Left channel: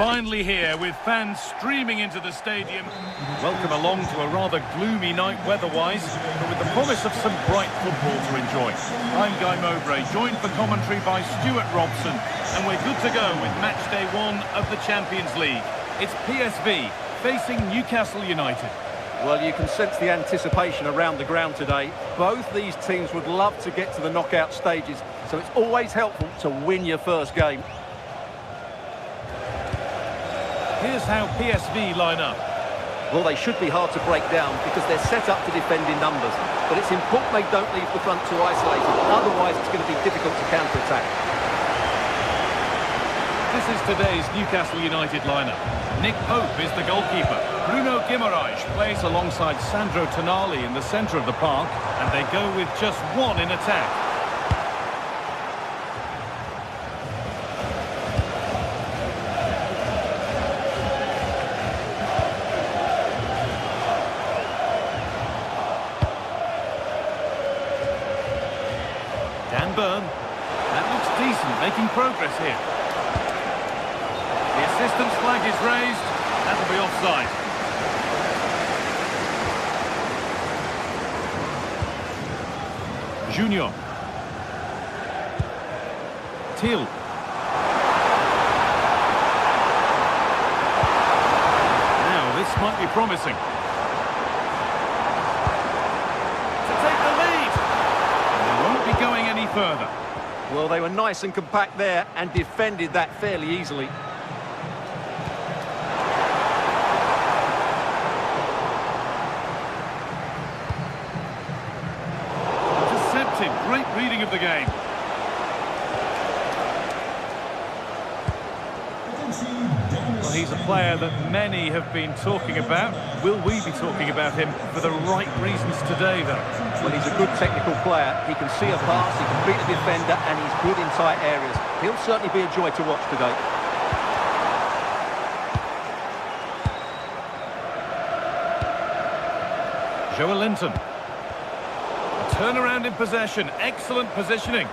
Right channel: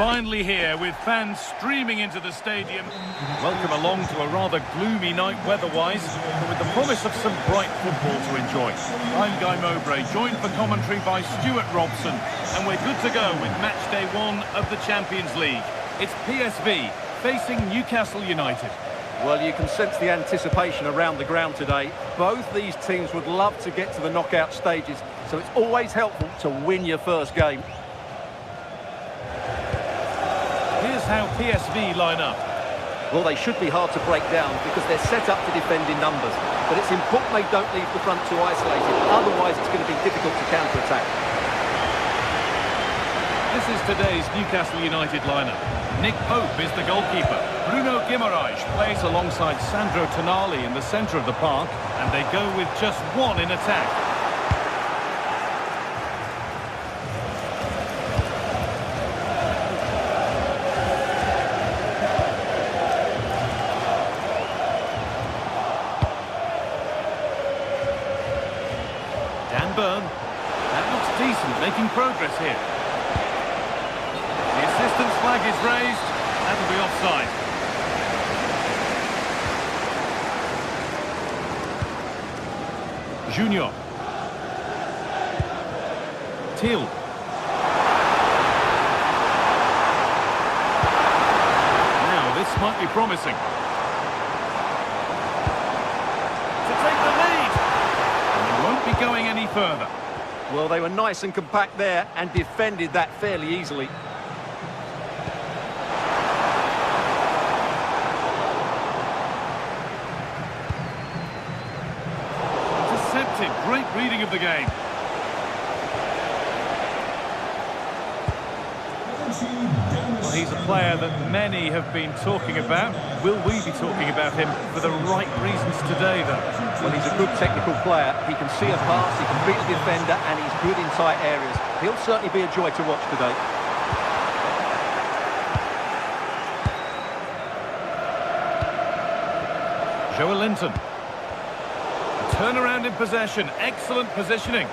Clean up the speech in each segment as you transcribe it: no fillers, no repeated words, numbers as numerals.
finally here with fans streaming into the stadium. Welcome along to a rather gloomy night weather-wise, but with the promise of some bright football to enjoy. I'm Guy Mowbray, joined for commentary by Stuart Robson, and we're good to go with match day 1 of the Champions League. It's PSV facing Newcastle United. Well, you can sense the anticipation around the ground today. Both these teams would love to get to the knockout stages, so it's always helpful to win your first game. Here's how PSV line up. Well, they should be hard to break down because they're set up to defend in numbers. But it's important they don't leave the front too isolated. Otherwise, it's going to be difficult to counter-attack. This is today's Newcastle United lineup. Nick Pope is the goalkeeper. Bruno Guimaraes plays alongside Sandro Tonali in the centre of the park, and they go with just one in attack. Dan Burn. That looks decent, making progress here. The assistant's flag is raised. That'll be offside. Junior. Till. Now this might be promising. To take the lead. And they won't be going any further. Well, they were nice and compact there and defended that fairly easily. Intercepted. Great reading of the game. Well, he's a player that many have been talking about. Will we be talking about him for the right reasons today, though? Well, he's a good technical player. He can see a pass, he can beat a defender, and he's good in tight areas. He'll certainly be a joy to watch today. Joe Linton. A turnaround in possession. Excellent positioning.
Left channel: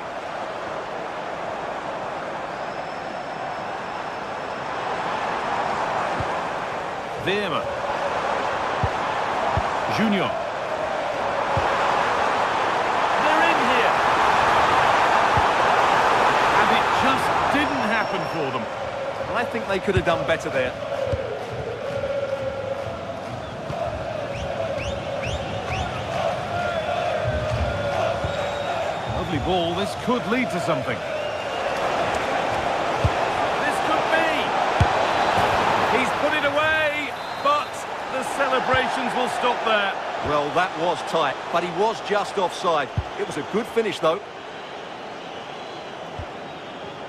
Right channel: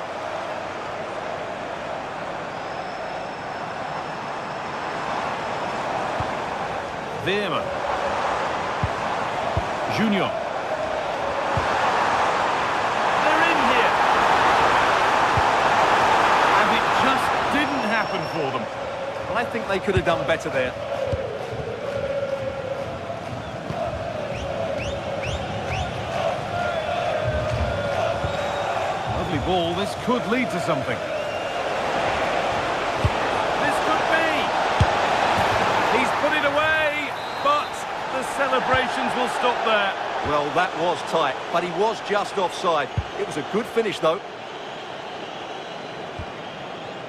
Veerman. Junior. They're in here. And it just didn't happen for them. I think they could have done better there. Lovely ball. This could lead to something. This could be. He's put it away, but the celebrations will stop there. Well, that was tight, but he was just offside. It was a good finish, though.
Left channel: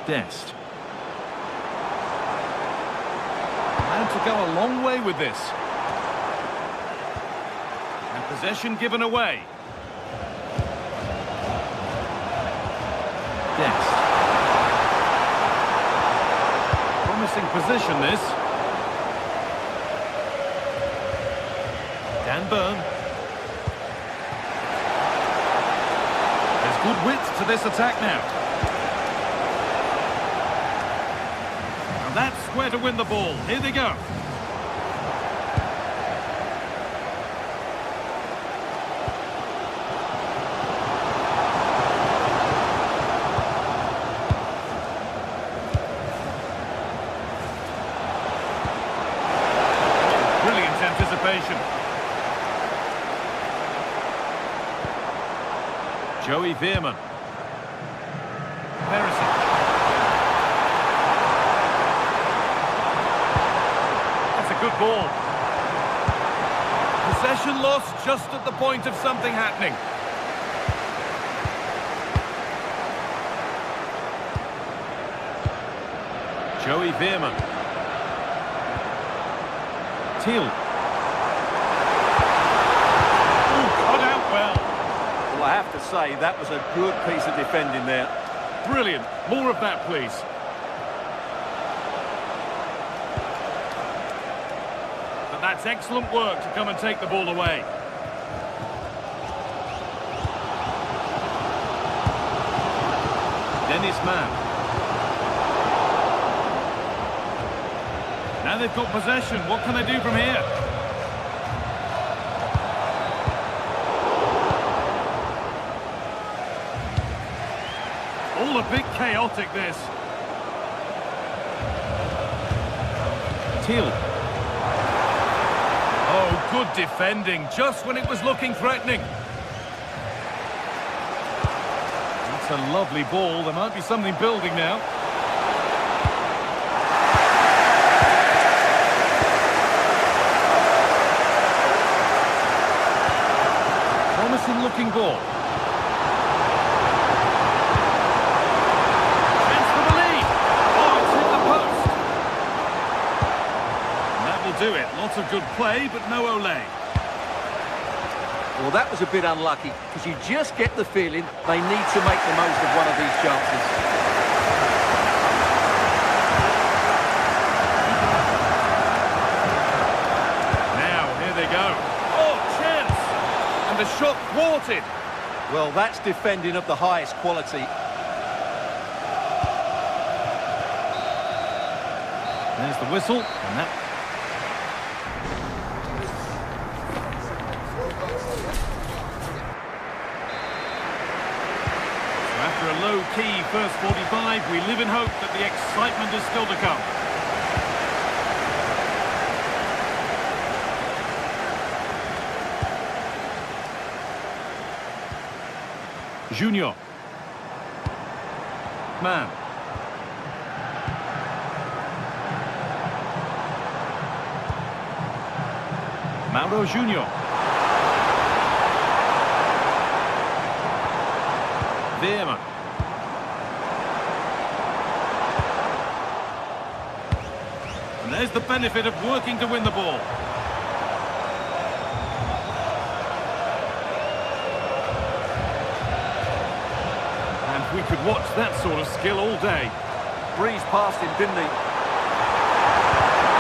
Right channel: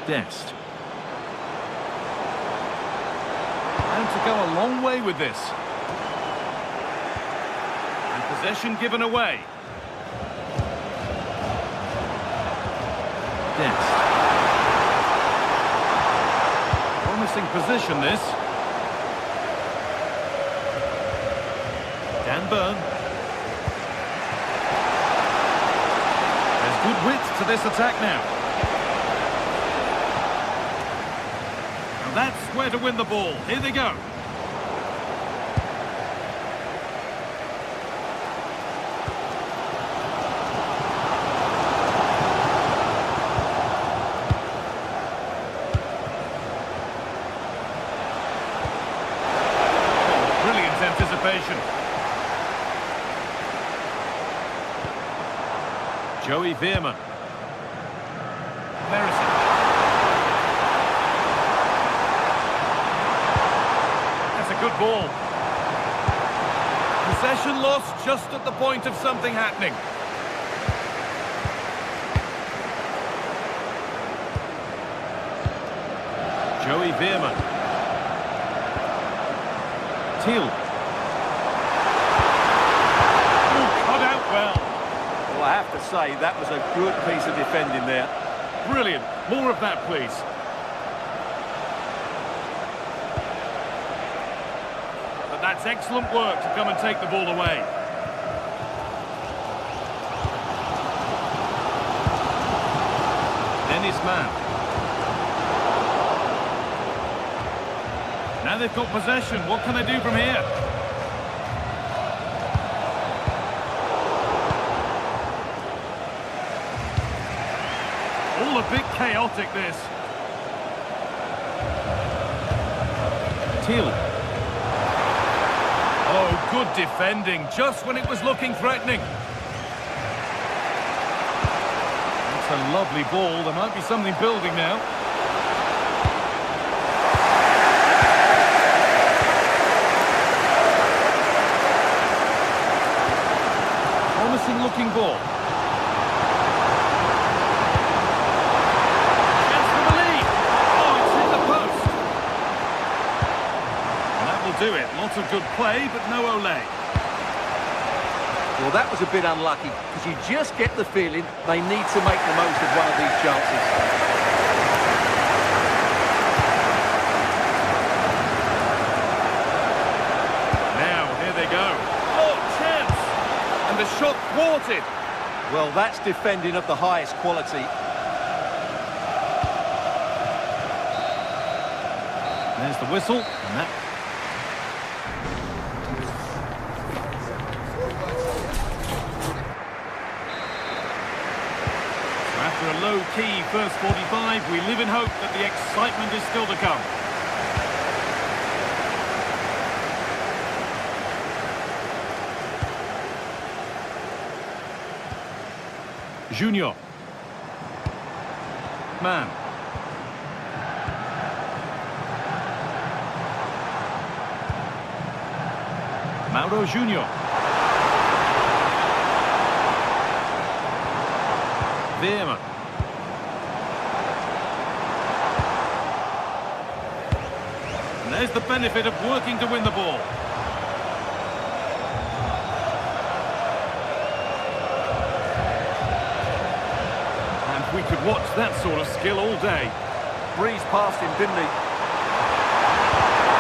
Dest. And to go a long way with this. And possession given away. Dest. Promising position, this. Dan Burn. There's good width to this attack now. Now that's where to win the ball. Here they go. Oh, brilliant anticipation. Joey Veerman. Perisic. That's a good ball. Possession lost just at the point of something happening. Joey Veerman. Till. Oh, cut out well. Well, I have to say, that was a good piece of defending there. Brilliant. More of that, please. But that's excellent work to come and take the ball away. Dennis Mann. Now they've got possession. What can they do from here? All a bit chaotic, this. Teal. Oh, good defending, just when it was looking threatening. That's a lovely ball. There might be something building now. Promising looking ball. Chance for the lead. Oh, it's hit the post. And that will do it. Lots of good play, but no Olé. Well, that was a bit unlucky, because you just get the feeling they need to make the most of one of these chances. Now, here they go. Oh, chance! And the shot thwarted. Well, that's defending of the highest quality. There's the whistle, and that... So after a low-key first 45, we live in hope that the excitement is still to come. Junior. Man. Mauro Junior. Veerman. And there's the benefit of working to win the ball. And we could watch that sort of skill all day. Breezed past him, didn't he?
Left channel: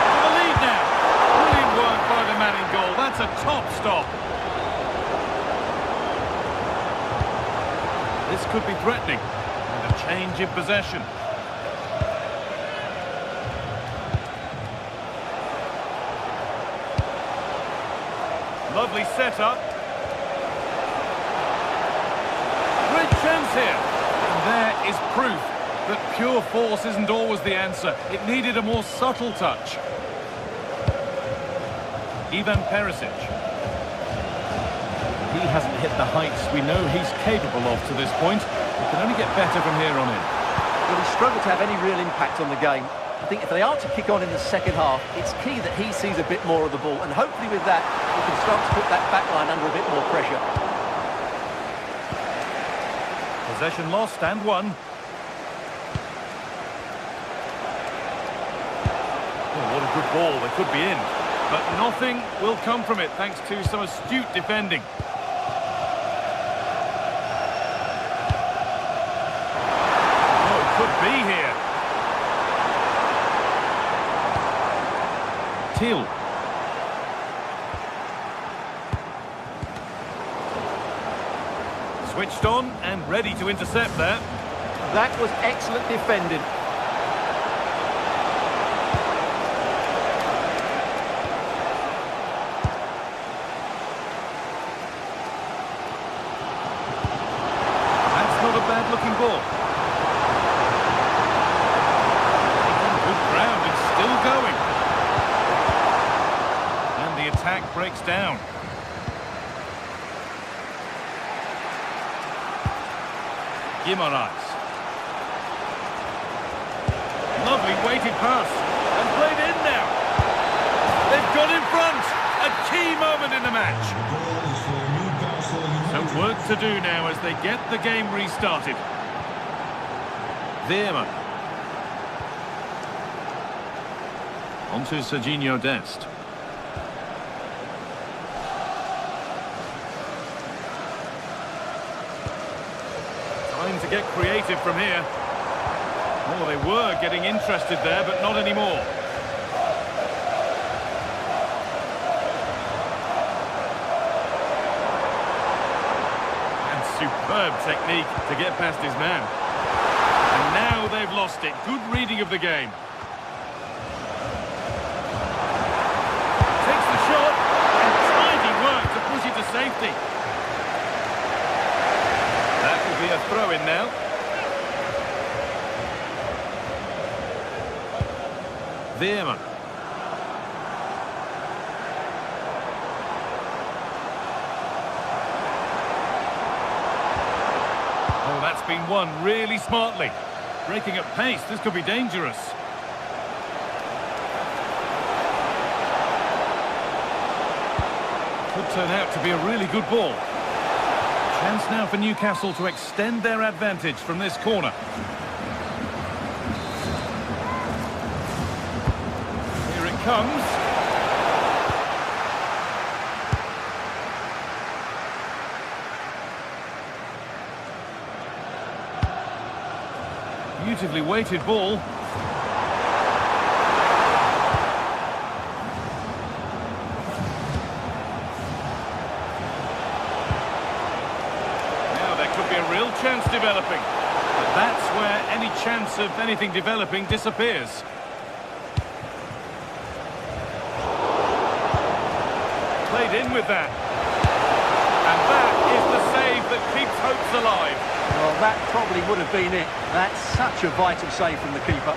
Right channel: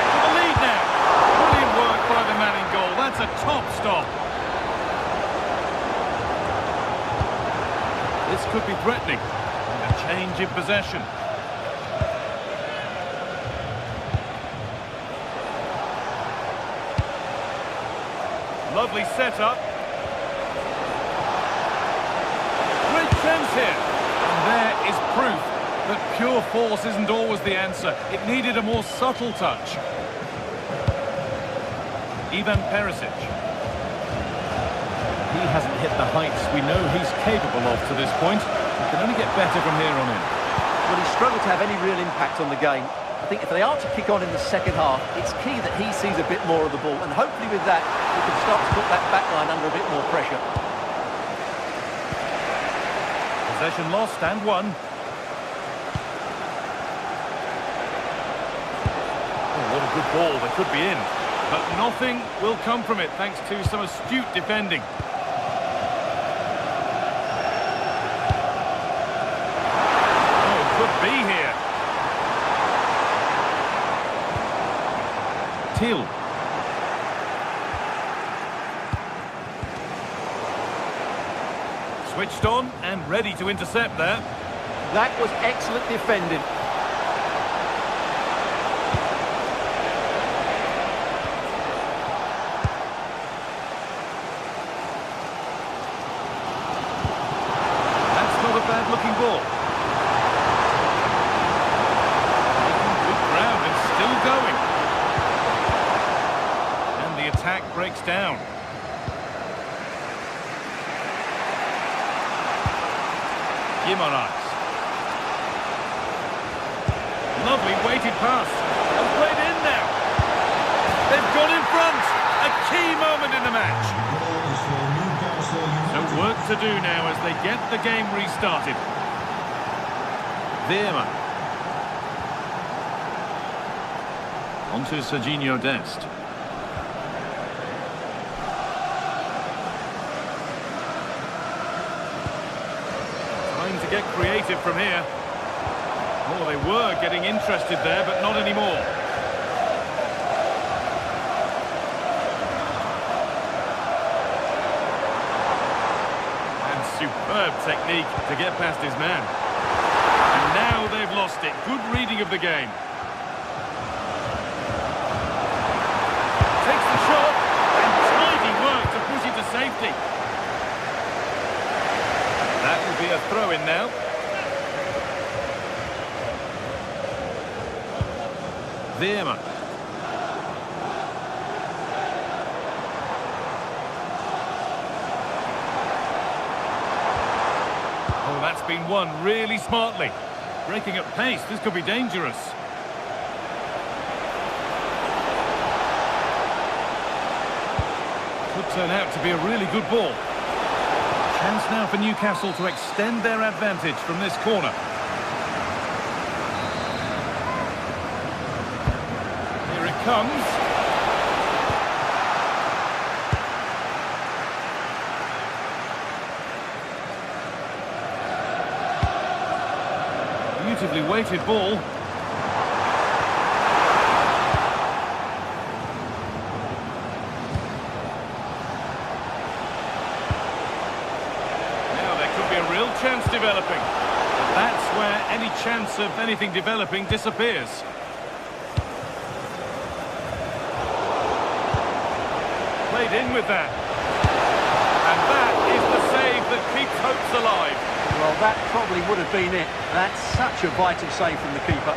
For the lead now. Brilliant work by the man in goal. That's a top stop. This could be threatening. And a change in possession. Lovely setup. Great chance here. And there is proof that pure force isn't always the answer. It needed a more subtle touch. Ivan Perisic. He hasn't hit the heights we know he's capable of to this point. He can only get better from here on in. Well, he struggled to have any real impact on the game. I think if they are to kick on in the second half, it's key that he sees a bit more of the ball. And hopefully with that, he can start to put that back line under a bit more pressure. Possession lost and won. Oh, what a good ball. They could be in. But nothing will come from it thanks to some astute defending. Oh, it could be here. Teal. Switched on and ready to intercept there. That was excellent defending. That's not a bad looking ball. Making good ground and still going. And the attack breaks down. Guimaraes. Lovely weighted pass. And played in now. They've got in front. A key moment in the match. So work to do now as they get the game restarted. Veerman. On to Serginho Dest. Time to get creative from here. Oh, they were getting interested there, but not anymore. And superb technique to get past his man. And now they've lost it. Good reading of the game. 50. That will be a throw-in now. Veerman. Oh, that's been won really smartly. Breaking at pace, this could be dangerous. Could turn out to be a really good ball. Chance now for Newcastle to extend their advantage from this corner. Here it comes. Beautifully weighted ball. Now there could be a real chance developing. But that's where any chance of anything developing disappears. Played in with that. And that is the save that keeps hopes alive. Well, that probably would have been it. That's such a vital save from the keeper.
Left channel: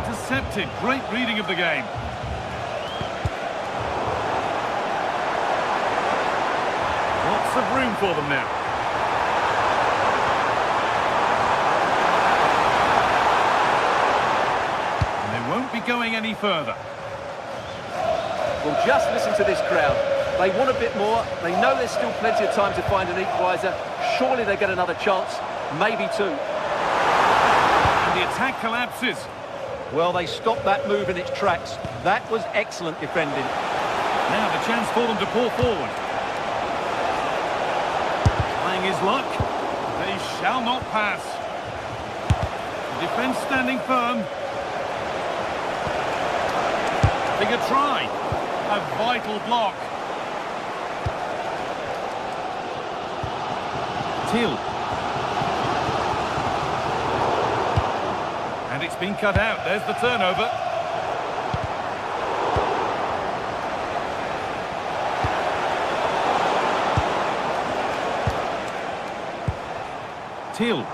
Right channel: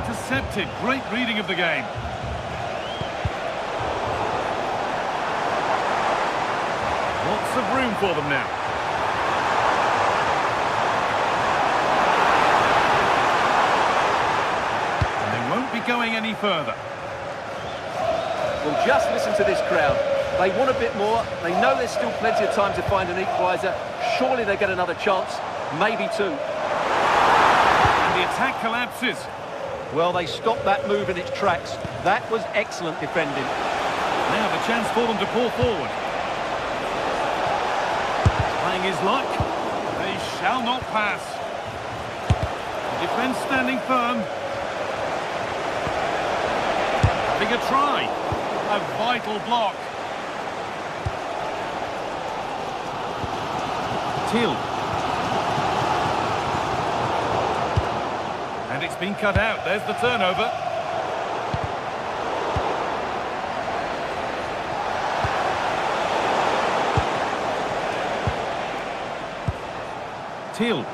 Intercepted. Great reading of the game. Lots of room for them now. And they won't be going any further. Well, just listen to this crowd. They want a bit more. They know there's still plenty of time to find an equaliser. Surely they get another chance, maybe two. And the attack collapses. Well, they stopped that move in its tracks. That was excellent defending. Now the chance for them to pull forward. Trying his luck. They shall not pass. The defence standing firm. Having a try. A vital block. And it's been cut out. There's the turnover. Till.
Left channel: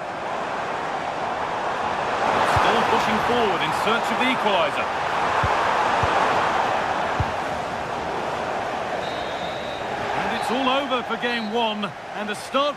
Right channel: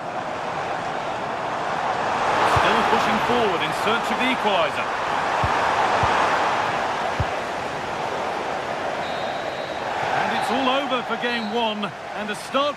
Still pushing forward in search of the equaliser. And it's all over for game one. And a start...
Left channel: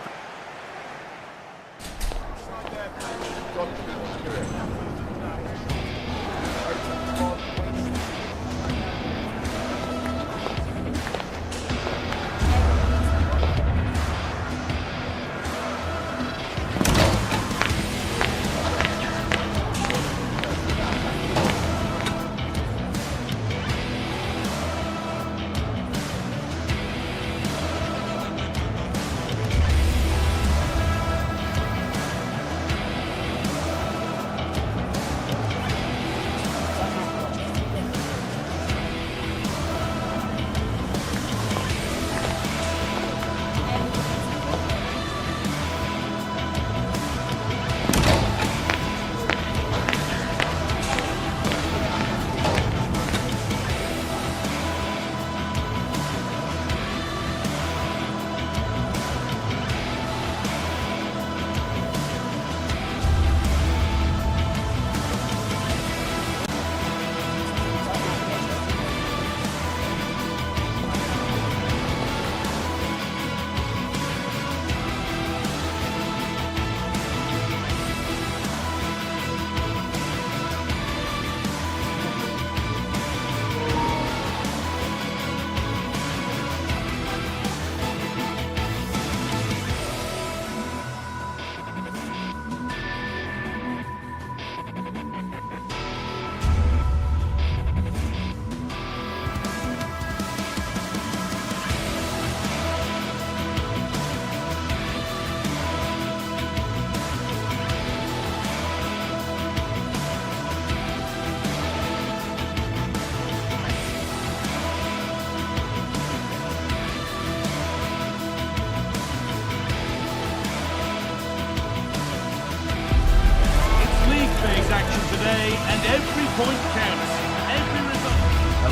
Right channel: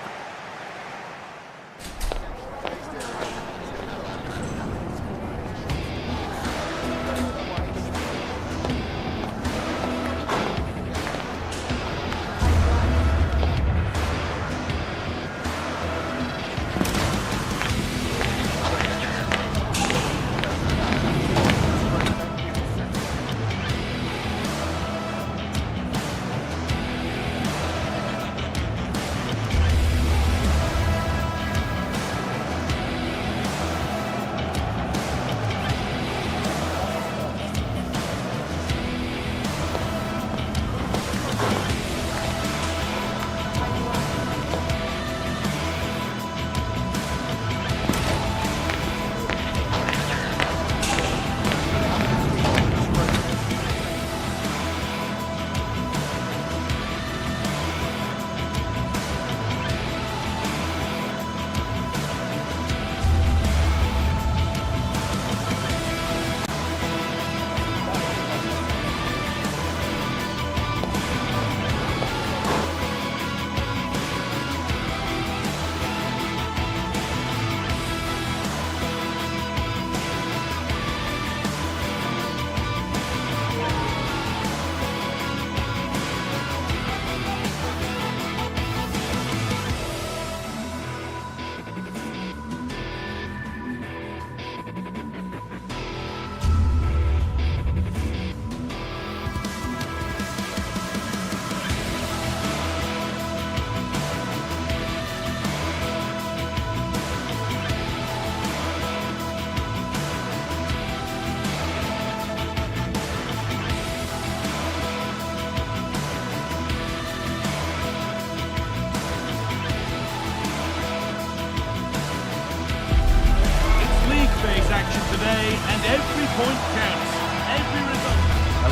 action today, and every point counts. Every result.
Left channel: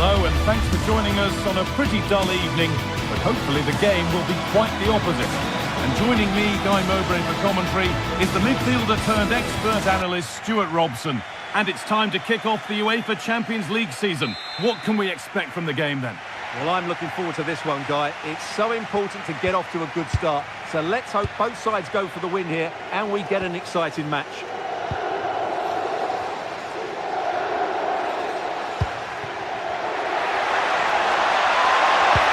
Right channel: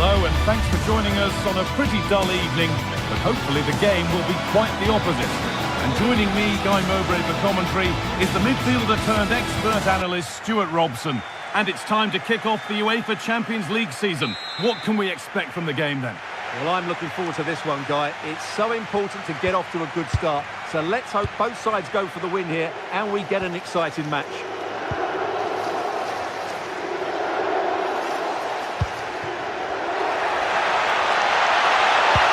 Hello and thanks for joining us on a pretty dull evening, but hopefully the game will be quite the opposite. And joining me, Guy Mowbray, for commentary is the midfielder turned expert analyst Stuart Robson. And it's time to kick off the UEFA Champions League season. What can we expect from the game then? Well, I'm looking forward to this one, Guy. It's so important to get off to a good start. So let's hope both sides go for the win here and we get an exciting match.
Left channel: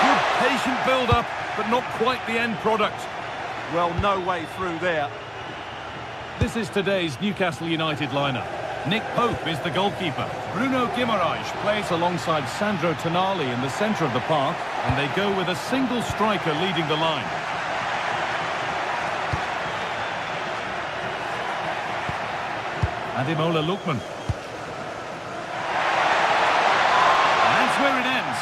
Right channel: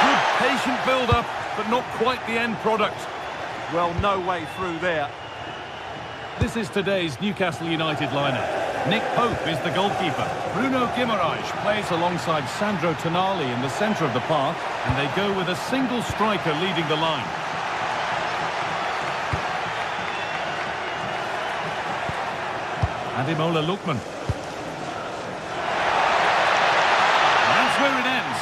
Good patient build-up, but not quite the end product. Well, no way through there. This is today's Newcastle United lineup. Nick Pope is the goalkeeper. Bruno Guimaraes plays alongside Sandro Tonali in the centre of the park, and they go with a single striker leading the line. Ademola Lookman. And that's where it ends.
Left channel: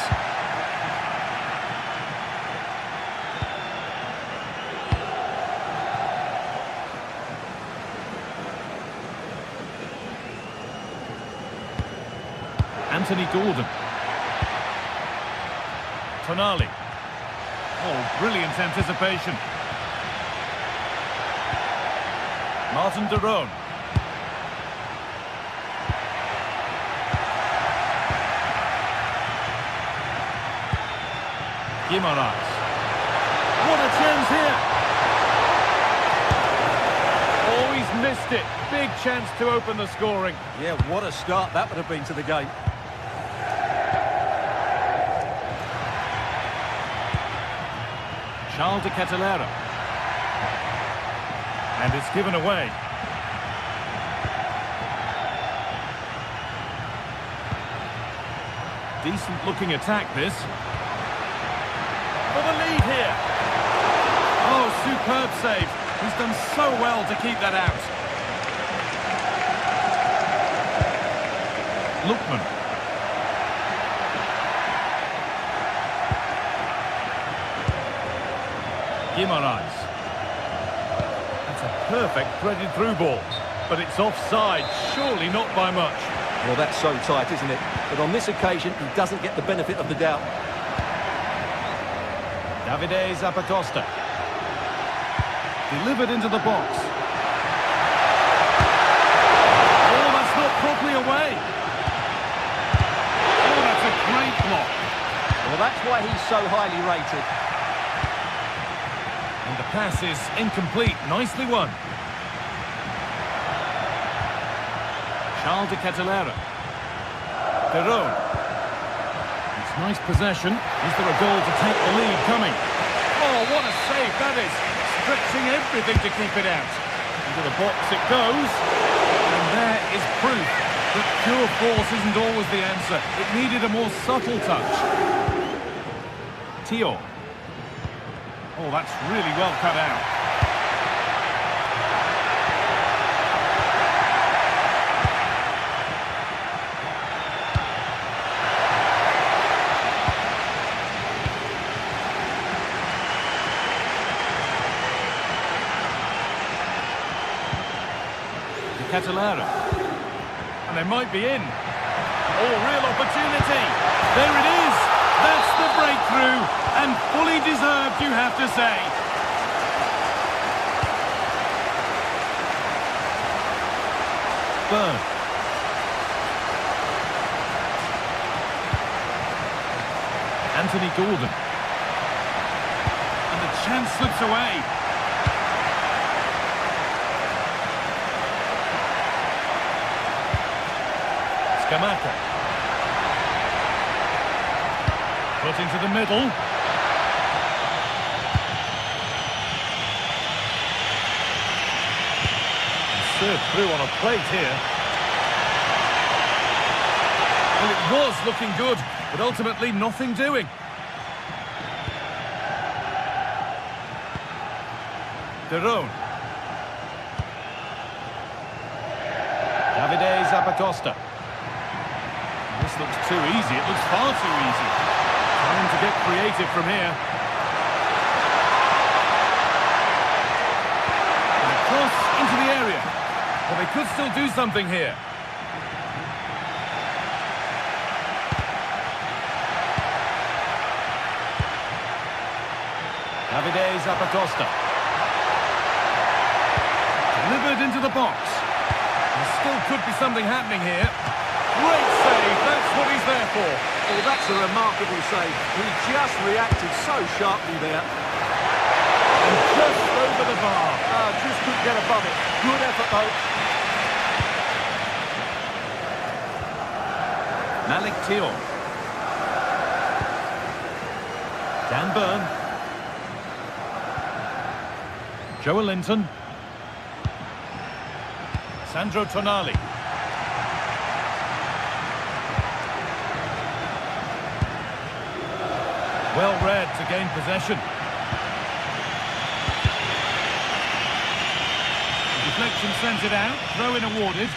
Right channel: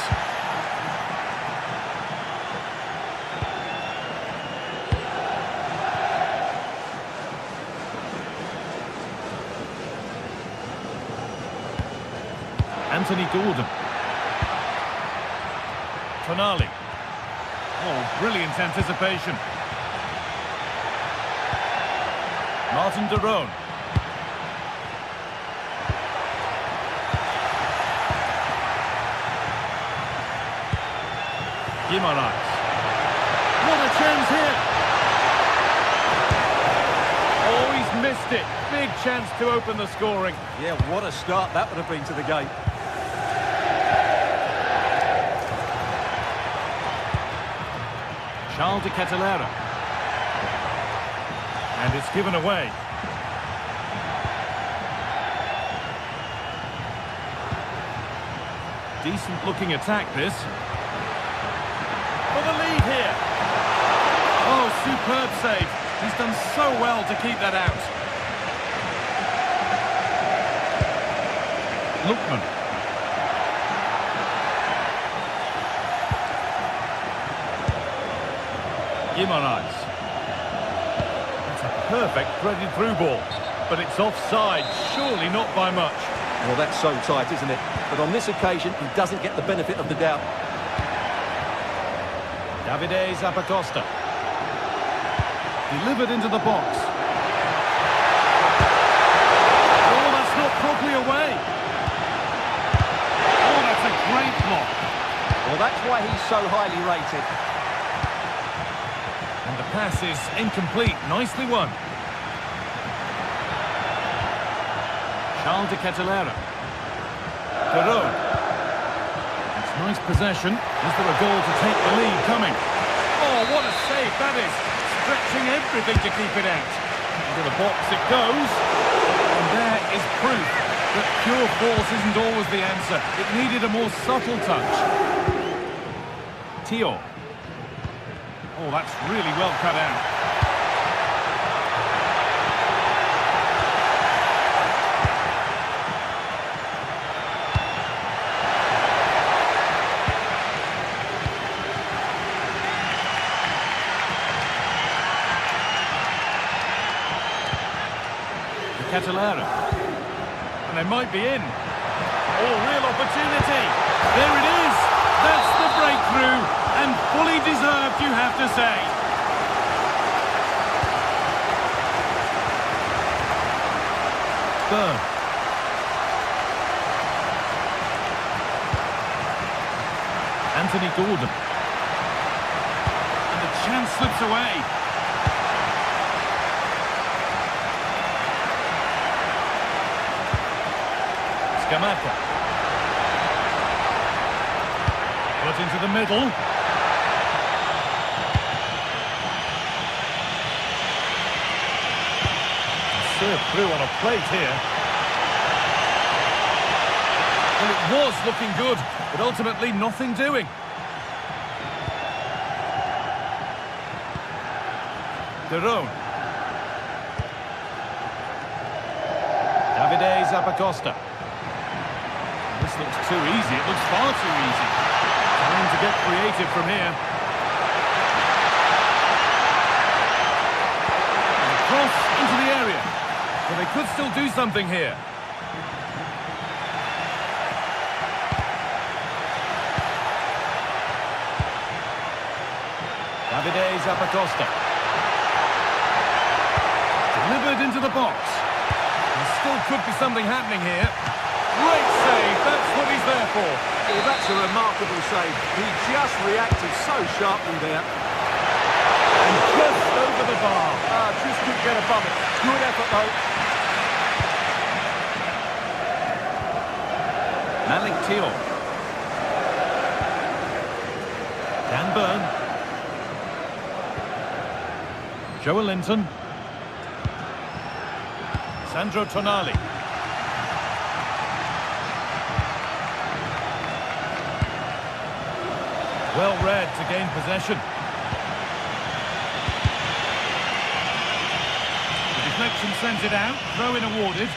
Anthony Gordon. Tonali. Oh, brilliant anticipation. Martin de Roon. Guimaraes. What a chance here. Oh, he's missed it. Big chance to open the scoring. Yeah, what a start that would have been to the game. Charles de Ketelaere. And it's given away. Decent looking attack this. For the lead here. Oh, superb save. He's done so well to keep that out. Lookman. Guimaraes. That's a perfect threaded through ball. But it's offside, surely not by much. Well, that's so tight, isn't it? But on this occasion, he doesn't get the benefit of the doubt. Davide Zappacosta. Delivered into the box. Oh, that's not properly away. Oh, that's a great block. Well, that's why he's so highly rated. And the pass is incomplete. Nicely won. Charles de Ketelaere. De Roon. It's nice possession. Is there a goal to take the lead coming? Oh, what a save that is. Stretching everything to keep it out. Into the box it goes. And there is proof that pure force isn't always the answer. It needed a more subtle touch. Tio. Oh, that's really well cut out. Ketelaere. And they might be in. Oh, real opportunity. There it is. That's the breakthrough. And fully deserved, you have to say. Bird. Anthony Gordon. And the chance slips away. Scamacca. Put into the middle. Served through on a plate here. Well, it was looking good, but ultimately nothing doing. De Roon. Davide Zappacosta. This looks too easy. It looks far too easy. Time to get creative from here. And a cross into the area. Well, they could still do something here. Davide Zappacosta. Delivered into the box. There still could be something happening here. Great save, that's what he's there for. Well, that's a remarkable save. He just reacted so sharply there. And just over the bar. Just couldn't get above it. Good effort, though. Malik Thiaw. Dan Burn. Joe Linton. Sandro Tonali. Well read to gain possession. The deflection sends it out. Throw-in awarded.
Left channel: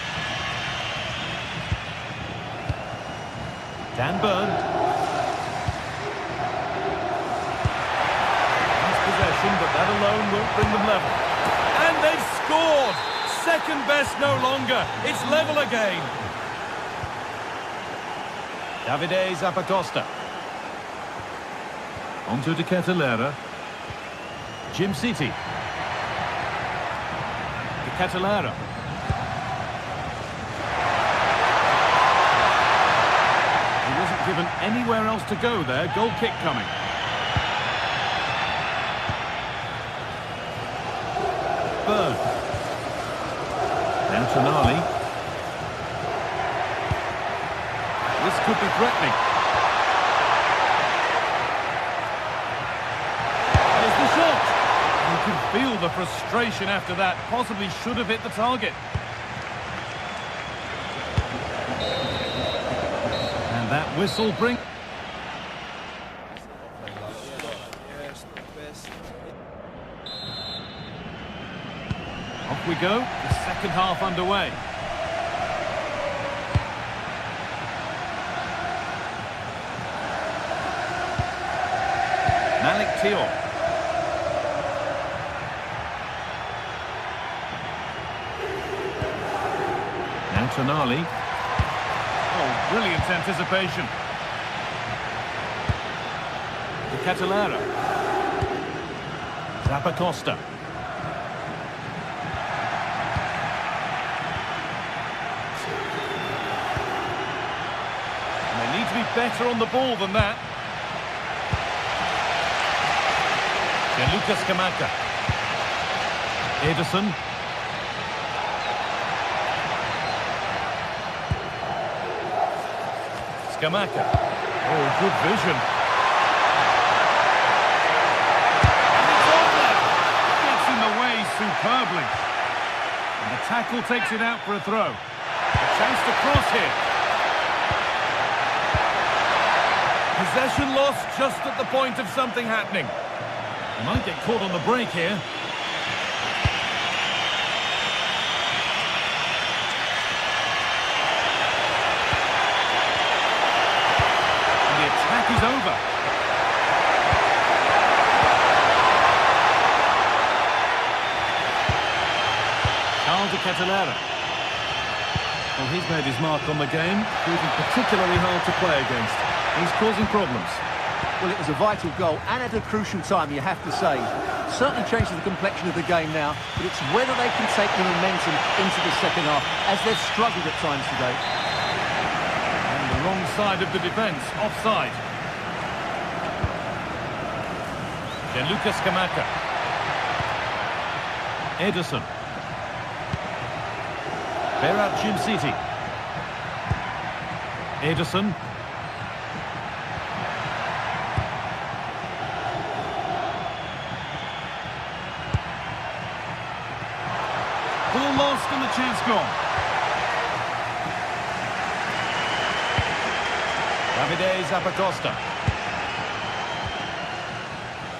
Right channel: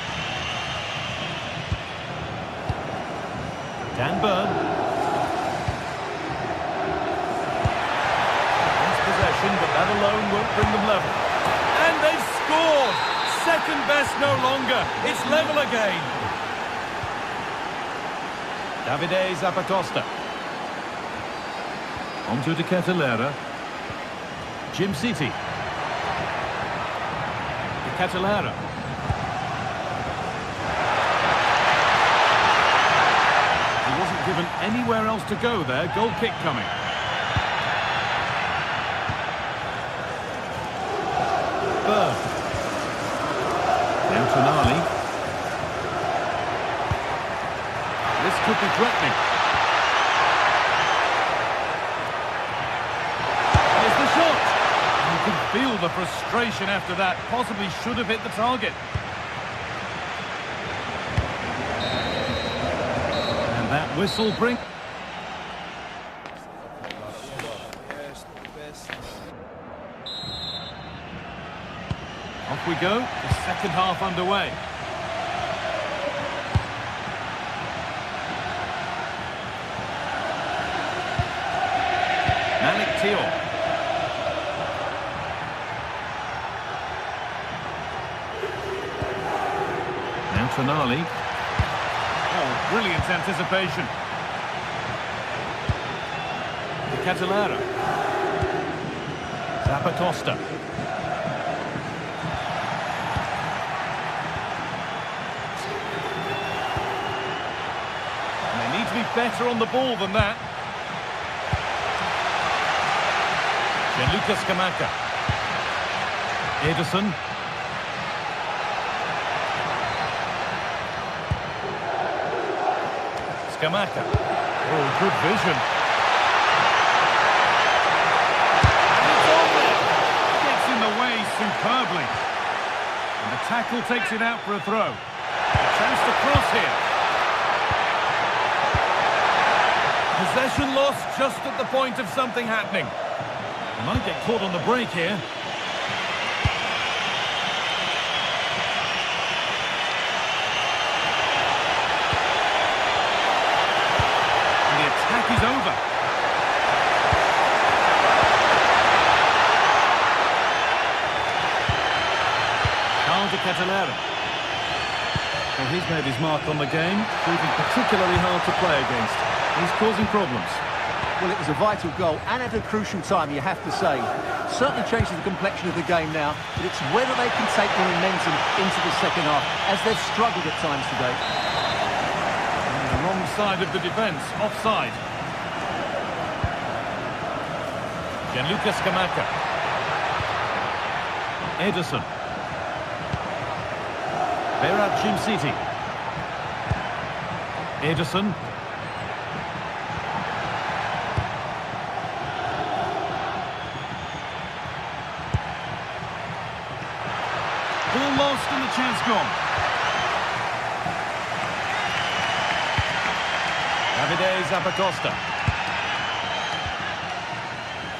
Dan Burn. Nice possession, but that alone won't bring them level. And they've scored! Second best no longer. It's level again. Davide Zappacosta. Onto De Ketelaere. Jim City. De Ketelaere. He wasn't given anywhere else to go there. Goal kick coming. Burn. Now Tonali. This could be threatening. Here's the shot. You can feel the frustration after that. Possibly should have hit the target. And that whistle brings... Off we go, the second half underway. Malik Thiaw. Now Tonali. Oh, brilliant anticipation. De Ketelaere. Zappacosta. They need to be better on the ball than that. Gianluca Scamacca. Ederson. Scamacca. Oh, good vision. And it's on there. Gets in the way superbly. And the tackle takes it out for a throw. A chance to cross here. Possession lost just at the point of something happening. They might get caught on the break here. And the attack is over. Charles De Ketelaere. Well, he's made his mark on the game, proving particularly hard to play against. He's causing problems. Well, it was a vital goal, and at a crucial time, you have to say. Certainly changes the complexion of the game now, but it's whether they can take the momentum into the second half, as they've struggled at times today. On the wrong side of the defence, offside. Gianluca Scamacca. Ederson. Berat Jim City. Ederson. Ball lost and the chance gone. Davide Zappacosta.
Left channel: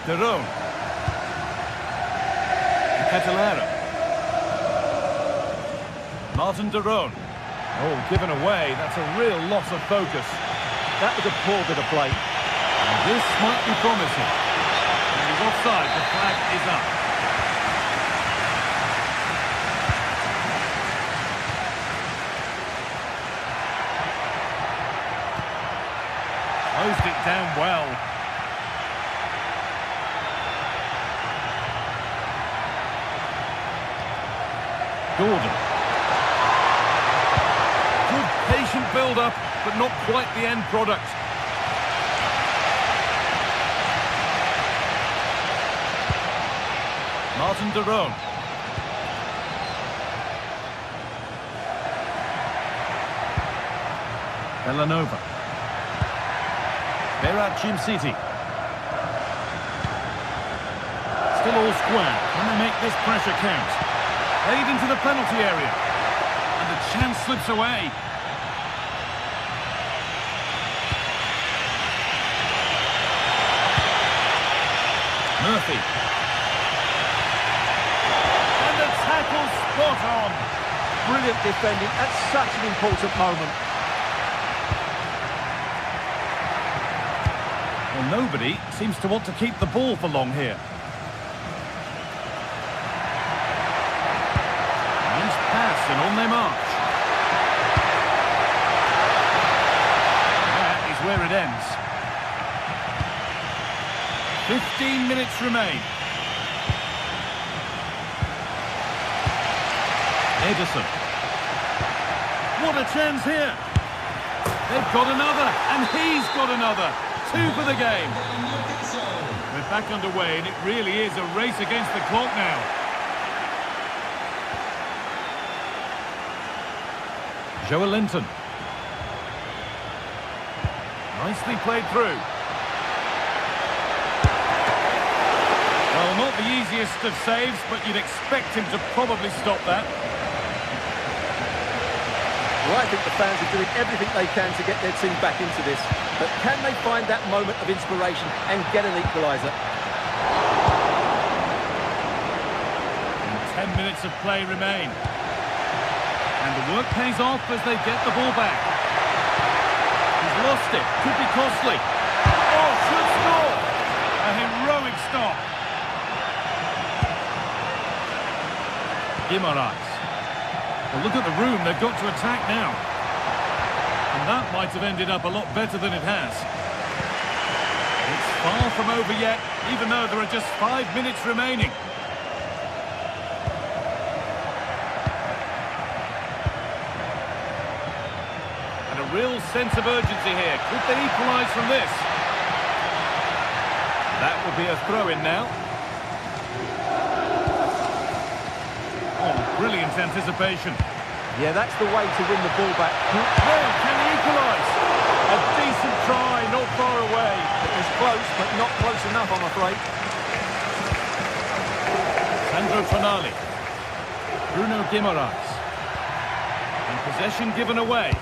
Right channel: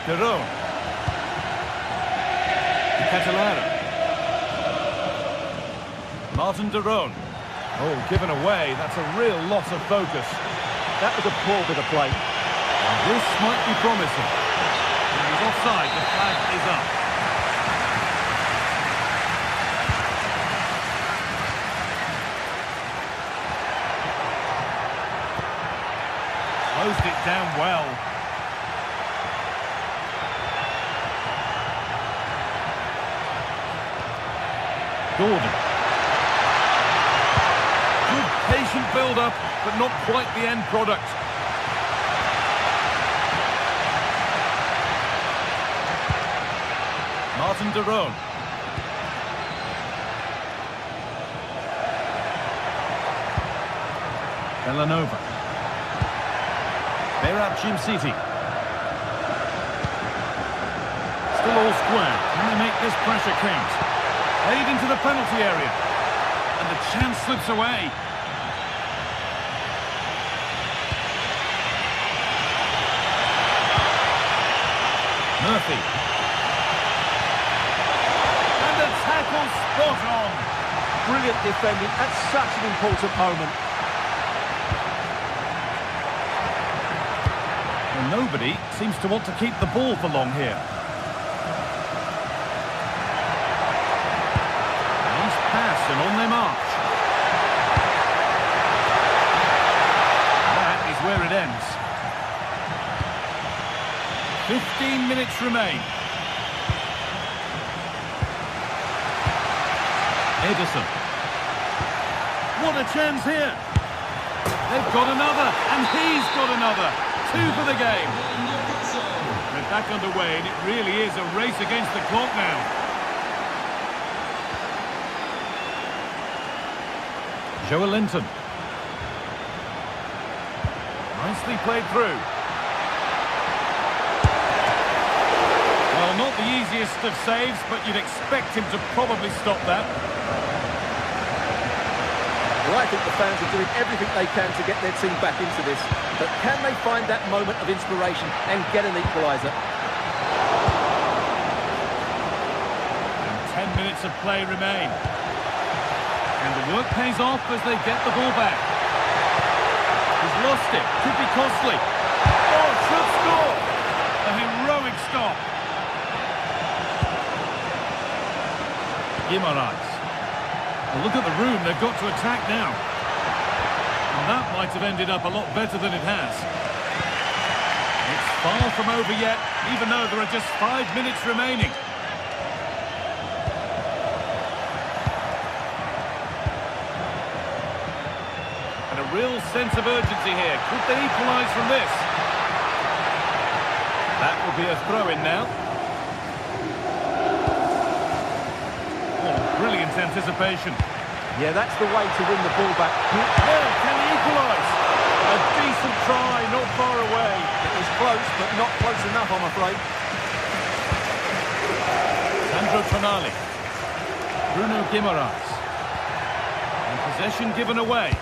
De Roon. De Ketelaere. Martin De Roon. Oh, given away. That's a real loss of focus. That was a poor bit of play. And this might be promising. When he's offside, the flag is up. Closed it down well. Gordon. Good patient build-up, but not quite the end product. Martin de Roon. Villanova. Berat Jimsiti. Still all square. Can they make this pressure count? Played into the penalty area. And the chance slips away. Murphy. And the tackle spot on. Brilliant defending at such an important moment. Well, nobody seems to want to keep the ball for long here. Nice pass and on their march. That is where it ends. 15 minutes remain. Edison. What a chance here. They've got another, and he's got another. 2 for the game. We're back underway, and it really is a race against the clock now. Joe Linton. Nicely played through. Well, not the easiest of saves, but you'd expect him to probably stop that. Well, I think the fans are doing everything they can to get their team back into this. But can they find that moment of inspiration and get an equaliser? And 10 minutes of play remain. And the work pays off as they get the ball back. He's lost it. Could be costly. Oh, should score. A heroic stop. Guimaraes. Well, look at the room they've got to attack now. And that might have ended up a lot better than it has. It's far from over yet, even though there are just 5 minutes remaining. And a real sense of urgency here. Could they equalise from this? That will be a throw-in now. Oh, brilliant anticipation. Yeah, that's the way to win the ball back. Now, can he equalise? A decent try, not far away. It was close, but not close enough, I'm afraid. Sandro Tonali. Bruno Guimaraes. And possession given away.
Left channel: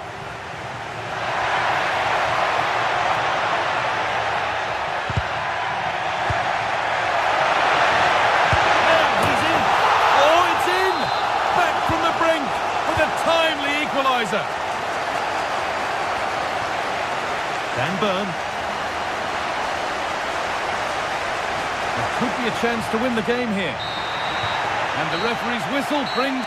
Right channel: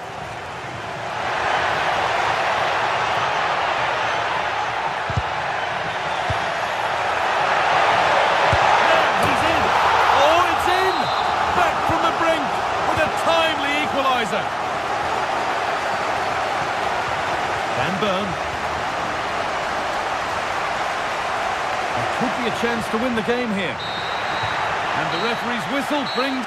From the brink with a timely equaliser. Dan Burn. There could be a chance to win the game here. And the referee's whistle brings...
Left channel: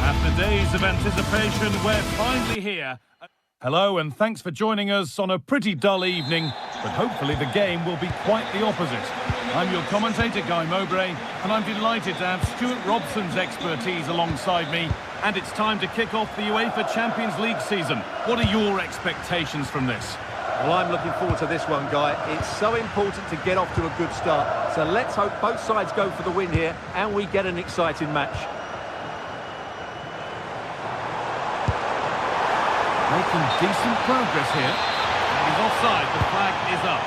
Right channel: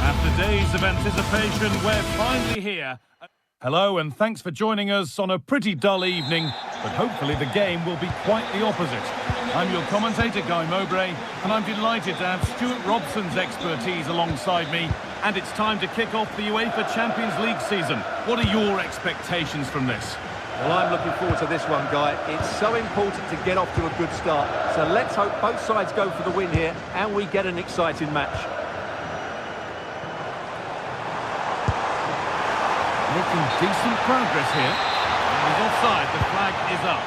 After days of anticipation, we're finally here. Hello, and thanks for joining us on a pretty dull evening, but hopefully the game will be quite the opposite. I'm your commentator, Guy Mowbray, and I'm delighted to have Stuart Robson's expertise alongside me. And it's time to kick off the UEFA Champions League season. What are your expectations from this? Well, I'm looking forward to this one, Guy. It's so important to get off to a good start. So let's hope both sides go for the win here and we get an exciting match. Making decent progress here. And he's offside. The flag is up.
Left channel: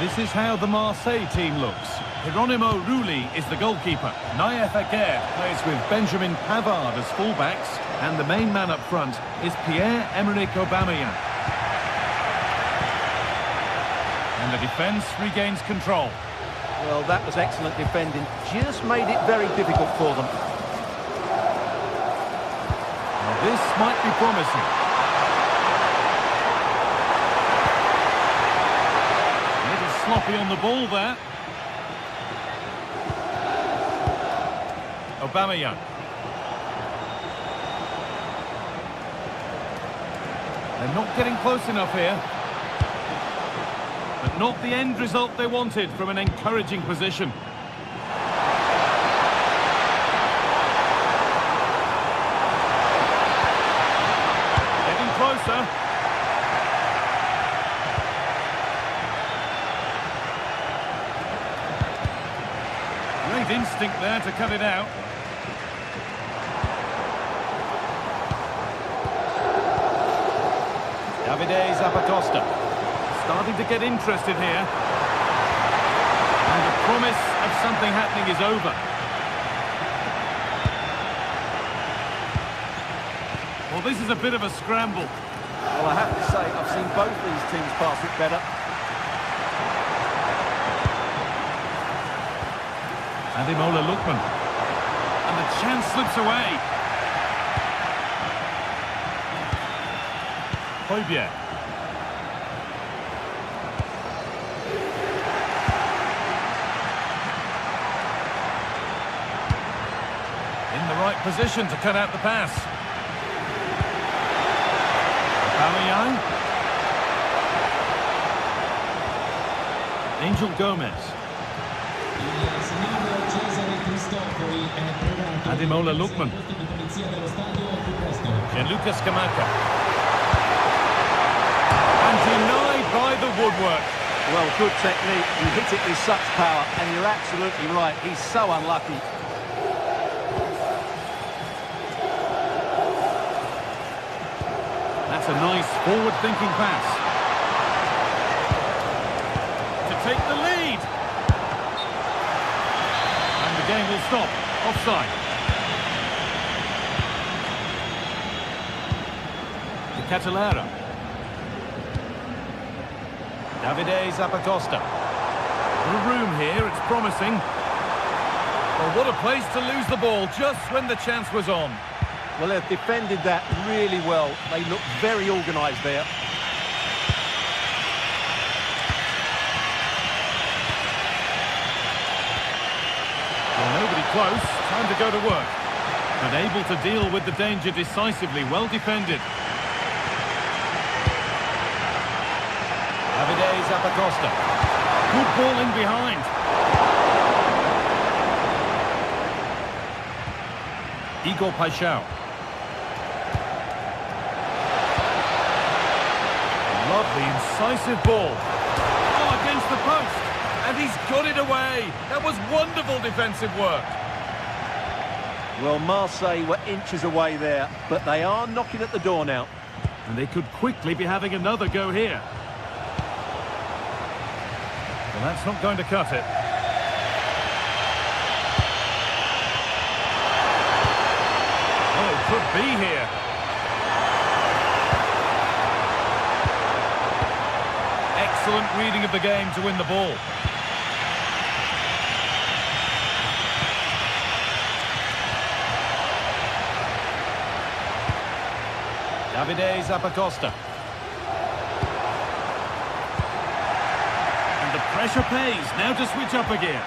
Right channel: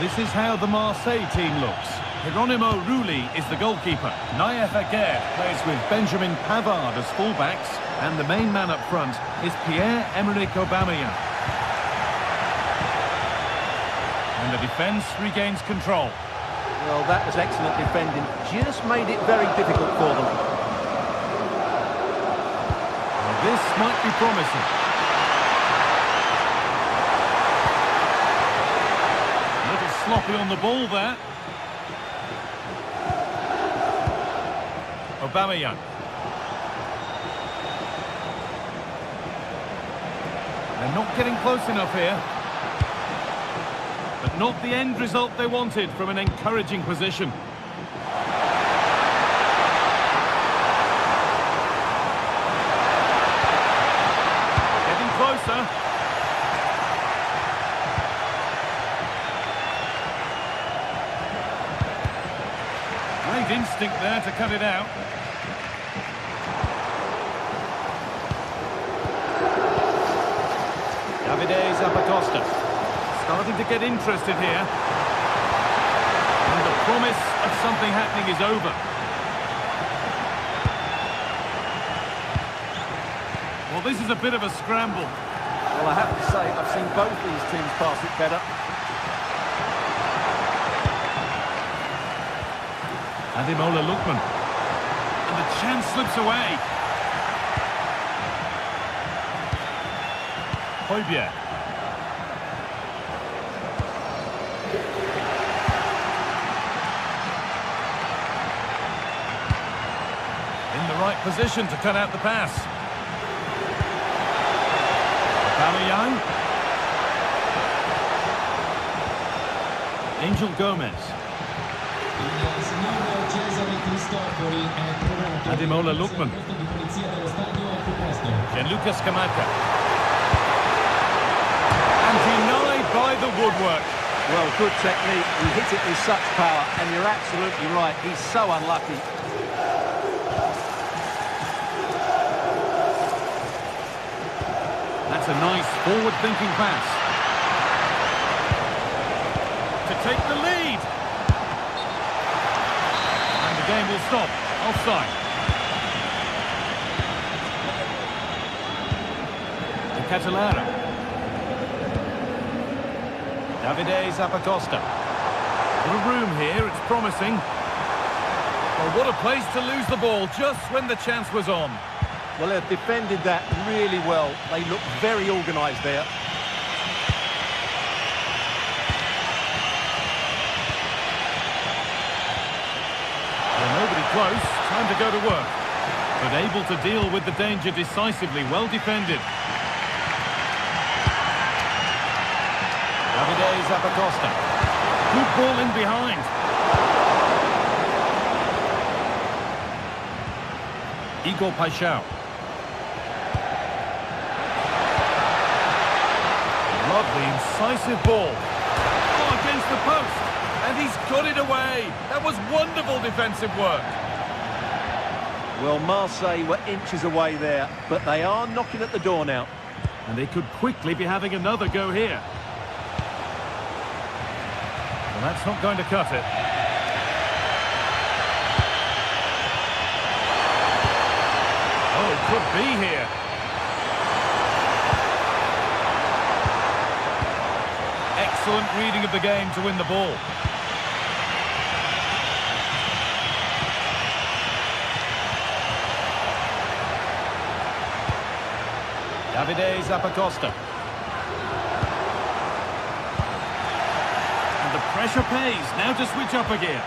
This is how the Marseille team looks. Hieronymo Rulli is the goalkeeper. Naïef Aguerd plays with Benjamin Pavard as fullbacks. And the main man up front is Pierre-Emerick Aubameyang. And the defence regains control. Well, that was excellent defending. Just made it very difficult for them. Well, this might be promising. A little sloppy on the ball there. Aubameyang. They're not getting close enough here. But not the end result they wanted from an encouraging position. Getting closer. Great instinct there to cut it out. Davide Zappacosta starting to get interested here. And the promise of something happening is over. Well, this is a bit of a scramble. Well, I have to say, I've seen both these teams pass it better. Ademola Lookman. And the chance slips away. Højbjerg. In the right position to cut out the pass. Aubameyang. Angel Gomez. Ademola Lookman. Gianluca Scamacca. And denied by the woodwork. Well, good technique. He hit it with such power, and you're absolutely right. He's so unlucky. That's a nice forward-thinking pass. To take the lead. And the game will stop. Offside. De Catalera. Davide Zappacosta. Little room here, it's promising. Well, what a place to lose the ball just when the chance was on. Well, they've defended that really well. They look very organised there. Well, nobody close. Time to go to work. But able to deal with the danger decisively. Well defended. Davide Zappacosta. Good ball in behind. Igor Paixão. Lovely, incisive ball. Oh, against the post. And he's got it away. That was wonderful defensive work. Well, Marseille were inches away there, but they are knocking at the door now. And they could quickly be having another go here. Well, that's not going to cut it. Oh, could be here. Excellent reading of the game to win the ball. Davide Zappacosta. And the pressure pays. Now to switch up again.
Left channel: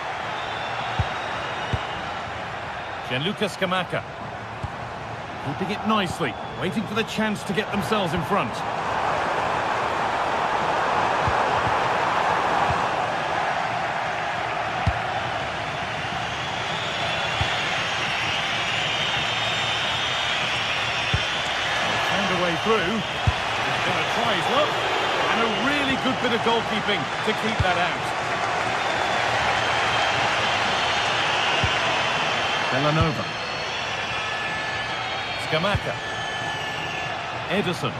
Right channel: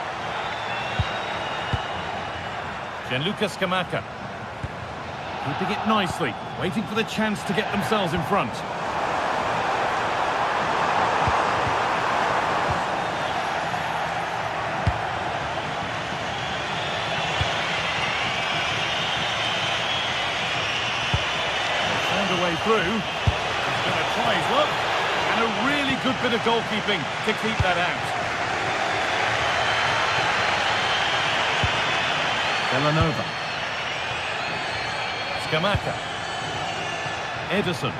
Gianluca Scamacca. Keeping it nicely. Waiting for the chance to get themselves in front. the way through. He's going to try his luck. And a really good bit of goalkeeping to keep that out. Villanova. Scamacca. Edison.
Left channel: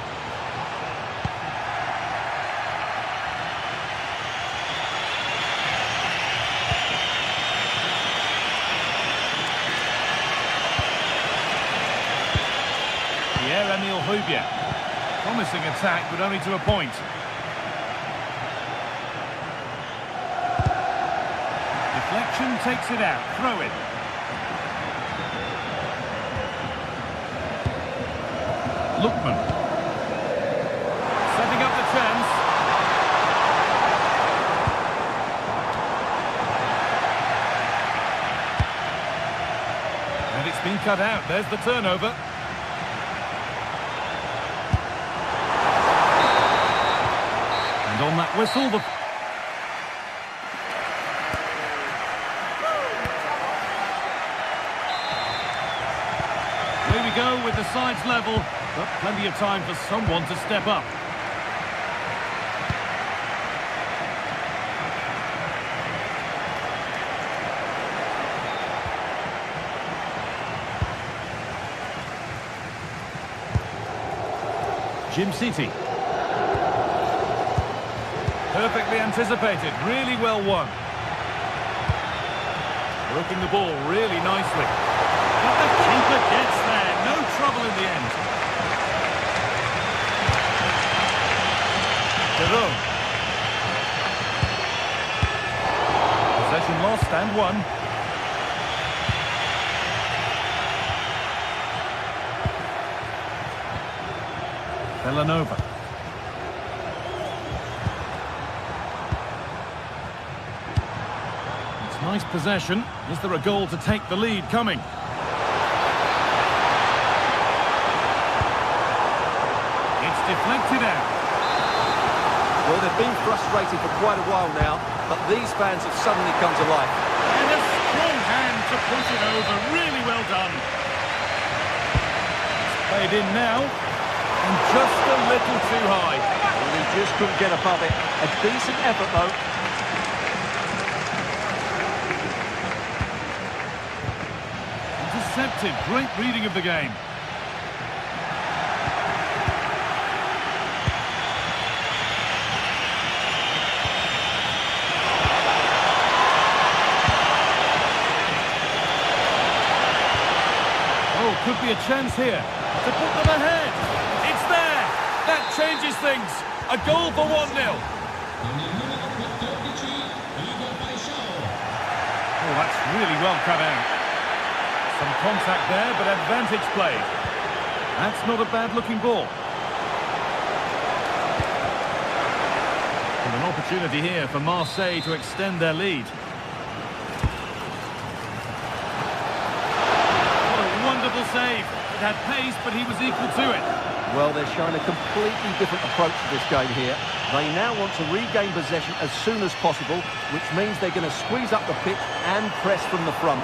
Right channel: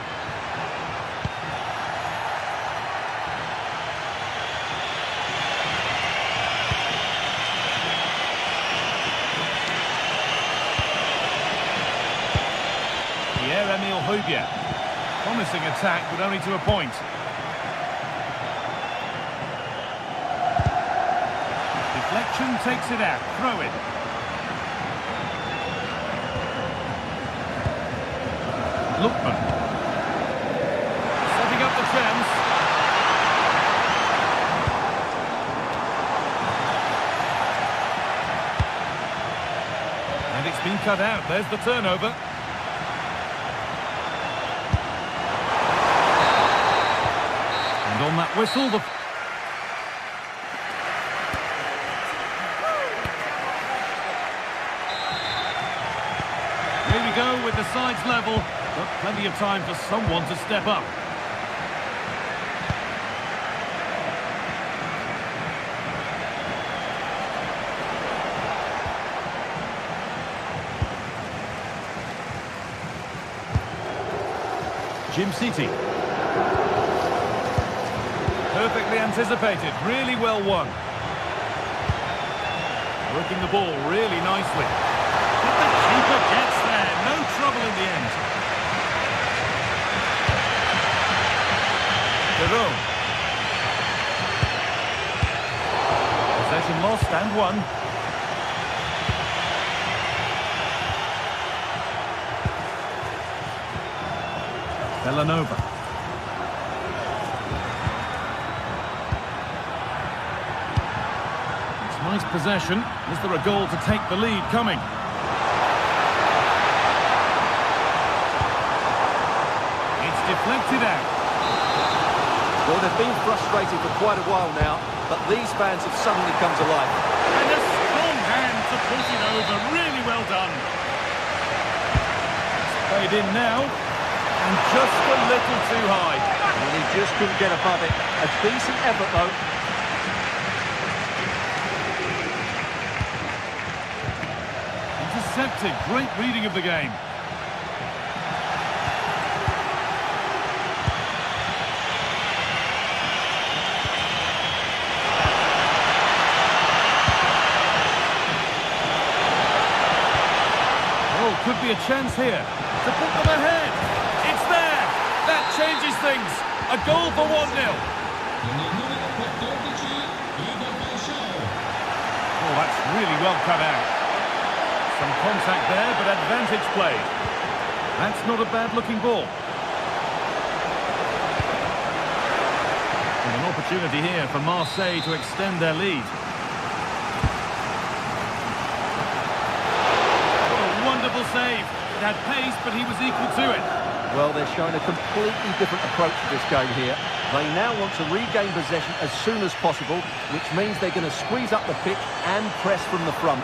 Pierre-Emile Højbjerg. Promising attack, but only to a point. Deflection takes it out. Throw in. Lookman. Setting up the chance. And it's been cut out. There's the turnover. And on that whistle, the... Here we go with the sides level, but plenty of time for someone to step up. Jim City. Perfectly anticipated, really well won. Working the ball really nicely. But the keeper gets there, no trouble in the end. Jerome. Possession lost and won. Villanova. It's nice possession. Is there a goal to take the lead coming? It's deflected out. Well, they've been frustrated for quite a while now, but these fans have suddenly come to life. And a strong hand to push it over. Really well done. It's played in now. And just a little too high. Well, he just couldn't get above it. A decent effort, though. Intercepted. Great reading of the game. Oh, could be a chance here to put them ahead. It's there. That changes things. A goal for 1-0. Oh, that's really well cut out. Some contact there, but advantage played. That's not a bad-looking ball. And an opportunity here for Marseille to extend their lead. What a wonderful save. It had pace, but he was equal to it. Well, they're showing a completely different approach to this game here. They now want to regain possession as soon as possible, which means they're going to squeeze up the pitch and press from the front.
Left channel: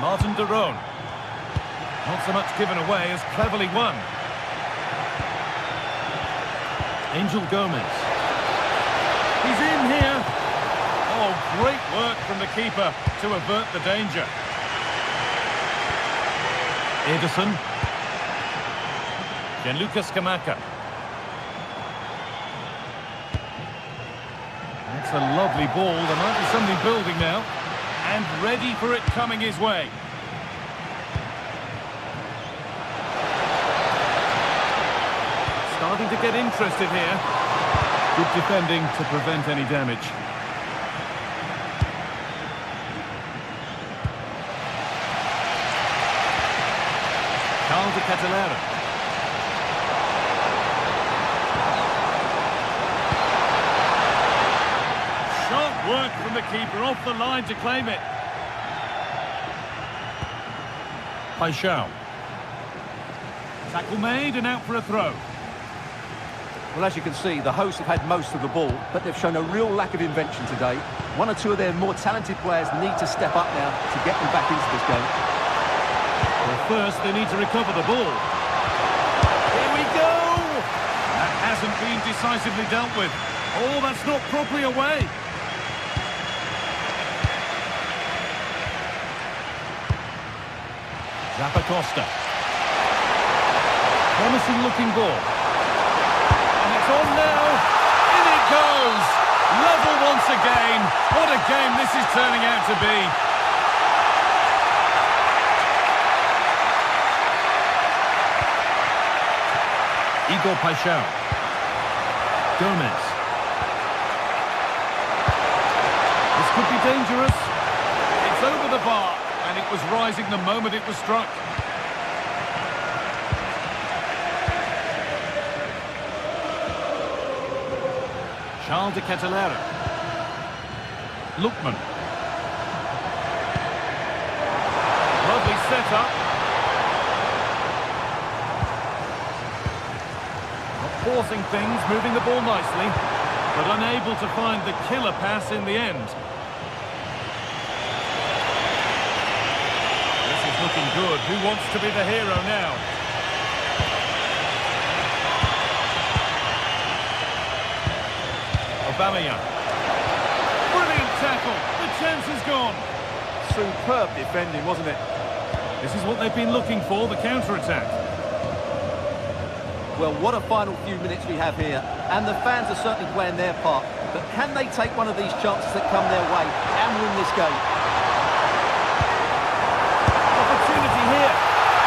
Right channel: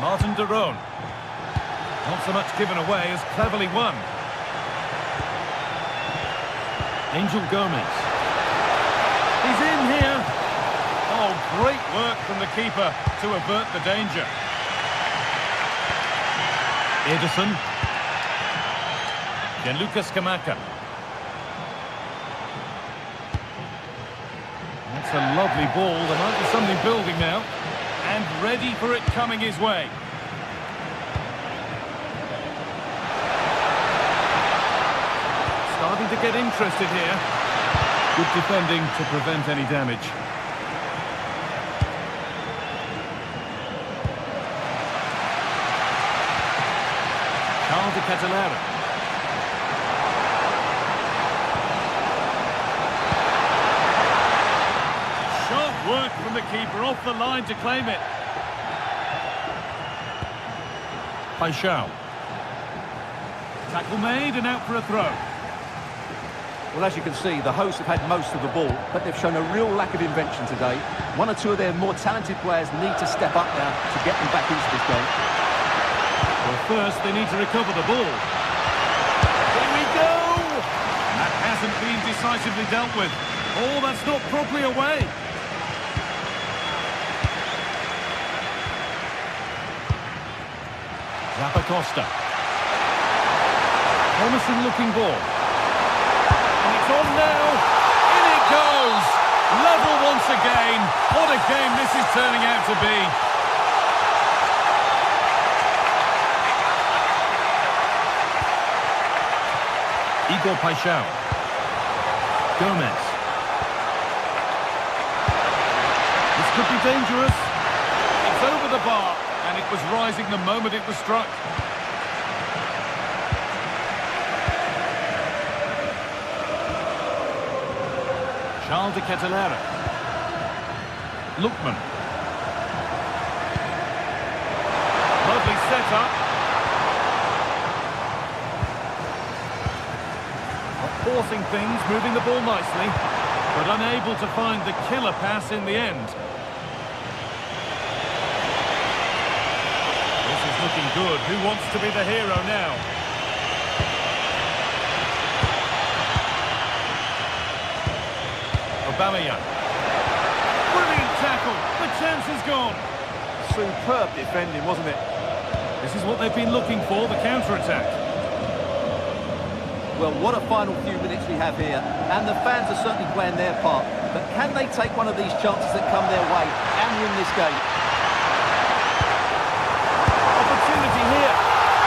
Martin de Roon. Not so much given away as cleverly won. Angel Gomez. He's in here. Oh, great work from the keeper to avert the danger. Edison. Gianluca Scamacca. That's a lovely ball. There might be something building now. And ready for it coming his way. Starting to get interested here. Good defending to prevent any damage. Carl de Catalera. Sharp work from the keeper, off the line to claim it. Paixão. Tackle made and out for a throw. Well, as you can see, the hosts have had most of the ball, but they've shown a real lack of invention today. One or two of their more talented players need to step up now to get them back into this game. Well, first they need to recover the ball. Here we go! And that hasn't been decisively dealt with. Oh, that's not properly away. Zappacosta. Promising looking ball. And it's on now. In it goes. Level once again. What a game this is turning out to be. Igor Paixão. Gomez. This could be dangerous. It's over the bar, and it was rising the moment it was struck. Charles de Kettelera. Lookman. Lovely setup. Not forcing things, moving the ball nicely, but unable to find the killer pass in the end. This is looking good. Who wants to be the hero now? Aubameyang. Brilliant tackle. The chance is gone. Superb defending, wasn't it? This is what they've been looking for, the counter-attack. Well, what a final few minutes we have here. And the fans are certainly playing their part. But can they take one of these chances that come their way and win this game? Opportunity here.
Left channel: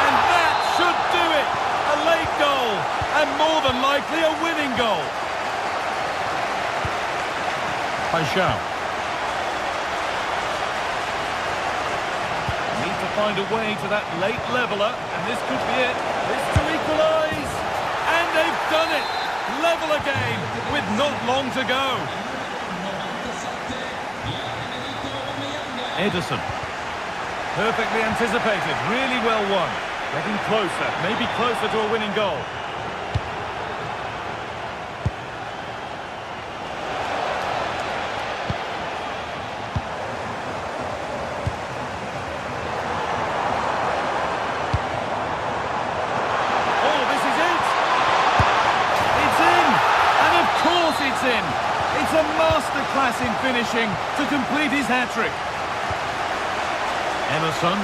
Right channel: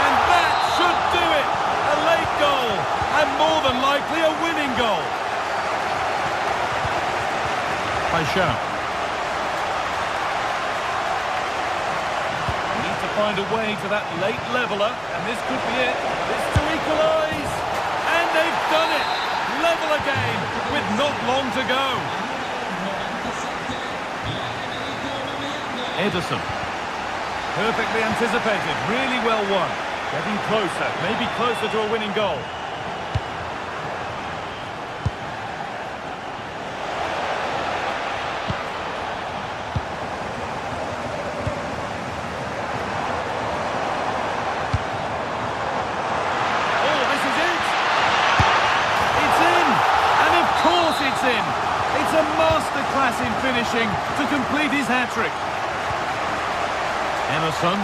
And that should do it. A late goal. And more than likely a winning goal. Paixão. Need to find a way to that late leveller, and this could be it. This to equalise, and they've done it. Level again with not long to go. Ederson. Perfectly anticipated, really well won. Getting closer, maybe closer to a winning goal. Of course it's in. It's a masterclass in finishing to complete his hat-trick. Emerson.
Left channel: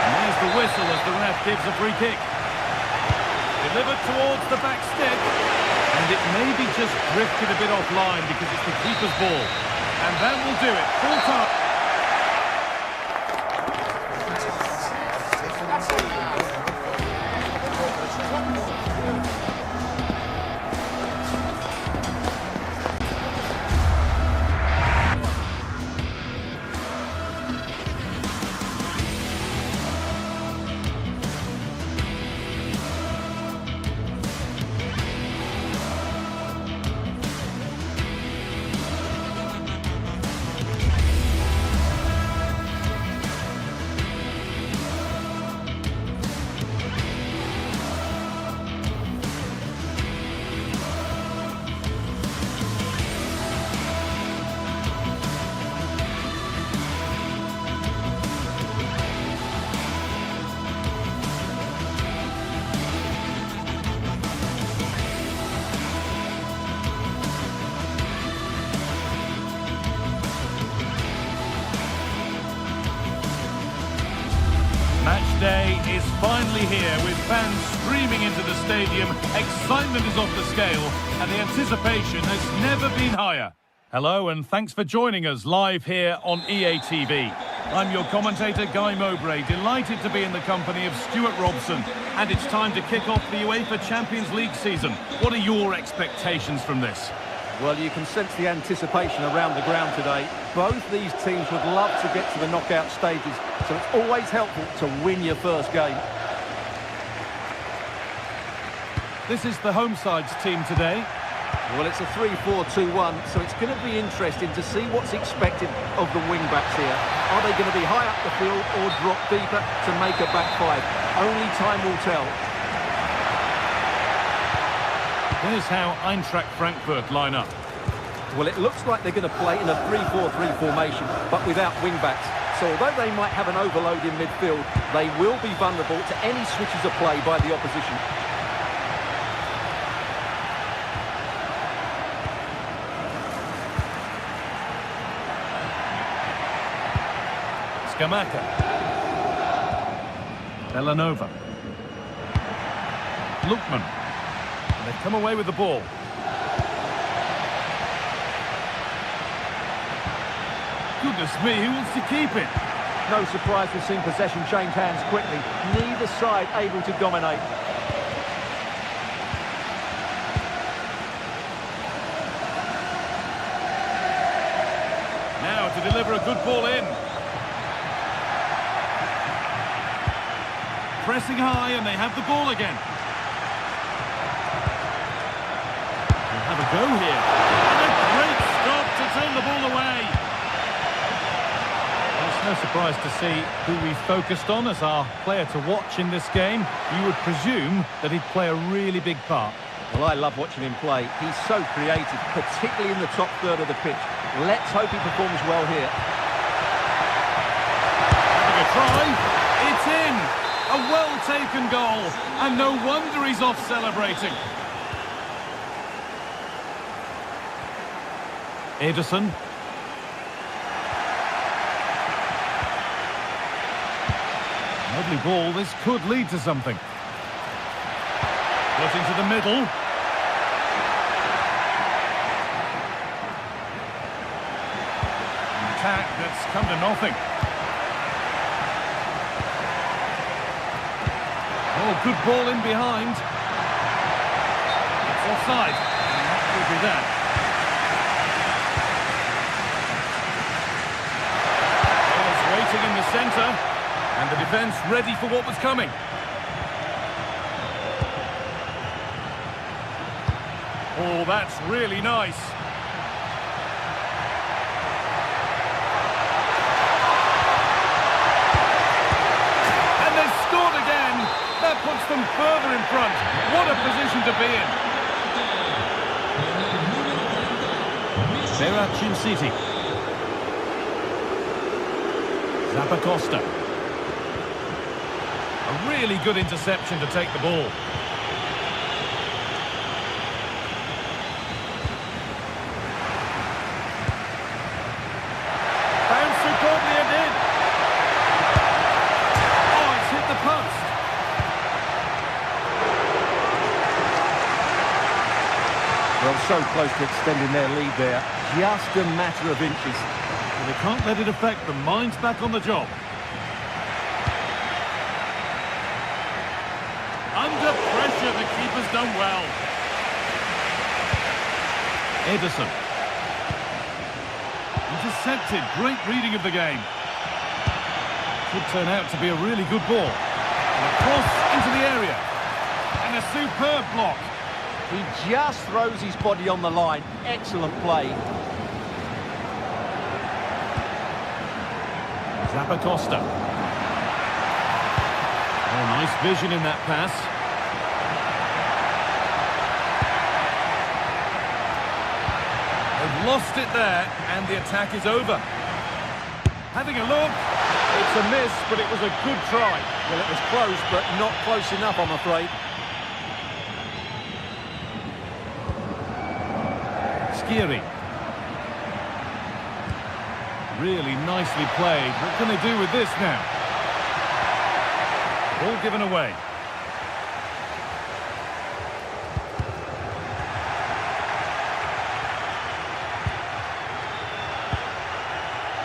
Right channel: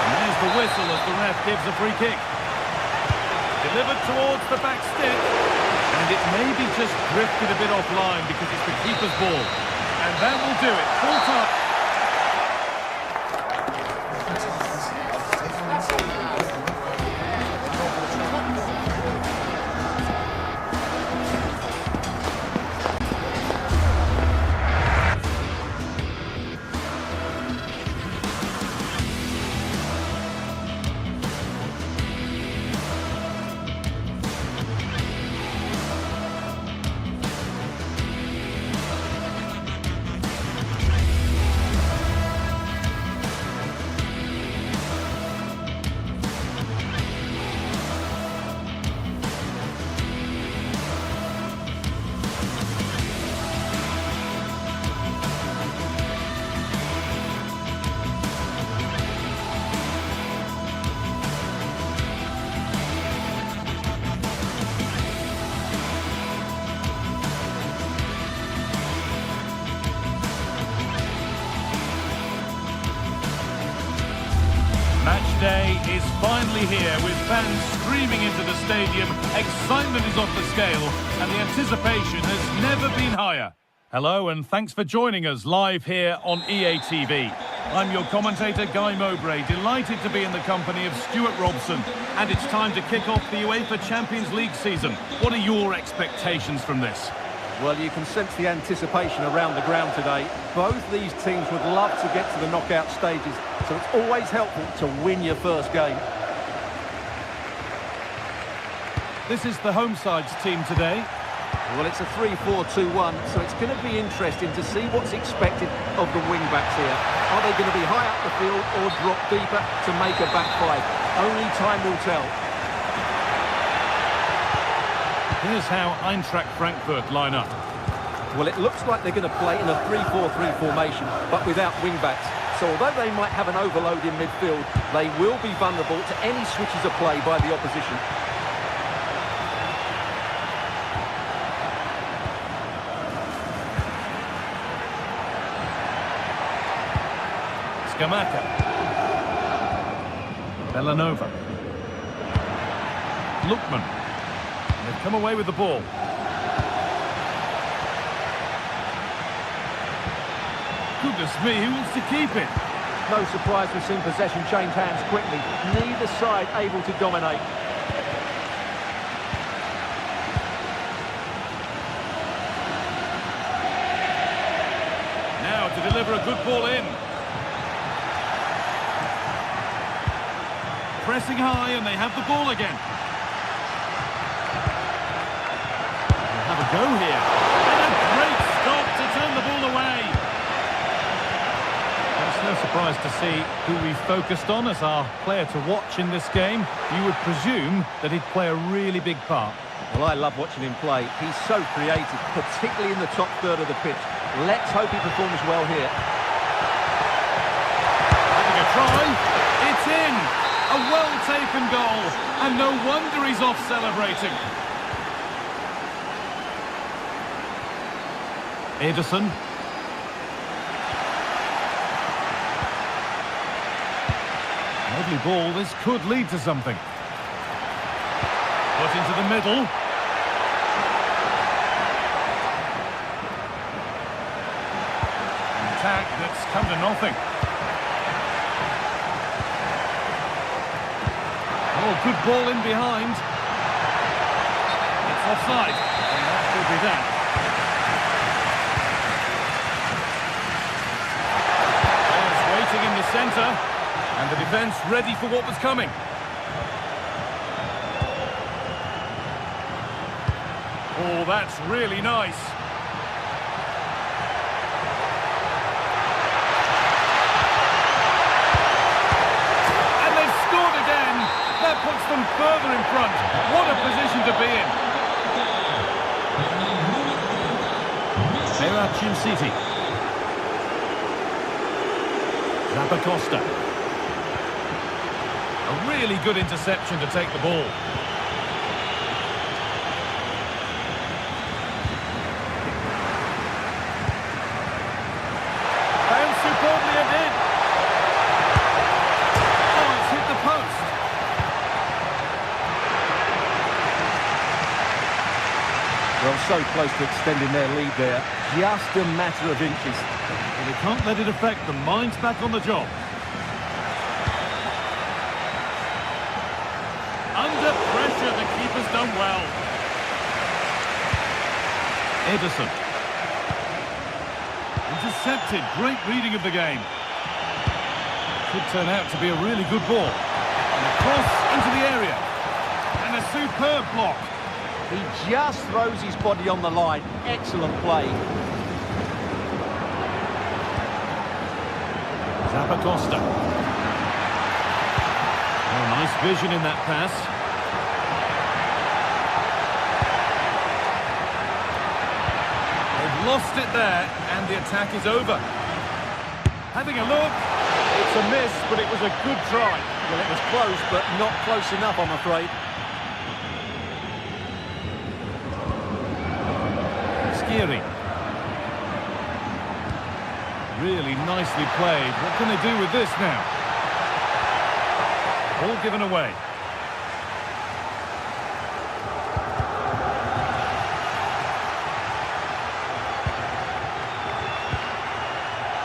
And there's the whistle as the ref gives a free kick. Delivered towards the back stick. And it maybe just drifted a bit offline because it's the keeper's ball. And that will do it. Full time. Match day is finally here with fans streaming into the stadium. Excitement is off the scale and the anticipation has never been higher. Hello and thanks for joining us live here on EA TV. I'm your commentator Guy Mowbray, delighted to be in the company of Stuart Robson, and it's time to kick off the UEFA Champions League season. What are your expectations from this? Well, you can sense the anticipation around the ground today. Both these teams would love to get to the knockout stages, so it's always helpful to win your first game. This is the home side's team today. Well, it's a 3-4-2-1, so it's going to be interesting to see what's expected of the wing-backs here. Are they going to be high up the field or drop deeper to make a back five? Only time will tell. Here's how Eintracht Frankfurt line up. Well, it looks like they're going to play in a 3-4-3 formation, but without wing-backs. So although they might have an overload in midfield, they will be vulnerable to any switches of play by the opposition. Scamacca. Bellanova. Lookman. And they've come away with the ball. Goodness me, who wants to keep it? No surprise we've seen possession change hands quickly. Neither side able to dominate. Now to deliver a good ball in. Pressing high and they have the ball again. They'll have a go here. And a great stop to turn the ball away. Well, it's no surprise to see who we focused on as our player to watch in this game. You would presume that he'd play a really big part. Well, I love watching him play. He's so creative, particularly in the top third of the pitch. Let's hope he performs well here. Having a try. It's in. A well-taken goal. And no wonder he's off celebrating. Ederson. Lovely ball. This could lead to something. Put into the middle. An attack that's come to nothing. Oh, good ball in behind. It's offside. And that could be that. Waiting in the centre, and the defence ready for what was coming. Oh, that's really nice. And they've scored again. That puts them further in front. What a position to be in. Berachin City. Zappacosta. A really good interception to take the ball. Bounced superbly and in. Oh, it's hit the post. Well, so close to extending their lead there. Just a matter of inches. Well, they can't let it affect them. Mind's back on the job. Under pressure, the keeper's done well. Ederson. Intercepted. Great reading of the game. Could turn out to be a really good ball. And a cross into the area. And a superb block. He just throws his body on the line. Excellent play. Zappacosta. Oh, nice vision in that pass. They've lost it there, and the attack is over. Having a look. It's a miss, but it was a good try. Well, it was close, but not close enough, I'm afraid. Skiri. Really nicely played. What can they do with this now? Ball given away.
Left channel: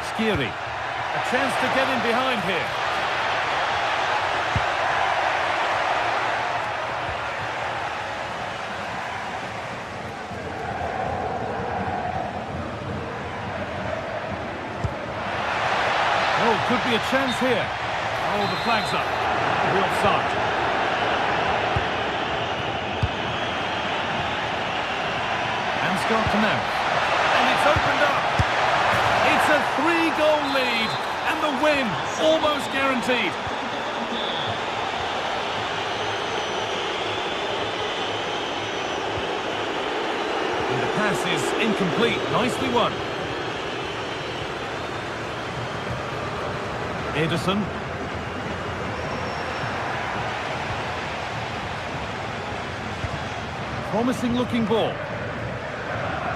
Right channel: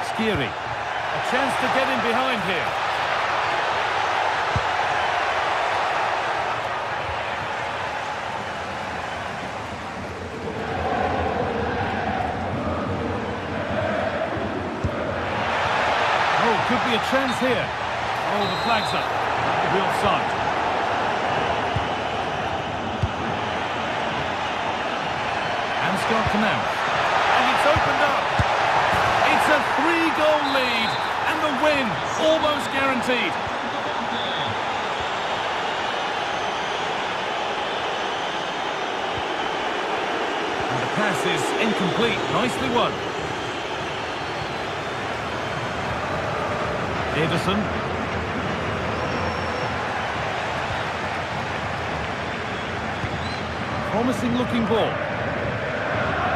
Skiri. A chance to get in behind here. Oh, could be a chance here. Oh, the flag's up. That will be offside. Ansgar Canal. And it's opened up. It's a 3-goal lead. And the win almost guaranteed. And the pass is incomplete. Nicely won. Ederson. Promising looking ball.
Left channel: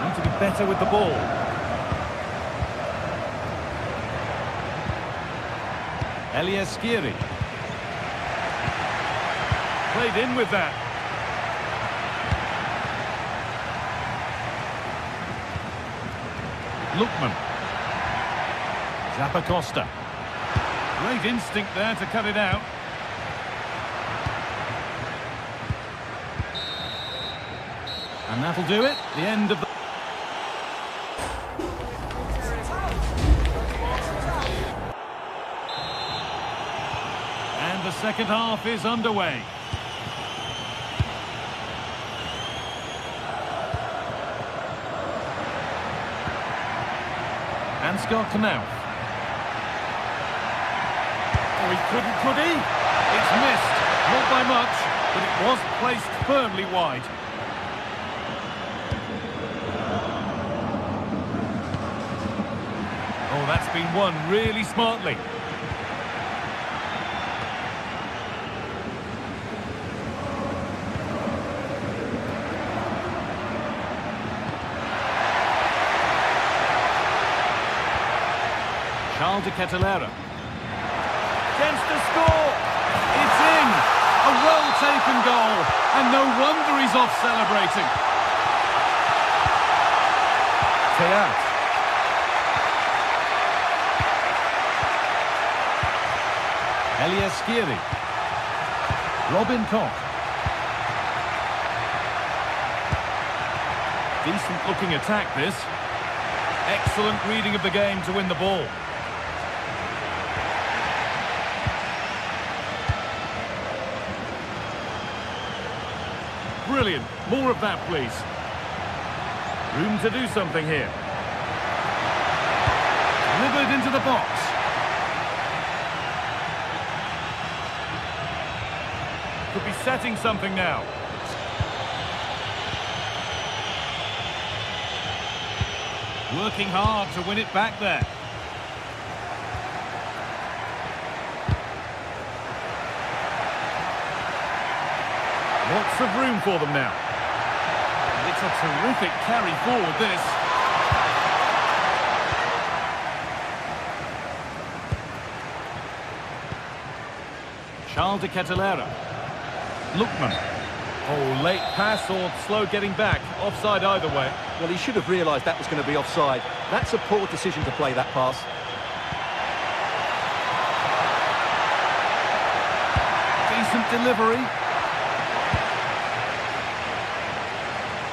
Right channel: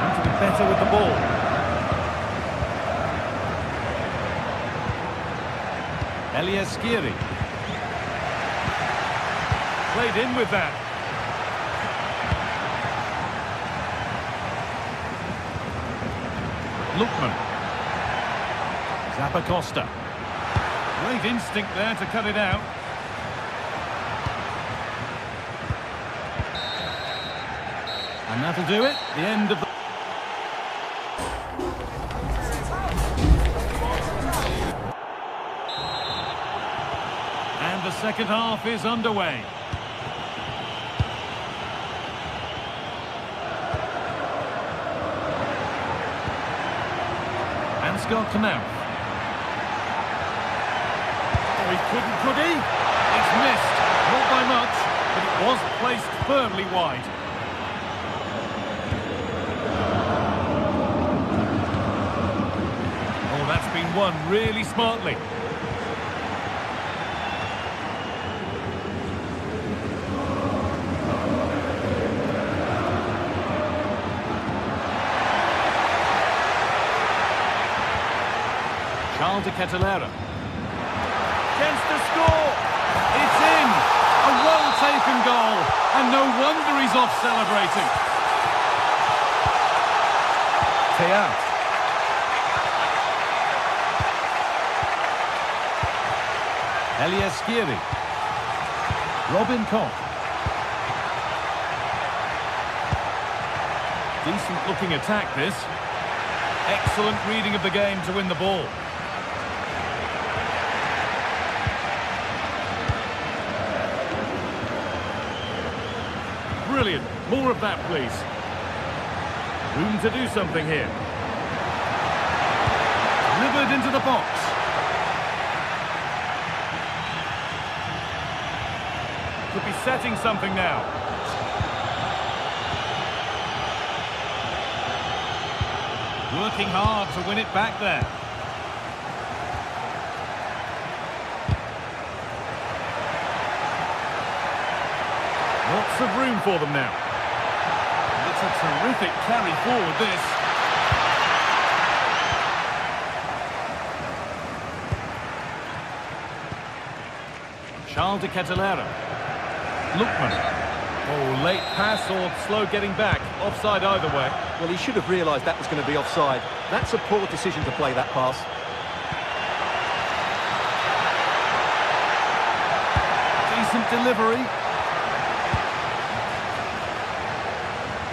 Need to be better with the ball. Skiri. Played in with that. Lookman. Zappacosta. Great instinct there to cut it out. And that'll do it. The end of the... And the second half is underway. Ansgar Knauf. Oh, he couldn't, could he? It's missed. Not by much, but it was placed firmly wide. Oh, that's been won really smartly. Charles de Kettelera. Chance to score. It's in. A well-taken goal. And no wonder he's off celebrating. Teat. Skiri. Robin Koch. Decent looking attack this. Excellent reading of the game to win the ball. Brilliant. More of that, please. Room to do something here. Delivered into the box. Could be setting something now. Working hard to win it back there. Lots of room for them now. It's a terrific carry forward, this. Charles de Kettelera. Lookman. Oh, late pass or slow getting back. Offside either way. Well, he should have realised that was going to be offside. That's a poor decision to play that pass. Decent delivery.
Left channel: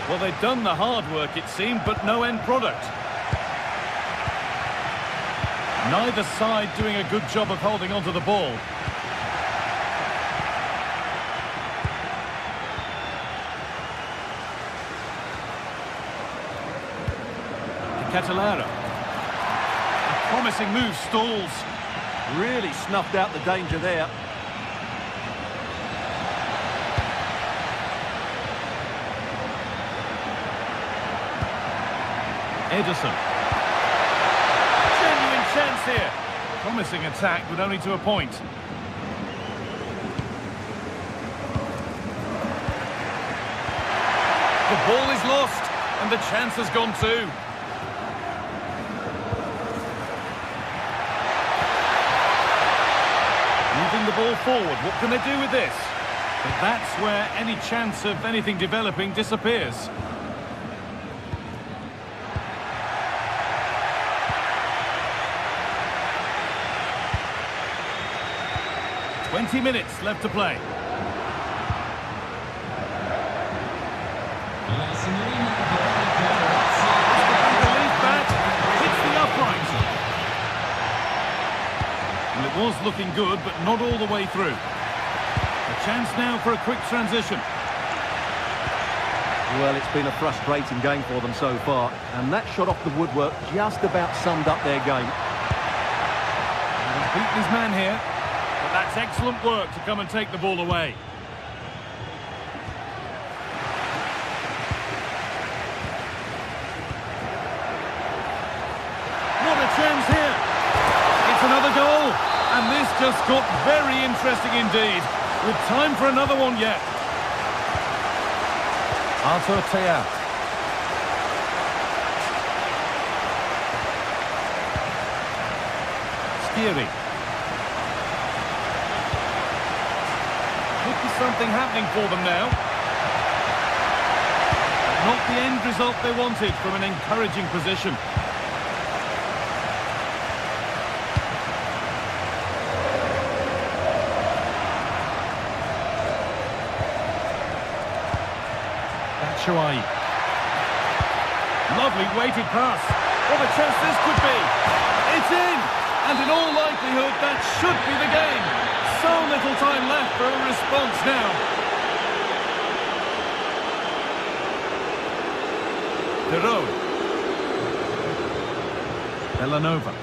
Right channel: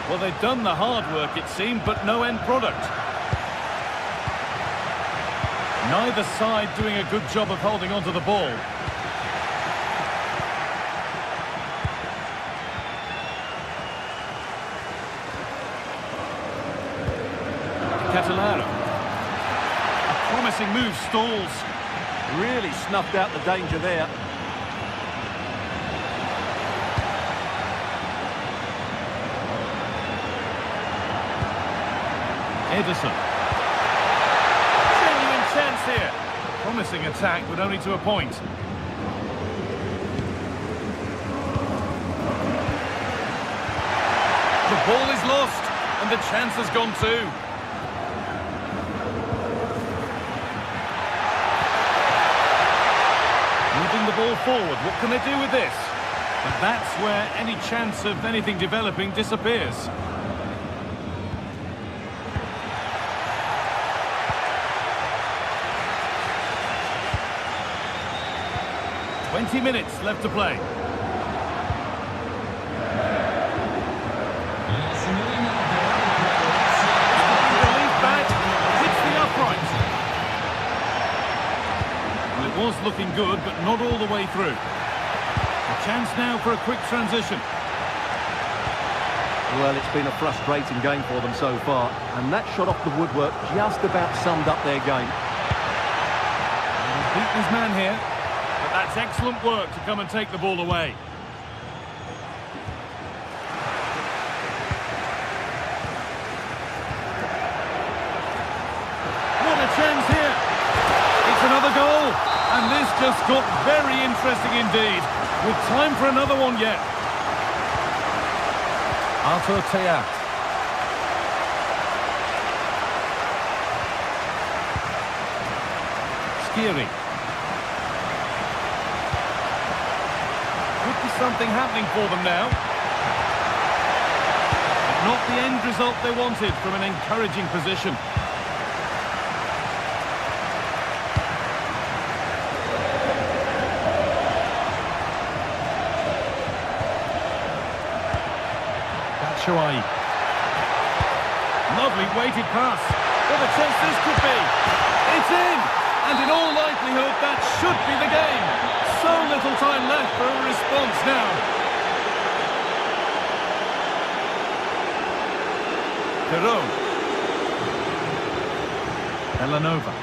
Well, they've done the hard work, it seemed, but no end product. Neither side doing a good job of holding onto the ball. Catalara. A promising move stalls. Really snuffed out the danger there. Ederson. Genuine chance here. Promising attack, but only to a point. The ball is lost, and the chance has gone too. Moving the ball forward, what can they do with this? But that's where any chance of anything developing disappears. "20 minutes left to play. Relief back, hits the upright. Well, it was looking good, but not all the way through. A chance now for a quick transition. Well, it's been a frustrating game for them so far, and that shot off the woodwork just about summed up their game. He's beaten his man here, but that's excellent work to come and take the ball away. chance here. It's another goal. And this just got very interesting indeed. With time for another one yet. Artur Teat. Skiri. Could be something happening for them now. But not the end result they wanted from an encouraging position. Batshuayi. Lovely weighted pass. What a chance this could be. It's in! And in all likelihood, that should be the game. So little time left for a response now. Perot. Belanova.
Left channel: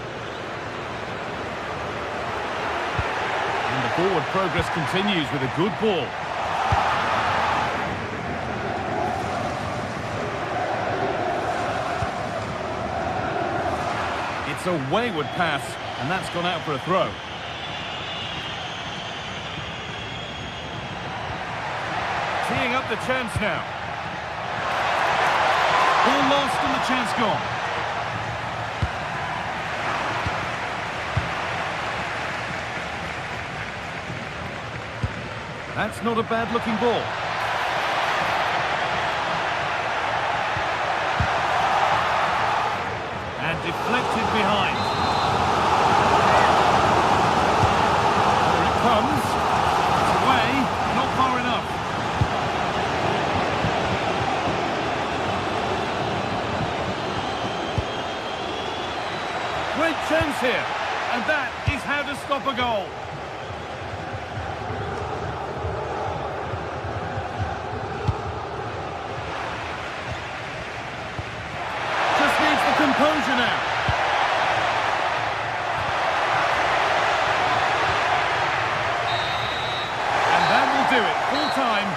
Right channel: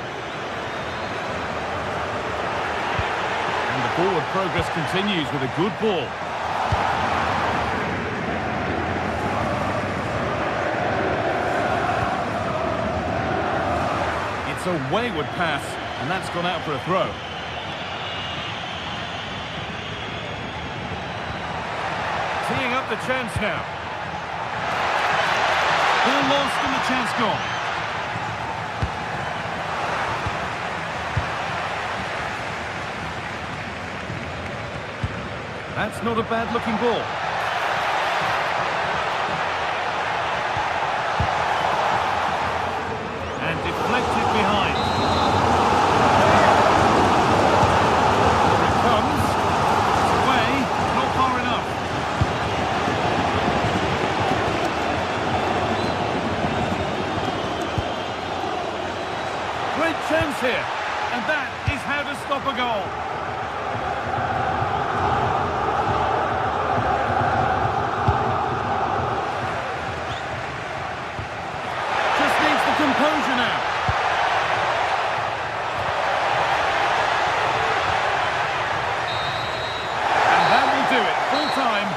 And the forward progress continues with a good ball. It's a wayward pass, and that's gone out for a throw. Teeing up the chance now. Ball lost and the chance gone. That's not a bad looking ball. And deflected behind. Here it comes. It's away, not far enough. Great chance here. And that is how to stop a goal. Composure now. And that will do it. Full time.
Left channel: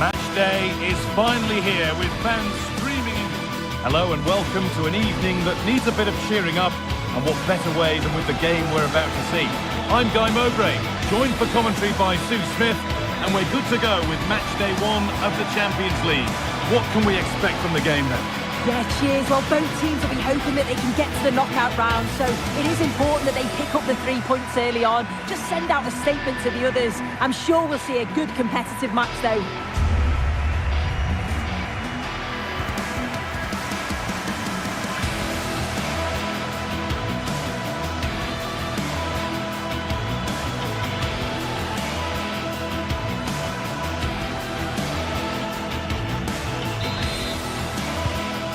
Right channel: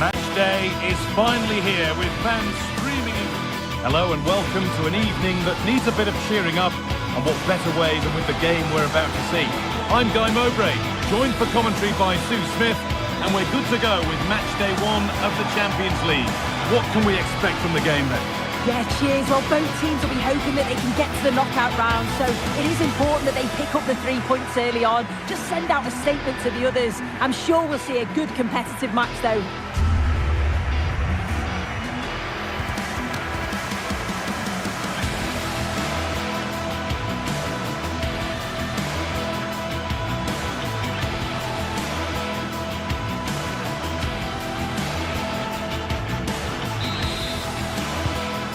Match day is finally here with fans streaming in. Hello and welcome to an evening that needs a bit of cheering up, and what better way than with the game we're about to see. I'm Guy Mowbray, joined for commentary by Sue Smith, and we're good to go with match day 1 of the Champions League. What can we expect from the game then? Yeah, cheers. Well, both teams will be hoping that they can get to the knockout round, so it is important that they pick up the 3 points early on. Just send out a statement to the others. I'm sure we'll see a good competitive match though.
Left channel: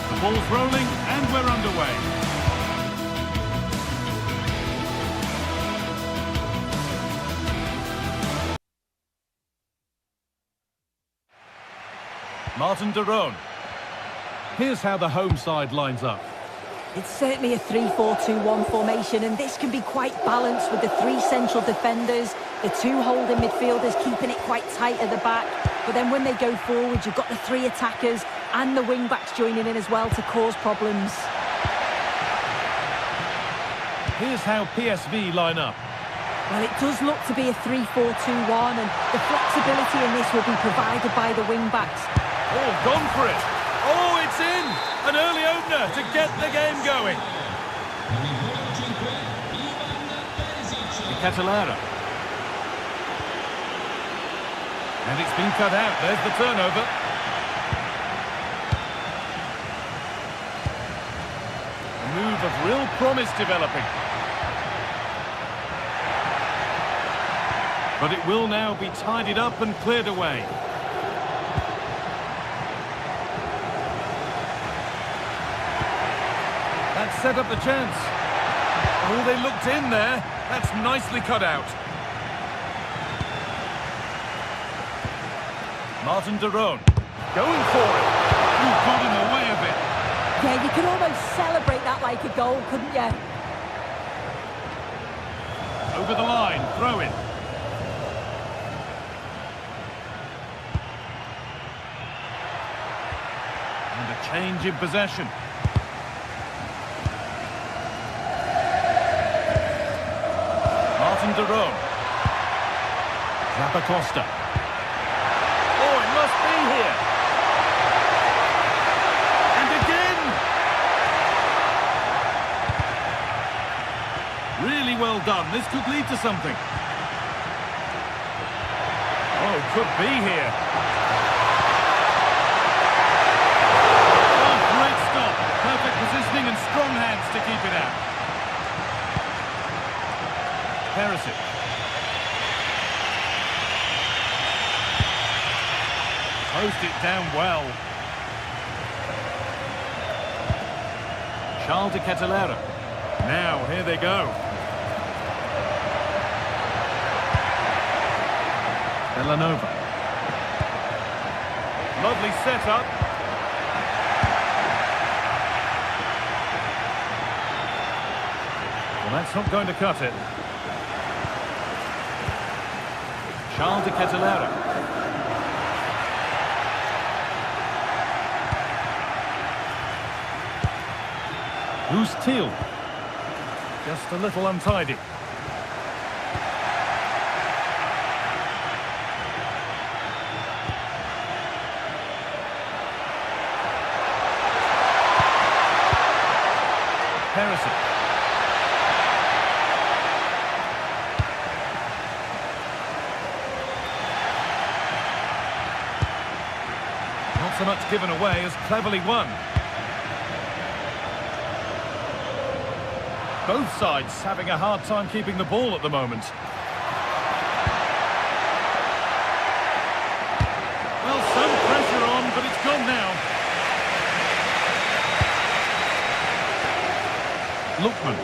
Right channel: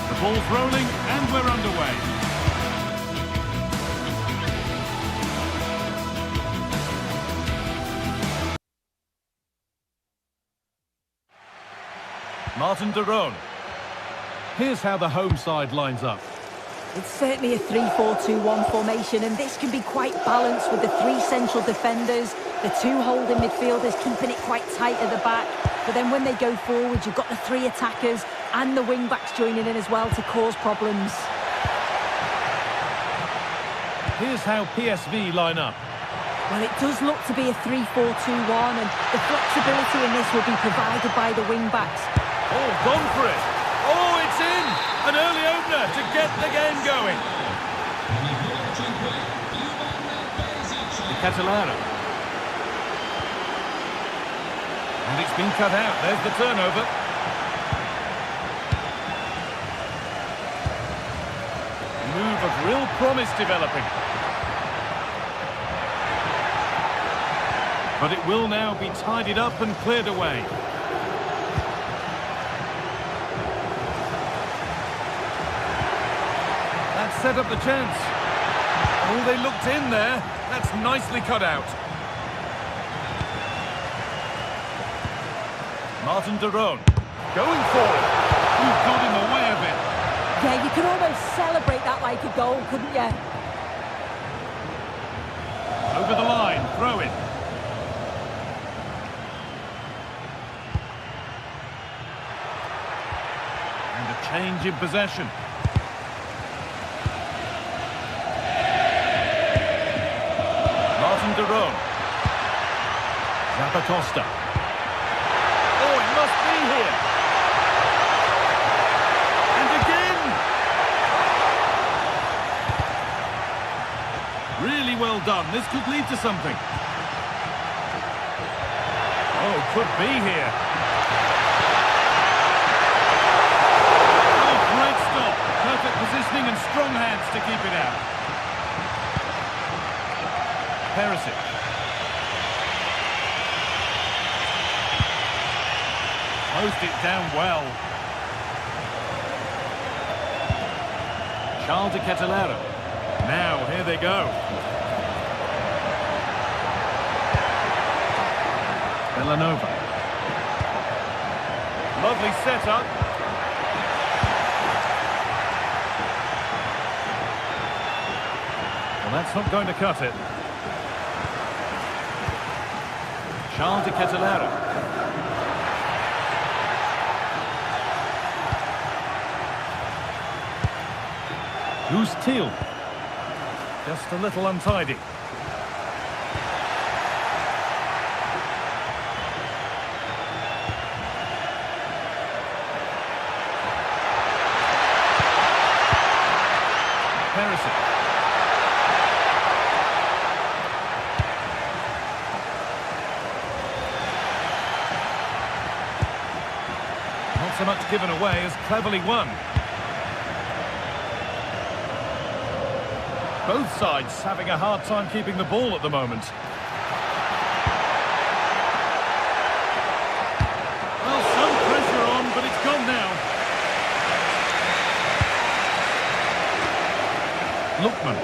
The ball's rolling and we're underway. Martin de Roon. Here's how the home side lines up. It's certainly a 3-4-2-1 formation, and this can be quite balanced with the 3 central defenders, the 2 holding midfielders keeping it quite tight at the back. But then when they go forward, you've got the 3 attackers and the wing-backs joining in as well to cause problems. Here's how PSV line up. Well, it does look to be a 3-4-2-1, and the flexibility in this will be provided by the wing-backs. Oh, gone for it. Oh, it's in. An early opener to get the game going. Catalara. And it's been cut out. There's the turnover. A move of real promise developing. But it will now be tidied up and cleared away. That set up the chance. Oh, they looked in there. That's nicely cut out. Martin de Roon going for it. You've got in the way of it. Yeah, you could almost celebrate that like a goal, couldn't you? Over the line, throw in. And a change in possession. Martin de Roon. Zappacosta. Oh, it must be here. And again. Really well done. This could lead to something. Oh, could be here. Oh, great stop. Perfect positioning and strong hands to keep it out. Perisic. Closed it down well. Charles de Catalara. Now, here they go. Villanova. Lovely setup. Well, that's not going to cut it. Charles de Catalara. Who's Thiel? Just a little untidy. Perisic. Not so much given away as cleverly won. Both sides having a hard time keeping the ball at the moment. Well, some pressure on, but it's gone now. Lookman.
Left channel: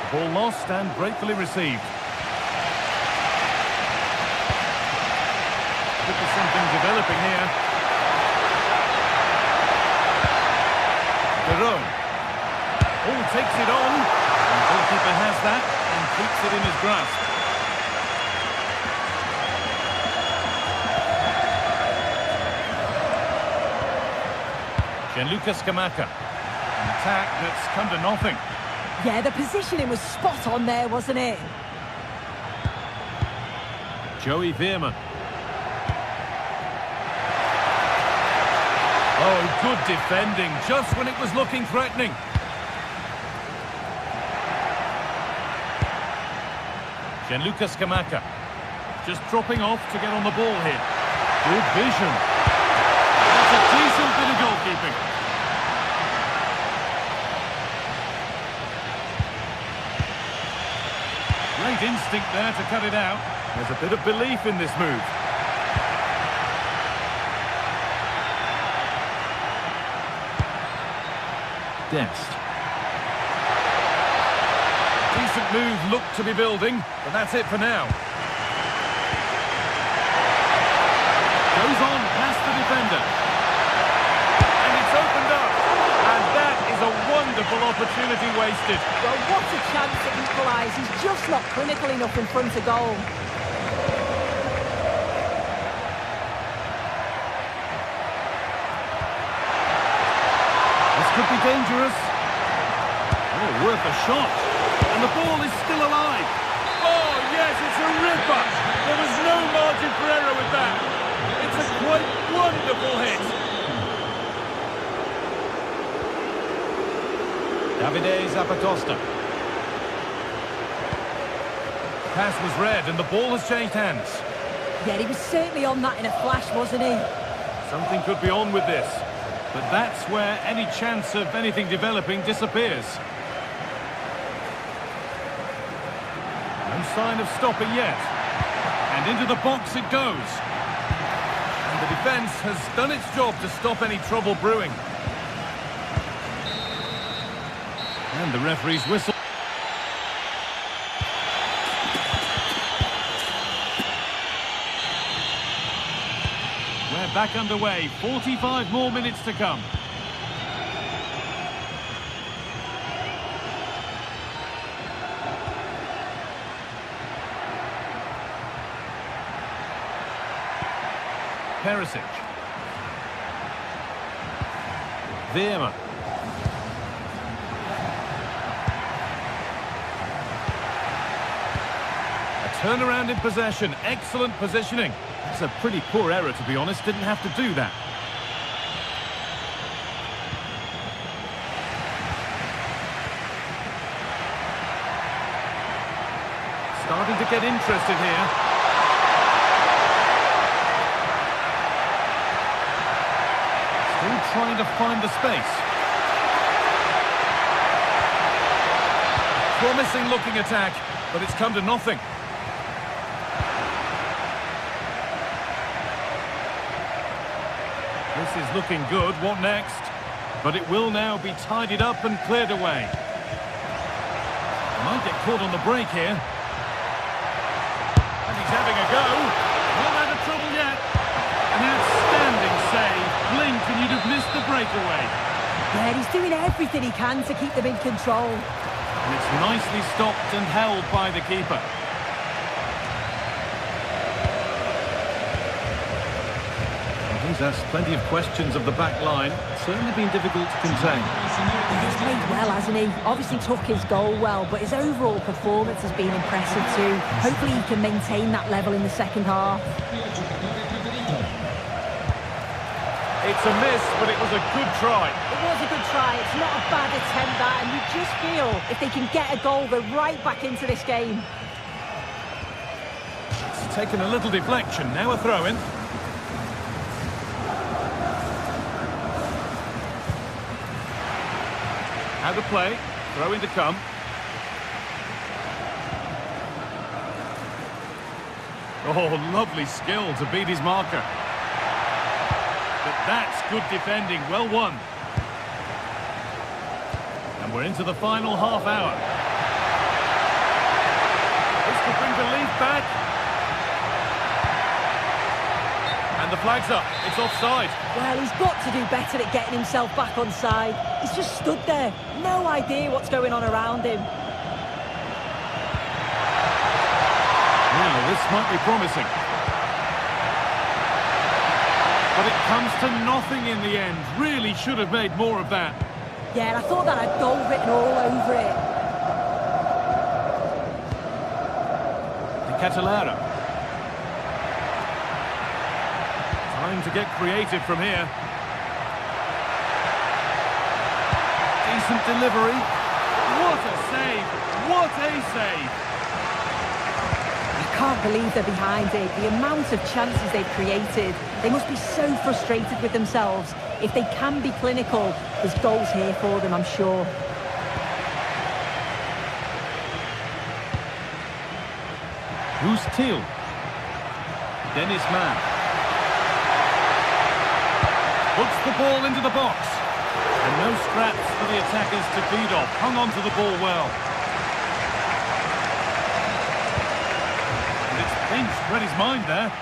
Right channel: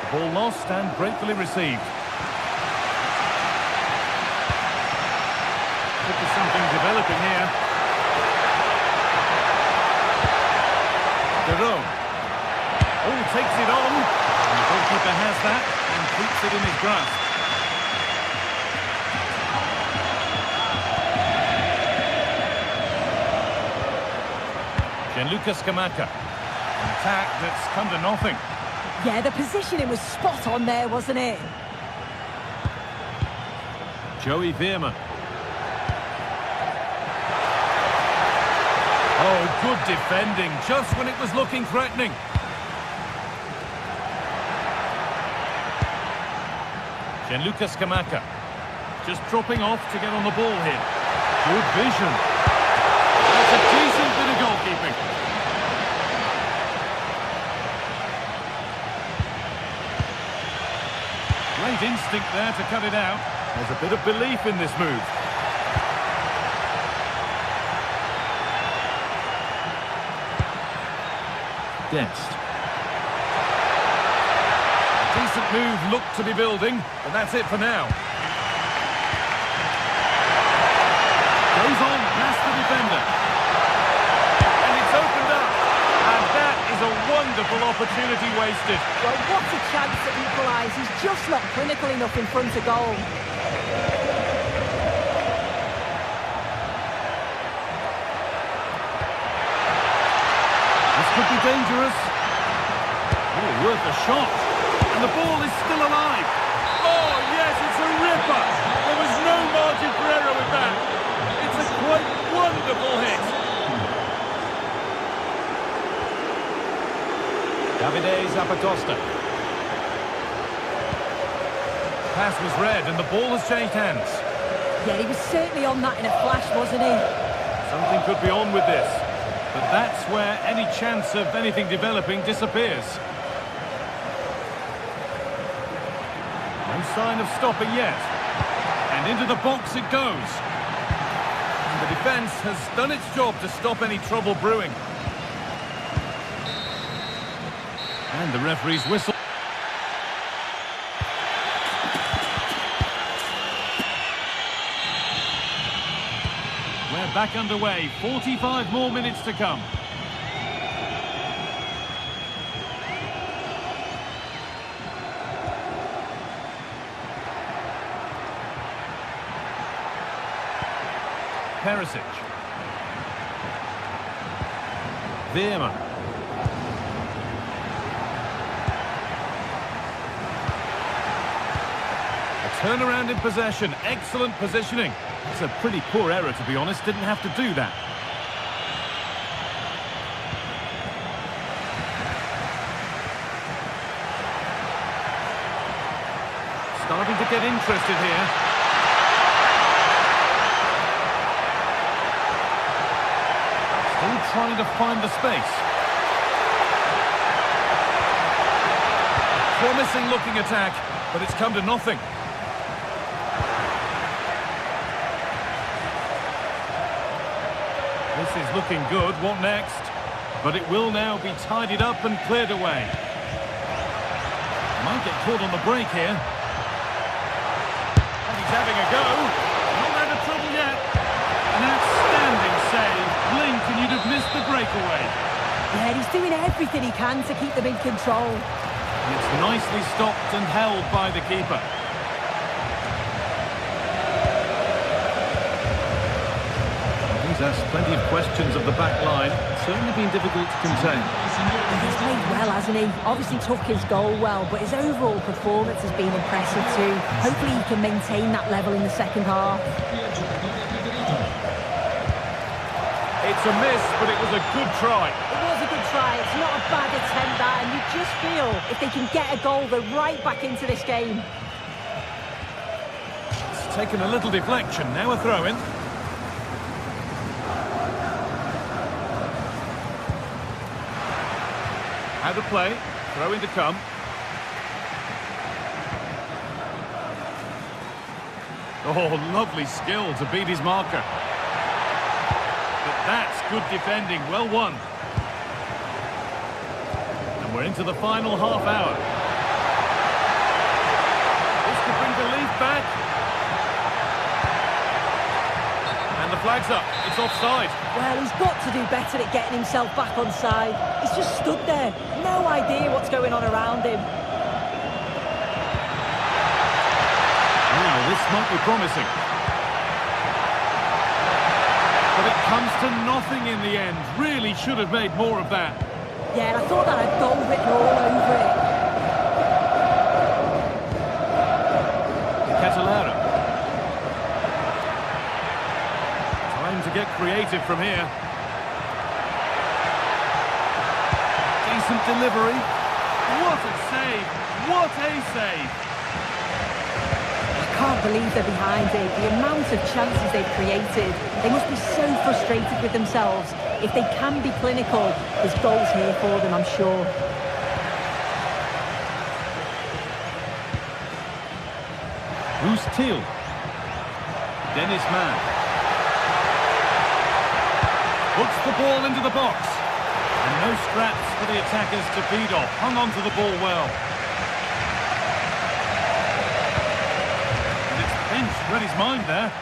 The ball lost and gratefully received. Could be something developing here. De Roon. Oh, takes it on. And the goalkeeper has that and keeps it in his grasp. Gianluca Scamacca. An attack that's come to nothing. Yeah, the positioning was spot on there, wasn't it? Joey Veerman. Oh, good defending, just when it was looking threatening. Gianluca Scamacca. Just dropping off to get on the ball here. Good vision. That's a decent bit of goalkeeping. Great instinct there to cut it out. There's a bit of belief in this move. Dest. Decent move looked to be building, but that's it for now. Goes on past the defender. And it's opened up. And that is a wonderful opportunity wasted. Well, what a chance to equalise. He's just not clinical enough in front of goal. This could be dangerous. Oh, worth a shot. And the ball is still alive. Oh, yes, it's a ripper. There was no margin for error with that. It's a quite wonderful hit. Davide Zapatosta. Pass was read and the ball has changed hands. Yeah, he was certainly on that in a flash, wasn't he? Something could be on with this. But that's where any chance of anything developing disappears. No sign of stopping yet. And into the box it goes. And the defence has done its job to stop any trouble brewing. And the referee's whistle. We're back underway. 45 more minutes to come. Perisic. Veerman. A turnaround in possession. Excellent positioning. It's a pretty poor error, to be honest. Didn't have to do that. Starting to get interested here. Still trying to find the space. Promising looking attack, but it's come to nothing. This is looking good. What next? But it will now be tidied up and cleared away. Might get caught on the break here. And he's having a go. Not out of trouble yet. An outstanding save. Blink and you'd have missed the breakaway. Yeah, he's doing everything he can to keep them in control. And it's nicely stopped and held by the keeper. He's asked plenty of questions of the back line. It's certainly been difficult to contain. He's played well, hasn't he? Obviously took his goal well, but his overall performance has been impressive too. Hopefully he can maintain that level in the second half. It's a miss, but it was a good try. It was a good try. It's not a bad attempt, that, and you just feel if they can get a goal, they're right back into this game. It's taken a little deflection. Now a throw-in. How to play, throw in to come. Oh, lovely skill to beat his marker. But that's good defending, well won. And we're into the final half hour. This could bring belief back. And the flag's up, it's offside. Well, he's got to do better at getting himself back on side. He's just stood there, no idea what's going on around him. Now, this might be promising. But it comes to nothing in the end. Really should have made more of that. Yeah, and I thought that had goal written all over it. De Catalera. Time to get creative from here. Decent delivery. What a save! What a save! I can't believe they're behind it. The amount of chances they've created. They must be so frustrated with themselves. If they can be clinical, there's goals here for them, I'm sure. Who's Thiel? Dennis Mann. Puts the ball into the box. And no scraps for the attackers to feed off. Hung on to the ball well. And it's pinched, read his mind there.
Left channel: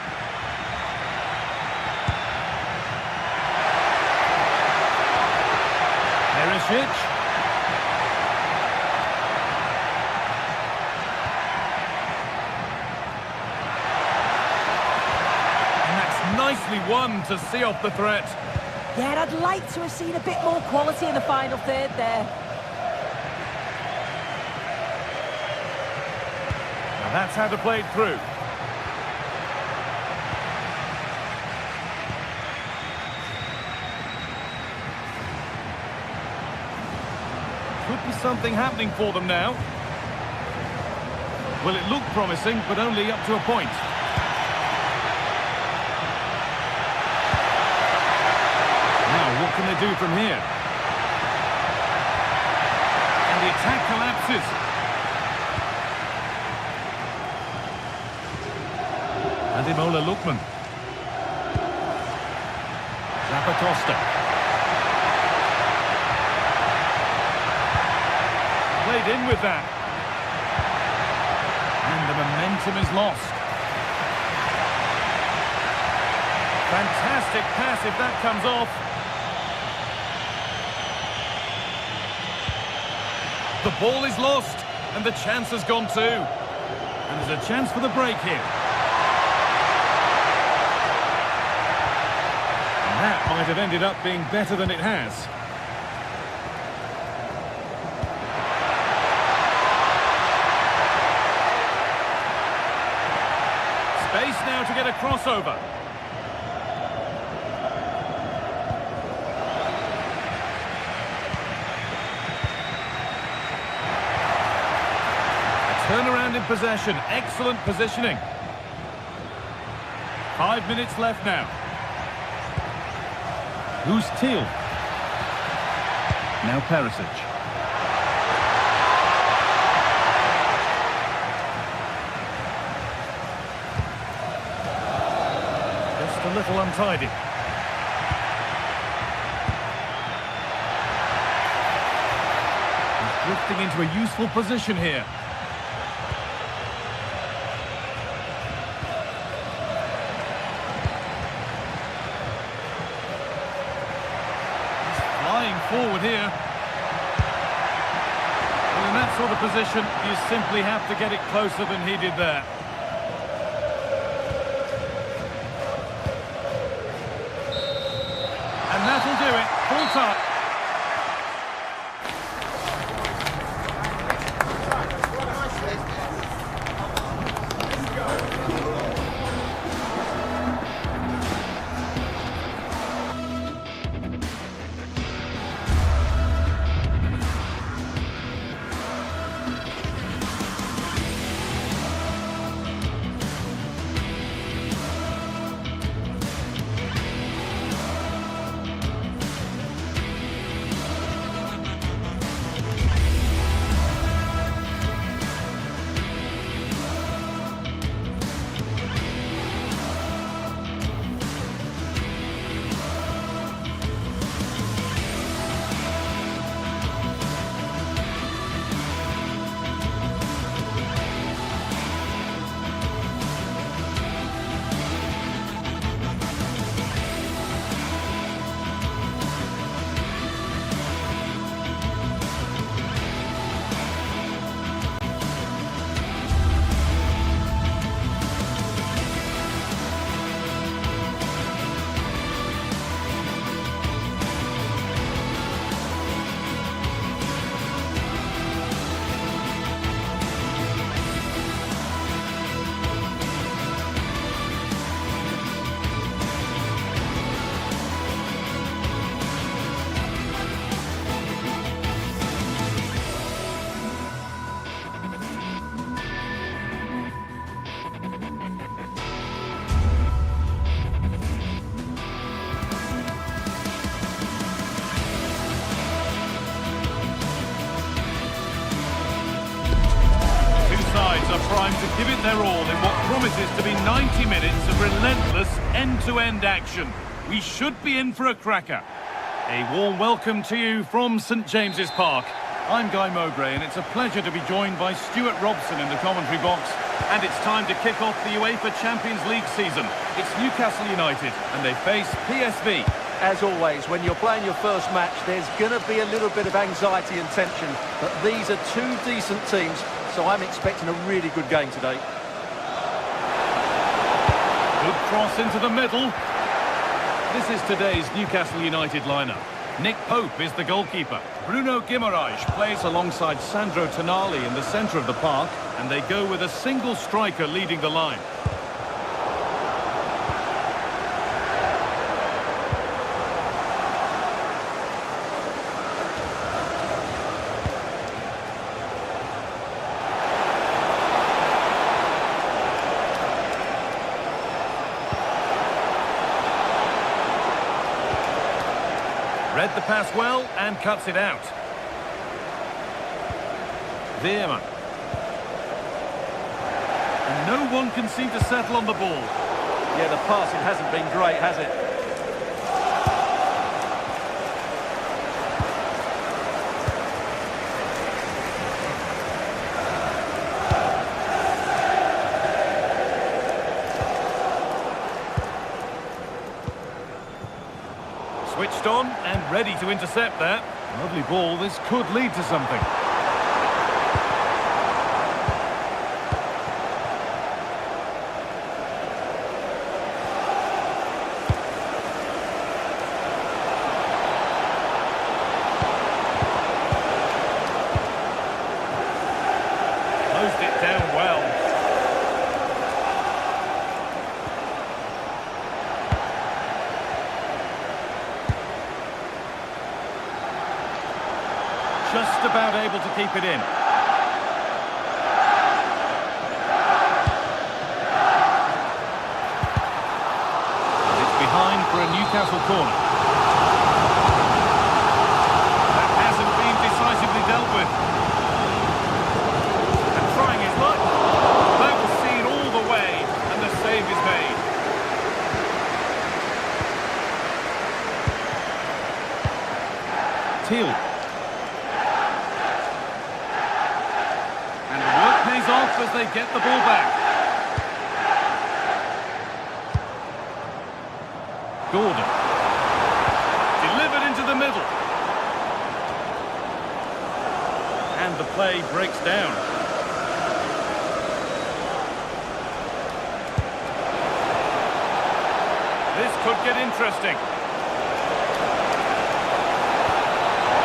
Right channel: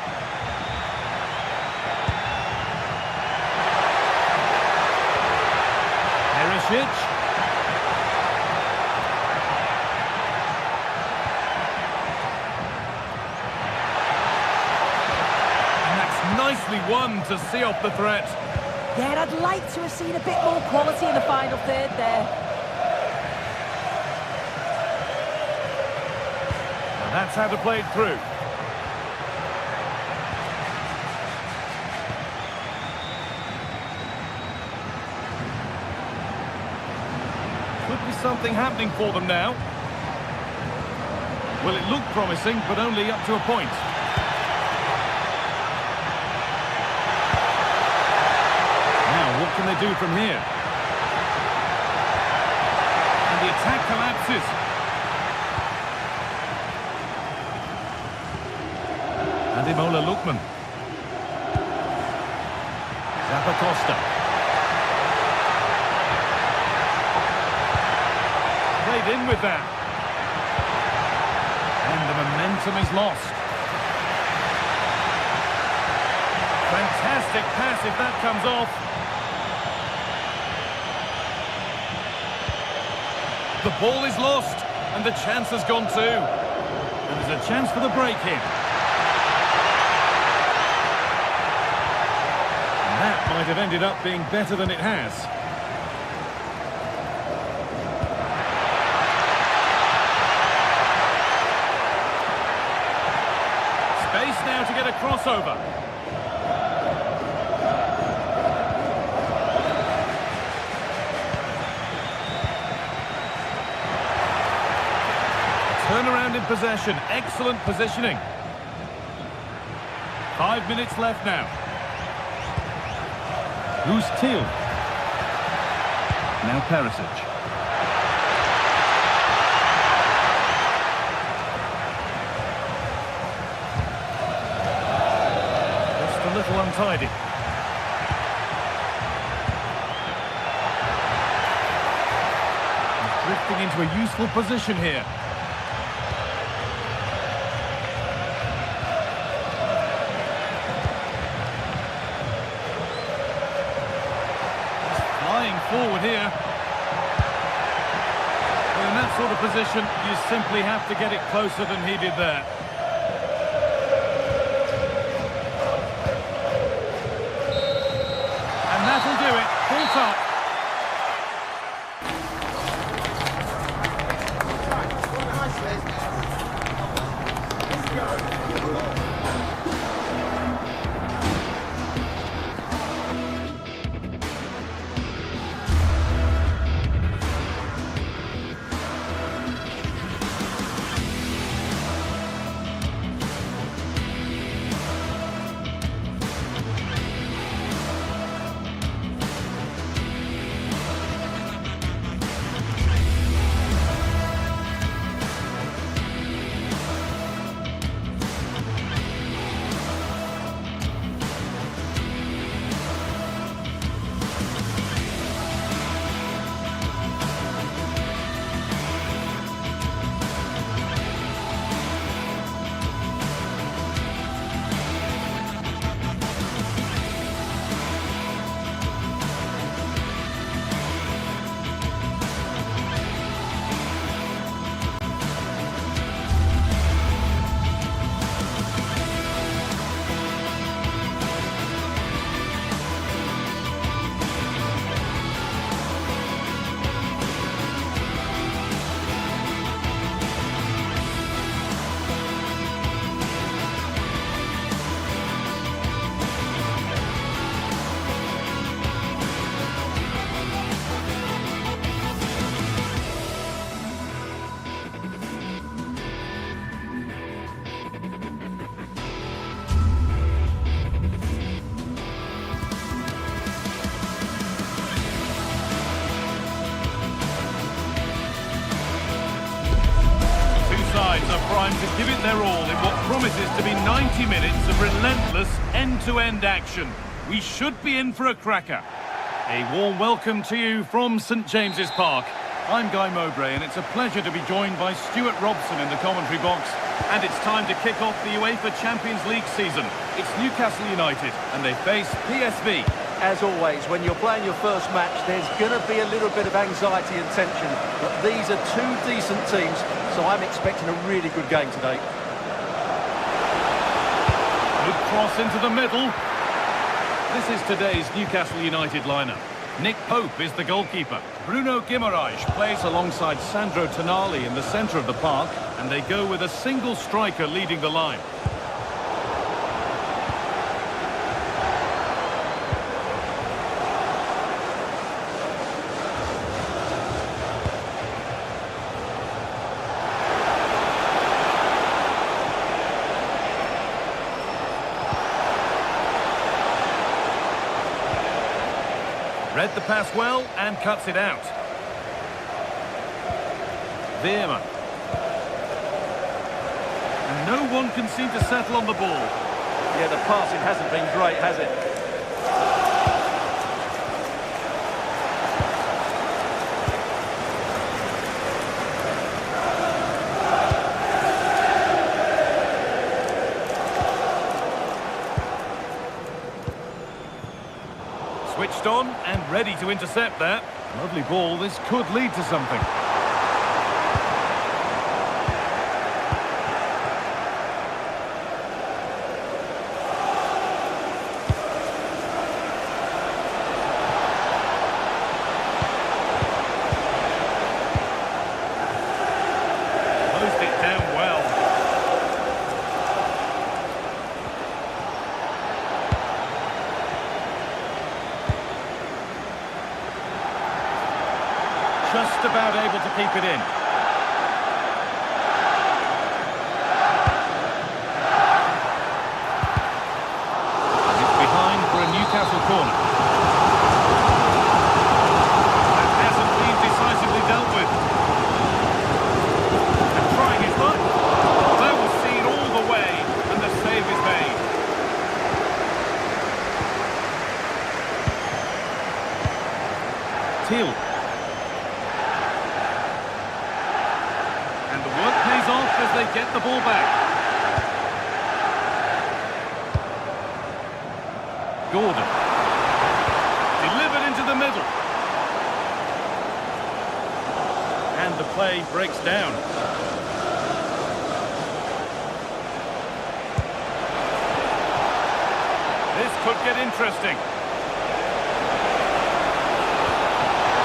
Perisic. And that's nicely won to see off the threat. Yeah, and I'd like to have seen a bit more quality in the final third there. That's how to play it through. Could be something happening for them now. Well, it looked promising, but only up to a point. Now, what can they do from here? And the attack collapses. Ademola Lookman. Zappacosta. Played in with that. And the momentum is lost. Fantastic pass if that comes off. The ball is lost, and the chance has gone too. And there's a chance for the break here. And that might have ended up being better than it has. Space now to get a crossover. Turnaround in possession, excellent positioning. 5 minutes left now. Who's Teal? Now Perisic. Just a little untidy. He's drifting into a useful position here. Flying forward here. Well, in that sort of position, you simply have to get it closer than he did there. And that'll do it. Full time. Sides are primed to give it their all in what promises to be 90 minutes of relentless end-to-end action. We should be in for a cracker. A warm welcome to you from St James's Park. I'm Guy Mowbray, and it's a pleasure to be joined by Stuart Robson in the commentary box. And it's time to kick off the UEFA Champions League season. It's Newcastle United, and they face PSV. As always, when you're playing your first match, there's going to be a little bit of anxiety and tension. But these are two decent teams, so I'm expecting a really good game today. Good cross into the middle. This is today's Newcastle United lineup. Nick Pope is the goalkeeper. Bruno Guimaraes plays alongside Sandro Tonali in the centre of the park, and they go with a single striker leading the line. Read the pass well and cuts it out. Veerman. And no one can seem to settle on the ball. Yeah, the passing hasn't been great, has it? Switched on and ready to intercept that. Lovely ball, this could lead to something. Closed it down well. Just about able to keep it in. And it's behind for a Newcastle corner. That hasn't been decisively dealt with. And trying his luck. That was seen all the way, and the save is made. Teal. And the work pays off as they get the ball back. Gordon. Delivered into the middle. And the play breaks down. This could get interesting.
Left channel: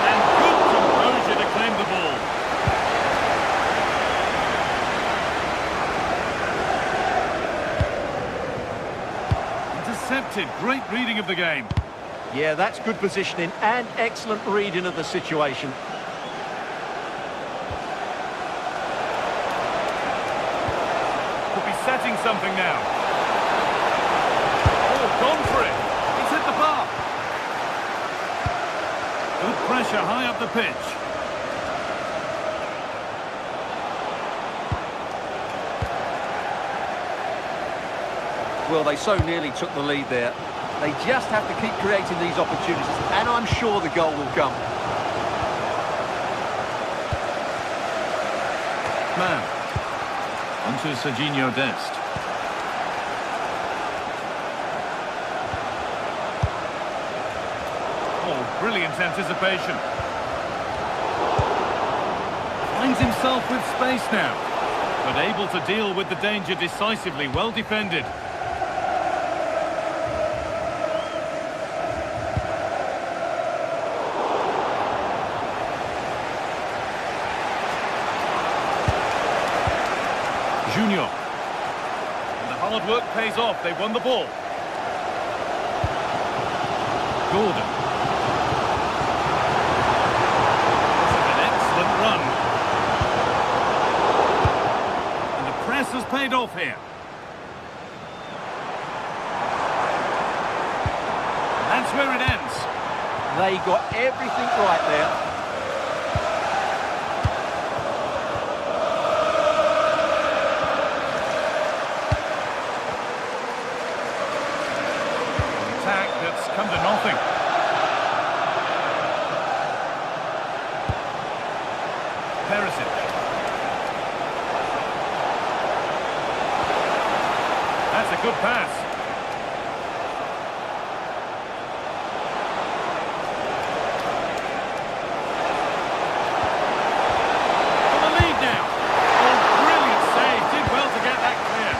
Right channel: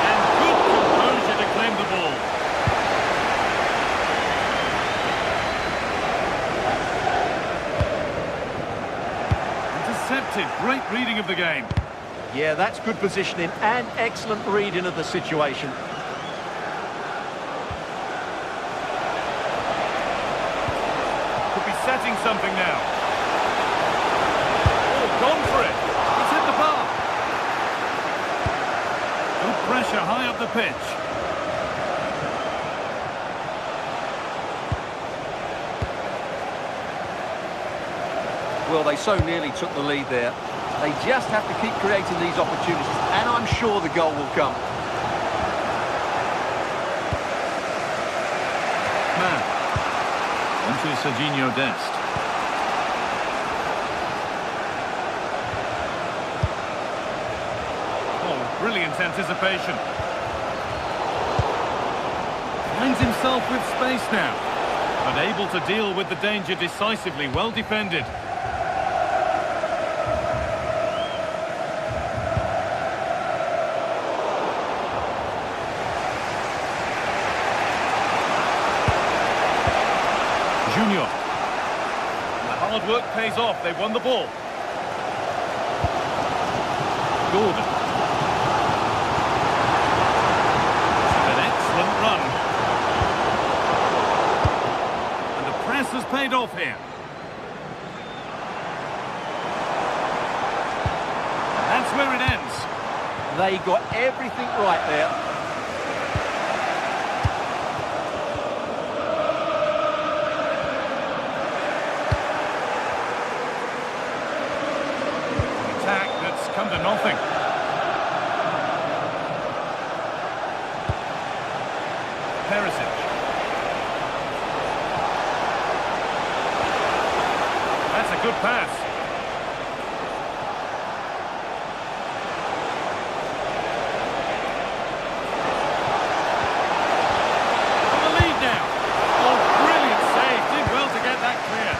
And good composure to claim the ball. Intercepted. Great reading of the game. Yeah, that's good positioning and excellent reading of the situation. Could be setting something now. Oh, gone for it. He's hit the bar. Good pressure high up the pitch. Well, they so nearly took the lead there. They just have to keep creating these opportunities, and I'm sure the goal will come. Man. Onto Serginho Dest. Oh, brilliant anticipation. Finds himself with space now, but able to deal with the danger decisively. Well defended. Junior. And the hard work pays off. They won the ball. Gordon. This is an excellent run. And the press has paid off here. And that's where it ends. They got everything right there. Attack that's come to nothing. Perisic. That's a good pass. For the lead now. Oh, brilliant save. Did well to get that clear.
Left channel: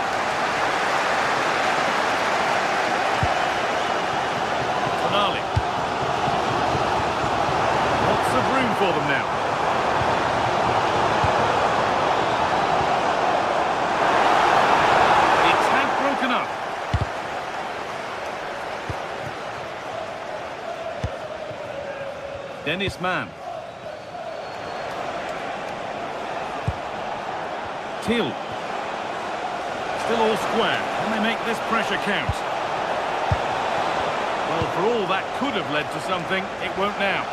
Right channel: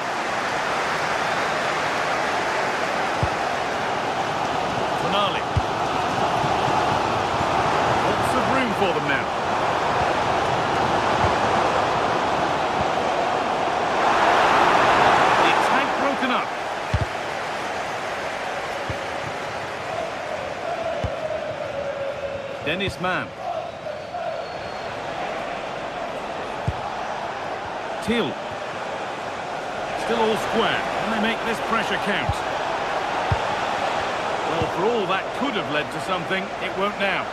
Tonali. Lots of room for them now. The attack broken up. Dennis Mann. Till. Still all square. Can they make this pressure count? Well, for all that could have led to something, it won't now.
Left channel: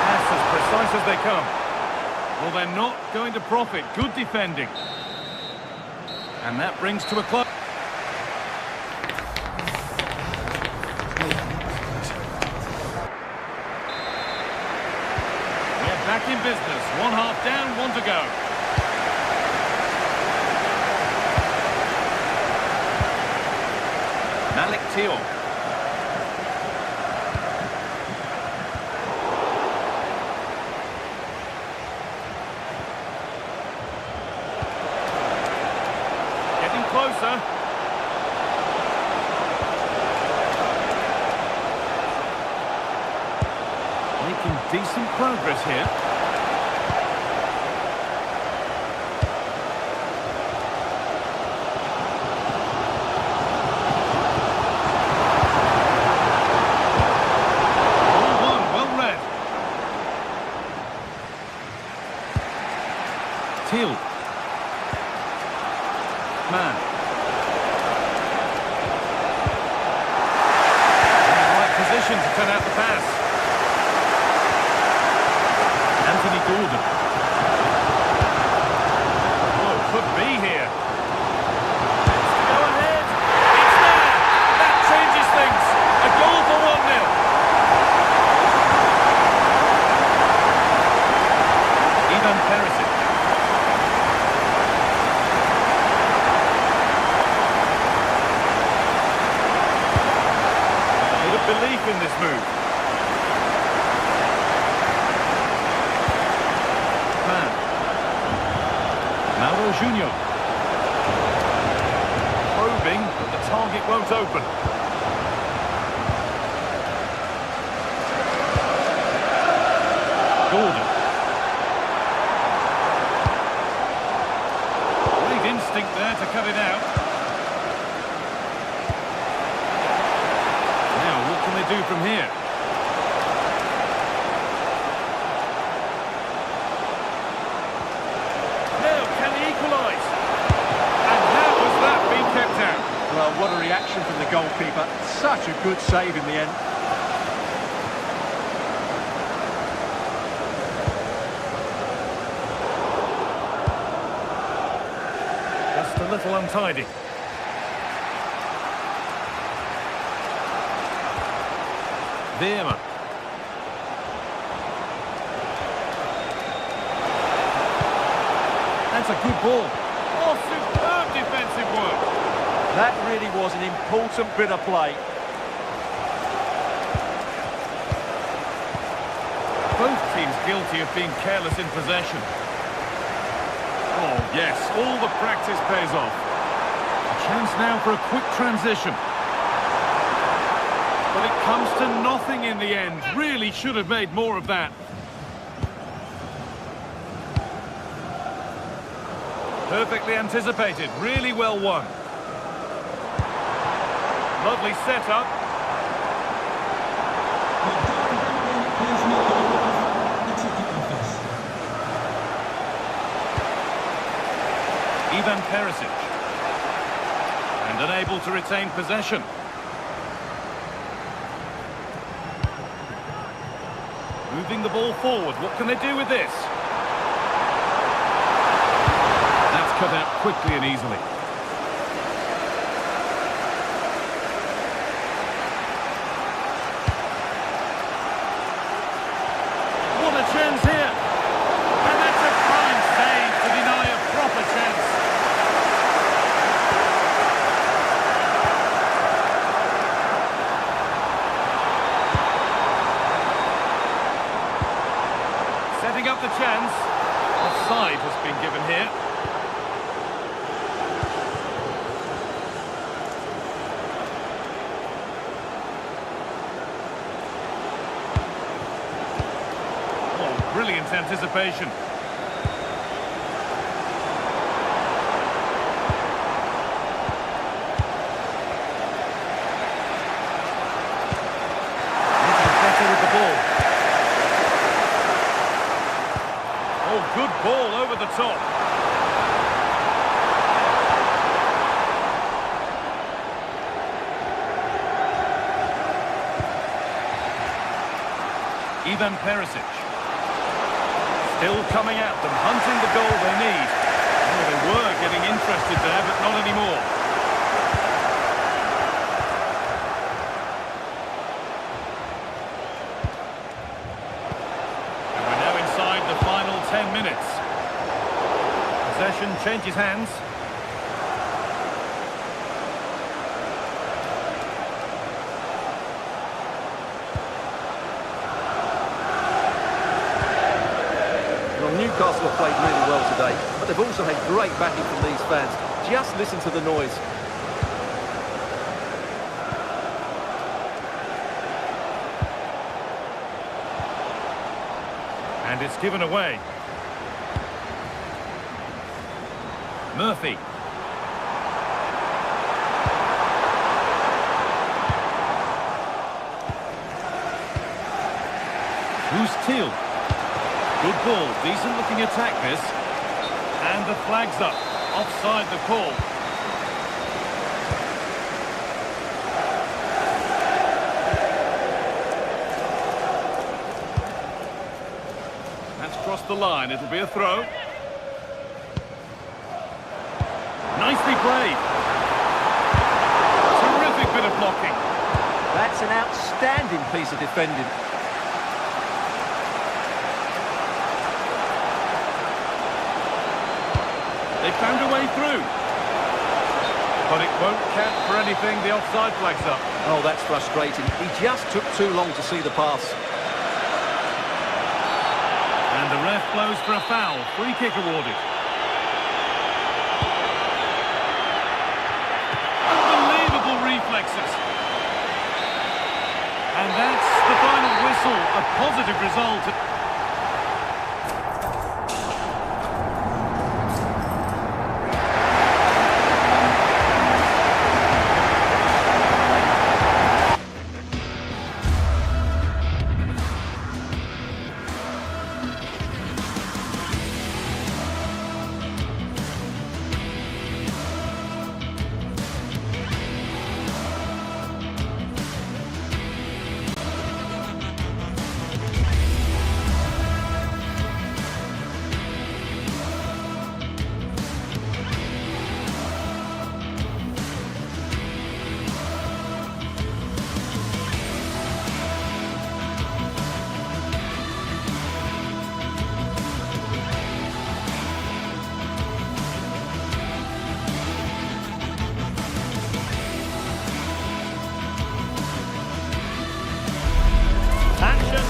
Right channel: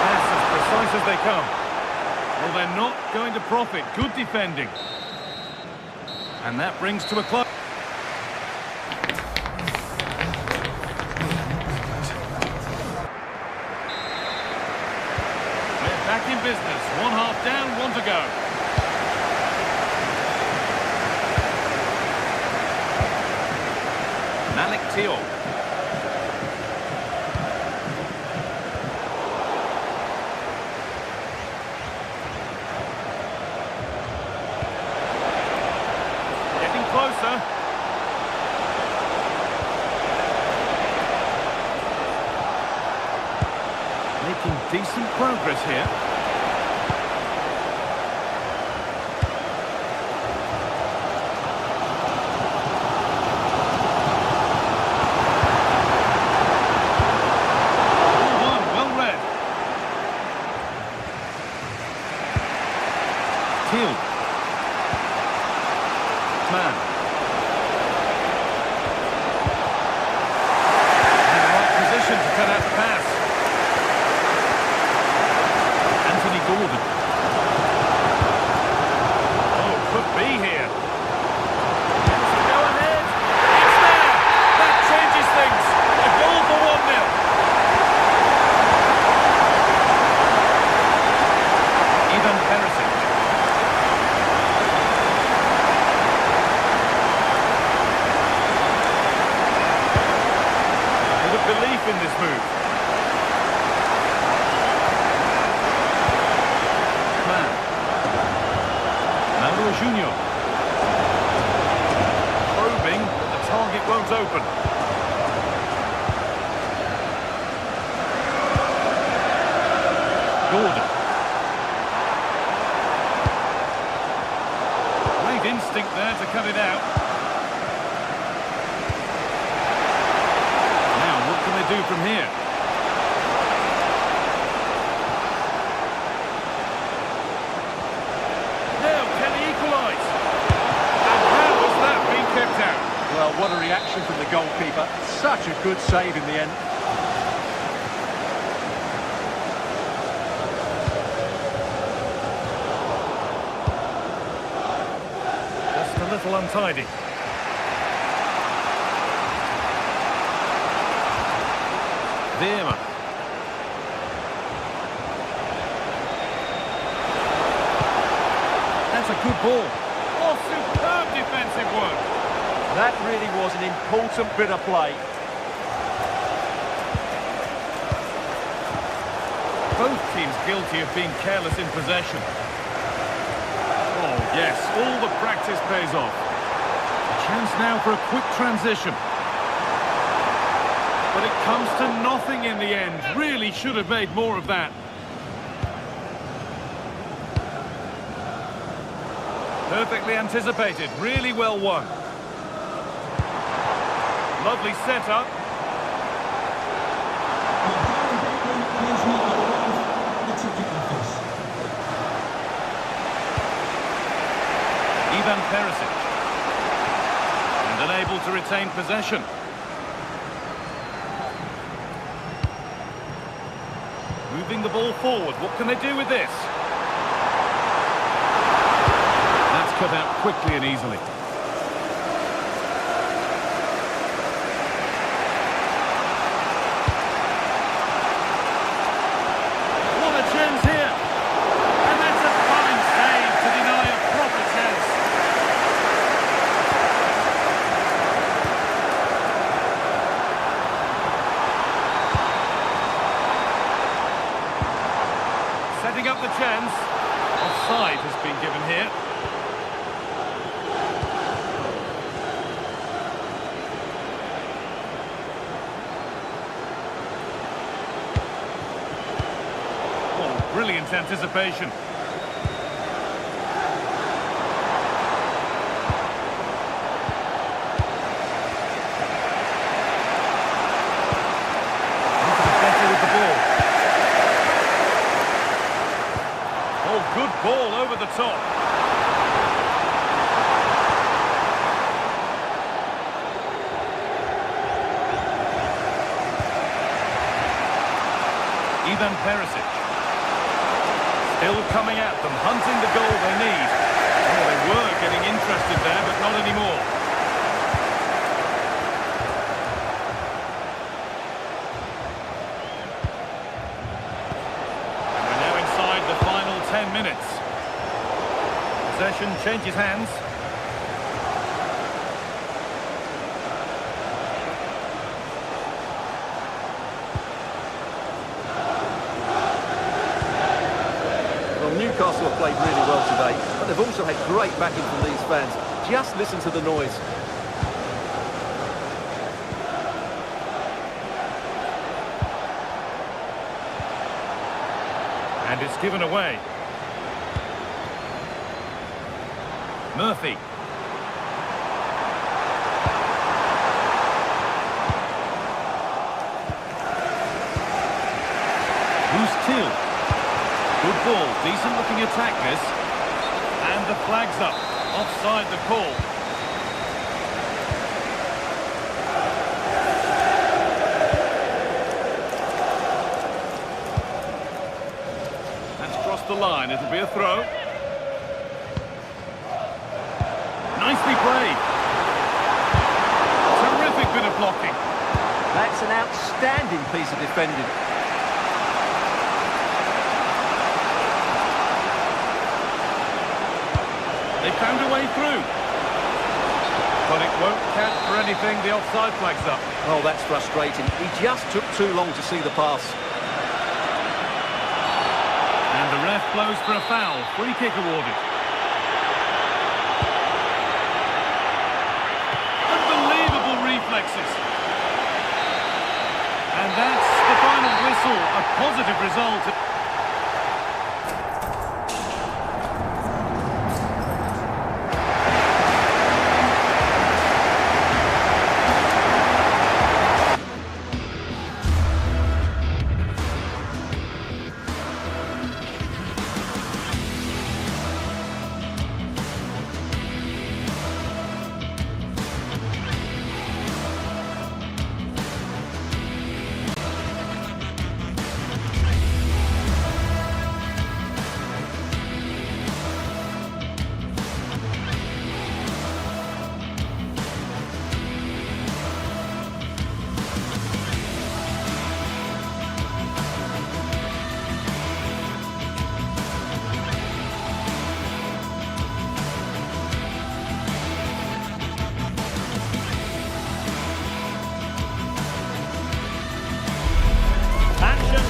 Pass as precise as they come. Well, they're not going to profit. Good defending. And that brings to a close. We're back in business. One half down, one to go. Malik Teal. Getting closer. Making decent progress here. Teal. Mann. In the right position to cut out the pass. Anthony Gordon. Oh, could be here. Tends to go ahead. It's there. That changes things. A goal for 1-0. Ivan Perisic. Belief in this move. Mann. Mauro Junior. Probing, but the target won't open. Gordon. Great instinct there to cut it out. What can they do from here? Now, can he equalise? And how has that been kept out? Well, what a reaction from the goalkeeper. Such a good save in the end. Just a little untidy. Veerman. That's a good ball. Oh, superb defensive work. That really was an important bit of play. Both teams guilty of being careless in possession. Oh, yes, all the practice pays off. A chance now for a quick transition. But it comes to nothing in the end. Really should have made more of that. Perfectly anticipated. Really well won. Lovely setup. Ivan Perisic. And unable to retain possession. Moving the ball forward. What can they do with this? That's cut out quickly and easily. What a chance here. And that's a fine save to deny a proper chance. Setting up the chance. Offside has been given here. brilliant anticipation. Need to be better with the ball. Oh, good ball over the top. Ivan Perisic. Still coming at them, hunting the goal they need. Oh, they were getting interested there, but not anymore. And we're now inside the final 10 minutes. Possession changes hands. Well, Newcastle have played really well today, but they've also had great backing from these fans. Just listen to the noise. And it's given away. Murphy. Who's Teal? Good ball, decent looking attack this. And the flag's up, offside the call. That's crossed the line, it'll be a throw. Nicely played. Terrific bit of blocking. That's an outstanding piece of defending. They found a way through. But it won't count for anything, the offside flag's up. Oh, that's frustrating. He just took too long to see the pass. And the ref blows for a foul. Free kick awarded. Unbelievable reflexes. And that's the final whistle. A positive result.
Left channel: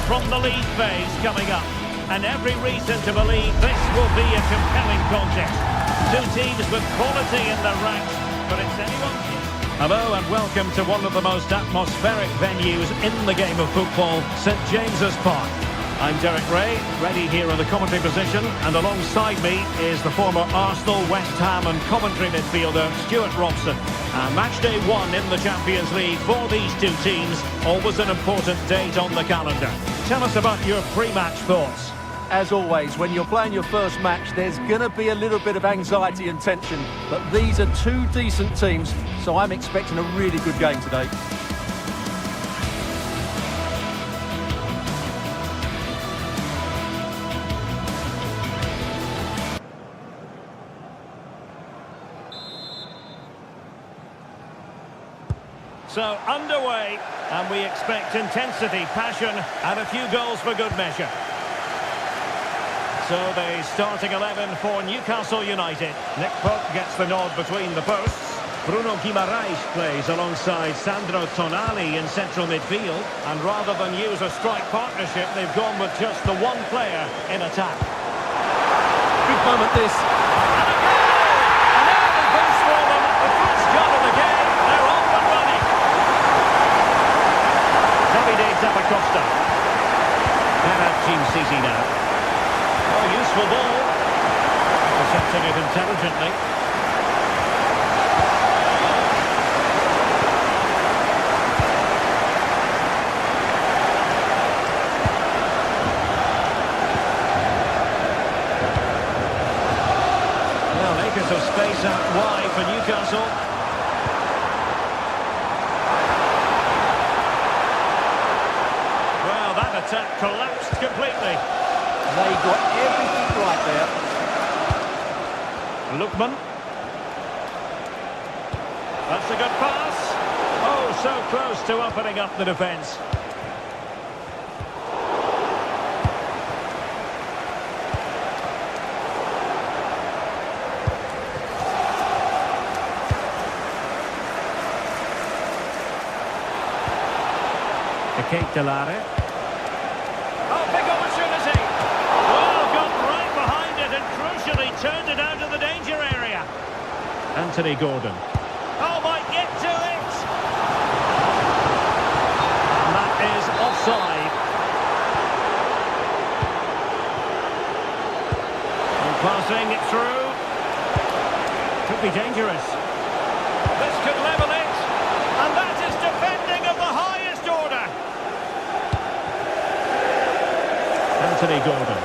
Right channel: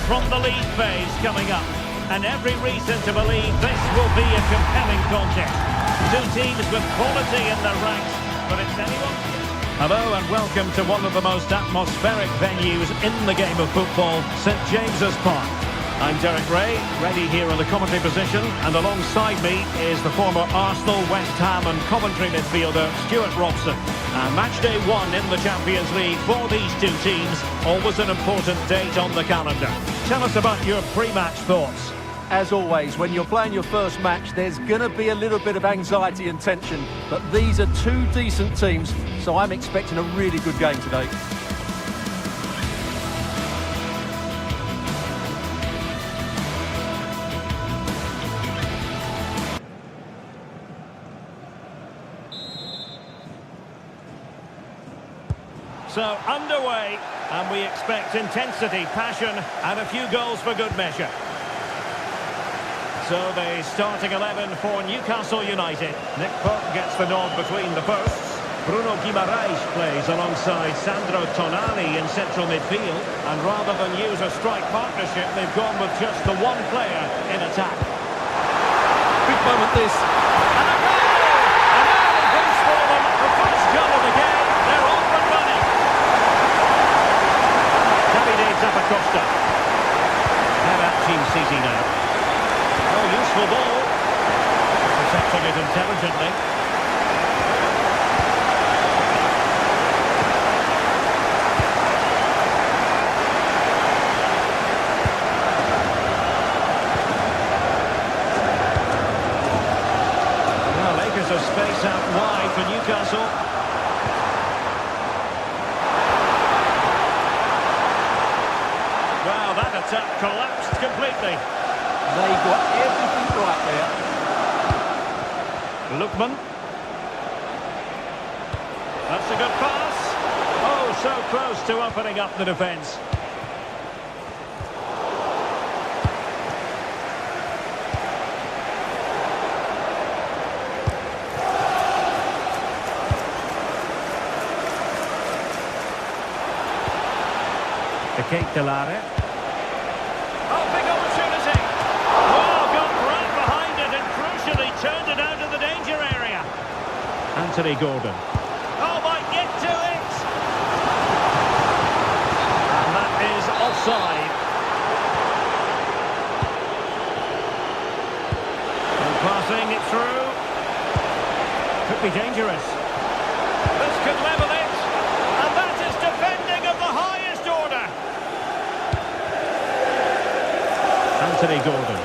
From the league phase coming up, and every reason to believe this will be a compelling contest. Two teams with quality in their ranks, but it's anyone's guess. Hello and welcome to one of the most atmospheric venues in the game of football, St James's Park. I'm Derek Ray, ready here in the commentary position, and alongside me is the former Arsenal, West Ham and Coventry midfielder Stuart Robson. Match day one in the Champions League for these two teams, always an important date on the calendar. Tell us about your pre-match thoughts. As always, when you're playing your first match, there's going to be a little bit of anxiety and tension, but these are two decent teams, so I'm expecting a really good game today. So underway, and we expect intensity, passion and a few goals for good measure. So the starting 11 for Newcastle United. Nick Pope gets the nod between the posts. Bruno Guimaraes plays alongside Sandro Tonali in central midfield. And rather than use a strike partnership, they've gone with just the one player in attack. Big moment this. And a goal! An early boost for them. The first goal of the game. They're off and running. Davide Zappacosta. Head at Team Sisi now. Oh, useful ball. Intercepting it intelligently. Well, acres of space out wide for Newcastle. Well, that attack collapsed completely. They got everything right there. Lookman. That's a good pass. Oh, so close to opening up the defence. Ketelare. Oh, big opportunity. Well, got right behind it and crucially turned it out of the danger area. Anthony Gordon. Oh, might get to it. And that is offside. And passing it through. Could be dangerous. This could level it. And that is defending of the highest order. Anthony Gordon.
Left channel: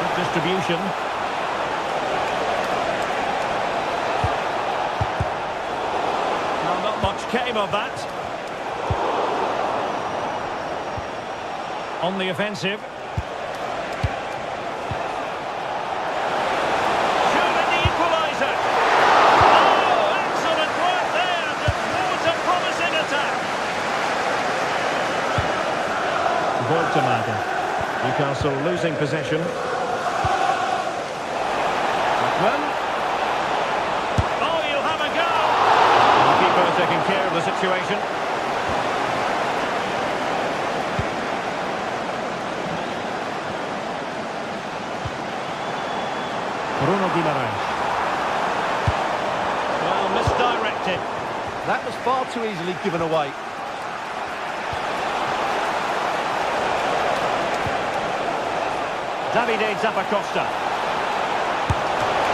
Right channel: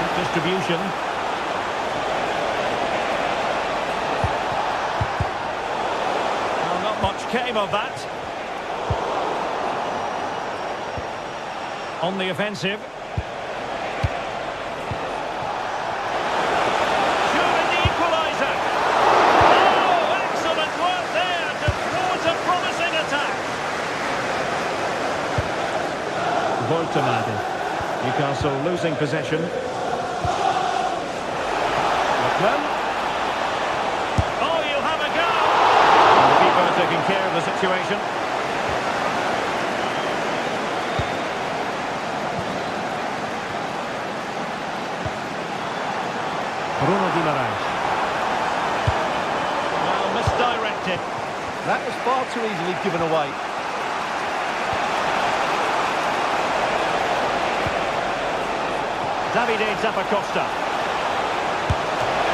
Good distribution. Well, not much came of that. On the offensive. Voltemade. Newcastle losing possession. Lookman. Oh, you'll have a go. And the keeper taking care of the situation. Bruno Guimaraes. Well, misdirected. That was far too easily given away. Davide Zappacosta.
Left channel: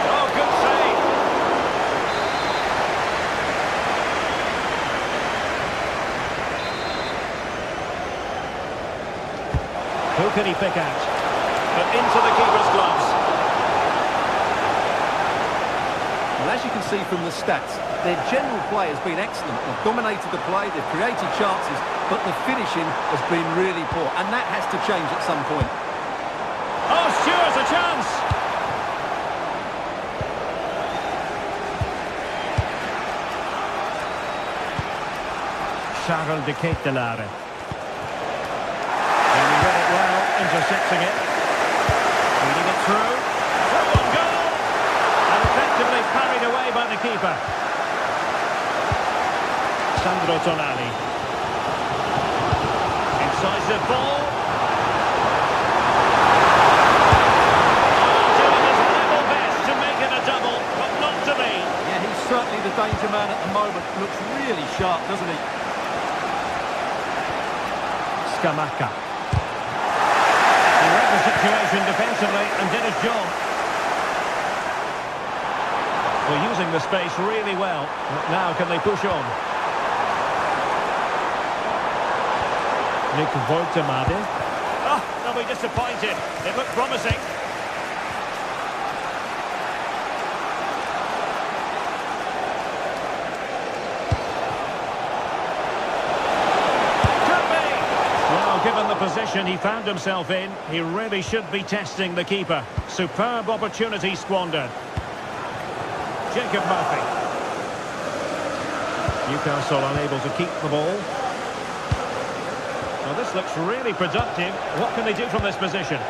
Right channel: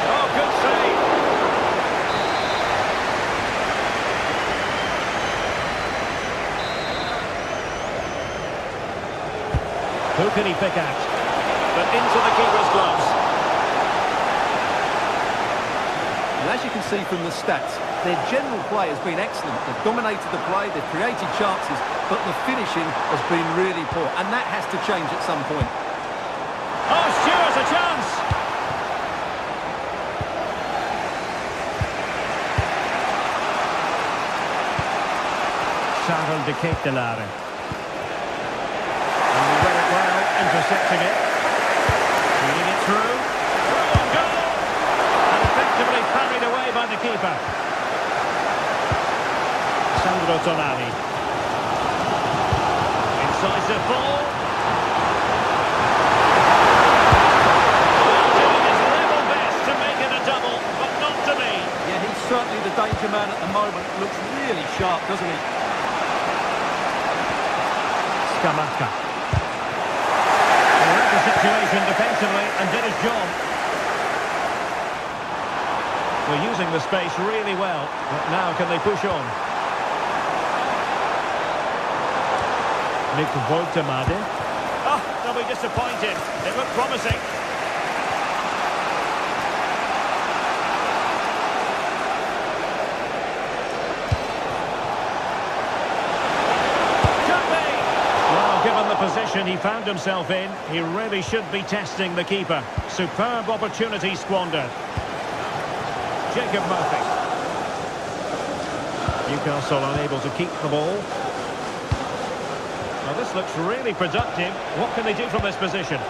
Oh, good save. Who can he pick out? But into the keeper's gloves. And as you can see from the stats, their general play has been excellent. They've dominated the play, they've created chances, but the finishing has been really poor, and that has to change at some point. Oh, Stewart's a chance. Charles de Ketelare. And he read it well, intercepting it. Feeding it through. Through on goal. And effectively parried away by the keeper. Sandro Tonali. Incisive ball. Yeah, he's certainly the danger man at the moment. Looks really sharp, doesn't he? Scamacca. He read the situation defensively and did his job. We're using the space really well. But now can they push on? Nick Voltemade. Oh, they'll be disappointed. It looked promising. Given the position he found himself in, he really should be testing the keeper. Superb opportunity squandered. Jacob Murphy. Newcastle unable to keep the ball. Well, this looks really productive. What can they do from this position? Is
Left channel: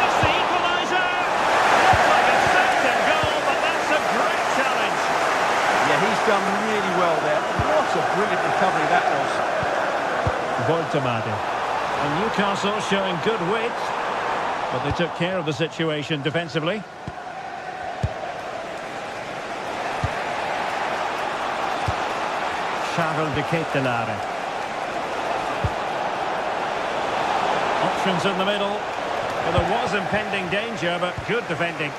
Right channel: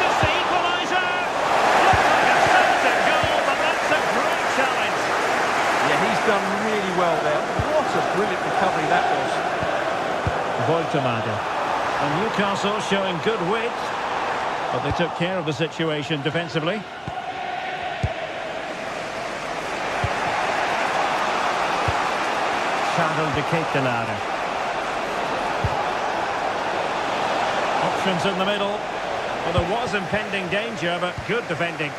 this the equaliser? Looks like a certain goal, but that's a great challenge. Yeah, he's done really well there. What a brilliant recovery that was. Voltemade. And Newcastle showing good wit, but they took care of the situation defensively. Charles de Ketelare. Options in the middle. Well, there was impending danger, but good defending.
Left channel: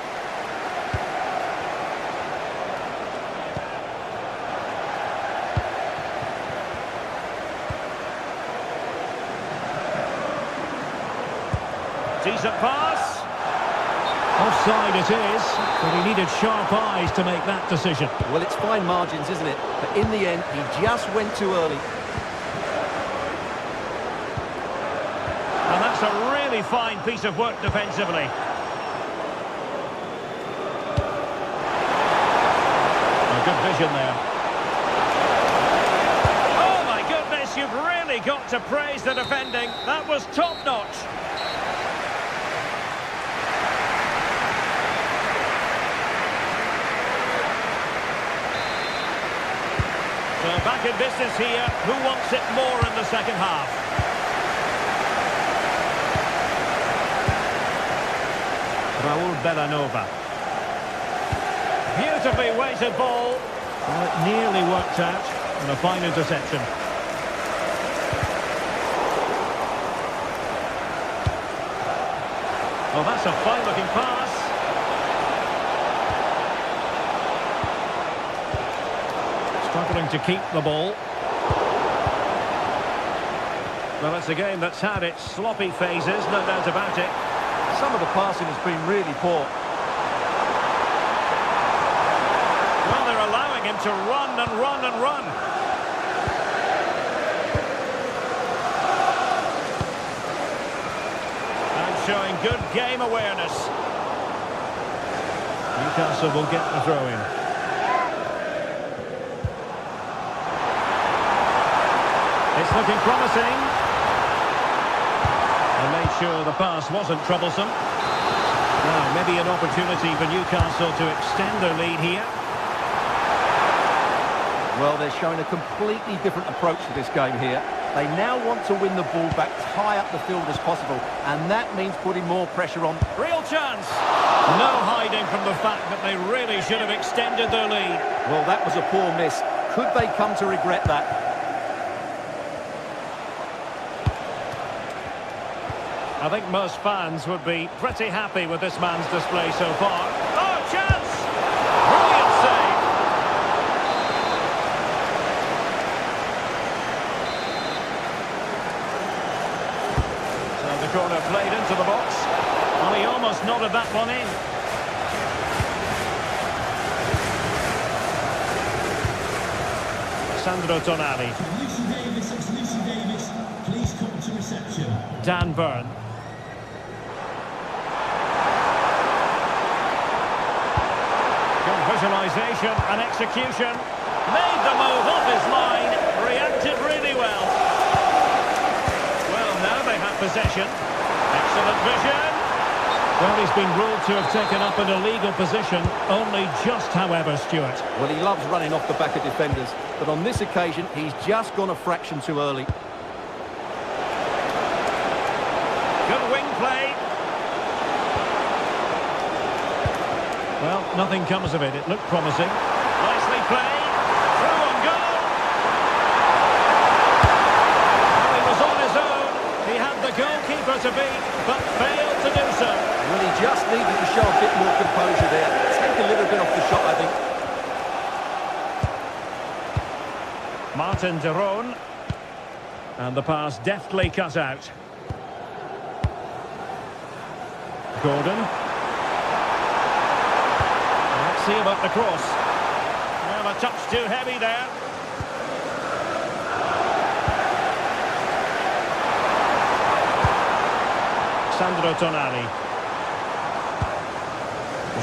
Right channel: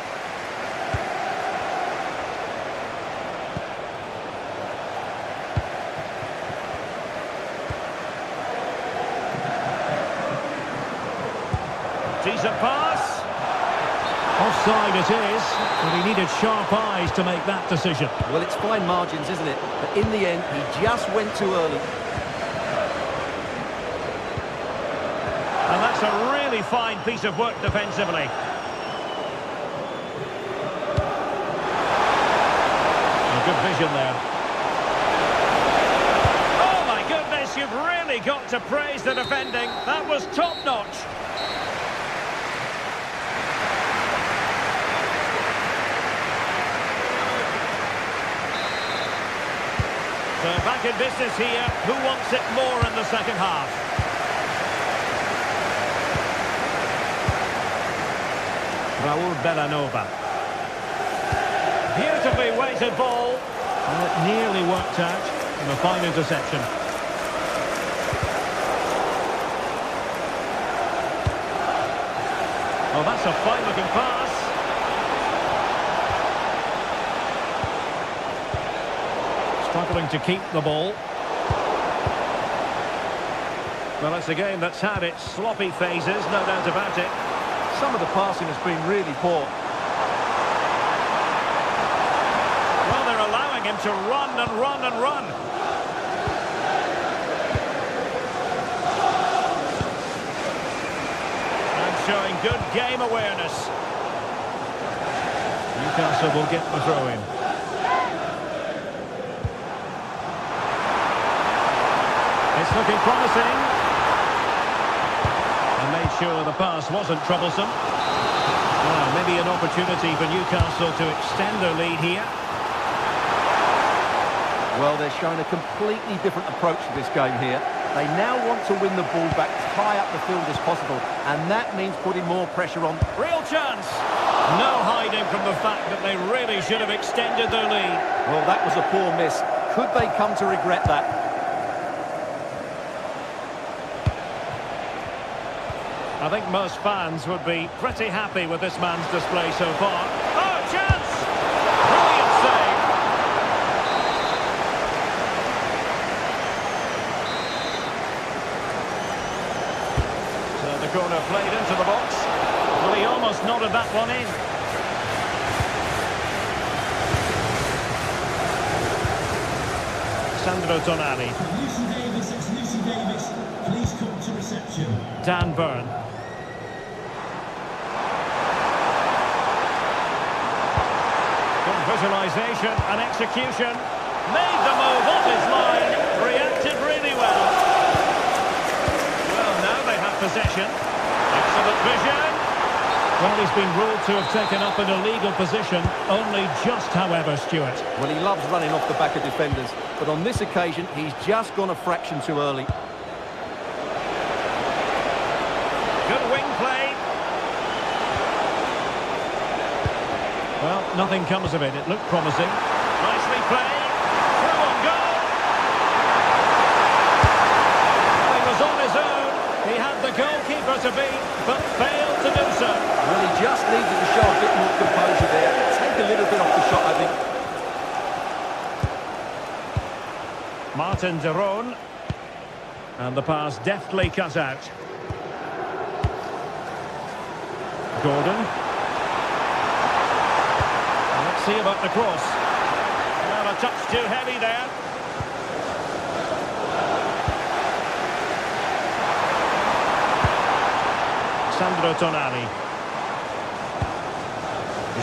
Decent pass. Offside it is, but he needed sharp eyes to make that decision. Well, it's fine margins, isn't it? But in the end, he just went too early. And that's a really fine piece of work defensively. A good vision there. Oh my goodness, you've really got to praise the defending. That was top-notch. So back in business here. Who wants it more in the second half? Raul Bellanova. Beautifully weighted ball. Well, it nearly worked out. And a fine interception. Oh, that's a fine-looking pass. Struggling to keep the ball. Well, it's a game that's had its sloppy phases, no doubt about it. Some of the passing has been really poor. Well, they're allowing him to run and run and run. And showing good game awareness. Newcastle will get the throw in. It's looking promising. And made sure the pass wasn't troublesome. Now, maybe an opportunity for Newcastle to extend their lead here. Well, they're showing a completely different approach to this game here. They now want to win the ball back high up the field as possible, and that means putting more pressure on. Real chance. No hiding from the fact that they really should have extended their lead. Well, that was a poor miss. Could they come to regret that? I think most fans would be pretty happy with this man's display so far. Oh, chance! Brilliant save. So the corner played into the box. Well, he almost nodded that one in. Sandro Tonali. Lucy Davis, it's Lucy Davis. Please come to reception. Dan Burn. Good visualisation and execution. Made the move off his line. Reacted really well. Well, now they have possession. Excellent vision. Well, he's been ruled to have taken up an illegal position. Only just, however, Stuart. Well, he loves running off the back of defenders, but on this occasion, he's just gone a fraction too early. Good wing play. Well, nothing comes of it. It looked promising. Nicely played. Through on goal. Well, he was on his own. He had the goalkeeper to beat, but failed to do so. Well, he just needed to show a bit more composure there. Take a little bit off the shot, I think. Martin de Roon. And the pass deftly cut out. Gordon. Well, let's see about the cross. Well, a touch too heavy there. Sandro Tonali.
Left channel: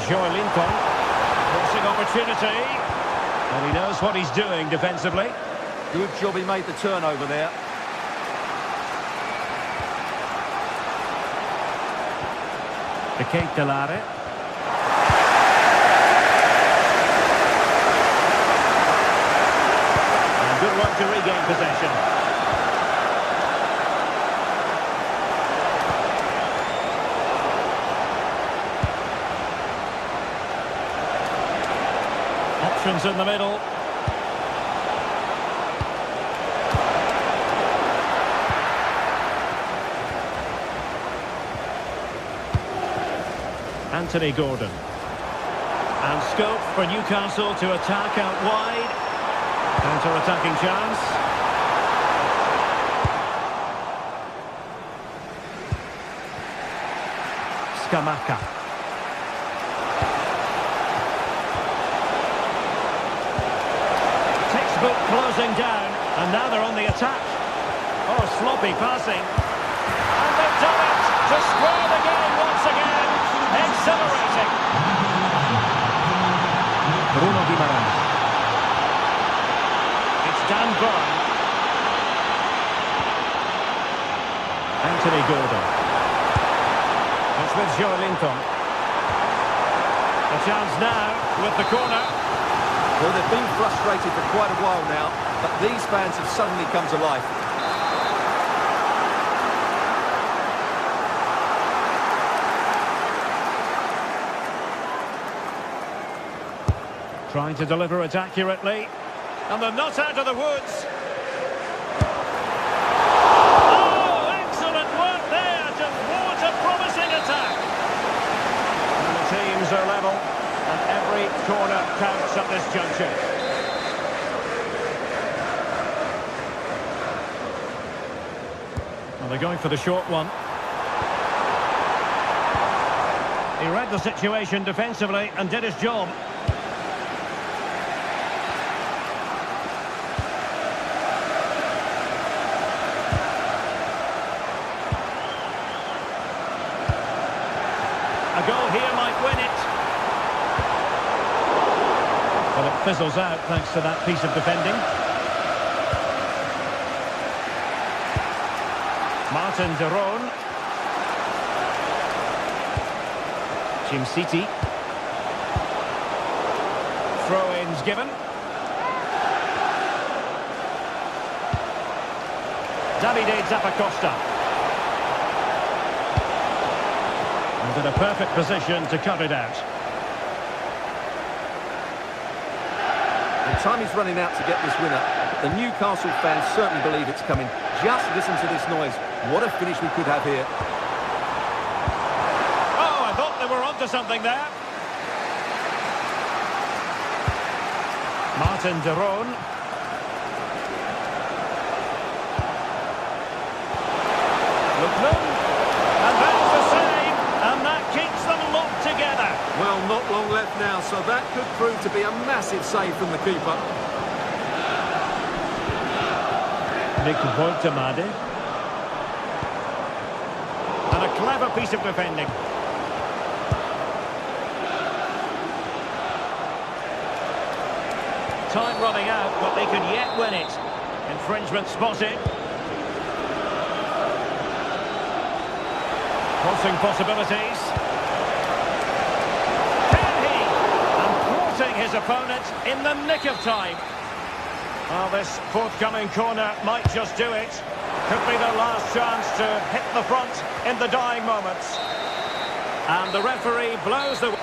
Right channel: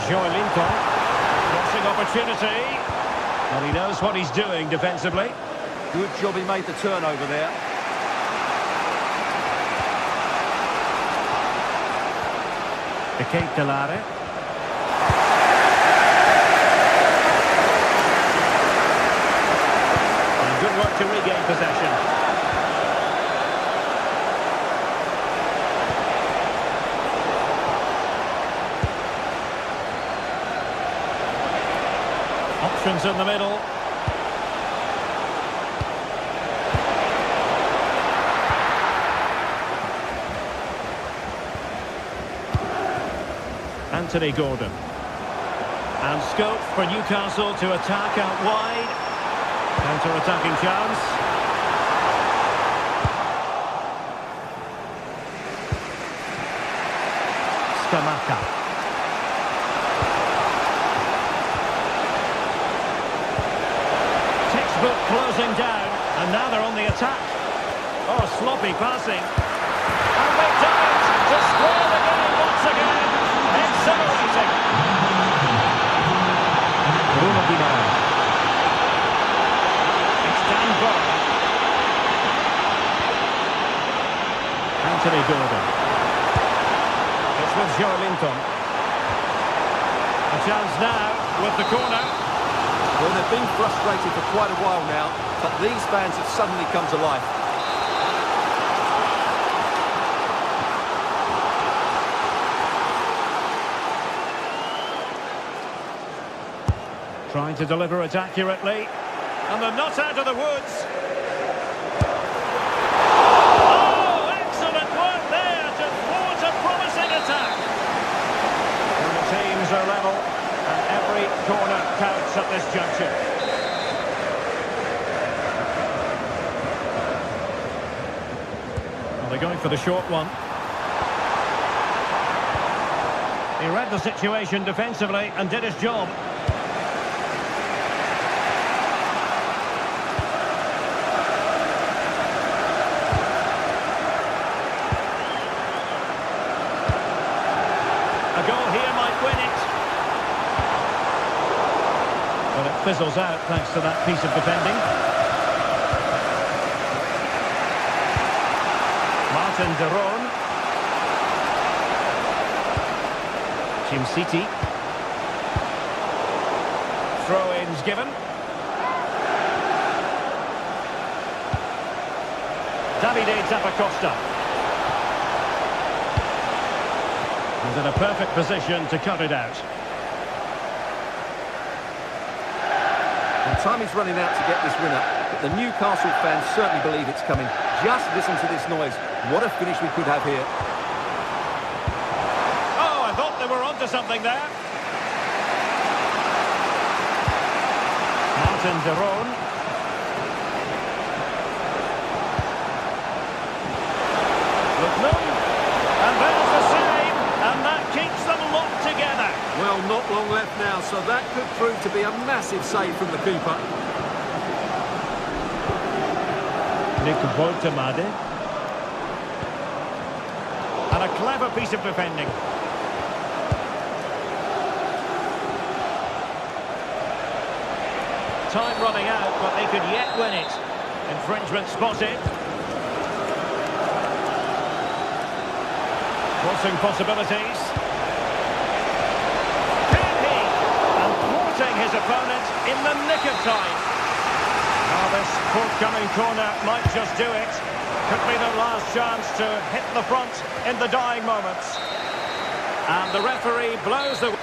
Joelinton. Crossing opportunity. And he knows what he's doing defensively. Good job he made the turnover there. De Ketelare. And good work to regain possession. Options in the middle. Anthony Gordon. And scope for Newcastle to attack out wide. Counter-attacking chance. Scamacca. Textbook closing down, and now they're on the attack. Oh, sloppy passing. And they've done it to square the game once again. Exhilarating. Bruno Guimaraes. It's Dan Burn. Anthony Gordon. It's with Joe Linton. A chance now with the corner. Well, they've been frustrated for quite a while now, but these fans have suddenly come to life. Trying to deliver it accurately. And they're not out of the woods. Oh, excellent work there to thwart a promising attack. And the teams are level, and every corner counts at this juncture. Well, they're going for the short one. He read the situation defensively and did his job. A goal here might win it. Well, it fizzles out thanks to that piece of defending. Martin de Roon. Jim City. Throw-ins given. Davide Zappacosta. And in a perfect position to cut it out. And time is running out to get this winner, but the Newcastle fans certainly believe it's coming. Just listen to this noise. What a finish we could have here. Oh, I thought they were onto something there. Martin de Roon. Lookman. And there's the save. And that keeps them locked together. Well, not long left now, so that could prove to be a massive save from the keeper. Nick Woltemade. And a clever piece of defending. Time running out, but they could yet win it. Infringement spotted. Crossing possibilities. Can he? And thwarting his opponent in the nick of time. Well, this forthcoming corner might just do it. Could be their last chance to hit the front in the dying moments. And the referee blows the...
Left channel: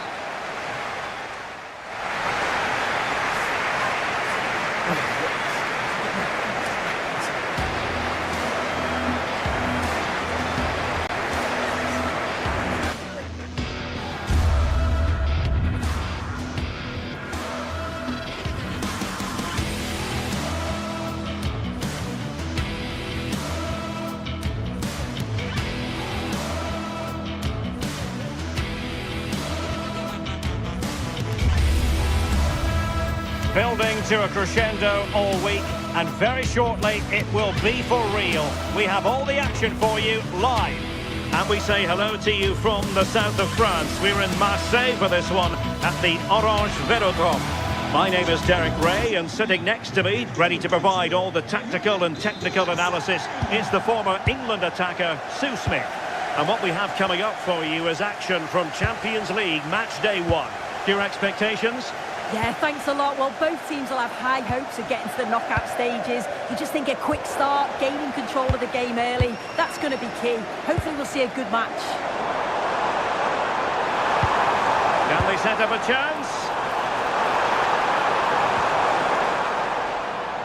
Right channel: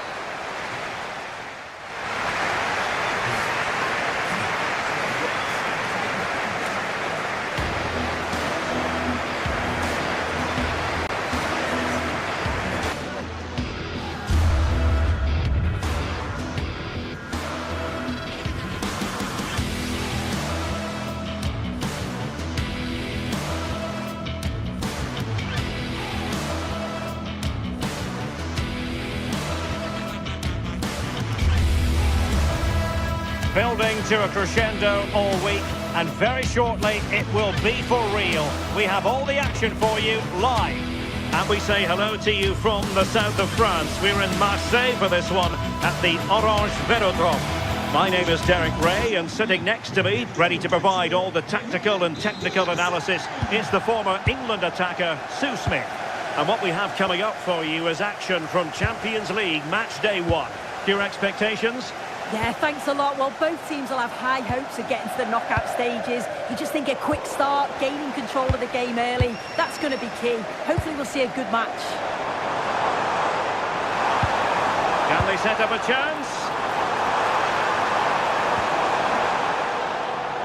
Building to a crescendo all week, and very shortly it will be for real. We have all the action for you live. And we say hello to you from the south of France. We're in Marseille for this one at the Orange Velodrome. My name is Derek Ray, and sitting next to me, ready to provide all the tactical and technical analysis, is the former England attacker, Sue Smith. And what we have coming up for you is action from Champions League Match Day 1. Your expectations? Yeah, thanks a lot. Well, both teams will have high hopes of getting to the knockout stages. You just think a quick start, gaining control of the game early, that's going to be key. Hopefully we'll see a good match. Can they set up a chance?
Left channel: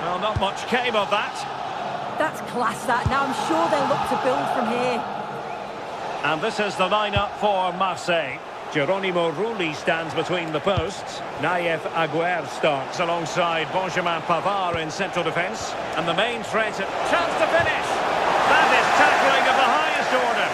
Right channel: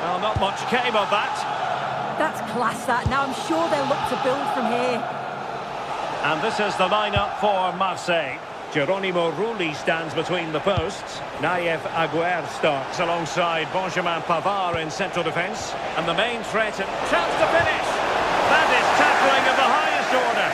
Well, not much came of that. That's class, that. Now I'm sure they'll look to build from here. And this is the lineup for Marseille. Geronimo Rulli stands between the posts. Naif Aguer starts alongside Benjamin Pavard in central defence. And the main threat, chance to finish. That is tackling of the highest order.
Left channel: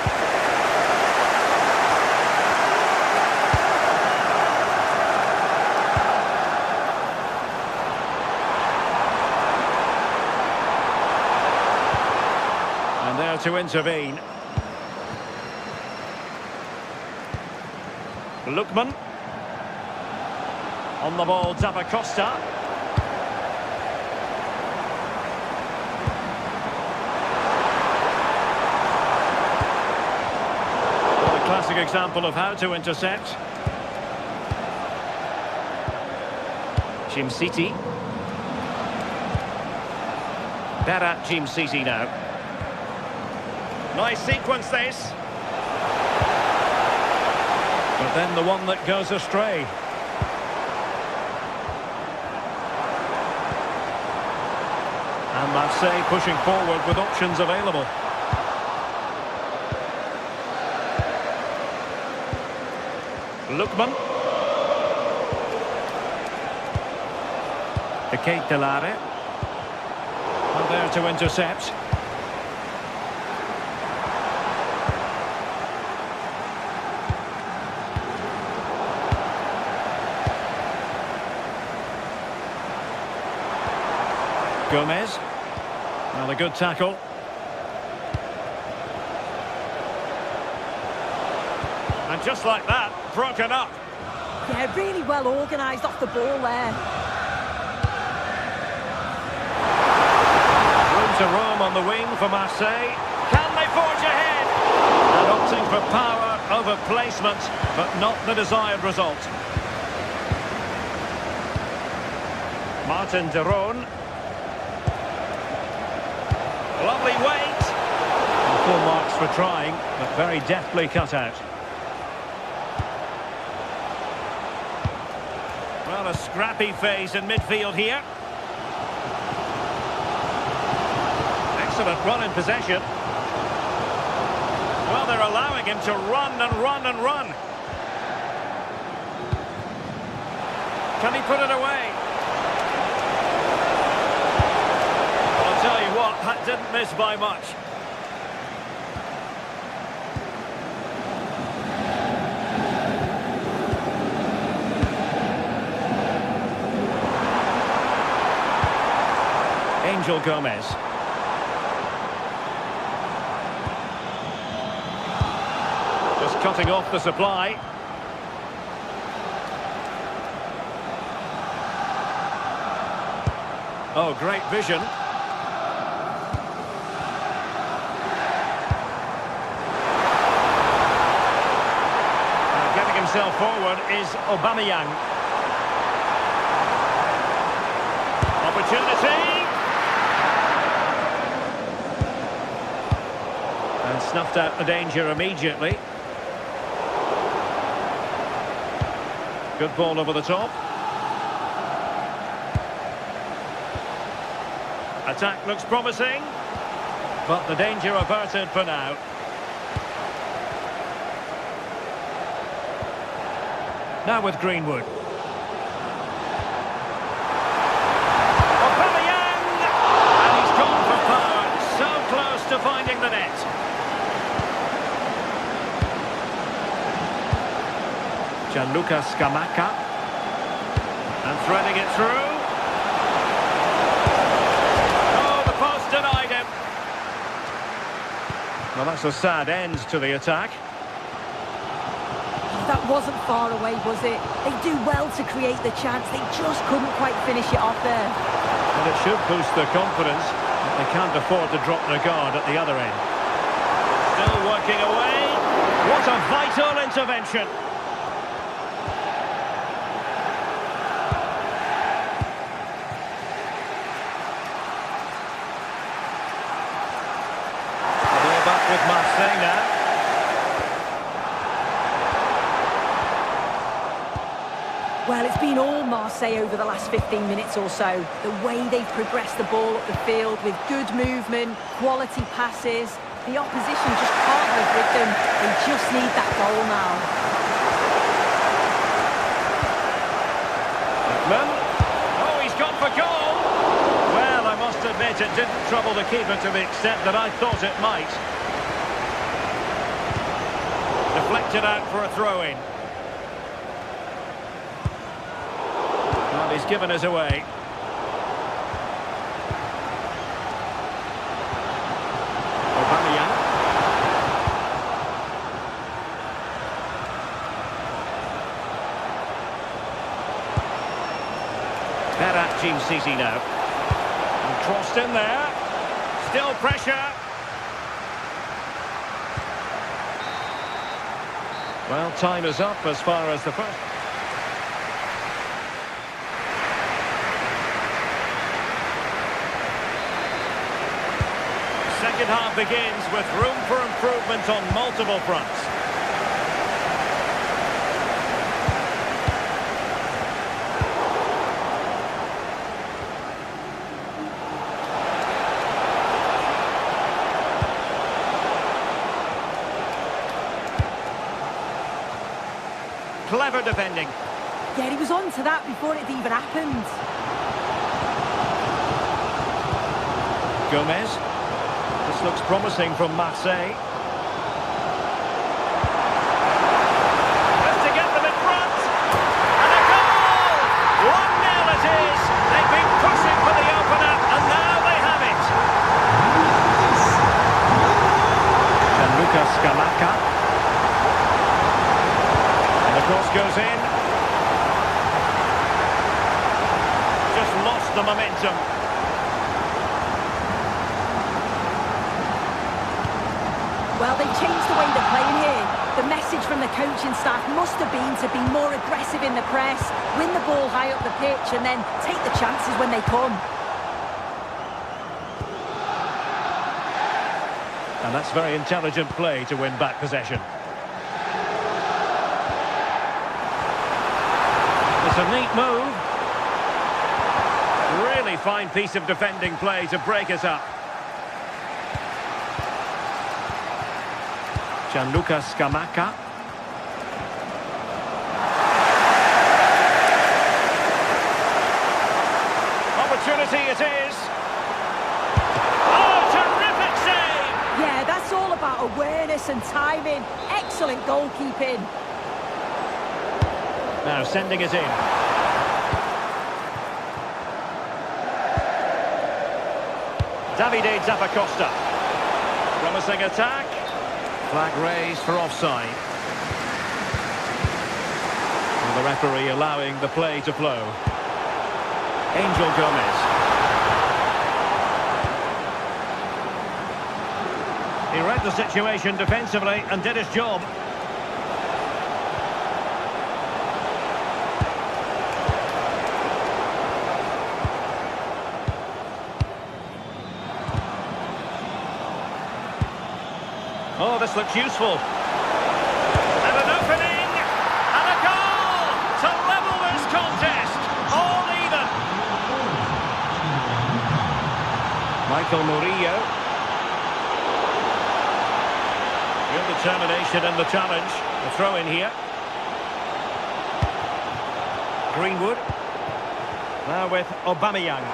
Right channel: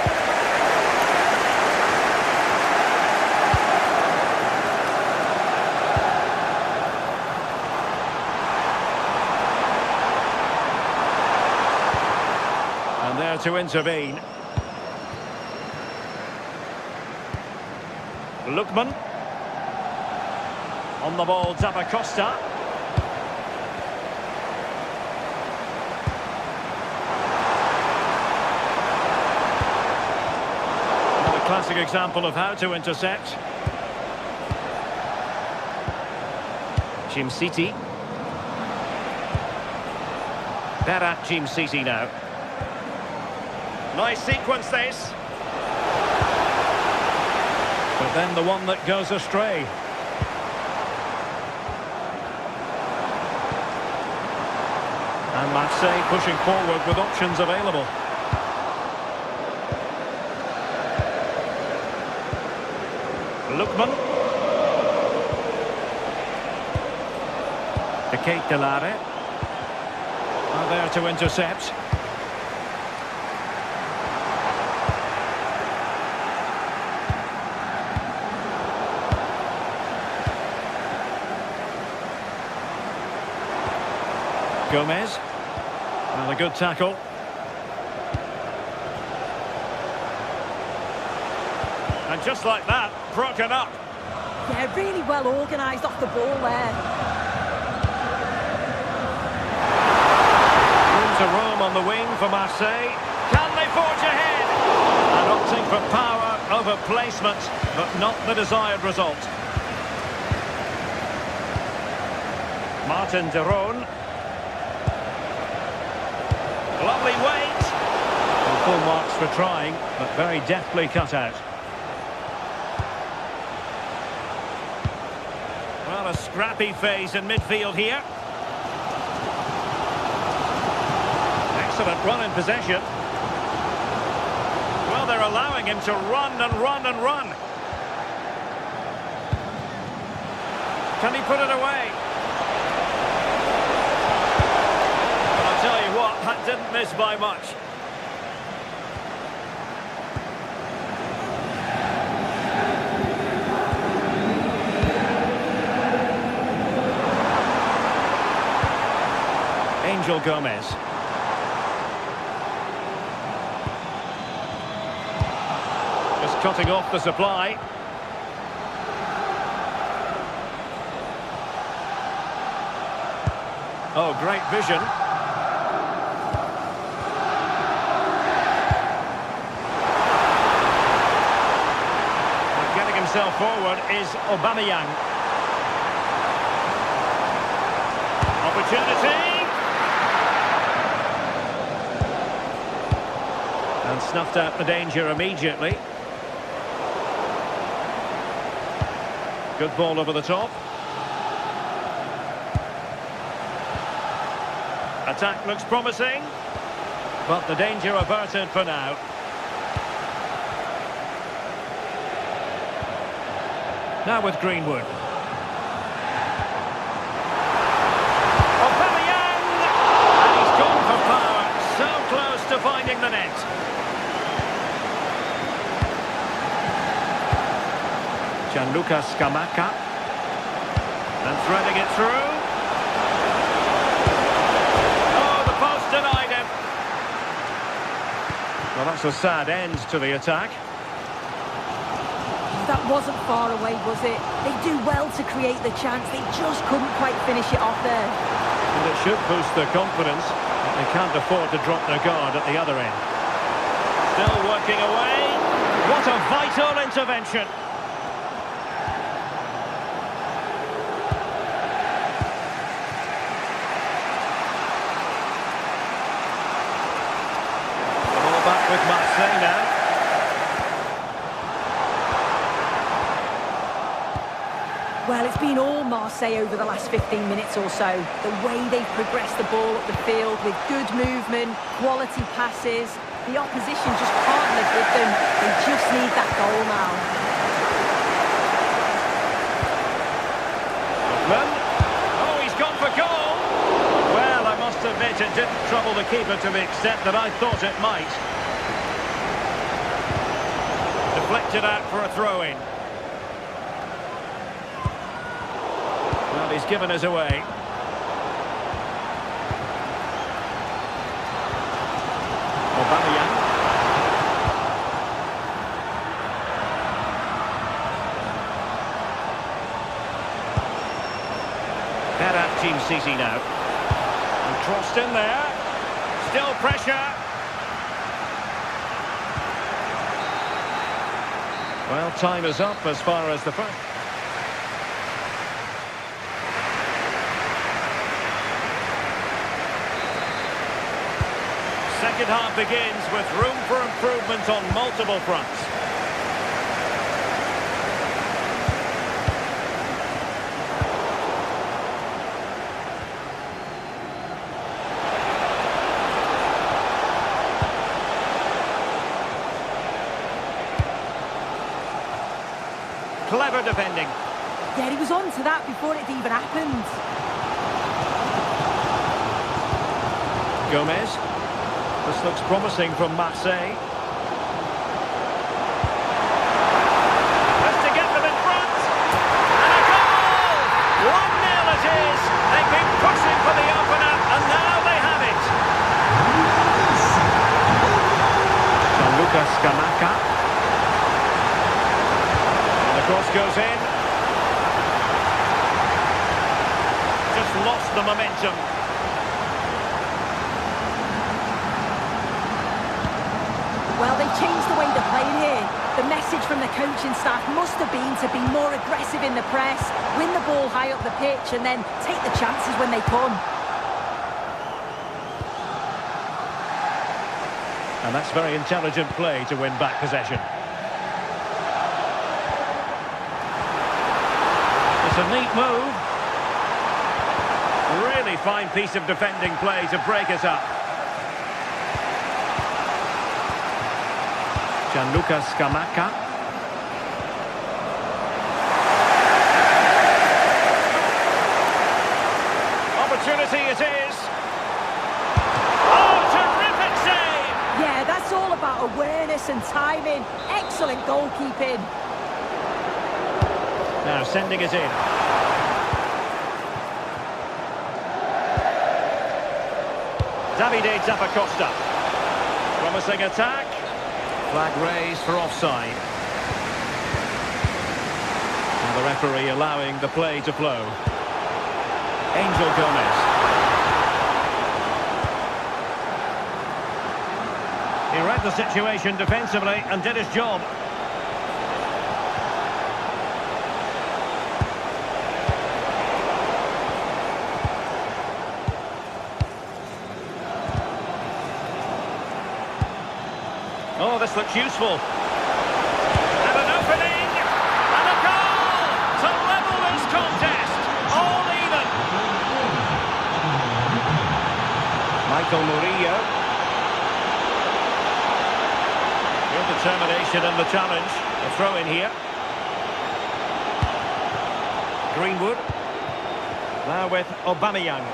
And there to intervene. Lookman. On the ball, Zappacosta. Well, a classic example of how to intercept. Jim City. Berat Jim City now. Nice sequence this. But then the one that goes astray. And Marseille pushing forward with options available. Lookman. The Kate Delare. Well, there to intercept. Gomez. Well, a good tackle. And just like that, broken up. Yeah, really well organised off the ball there. Room to roam on the wing for Marseille. Can they forge ahead? And opting for power over placement, but not the desired result. Martin de Roon. Lovely weight. Well, full marks for trying, but very deftly cut out. Well, a scrappy phase in midfield here. Excellent run in possession. Well, they're allowing him to run and run and run. Can he put it away? Well, I'll tell you what, that didn't miss by much. Angel Gomez. Just cutting off the supply. Oh, great vision. Getting himself forward is Aubameyang. Opportunity. And snuffed out the danger immediately. Good ball over the top. Attack looks promising, but the danger averted for now. Now with Greenwood. Aubameyang! And he's gone for power. So close to finding the net. Gianluca Scamacca. And threading it through. Oh, the post denied him. Well, that's a sad end to the attack. That wasn't far away, was it? They do well to create the chance. They just couldn't quite finish it off there. Well, it should boost their confidence, but they can't afford to drop their guard at the other end. Still working away. What a vital intervention. The ball back with Marseille now. Well, it's been all Marseille over the last 15 minutes or so. The way they've progressed the ball up the field with good movement, quality passes. The opposition just can't live with them. They just need that goal now. Griezmann. Oh, he's gone for goal. Well, I must admit it didn't trouble the keeper to the extent that I thought it might. Deflected out for a throw-in. Well, he's given us away. Aubameyang. Berat Team City now. And crossed in there. Still pressure. Well, time is up as far as the first. Second half begins with room for improvement on multiple fronts. Clever defending. Yeah, he was on to that before it even happened. Gomez. This looks promising from Marseille. Just to get them in front. And a goal! 1-0 it is. They've been pushing for the opener, and now they have it. Gianluca Scamacca. And the cross goes in. Just lost the momentum. Well, they've changed the way they're playing here. The message from the coaching staff must have been to be more aggressive in the press, win the ball high up the pitch, and then take the chances when they come. And that's very intelligent play to win back possession. It's a neat move. Really fine piece of defending play to break it up. Gianluca Scamacca. Opportunity it is. Oh, terrific save! Yeah, that's all about awareness and timing. Excellent goalkeeping. Now sending it in. Davide Zappacosta. Promising attack. Flag raised for offside. Well, the referee allowing the play to flow. Angel Gomez. He read the situation defensively and did his job. Oh, this looks useful. And an opening! And a goal! To level this contest! All even! Michael Murillo. Real determination in the challenge. The throw in here. Greenwood. Now with Aubameyang.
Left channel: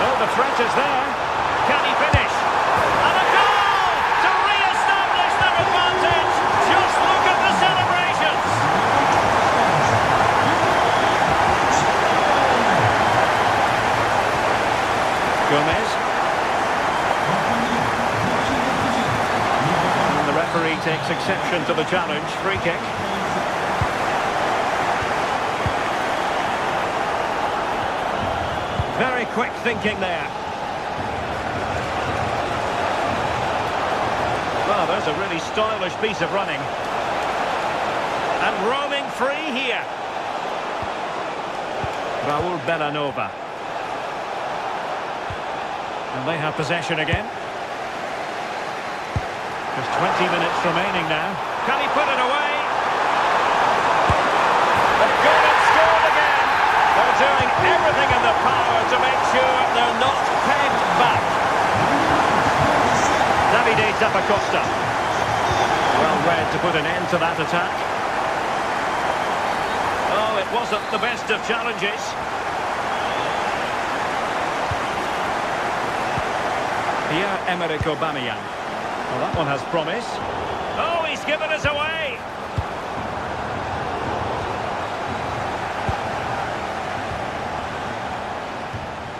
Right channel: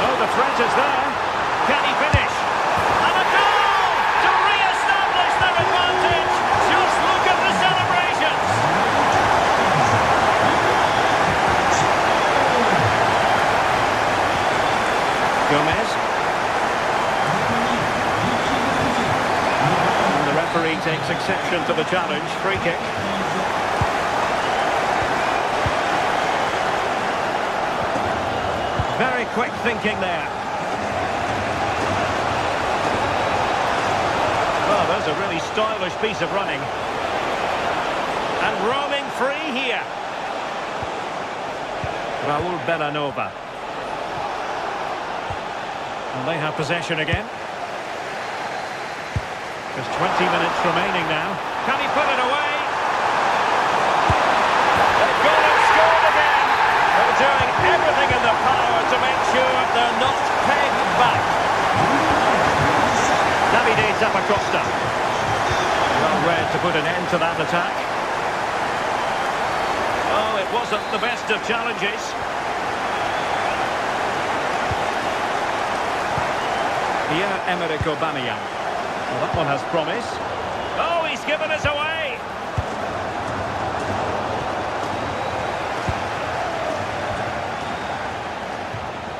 Oh, the threat is there. Can he finish? And a goal! To re-establish their advantage. Just look at the celebrations. Gomez. And the referee takes exception to the challenge. Free kick. Very quick thinking there. Well, there's a really stylish piece of running. And roaming free here. Raul Bellanova. And they have possession again. Just 20 minutes remaining now. Can he put it away? They've gone and scored again. They're doing everything in their power to make sure they're not pegged back. Davide Zappacosta. Well read to put an end to that attack. Oh, it wasn't the best of challenges. Pierre-Emerick Aubameyang. Well, that one has promise. Oh, he's given us away!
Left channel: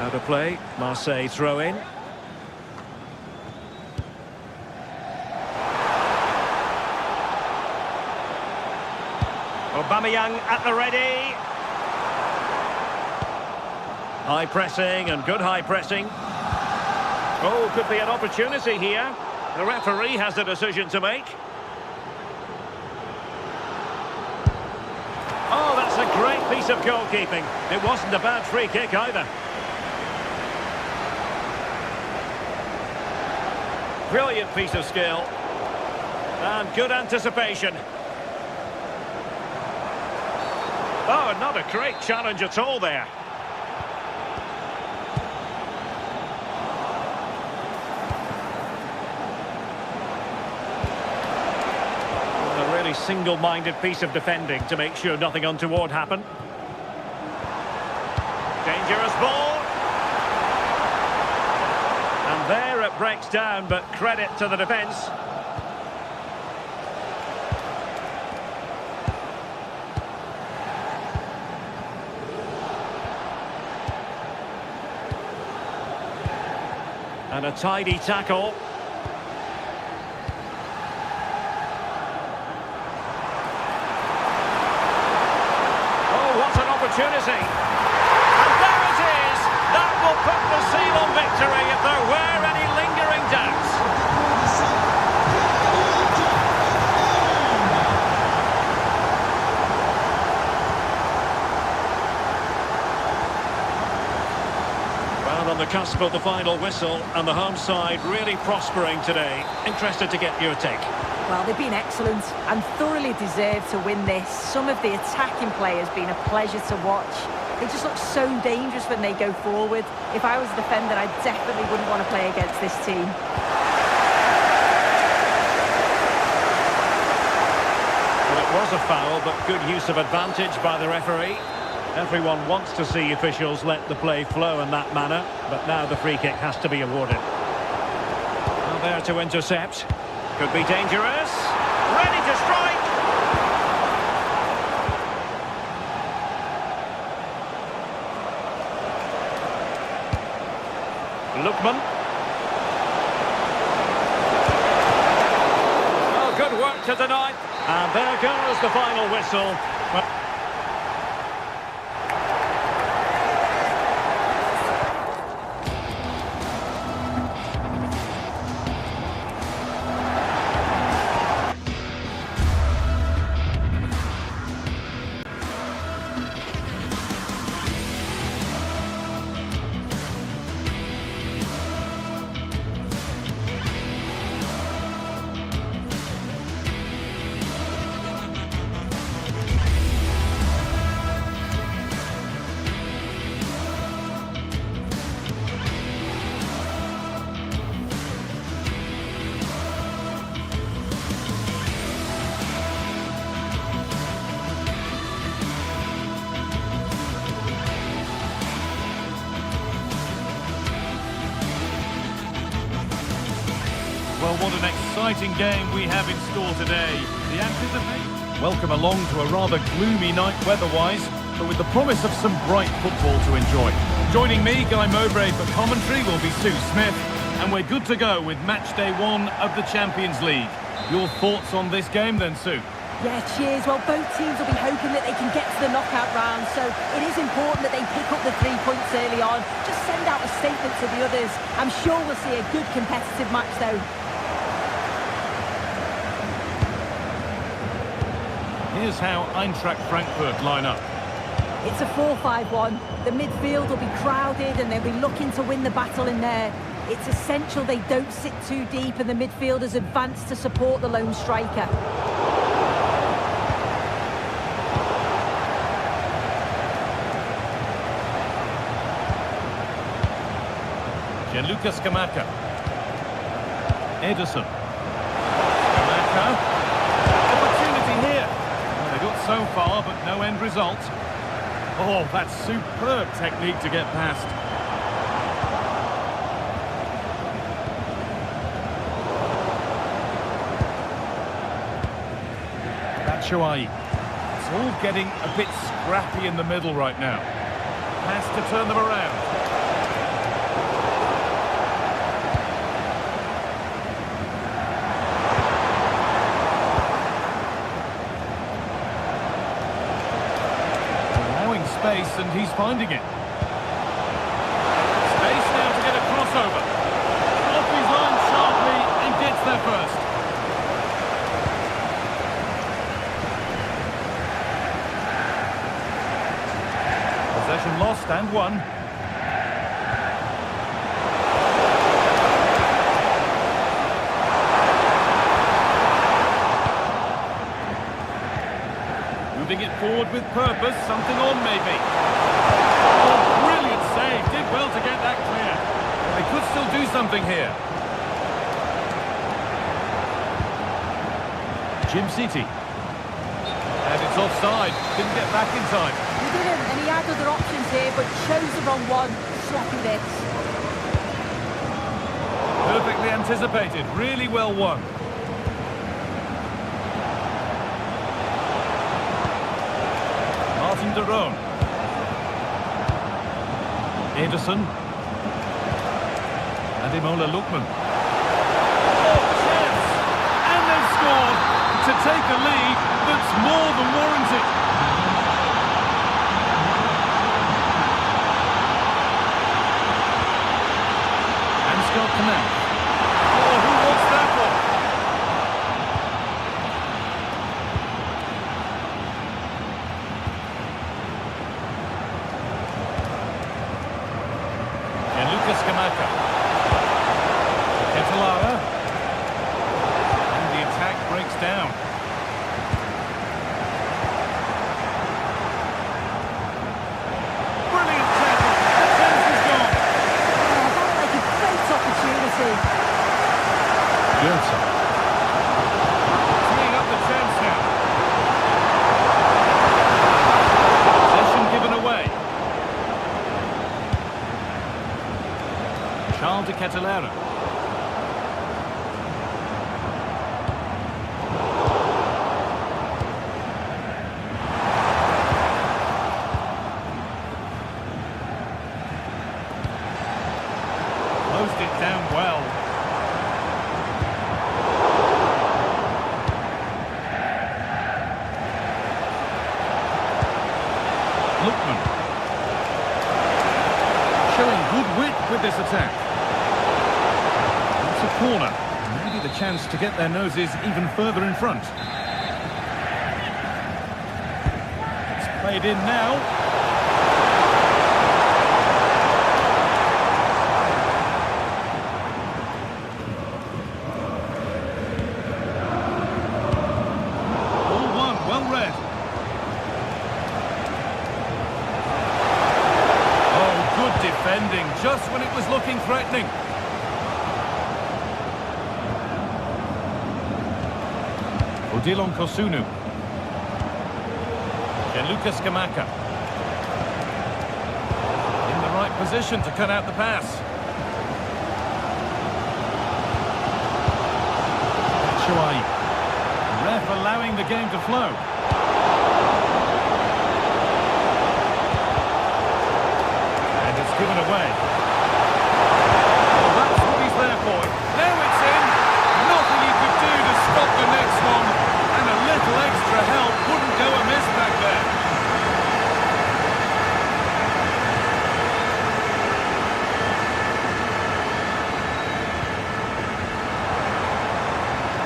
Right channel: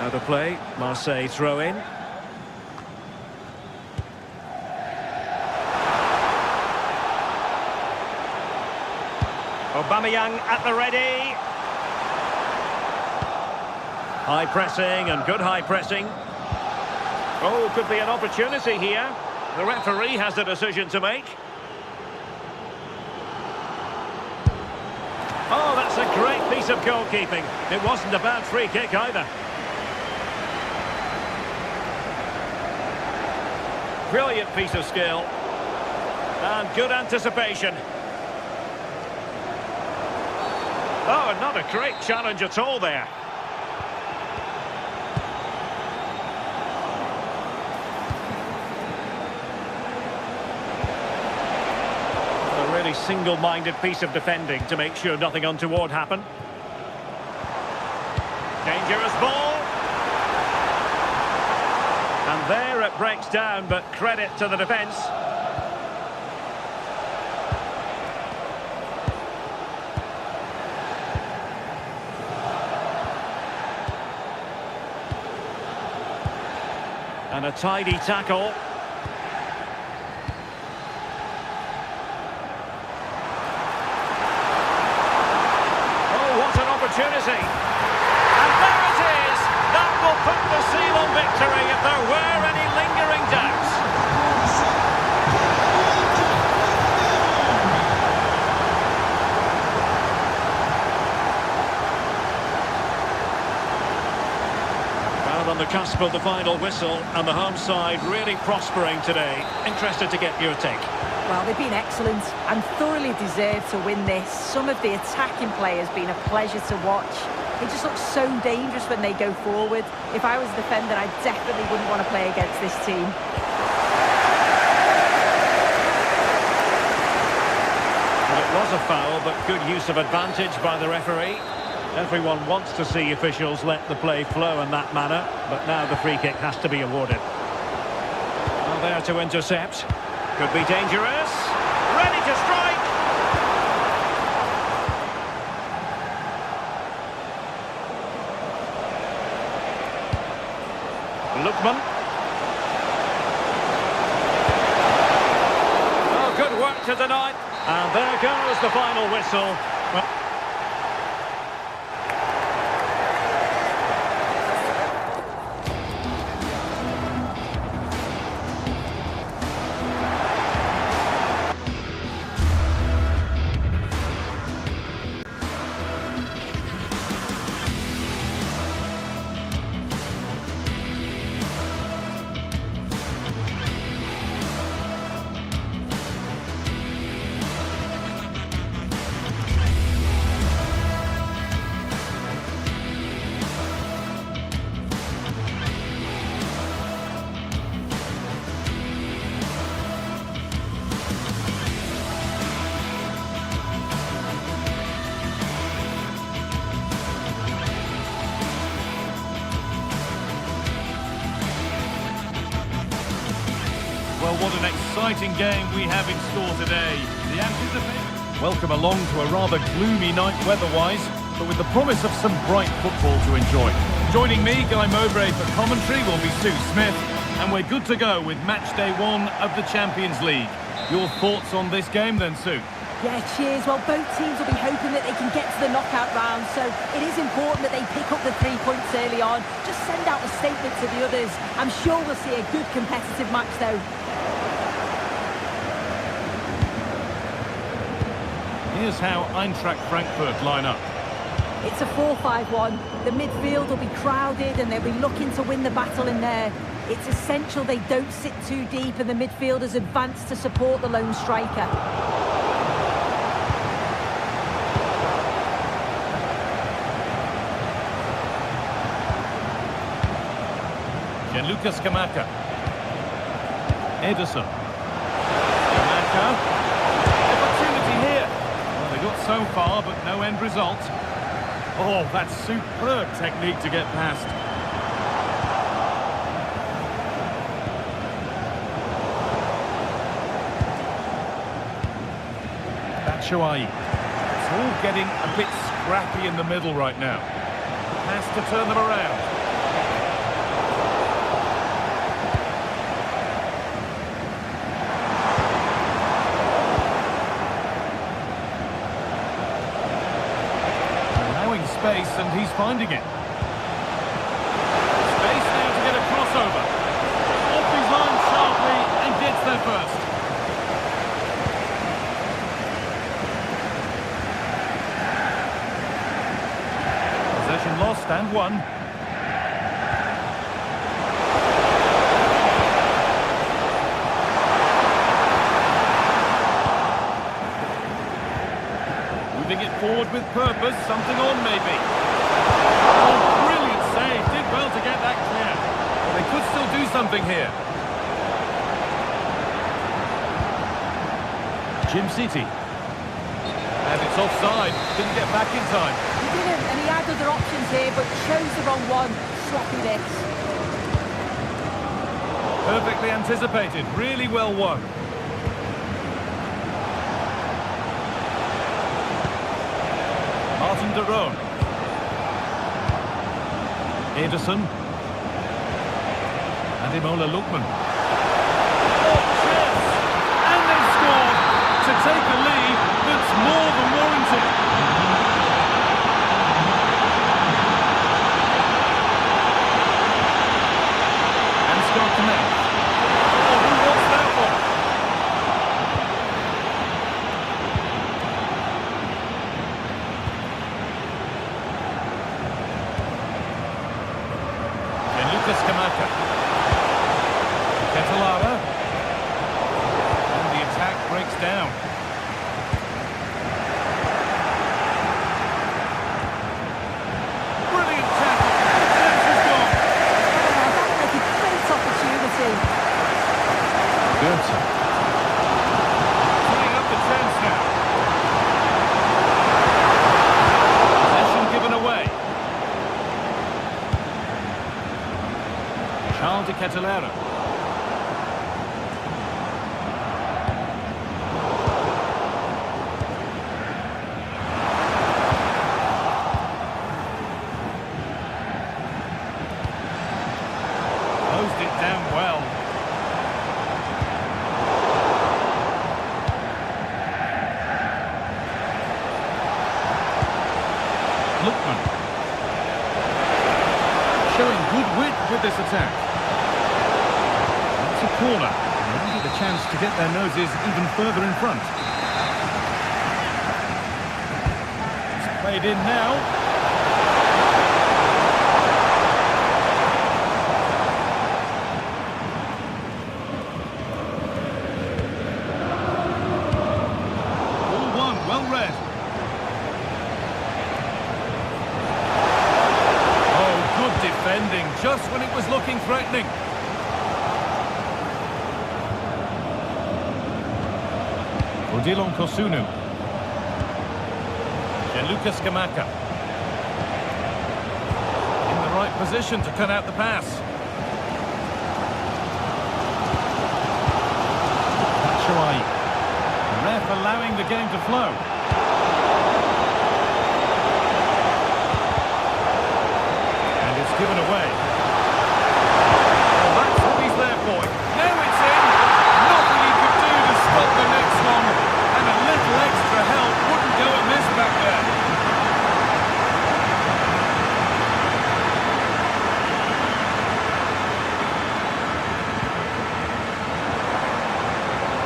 Out of play, Marseille throw in. Aubameyang at the ready. High pressing and good high pressing. Oh, could be an opportunity here. The referee has a decision to make. Oh, that's a great piece of goalkeeping. It wasn't a bad free kick either. Brilliant piece of skill. And good anticipation. Oh, not a great challenge at all there. A really single-minded piece of defending to make sure nothing untoward happened. Dangerous ball. And there it breaks down, but credit to the defence. And a tidy tackle. Oh, what an opportunity. And there it is. That will put the seal on victory if there were any lingering doubts. Well, on the cusp of the final whistle, and the home side really prospering today. Interested to get your take. Well, they've been excellent and thoroughly deserved to win this. Some of the attacking play has been a pleasure to watch. They just look so dangerous when they go forward. If I was a defender, I definitely wouldn't want to play against this team. Well, it was a foul, but good use of advantage by the referee. Everyone wants to see officials let the play flow in that manner, but now the free kick has to be awarded. Well, there to intercept. Could be dangerous. Ready to strike. Lookman. Oh, good work to deny. And there goes the final whistle. Well, Well, what an exciting game we have in store today. The anticipation. Welcome along to a rather gloomy night weather-wise, but with the promise of some bright football to enjoy. Joining me, Guy Mowbray, for commentary will be Sue Smith, and we're good to go with match day 1 of the Champions League. Your thoughts on this game then, Sue? Yeah, cheers. Well, both teams will be hoping that they can get to the knockout round, so it is important that they pick up the 3 points early on. Just send out a statement to the others. I'm sure we'll see a good competitive match, though. Here's how Eintracht Frankfurt line up. It's a 4-5-1. The midfield will be crowded and they'll be looking to win the battle in there. It's essential they don't sit too deep and the midfielders advance to support the lone striker. Gianluca Scamacca. Ederson. Scamacca. Opportunity here. Well, they got so far, but no end result. Oh, that's superb technique to get past. Batshuayi. It's all getting a bit scrappy in the middle right now. Has to turn them around. Allowing space, and he's finding it. Space now to get a crossover. Off his line sharply and gets there first. Possession lost and won. Moving it forward with purpose, something on maybe. Oh, brilliant save, did well to get that clear. But they could still do something here. Jim City. And it's offside, didn't get back in time. He didn't, and he had other options here, but chose the wrong one. Sloppy this. Perfectly anticipated, really well won. Martin de Roon. Ederson. And Imola Lookman. Oh, chance! And they've scored to take a lead that's more than warranted. And Scott Canal. Oh, who wants that one? Lucas Kamaka. Ketelara. And the attack breaks down. Brilliant tackle. The chance is gone. Oh, that looked like a great opportunity. Goethe. Teeing up the chance now. Possession given away. Charles de Ketelara. Closed it down well. Lookman. Showing good wit with this attack. It's a corner. Maybe the chance to get their noses even further in front. It's played in now. Ball one, well read. Oh, good defending, just when it was looking threatening. Odilon Kosunu. Lucas Kamaka. In the right position to cut out the pass. Batshuayi. The ref allowing the game to flow. And it's given away. Well, that's what he's there for. Now it's in. Nothing he could do to stop the next one. And a little extra help wouldn't go amiss back there.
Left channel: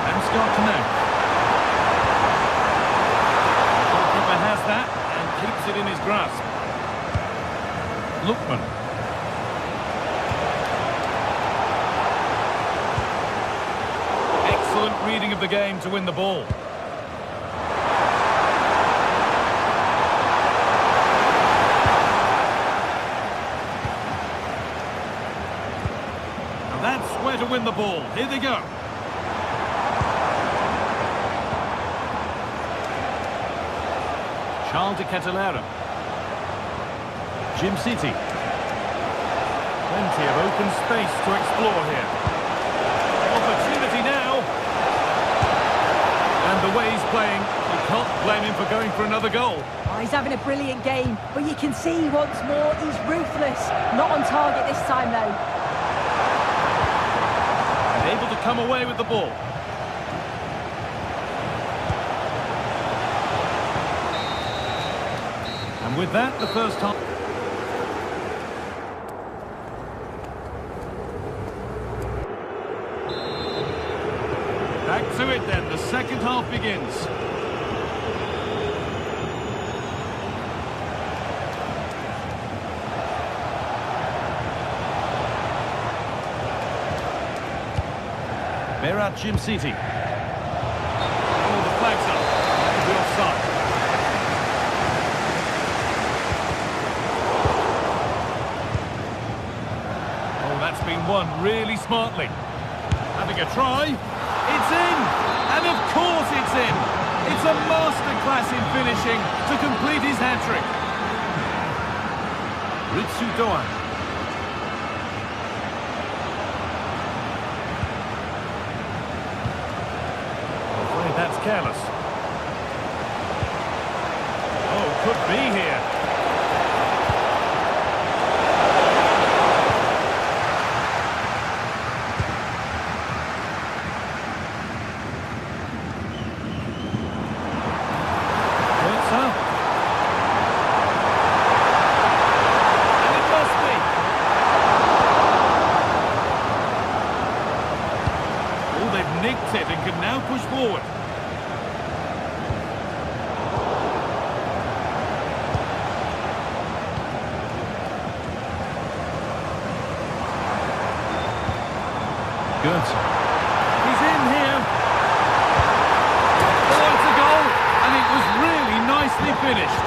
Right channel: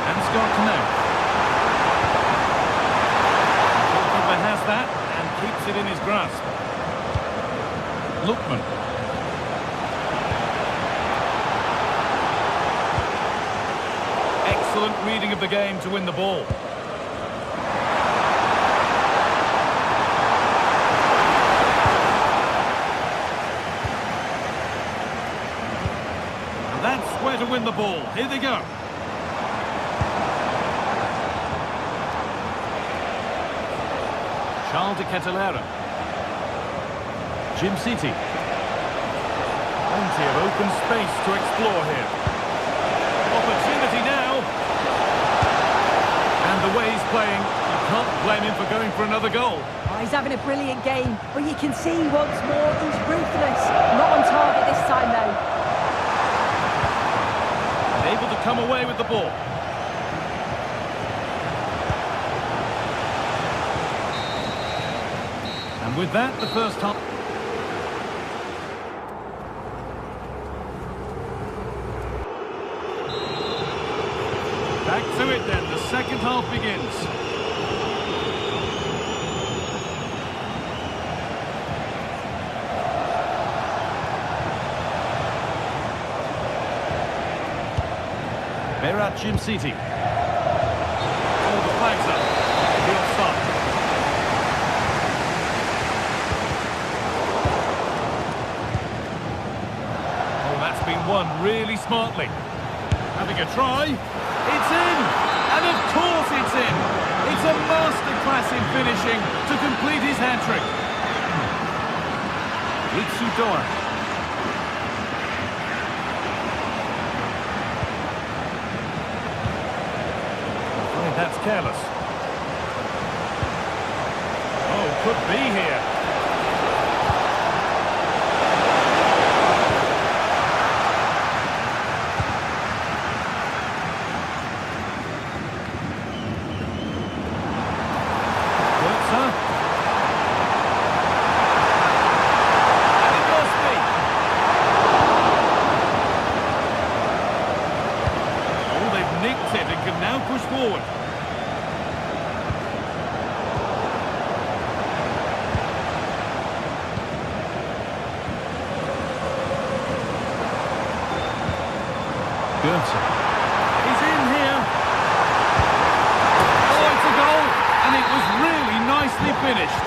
And Scott Canal. The goalkeeper has that and keeps it in his grasp. Lookman. Excellent reading of the game to win the ball. And that's where to win the ball. Here they go. Charles de Ketelara. Jim City. Plenty of open space to explore here. Opportunity now. And the way he's playing, you can't blame him for going for another goal. Oh, he's having a brilliant game, but you can see once more he's ruthless. Not on target this time, though. And able to come away with the ball. And with that, the first half. Back to it then, the second half begins. Berat Jim City. Oh, the flag's up. That could be offside. Oh, that's been won really smartly. Having a try. It's in! And of course it's in! It's a masterclass in finishing to complete his hat-trick. Ritsu Doan. I'm afraid that's careless. Oh, could be here. And it must be. Oh, they've nicked it and can now push forward. Gertz. He's in here. Oh, it's a goal. And it was really nicely finished.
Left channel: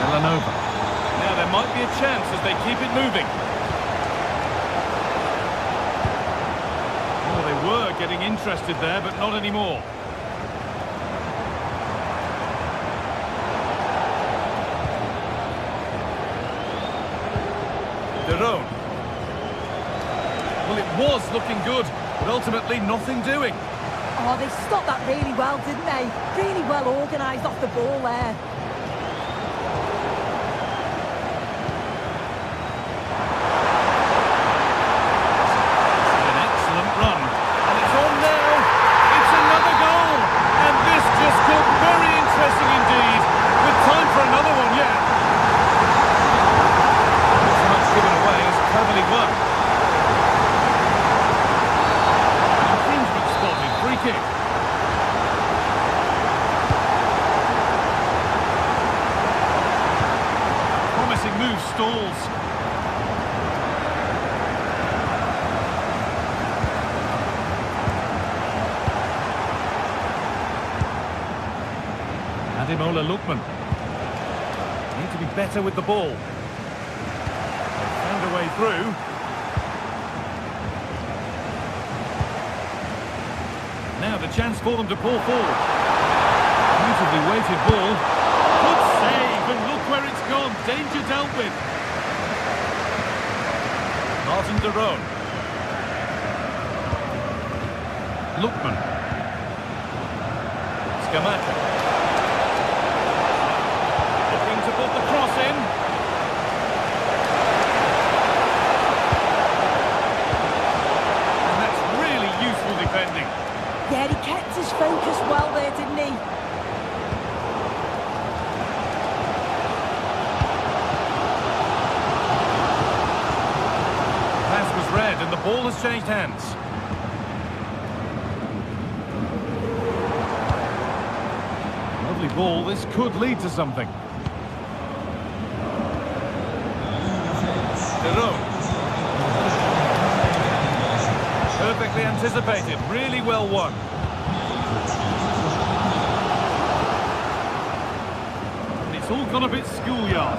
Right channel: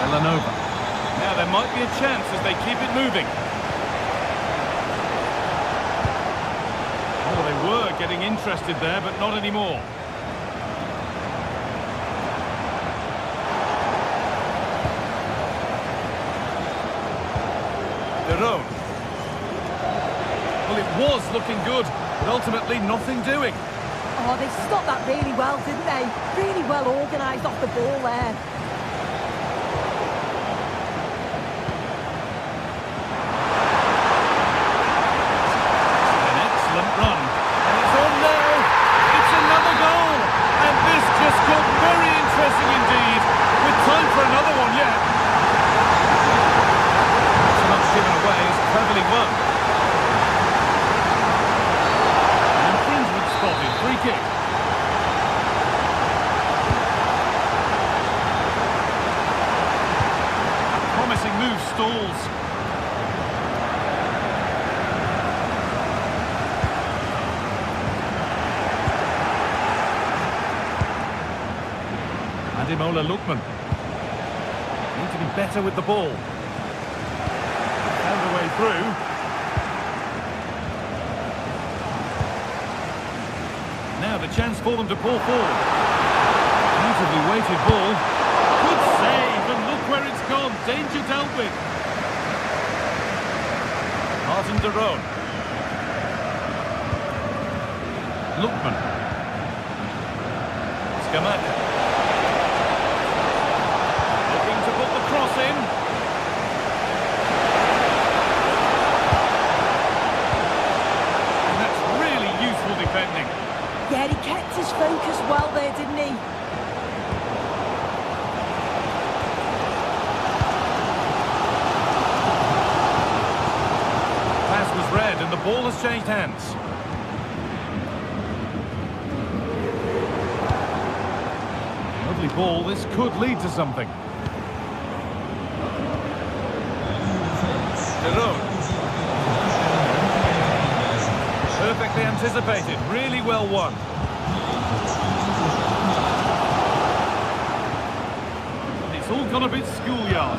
Villanova. Now there might be a chance as they keep it moving. Oh, they were getting interested there, but not anymore. Derone. Well, it was looking good, but ultimately nothing doing. Oh, they stopped that really well, didn't they? Really well organised off the ball there. This is an excellent run. And it's on now. It's another goal. And this just got very interesting indeed. With time for another one yet. Not so much given away as cleverly won. Spotted, free kick. A promising move stalls. Ademola Lookman. Need to be better with the ball. They've found a way through. Now the chance for them to pull forward. Beautifully weighted ball. Good save, and look where it's gone. Danger dealt with. Martin Derone. Lookman. Skamaka. Looking to put the cross in. And that's really useful defending. Yeah, he kept his focus well there, didn't he? Pass was read and the ball has changed hands. Lovely ball, this could lead to something. Derone. Perfectly anticipated, really well won. And it's all gone a bit schoolyard.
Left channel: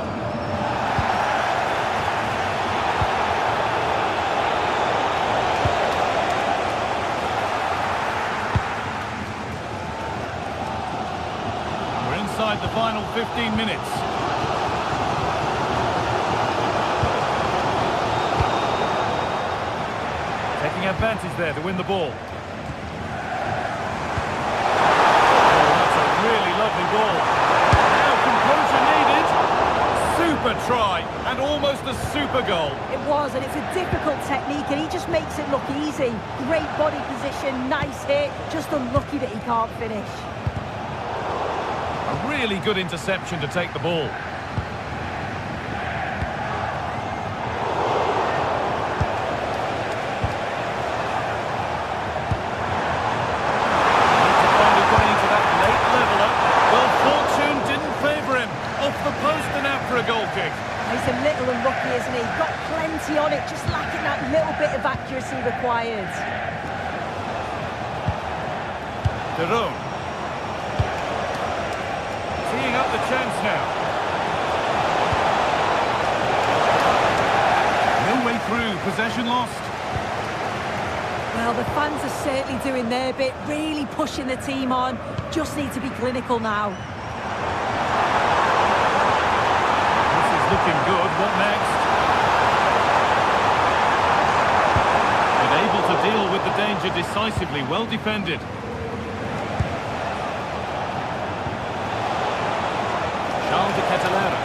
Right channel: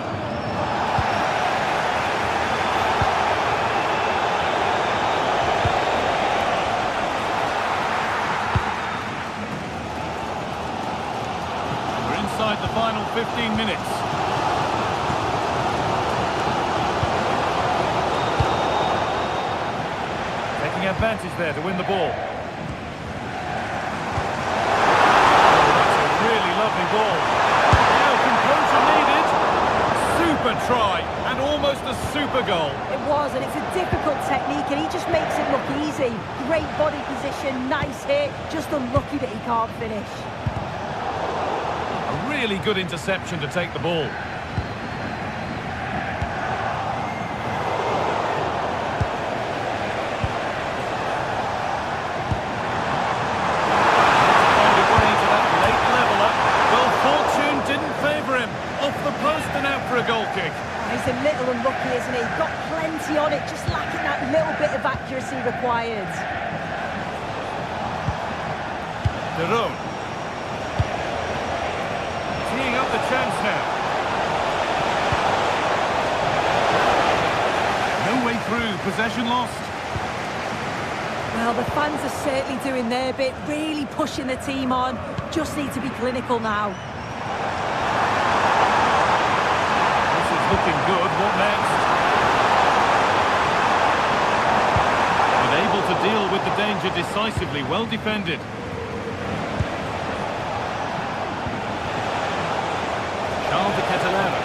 final 15 minutes. Taking advantage there to win the ball. Oh, that's a really lovely ball. Now composure needed. Super try and almost a super goal. It was, and it's a difficult technique, and he just makes it look easy. Great body position, nice hit, just unlucky that he can't finish. A really good interception to take the ball. Didn't favour him. Off the post and out for a goal kick. He's a little unlucky, isn't he? Got plenty on it, just lacking that little bit of accuracy required. Derone. Teeing up the chance now. No way through, possession lost. Well, the fans are certainly doing their bit, really pushing the team on. Just need to be clinical now. Looking good. What next? Been able to deal with the danger decisively. Well defended. Charles de Catalera.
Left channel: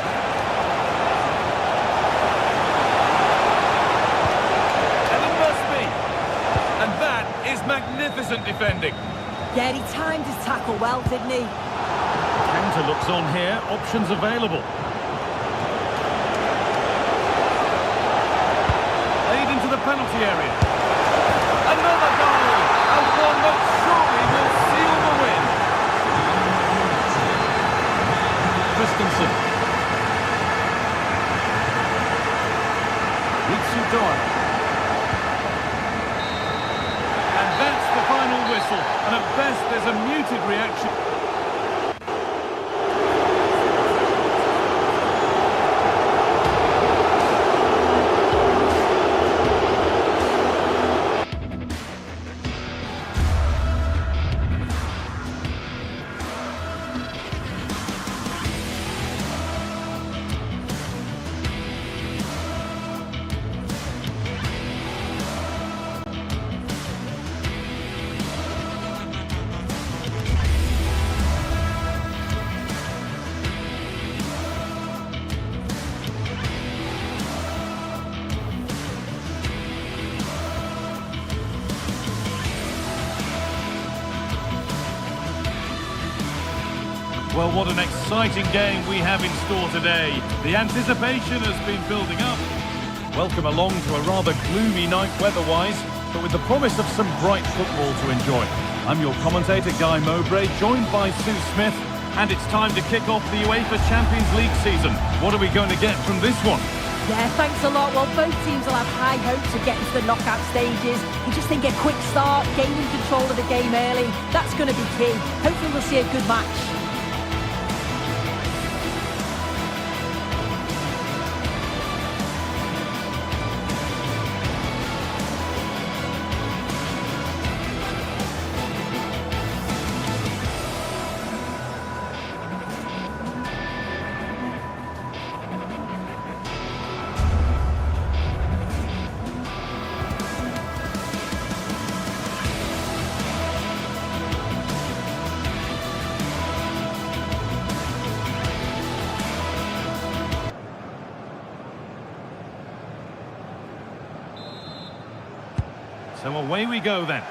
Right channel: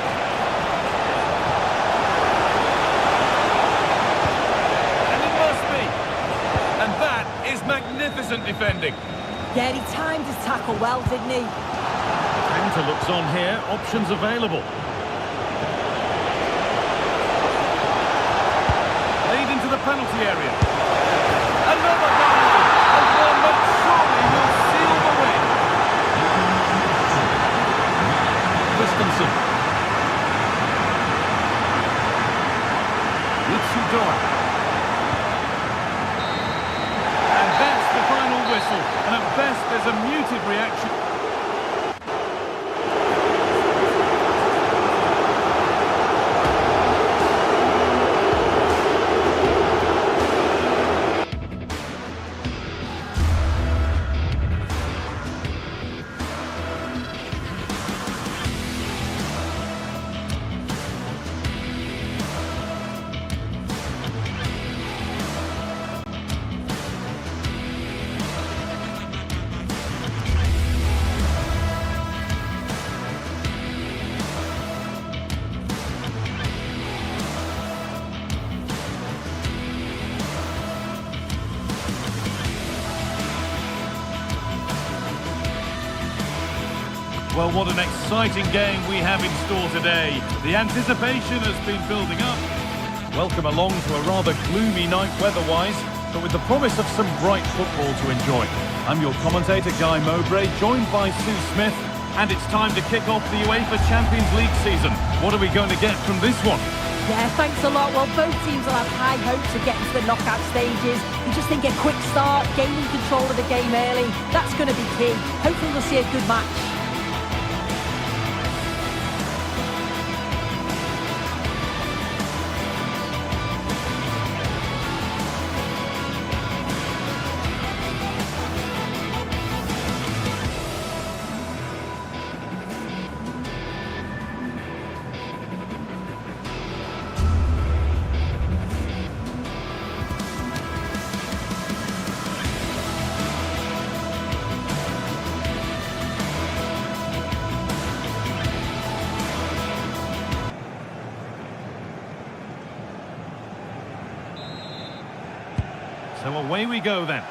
And it must be. And that is magnificent defending. Yeah, he timed his tackle well, didn't he? The counter looks on here. Options available. Into the penalty area. Another goal! And one that surely will seal the win. Christensen. Ritsudoa. And that's the final whistle. And at best there's a muted reaction. Well, what an exciting game we have in store today. The anticipation has been building up. Welcome along to a rather gloomy night weather-wise, but with the promise of some bright football to enjoy. I'm your commentator, Guy Mowbray, joined by Sue Smith, and it's time to kick off the UEFA Champions League season. What are we going to get from this one? Yeah, thanks a lot. Well, both teams will have high hopes of getting to the knockout stages. You just think a quick start, gaining control of the game early, that's going to be key. Hopefully we'll see a good match. So away we go then.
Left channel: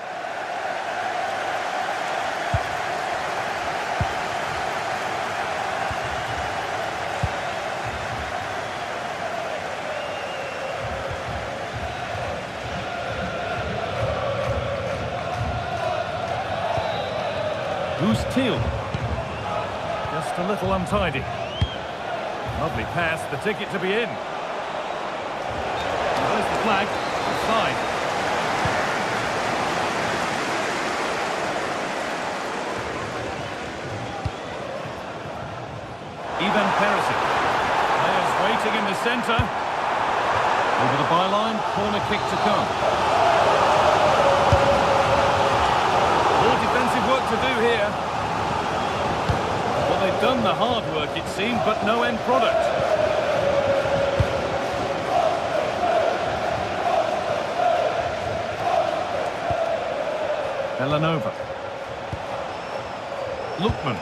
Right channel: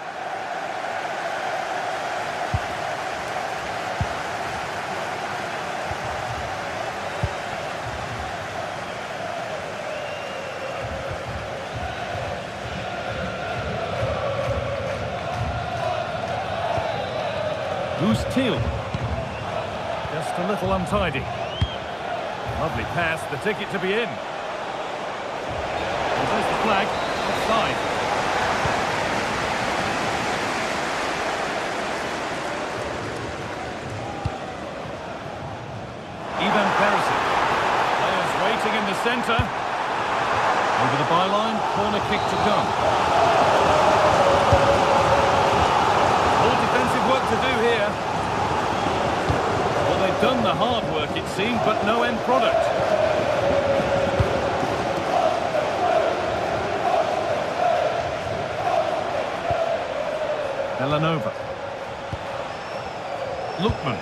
Who's Teal? Just a little untidy. Lovely pass, the ticket to be in. And there's the flag, offside. Ivan Perisic. Players waiting in the centre. Over the byline, corner kick to come. More defensive work to do here. Well, they've done the hard work, it seemed, but no end product. Villanova. Lookman.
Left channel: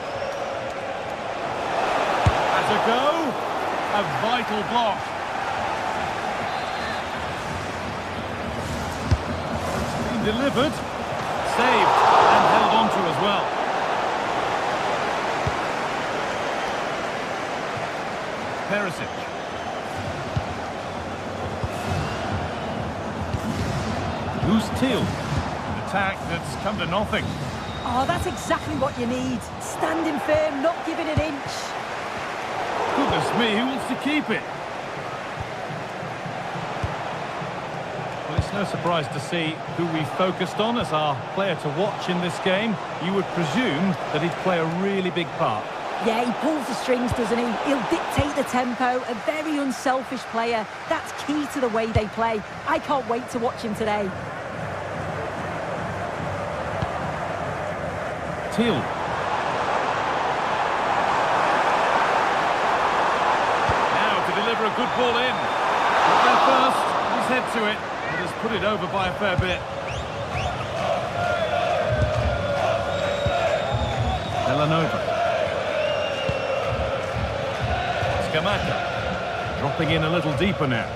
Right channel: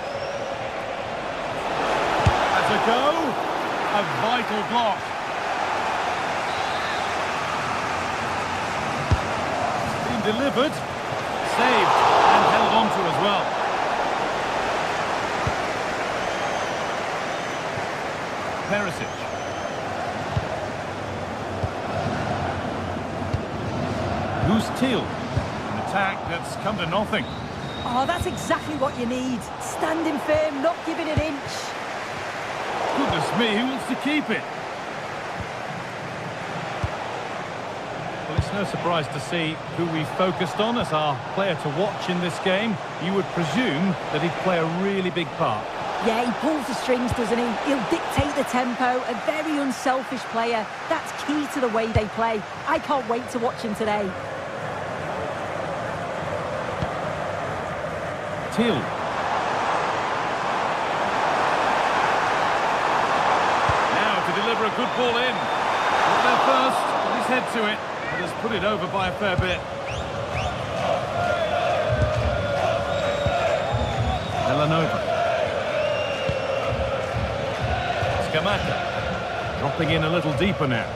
Has a go. A vital block. It's been delivered. Saved and held on to as well. Perisic. Who's Teal? An attack that's come to nothing. Oh, that's exactly what you need. Standing firm, not giving an inch. Goodness me, who wants to keep it? Well, it's no surprise to see who we focused on as our player to watch in this game. You would presume that he'd play a really big part. Yeah, he pulls the strings, doesn't he? He'll dictate the tempo, a very unselfish player. That's key to the way they play. I can't wait to watch him today. Teal. Now to deliver a good ball in. Got there first, put his head to it, but has put it over by a fair bit. Villanova. Scamacca. Dropping in a little deeper now.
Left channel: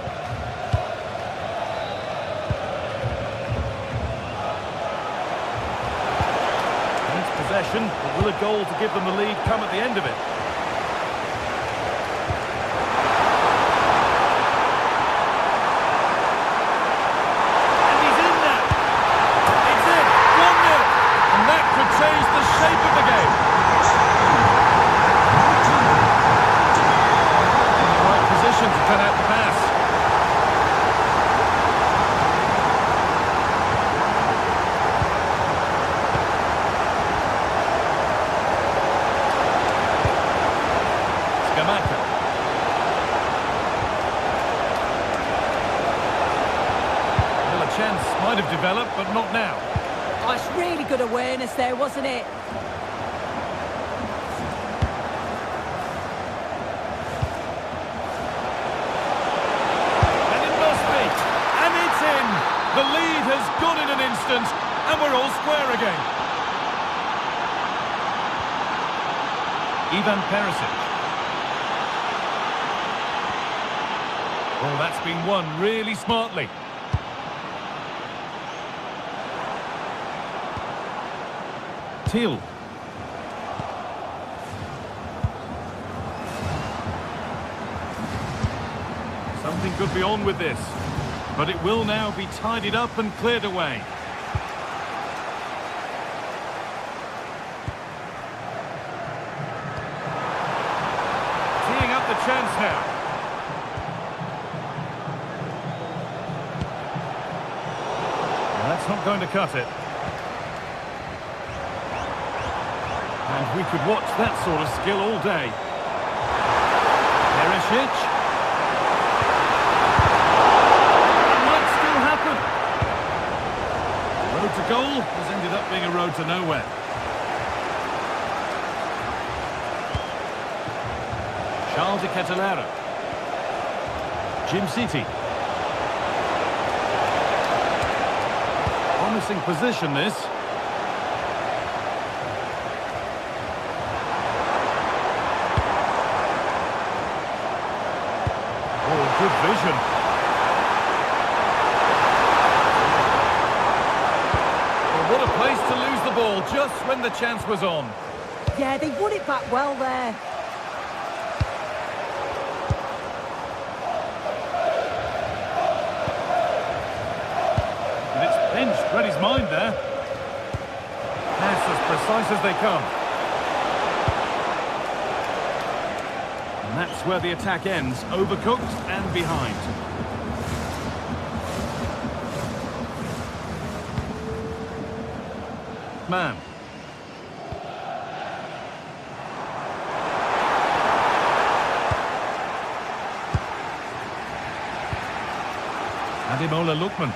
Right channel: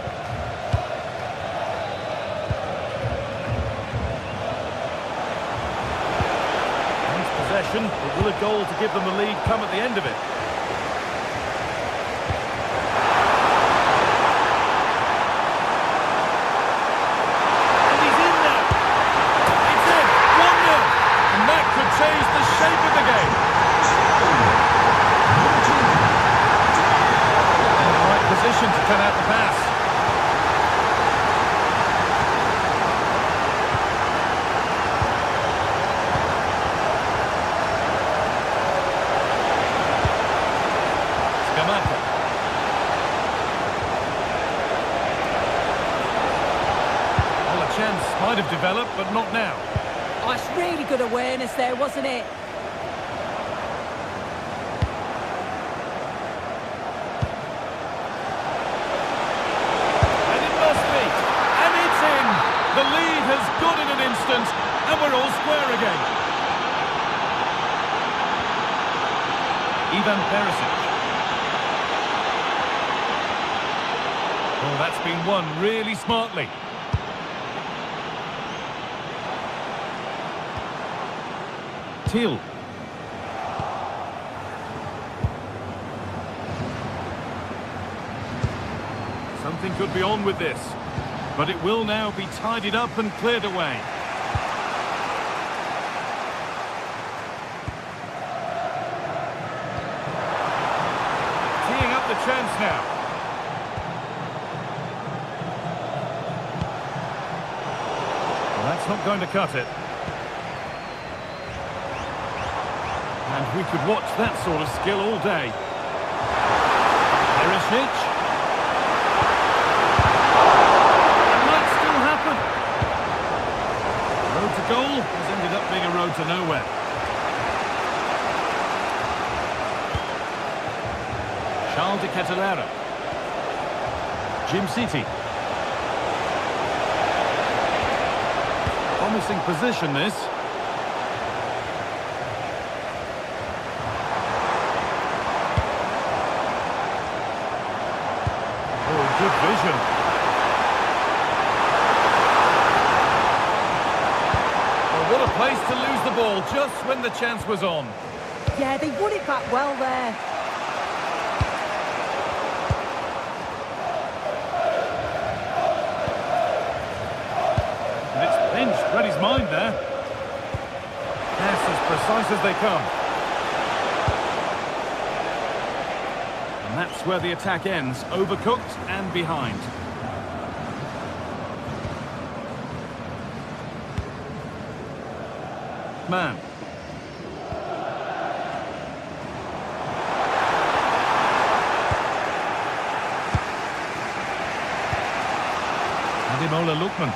Possession, but will a goal to give them the lead come at the end of it? And he's in now. It's in, 1-0. And that could change the shape of the game. In the right position to cut out the pass. Scamacca. Well, a chance might have developed, but not now. Oh, it's really good awareness there, wasn't it? And it must be. And it's in. The lead has gone in an instant, and we're all square again. Ivan Perisic. Oh, that's been won really smartly. Teal. Something could be on with this, but it will now be tidied up and cleared away. Teeing up the chance now. That's not going to cut it. And we could watch that sort of skill all day. Perisic. It might still happen. The road to goal has ended up being a road to nowhere. Charles de Ketelera. Jim City. Promising position, this. Oh, good vision. Well, what a place to lose the ball just when the chance was on. Yeah, they won it back well there. Pinched, read his mind there. Pass as precise as they come. And that's where the attack ends, overcooked and behind. Man. Ademola Lookman.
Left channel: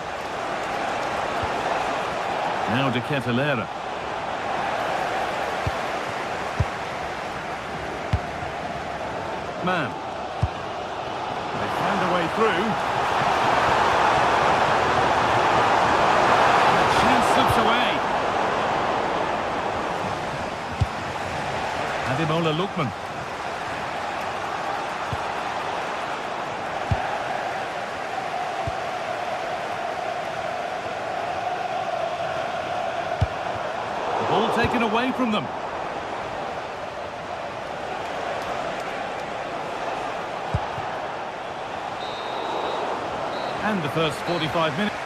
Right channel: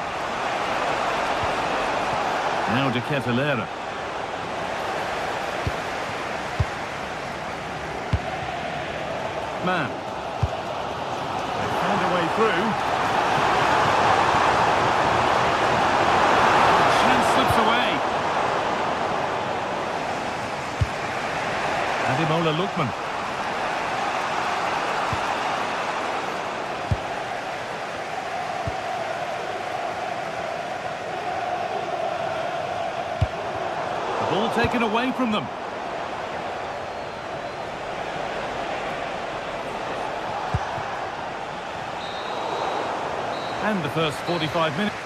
Now de Ketelera. man. They found a way through. The chance slips away. Ademola Lookman. The ball taken away from them. And the first 45 minutes.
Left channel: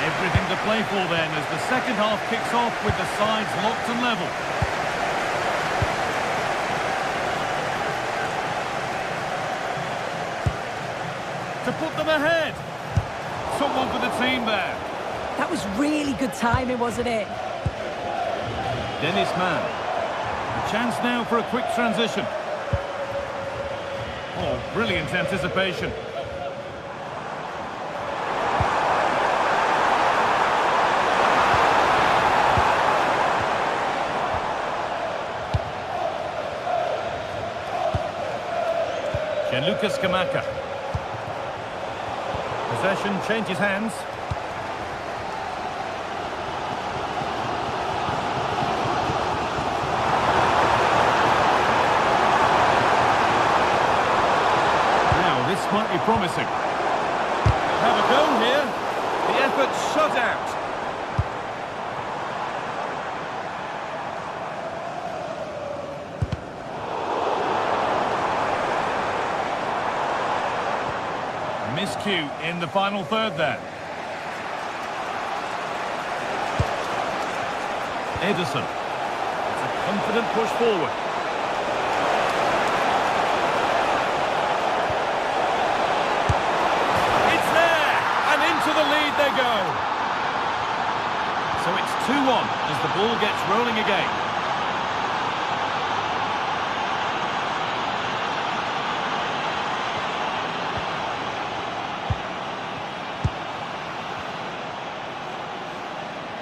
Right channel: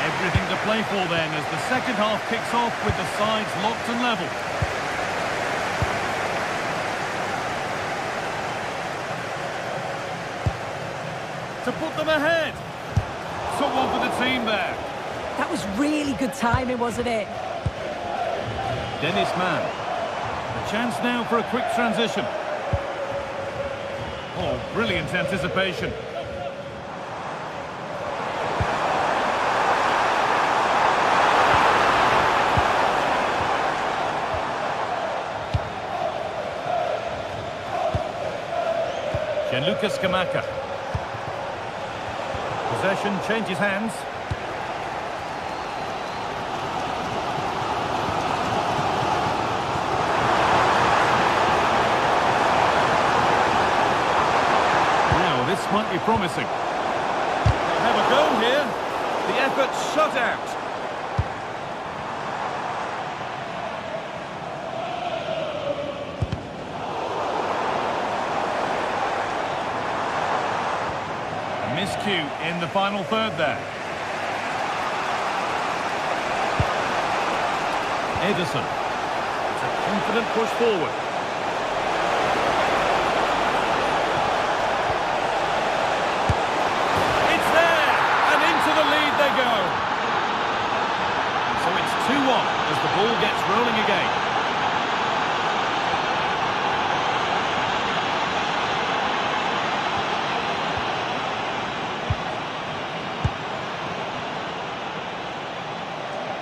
Everything to play for then as the second half kicks off with the sides locked and level. To put them ahead. Someone for the team there. That was really good timing, wasn't it? Dennis Mann. A chance now for a quick transition. Oh, brilliant anticipation. Gianluca Scamacca. Possession changes hands. Now this might be promising. They'll have a go here. The effort shut out. Miscue in the final third there. Ederson. It's a confident push forward. It's there! And into the lead they go. So it's 2-1 as the ball gets rolling again.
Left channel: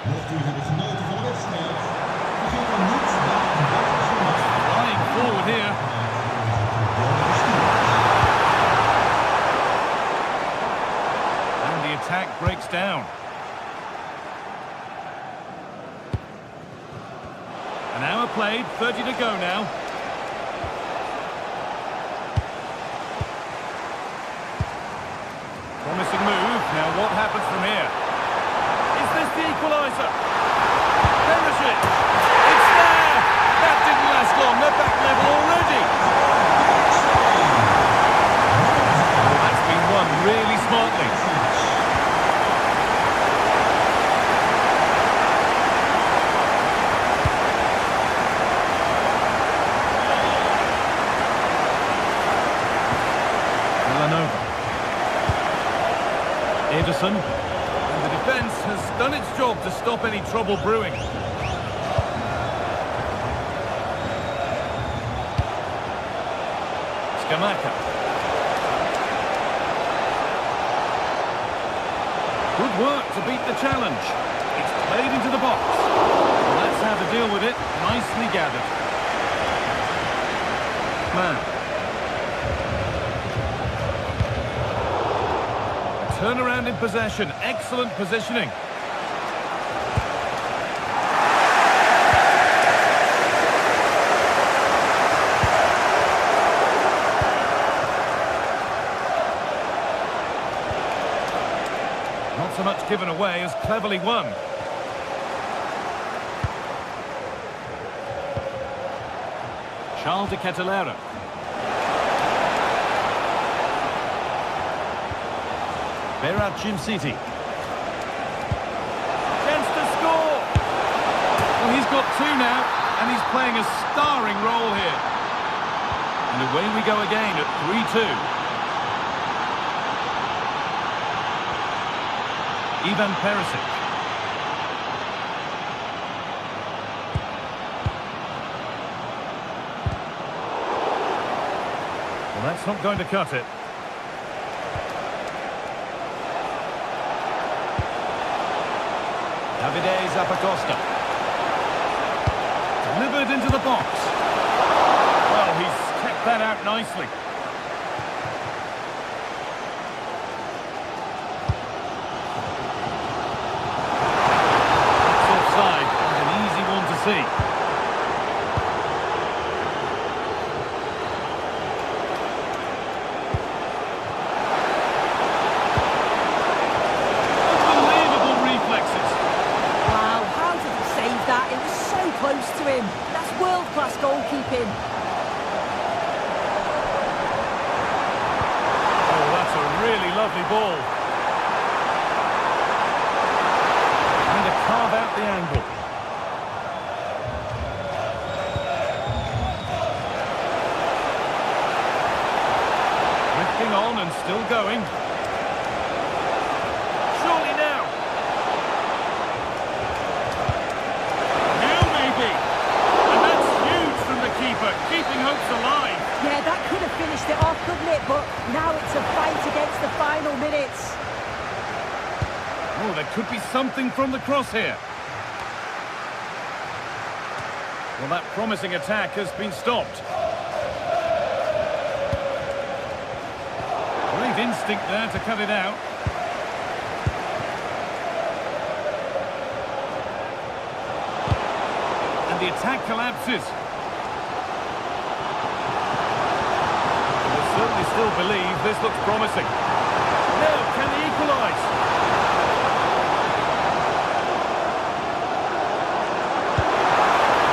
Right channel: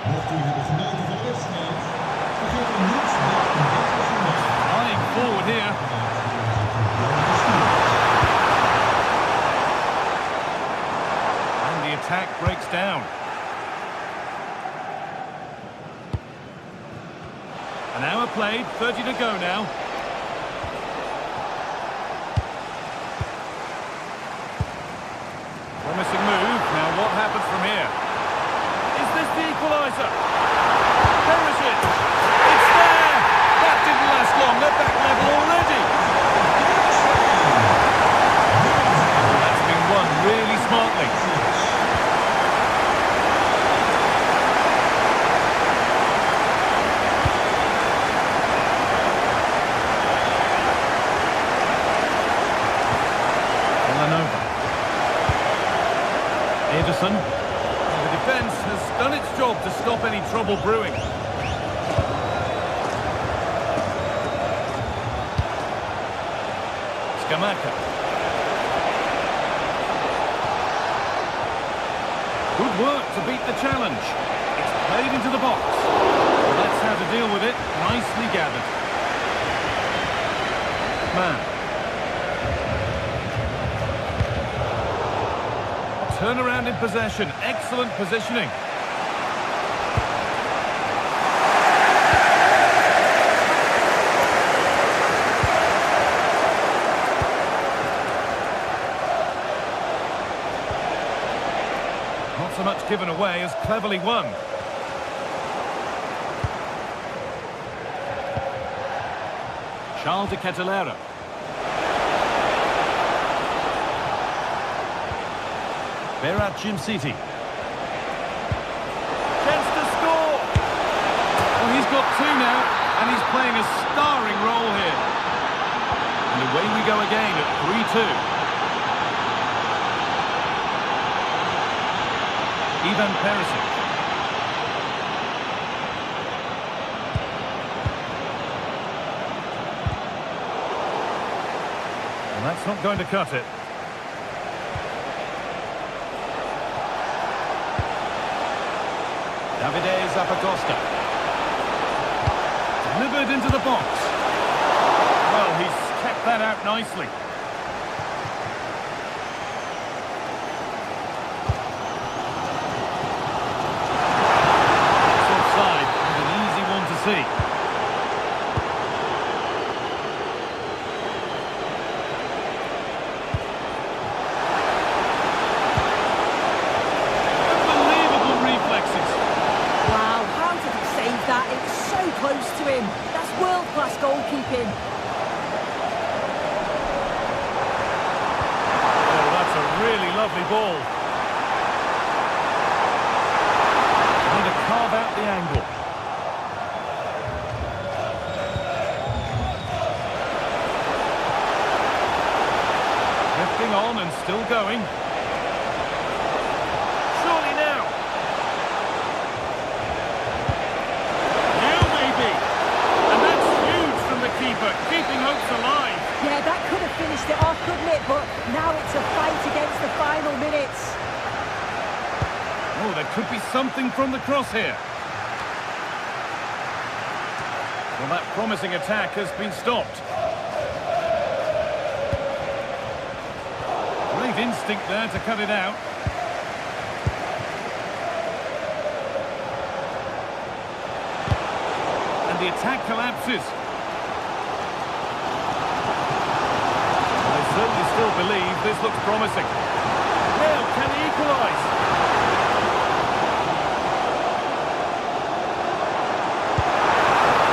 Mocht u hebben genoten van de wedstrijd, vergeet dan niet dat een betere zondag. Flying forward here. And the attack breaks down. An hour played, 30 to go now. Promising move. Now what happens from here? Is this the equaliser? Perisic! It's there! That didn't last long. They're back level already. Oh, that's been won really smartly. Villanova. Ederson. The defence has done its job to stop any trouble brewing. Scamacca. Good work to beat the challenge. It's played into the box. Well, that's how to deal with it. Nicely gathered. Man. Turnaround in possession. Excellent positioning. Not so much given away as cleverly won. Charles de Ketelera. Berat City. Chance to score! Well, he's got two now, and he's playing a starring role here. And away we go again at 3-2. Ivan Perisic. Well, that's not going to cut it. Davide Zappacosta. Delivered into the box. Well, he's kept that out nicely. That's offside, and an easy one to see. Unbelievable reflexes. Wow, how did he save that? It was so close to him. That's world-class goalkeeping. Oh, that's a really lovely ball. Trying to carve out the angle. Drifting on and still going. Surely now. Now maybe. And that's huge from the keeper, keeping hopes alive. Yeah, that could have finished it off, couldn't it? But now it's a fight against the final minutes. Oh, there could be something from the cross here. Well, that promising attack has been stopped. Great instinct there to cut it out. And the attack collapses. Well, they certainly still believe this looks promising. Now, can they equalise?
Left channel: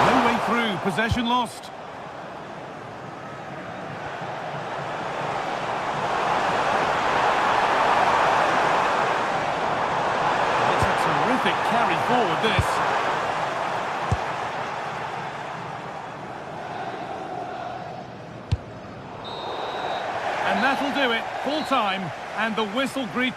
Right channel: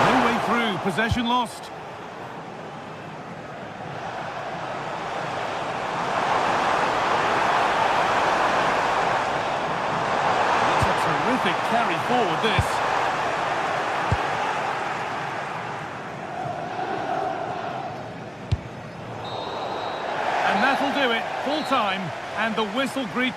No way through, possession lost. Well, it's a terrific carry forward, this. And that'll do it, full time, and the whistle greet.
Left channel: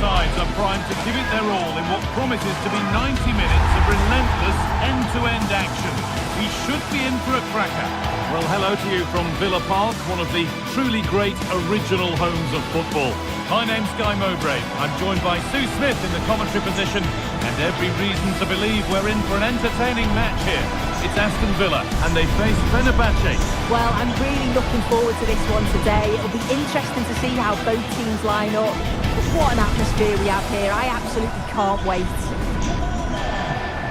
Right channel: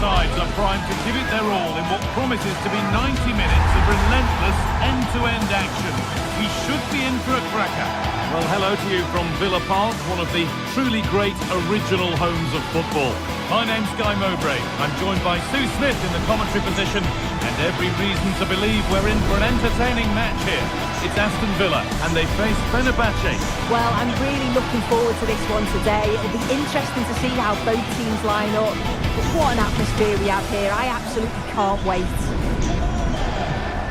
Sides are primed to give it their all in what promises to be 90 minutes of relentless end-to-end action. We should be in for a cracker. Well, hello to you from Villa Park, one of the truly great original homes of football. My name's Guy Mowbray. I'm joined by Sue Smith in the commentary position, and every reason to believe we're in for an entertaining match here. It's Aston Villa, and they face Fenerbahce. Well, I'm really looking forward to this one today. It'll be interesting to see how both teams line up. But what an atmosphere we have here. I absolutely can't wait.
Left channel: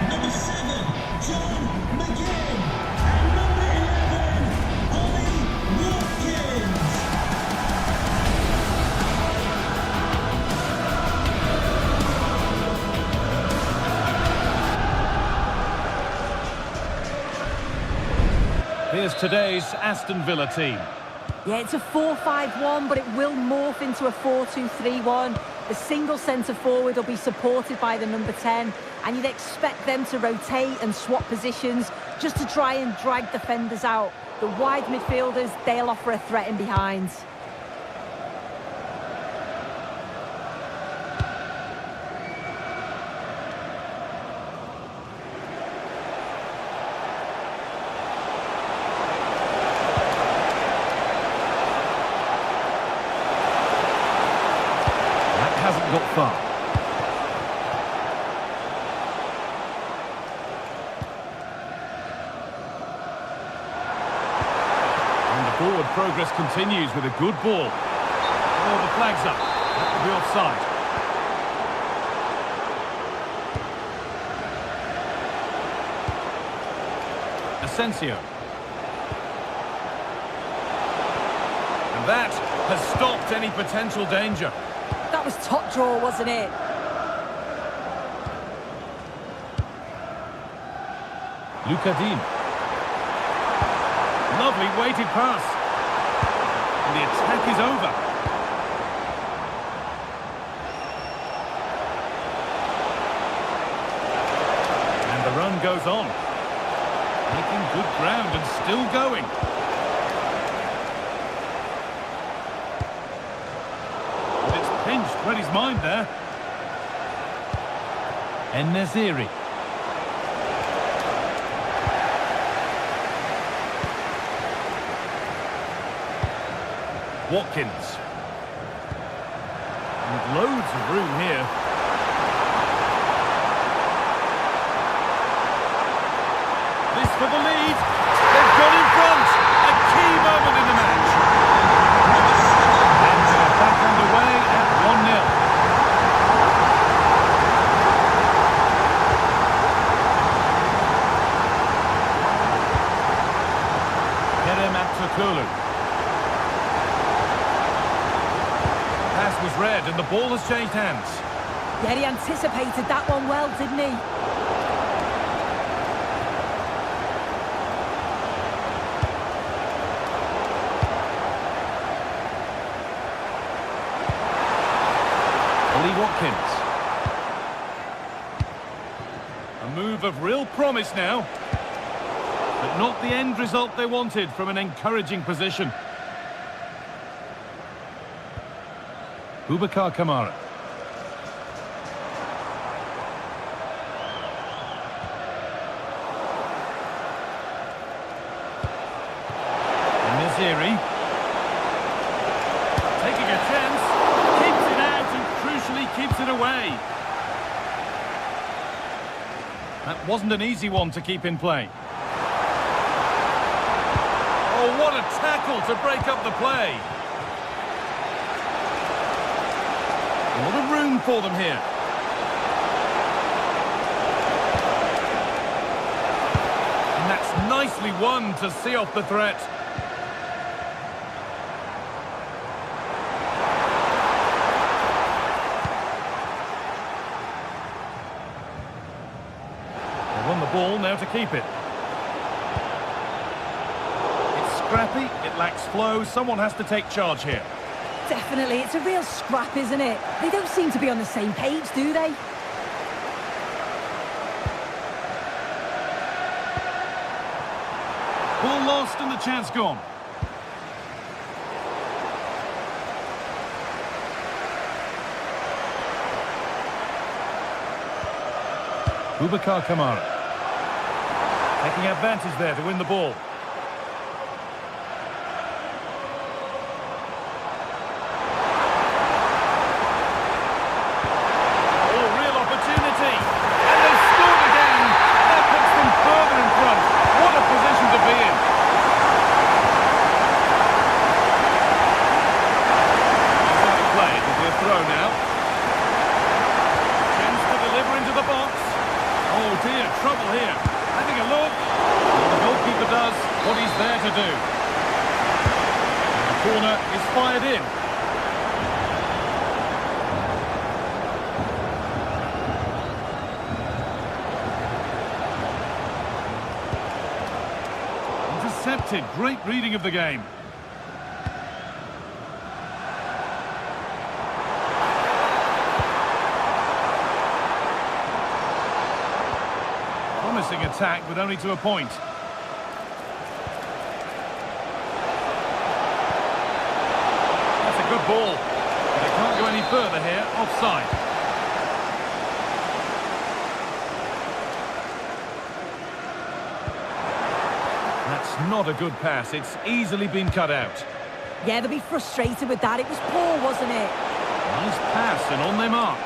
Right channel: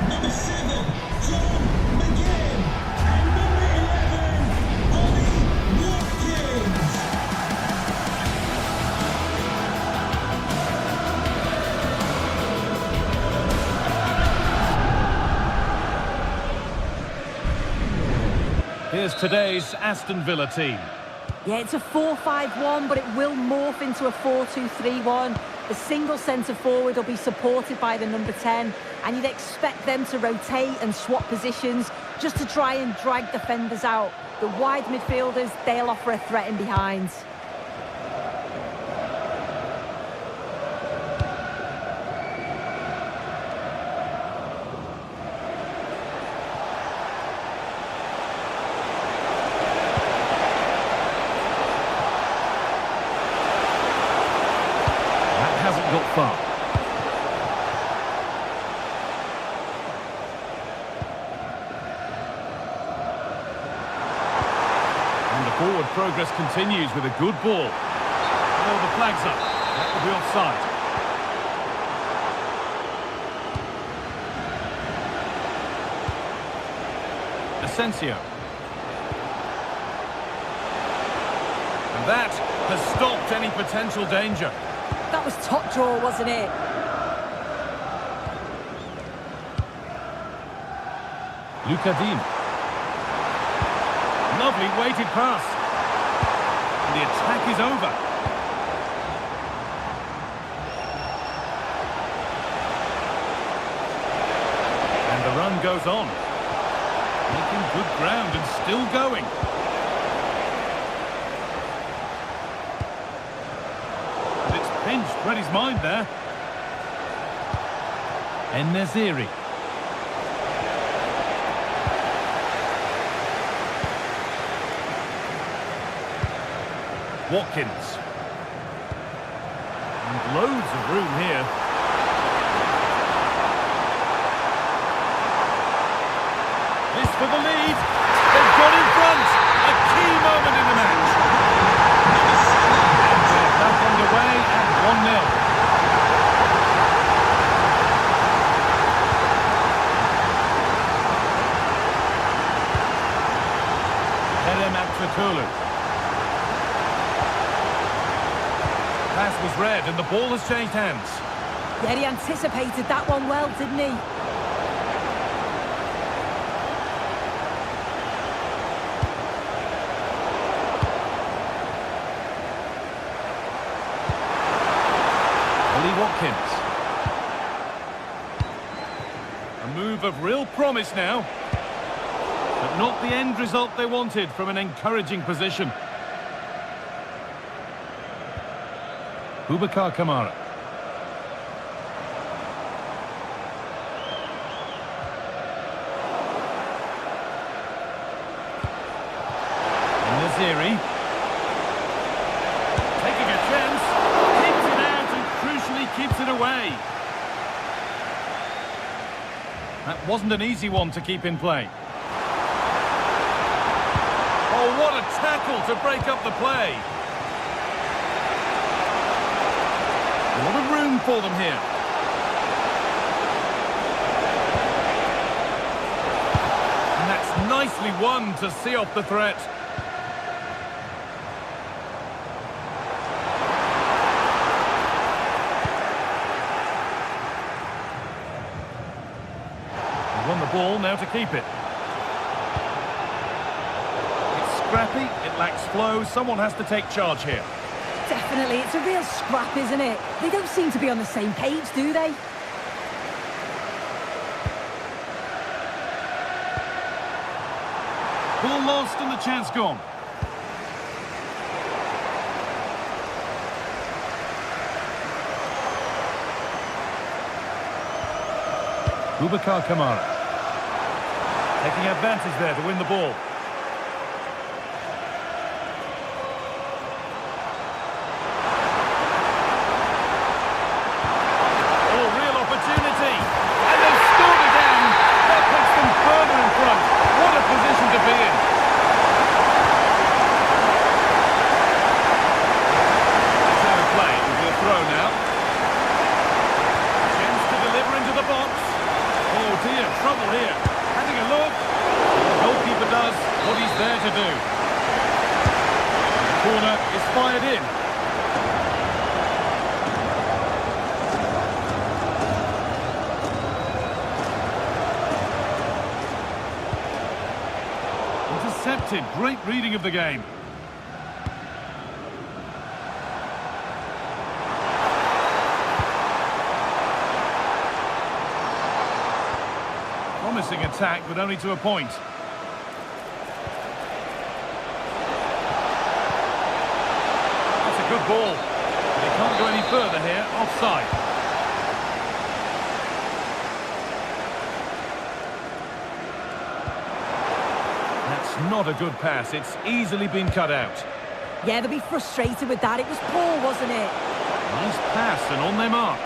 Number 7, John McGinn. And number 11, Ollie Watkins. Here's today's Aston Villa team. Yeah, it's a 4-5-1, but it will morph into a 4-2-3-1. The single centre-forward will be supported by the number 10, and you'd expect them to rotate and swap positions just to try and drag defenders out. The wide midfielders, they'll offer a threat in behind. Hasn't got far. And the forward progress continues with a good ball. Oh, the flag's up. That will be offside. Asensio. And that has stopped any potential danger. That was top draw, wasn't it? Lucadine. Lovely weighted pass. And the attack is over. And the run goes on. Making good ground and still going. And it's pinched, read his mind there. En-Nesyri. Watkins. And loads of room here. This for the lead. They've got in front. A key moment in the match. And they're back underway at 1-0. Kerem Aktürkoğlu. Pass was read and the ball has changed hands. Yeah, he anticipated that one well, didn't he? Ollie Watkins. A move of real promise now. But not the end result they wanted from an encouraging position. Boubacar Kamara. En-Nesyri. Taking a chance. Keeps it out and crucially keeps it away. That wasn't an easy one to keep in play. Oh, what a tackle to break up the play. A lot of room for them here. And that's nicely won to see off the threat. They won the ball, now to keep it. It's scrappy, it lacks flow, someone has to take charge here. Definitely, it's a real scrap, isn't it? They don't seem to be on the same page, do they? Ball lost and the chance gone. Boubacar Kamara. Taking advantage there to win the ball. Opportunity, and they've scored again. That puts them further in front. What a position to be in. That's out of play. It'll be a throw now. Chance to deliver into the box. Oh dear, trouble here. Having a look. Well, the goalkeeper does what he's there to do. And the corner is fired in. Intercepted. Great reading of the game. Promising attack, but only to a point. That's a good ball. But they can't go any further here. Offside. That's not a good pass. It's easily been cut out. Yeah, they'll be frustrated with that. It was poor, wasn't it? Nice pass and on their march.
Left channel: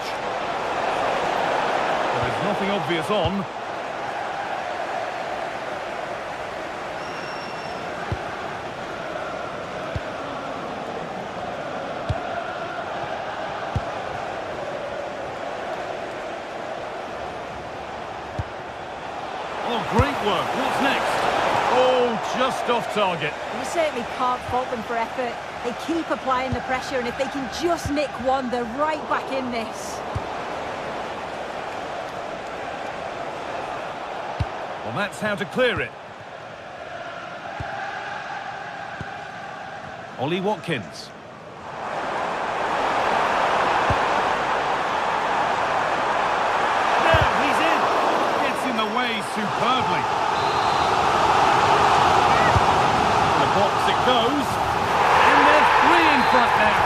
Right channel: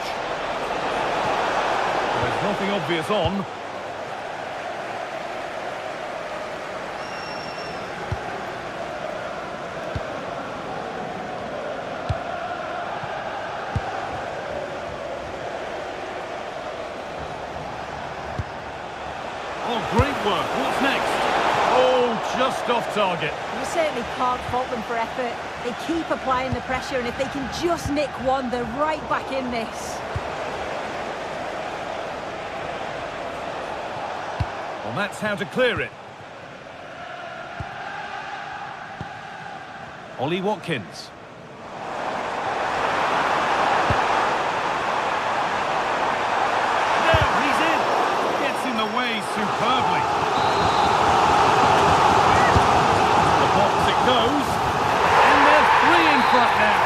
There's nothing obvious on. Oh, great work. What's next? just off target. You certainly can't fault them for effort. They keep applying the pressure, and if they can just nick one, they're right back in this. Well, that's how to clear it. Ollie Watkins. Now he's in. Gets in the way superbly. The box it goes. And they're 3 in front now.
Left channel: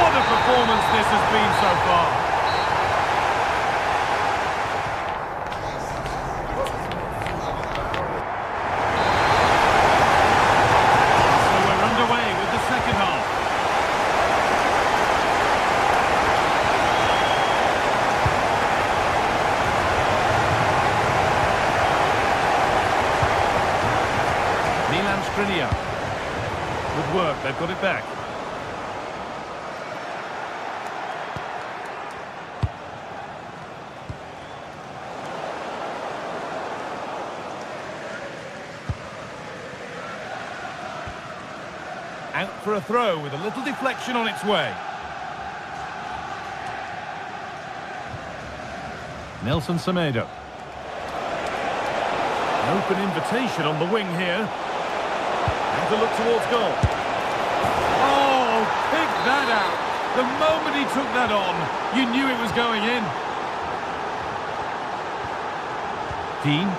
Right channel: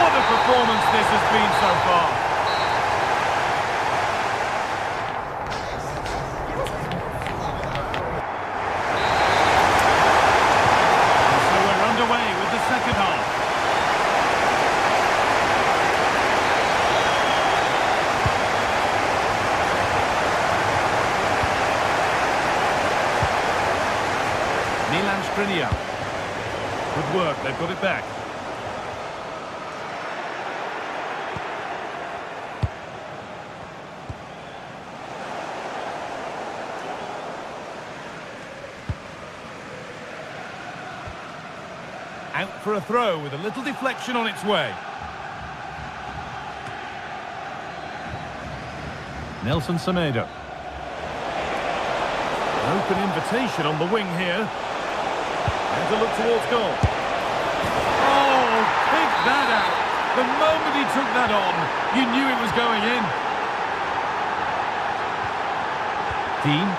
What a performance this has been so far. Second half. Milan Skriniar. Good work, they've got it back. Out for a throw with a little deflection on its way. Nelson Semedo. An open invitation on the wing here. And to look towards goal. Oh, pick that out. The moment he took that on, you knew it was going in. Dean.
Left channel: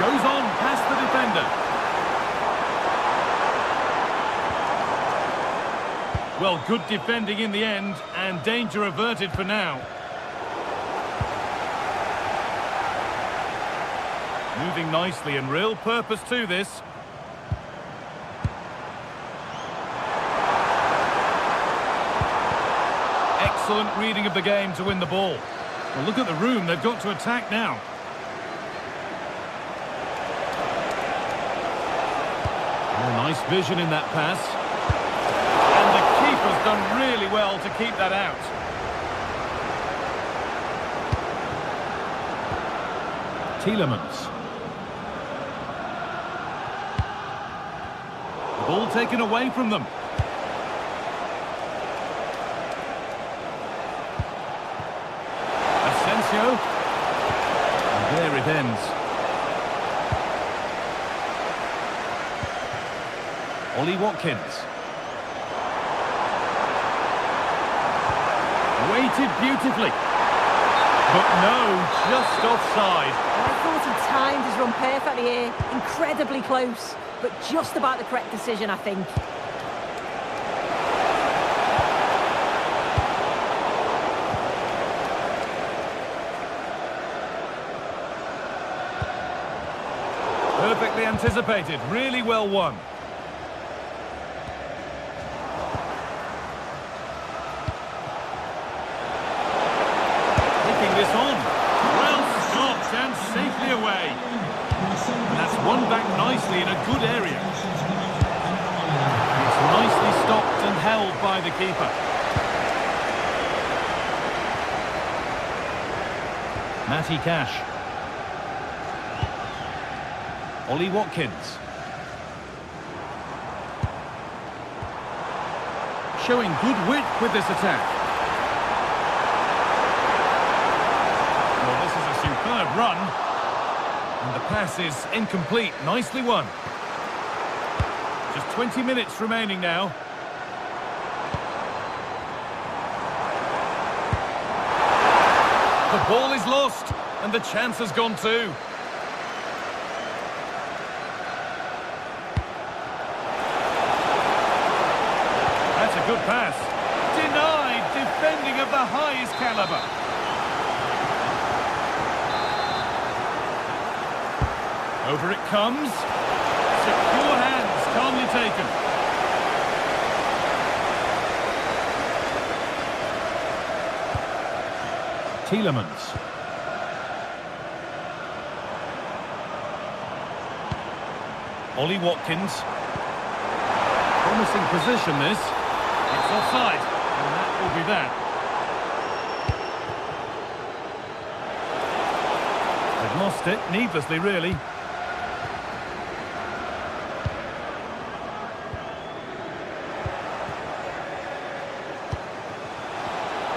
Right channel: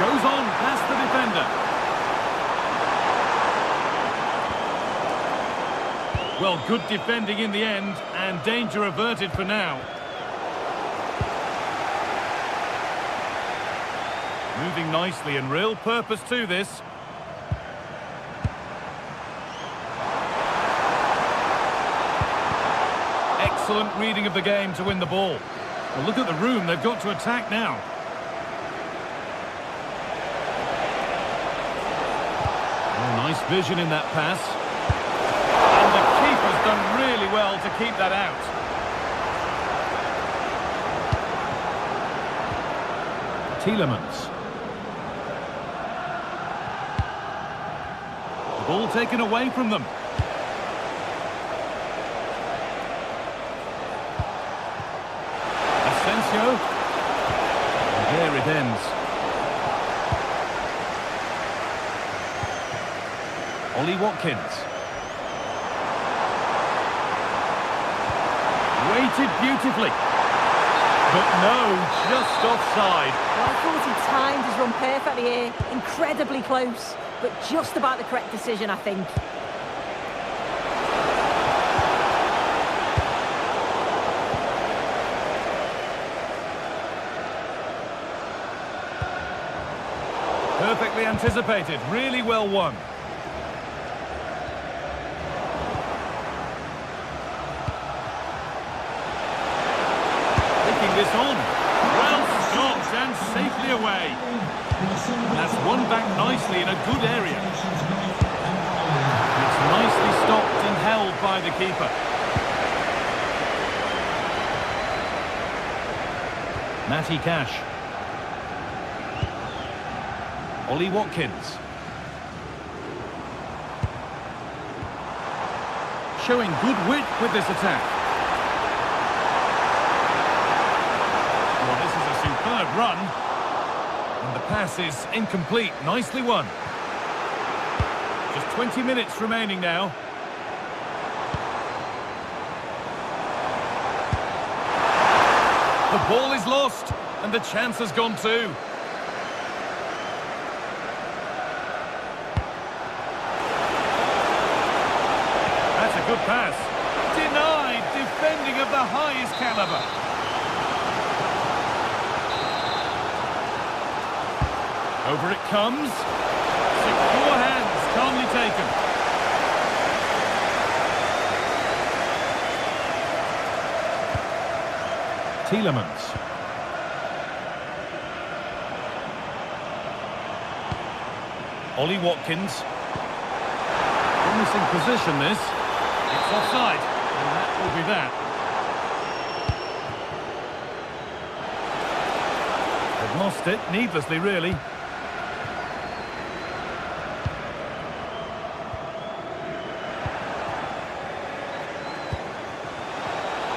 Goes on past the defender. Well, good defending in the end, and danger averted for now. Moving nicely and real purpose to this. Excellent reading of the game to win the ball. Well, look at the room they've got to attack now. Oh, nice vision in that pass. And the keeper's done really well to keep that out. Tielemans. The ball taken away from them. Asensio. And there it ends. Ollie Watkins. Waited beautifully. But no, just offside. Well, I thought he timed his run perfectly here. Incredibly close, but just about the correct decision, I think. Perfectly anticipated, really well won. Taking this on. Well stopped and safely away. And that's won back nicely in a good area. It's nicely stopped and held by the keeper. Matty Cash. Ollie Watkins. Showing good width with this attack. Well, this is a superb run. And the pass is incomplete. Nicely won. Just 20 minutes remaining now. The ball is lost, and the chance has gone too. That's a good pass. Denied, defending of the highest caliber. Over it comes. Secure hands, calmly taken. Tielemans. Ollie Watkins. Promising position, this. It's offside, and that will be that. They've lost it, needlessly, really.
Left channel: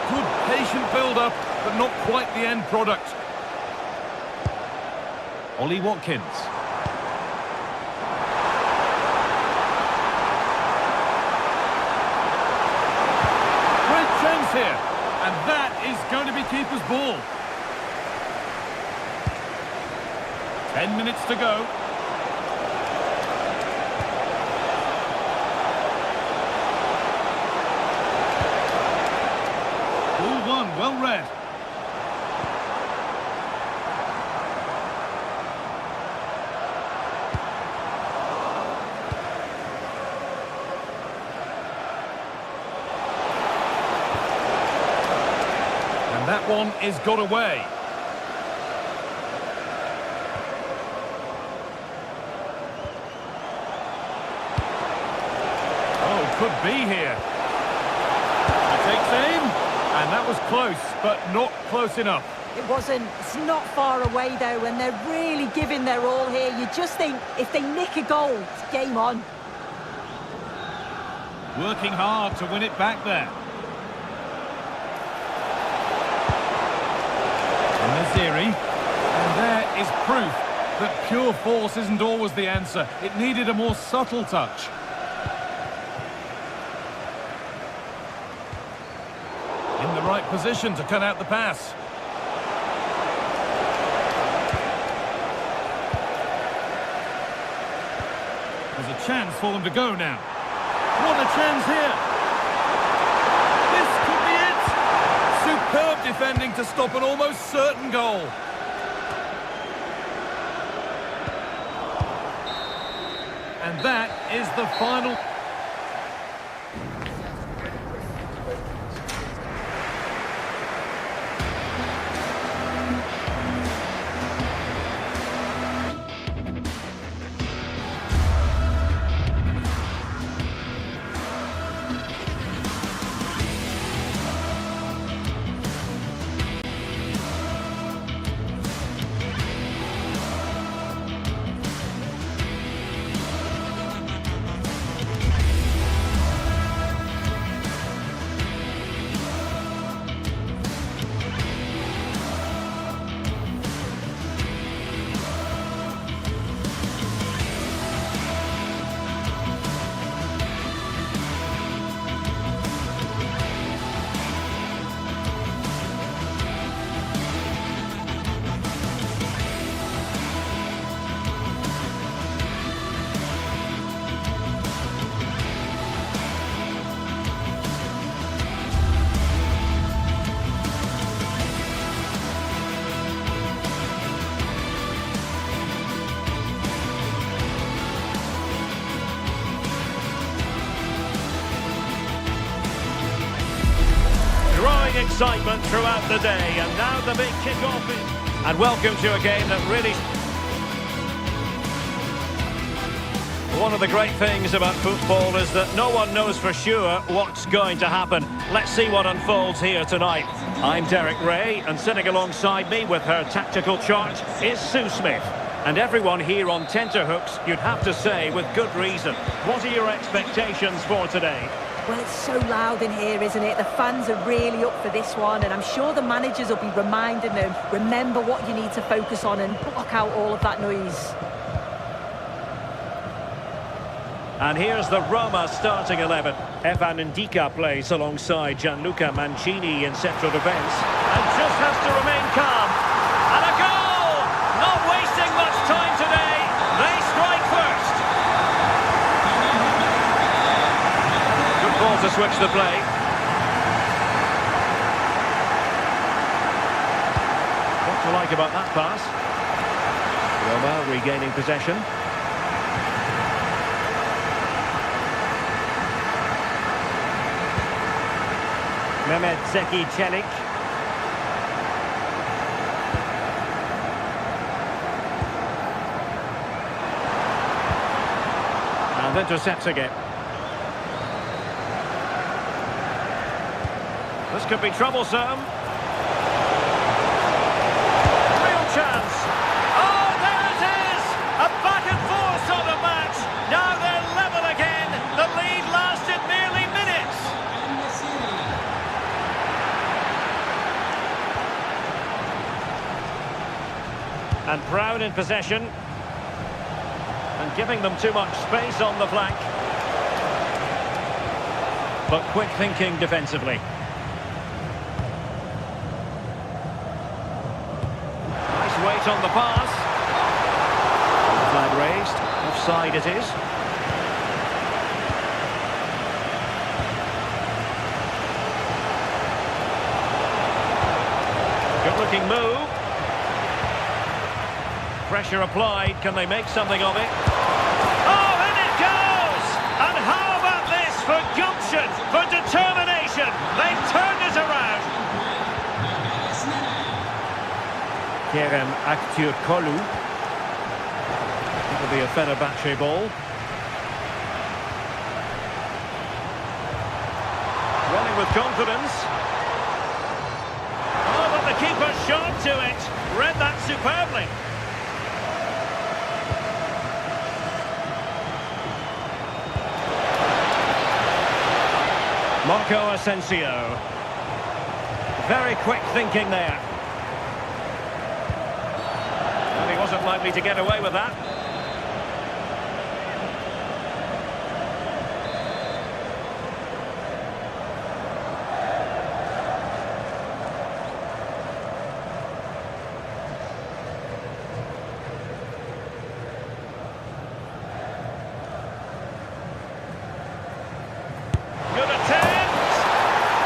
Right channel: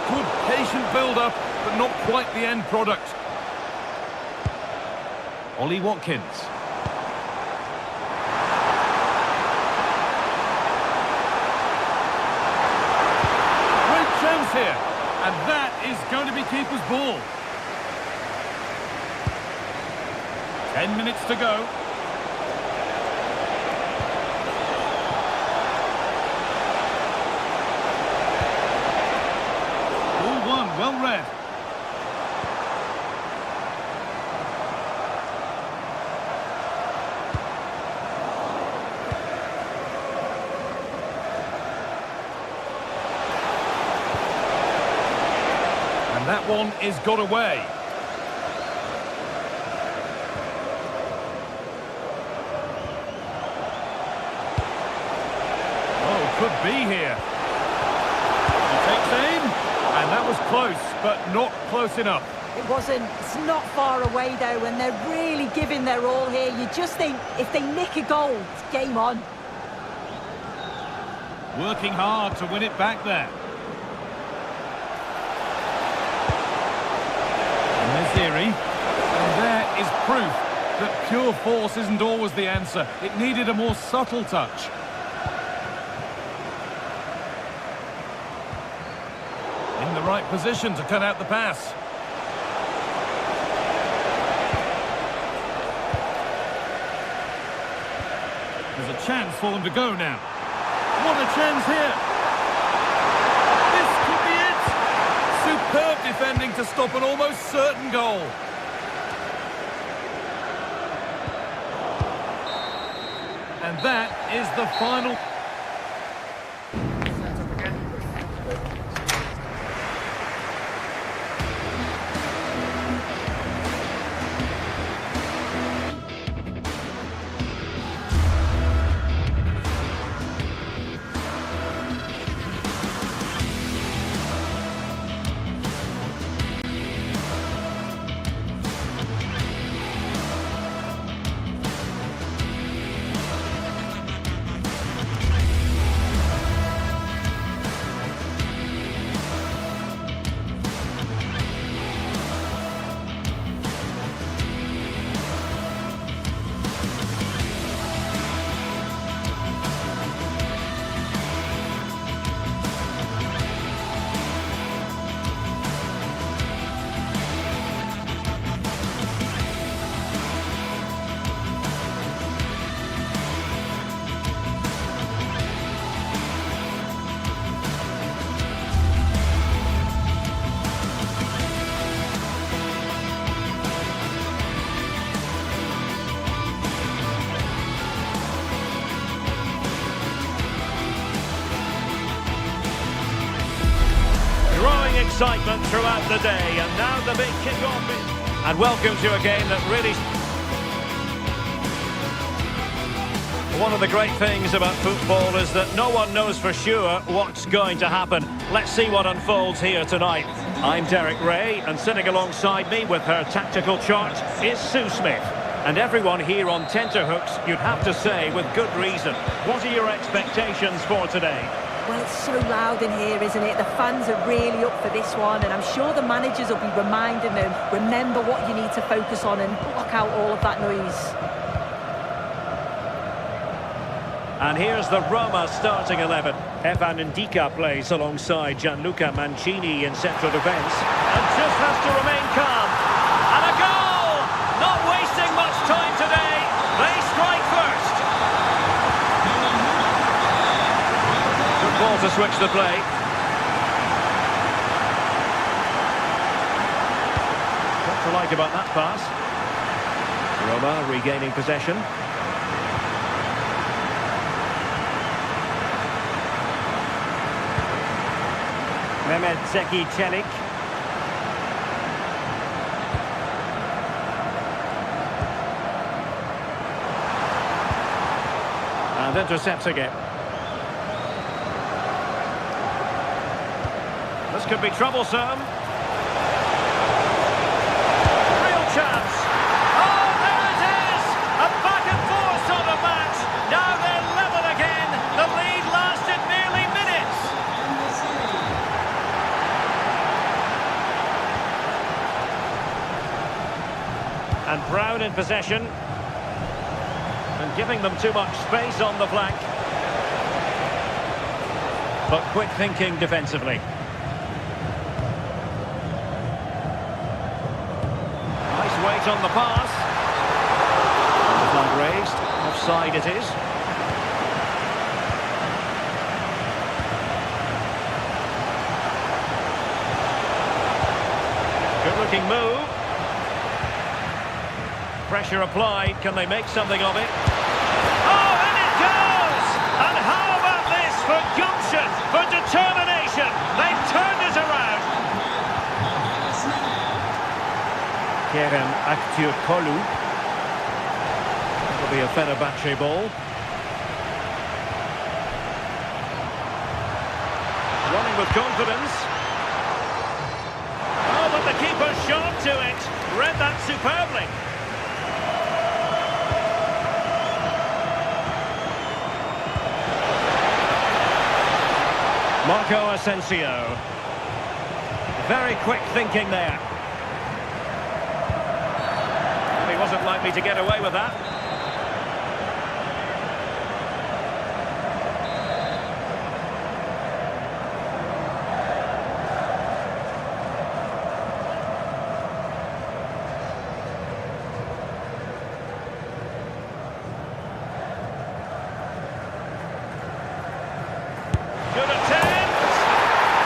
Good patient build-up, but not quite the end product. Ollie Watkins. Great chance here, and that is going to be keeper's ball. 10 minutes to go. Ball one, well read. And that one is got away. Oh, could be here. He takes aim, and that was close, but not close enough. It wasn't. It's not far away, though, and they're really giving their all here. You just think if they nick a goal, it's game on. Working hard to win it back there. Naziri, and there is proof that pure force isn't always the answer. It needed a more subtle touch. In the right position to cut out the pass. There's a chance for them to go now. What a chance here! This could be it! Superb defending to stop an almost certain goal. And that is the final... Growing excitement throughout the day, and now the big kick-off is... And welcome to a game that really... One of the great things about football is that no one knows for sure what's going to happen. Let's see what unfolds here tonight. I'm Derek Ray, and sitting alongside me with her tactical chart is Sue Smith. And everyone here on tenterhooks, you'd have to say, with good reason. What are your expectations for today? Well, it's so loud in here, isn't it? The fans are really up for this one, and I'm sure the managers will be reminding them, remember what you need to focus on and block out all of that noise. And here's the Roma starting 11. Evan Ndika plays alongside Gianluca Mancini in central defence. And just has to remain calm. And a goal! Not wasting much time today. They strike first. Good ball to switch the play. What to like about that pass? Roma regaining possession. Mehmet Zeki Çelik. And intercepting it. This could be troublesome. Real chance. Oh, there it is! A back and forth sort of match. Now they're level again. The lead lasted merely minutes. And Brown in possession. And giving them too much space on the flank. But quick thinking defensively. Nice weight on the pass. And the flag raised. Offside it is. Good looking move. Pressure applied. Can they make something of it? Oh, in it goes! And how about this for gumption, for determination? They've turned it around. Kerem Aktürkoğlu. That'll be a Fenerbahce ball. Running with confidence. Oh, but the keeper's shot to it. Read that superbly. Marco Asensio. Very quick thinking there. And he wasn't likely to get away with that. Good attempt!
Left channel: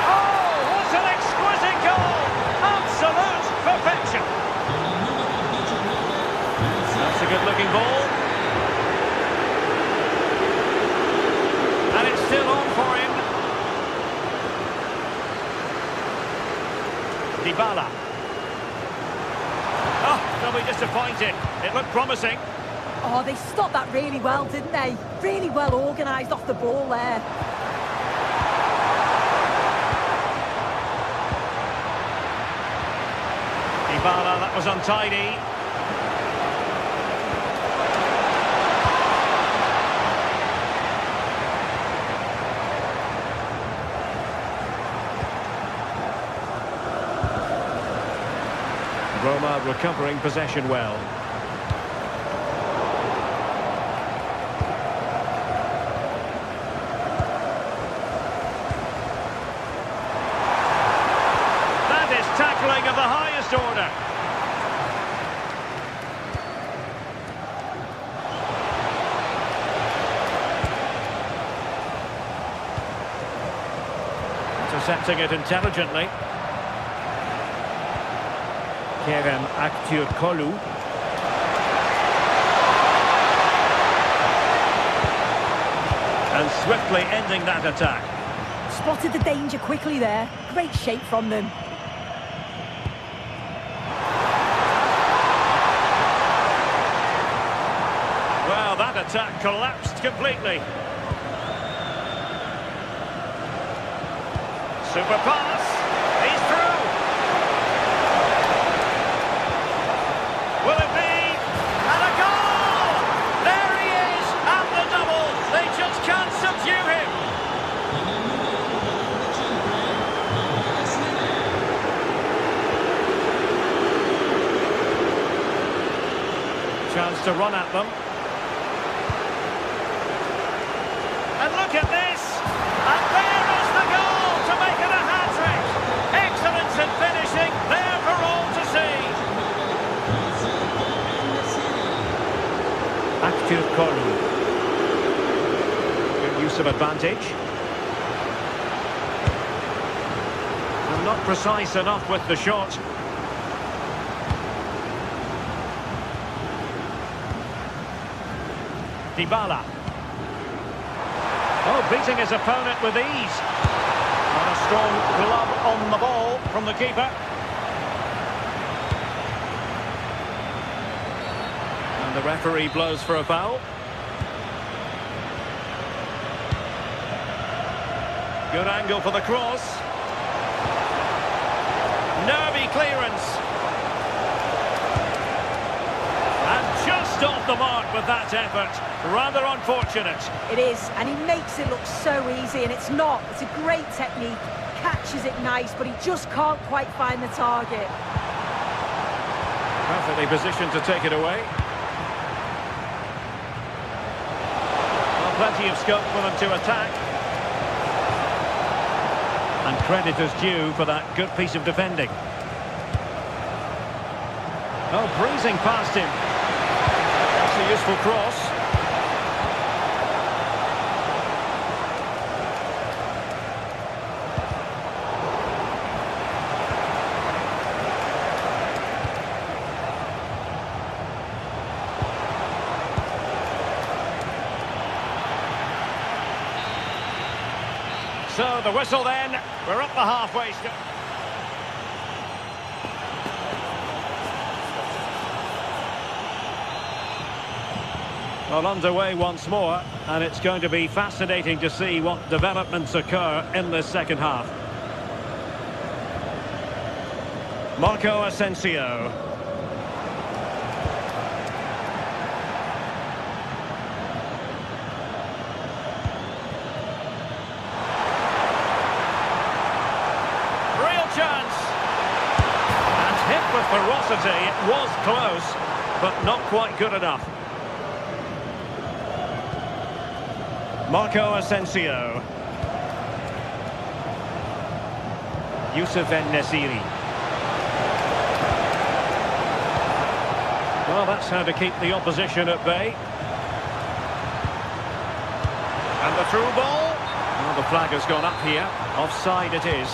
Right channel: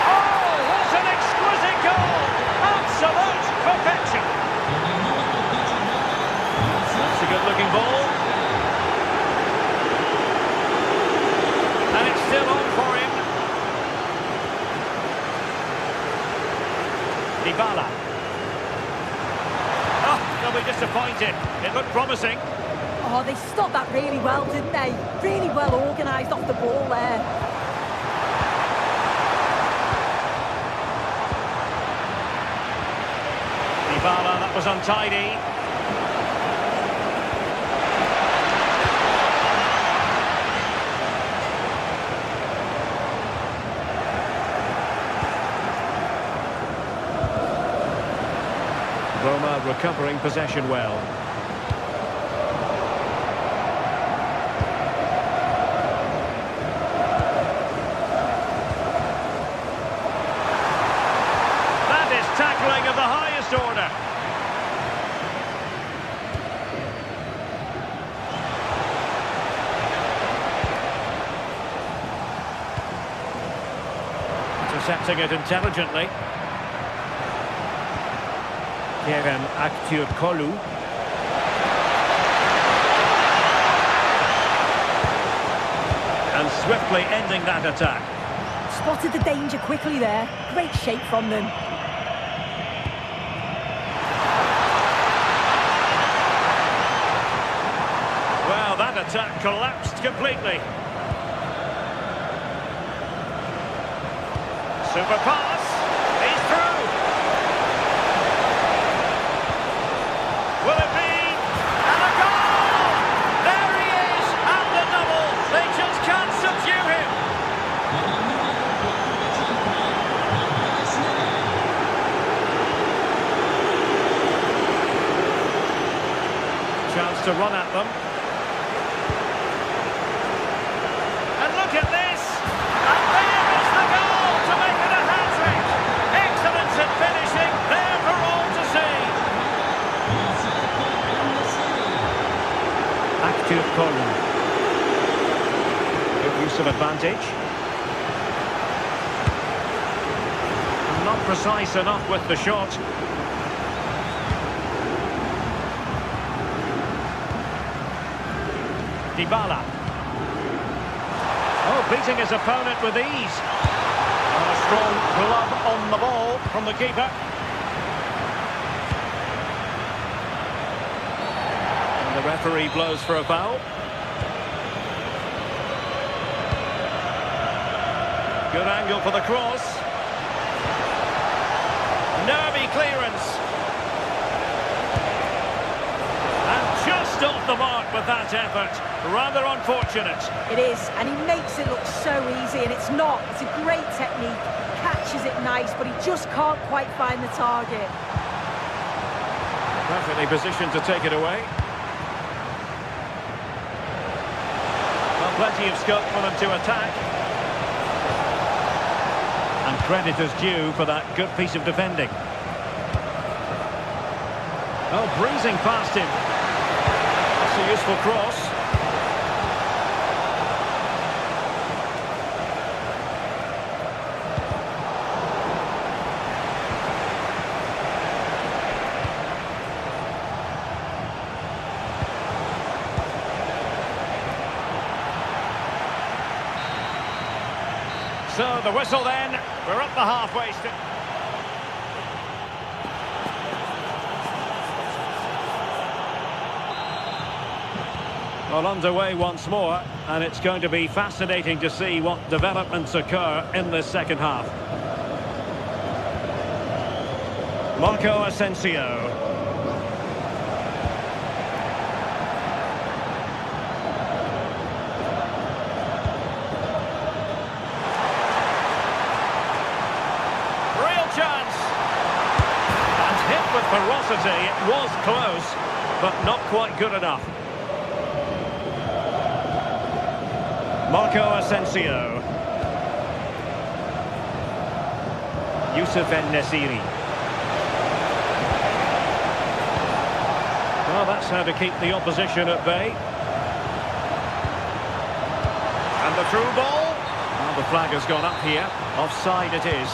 Oh, what an exquisite goal! Absolute perfection! That's a good-looking ball. And it's still on for him. Dybala. Oh, they'll be disappointed. It looked promising. Oh, they stopped that really well, didn't they? Really well organised off the ball there. Dybala, that was untidy. Roma recovering possession well. That is tackling of the highest order. Intercepting it intelligently. Kerem Aktürkoğlu. And swiftly ending that attack. Spotted the danger quickly there. Great shape from them. Well, that attack collapsed completely. Super pass. He's through. Will it be? And a goal! There he is, and the double. They just can't subdue him. Chance to run at them. And look at this! And there is the goal to make it a hat-trick! Excellence in finishing, there for all to see. Aktürkoğlu. Good use of advantage. And not precise enough with the shot. Dybala. Oh, beating his opponent with ease. And a strong glove on the ball from the keeper. And the referee blows for a foul. Good angle for the cross. Nervy clearance. And just off the mark with that effort. Rather unfortunate. It is, and he makes it look so easy, and it's not. It's a great technique. Catches it nice, but he just can't quite find the target. Perfectly positioned to take it away. Well, plenty of scope for them to attack. And credit is due for that good piece of defending. Oh, breezing past him. That's a useful cross. So the whistle then, we're up the halfway step. Well, underway once more, and it's going to be fascinating to see what developments occur in this second half. Marco Asensio. Chance, and hit with ferocity. It was close, but not quite good enough. Marco Asensio. Youssef En-Nesyri. Well, that's how to keep the opposition at bay. And the through ball. Well, the flag has gone up here. Offside it is.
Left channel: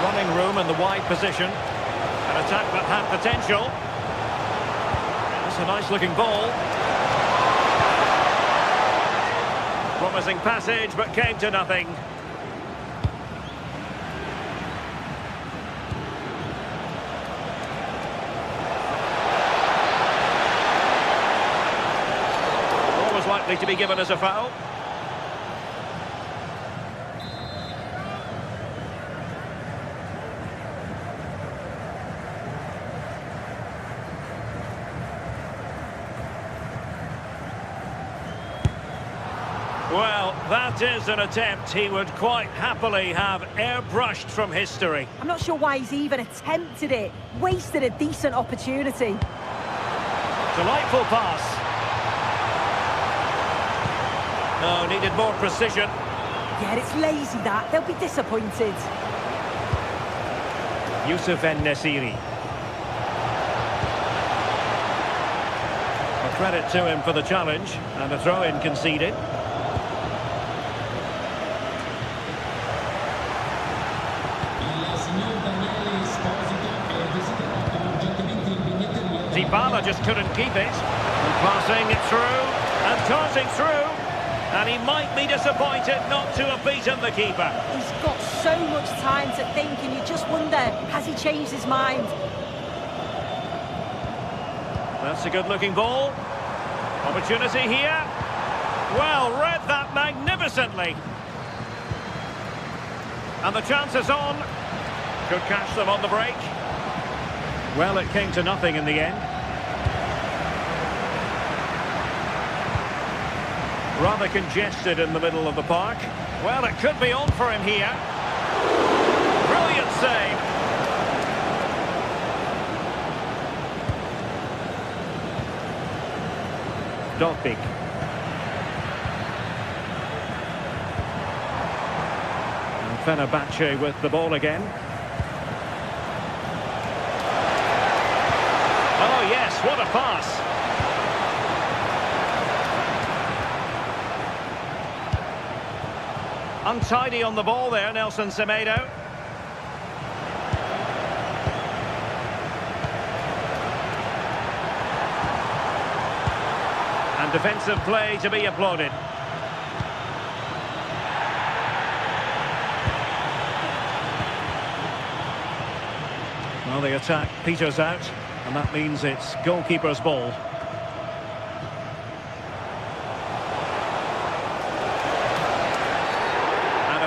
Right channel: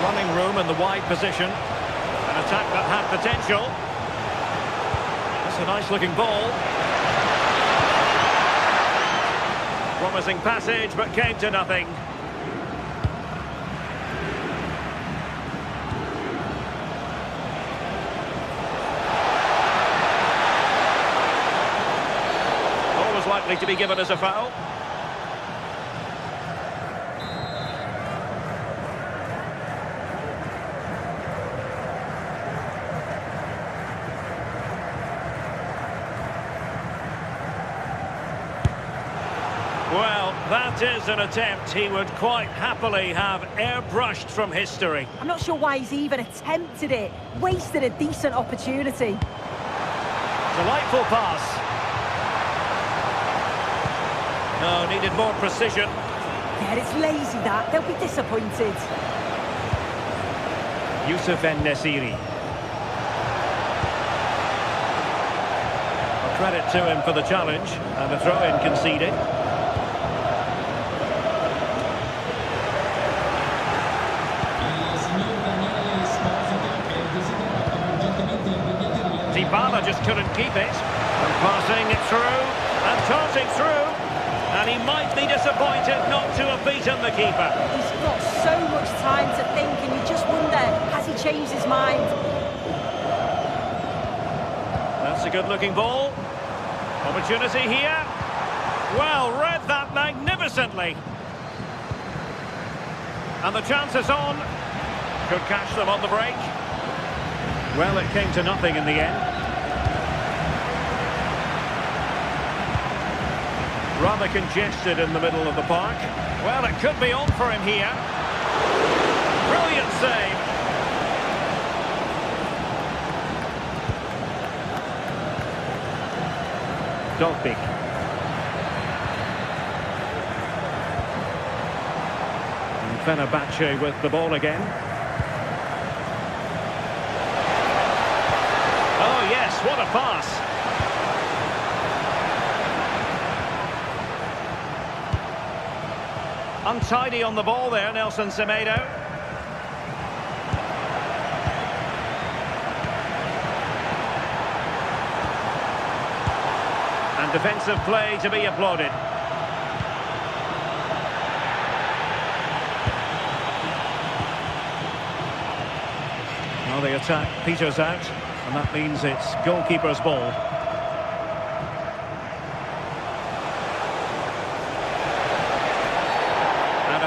Running room in the wide position. An attack that had potential. That's a nice looking ball. Promising passage, but came to nothing. Always likely to be given as a foul. Well, that is an attempt he would quite happily have airbrushed from history. I'm not sure why he's even attempted it. Wasted a decent opportunity. Delightful pass. No, needed more precision. Yeah, it's lazy that. They'll be disappointed. Youssef En-Nesyri. Well, credit to him for the challenge, and a throw-in conceded. Dybala just couldn't keep it. And passing it through, and tossing through. And he might be disappointed not to have beaten the keeper. He's got so much time to think, and you just wonder, has he changed his mind? That's a good-looking ball. Opportunity here. Well, read that magnificently. And the chance is on. Could catch them on the break. Well, it came to nothing in the end. Rather congested in the middle of the park. Well, it could be on for him here. Brilliant save. Dogbik. And Fenerbahce with the ball again. Oh yes, what a pass. Untidy on the ball there, Nelson Semedo. And defensive play to be applauded. Well, the attack peters out, and that means it's goalkeeper's ball.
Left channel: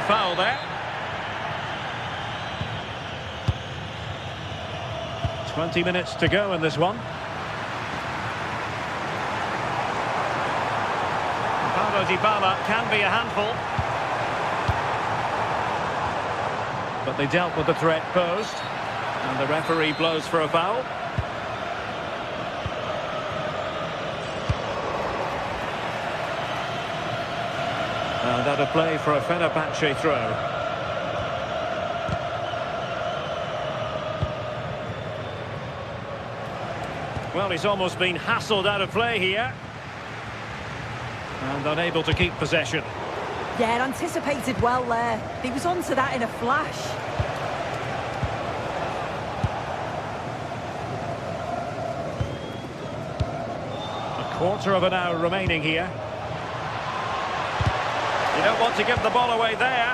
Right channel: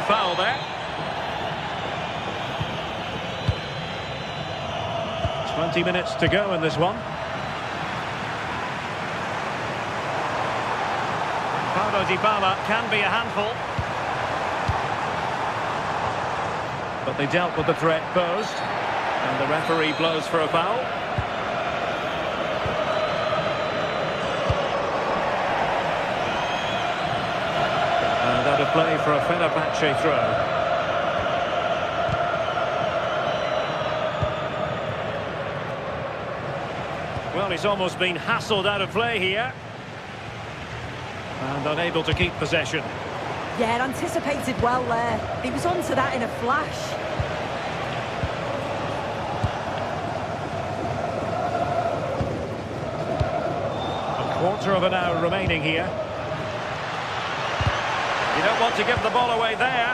a foul there. 20 minutes to go in this one. Paulo Dybala can be a handful. But they dealt with the threat posed. And the referee blows for a foul. And out of play for a Fenerbahce throw. Well, he's almost been hassled out of play here. And unable to keep possession. Yeah, anticipated well there. He was onto that in a flash. A quarter of an hour remaining here. You don't want to give the ball away there.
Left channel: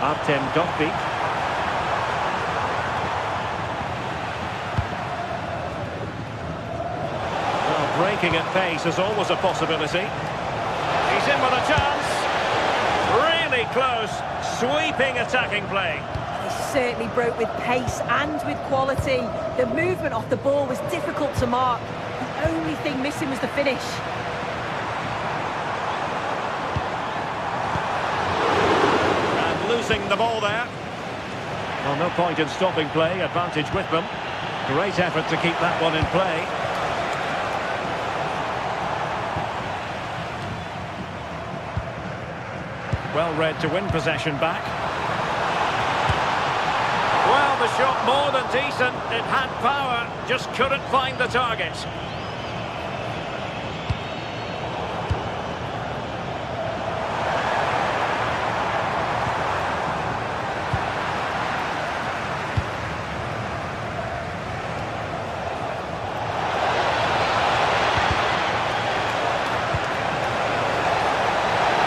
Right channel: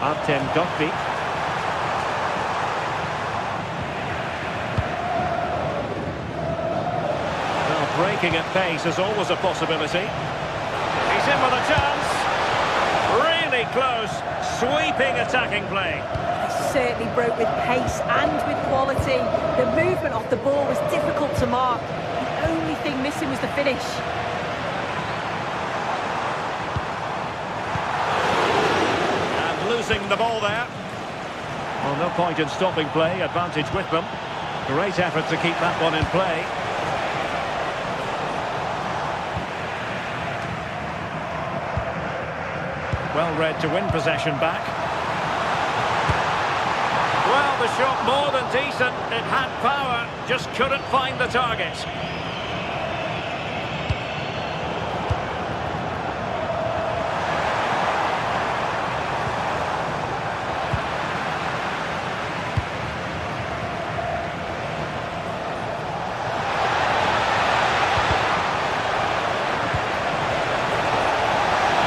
Artem Dovbyk. Well, breaking at pace is always a possibility. He's in with a chance. Really close, sweeping attacking play. They certainly broke with pace and with quality. The movement off the ball was difficult to mark. The only thing missing was the finish. And losing the ball there. Well, no point in stopping play. Advantage with them. Great effort to keep that one in play. Well read to win possession back. Well, the shot more than decent. It had power, just couldn't find the target.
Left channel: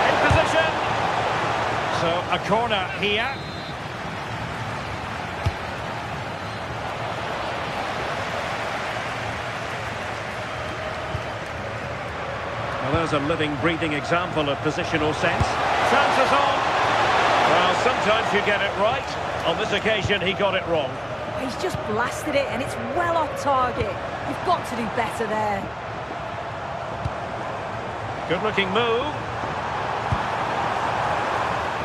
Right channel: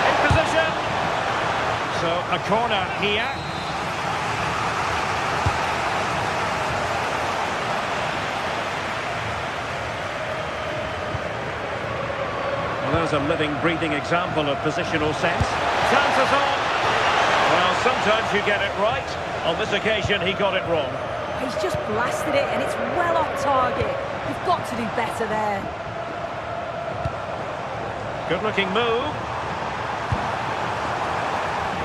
In position. So a corner here. Well, there's a living, breathing example of positional sense. Chances on. Well, sometimes you get it right. On this occasion, he got it wrong. He's just blasted it and it's well off target. You've got to do better there. Good-looking move.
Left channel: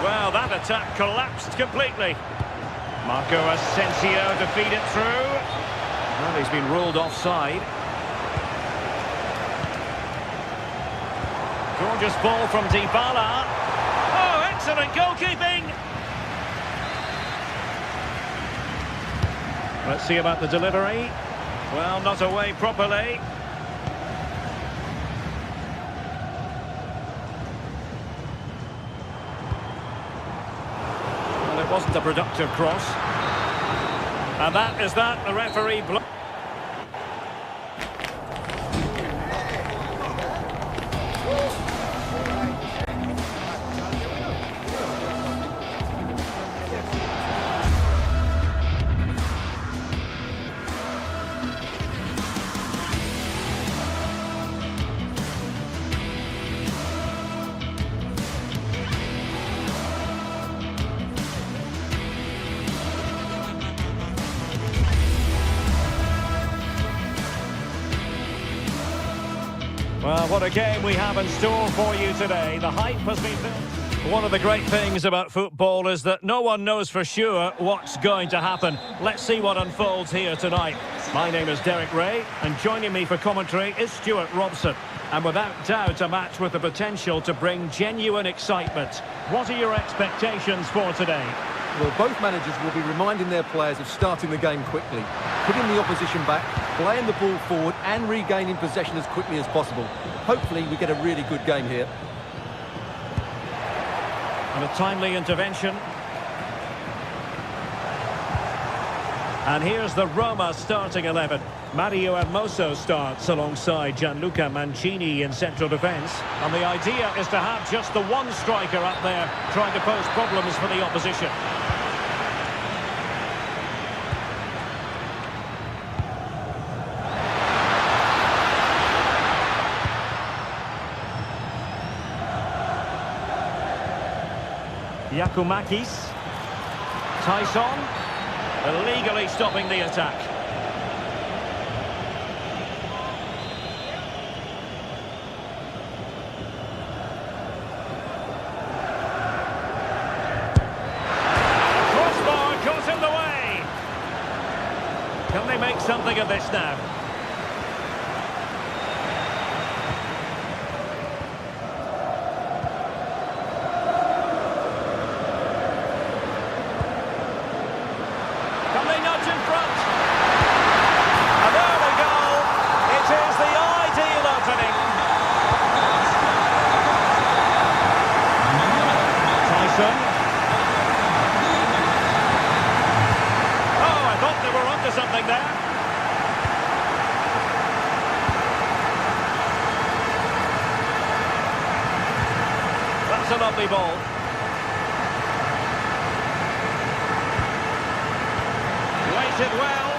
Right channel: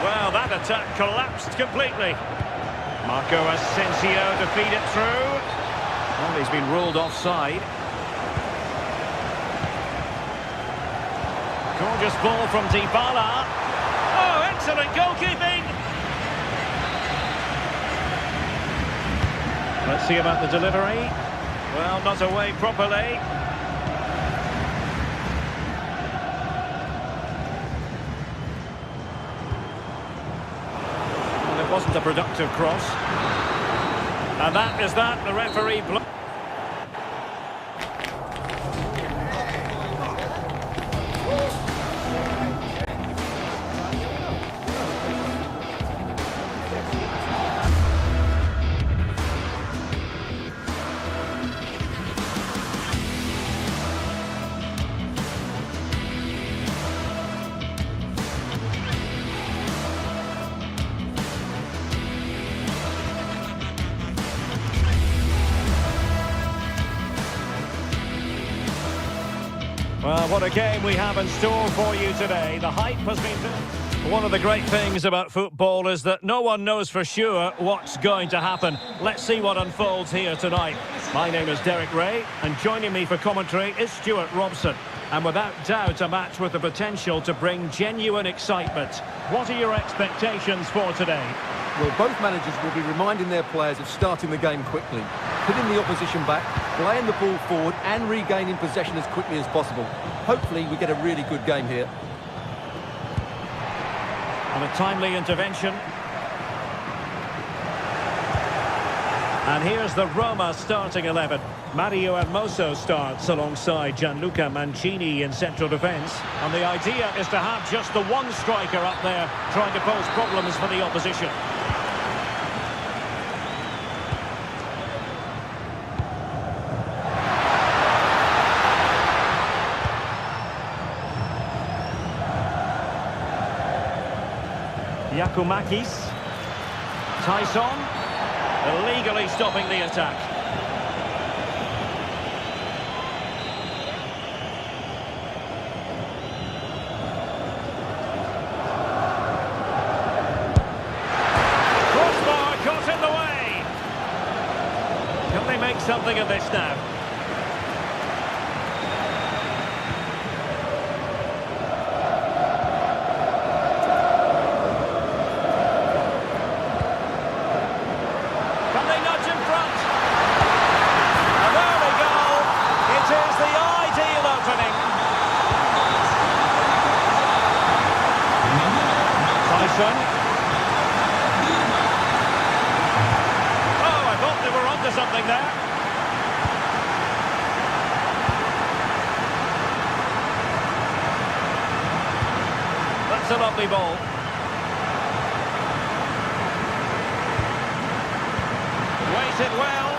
Well, that attack collapsed completely. Marco Asensio to feed it through. Well, he's been ruled offside. Gorgeous ball from Dybala. Oh, excellent goalkeeping. Let's see about the delivery. Well, not away properly. Well, it wasn't a productive cross. And that is that. The referee blows. Well, what a game we have in store for you today. The hype has been built. One of the great things about football is that no one knows for sure what's going to happen. Let's see what unfolds here tonight. My name is Derek Ray, and joining me for commentary is Stuart Robson. And without doubt, a match with the potential to bring genuine excitement. What are your expectations for today? Well, both managers will be reminding their players of starting the game quickly, hitting the opposition back, playing the ball forward and regaining possession as quickly as possible. Hopefully we get a really good game here. And a timely intervention. And here's the Roma starting 11. Mario Hermoso starts alongside Gianluca Mancini in central defence. And the idea is to have just the one striker up there trying to pose problems for the opposition. Yakumakis. Tyson. Illegally stopping the attack. Crossbar caught in the way. Can they make something of this now? Can they nudge in front? And there we go. It is the ideal opening. Tyson. Oh, I thought they were onto something there. That's a lovely ball. Waited well.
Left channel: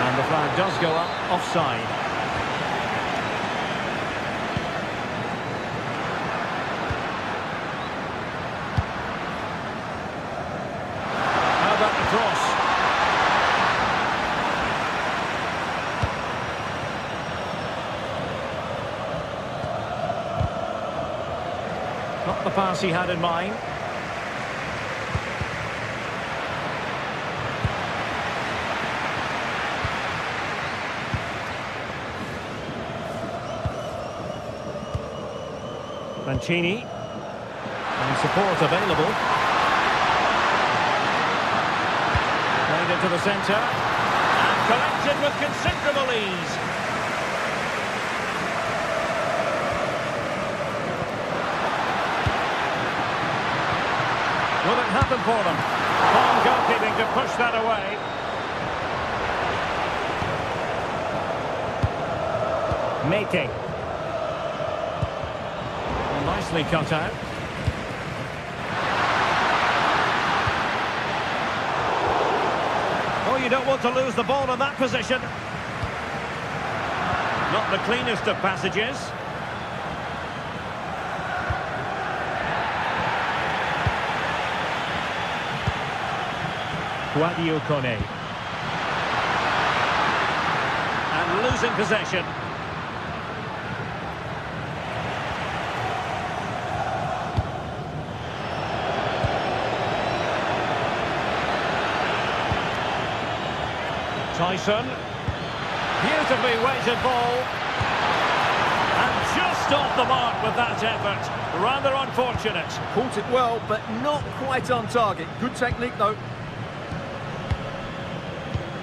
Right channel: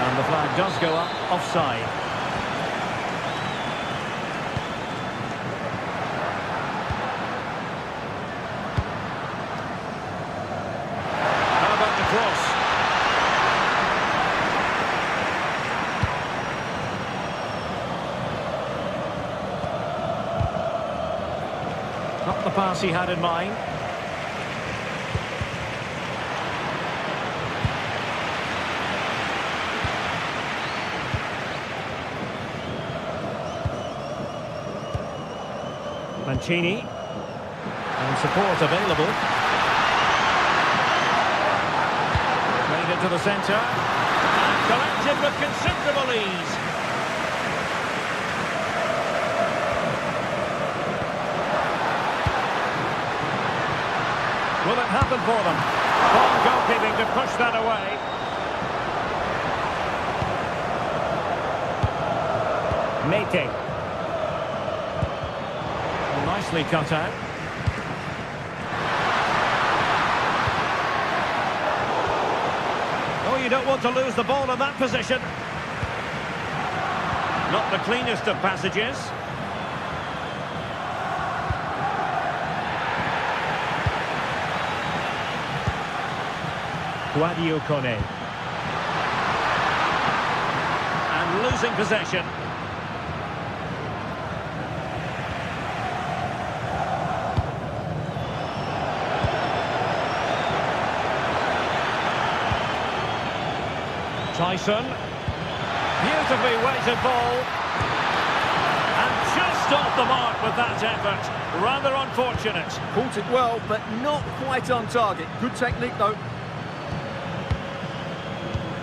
And the flag does go up, offside. How about the cross? Not the pass he had in mind. Mancini, and support available. Played into the centre, and collected with considerable ease. Will it happen for them? Fine goalkeeping to push that away. Mete. Nicely cut out. Oh, you don't want to lose the ball in that position. Not the cleanest of passages. Guadio Kone. And losing possession. Tyson, beautifully weighted ball, and just off the mark with that effort. Rather unfortunate. Caught it well, but not quite on target. Good technique, though.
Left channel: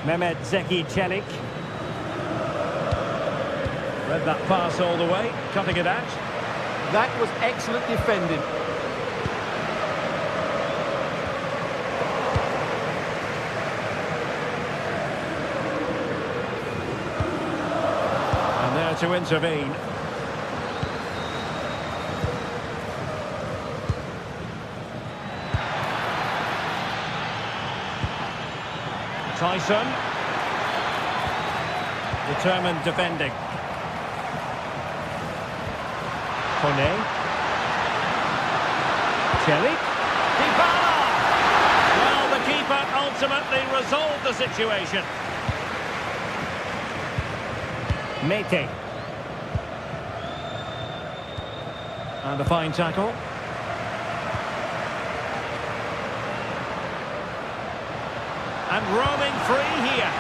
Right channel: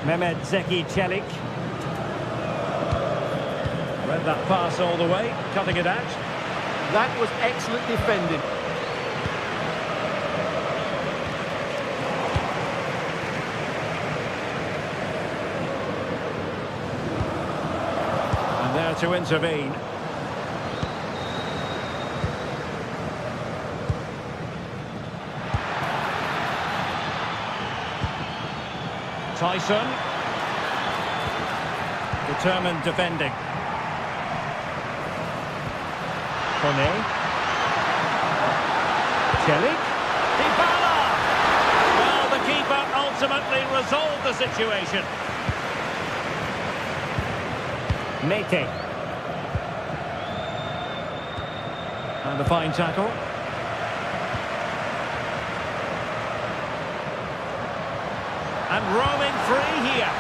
Mehmet Zeki Çelik. Read that pass all the way, cutting it out. That was excellent defending. And there to intervene. Tyson. Determined defending. Kone. Çelik. Dybala! Well, the keeper ultimately resolved the situation. Mete. And a fine tackle. And roaming free here.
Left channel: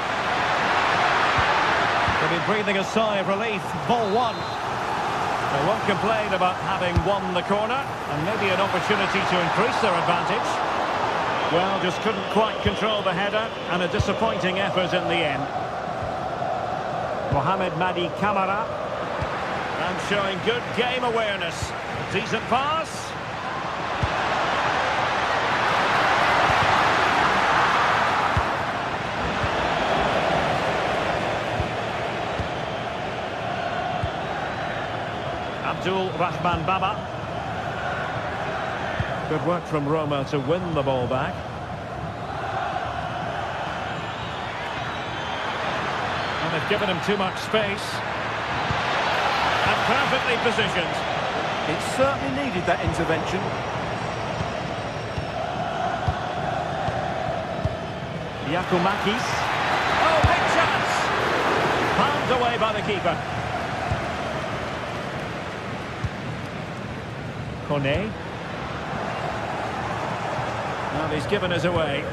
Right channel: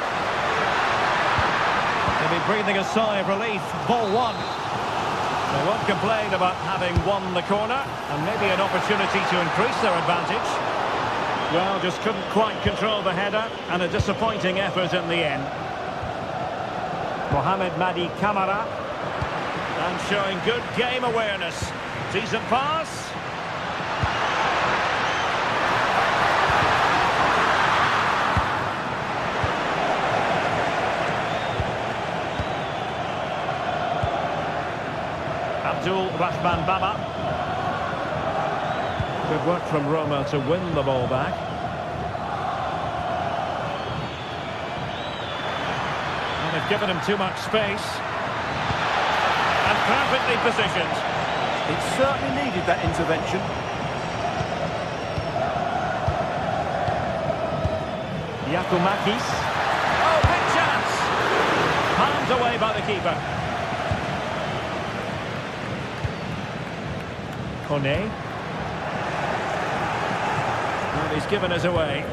They'll be breathing a sigh of relief. Ball one. They won't complain about having won the corner, and maybe an opportunity to increase their advantage. Well, just couldn't quite control the header, and a disappointing effort in the end. Mohamed Madi Kamara, and showing good game awareness. Decent pass. Abdul Rahman Baba. Good work from Roma to win the ball back. And they've given him too much space. And perfectly positioned. It certainly needed that intervention. Giacomakis. Oh, big chance! Palmed away by the keeper. Kone. Well, he's given us away.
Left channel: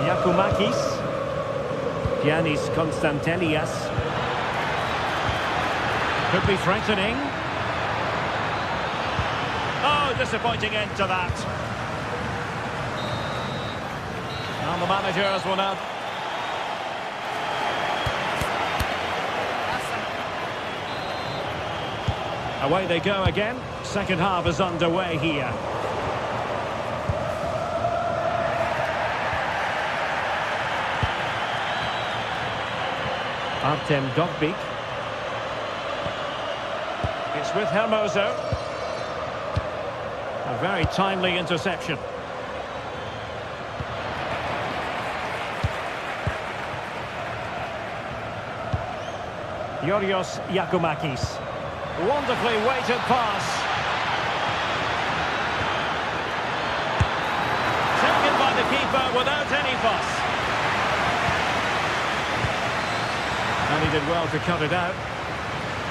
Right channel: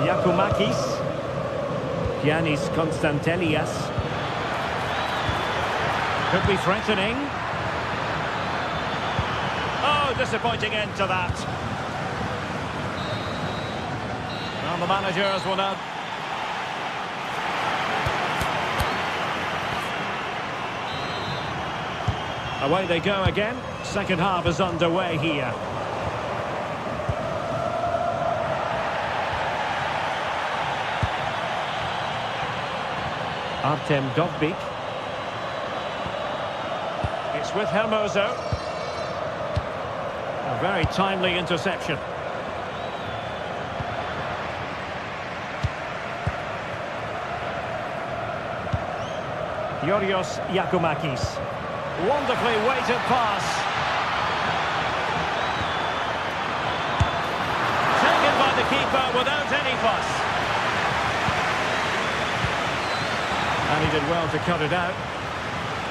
Giacomakis. Giannis Konstantelias. Could be threatening. Oh, disappointing end to that. And the managers will now... Away they go again. Second half is underway here. Artem Dovbyk. It's with Hermoso. A very timely interception. Yorios Giacomakis. Wonderfully weighted pass. Taken by the keeper without any fuss. And he did well to cut it out.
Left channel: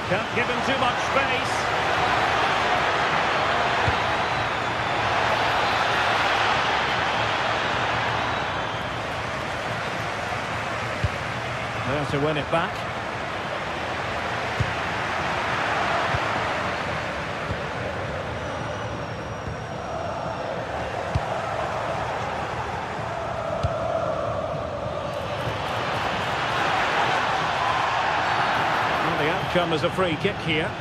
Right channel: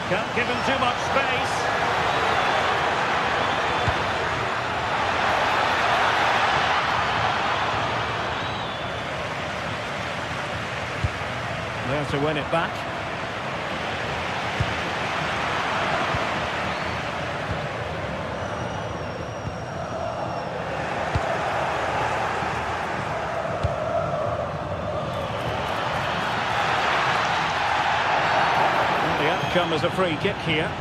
Can't give him too much space. There to win it back. The outcome is a free kick here.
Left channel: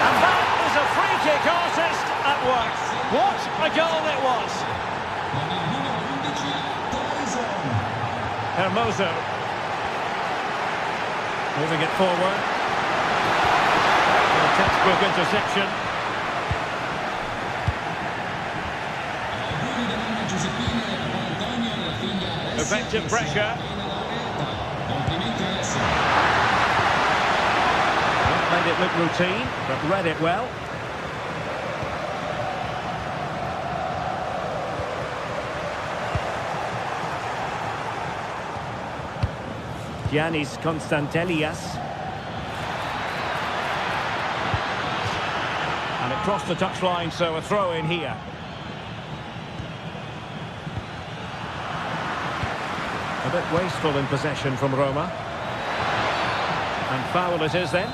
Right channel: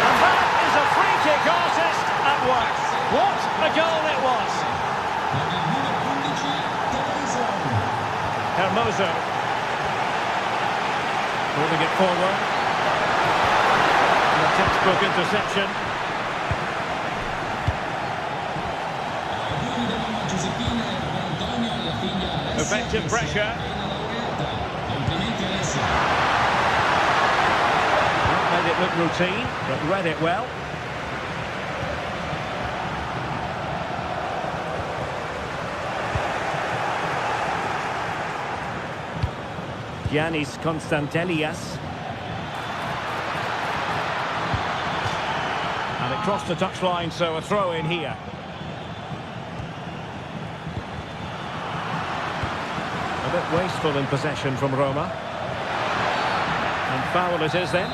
And that is a free kick artist at work. What a goal it was. Hermoso. Moving it forward. A textbook interception. Effective pressure. Well, made it look routine, but read it well. Giannis Konstantelias. And it crossed the touchline, so a throw in here. A bit wasteful in possession from Roma. And foul it is then.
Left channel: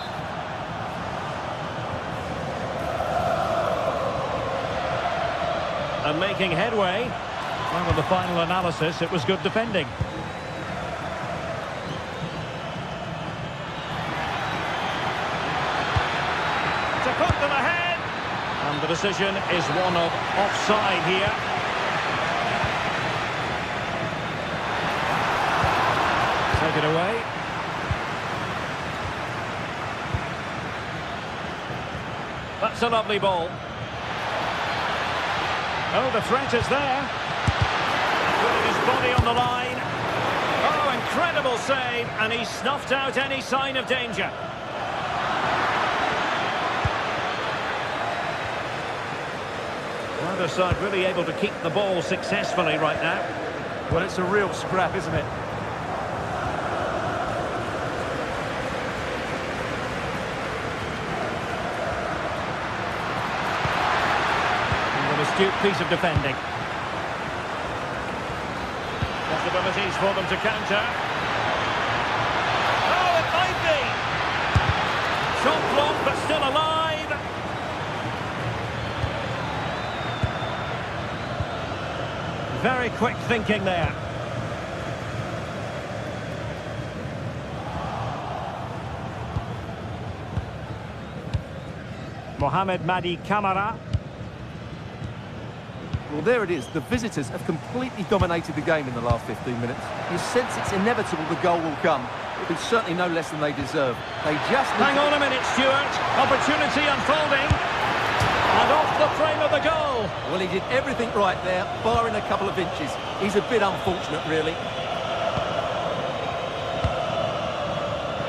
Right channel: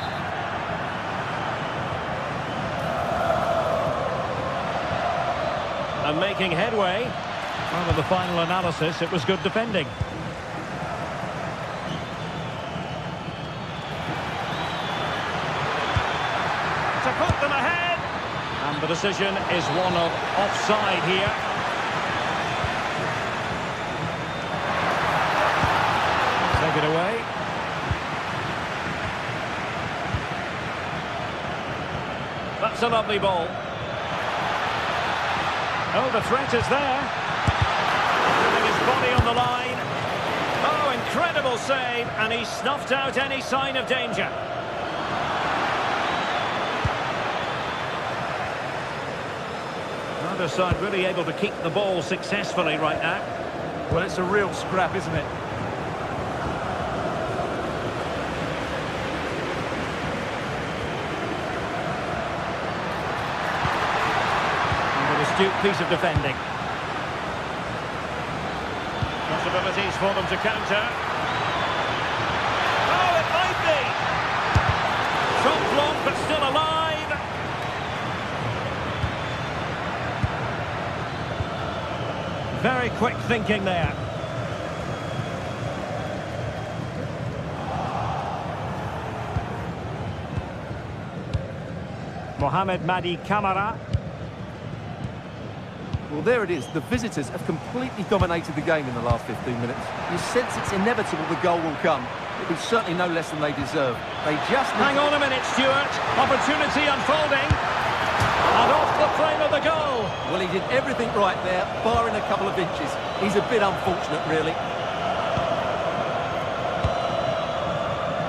And making headway. Well, in the final analysis, it was good defending. To put them ahead. And the decision is one of offside here. Take it away. That's a lovely ball. Oh, the threat is there. Putting his body on the line. Oh, incredible save, and he snuffed out any sign of danger. Neither side really able to keep the ball successfully right now. Well, it's a real scrap, isn't it? Astute piece of defending. Possibilities for them to counter. Oh, it might be! Shot blocked, but still alive. Very quick thinking there. Mohamed Madi Camara. Well, there it is. The visitors have completely dominated the game in the last 15 minutes. You sense it's inevitable the goal will come. It'll be certainly no less than they deserve. They just... Hang on a minute, Stuart. Opportunity unfolding. And off the frame of the goal. Well, he did everything right there, barring a couple of inches. He's a bit unfortunate, really.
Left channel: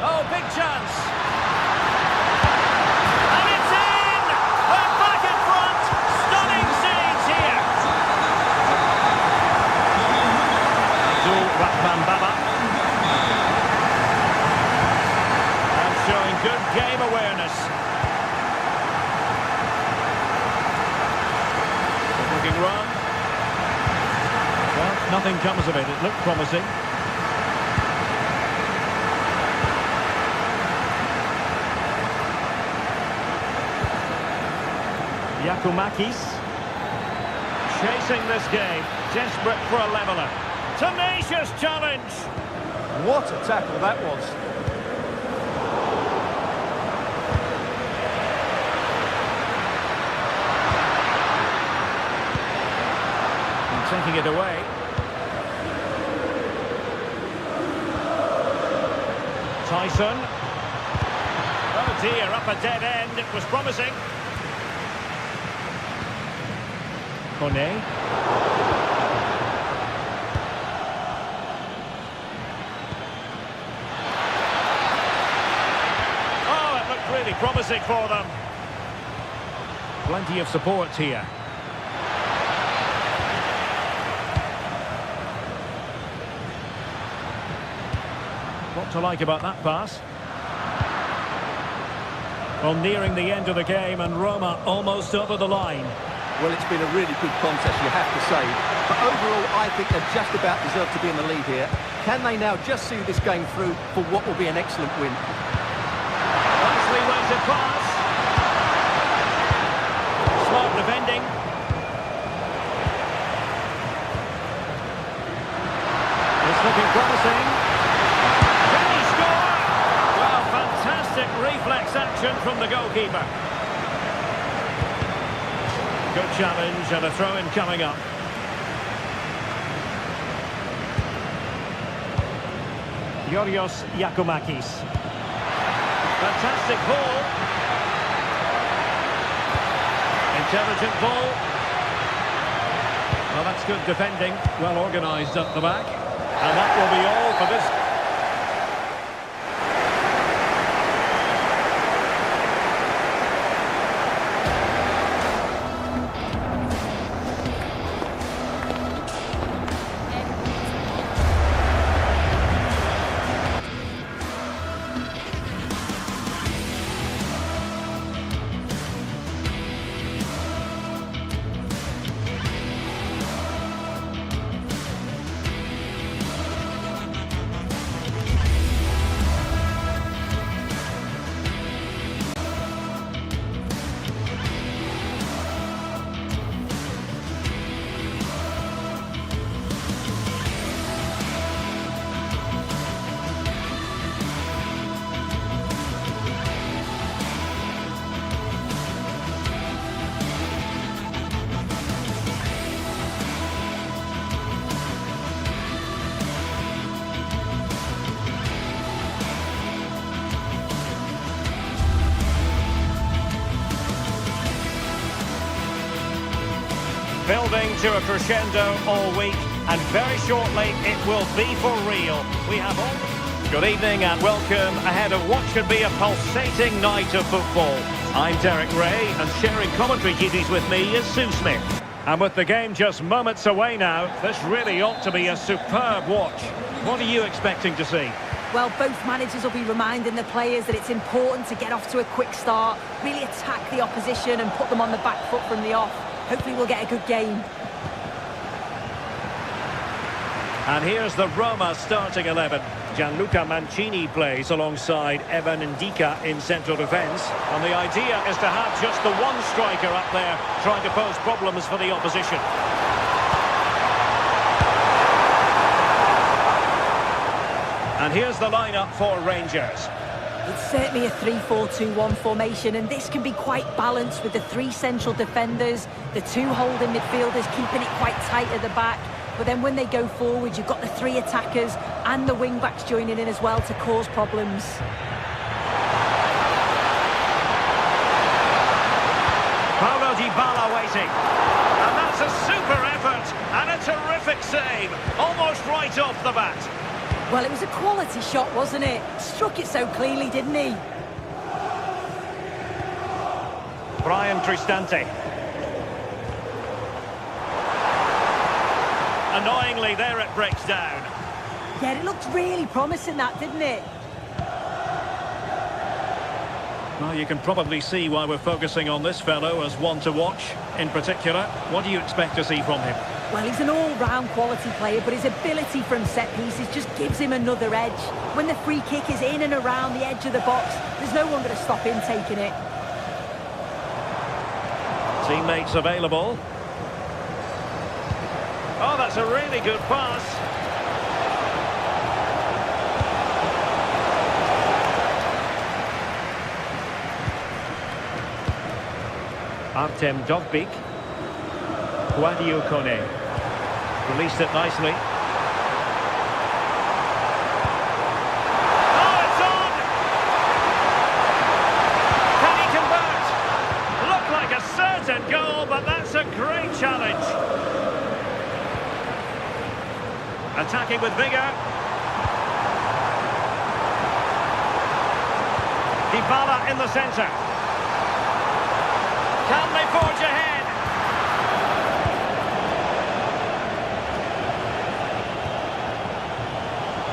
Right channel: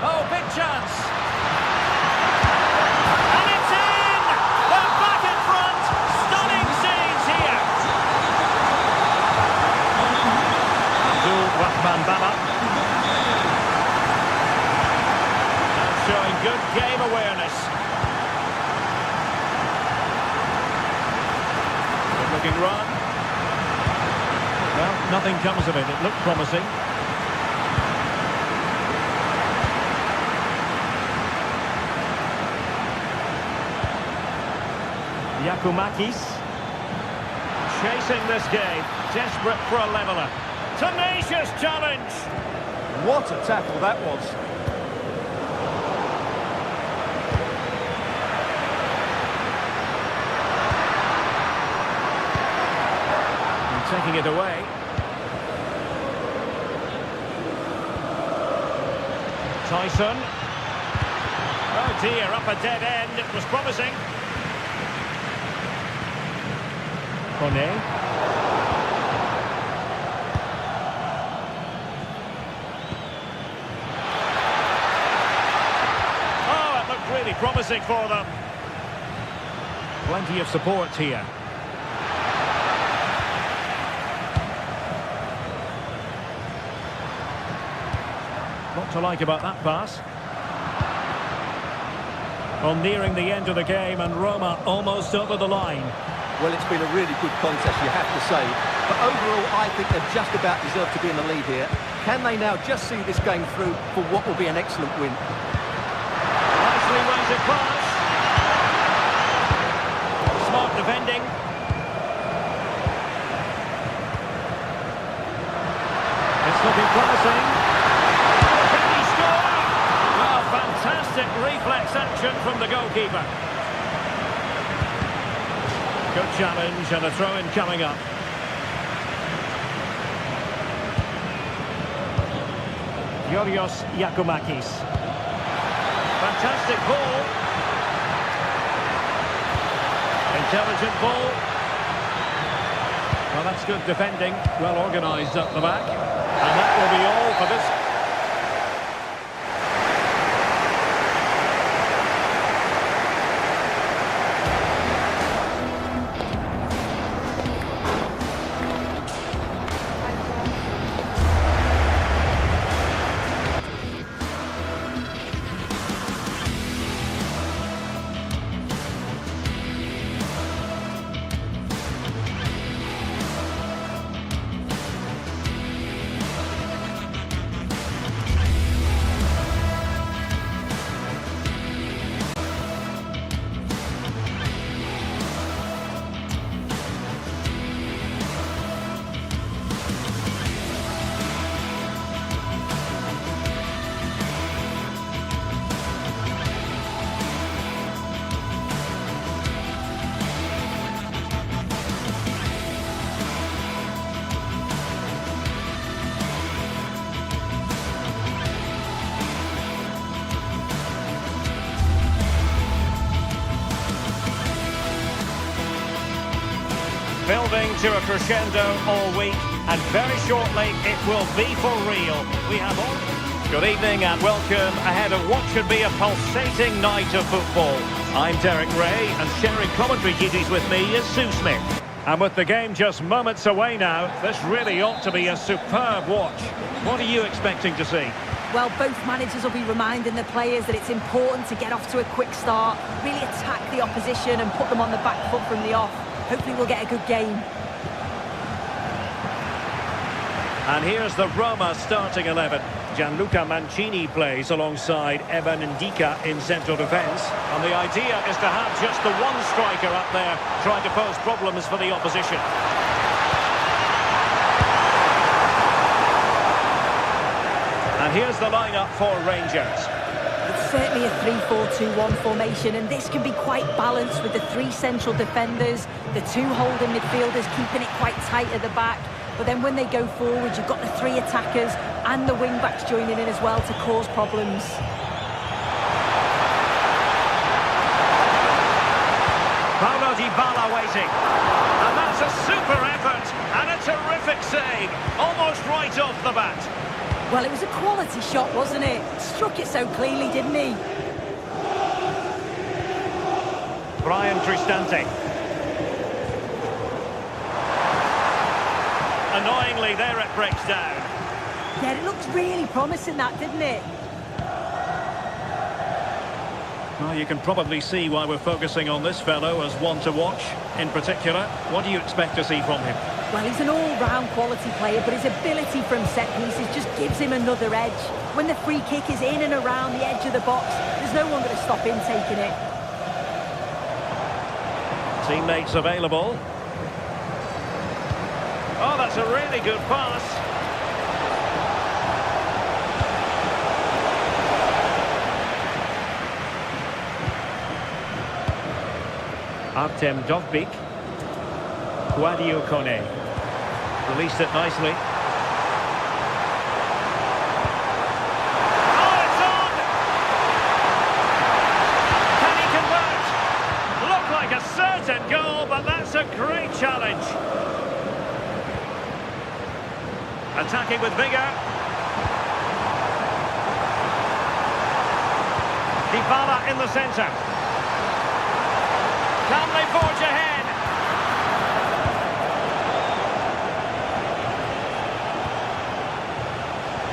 Oh, big chance. And it's in! They're back in front. Stunning scenes here. Abdul Rahman Baba. And showing good game awareness. Good looking run. Well, nothing comes of it. It looked promising. Yakumakis chasing this game, desperate for a leveller. Tenacious challenge. What a tackle that was. And taking it away. Tyson. Oh dear, up a dead end. It was promising. Kone. Oh, it looked really promising for them. Plenty of support here. What to like about that pass? Well, nearing the end of the game and Roma almost over the line. Well, it's been a really good contest, you have to say. But overall, I think they just about deserve to be in the lead here. Can they now just see this game through for what will be an excellent win? Nicely weighted pass. Smart defending. It's looking promising. Can he score? Well, fantastic reflex action from the goalkeeper. Good challenge and a throw-in coming up. Yorios Yakumakis. Fantastic ball. Intelligent ball. Well, that's good defending. Well organised up the back. And that will be all for this. Building to a crescendo all week, and very shortly it will be for real. We have all... Good evening and welcome ahead of what should be a pulsating night of football. I'm Derek Ray, and sharing commentary duties with me is Sue Smith. And with the game just moments away now, this really ought to be a superb watch. What are you expecting to see? Well, both managers will be reminding the players that it's important to get off to a quick start, really attack the opposition and put them on the back foot from the off. Hopefully we'll get a good game. And here's the Roma starting 11. Gianluca Mancini plays alongside Evan Ndika in central defence. And the idea is to have just the one striker up there trying to pose problems for the opposition. And here's the lineup for Rangers. It's certainly a 3-4-2-1 formation, and this can be quite balanced with the three central defenders, the two holding midfielders keeping it quite tight at the back. But then when they go forward, you've got the three attackers and the wing-backs joining in as well to cause problems. Paulo Dybala waiting. And that's a super effort and a terrific save. Almost right off the bat. Well, it was a quality shot, wasn't it? Struck it so cleanly, didn't he? Brian Cristante. Annoyingly, there it breaks down. Yeah, it looked really promising, that, didn't it? Well, you can probably see why we're focusing on this fellow as one to watch. In particular, what do you expect to see from him? Well, he's an all-round quality player, but his ability from set pieces just gives him another edge. When the free kick is in and around the edge of the box, there's no one going to stop him taking it. Teammates available. Oh, that's a really good pass. Artem Dovbyk. Guadio Kone. Released it nicely. Oh, it's on! Can he convert? Looked like a certain goal, but that's a great challenge. Attacking with vigour. Dybala in the centre. Can they forge ahead?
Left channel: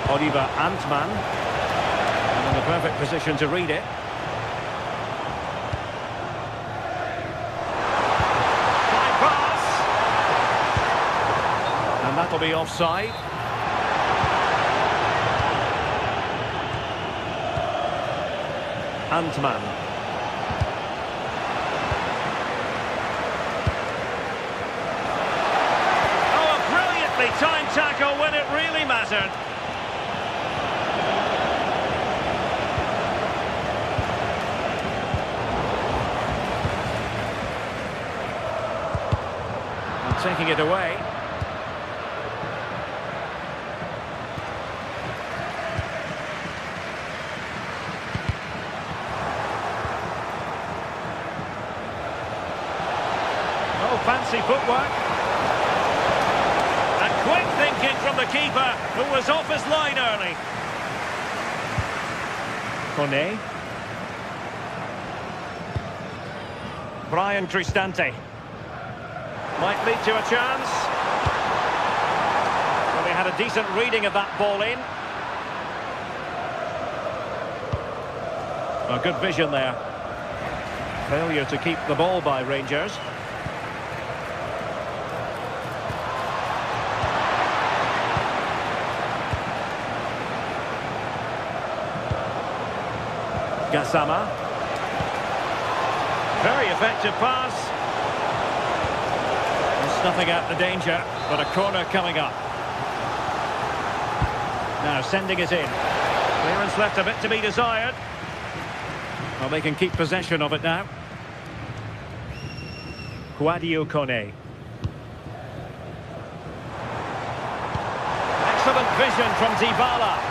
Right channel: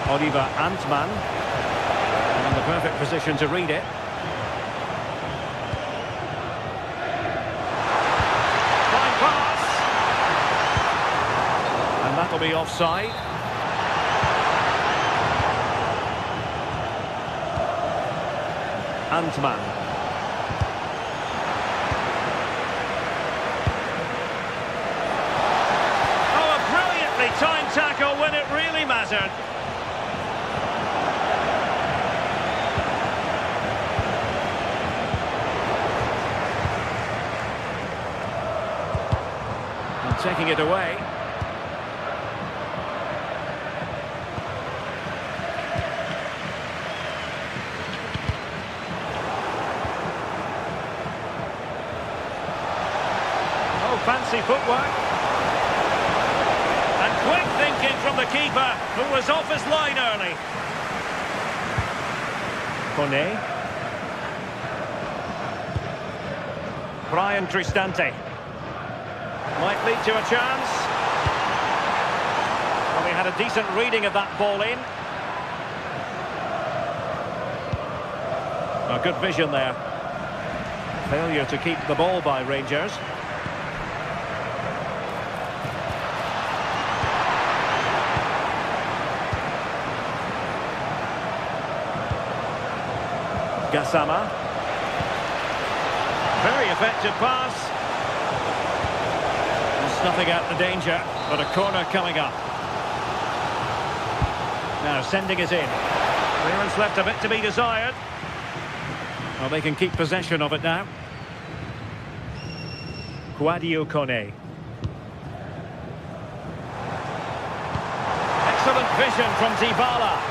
Oliver Antman. And in the perfect position to read it. Fine pass. And that'll be offside. Antman. Oh, a brilliantly timed tackle when it really mattered. And taking it away. Fancy footwork. And quick thinking from the keeper, who was off his line early. Kone. Brian Cristante. Might lead to a chance. Well, he had a decent reading of that ball in. A good vision there. Failure to keep the ball by Rangers. Gassama. Very effective pass. And snuffing out the danger, but a corner coming up. Now sending it in. Clearance left a bit to be desired. Well, they can keep possession of it now. Guadio Kone. Excellent vision from Dybala.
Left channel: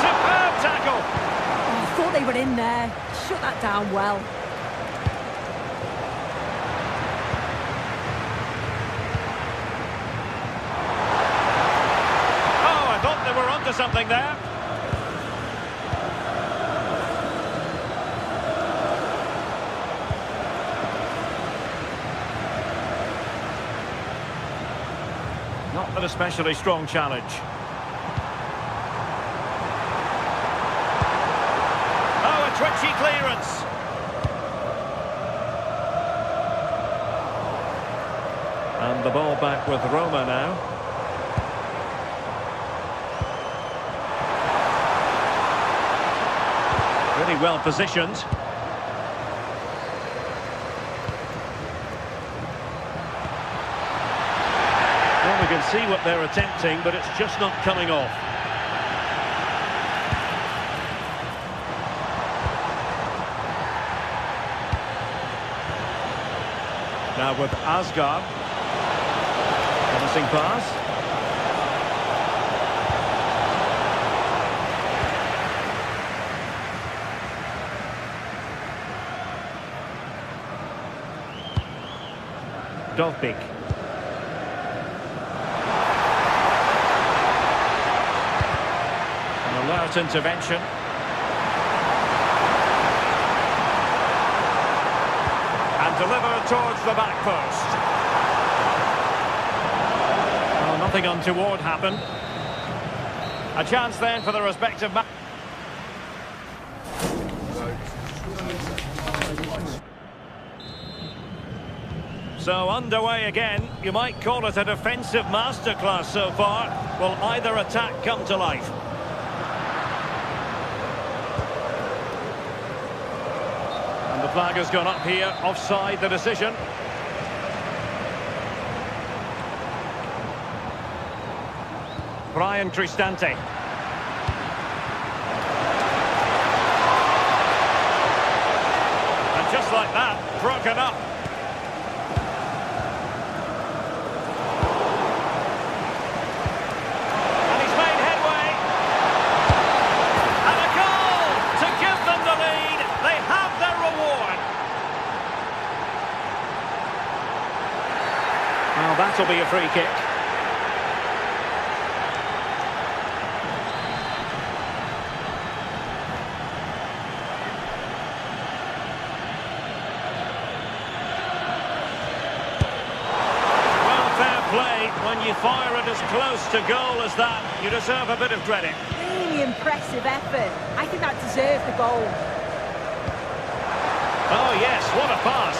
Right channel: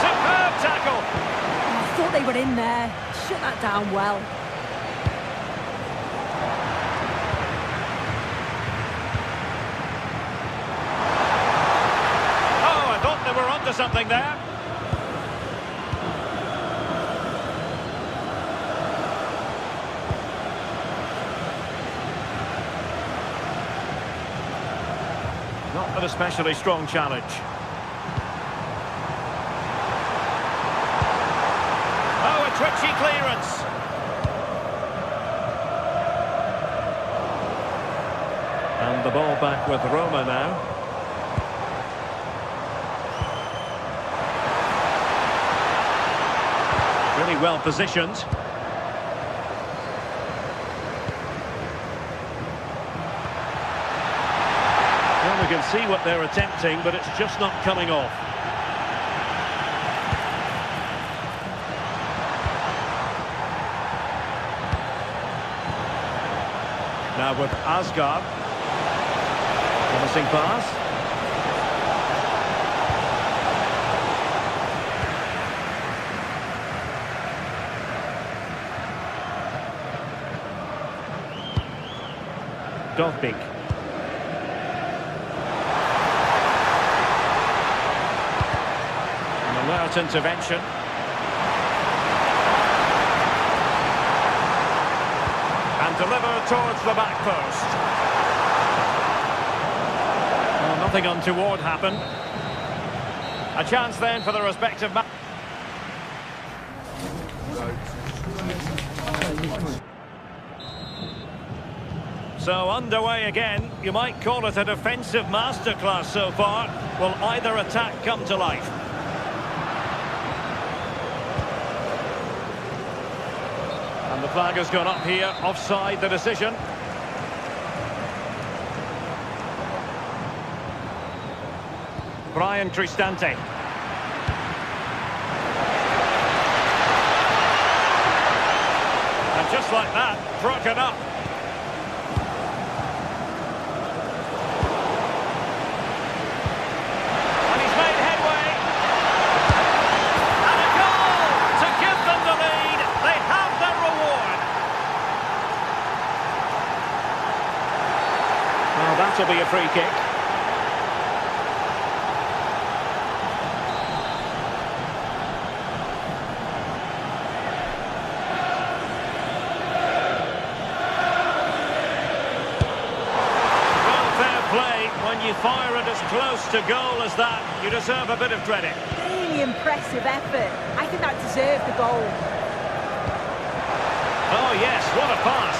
Superb tackle! Oh, I thought they were in there. Shut that down well. Oh, I thought they were onto something there. Not an especially strong challenge. Twitchy clearance. And the ball back with Roma now. Really well positioned. Well, we can see what they're attempting, but it's just not coming off. Now with Asgard. Promising pass. Dovbik. An alert intervention. And delivered towards the back post. Well, nothing untoward happened. A chance then for the respective match. So underway again. You might call it a defensive masterclass so far. Will either attack come to life? And the flag has gone up here. Offside the decision. Brian Cristante. And just like that, broken up. And he's made headway. And a goal to give them the lead. They have their reward. Well, that'll be a free kick. Play, when you fire it as close to goal as that, you deserve a bit of credit. Really impressive effort. I think that deserved the goal. Oh yes, what a pass.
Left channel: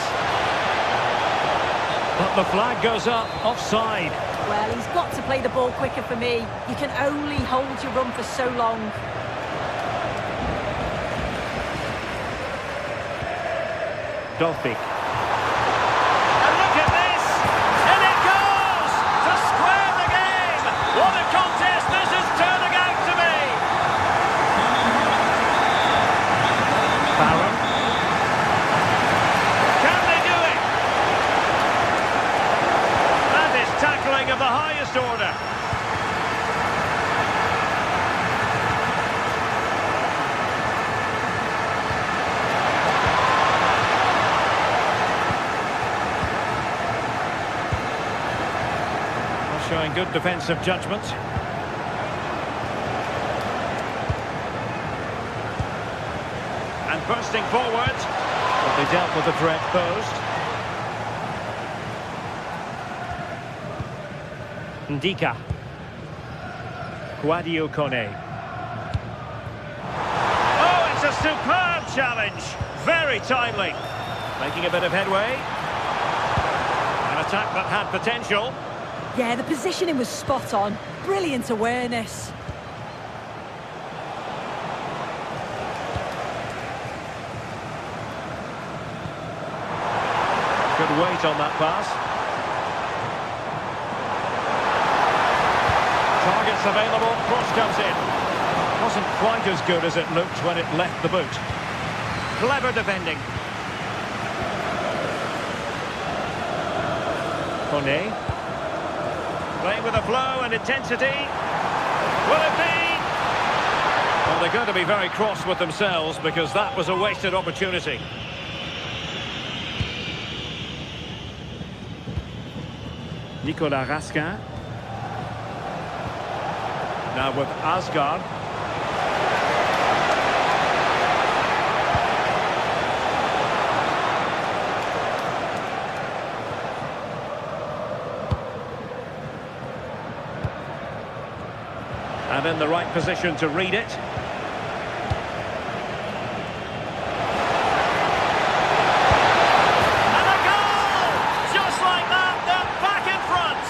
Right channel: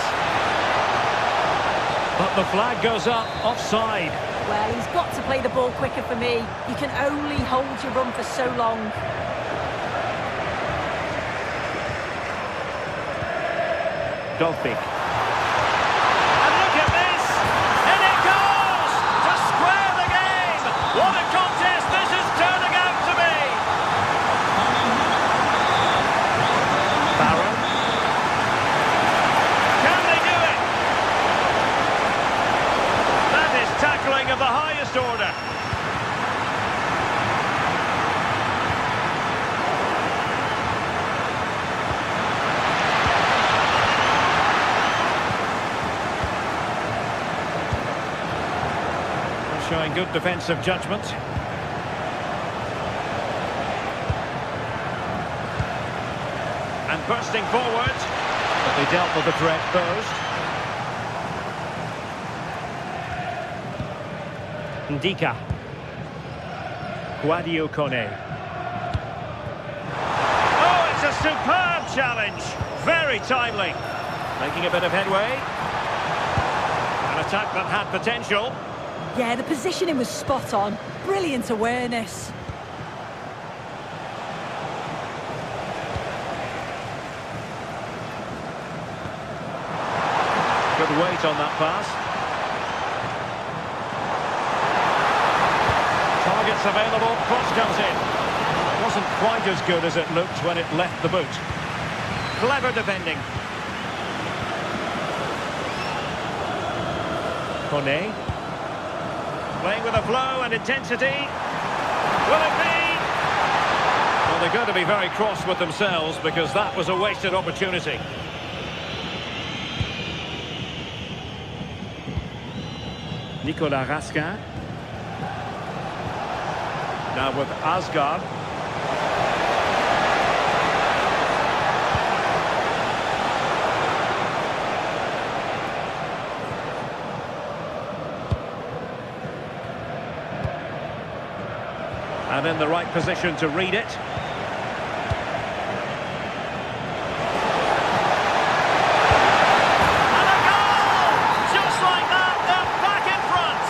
But the flag goes up, offside. Well, he's got to play the ball quicker for me. You can only hold your run for so long. Dovbik. And look at this! And it goes! To square the game! What a contest this is turning out to be! Barrow. Can they do it? That is tackling of the highest order. Showing good defensive judgment. And bursting forward. But they dealt with the threat posed. Ndika. Quadio Kone. Oh, it's a superb challenge. Very timely. Making a bit of headway. An attack that had potential. Yeah, the positioning was spot on. Brilliant awareness. Good weight on that pass. Targets available, cross comes in. Wasn't quite as good as it looked when it left the boot. Clever defending. Kone. Playing with a flow and intensity. Will it be? Well, they're going to be very cross with themselves because that was a wasted opportunity. Nicolas Raskin. Now with Asgard. And in the right position to read it. And a goal! Just like that, they're back in front.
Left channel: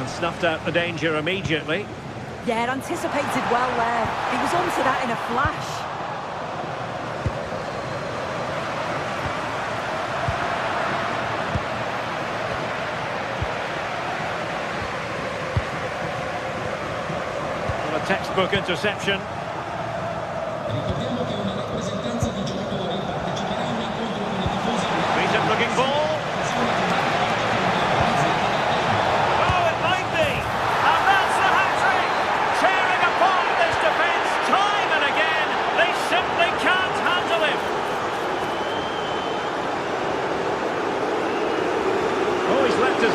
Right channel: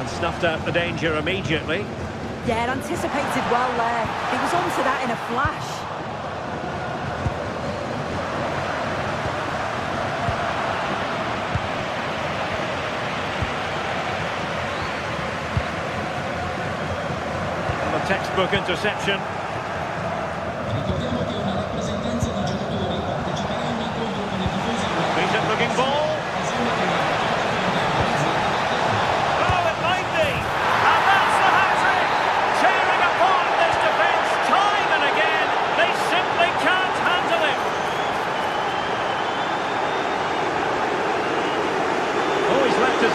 And snuffed out the danger immediately. Yeah, anticipated well there. He was onto that in a flash. And a textbook interception. Ricordiamo che una rappresentanza di giocatori parteciperà a un incontro con i tifosi. Decent looking ball.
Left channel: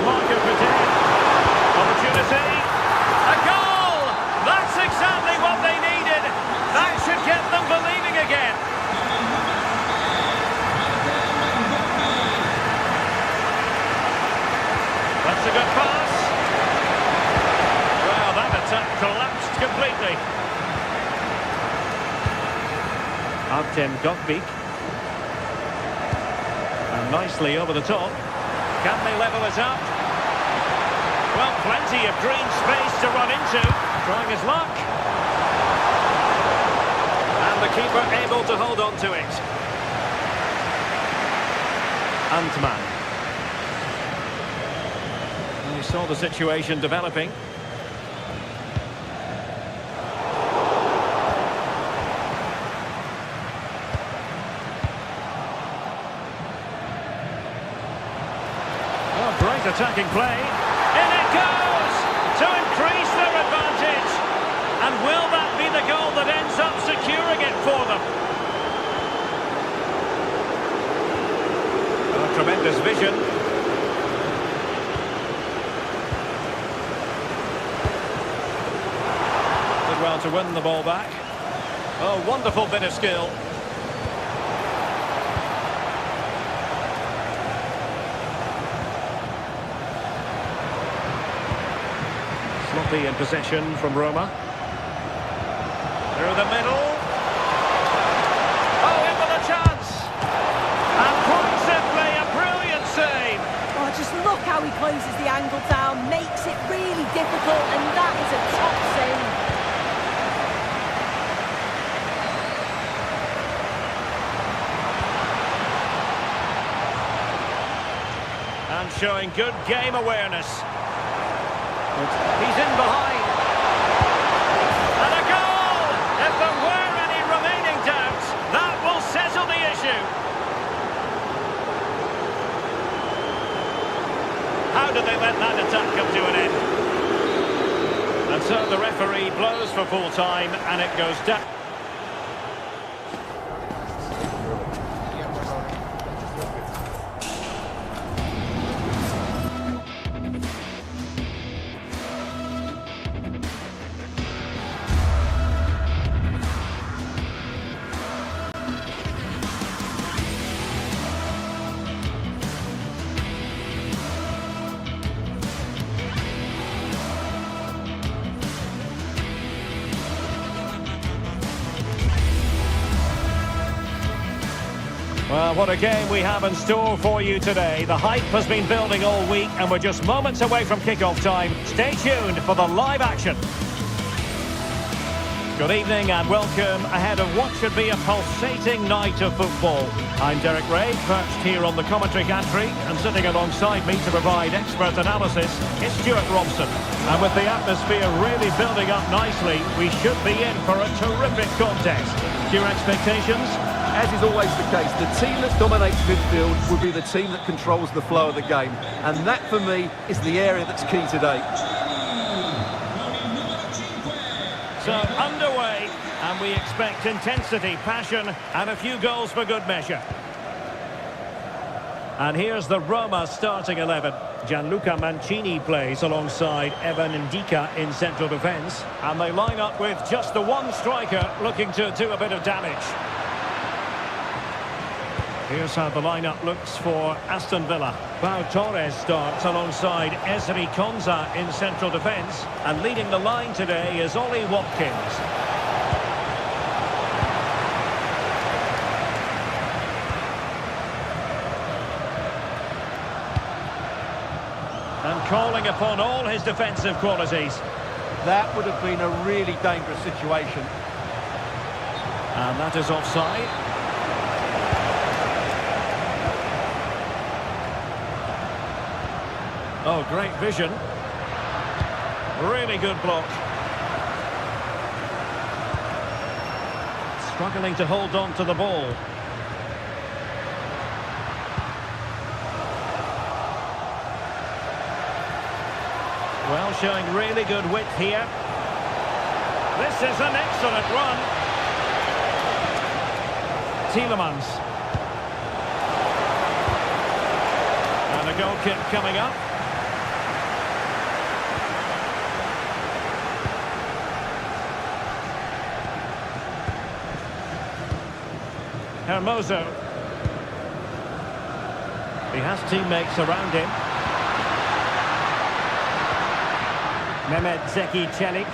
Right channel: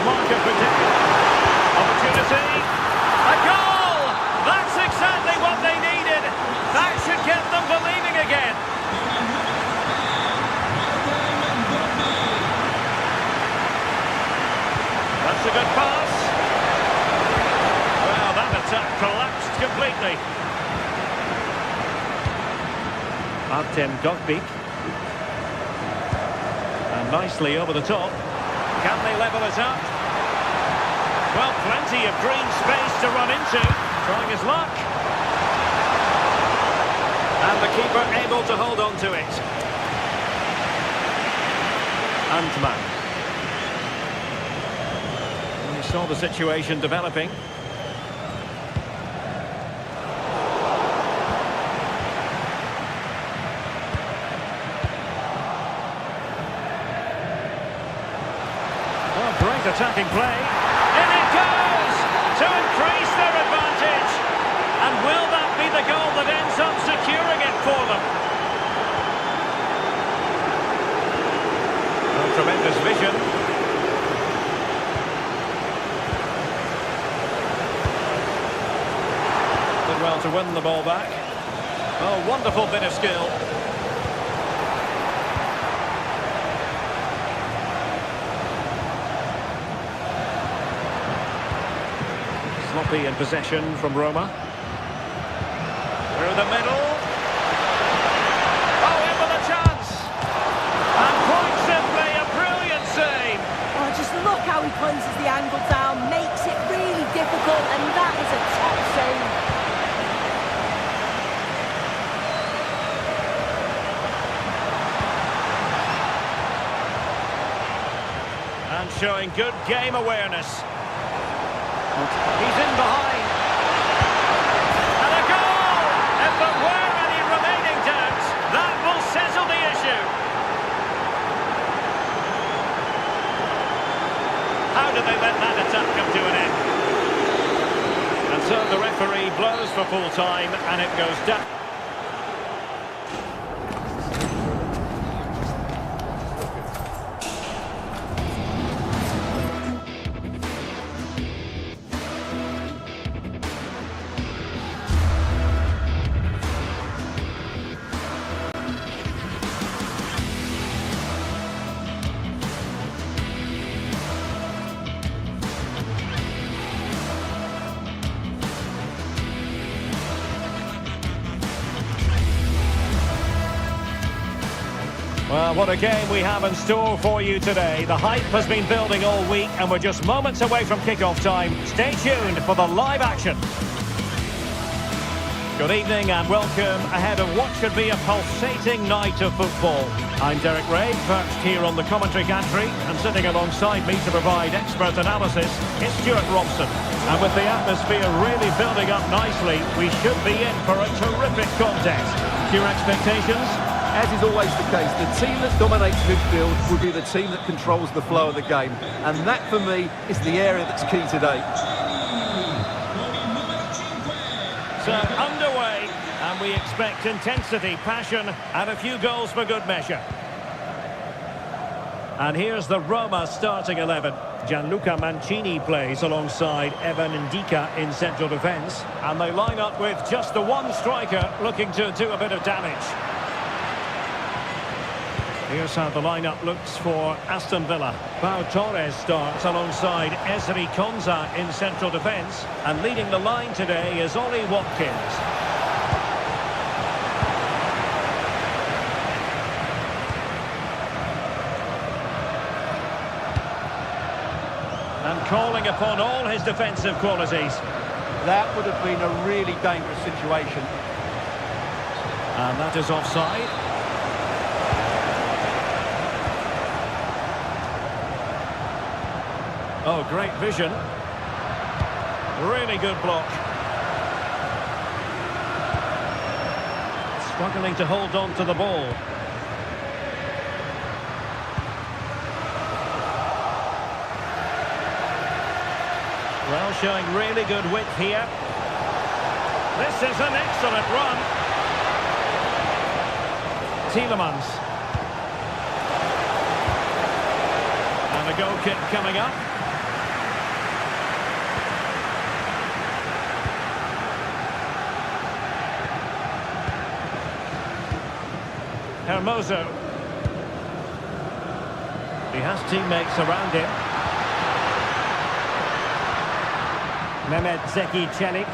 marker for dead. Opportunity. A goal! That's exactly what they needed. That should get them believing again. That's a good pass. Well, that attack collapsed completely. Artem Dovbyk. And nicely over the top. Can they level it up? Well, plenty of green space to run into. Trying his luck. And the keeper able to hold on to it. Antman. And he saw the situation developing. Oh, great attacking play. In it goes! To increase their advantage. And will that be the goal that ends up securing it for them? Oh, tremendous vision. Did well to win the ball back. Oh, wonderful bit of skill. Sloppy in possession from Roma. Through the middle. Oh, in with a chance. And quite simply, a brilliant save. Oh, just look how he closes the angle down, makes it really difficult, and that is a top save. And showing good game awareness. He's in behind. And a goal! If there were any remaining doubts, that will settle the issue. How did they let that attack come to an end? And so the referee blows for full time, and it goes down. Well, what a game we have in store for you today. The hype has been building all week and we're just moments away from kickoff time. Stay tuned for the live action. Good evening and welcome ahead of what should be a pulsating night of football. I'm Derek Ray, perched here on the commentary gantry, and sitting alongside me to provide expert analysis is Stuart Robson. And with the atmosphere really building up nicely, we should be in for a terrific contest. Your expectations? As is always the case, the team that dominates midfield will be the team that controls the flow of the game. And that, for me, is the area that's key today. So, underway, and we expect intensity, passion, and a few goals for good measure. And here's the Roma starting 11. Gianluca Mancini plays alongside Evan Ndika in central defence. And they line up with just the one striker looking to do a bit of damage. Here's how the lineup looks for Aston Villa. Pau Torres starts alongside Ezri Konsa in central defence. And leading the line today is Ollie Watkins. And calling upon all his defensive qualities. That would have been a really dangerous situation. And that is offside. Oh, great vision. Really good block. Struggling to hold on to the ball. Well, showing really good width here. This is an excellent run. Tielemans. And a goal kick coming up. Hermoso. He has teammates around him. Mehmet Zeki Çelik.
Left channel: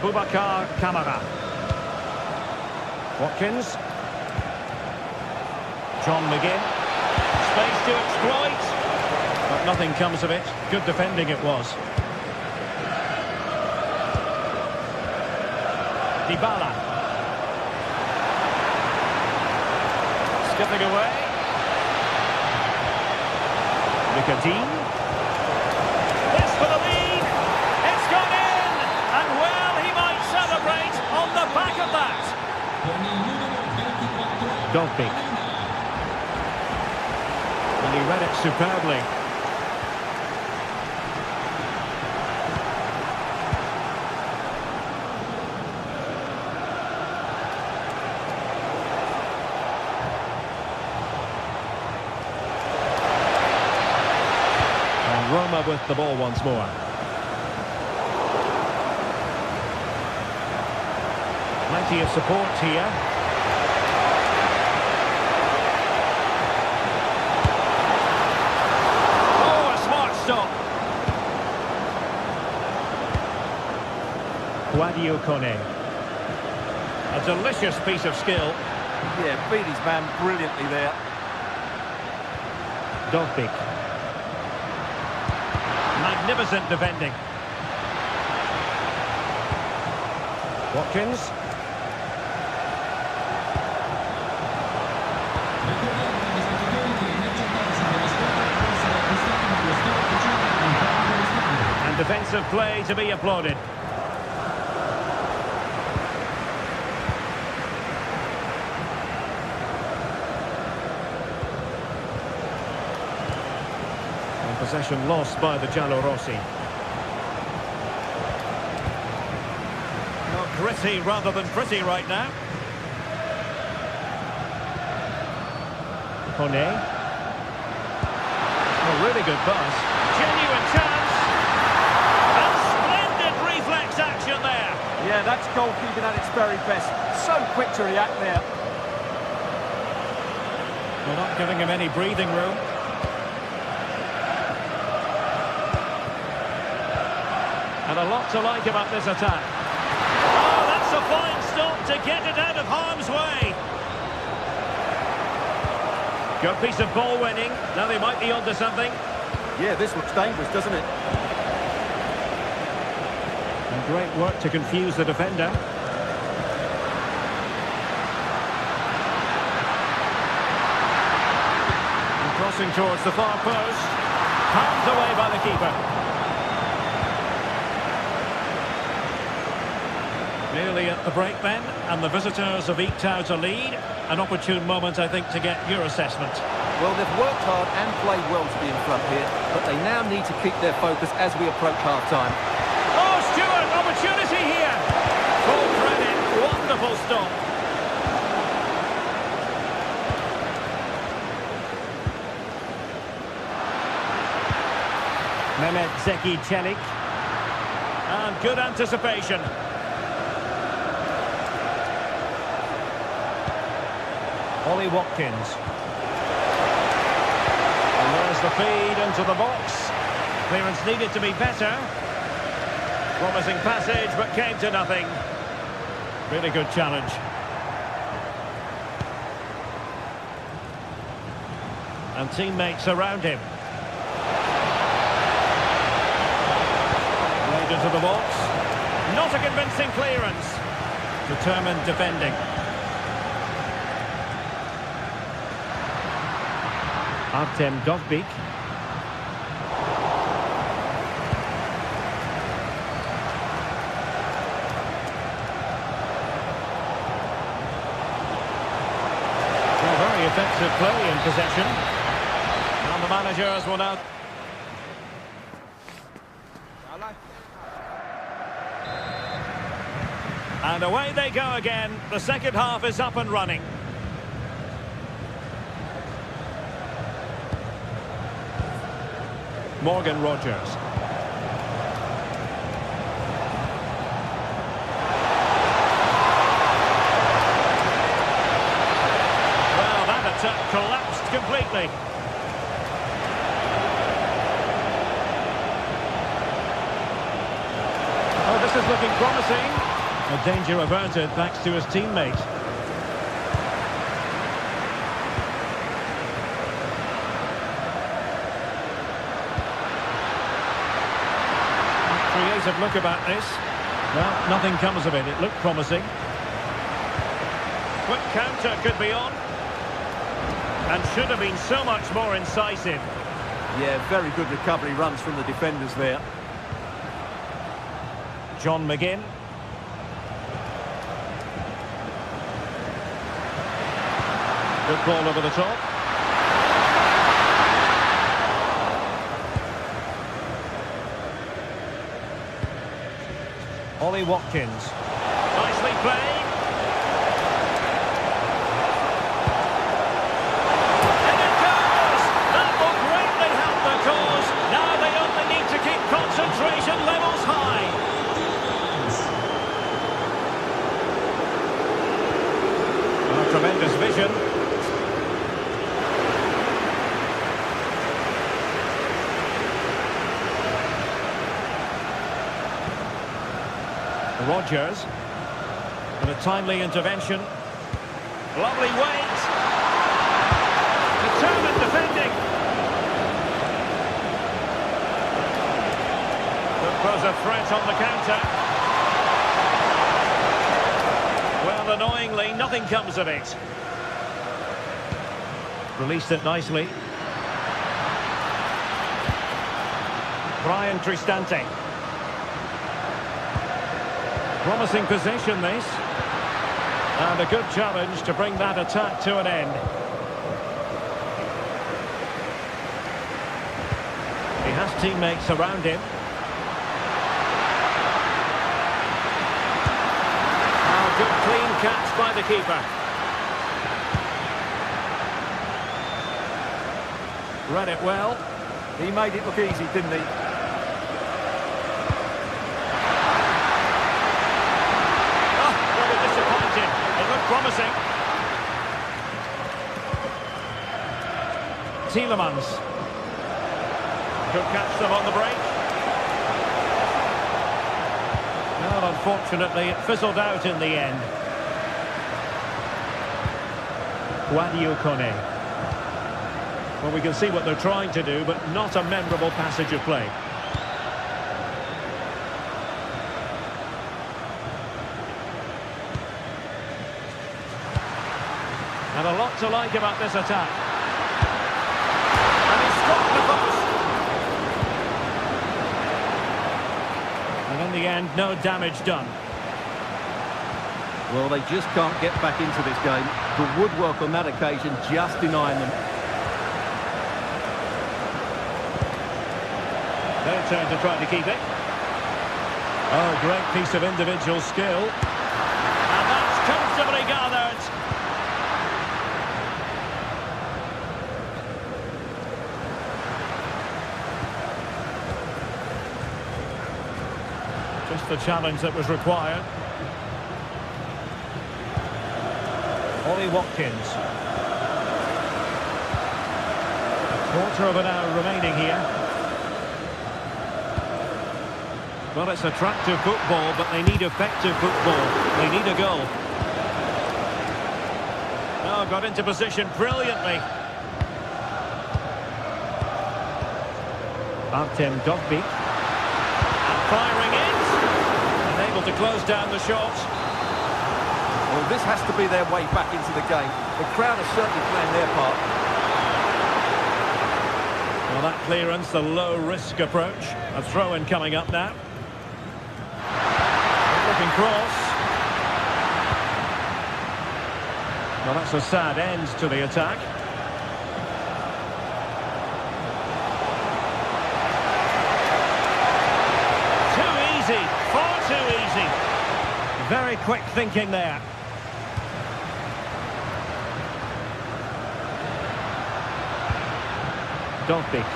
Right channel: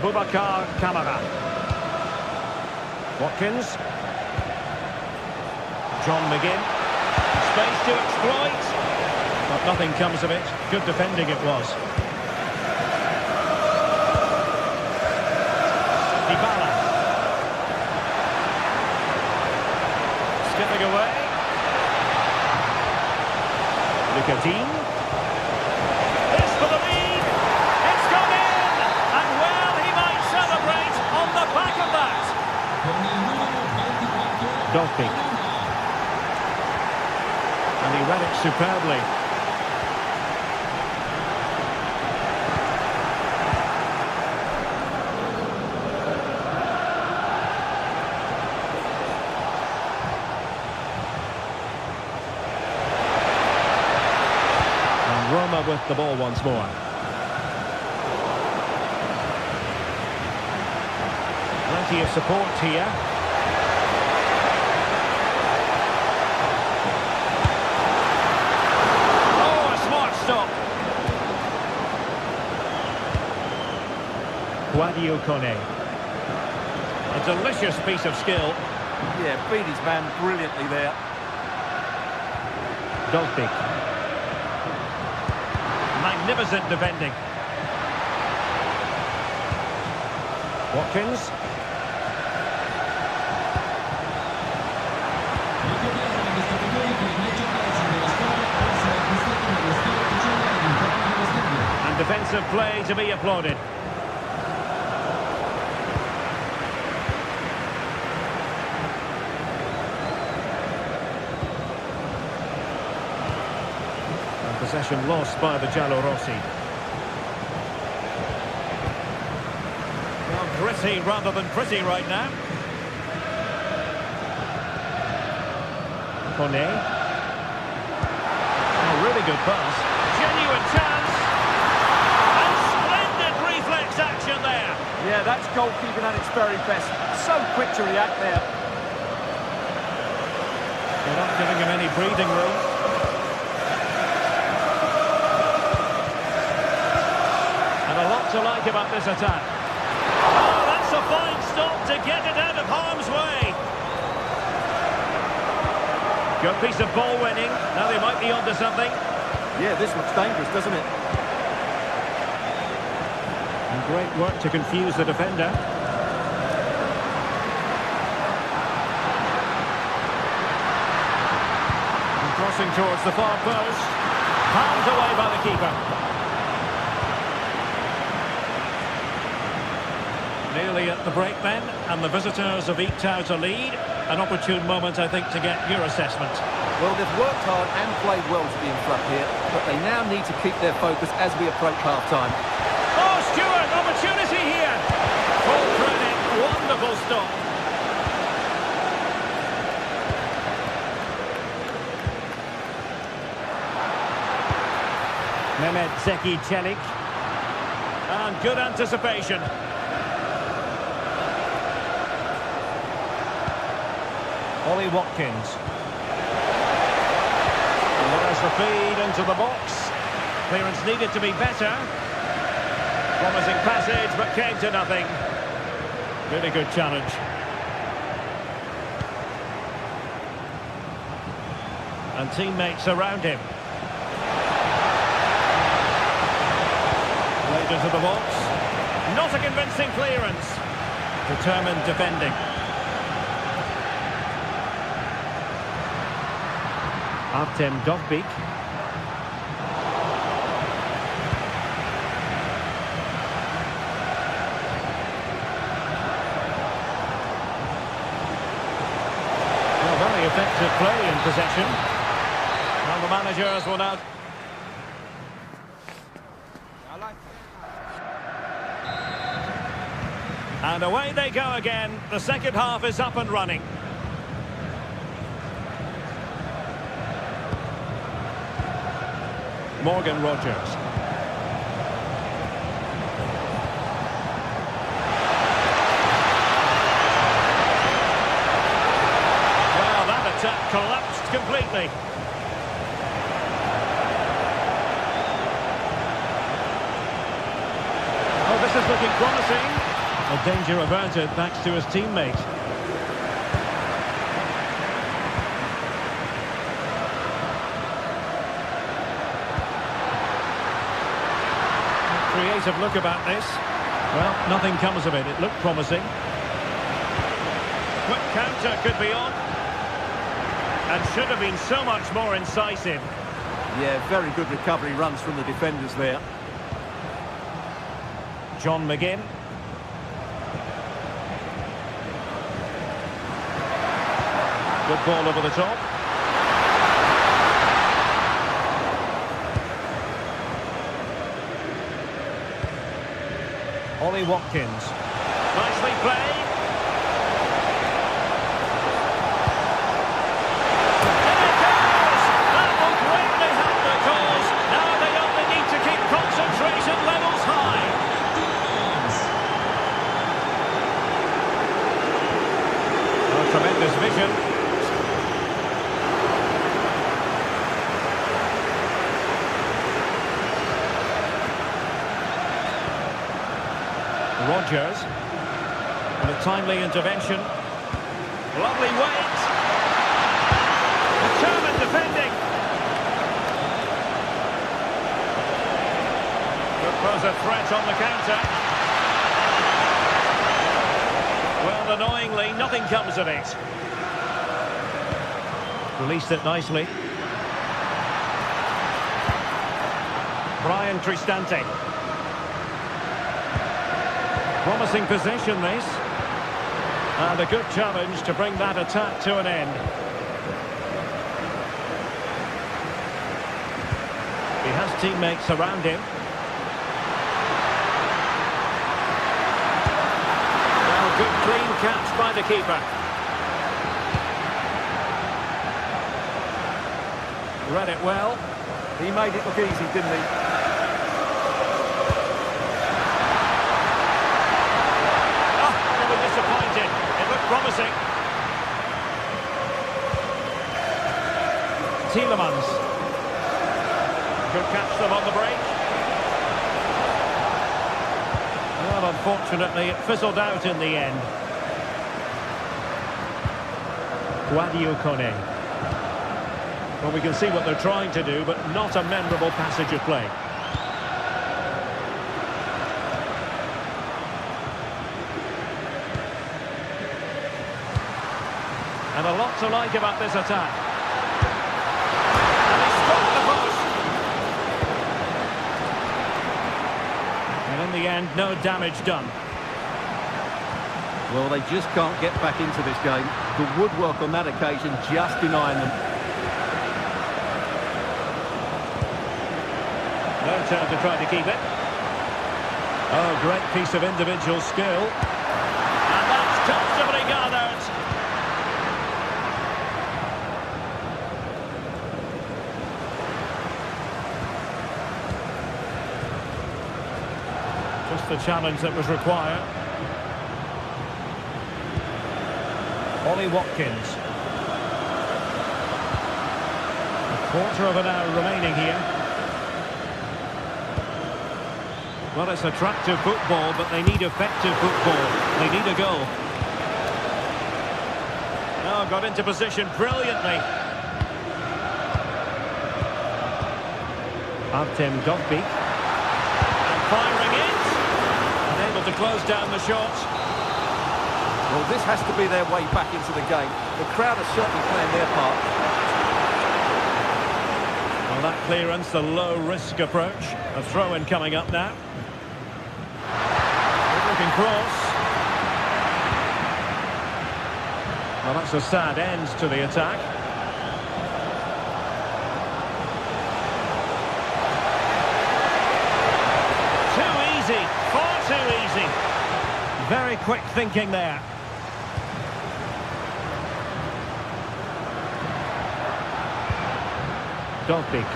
Boubacar Kamara. Watkins. John McGinn. Space to exploit. But nothing comes of it. Good defending it was. Dybala. Skipping away. Nicotine. This for the lead. It's gone in. And well, he might celebrate on the back of that. Dovbik. And he read it superbly. And Roma with the ball once more. Plenty of support here. Oh, a smart stop. Guadio Kone. A delicious piece of skill. Yeah, beat his man brilliantly there. Dovbik. Magnificent defending. Watkins. And defensive play to be applauded. And possession lost by the Giallorossi. Well, gritty rather than pretty right now. Kone. Oh, really good pass. Genuine chance. And splendid reflex action there. Yeah, that's goalkeeping at its very best. So quick to react there. They're not giving him any breathing room. And a lot to like about this attack. Oh, that's a fine stop to get it out of harm's way. Good piece of ball winning. Now they might be onto something. Yeah, this looks dangerous, doesn't it? And great work to confuse the defender. And crossing towards the far post. Palmed away by the keeper. Nearly at the break then, and the visitors have eked out a lead. An opportune moment, I think, to get your assessment. Well, they've worked hard and played well to be in front here, but they now need to keep their focus as we approach half-time. Oh, Stewart, opportunity here. Full credit, wonderful stop. Mehmet Zeki Çelik. And good anticipation. Ollie Watkins. And there's the feed into the box. Clearance needed to be better. Promising passage, but came to nothing. Really good challenge. And teammates around him. Laid into the box. Not a convincing clearance. Determined defending. Artem Dovbik. Well, very effective play in possession. And the managers will now... And away they go again. The second half is up and running. Morgan Rogers. attack collapsed completely. Oh, this is looking promising. A danger averted thanks to his teammate. Creative look about this. Well, nothing comes of it. It looked promising. Quick counter could be on. And should have been so much more incisive. Yeah, very good recovery runs from the defenders there. John McGinn. Good ball over the top. Ollie Watkins. Nicely played. And it goes! That will greatly help the cause. Now they only need to keep concentration levels high. Oh, tremendous vision. Rodgers, and a timely intervention. Lovely weight. Determined defending. Could pose a threat on the counter. Well, annoyingly, nothing comes of it. Released it nicely. Brian Cristante. Promising position, this. And a good challenge to bring that attack to an end. He has teammates around him. Well, good clean catch by the keeper. Read it well. He made it look easy, didn't he? Disappointed. It looked promising. Tielemans. Could catch them on the break. Well, unfortunately, it fizzled out in the end. Guadio Kone. Well, we can see what they're trying to do, but not a memorable passage of play. And a lot to like about this attack. And he struck the post. And in the end, no damage done. Well, they just can't get back into this game. The woodwork on that occasion just denying them. Their turn to try to keep it. Oh, great piece of individual skill. And that's comfortably gathered. Just the challenge that was required. Ollie Watkins. A quarter of an hour remaining here. Well, it's attractive football, but they need effective football. They need a goal. Oh, got into position brilliantly. Artem Dovbyk. And firing it. Unable to close down the shot. Well, this has to be their way back into the game. The crowd are certainly playing their part. Well, that clearance, the low-risk approach. A throw-in coming up now. Good-looking cross. Well, that's a sad end to the attack. Too easy. Far too easy. Very quick thinking there. Dovbyk.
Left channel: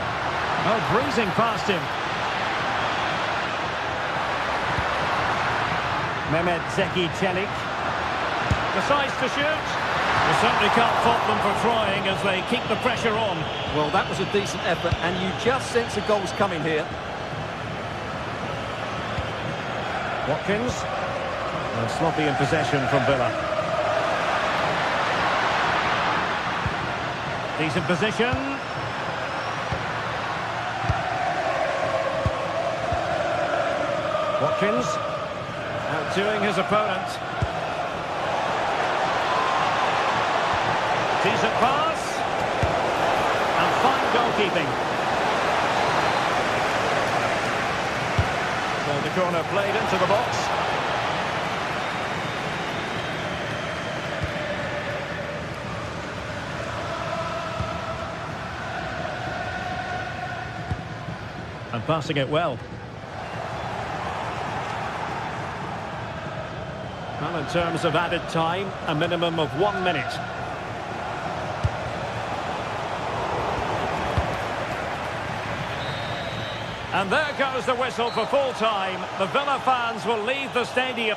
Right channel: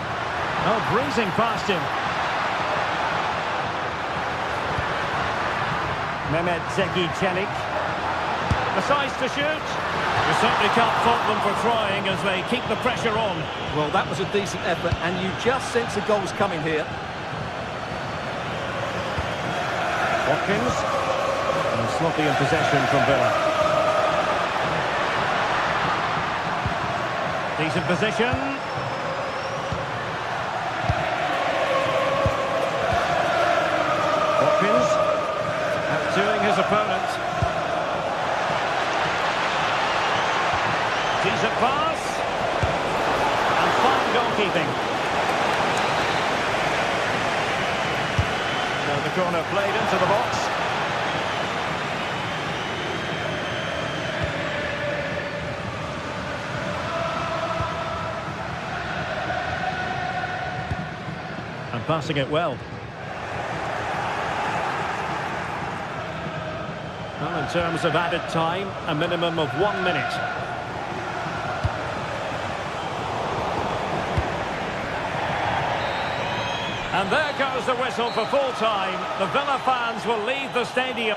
Oh, breezing past him. Mehmet Zeki Çelik. Decides to shoot. You certainly can't fault them for trying as they keep the pressure on. Well, that was a decent effort, and you just sense a goal's coming here. Watkins. And sloppy in possession from Villa. Decent position. Watkins. Outdoing his opponent. Decent pass. And fine goalkeeping. So the corner played into the box. And passing it well. Well, in terms of added time, a minimum of 1 minute. And there goes the whistle for full time. The Villa fans will leave the stadium.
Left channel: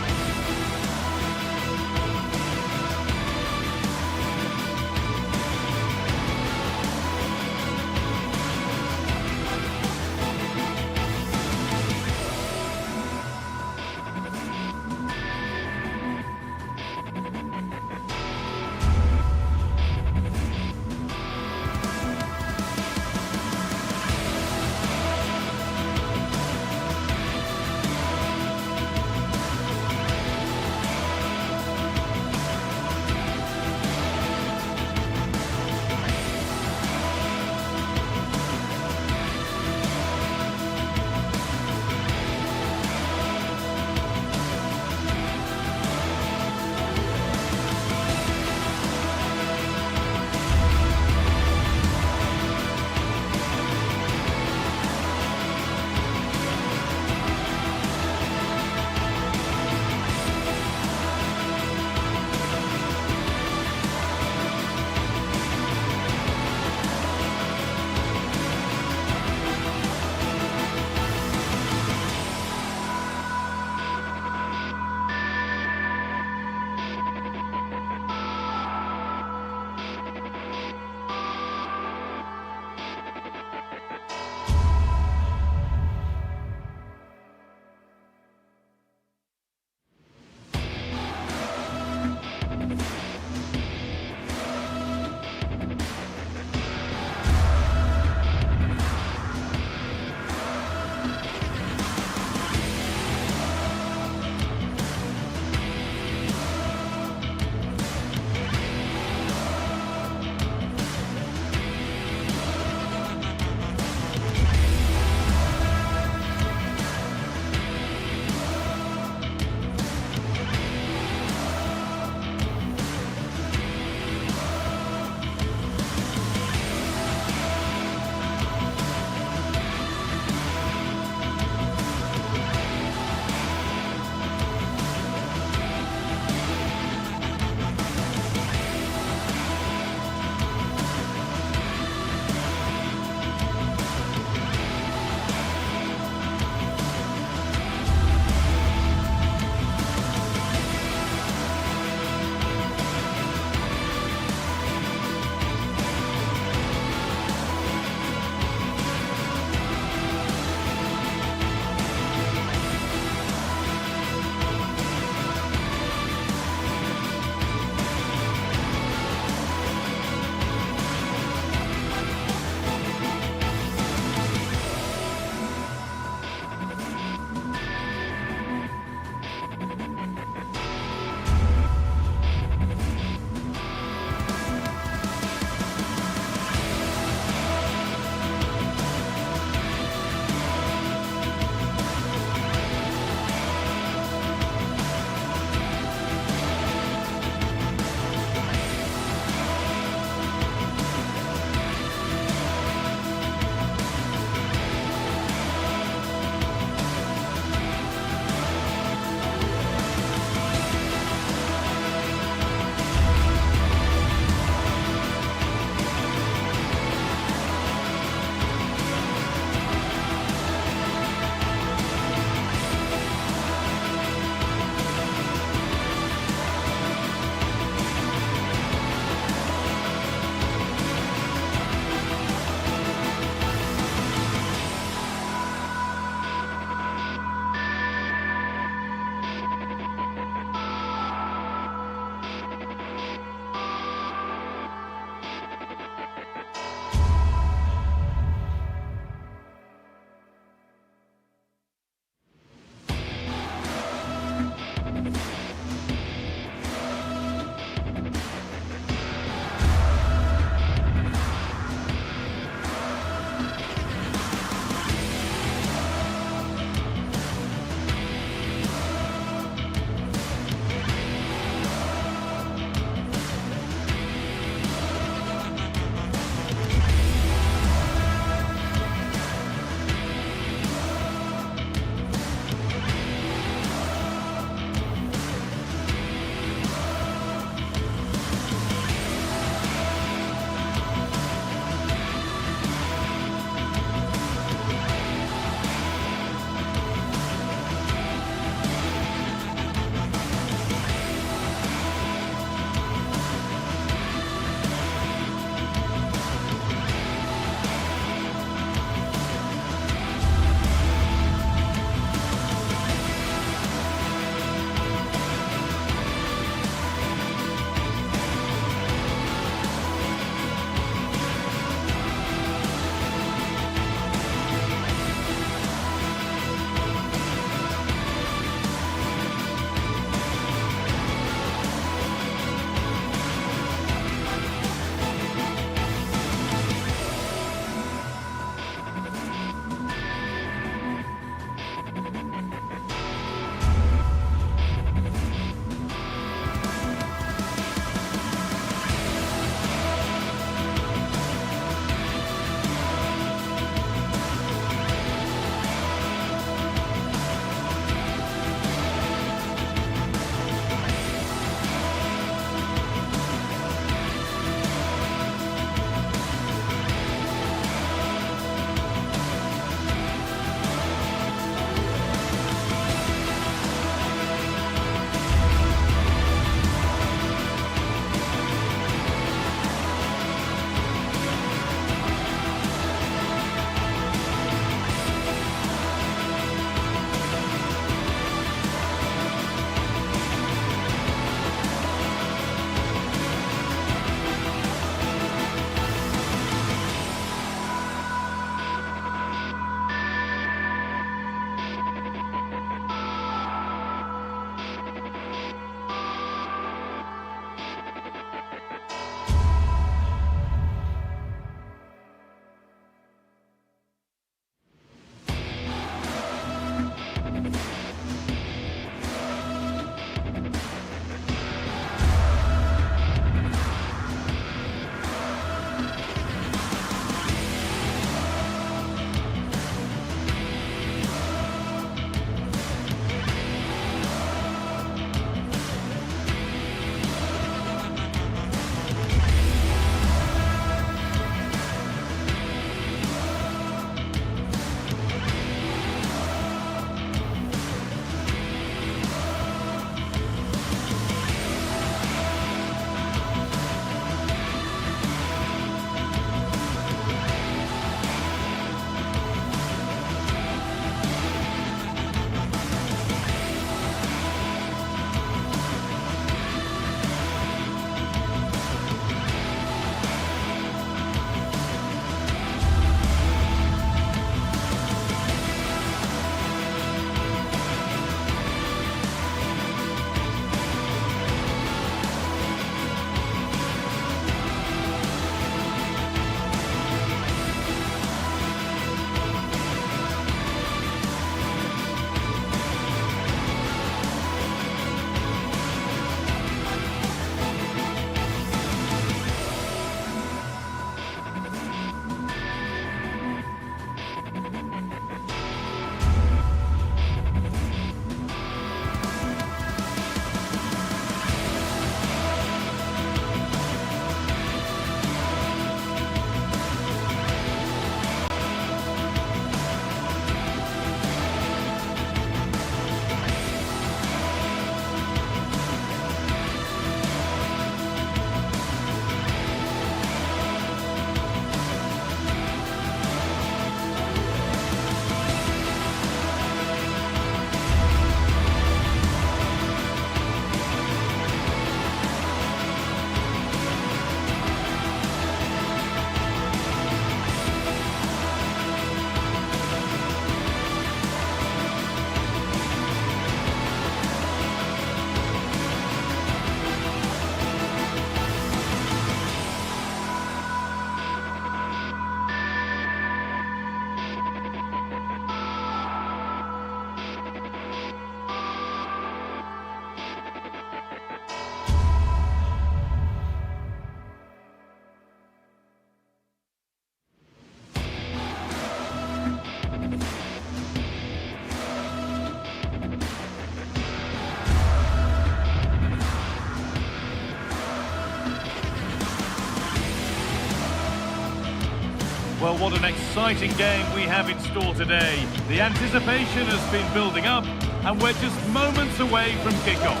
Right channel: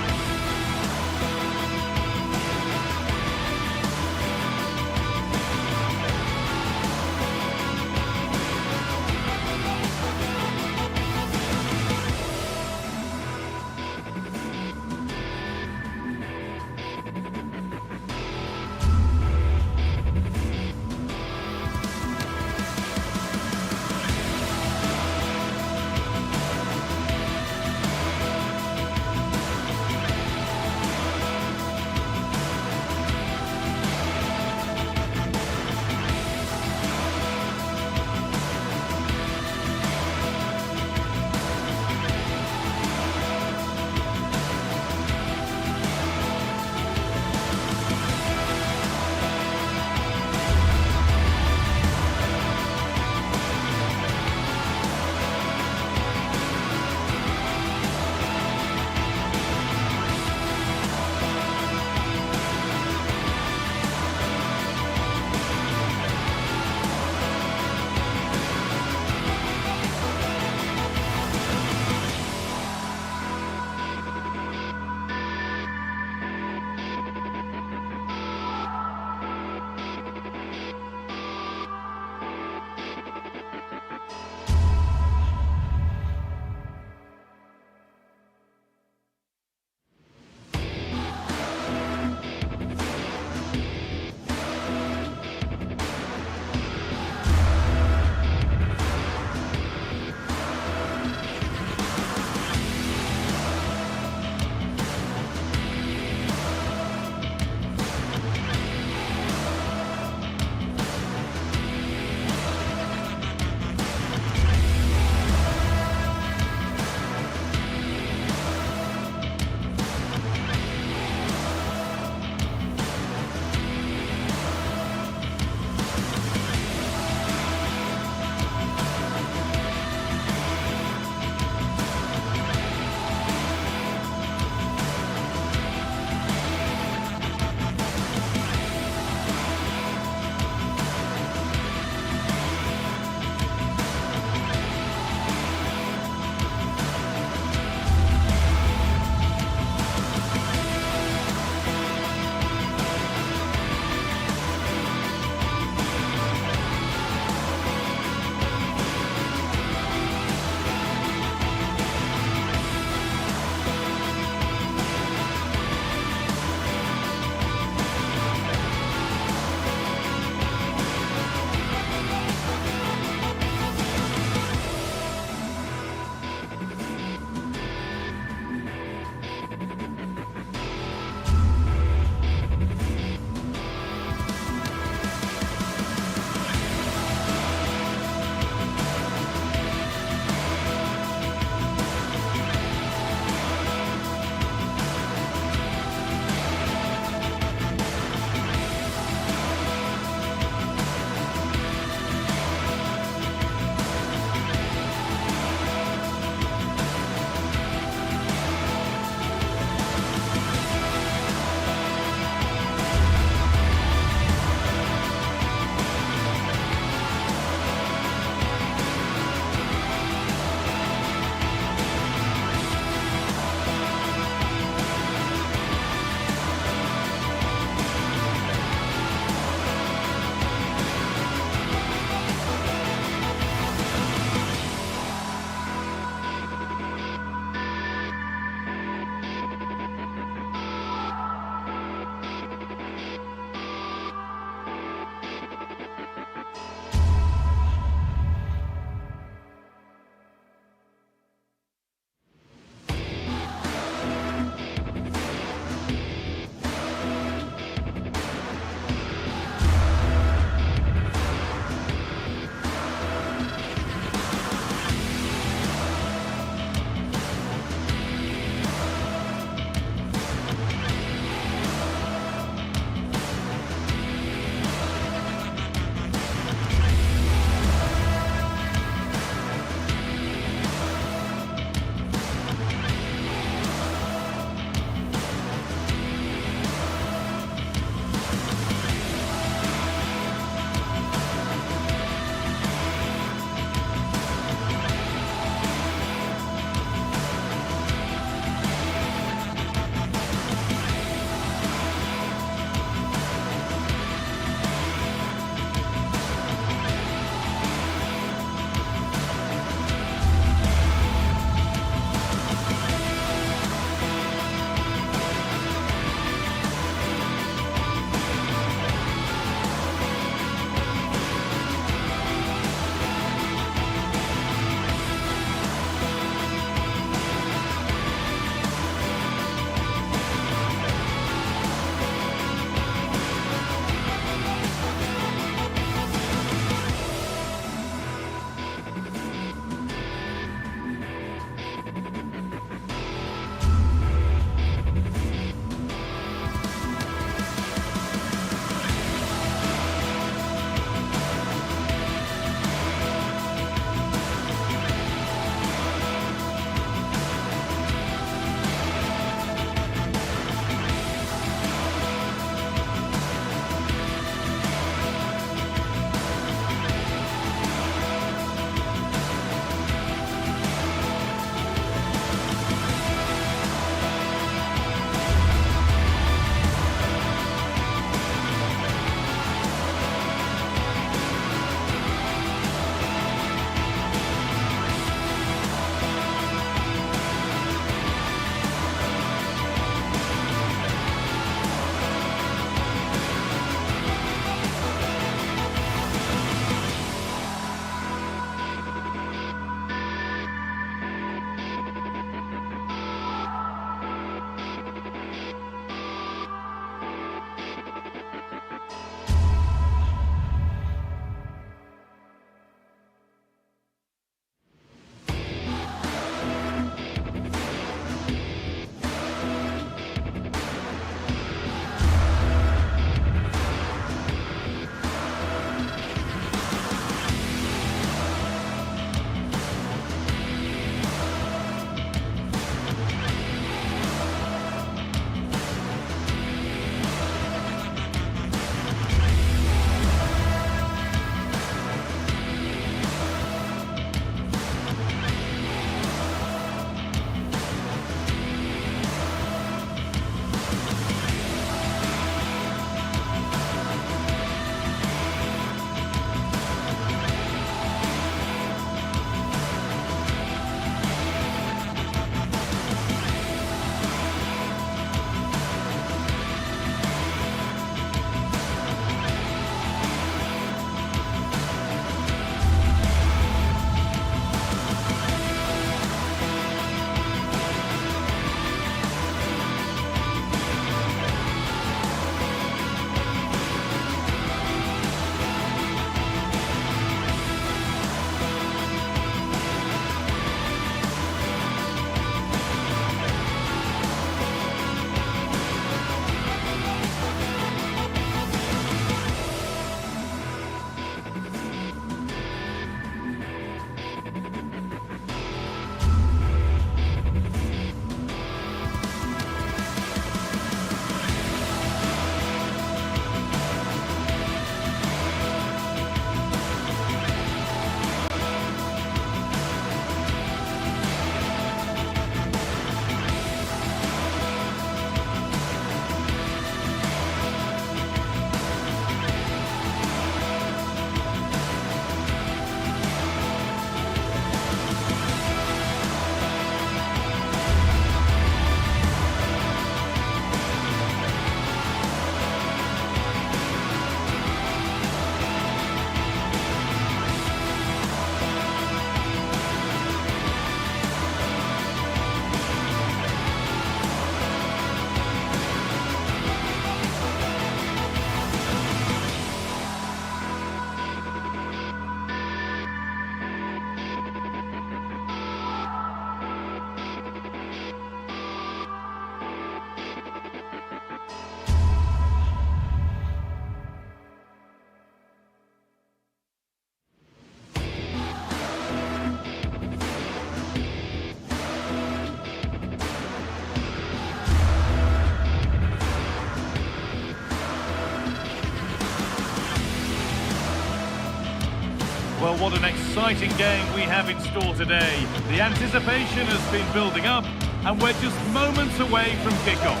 Well, what an exciting game we have in store today. The anticipation has been building up, and we're just moments away from kickoff.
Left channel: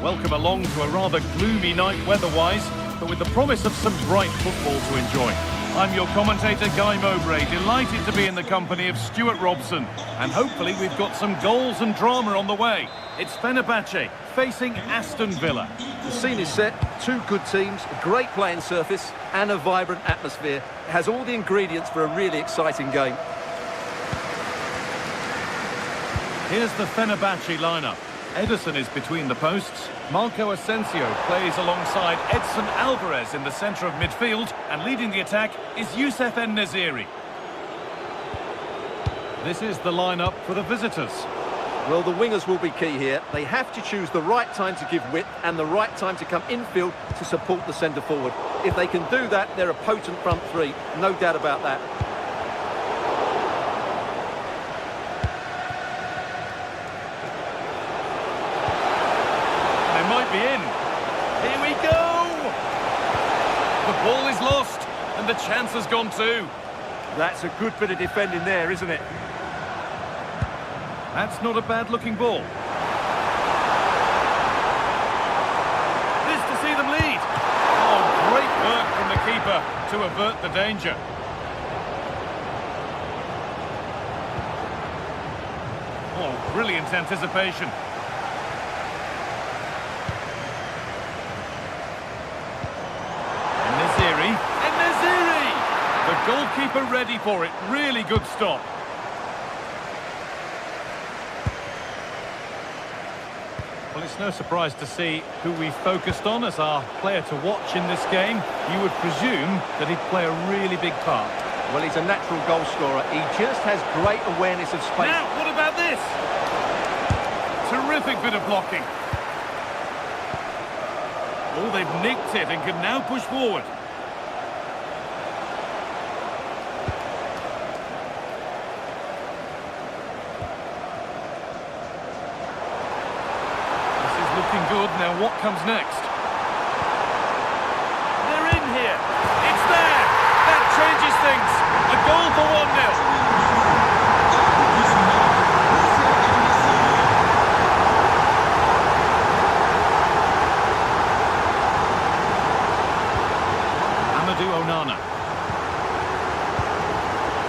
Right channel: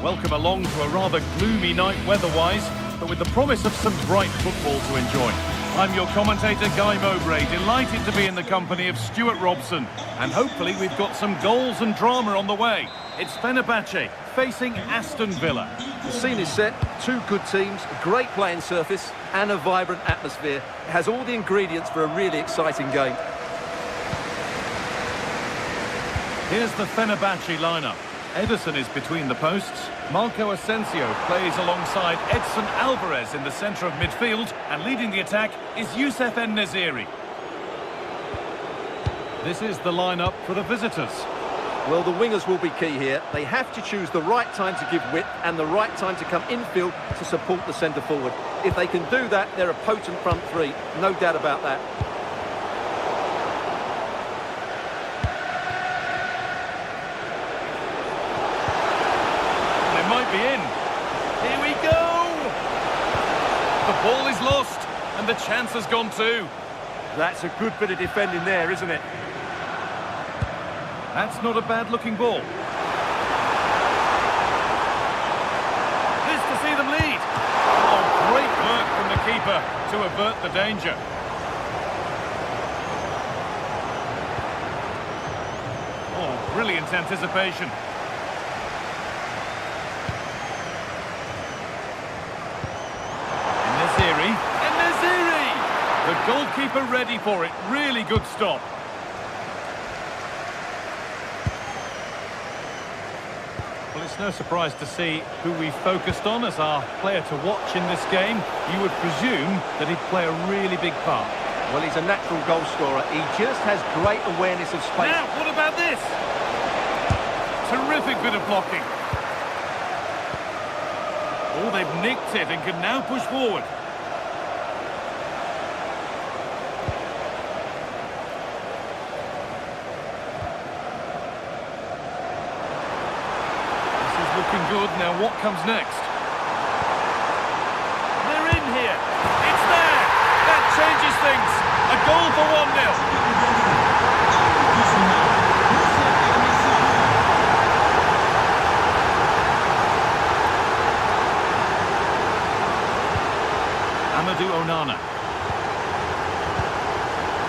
Welcome along to a rather gloomy night weather-wise, but with the promise of some bright football to enjoy. I'm your commentator, Guy Mowbray, delighted to be in the company of Stuart Robson. And hopefully we've got some goals and drama on the way. It's Fenerbahce facing Aston Villa. The scene is set, two good teams, a great playing surface and a vibrant atmosphere. It has all the ingredients for a really exciting game. Here's the Fenerbahce lineup. Ederson is between the posts. Marco Asensio plays alongside Edson Alvarez in the centre of midfield, and leading the attack is Youssef En-Nesyri. This is the lineup for the visitors. Well, the wingers will be key here. They have to choose the right time to give width and the right time to come infield to support the centre forward. If they can do that, they're a potent front three, no doubt about that. Might be in. Here we go! The ball is lost, and the chance has gone too. That's a good bit of defending there, isn't it? That's not a bad-looking ball. This to see them lead. Oh, great work from the keeper to avert the danger. Oh, brilliant anticipation. En-Nesyri! The goalkeeper ready for it. Really good stop. Well, it's no surprise to see who we focused on as our player to watch in this game. You would presume that he'd play a really big part. Well, he's a natural goal scorer. He just has great awareness of space. Now, what about this? Terrific bit of blocking. Oh, they've nicked it and can now push forward. This is looking good. Now, what comes next? They're in here. It's there. That changes things. A goal for 1-0. Amadou Onana.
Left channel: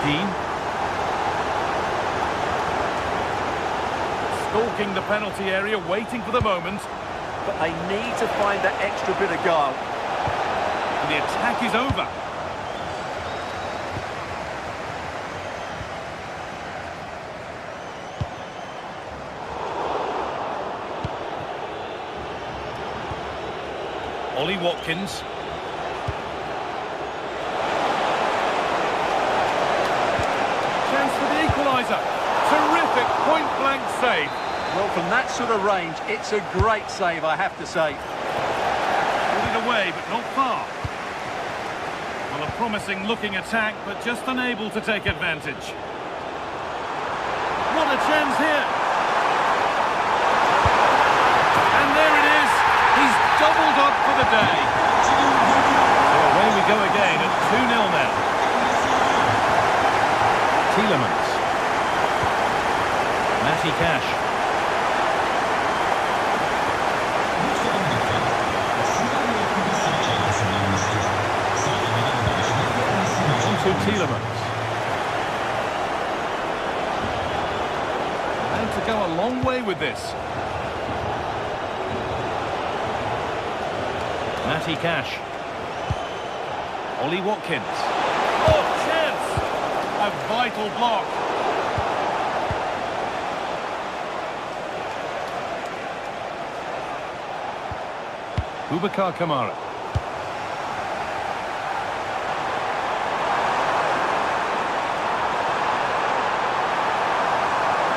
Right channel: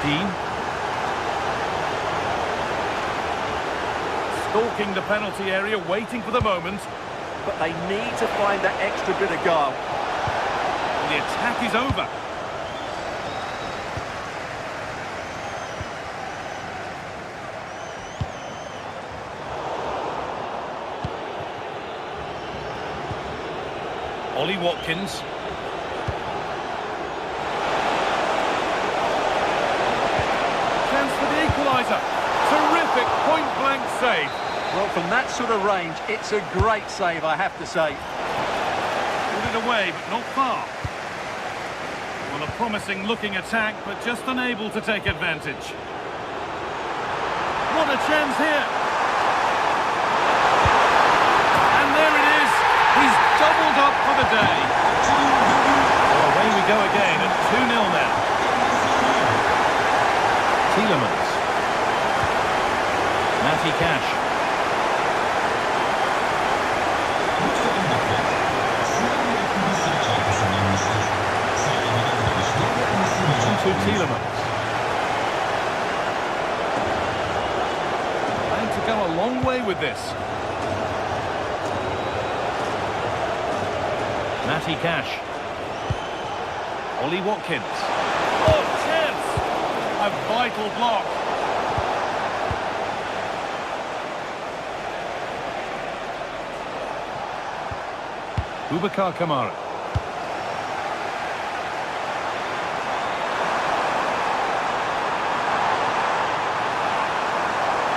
Dean. Stalking the penalty area, waiting for the moment. But they need to find that extra bit of guile. And the attack is over. Ollie Watkins. Chance for the equaliser. Terrific point-blank save. Well, from that sort of range, it's a great save, I have to say. Pulled it away, but not far. Well, a promising-looking attack, but just unable to take advantage. What a chance here. And there it is. He's doubled up for the day. So away we go again at 2-0 now. Tielemans. Matty Cash. On to Tielemans. And to go a long way with this. Matty Cash. Ollie Watkins. Oh, chance! A vital block. Boubacar Kamara.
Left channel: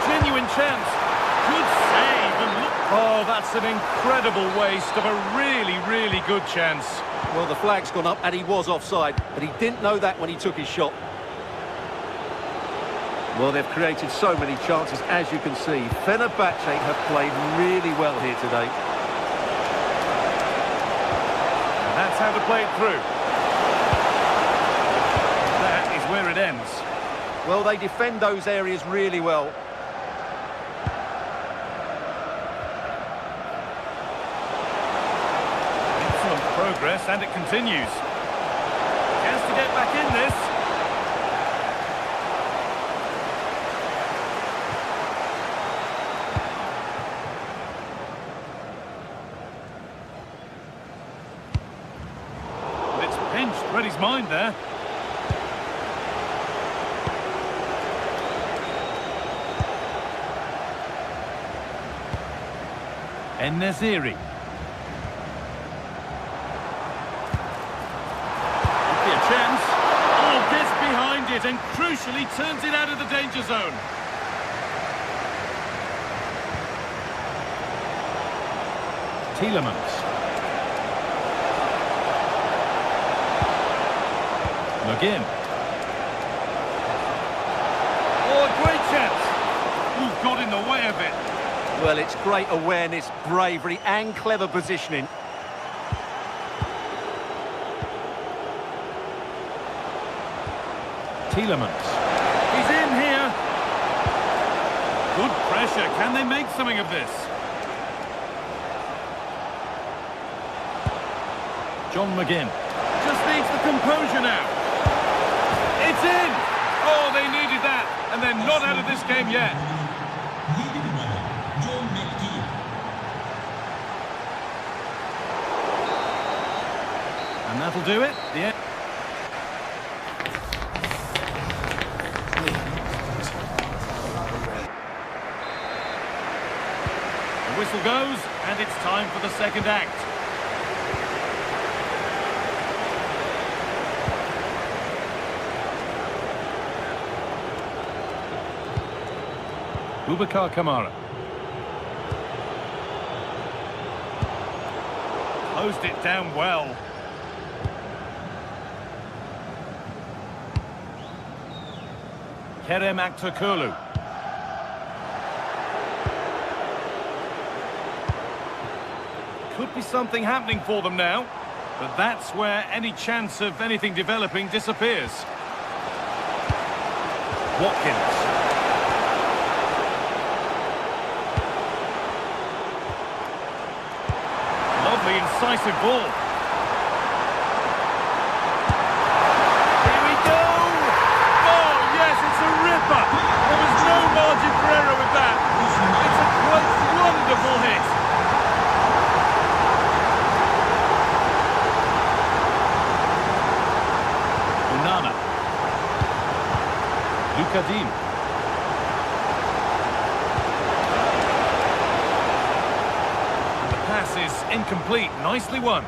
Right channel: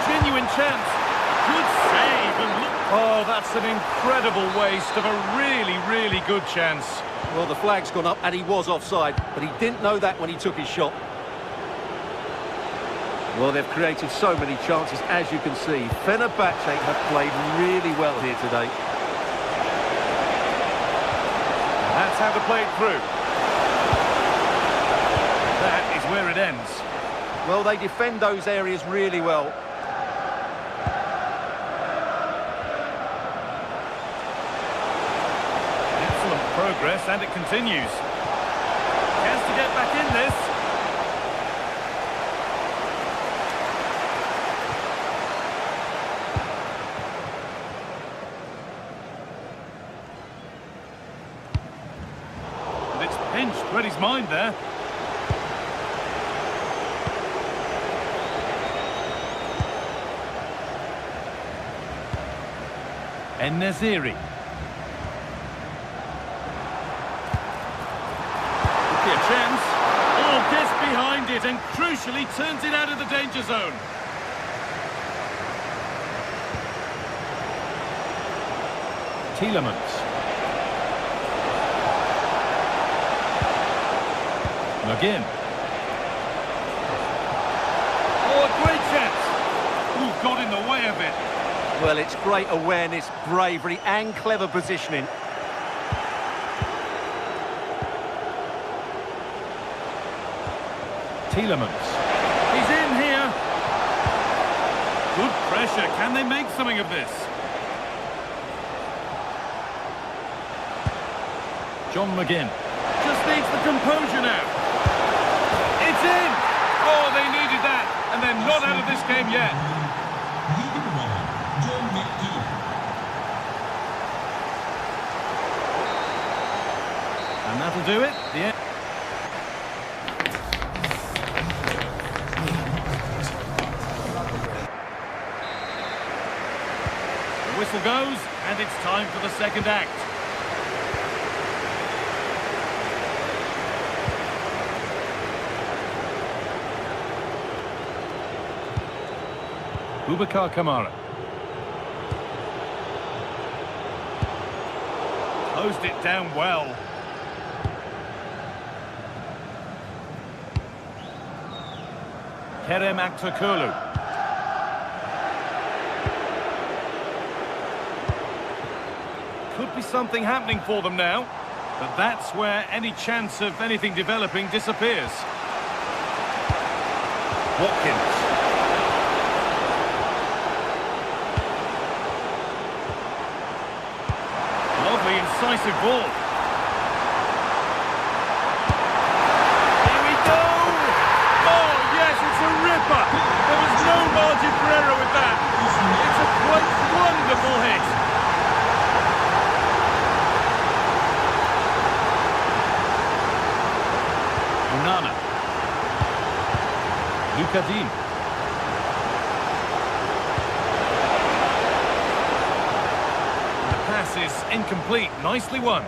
Genuine chance. Good save and look. Oh, that's an incredible waste of a really, really good chance. Well, the flag's gone up and he was offside, but he didn't know that when he took his shot. Well, they've created so many chances, as you can see. Fenerbahce have played really well here today. And that's how to play it through. That is where it ends. Well, they defend those areas really well. Excellent progress, and it continues. Chance to get back in this. And it's pinched, read his mind there. En-Nesyri. Could be a chance. Oh, gets behind it and crucially turns it out of the danger zone. Tielemans. McGinn. Oh, a great chance. Ooh, got in the way of it. Well, it's great awareness, bravery and clever positioning. Tielemans. He's in here. Good pressure. Can they make something of this? John McGinn. Just needs the composure now. It's in. Oh, they needed that. And they're not out of this game yet. And that'll do it. The end. The whistle goes, and it's time for the second act. Boubacar Kamara. Closed it down well. Kerem Aktürkoğlu. Could be something happening for them now, but that's where any chance of anything developing disappears. Watkins. Lovely incisive ball. It's a ripper. There was no margin for error with that. It's a quite wonderful hit. Onana. Luka Dean. And the pass is incomplete. Nicely won.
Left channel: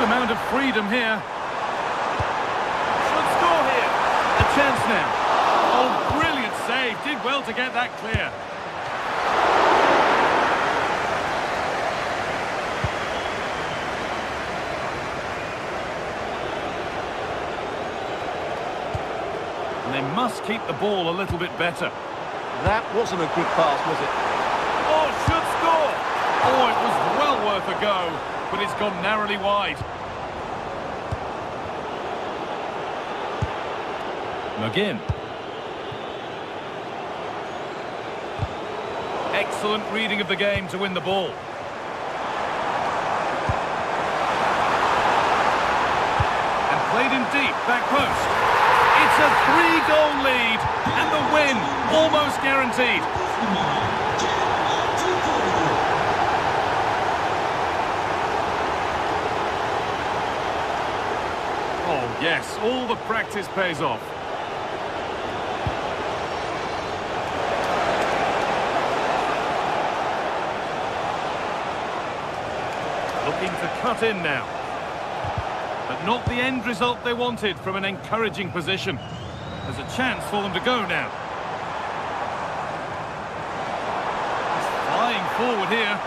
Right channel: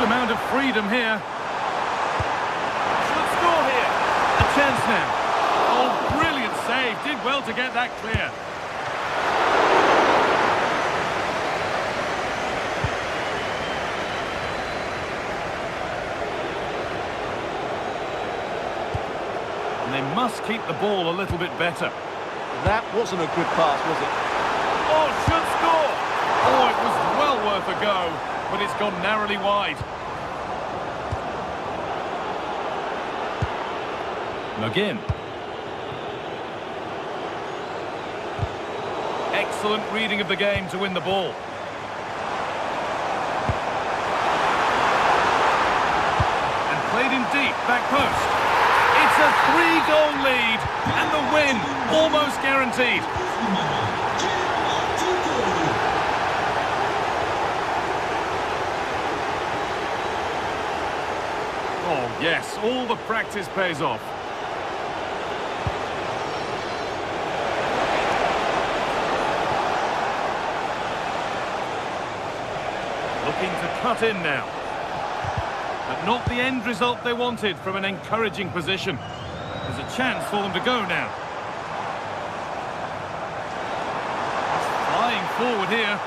Amount of freedom here. Should score here. A chance now. Oh, brilliant save. Did well to get that clear. And they must keep the ball a little bit better. That wasn't a good pass, was it? Oh, should score. Oh, it was well worth a go, but it's gone narrowly wide. McGinn. Excellent reading of the game to win the ball. And played in deep, back post. It's a 3-goal lead, and the win almost guaranteed. Oh yes, all the practice pays off. Looking to cut in now. But not the end result they wanted from an encouraging position. There's a chance for them to go now. He's flying forward here.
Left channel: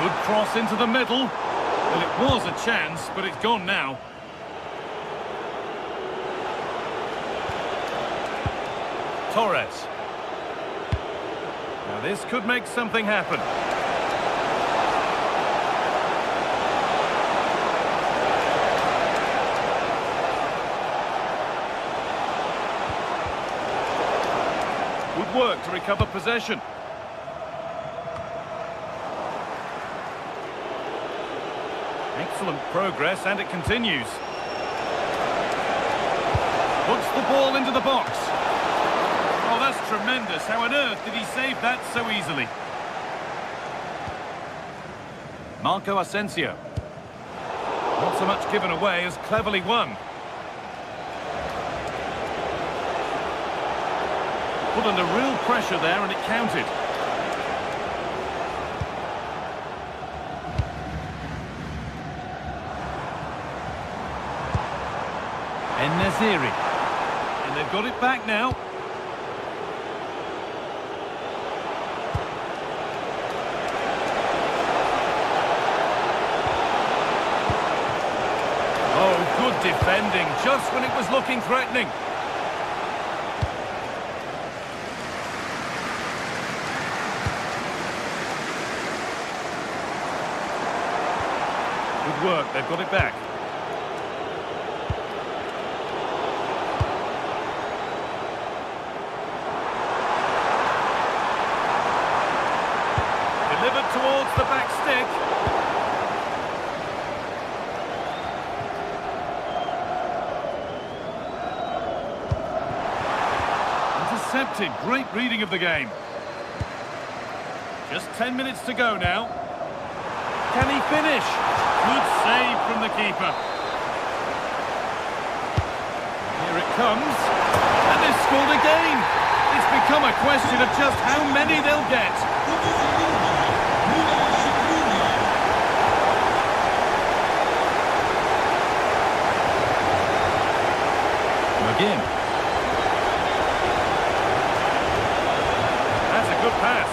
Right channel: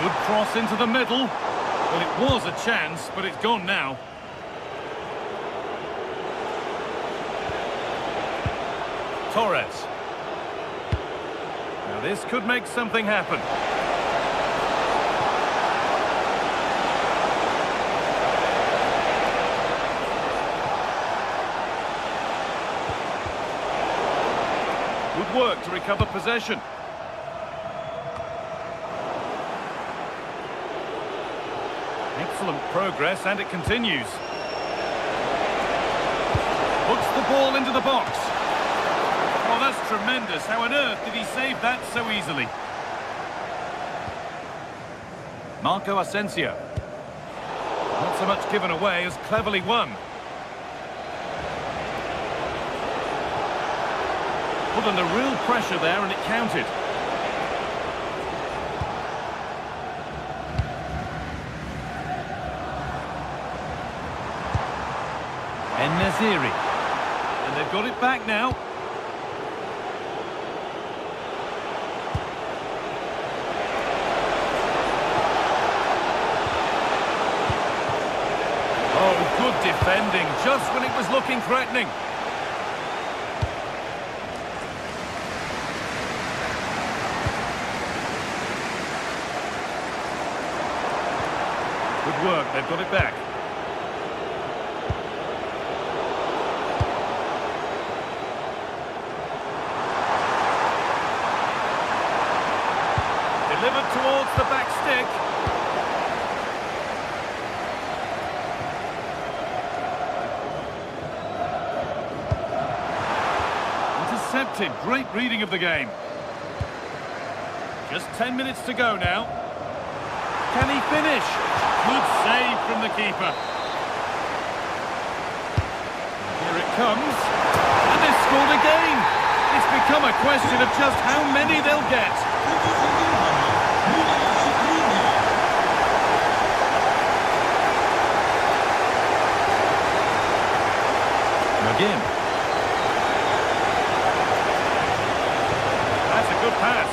Good cross into the middle. Well, it was a chance, but it's gone now. Torres. Now this could make something happen. Good work to recover possession. Excellent progress, and it continues. Puts the ball into the box. Oh, that's tremendous. How on earth did he save that so easily? Marco Asensio. Not so much given away as cleverly won. Put under real pressure there, and it counted. En-Nesyri. And they've got it back now. Oh, good defending, just when it was looking threatening. Good work, they've got it back. Delivered towards the back stick. Intercepted. Great reading of the game. Just 10 minutes to go now. Can he finish? Good save from the keeper. Here it comes. And they've scored again. It's become a question of just how many they'll get. McGinn. That's a good pass.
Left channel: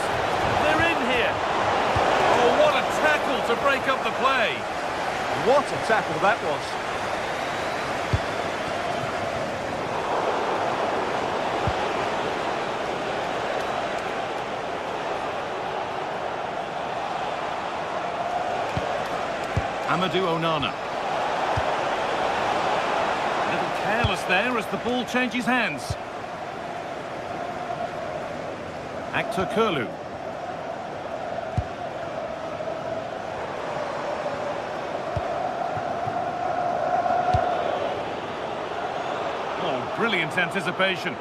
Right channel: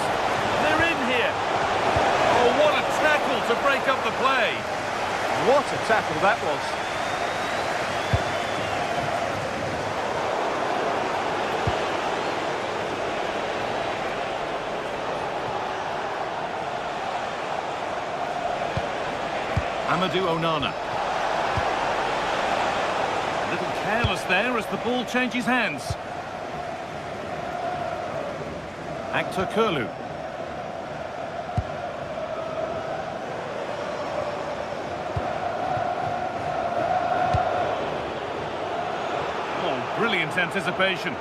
They're in here. Oh, what a tackle to break up the play. What a tackle that was. Amadou Onana. A little careless there as the ball changes hands. Actor Kurlu. Oh, brilliant anticipation.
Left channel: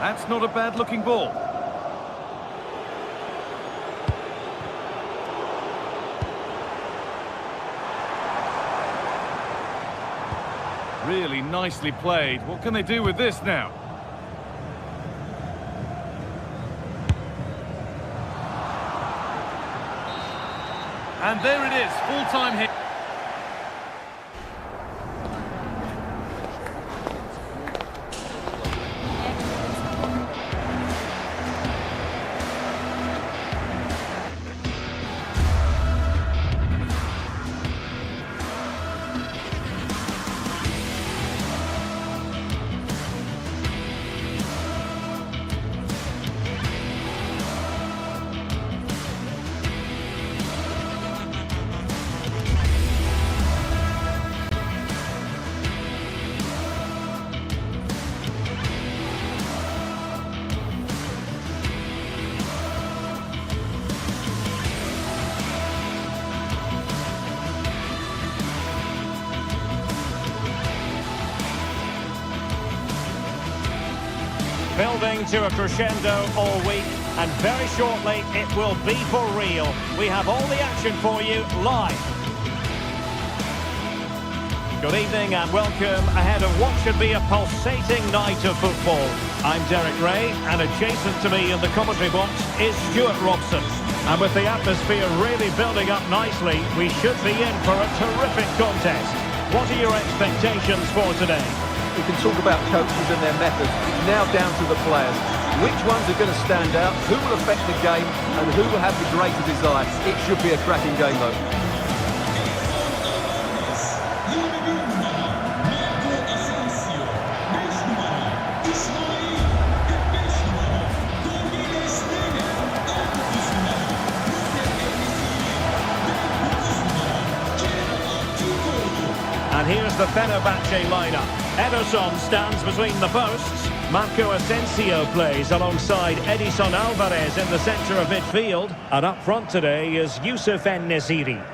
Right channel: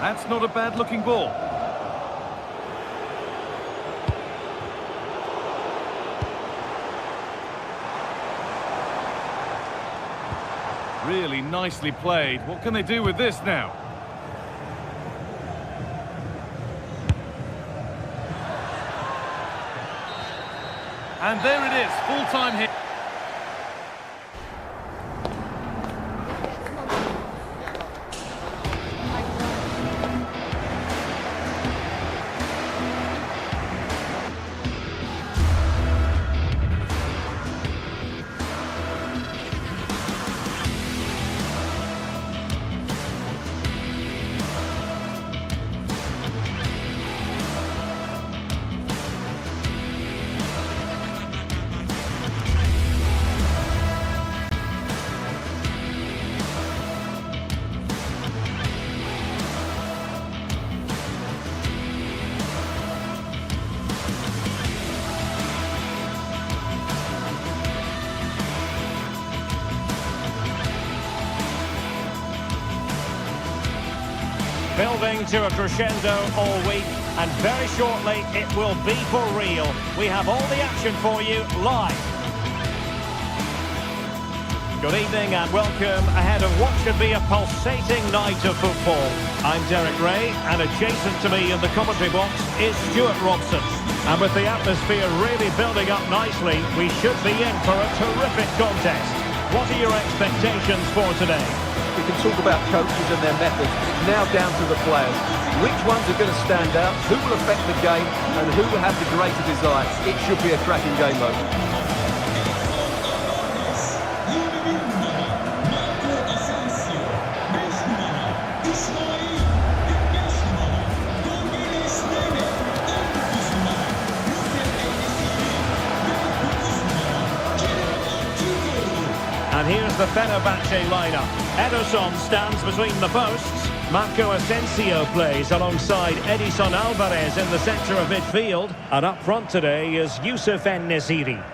That's not a bad-looking ball. Really nicely played. What can they do with this now? And there it is, full-time hit. Building to a crescendo all week, and very shortly it will be for real. We have all the action for you live. Good evening and welcome ahead of what should be a pulsating night of football. I'm Derek Ray, and adjacent to me in the commentary box is Stuart Robson. And with the atmosphere really building up nicely, we should be in for a terrific contest. What are your expectations for today? We can talk about coaches and their methods, but it's now down to the players. Which ones are going to stand out, who will affect the game, and who will have the greater desire? It should be a cracking game, though. And here's the Fenerbahce lineup. Ederson stands between the posts. Marco Asensio plays alongside Edison Alvarez in the centre of midfield. And up front today is Youssef En-Nesyri.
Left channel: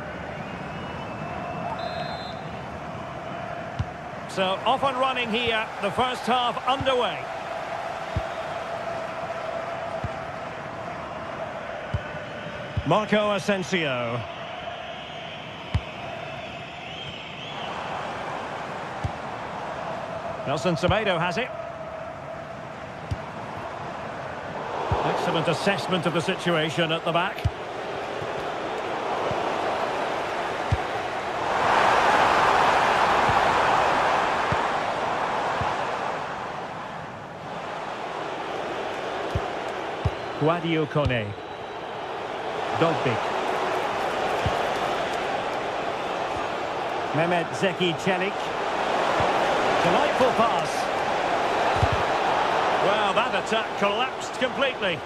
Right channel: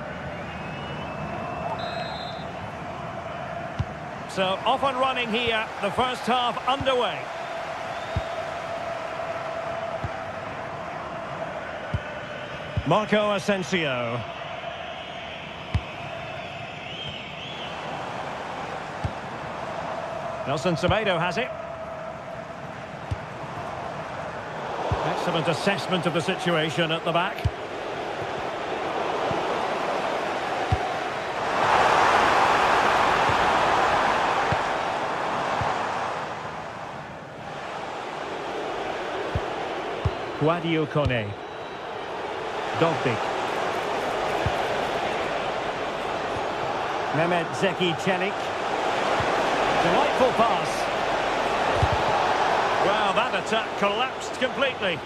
So off and running here, the first half underway. Marco Asensio. Nelson Semedo has it. Excellent assessment of the situation at the back. Guadio Kone. Dogbik. Mehmet Zeki Çelik. Delightful pass. Well, that attack collapsed completely.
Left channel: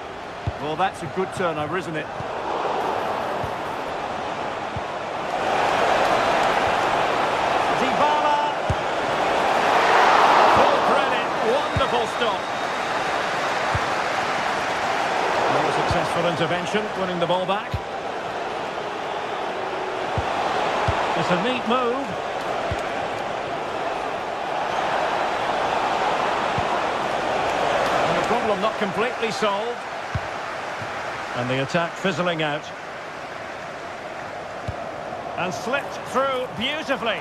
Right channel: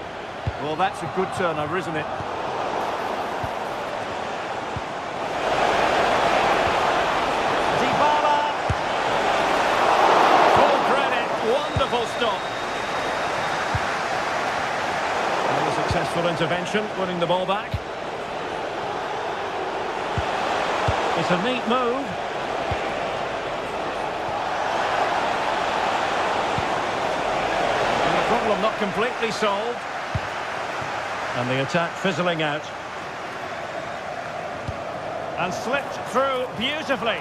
Well, that's a good turnover, isn't it? Dybala. Full credit. Wonderful stop. Another successful intervention, winning the ball back. It's a neat move. Problem not completely solved. And the attack fizzling out. And slipped through beautifully.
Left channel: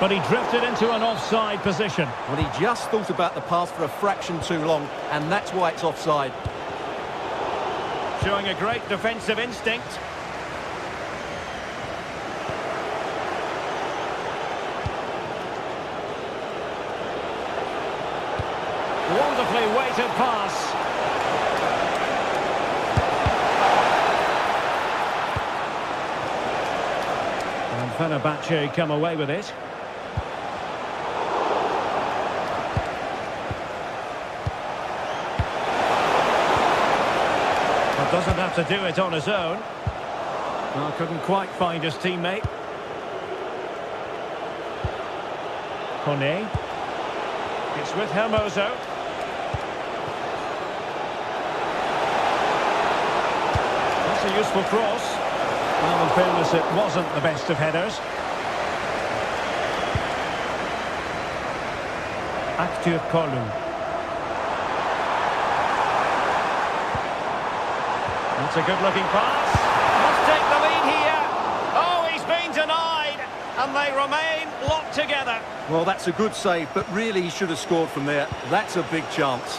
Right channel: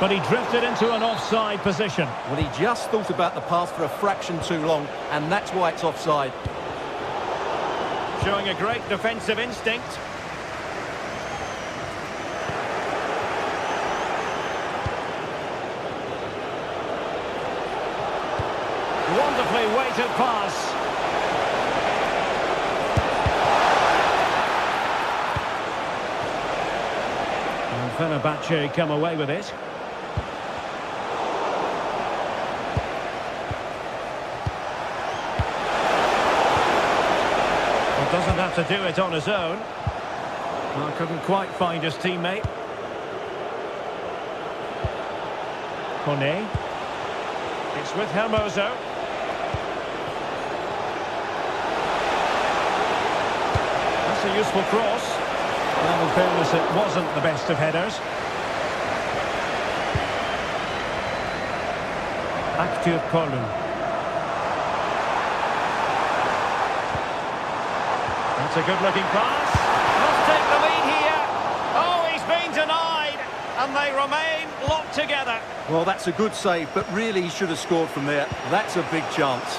But he drifted into an offside position. Well, he just thought about the pass for a fraction too long, and that's why it's offside. Showing a great defensive instinct. Wonderfully weighted pass. And Fenerbahce come away with it. Well, doesn't have to do it on his own. Well, couldn't quite find his teammate. Kone. It's with Hermoso. That's a useful cross. Well, in fairness, it wasn't the best of headers. Aktür Kolu. That's a good-looking pass. Must take the lead here. Oh, he's been denied. And they remain locked together. Well, that's a good save, but really he should have scored from there. That's a big chance.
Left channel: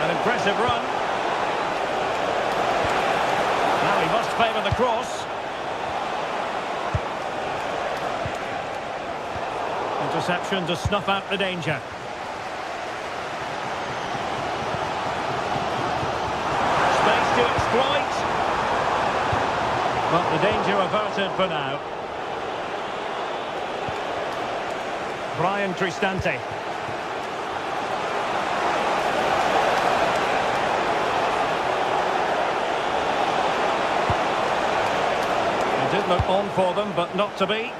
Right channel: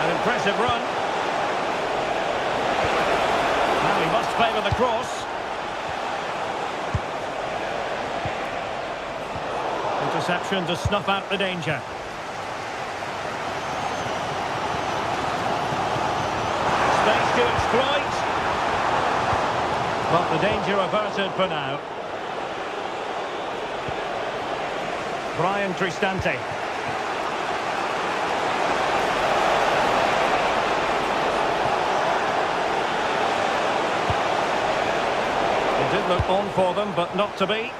An impressive run. Now he must favour the cross. Interception to snuff out the danger. Space to exploit. But the danger averted for now. Brian Cristante. It did look on for them, but not to be.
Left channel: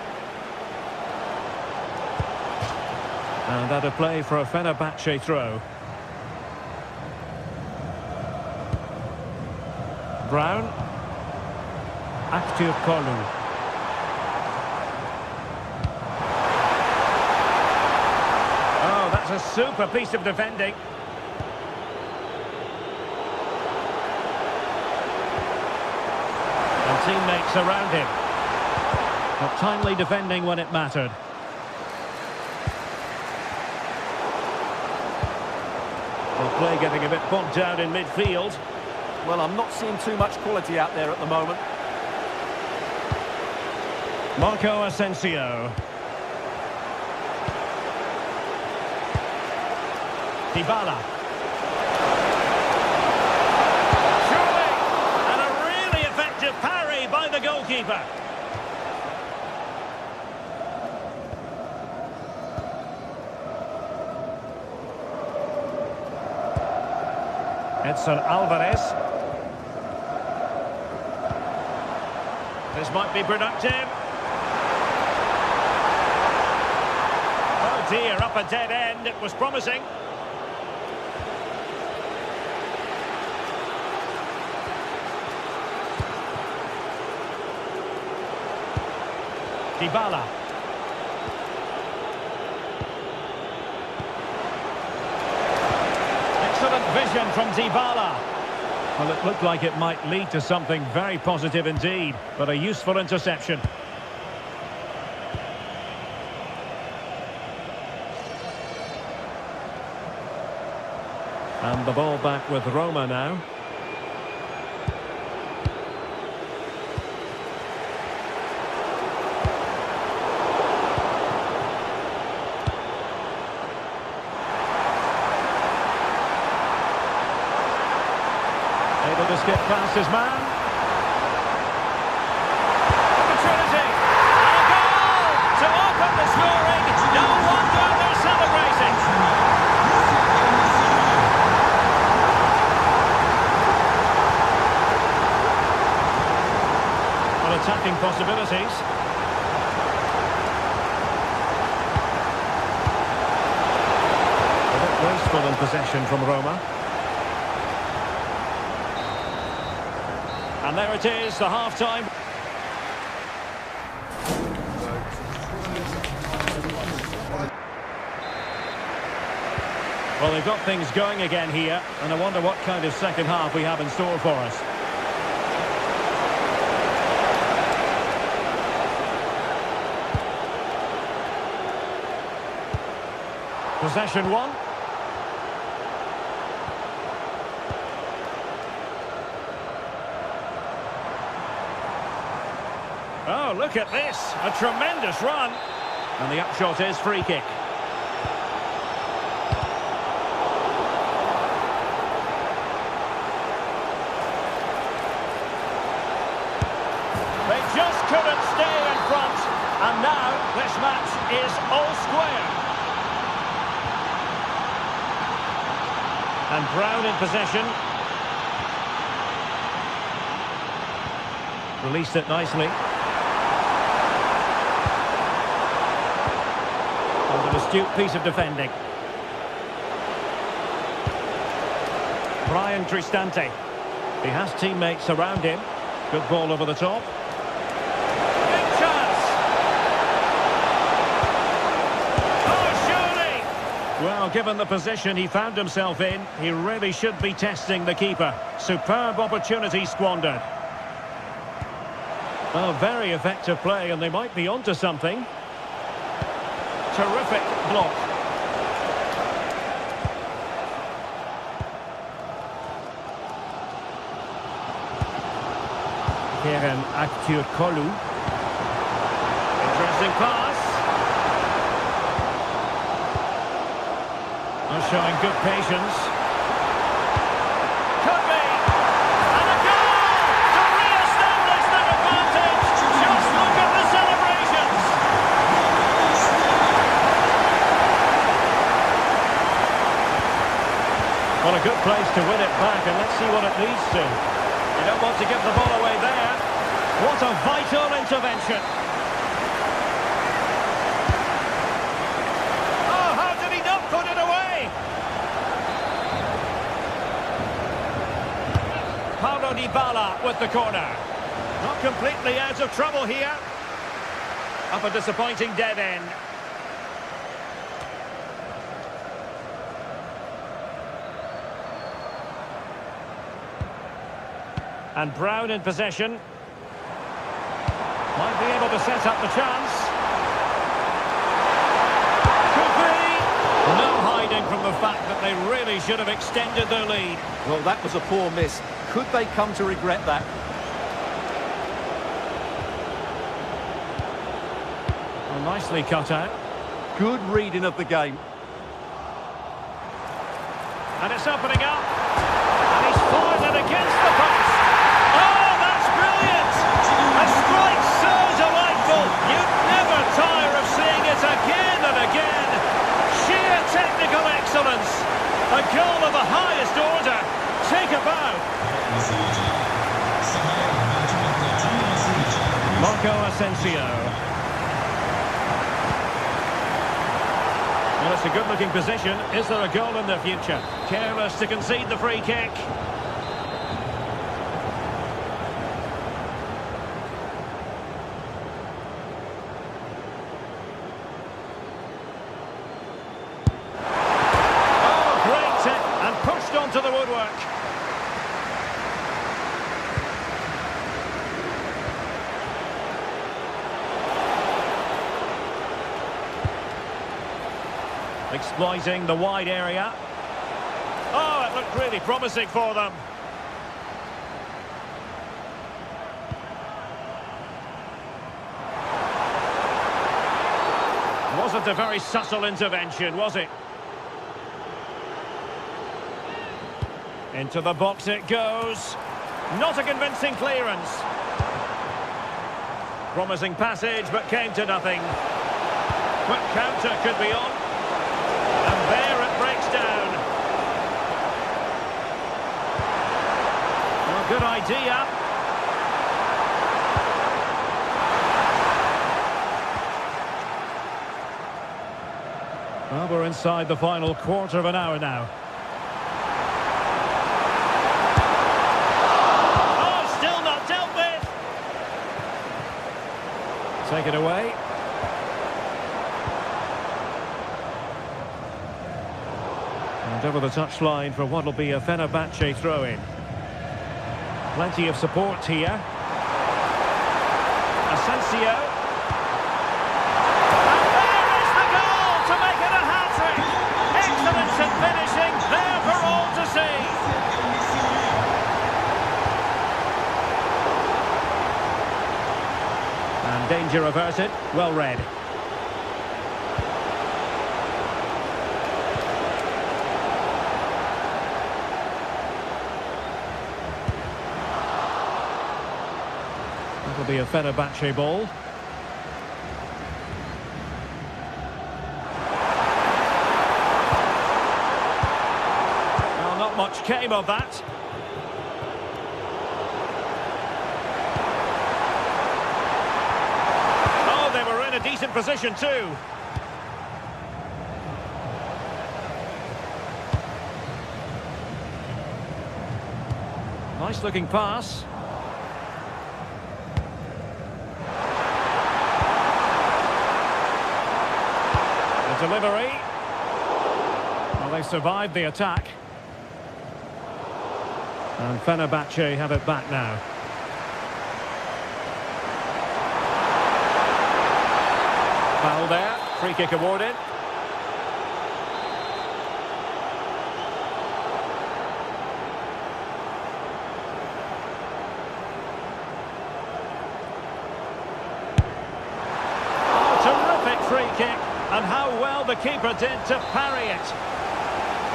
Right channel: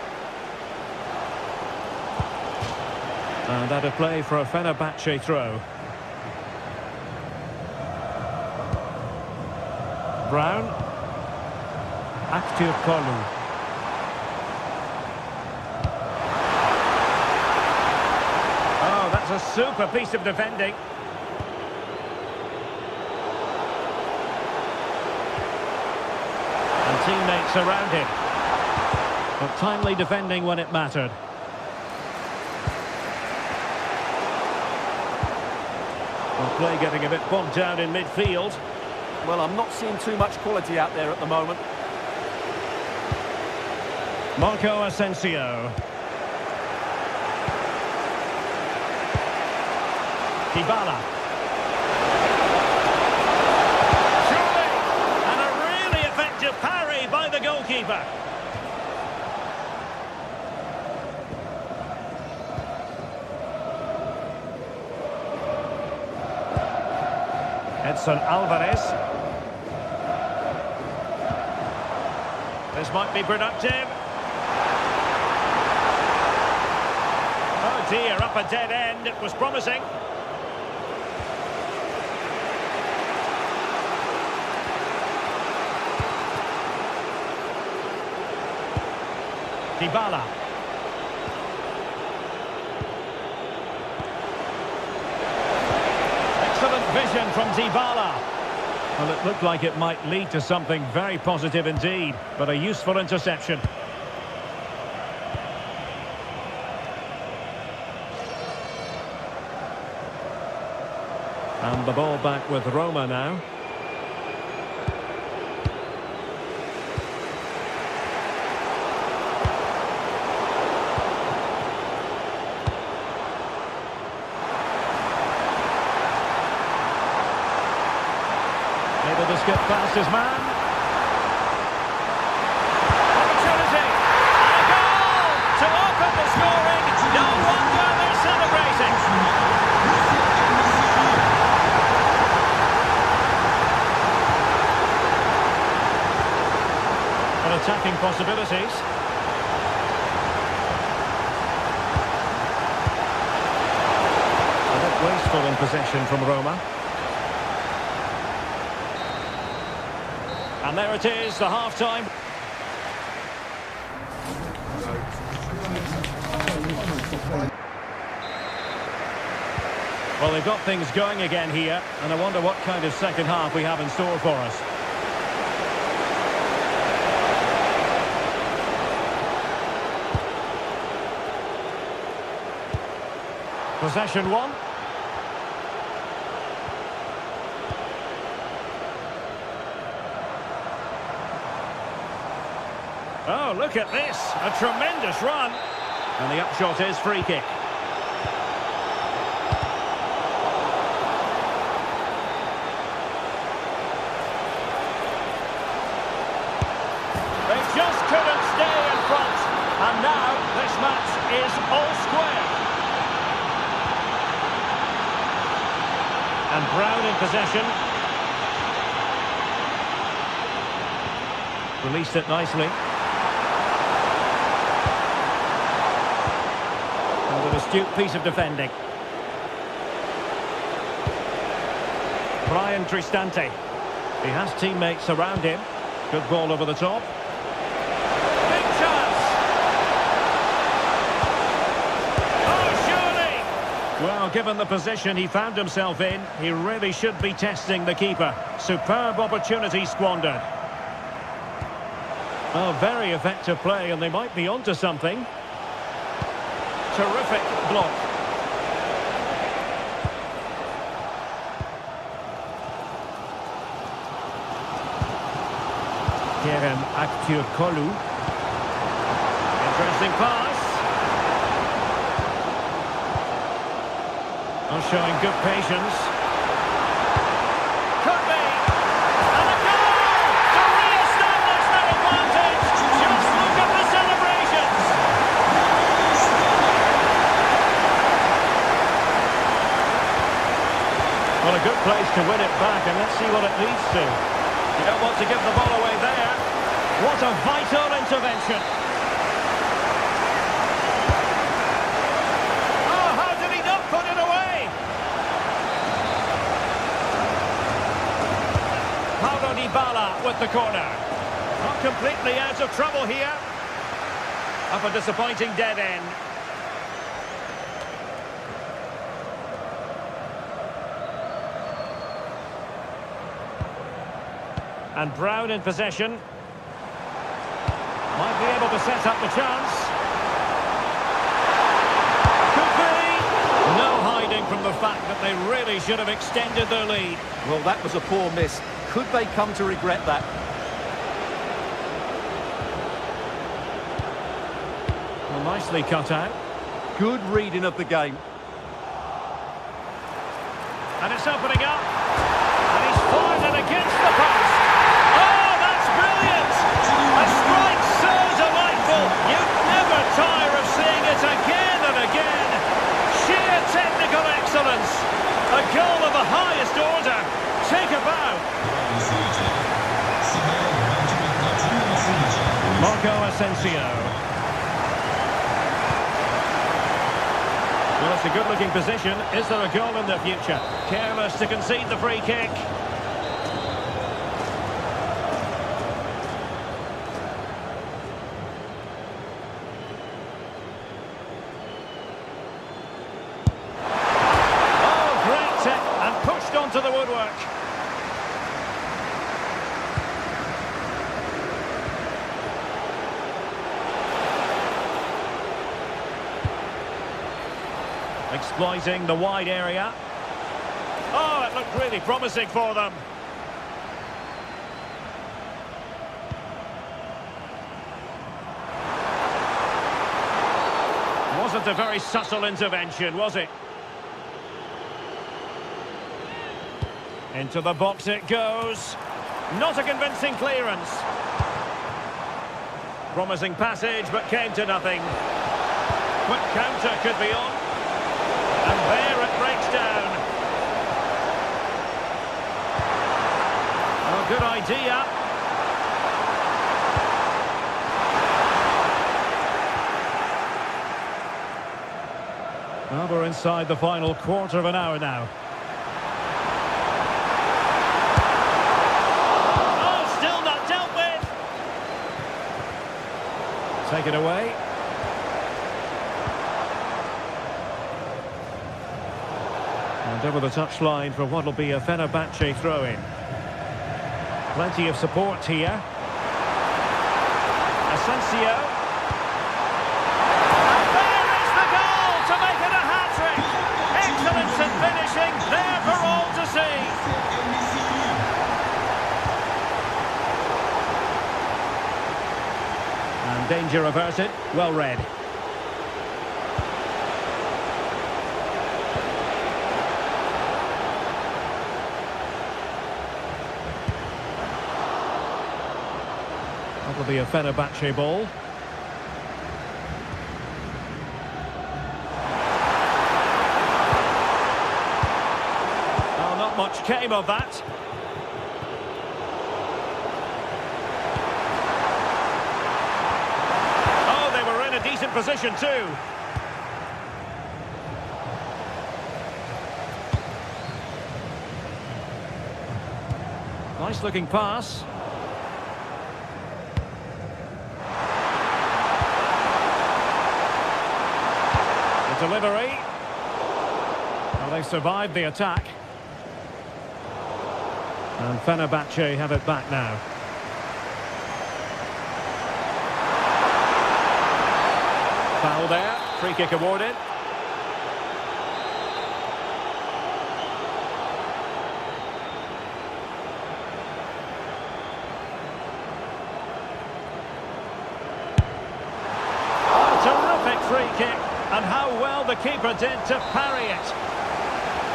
And that a play for a Fenerbahce throw. Brown. Aktür Kolu. Oh, that's a super piece of defending. And teammates around him. But timely defending when it mattered. Well, play getting a bit bogged down in midfield. Well, I'm not seeing too much quality out there at the moment. Marco Asensio. Dybala. Surely! And a really effective parry by the goalkeeper. Edson Alvarez. This might be productive. Oh dear, up a dead end. It was promising. Dybala. Excellent vision from Dybala. Well, it looked like it might lead to something very positive indeed, but a useful interception. And the ball back with Roma now. Able to skip past his man. Opportunity! And a goal to open the scoring. No wonder they're celebrating. Well, attacking possibilities. A bit wasteful in possession from Roma. And there it is, the half-time. Well, they've got things going again here, and I wonder what kind of second half we have in store for us. Possession one. Oh, look at this. A tremendous run. And the upshot is free kick. They just couldn't stay in front. And now this match is all square. And Brown in possession. Released it nicely. And an astute piece of defending. Brian Cristante. He has teammates around him. Good ball over the top. Big chance! Oh, surely! Well, given the position he found himself in, he really should be testing the keeper. Superb opportunity squandered. Well, very effective play, and they might be onto something. Terrific block. Kerem Aktürkoğlu. Interesting pass. Oh, showing good patience. Could be. And a goal to re-establish their advantage. Just look at the celebrations. Well, a good place to win it back, and let's see what it leads to. You don't want to give the ball away there. What a vital intervention. Oh, how did he not put it away? Paulo Dybala with the corner. Not completely out of trouble here. Up a disappointing dead end. And Brown in possession. Might be able to set up the chance. Could be. No hiding from the fact that they really should have extended their lead. Well, that was a poor miss. Could they come to regret that? Well, nicely cut out. Good reading of the game. And it's opening up. And he's fired it against the post. Oh, that's brilliant! A strike so delightful. You'd never tire of seeing it again and again. Sheer technical excellence. A goal of the highest order. Take a bow. Marco Asensio. Well, it's a good-looking position. Is there a goal in the future? Careless to concede the free kick. Oh, great tech, and pushed onto the woodwork. Exploiting the wide area. Oh, it looked really promising for them. Wasn't a very subtle intervention, was it? Into the box it goes. Not a convincing clearance. Promising passage, but came to nothing. Quick counter could be on. And there it breaks down. Well, good idea. Well, we're inside the final quarter of an hour now. Oh, still not dealt with. Take it away. And over the touchline for what will be a Fenerbahce throw-in. Plenty of support here. Asensio. And there is the goal to make it a hat-trick. Excellence in finishing, there for all to see. And danger averted, well read. That'll be a Fenerbahce ball. Well, not much came of that. Oh, they were in a decent position too. Nice looking pass. Delivery. Well, they survived the attack. And Fenerbahce have it back now. Foul there. Free kick awarded. Oh, terrific free kick. And how well the keeper did to parry it.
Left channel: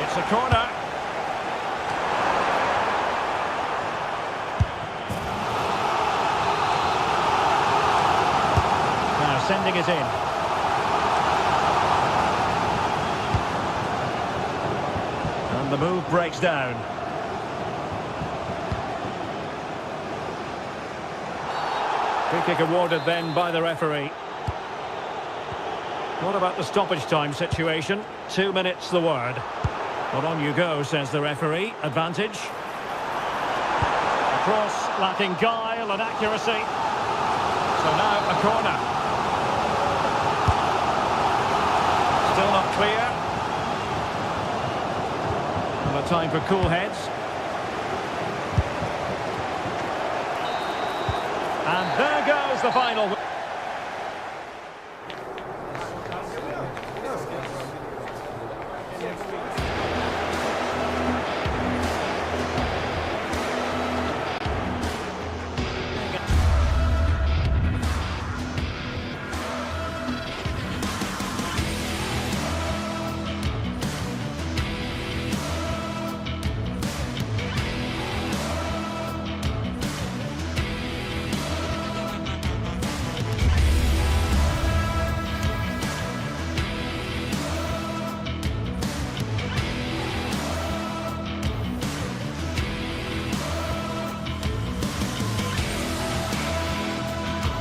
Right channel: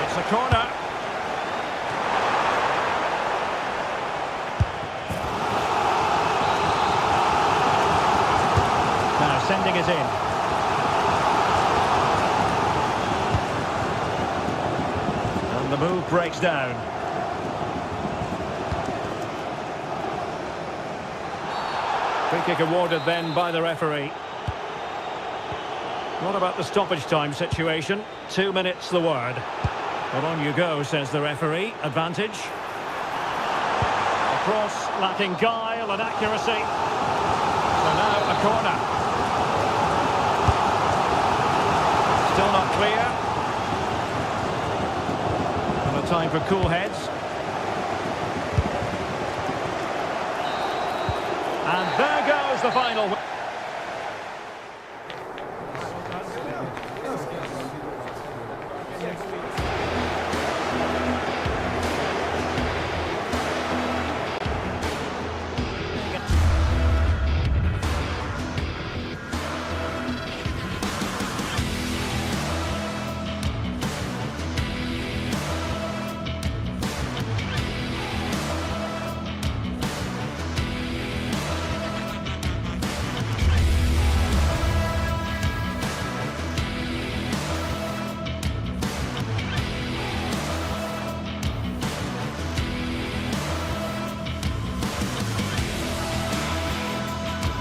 It's a corner. Now sending it in. And the move breaks down. Free kick awarded then by the referee. What about the stoppage time situation? 2 minutes the word. Well, on you go, says the referee. Advantage. A cross lacking guile and accuracy. So now a corner. Still not clear. And a time for cool heads. And there goes the final.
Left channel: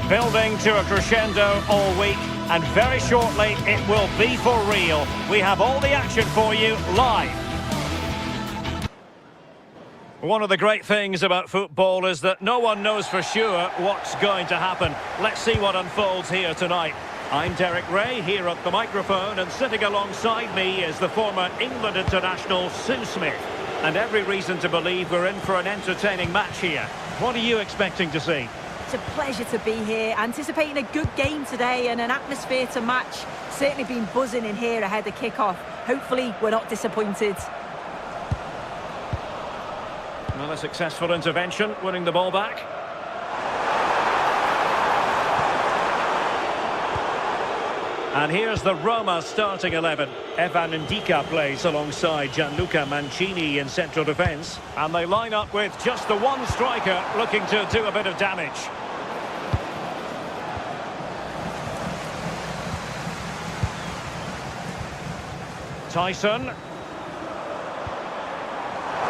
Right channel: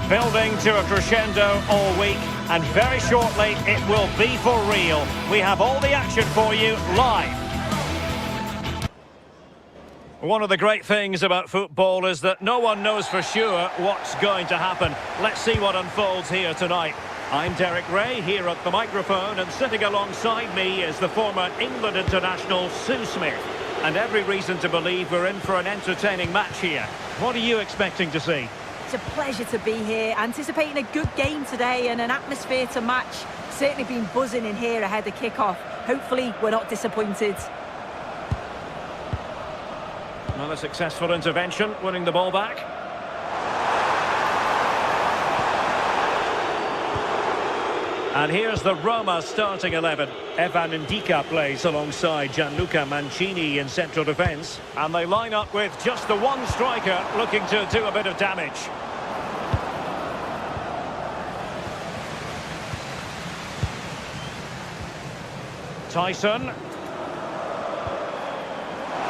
Building to a crescendo all week, and very shortly it will be for real. We have all the action for you live. One of the great things about football is that no one knows for sure what's going to happen. Let's see what unfolds here tonight. I'm Derek Ray here at the microphone, and sitting alongside me is the former England international Sue Smith. And every reason to believe we're in for an entertaining match here. What are you expecting to see? It's a pleasure to be here, anticipating a good game today and an atmosphere to match. Certainly been buzzing in here ahead of kick-off. Hopefully we're not disappointed. Another successful intervention, winning the ball back. And here's the Roma starting 11. Evan Ndika plays alongside Gianluca Mancini in central defence. And they line up with just the one striker looking to do a bit of damage. Tyson.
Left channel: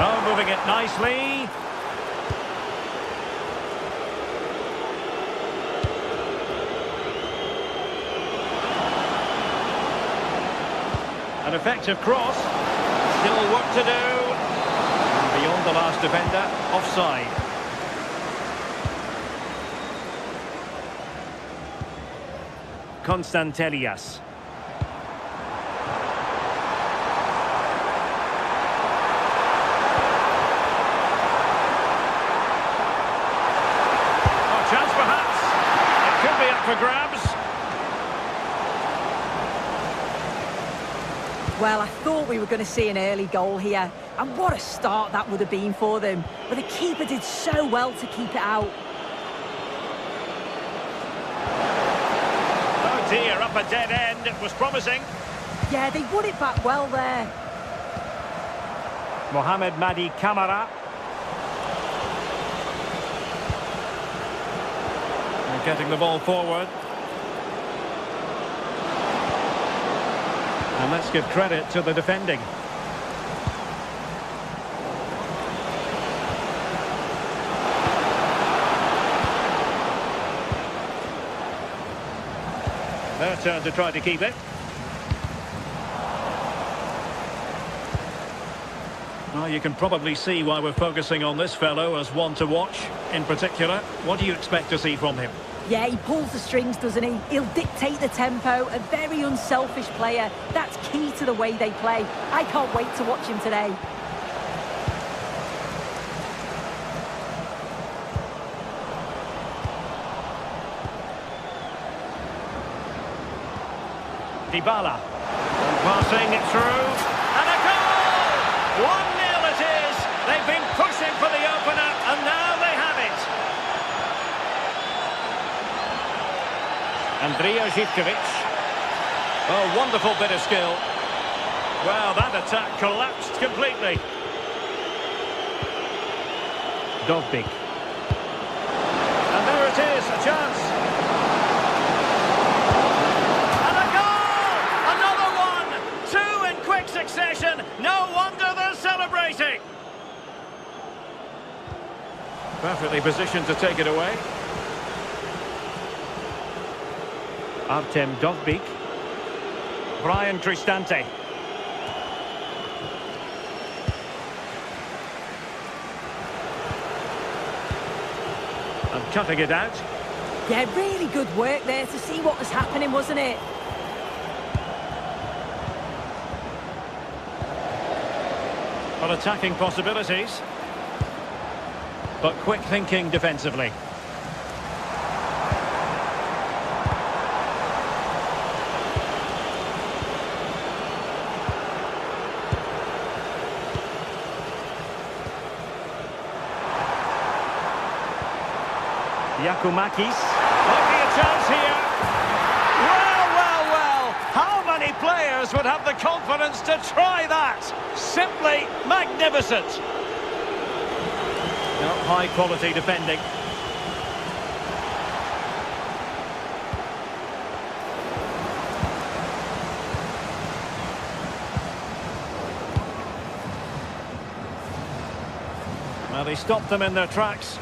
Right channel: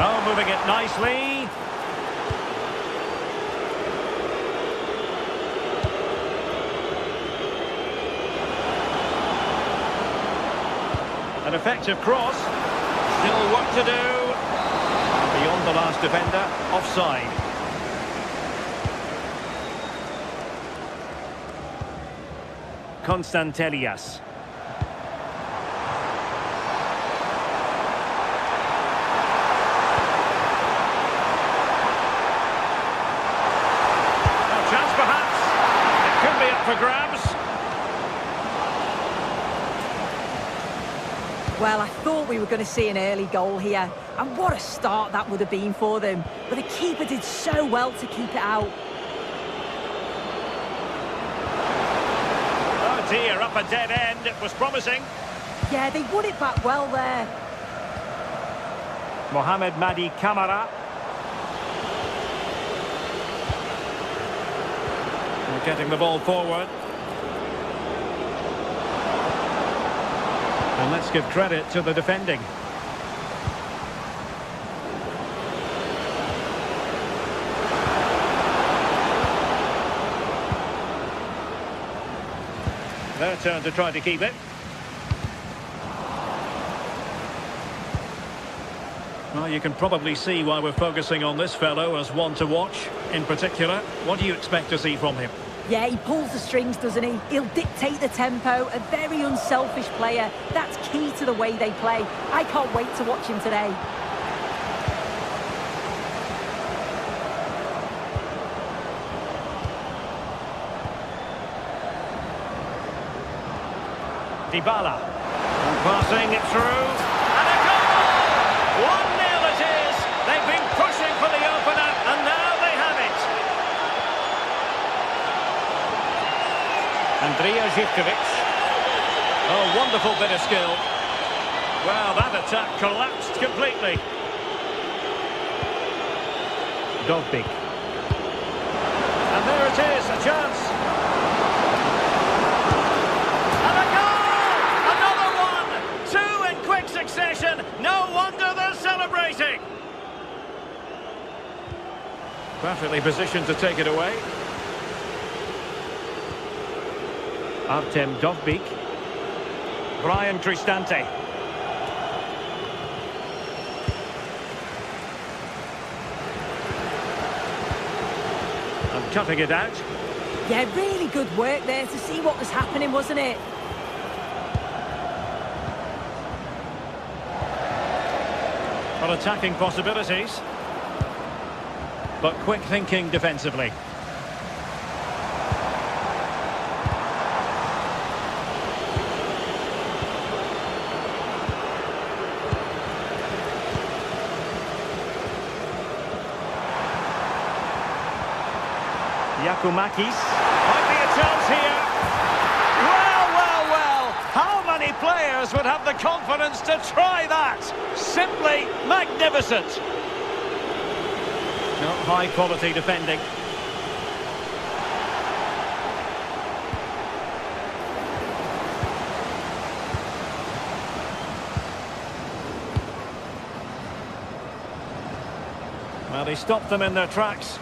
Oh, moving it nicely. An effective cross. Still work to do. And beyond the last defender, offside. Constantelias. Oh, chance perhaps. It could be up for grabs. Well, I thought we were going to see an early goal here, and what a start that would have been for them. But the keeper did so well to keep it out. Oh dear, up a dead end. It was promising. Yeah, they won it back well there. Mohamed Madi Camara. They're getting the ball forward. And let's give credit to the defending. Their turn to try to keep it. Well, you can probably see why we're focusing on this fellow as one to watch. In particular, what do you expect to see from him? Yeah, he pulls the strings, doesn't he? He'll dictate the tempo, a very unselfish player. That's key to the way they play. I can't wait to watch him today. Dybala. And passing it through. And a goal! 1-0 it is. They've been pushing for the opener, and now they have it. Andrija Zivkovic. Oh, wonderful bit of skill. Well, that attack collapsed completely. Dovbyk. And there it is, a chance. And a goal! Another one! Two in quick succession. No wonder they're celebrating. Perfectly positioned to take it away. Artem Dovbyk. Brian Cristante. And cutting it out. Yeah, really good work there to see what was happening, wasn't it? Well, attacking possibilities. But quick thinking defensively. Yakumakis. Might be a chance here. Well, well, well. How many players would have the confidence to try that? Simply magnificent. No, high quality defending. Well, they stopped them in their tracks.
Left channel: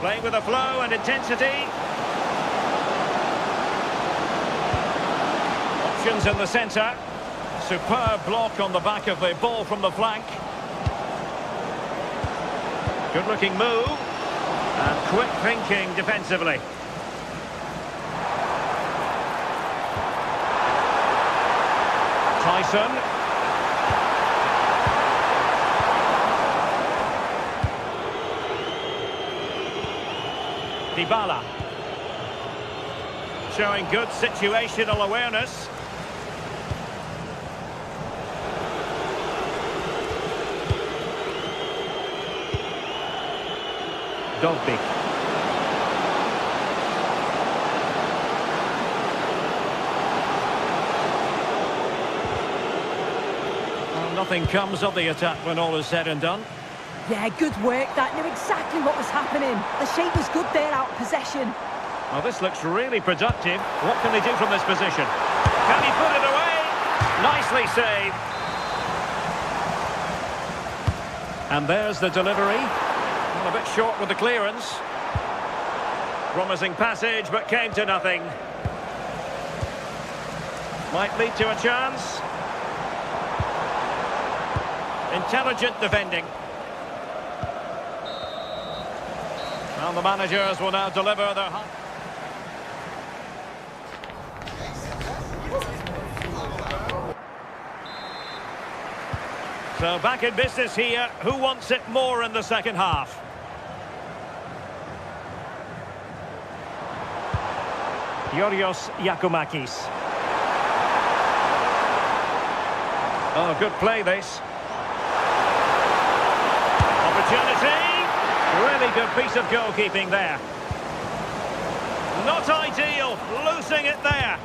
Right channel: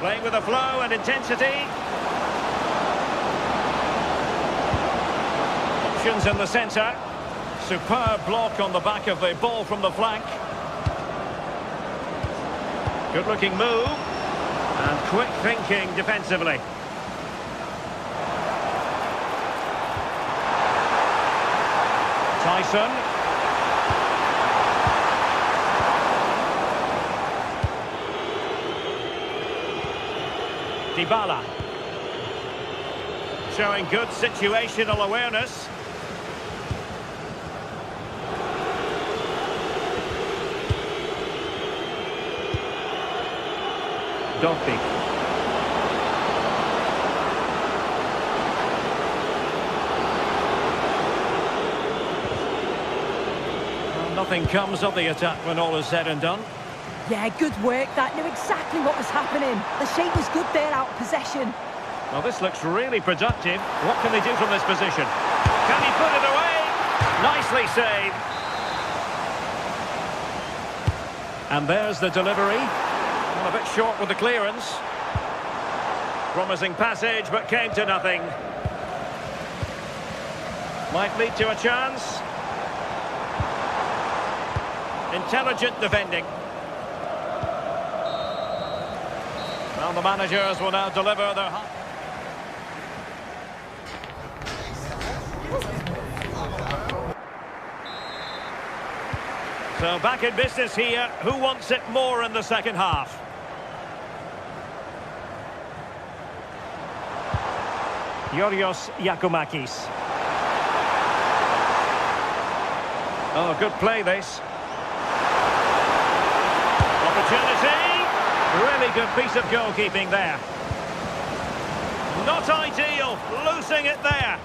Playing with a flow and intensity. Options in the centre. Superb block on the back of the ball from the flank. Good looking move. And quick thinking defensively. Tyson. Dybala. Showing good situational awareness. Dobbik. Well, nothing comes of the attack when all is said and done. Yeah, good work. That knew exactly what was happening. The shape was good there out of possession. Well, this looks really productive. What can they do from this position? Can he put it away? Nicely saved. And there's the delivery. Well, a bit short with the clearance. Promising passage, but came to nothing. Might lead to a chance. Intelligent defending. Well, the managers will now deliver their... So back in business here. Who wants it more in the second half? Yorios Yakumakis. Oh, good play this. Opportunity. Really good piece of goalkeeping there. Not ideal. Losing it there.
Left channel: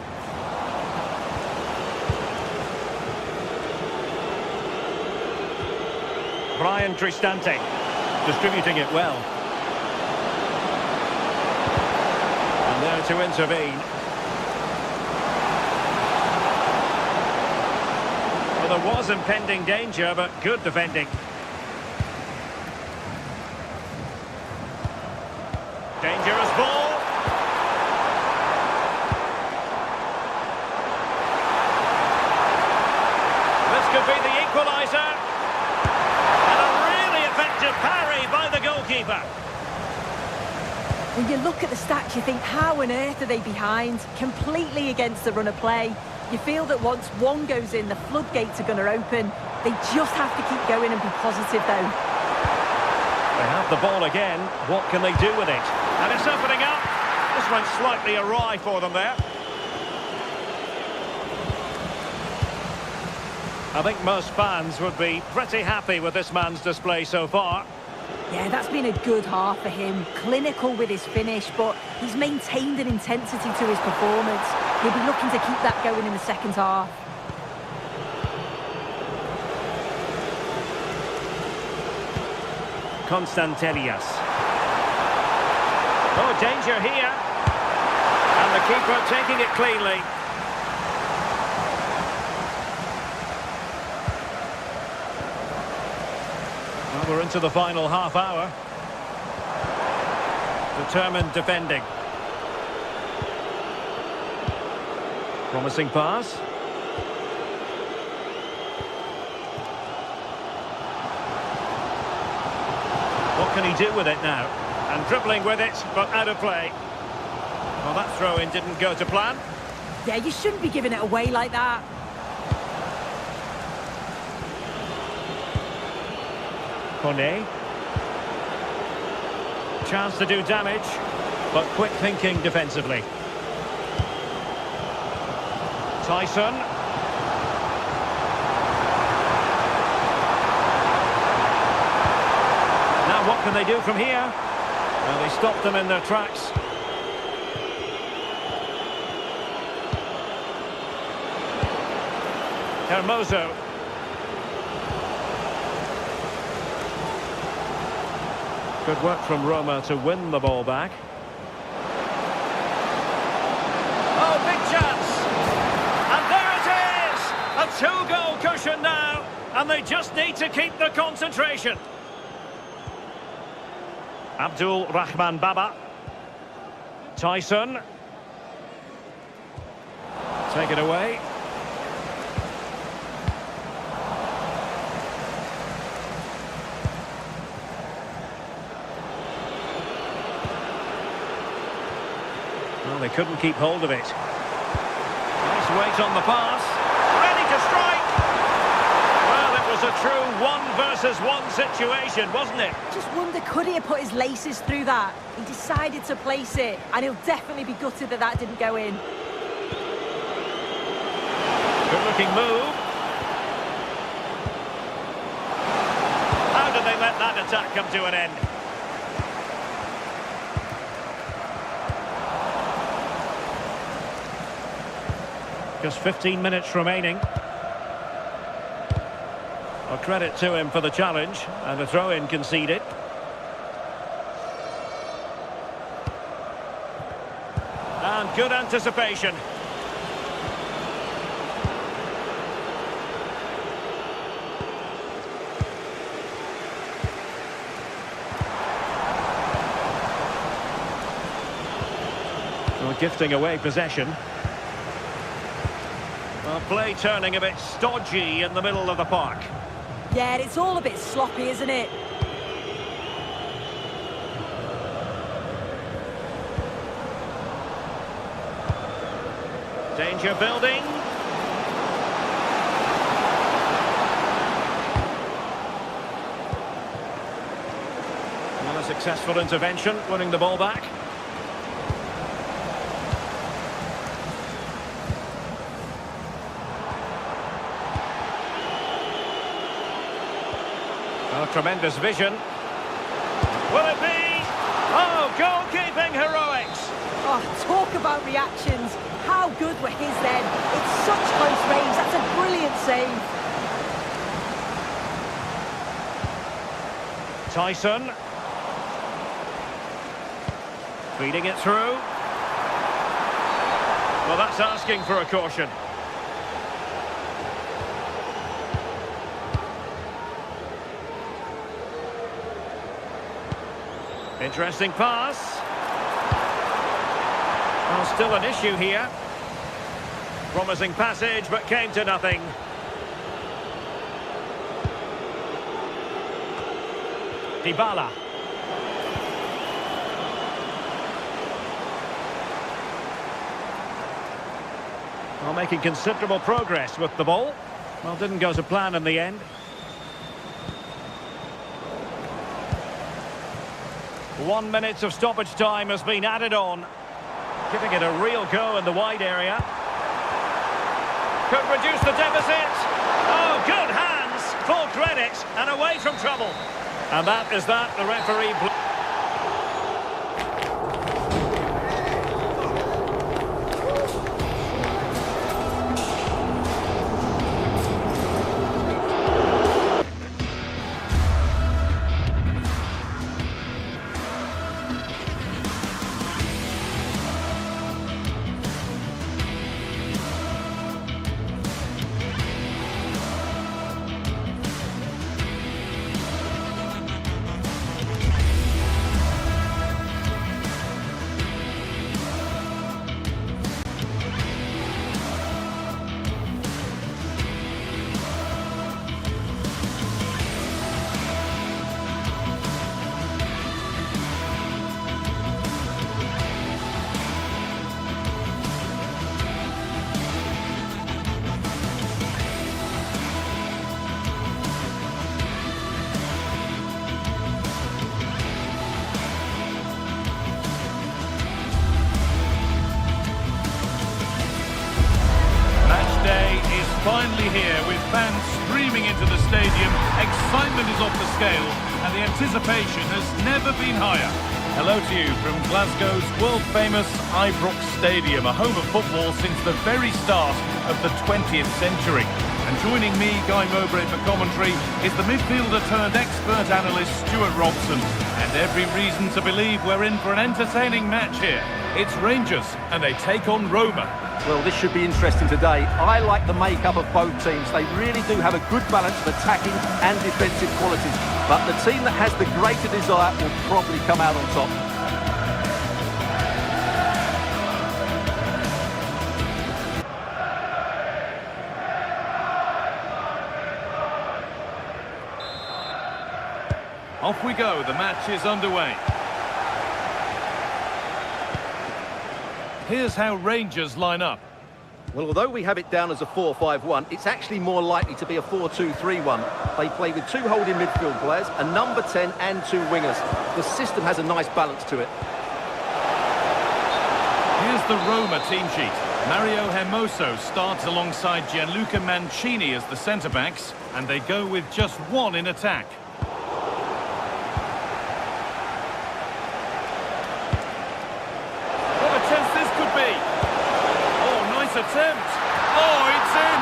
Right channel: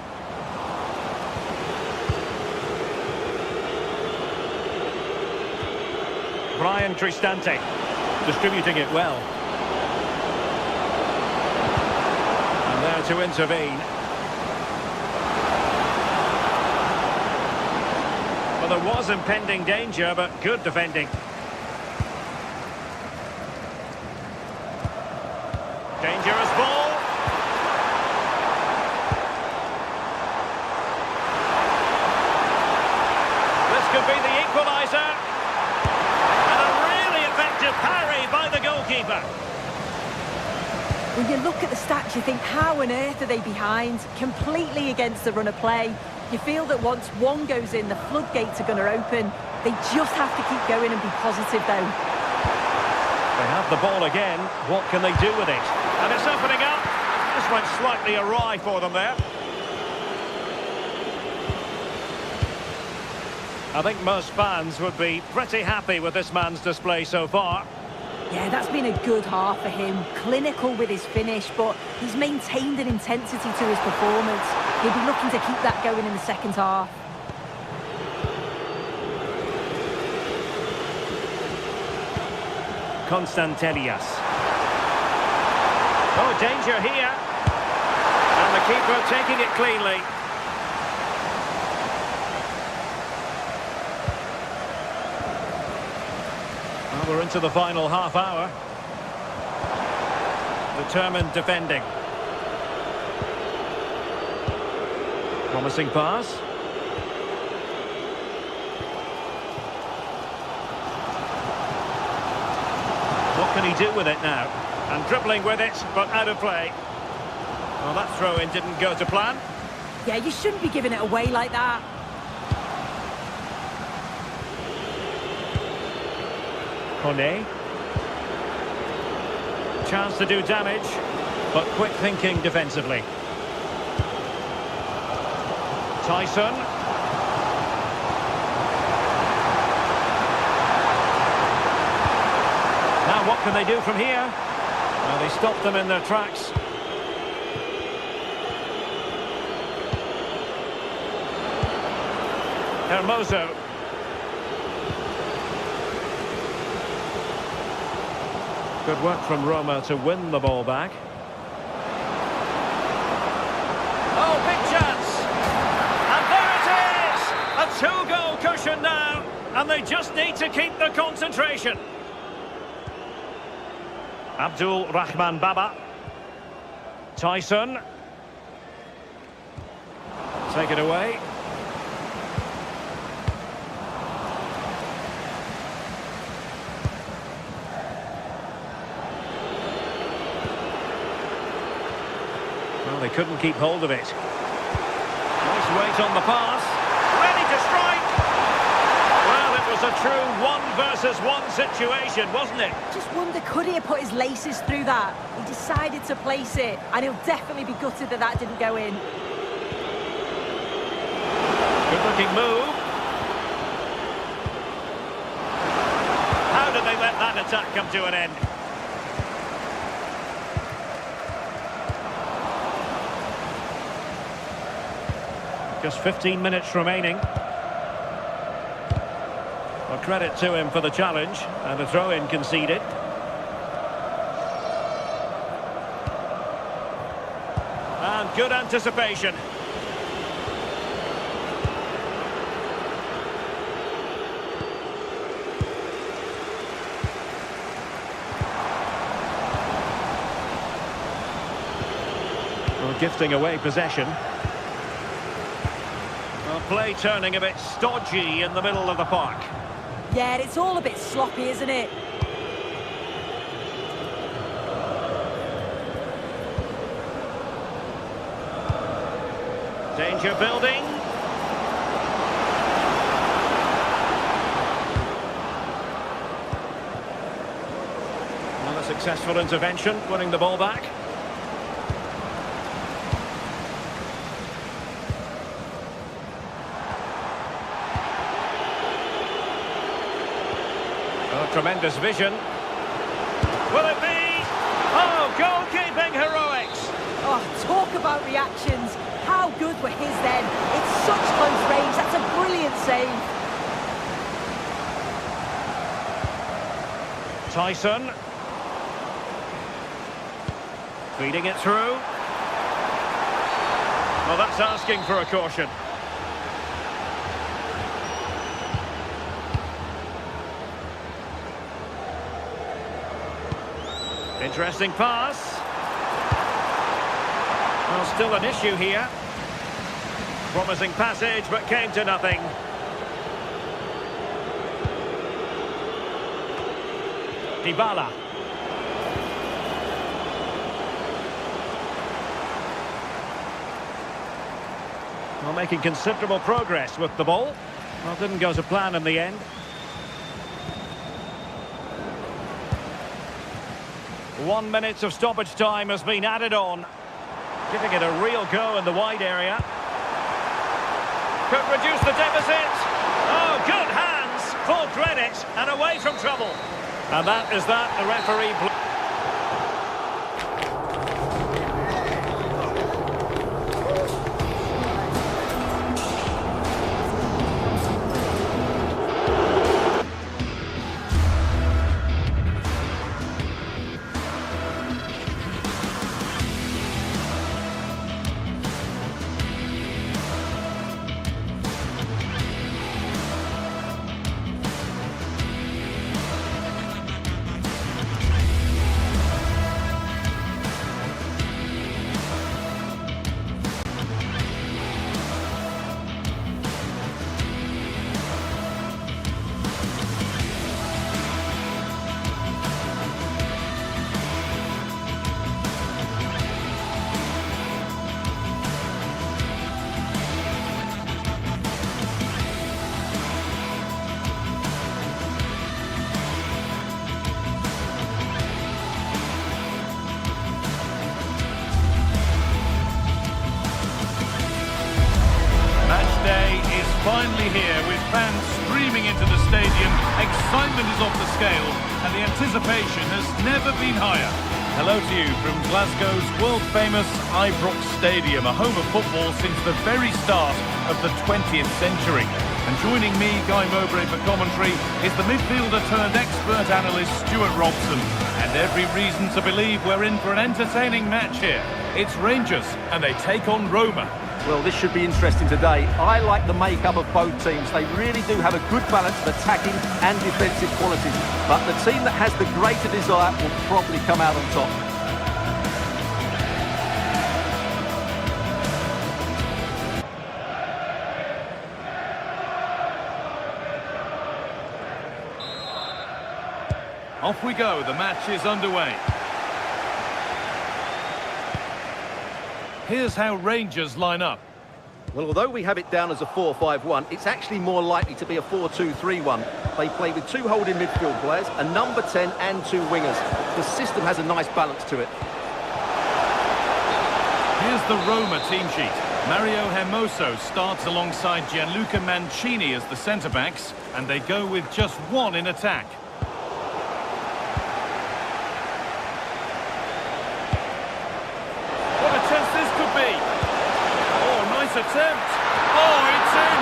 Brian Cristante distributing it well. And there to intervene. Well, there was impending danger, but good defending. Dangerous ball. This could be the equaliser. Parry by the goalkeeper. When you look at the stats, you think, how on earth are they behind? Completely against the run of play. You feel that once one goes in, the floodgates are going to open. They just have to keep going and be positive, though. They have the ball again. What can they do with it? And it's opening up. This went slightly awry for them there. I think most fans would be pretty happy with this man's display so far. Yeah, that's been a good half for him. Clinical with his finish, but he's maintained an intensity to his performance. He'll be looking to keep that going in the second half. Constantelias. Oh, danger here. And the keeper taking it cleanly. Well, we're into the final half hour. Determined defending. Promising pass. What can he do with it now? And dribbling with it, but out of play. Well, that throw-in didn't go to plan. Yeah, you shouldn't be giving it away like that. Kone. Chance to do damage, but quick thinking defensively. Tyson. Now what can they do from here? Well, they stopped them in their tracks. Hermoso. Good work from Roma to win the ball back. Oh, big chance! And there it is! A two-goal cushion now, and they just need to keep the concentration. Abdul Rahman Baba. Tyson. Take it away. Well, they couldn't keep hold of it. Nice weight on the pass. Ready to strike! Well, it was a true 1 versus 1 situation, wasn't it? Just wonder, could he have put his laces through that? He decided to place it, and he'll definitely be gutted that that didn't go in. Good-looking move. How did they let that attack come to an end? Just 15 minutes remaining. Well, credit to him for the challenge, and a throw-in conceded. And good anticipation. Well, gifting away possession. Well, play turning a bit stodgy in the middle of the park. Yeah, it's all a bit sloppy, isn't it? Danger building. Well, a successful intervention, winning the ball back. Oh, tremendous vision. Will it be? Oh, goalkeeping heroics. Oh, talk about reactions. How good were his then? It's such close range. That's a brilliant save. Tyson. Feeding it through. Well, that's asking for a caution. Interesting pass. Well, still an issue here. Promising passage, but came to nothing. Dybala. Well, making considerable progress with the ball. Well, didn't go to plan in the end. One minute of stoppage time has been added on. Giving it a real go in the wide area. Could reduce the deficit. Oh, good hands. Full credit and away from trouble. And that is that. The referee... Day is finally here with fans streaming into the stadium. Excitement is off the scale and the anticipation has never been higher. Hello to you from Glasgow's world-famous Ibrox Stadium, a home of football since the very start of the 20th century. And joining me, Guy Mowbray, for commentary is the midfielder-turned-expert analyst Stuart Robson. And every reason to believe we're in for an entertaining match here. It's Rangers and they take on Roma. Well, this should be interesting today. I like the makeup of both teams. They really do have a good balance of attacking and defensive qualities. But the team that has the greater desire will probably come out on top. Off we go, the match is underway. Here's how Rangers line up. Well, although we have it down as a 4-5-1, it's actually more likely to be a 4-2-3-1. They play with 2 holding midfield players, a number 10 and 2 wingers. The system has a nice balance to it. Here's the Roma team sheet. Mario Hermoso starts alongside Gianluca Mancini as the centre-backs, and they go with just one in attack. What a chance this could be! Oh, nice attempt! Oh, it's in!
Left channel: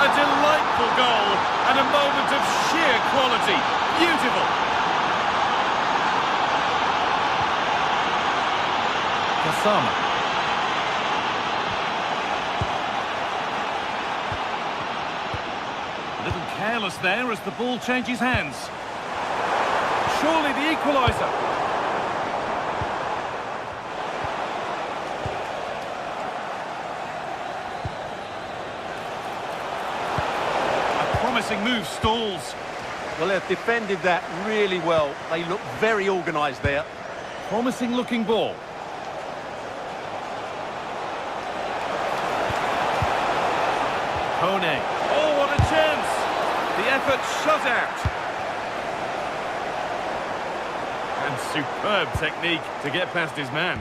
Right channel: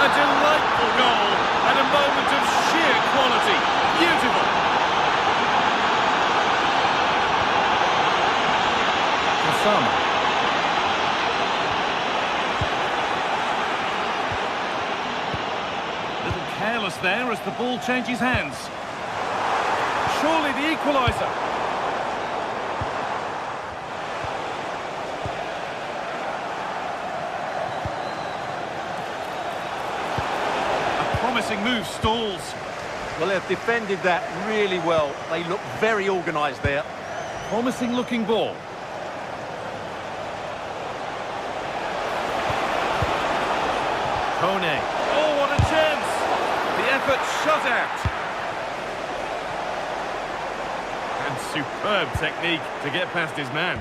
A delightful goal and a moment of sheer quality. Beautiful! Kasama. A little careless there as the ball changes hands. Surely the equaliser. A promising move stalls. Well, they've defended that really well. They look very organised there. Promising looking ball. Kone. Oh, what a chance! The effort shut out. And superb technique to get past his man.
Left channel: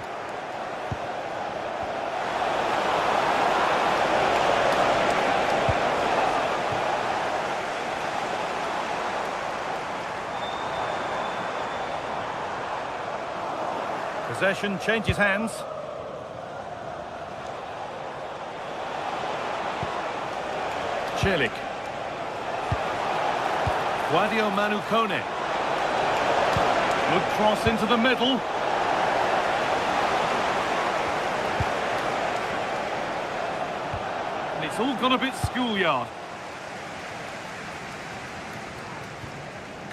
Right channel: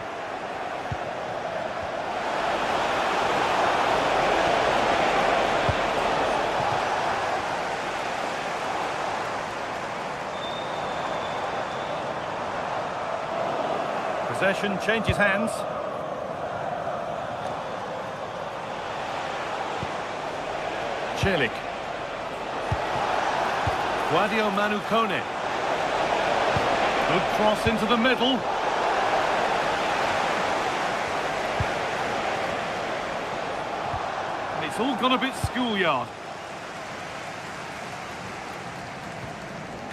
Possession changes hands. Celik. Guadio Manu Kone. Good cross into the middle. And it's all gone a bit schoolyard.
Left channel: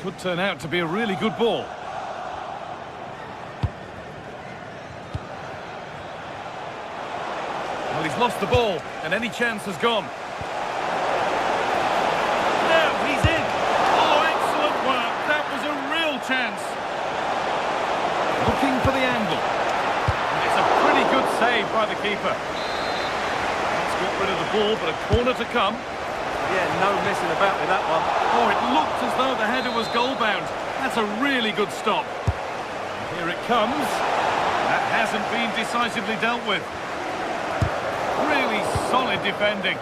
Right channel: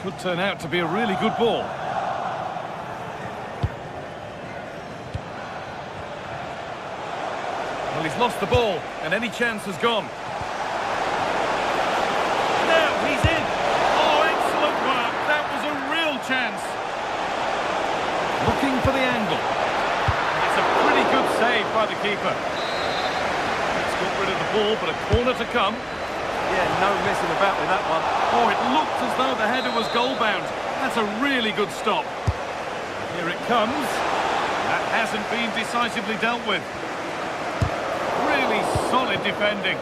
Could turn out to be a really good ball. Well, he's lost the ball, and any chance has gone. He's in. Oh, excellent work. That was a real chance. Looking for the angle. And it's a pretty good save by the keeper. Let's get rid of the ball, but a corner to come. Yeah, no messing about with that one. Oh, it looked as though the header was goal-bound. That's a really good stop. Here it comes. That hasn't been decisively dealt with. Really solid defending.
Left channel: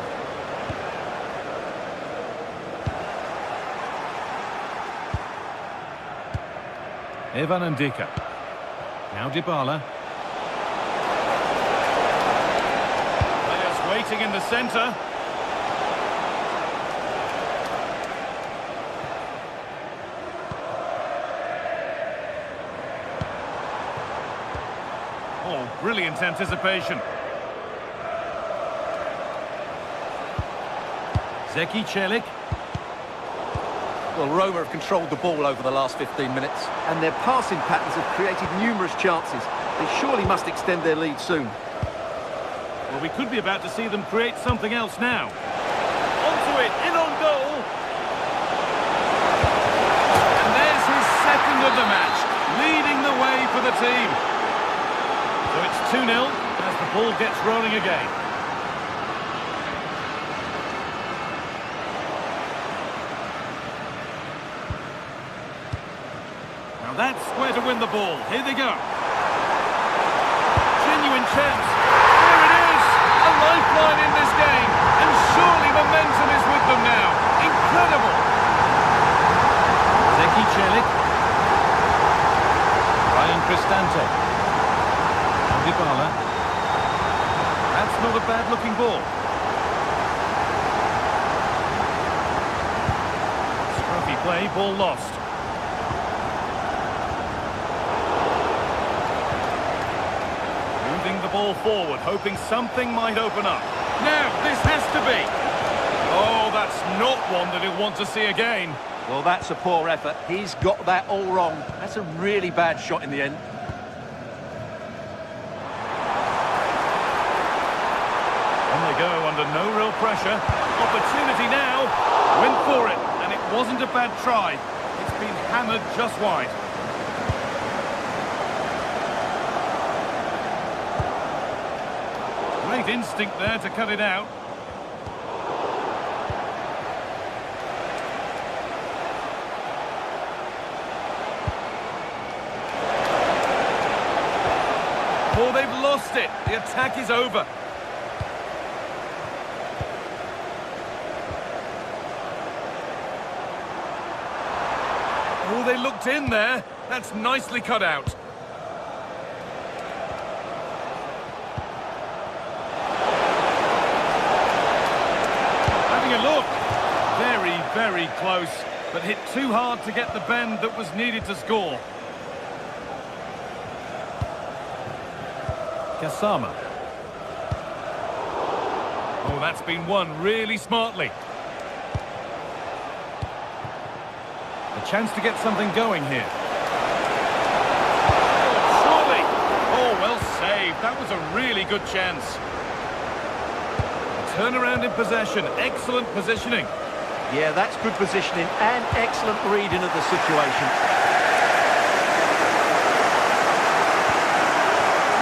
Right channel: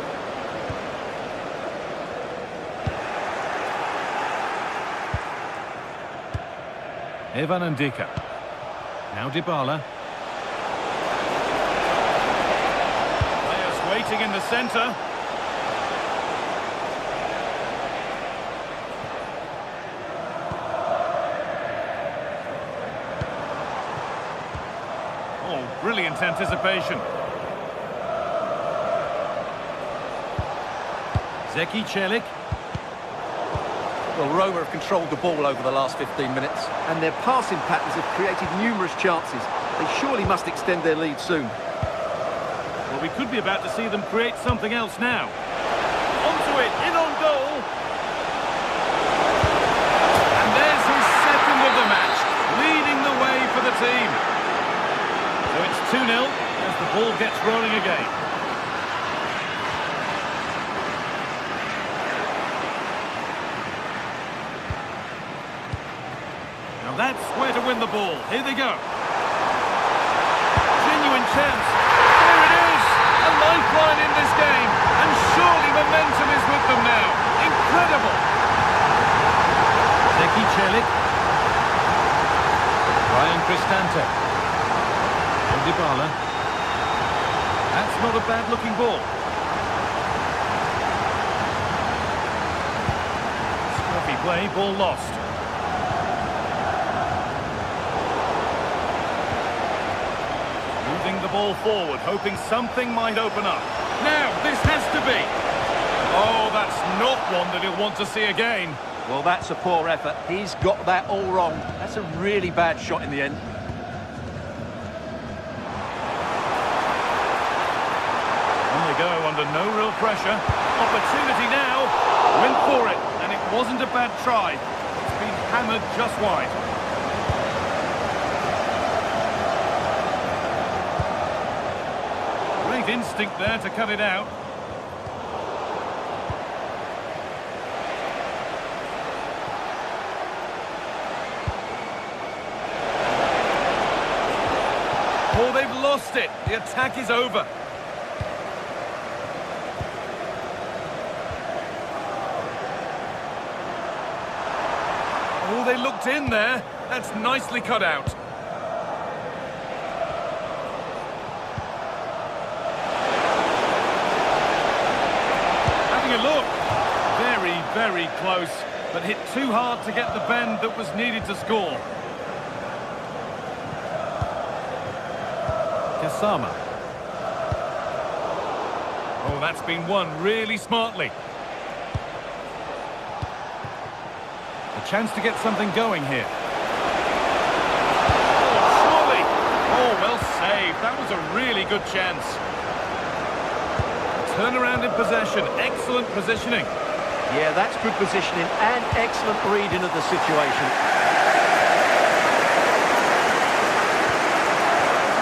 Evan Ndika. Now Dybala. Players waiting in the centre. Oh, brilliant anticipation. Zeki Celik. Well, Roma have controlled the ball over the last 15 minutes, and their passing patterns have created numerous chances. They surely must extend their lead soon. Well, we could be about to see them create something else now. Onto it, in on goal. And there's his second of the match, leading the way for the team. So it's 2-0 as the ball gets rolling again. Now that's where to win the ball. Here they go. Genuine chance. There it is. A lifeline in this game. And surely momentum is with them now. Incredible. Zeki Celik. Ryan Cristante. Now Dybala. That's not a bad-looking ball. Scruffy play, ball lost. smoothing the ball forward, hoping something might open up. Now, this has to be. Oh, that's not one that he'll want to see again. Well, that's a poor effort. He's got that all wrong. That's a really bad shot in the end. On they go under no real pressure. Opportunity now. Went for it, and it wasn't a bad try. It's been hammered just wide. Great instinct there to cut it out. Oh, they've lost it. The attack is over. Oh, they looked in there. That's nicely cut out. Having a look. Very, very close, but hit too hard to get the bend that was needed to score. Kasama. Oh, that's been won really smartly. A chance to get something going here. Oh, surely. Oh, well saved. That was a really good chance. A turnaround in possession. Excellent positioning. Yeah, that's good positioning and excellent reading of the situation.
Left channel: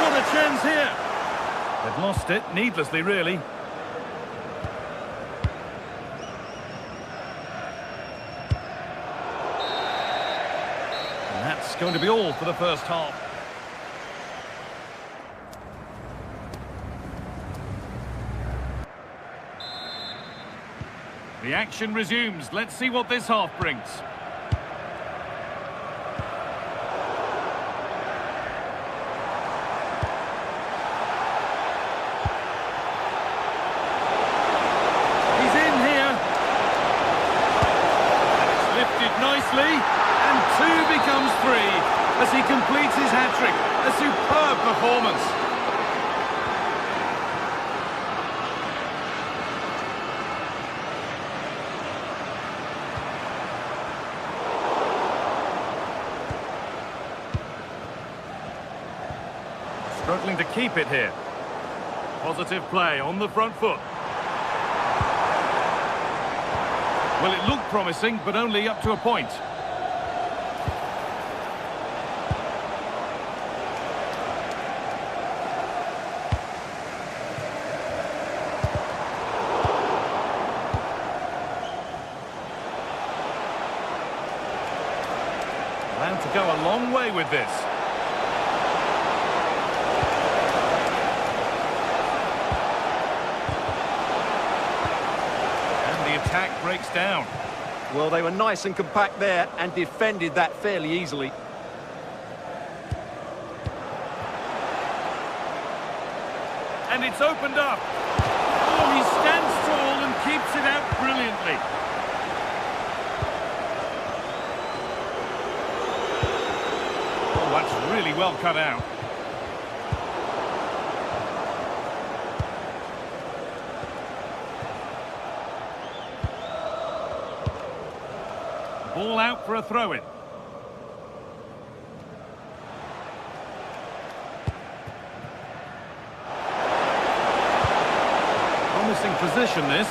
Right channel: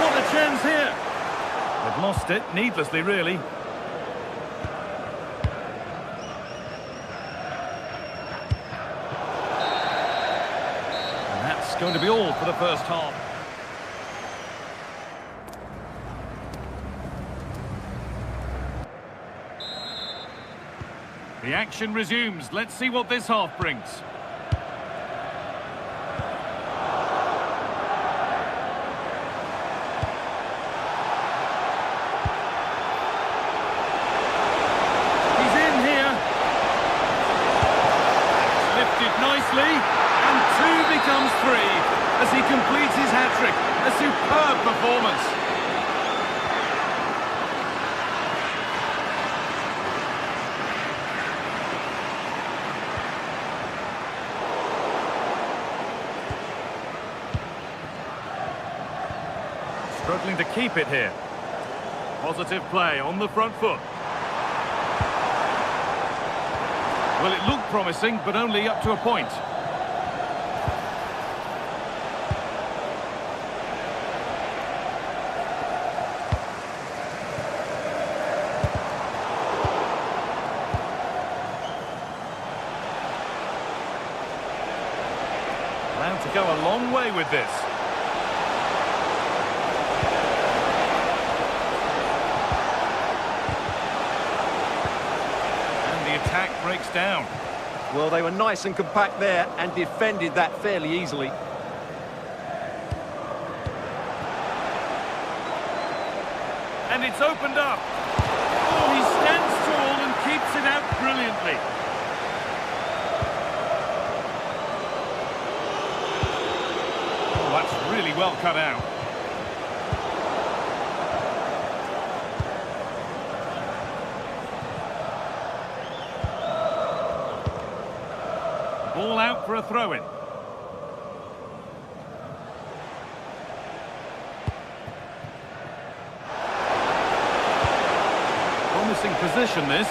What a chance here. They've lost it, needlessly, really. And that's going to be all for the first half. The action resumes. Let's see what this half brings. He's in here. It's lifted nicely. And 2 becomes 3 as he completes his hat-trick. A superb performance. Struggling to keep it here. Positive play on the front foot. Well, it looked promising, but only up to a point. Allowed to go a long way with this. The attack breaks down. Well, they were nice and compact there and defended that fairly easily. And it's opened up. Oh, he stands tall and keeps it out brilliantly. Oh, that's really well cut out. Ball out for a throw-in. Promising position, this.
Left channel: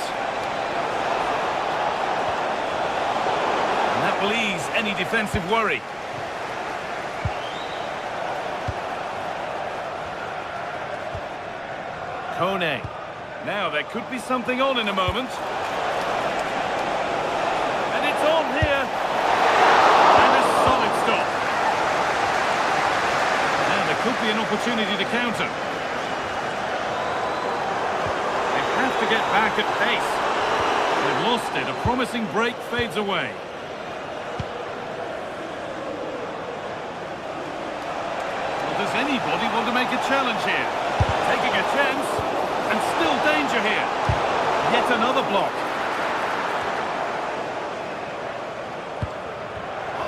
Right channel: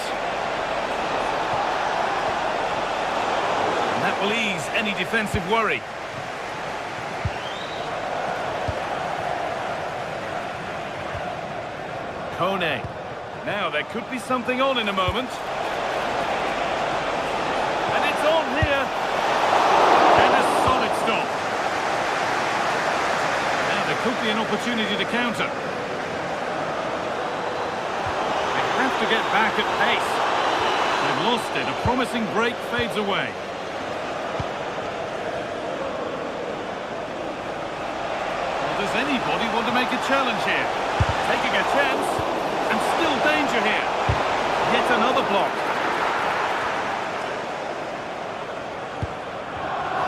And that will ease any defensive worry. Kone. Now, there could be something on in a moment. And it's on here. And a solid stop. Now there could be an opportunity to counter. They have to get back at pace. They've lost it. A promising break fades away. Well, does anybody want to make a challenge here? Taking a chance. And still danger here. Yet another block.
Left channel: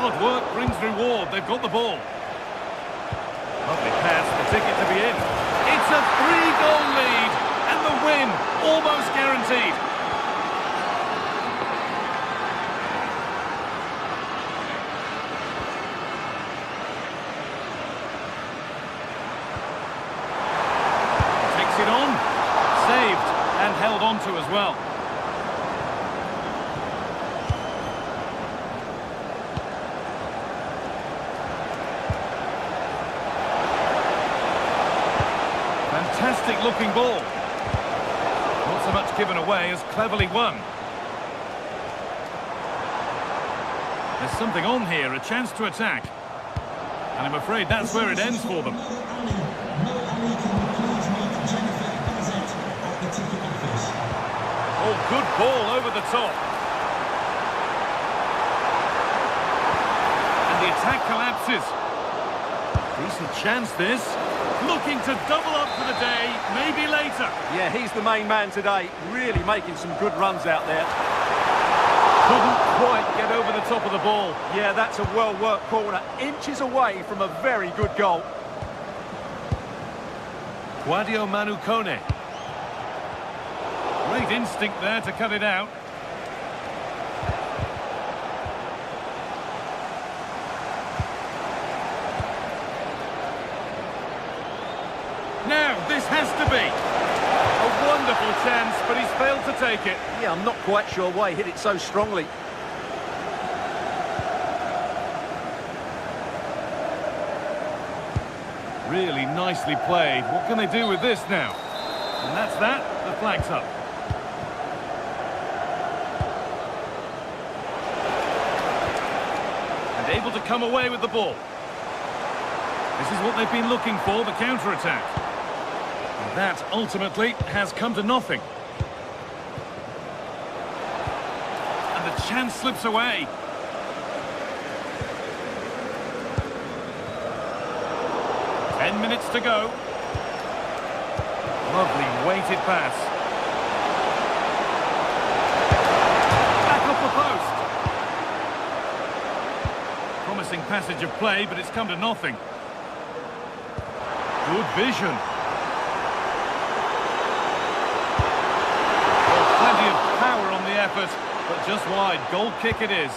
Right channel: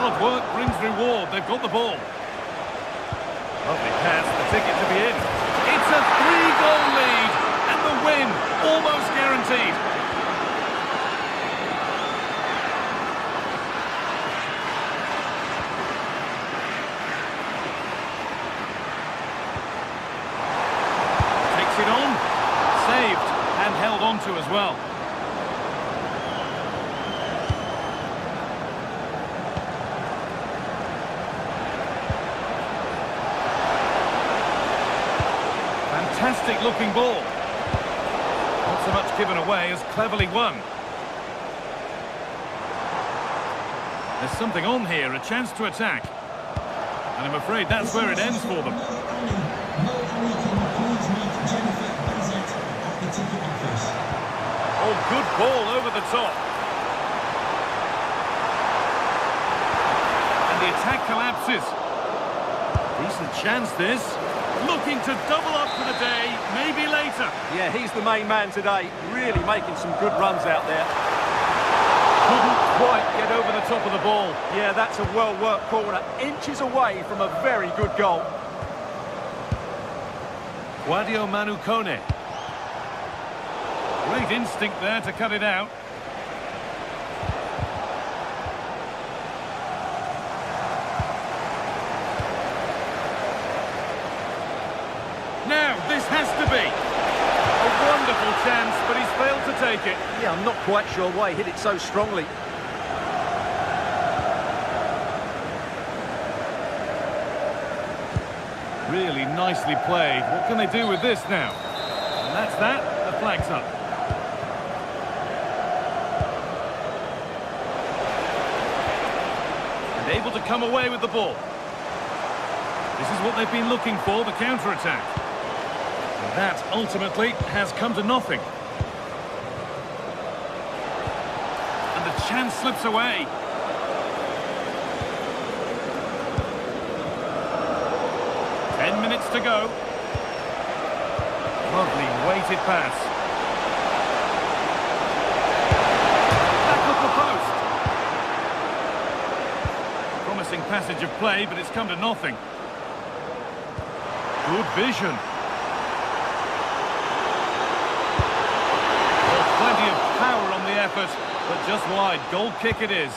Hard work brings reward. They've got the ball. Lovely pass, the ticket to be in. It's It's a 3-goal lead, and the win almost guaranteed. Takes it on, saved and held on to as well. Fantastic looking ball. Not so much given away as cleverly won. There's something on here, a chance to attack. And I'm afraid that's where it ends for them. Oh, good ball over the top. And the attack collapses. Decent chance this. Looking to double up for the day, maybe later. Yeah, he's the main man today, really making some good runs out there. Couldn't quite get over the top of the ball. Yeah, that's a well-worked corner, inches away from a very good goal. Sadio Manu Kone. Great instinct there to cut it out. Now, this has to be a wonderful chance, but he's failed to take it. Yeah, I'm not quite sure why he hit it so strongly. Really nicely played. What can they do with this now? And that's that. The flag's up. And able to come away with the ball. This is what they've been looking for, the counter-attack. And that, ultimately, has come to nothing. And the chance slips away. Ten minutes to go. Lovely weighted pass. Back up the post. Promising passage of play, but it's come to nothing. Good vision. Well, plenty of power on the effort, but just wide. Goal kick it is.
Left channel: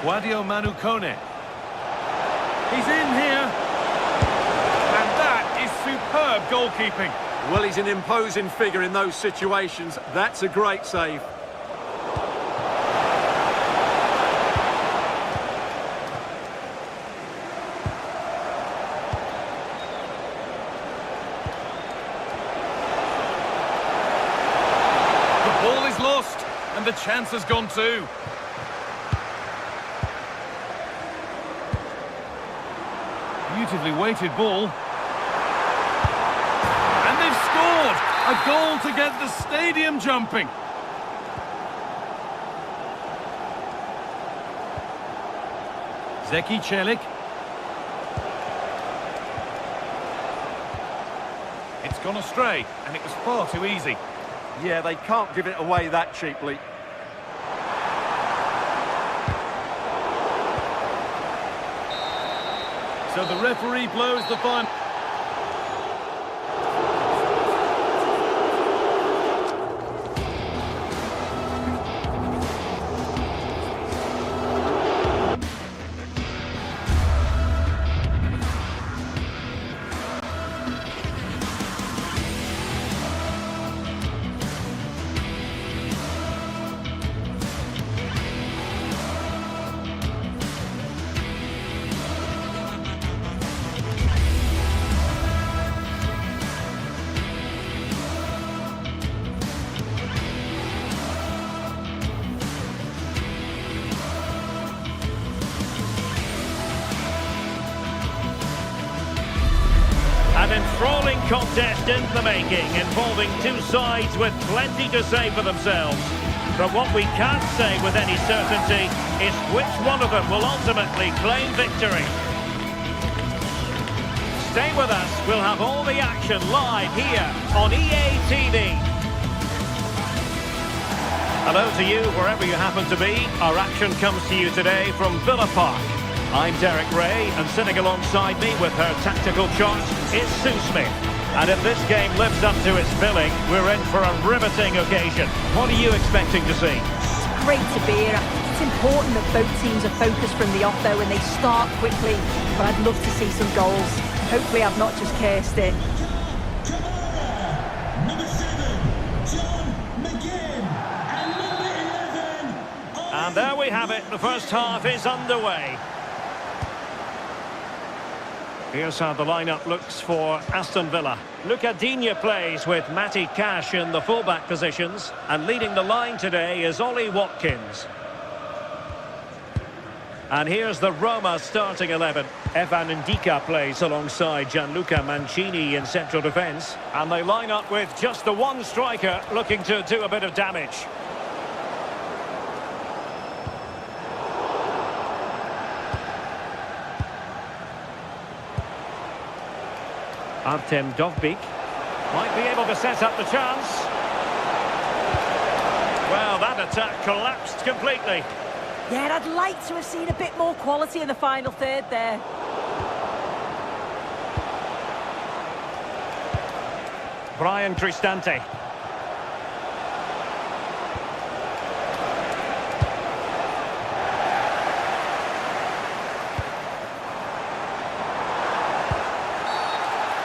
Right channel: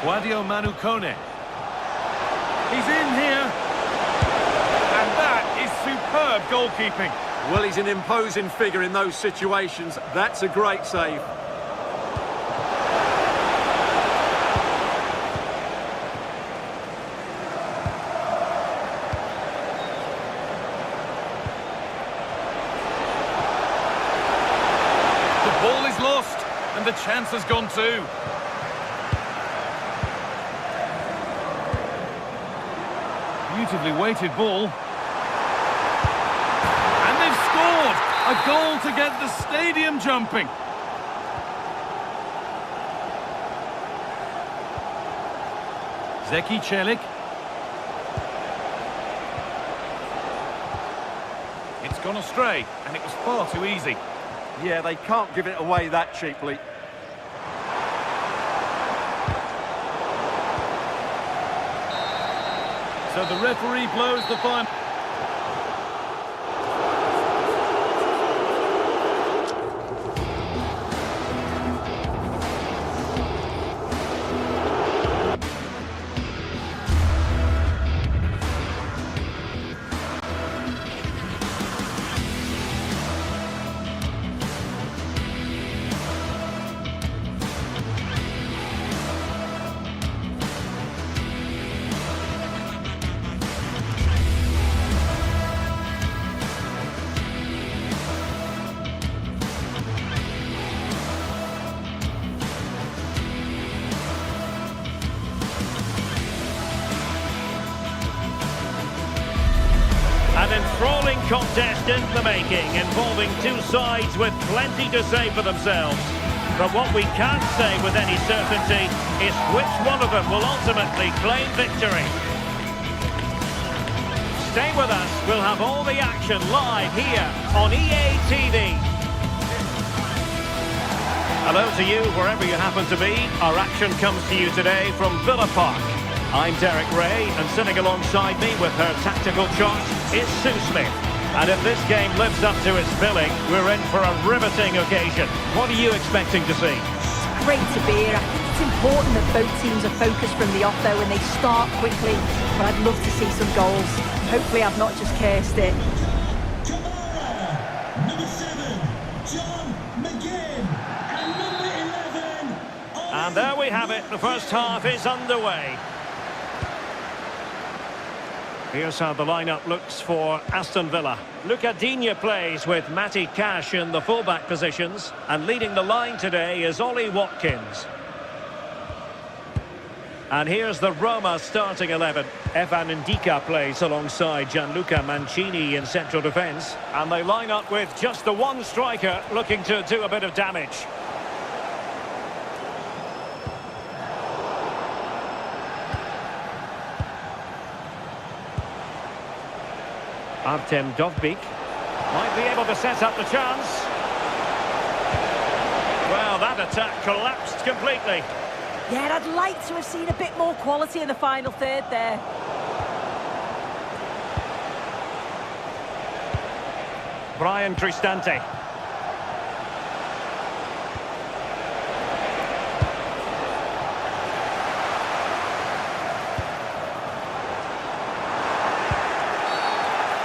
Sadio Manu Kone. He's in here. And that is superb goalkeeping. Well, he's an imposing figure in those situations. That's a great save. The ball is lost, and the chance has gone too. Beautifully weighted ball. And they've scored! A goal to get the stadium jumping. Zeki Çelik. It's gone astray, and it was far too easy. Yeah, they can't give it away that cheaply. So the referee blows the final. An enthralling contest in the making, involving two sides with plenty to say for themselves. But what we can't say with any certainty is which one of them will ultimately claim victory. Stay with us, we'll have all the action live here on EA TV. Hello to you wherever you happen to be. Our action comes to you today from Villa Park. I'm Derek Ray, and sitting alongside me with her tactical chart is Sue Smith. And if this game lives up to its billing, we're in for a riveting occasion. What are you expecting to see? It's great to be here. I think it's important that both teams are focused from the off, though, and they start quickly. But I'd love to see some goals. Hopefully I've not just cursed it. Number 7, John McGinn, and number 11. And there we have it. The first half is underway. Here's how the lineup looks for Aston Villa. Luca Digne plays with Matty Cash in the fullback positions. And leading the line today is Ollie Watkins. And here's the Roma starting 11. Evan Ndika plays alongside Gianluca Mancini in central defence. And they line up with just the one striker looking to do a bit of damage. Artem Dovbyk might be able to set up the chance. Well, that attack collapsed completely. Yeah, I'd like to have seen a bit more quality in the final third there. Brian Cristante.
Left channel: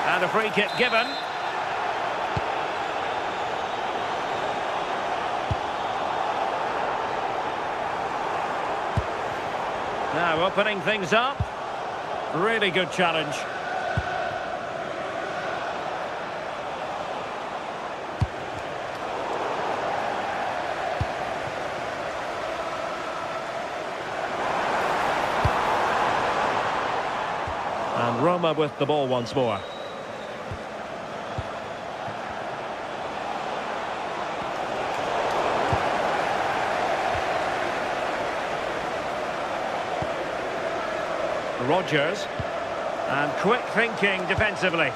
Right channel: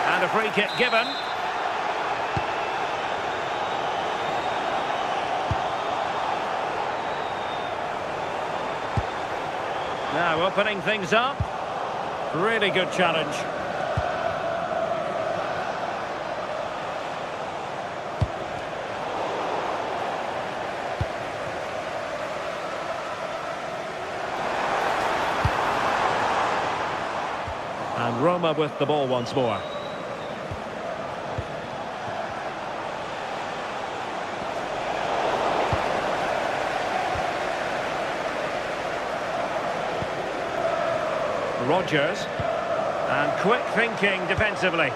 And a free kick given. Now opening things up. Really good challenge. And Roma with the ball once more. Rodgers, and quick thinking defensively.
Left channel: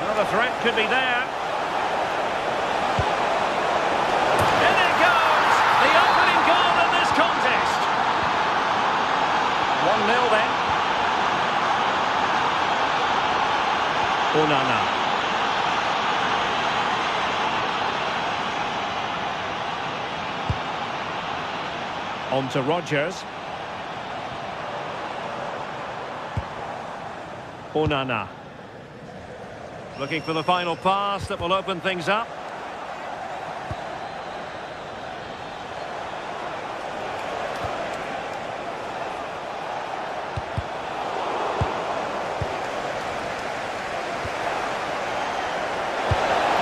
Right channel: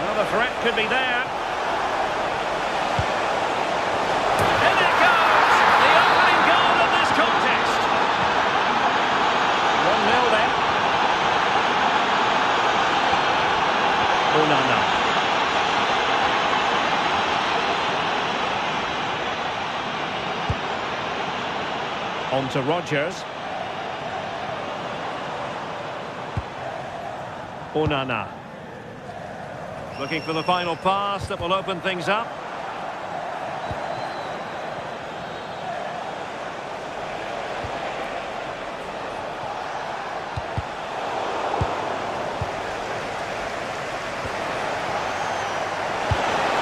Well, the threat could be there. In it goes! The opening goal of this contest. 1-0 then. Onana. On to Rodgers. Onana. Looking for the final pass that will open things up.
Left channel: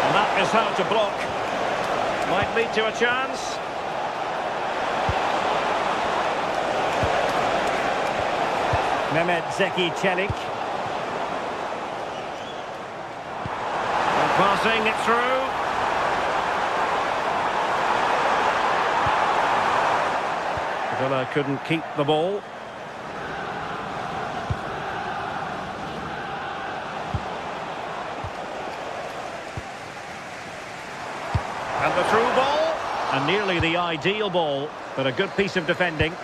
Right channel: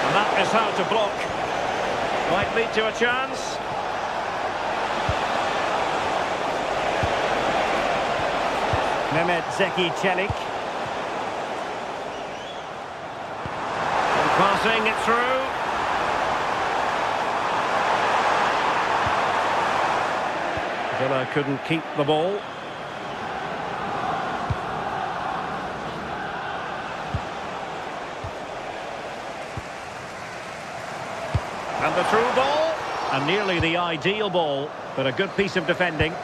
And that is how to block. Might lead to a chance. Mehmet Zeki Çelik. And passing it through. Villa couldn't keep the ball. And the through ball. And nearly the ideal ball, but a good piece of defending.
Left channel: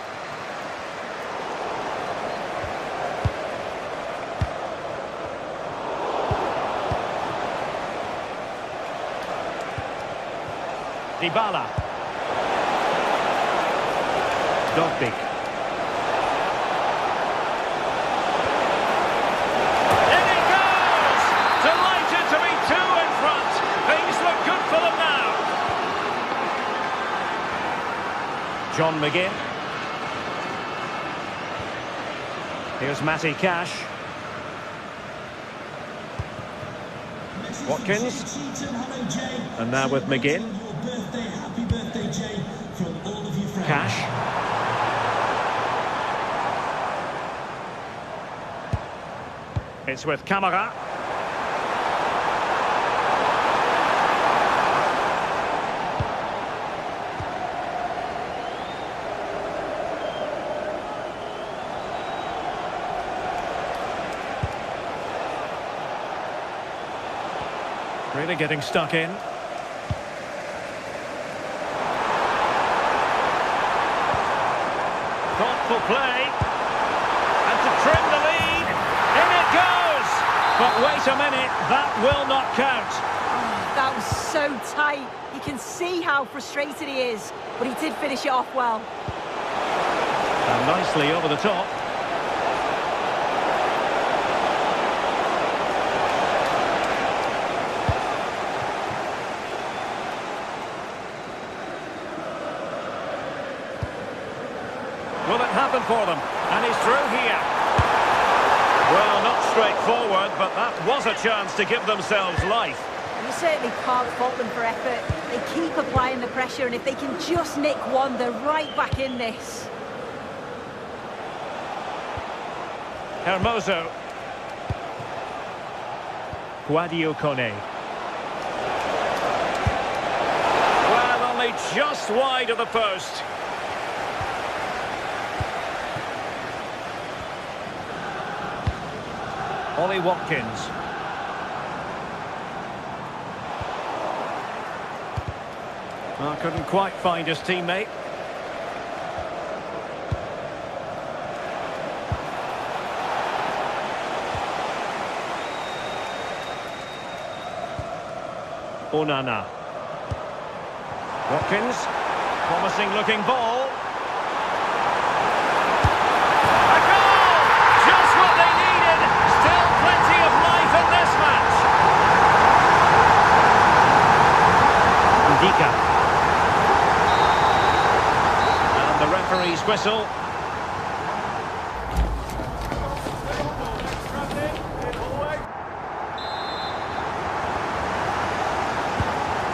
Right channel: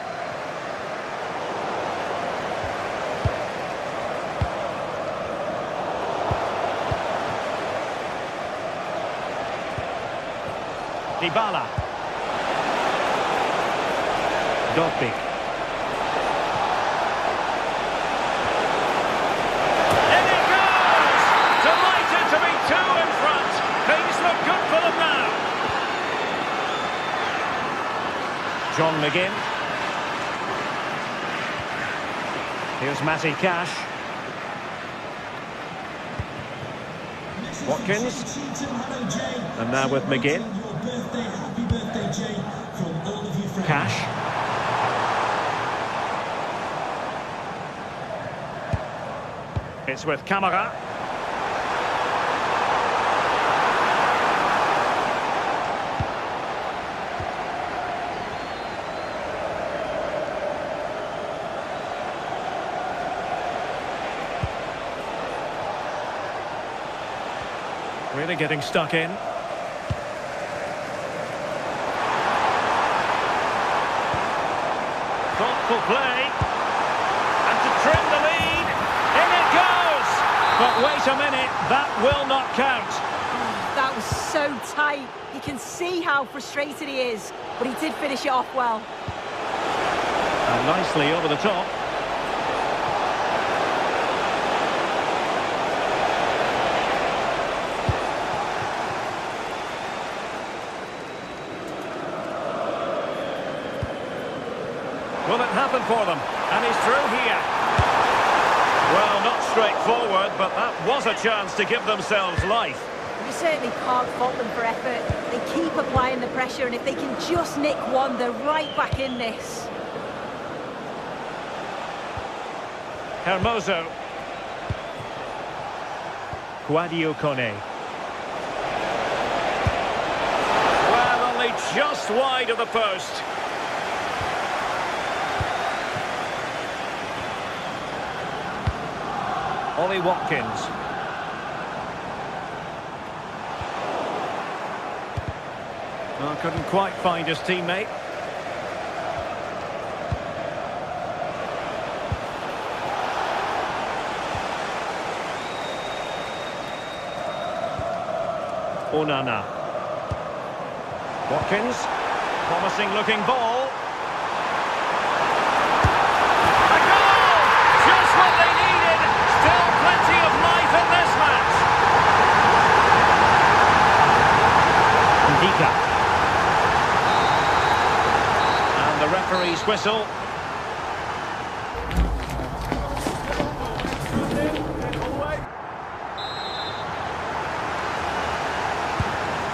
Dybala. Dovbyk. In it goes! Delighted to be two in front. Things look good for them now. John McGinn. Here's Matty Cash. Watkins. And now with McGinn. Happy birthday, Jay, from all of you friends. Cash. It's with Camara. Really getting stuck in. Skillful play. And to trim the lead. In it goes! But wait a minute, that will not count. Oh, that was so tight. You can see how frustrated he is, but he did finish it off well. And nicely over the top. Will it happen for them? And he's through here. Well, not straightforward, but that was a chance to give themselves life. You certainly can't fault them for effort. They keep applying the pressure, and if they can just nick one, they're right back in this. Hermoso. Guadio Kone. Well, only just wide of the post. Ollie Watkins. Well, couldn't quite find his teammate. Onana. Watkins. Promising looking ball. A goal! Just what they needed. Still plenty of life in this match. Ndika. And the referee's whistle.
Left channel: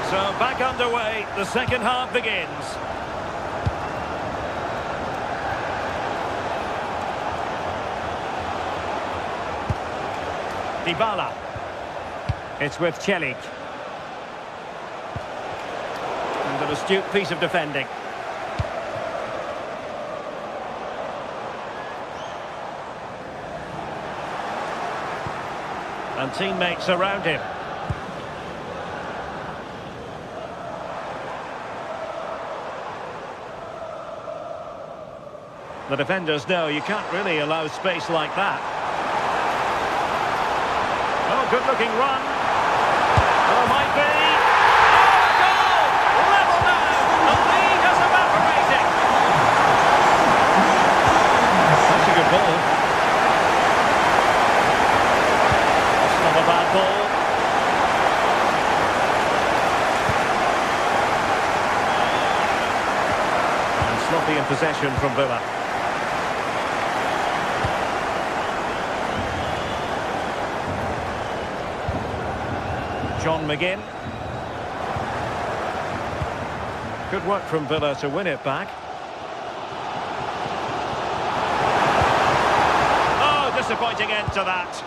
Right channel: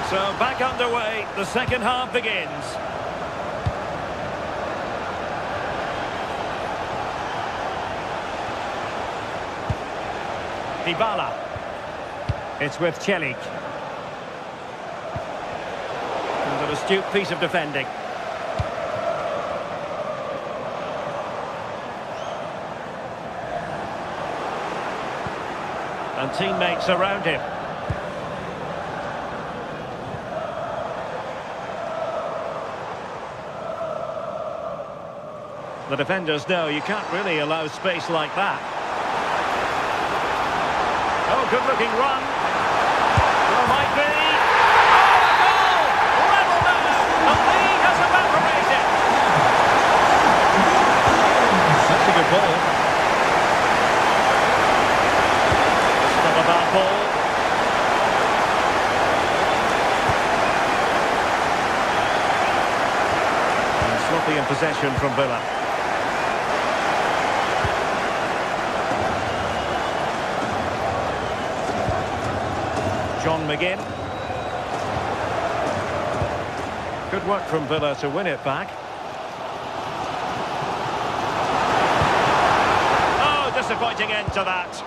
So back underway, the second half begins. Dybala. It's with Celik. And an astute piece of defending. And teammates around him. The defenders know you can't really allow space like that. Oh, good-looking run. Well, might be. Oh, a goal! Level now! The lead has evaporated. That's a good ball. That's not a bad ball. And sloppy in possession from Villa. John McGinn. Good work from Villa to win it back. Oh, disappointing end to that.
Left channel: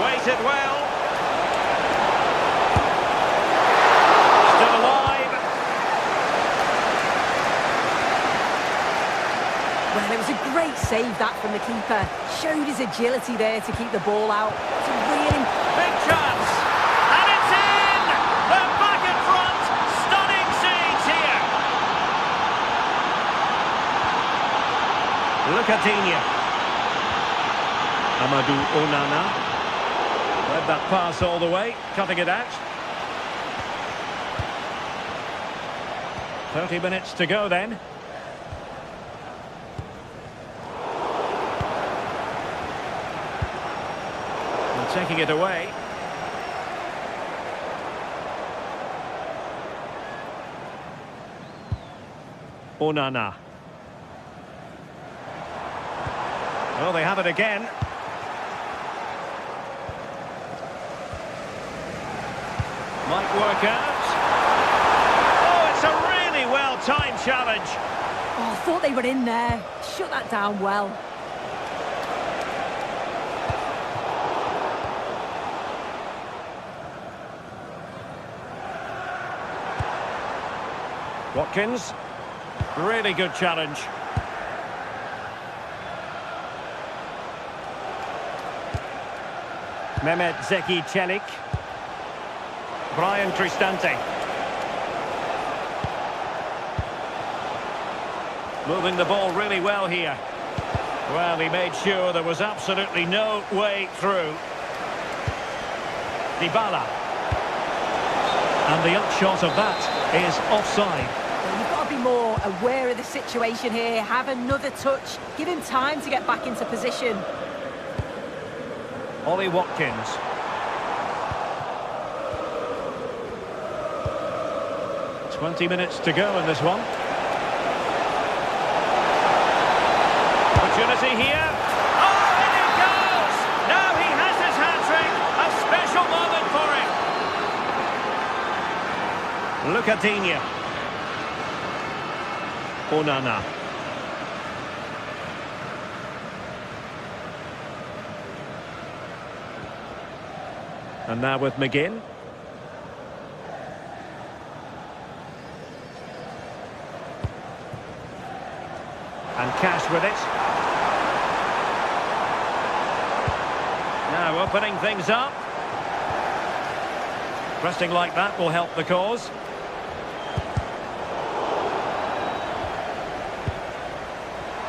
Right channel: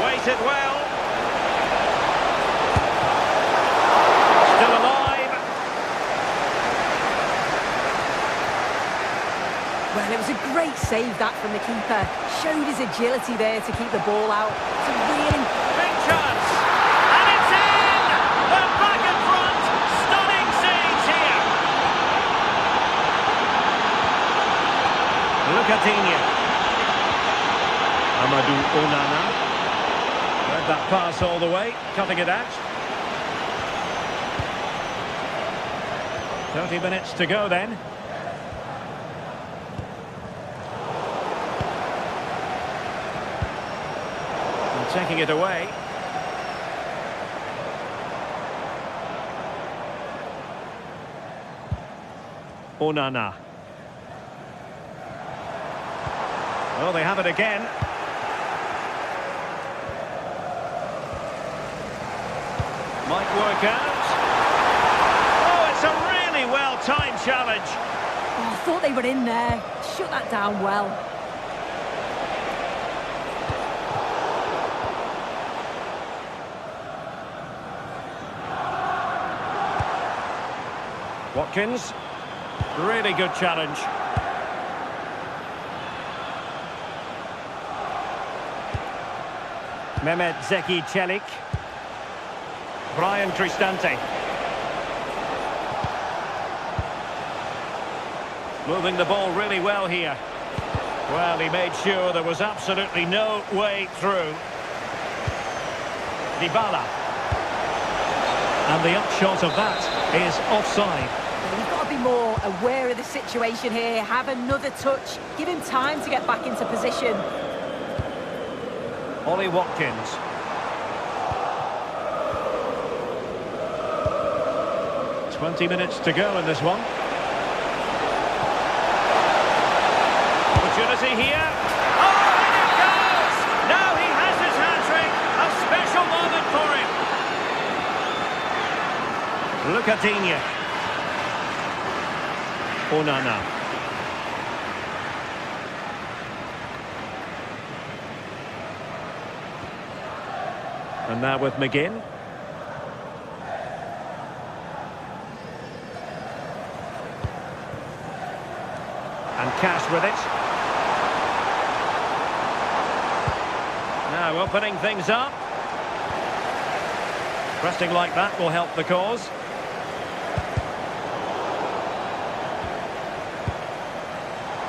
Waited well. Still alive. Well, it was a great save, that, from the keeper. Showed his agility there to keep the ball out. It's a really big chance. And it's in! They're back in front. Stunning scenes here. Lucatinha. Amadou Onana. Read that pass all the way, cutting it out. 30 minutes to go then. Taking it away. Onana. Well, they have it again. Might work out. Oh, it's a really well-timed challenge. Oh, I thought they were in there. Shut that down well. Watkins, really good challenge. Mehmet Zeki Celik. Brian Cristante. Moving the ball really well here. Well, he made sure there was absolutely no way through. Dybala. And the upshot of that is offside. Well, you've got to be more aware of the situation here. Have another touch. Give him time to get back into position. Ollie Watkins. "20 minutes to go in this one. Opportunity here. Oh, and it goes! Now he has his hat-trick. A special moment for him. Lucadinha. Onana. And now with McGinn. And Cash with it. Now opening things up. Pressing like that will help the cause.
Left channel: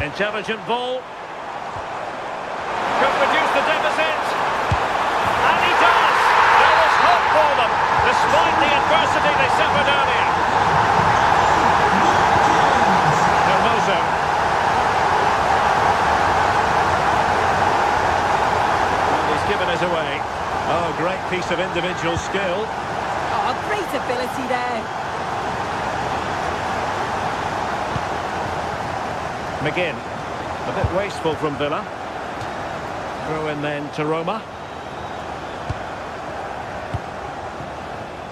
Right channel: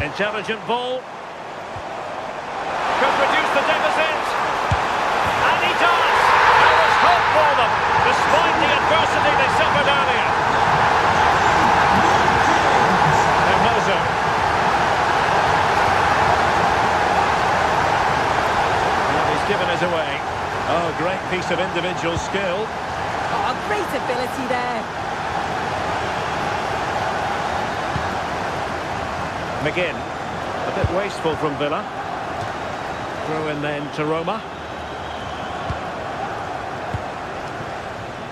Intelligent ball. Could reduce the deficit. And he does. There was hope for them, despite the adversity they suffered earlier. Hermoso. Well, he's given us away. Oh, great piece of individual skill. Oh, great ability there. McGinn. A bit wasteful from Villa. Throw in then to Roma.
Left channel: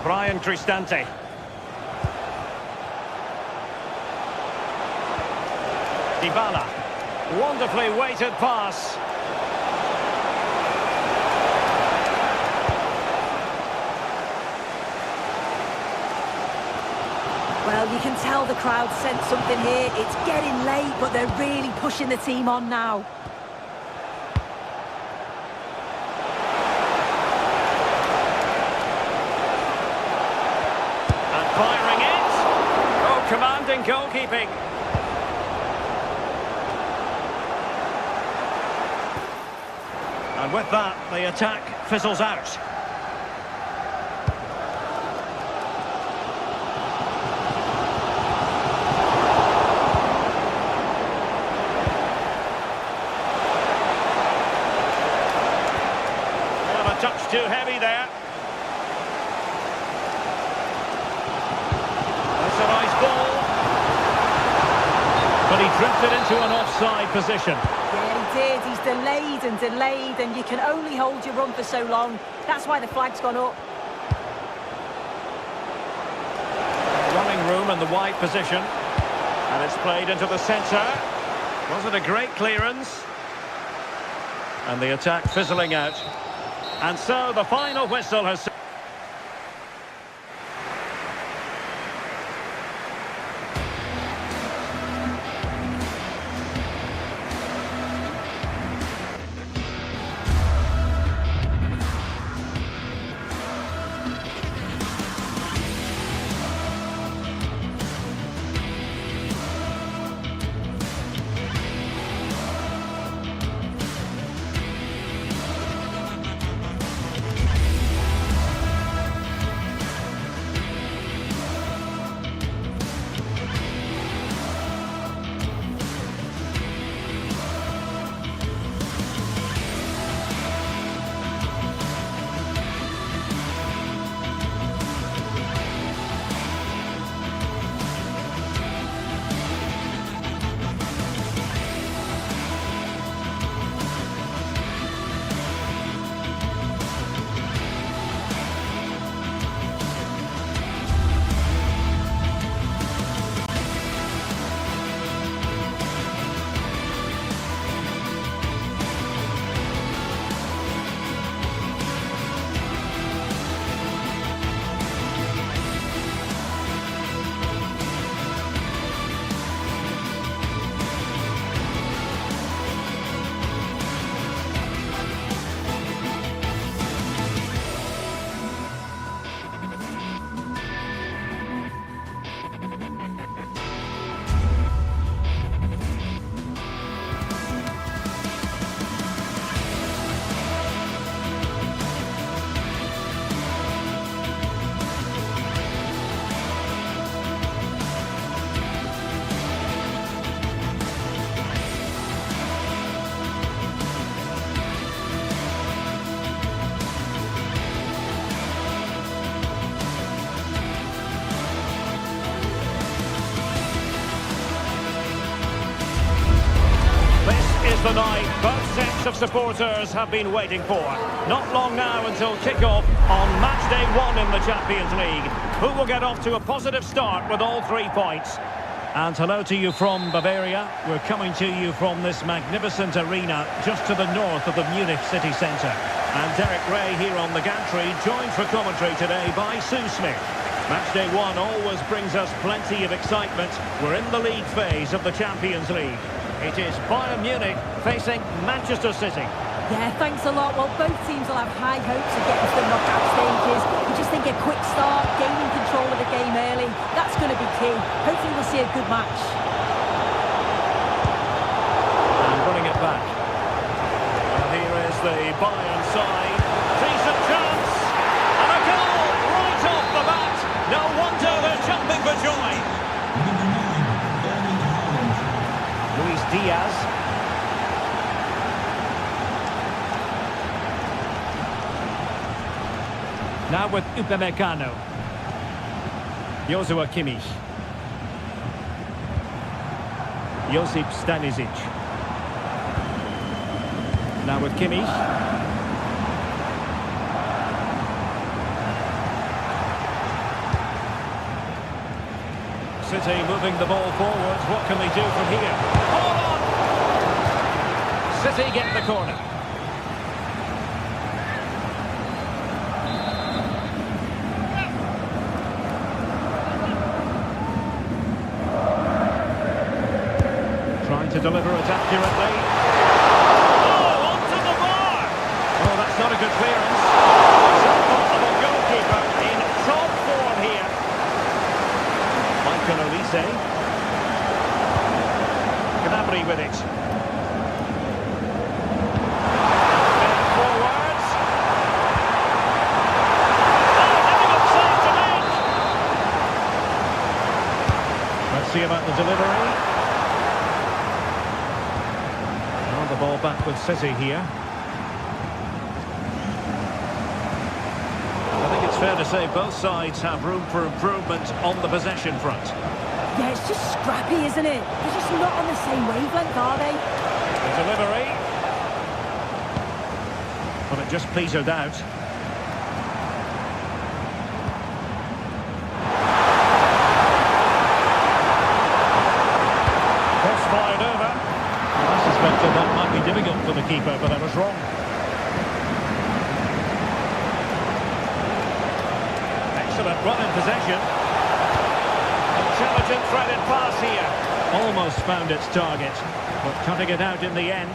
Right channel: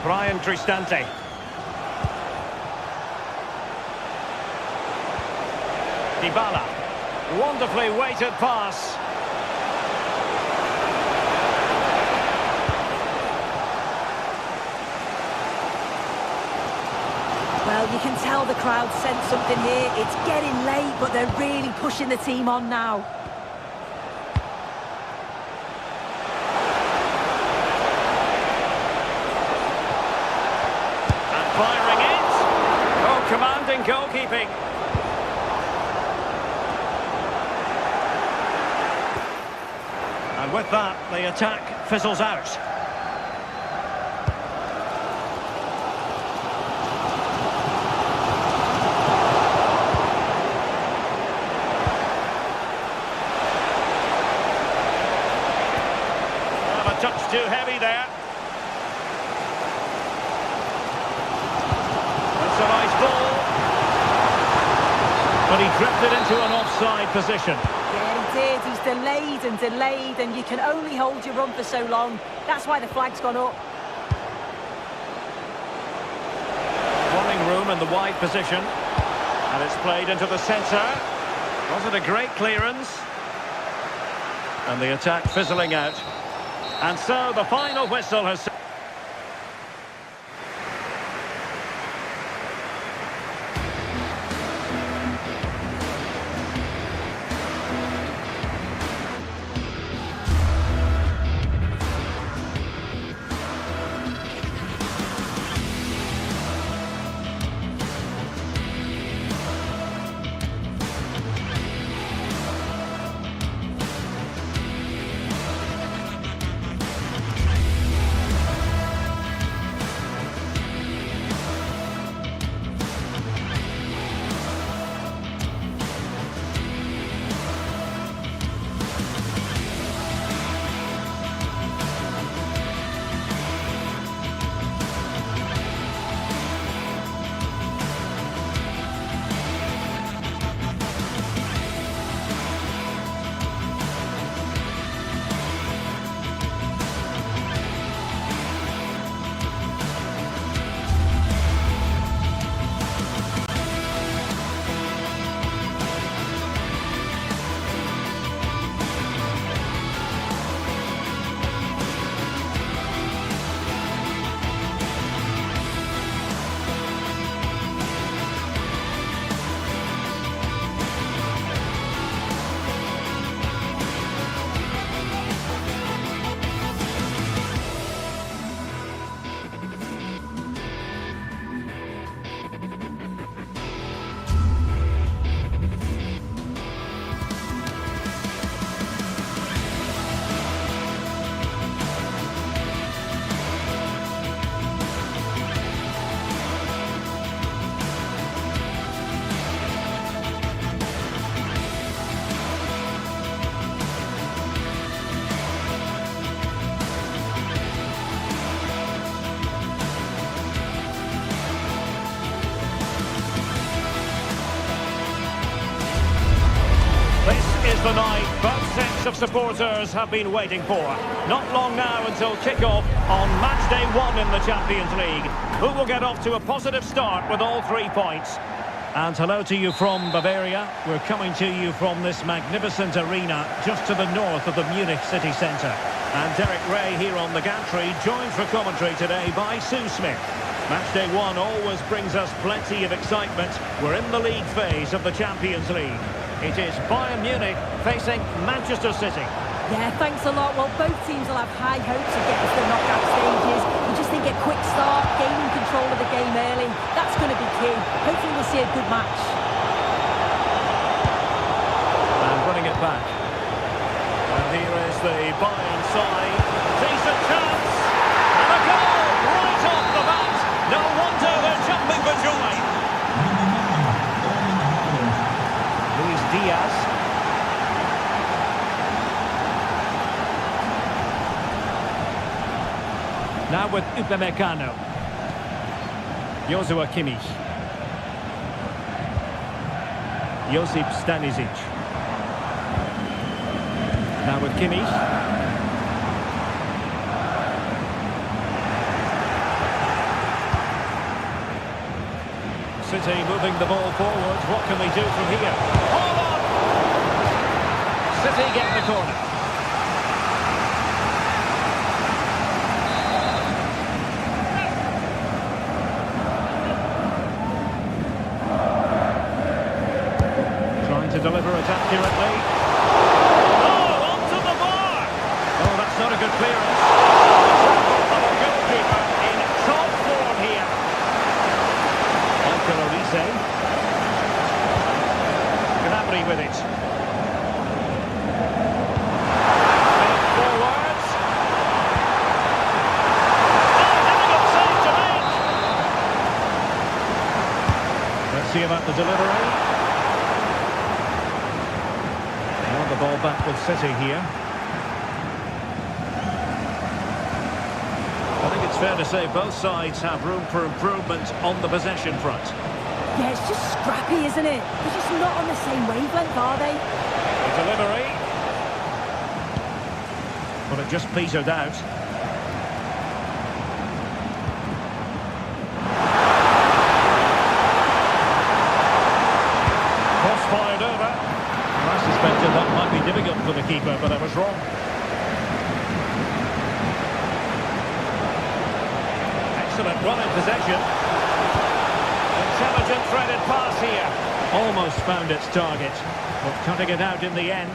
Brian Cristante. Dybala. Wonderfully weighted pass. Well, you can tell the crowd sense something here. It's getting late, but they're really pushing the team on now. And firing it. Oh, commanding goalkeeping. And with that, the attack fizzles out. A touch too heavy there. That's a nice ball. But he drifted into an offside position. Yeah, he did. He's delayed, and you can only hold your run for so long. That's why the flag's gone up. Running room in the wide position. And it's played into the centre. Wasn't a great clearance. And the attack fizzling out. And so the final whistle has... is the night both sets of supporters have been waiting for. Not long now until kick-off on match day 1 in the Champions League. Who will get off to a positive start with all 3 points? And hello to you from Bavaria. We're coming to you from this magnificent arena just to the north of the Munich city centre. And Derek Ray here on the gantry, joined for commentary today by Sue Smith. Match day 1 always brings us plenty of excitement. We're in the league phase of the Champions League. It is Bayern Munich facing Manchester City. Yeah, thanks a lot. Well, both teams will have high hopes of getting to the knockout stages. You just think a quick start, gaining control of the game early, that's going to be key. Hopefully we'll see a good match. And running it back. Well, here is the Bayern side. Decent chance. And a goal right off the bat. No wonder they're jumping for joy. Number 9, Erling Haaland. Luis Diaz. Now with Upamecano. Joshua Kimmich. Josip Stanisic. Now with Kimmich. City moving the ball forward. What can they do from here? Hold on! City get the corner. Trying to deliver it accurately. Oh, onto the bar! Oh, that's not a good clearance. Example of a goalkeeper in top form here. Michael Olise. Gnabry with it. Back forwards. Oh, difficult save to make. Let's see about the delivery. Well, the ball back with City here. I think it's fair to say both sides have room for improvement on the possession front. Yeah, it's just scrappy, isn't it? They're just not on the same wavelength, are they? The delivery. But it just petered out. Cross fired over. Well, I suspected that might be difficult for the keeper, but I was wrong. Excellent run in possession. Intelligent threaded pass here. Almost found its target, but cutting it out in the end.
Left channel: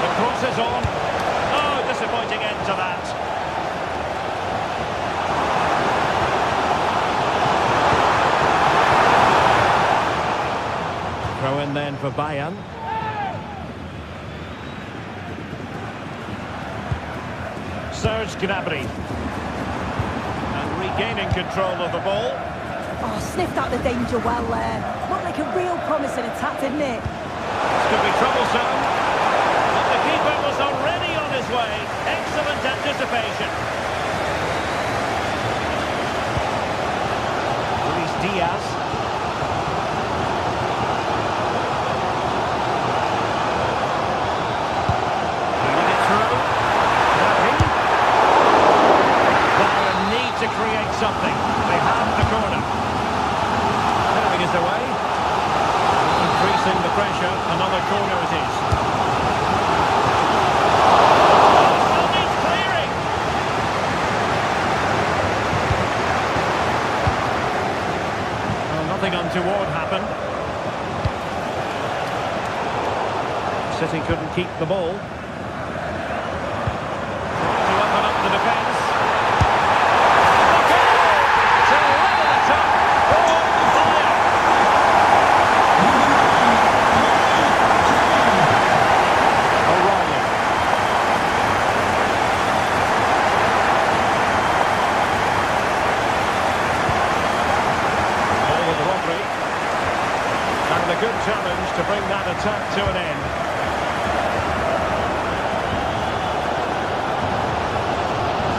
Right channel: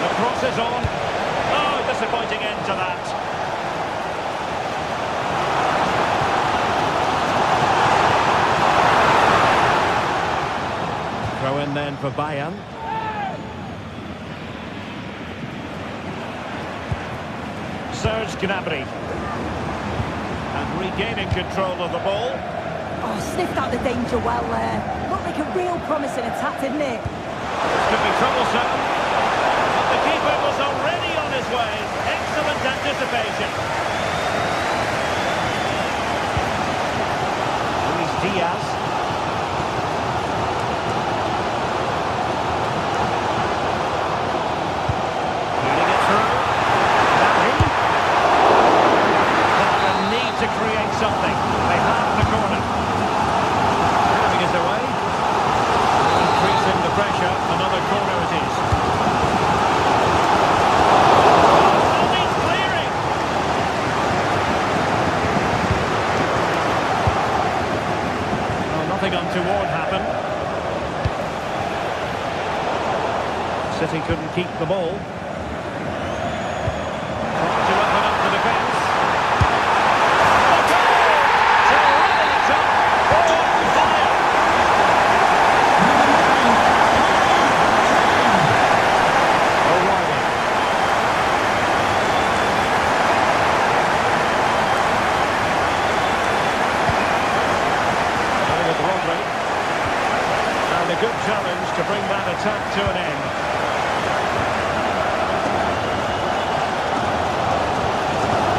The cross is on. Oh, disappointing end to that. Throw in then for Bayern. Serge Gnabry. And regaining control of the ball. Oh, sniffed out the danger well there. Looked like a real promising attack, didn't it? This could be troublesome. But the keeper was already on his way. Excellent anticipation. Luis Diaz. To create something. They have the corner. Clearing is away. Increasing the pressure. Another corner it is. Oh, still needs clearing. Well, nothing untoward happened. City couldn't keep the ball. Trying to open up the defence. good challenge to bring that attack to an end.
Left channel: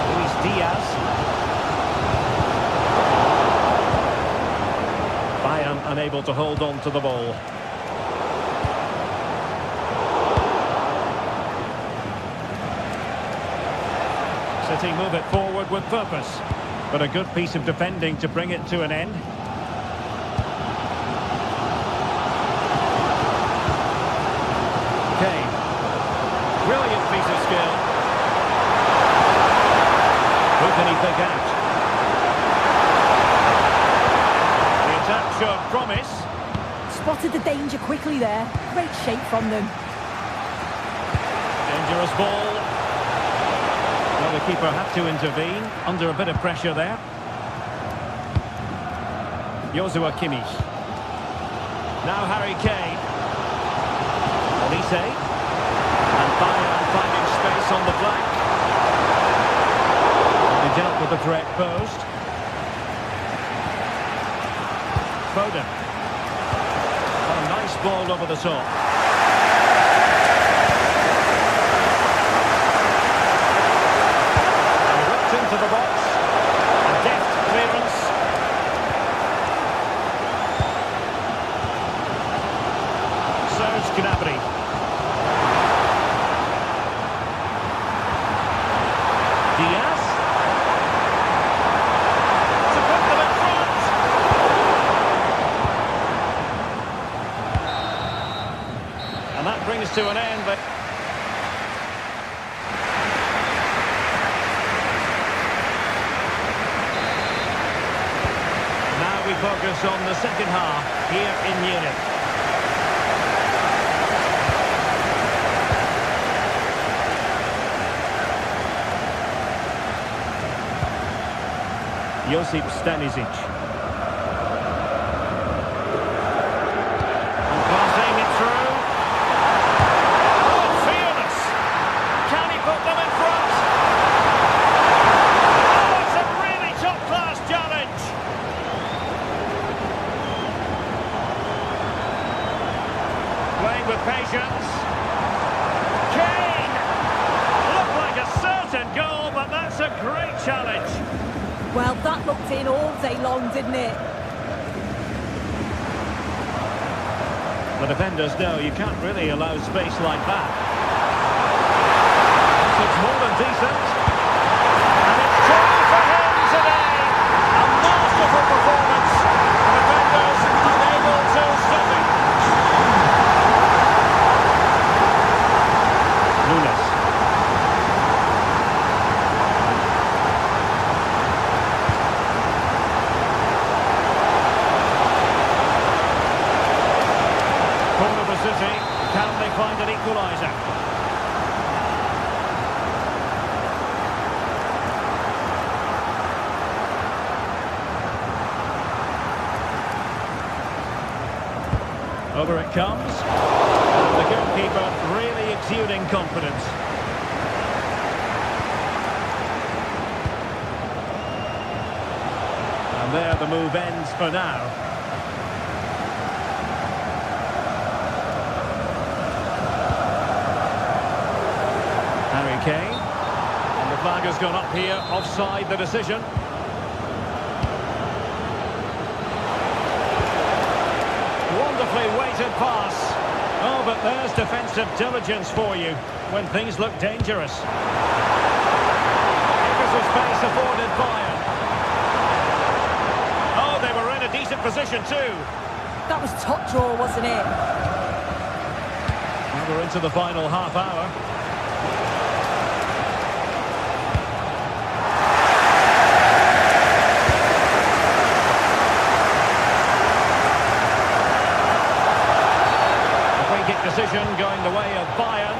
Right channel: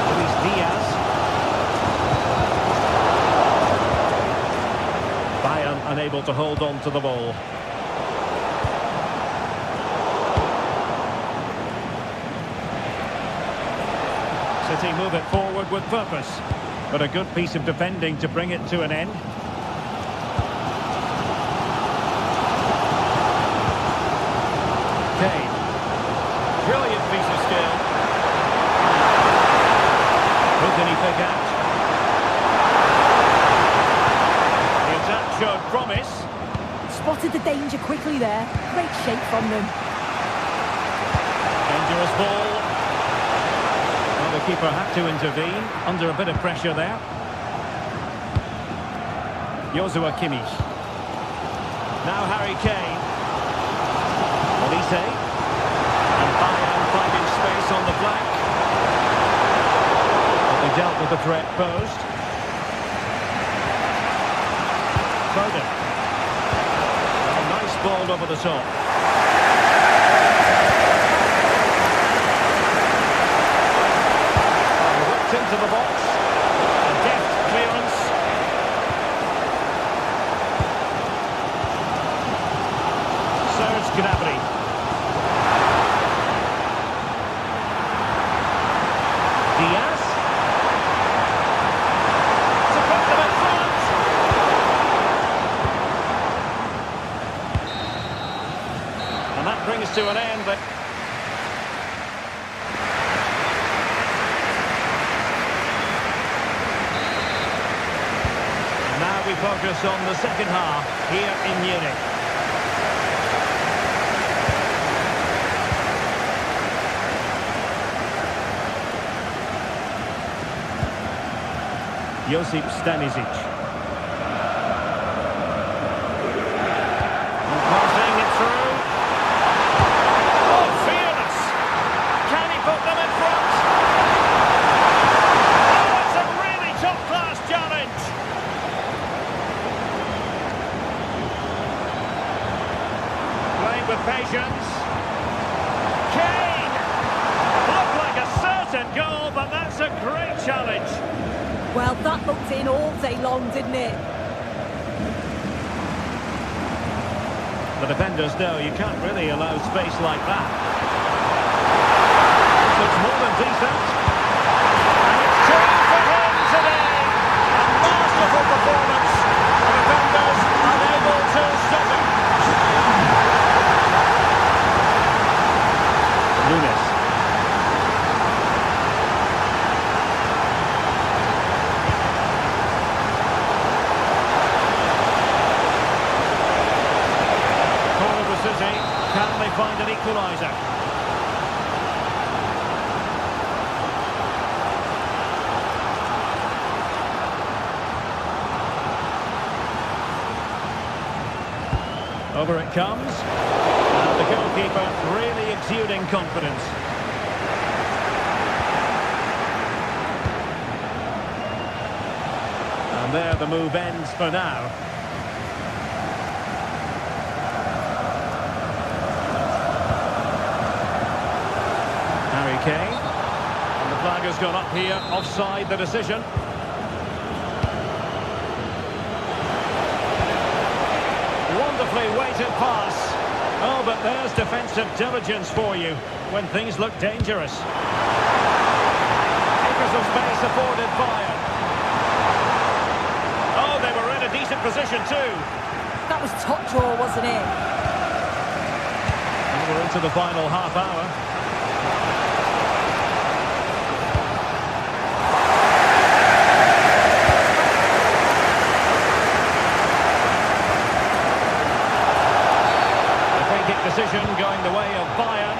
Luis Diaz. Bayern unable to hold on to the ball. City move it forward with purpose, but a good piece of defending to bring it to an end. Kane. Brilliant piece of skill. Who can he pick out? The attack showed promise. Spotted the danger quickly there. Great shape from them. Dangerous ball. Well, the keeper had to intervene under a bit of pressure there. Joshua Kimmich. Now Harry Kane. Olise. And Bayern finding space on the flank. But they dealt with the threat posed. Foden. A nice ball over the top. And whipped into the box. A deft clearance. Serge Gnabry. Diaz. To put them in front. And that brings to an end the... And now we focus on the second half here in Munich. Josip Stanisic. And passing it through. Oh, fearless! Can he put them in front? Oh, it's a really top-class challenge! Playing with patience. Kane! Looked like a certain goal, but that's a great challenge. Well, that looked in all day long, didn't it? The defenders know you can't really allow space like that. This looks more than decent. And it's two for him today. A masterful performance. The defenders unable to stop him. Nunes. Corner for City. Can they find an equaliser? Over it comes. And the goalkeeper really exuding confidence. And there the move ends for now. Harry Kane. And the flag has gone up here, offside the decision. Wonderfully weighted pass. Oh, but there's defensive diligence for you when things look dangerous. Acres of space afforded Bayern. Oh, they were in a decent position too. That was top draw, wasn't it? Well, we're into the final half hour. Kick decision going the way of Bayern.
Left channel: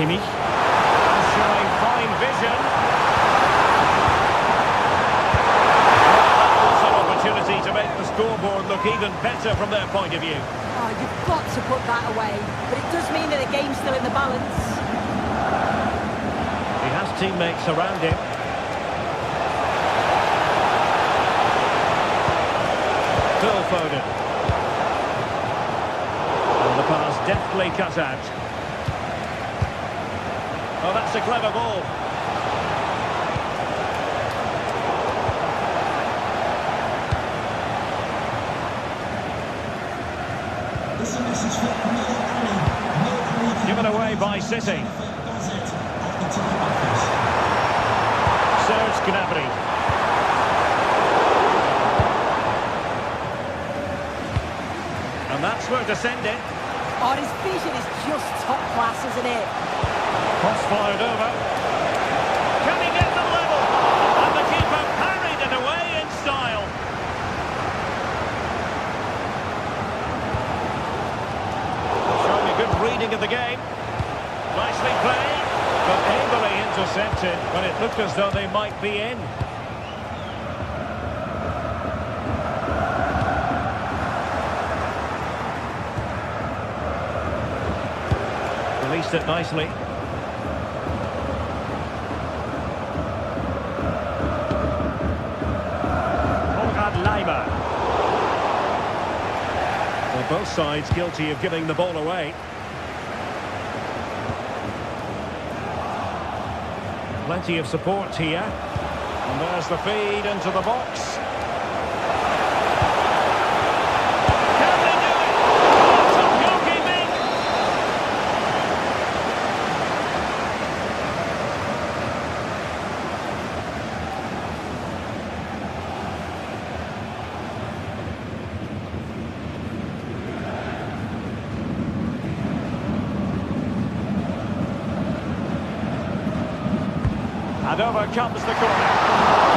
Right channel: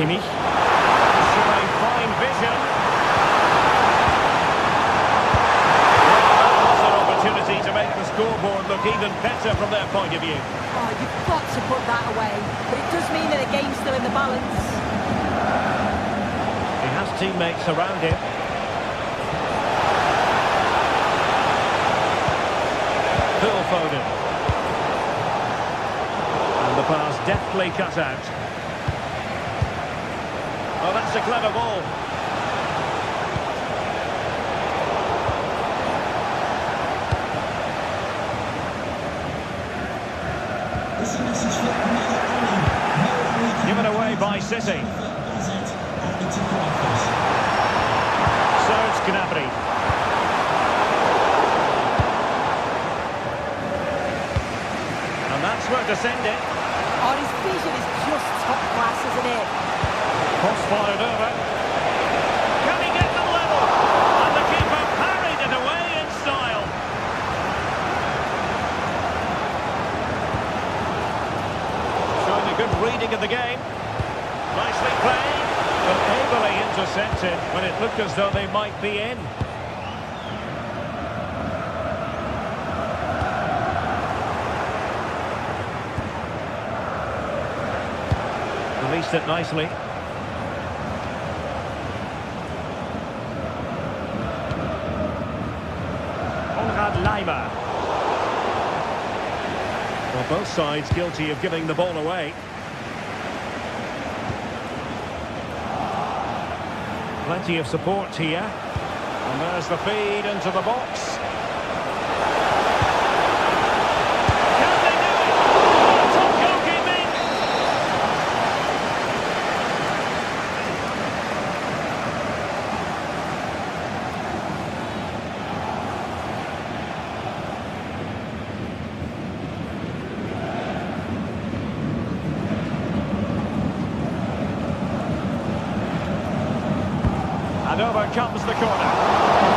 Kimmich showing fine vision. Well, that was an opportunity to make the scoreboard look even better from their point of view. Oh, you've got to put that away. But it does mean that the game's still in the balance. He has teammates around him. Phil Foden. And the pass deftly cut out. Oh, that's a clever ball. It's a message for Mo Ali. Mo Ali Given away by City. Bazet at the ticket office. Serge Gnabry. And that's where to send it. Oh, his vision is just top class, isn't it? Cross fired over. Can he get them level? And the keeper parried it away in style. Showing a good reading of the game. Nicely played, but ably intercepted when it looked as though they might be in. Released it nicely. Leimer. Well, both sides guilty of giving the ball away. Plenty of support here. And there's the feed into the box. Can they do it? Oh, top goalkeeping! And over comes the corner.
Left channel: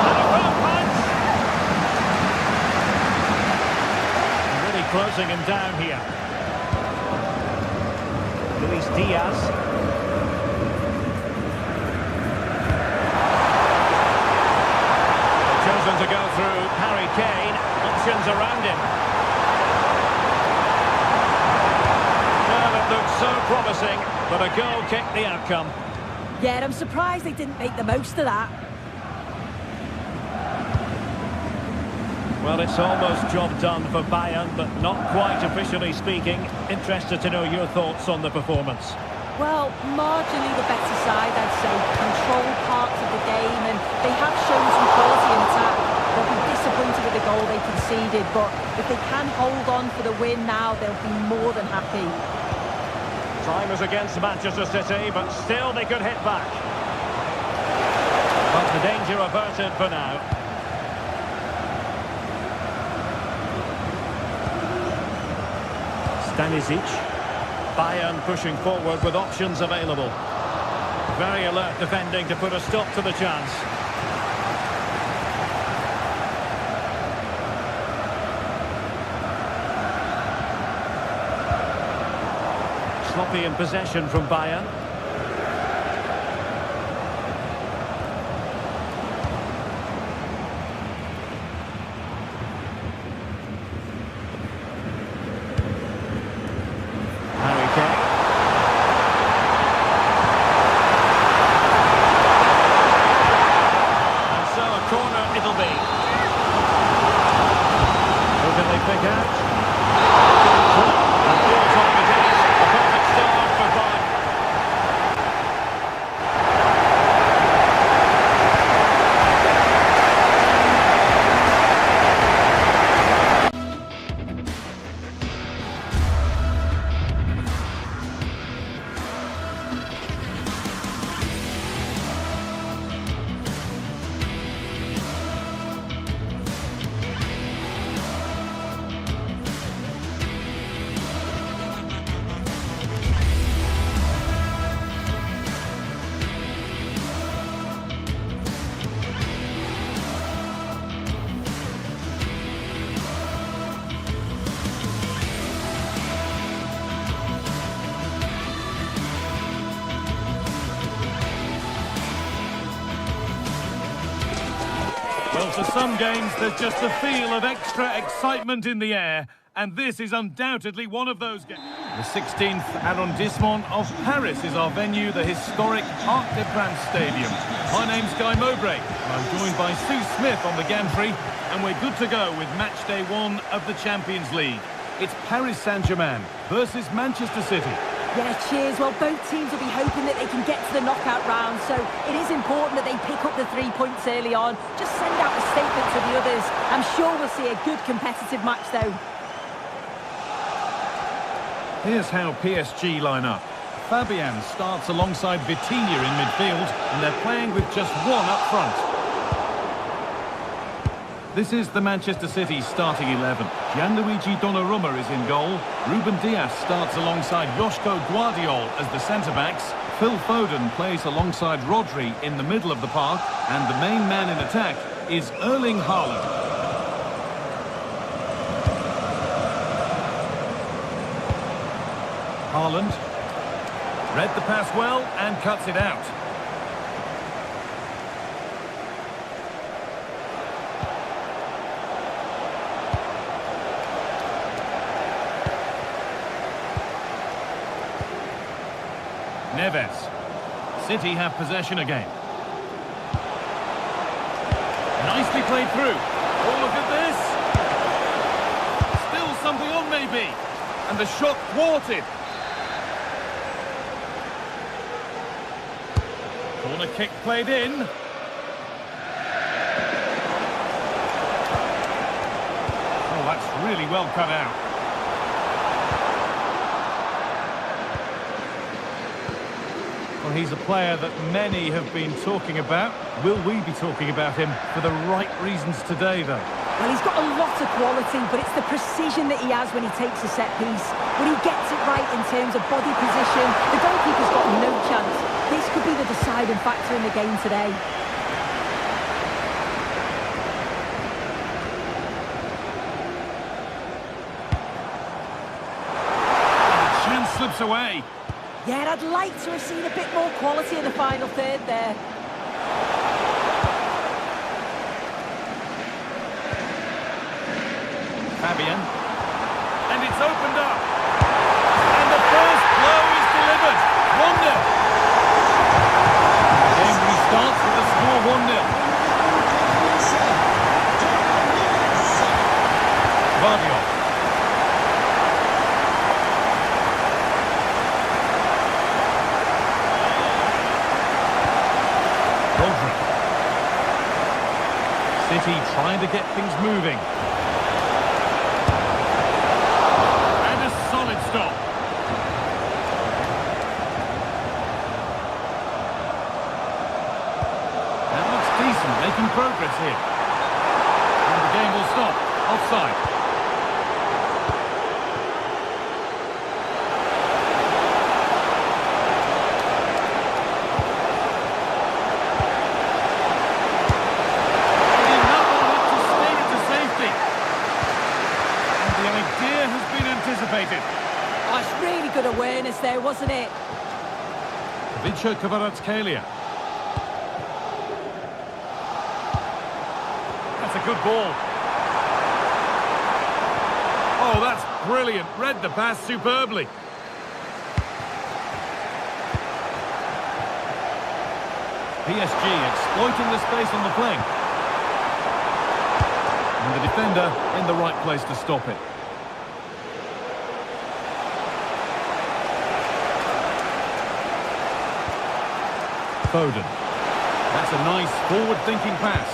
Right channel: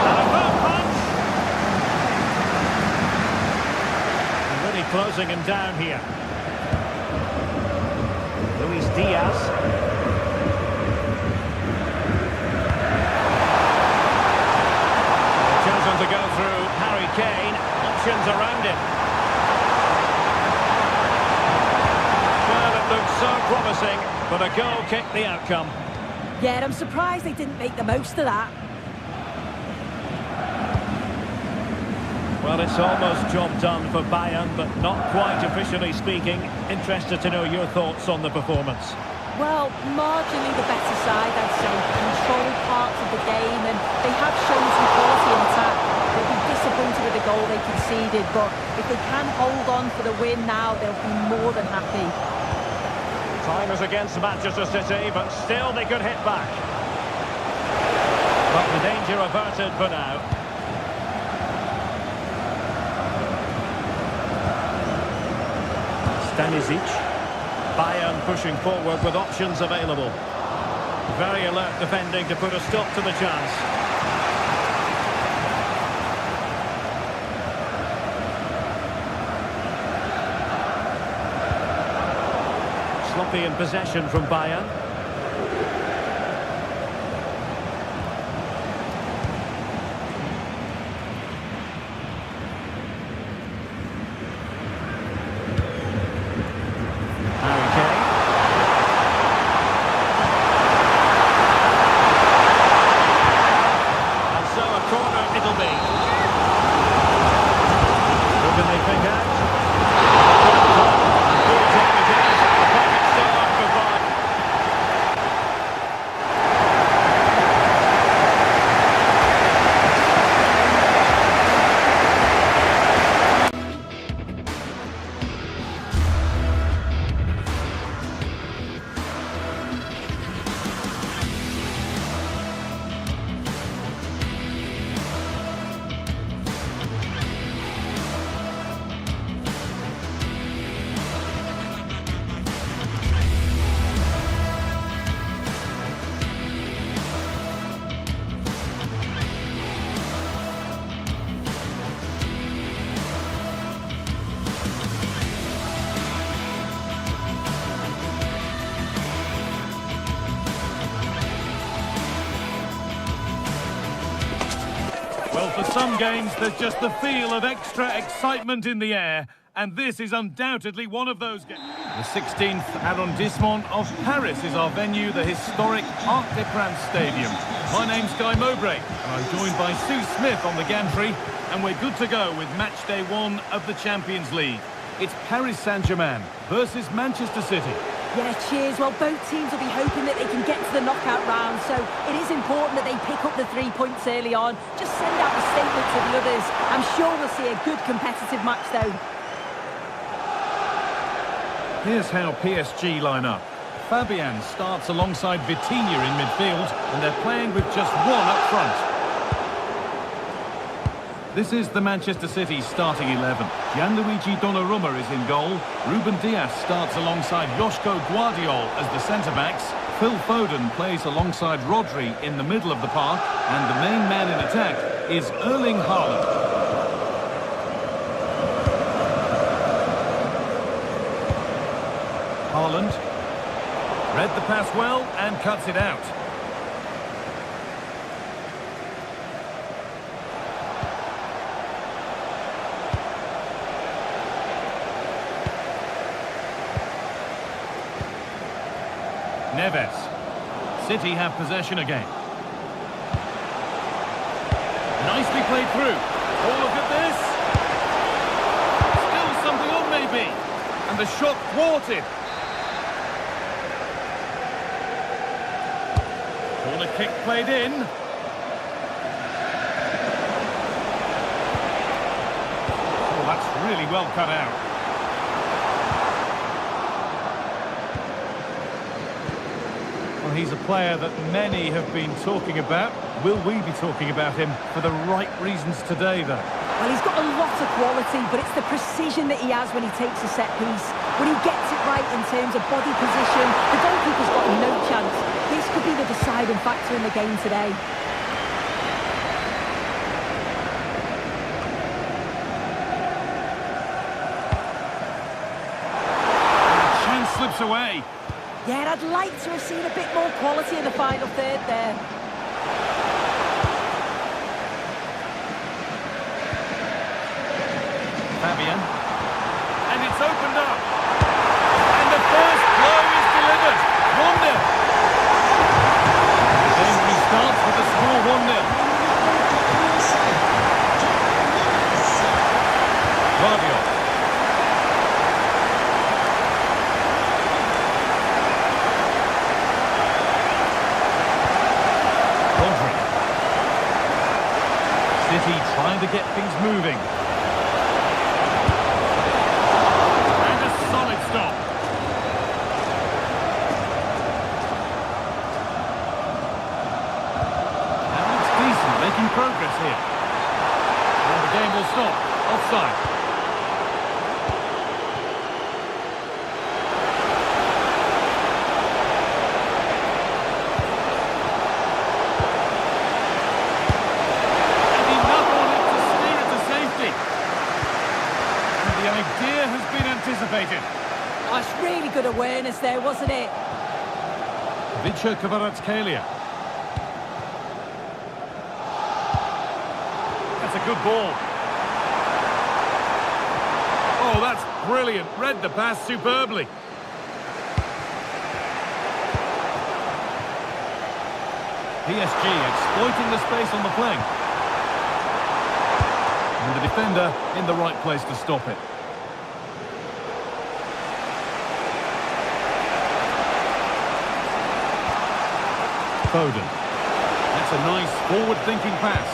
And a firm punch. And really closing him down here. Luis Diaz. They've chosen to go through Harry Kane. Options around him. Well, it looked so promising, but a goal kicked the outcome. Yeah, I'm surprised they didn't make the most of that. Well, it's almost job done for Bayern, but not quite officially speaking. Interested to know your thoughts on the performance. Well, marginally the better side, I'd say. Controlled parts of the game, and they have shown some quality in attack. They'll be disappointed with the goal they conceded, but if they can hold on for the win now, they'll be more than happy. Time is against Manchester City, but still they could hit back. But the danger averted for now. Stanisic. Bayern pushing forward with options available. Very alert defending to put a stop to the chance. Sloppy in possession from Bayern. Harry Kane. And so a corner it'll be. Who can they pick out? Good play. And full time it is. A perfect start for Bayern. Well, for some games, there's just the feel of extra excitement in the air, and this is undoubtedly one of those games. The 16th arrondissement of Paris is our venue, the historic Arc de France Stadium. My name's Guy Mowbray, and I'm joined by Sue Smith on the gantry, and we're good to go with match day 1 of the Champions League. It's Paris Saint-Germain versus Manchester City. Yeah, cheers. Well, both teams will be hoping that they can get to the knockout round, so it is important that they pick up the 3 points early on. Just send out a statement to the others. I'm sure we'll see a good competitive match, though. Here's how PSG line up. Fabian starts alongside Vitinha in midfield, and they're playing with just one up front. This is the Manchester City starting 11. Gianluigi Donnarumma is in goal. Ruben Dias starts alongside Joško Guardiol as the centre-backs. Phil Foden plays alongside Rodri in the middle of the park. And the main man in attack is Erling Haaland. Haaland read the pass well and cuts it out. Neves. City have possession again. Nicely played through. Oh, look at this. Still something on maybe. And the shot thwarted. Corner kick played in. Oh, that's really well cut out. Well, he's a player that many have been talking about. Will we be talking about him for the right reasons today, though? Well, he's got a lot of quality, but it's the precision that he has when he takes a set piece. When he gets it right in terms of body position, the goalkeeper's got no chance. This could be the deciding factor in the game today. And the chance slips away. Yeah, I'd like to have seen a bit more quality in the final third there. Fabian. And it's opened up. And the first blow is delivered. 1-0. The game restarts with the score 1-0. Guardiola. Rodri. City trying to get things moving. And a solid stop. That looks decent, making progress here. And the game will stop. Offside. And the idea has been anticipated. Oh, it's really good awareness there, wasn't it? Vicha Kvaratskhelia. That's a good ball. Oh, that's brilliant. Read the pass superbly. PSG exploiting the space on the flank. And the defender in the right place to stop it. Foden. That's a nice forward-thinking pass.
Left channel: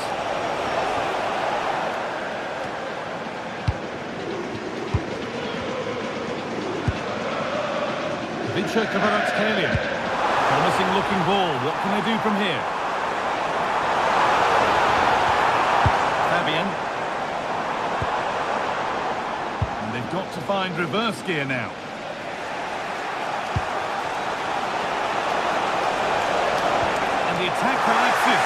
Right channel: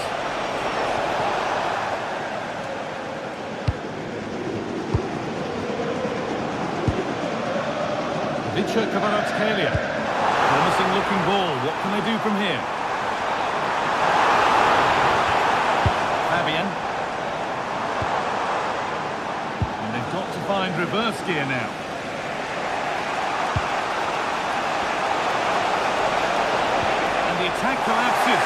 Vicha Kvaratskhelia. Promising looking ball. What can they do from here? Fabian. And they've got to find reverse gear now. And the attack collapses.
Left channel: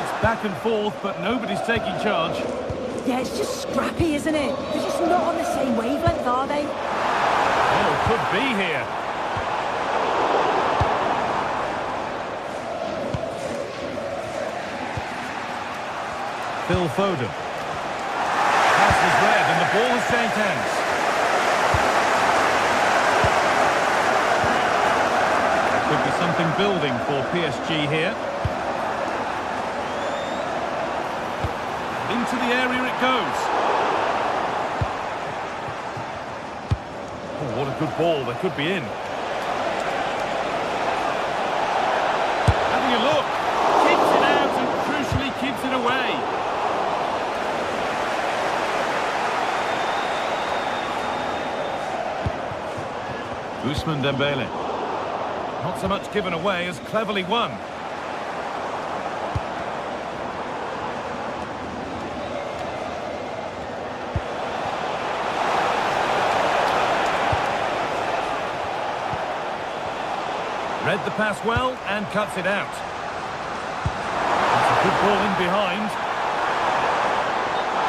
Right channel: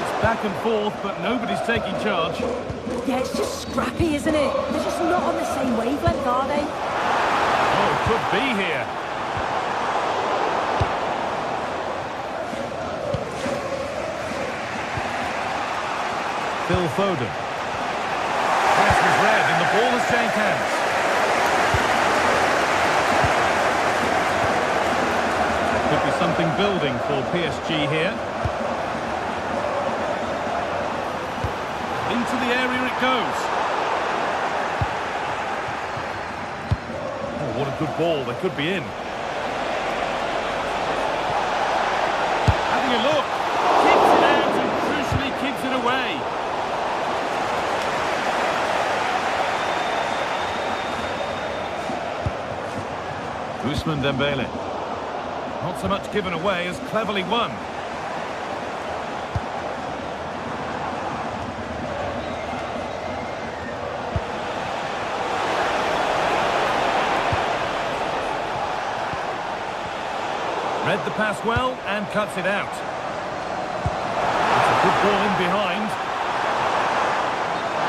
It's back and forth, but nobody's taking charge. Yeah, it's just scrappy, isn't it? They're just not on the same wavelength, are they? Oh, could be here. Phil Foden. Pass was read and the ball has changed hands. There could be something building for PSG here. Into the area it goes. Oh, what a good ball. They could be in. Having a look. Keeps it out and crucially keeps it away. Ousmane Dembele. Not so much given away as cleverly won. Read the pass well and cuts it out. It's a good ball in behind.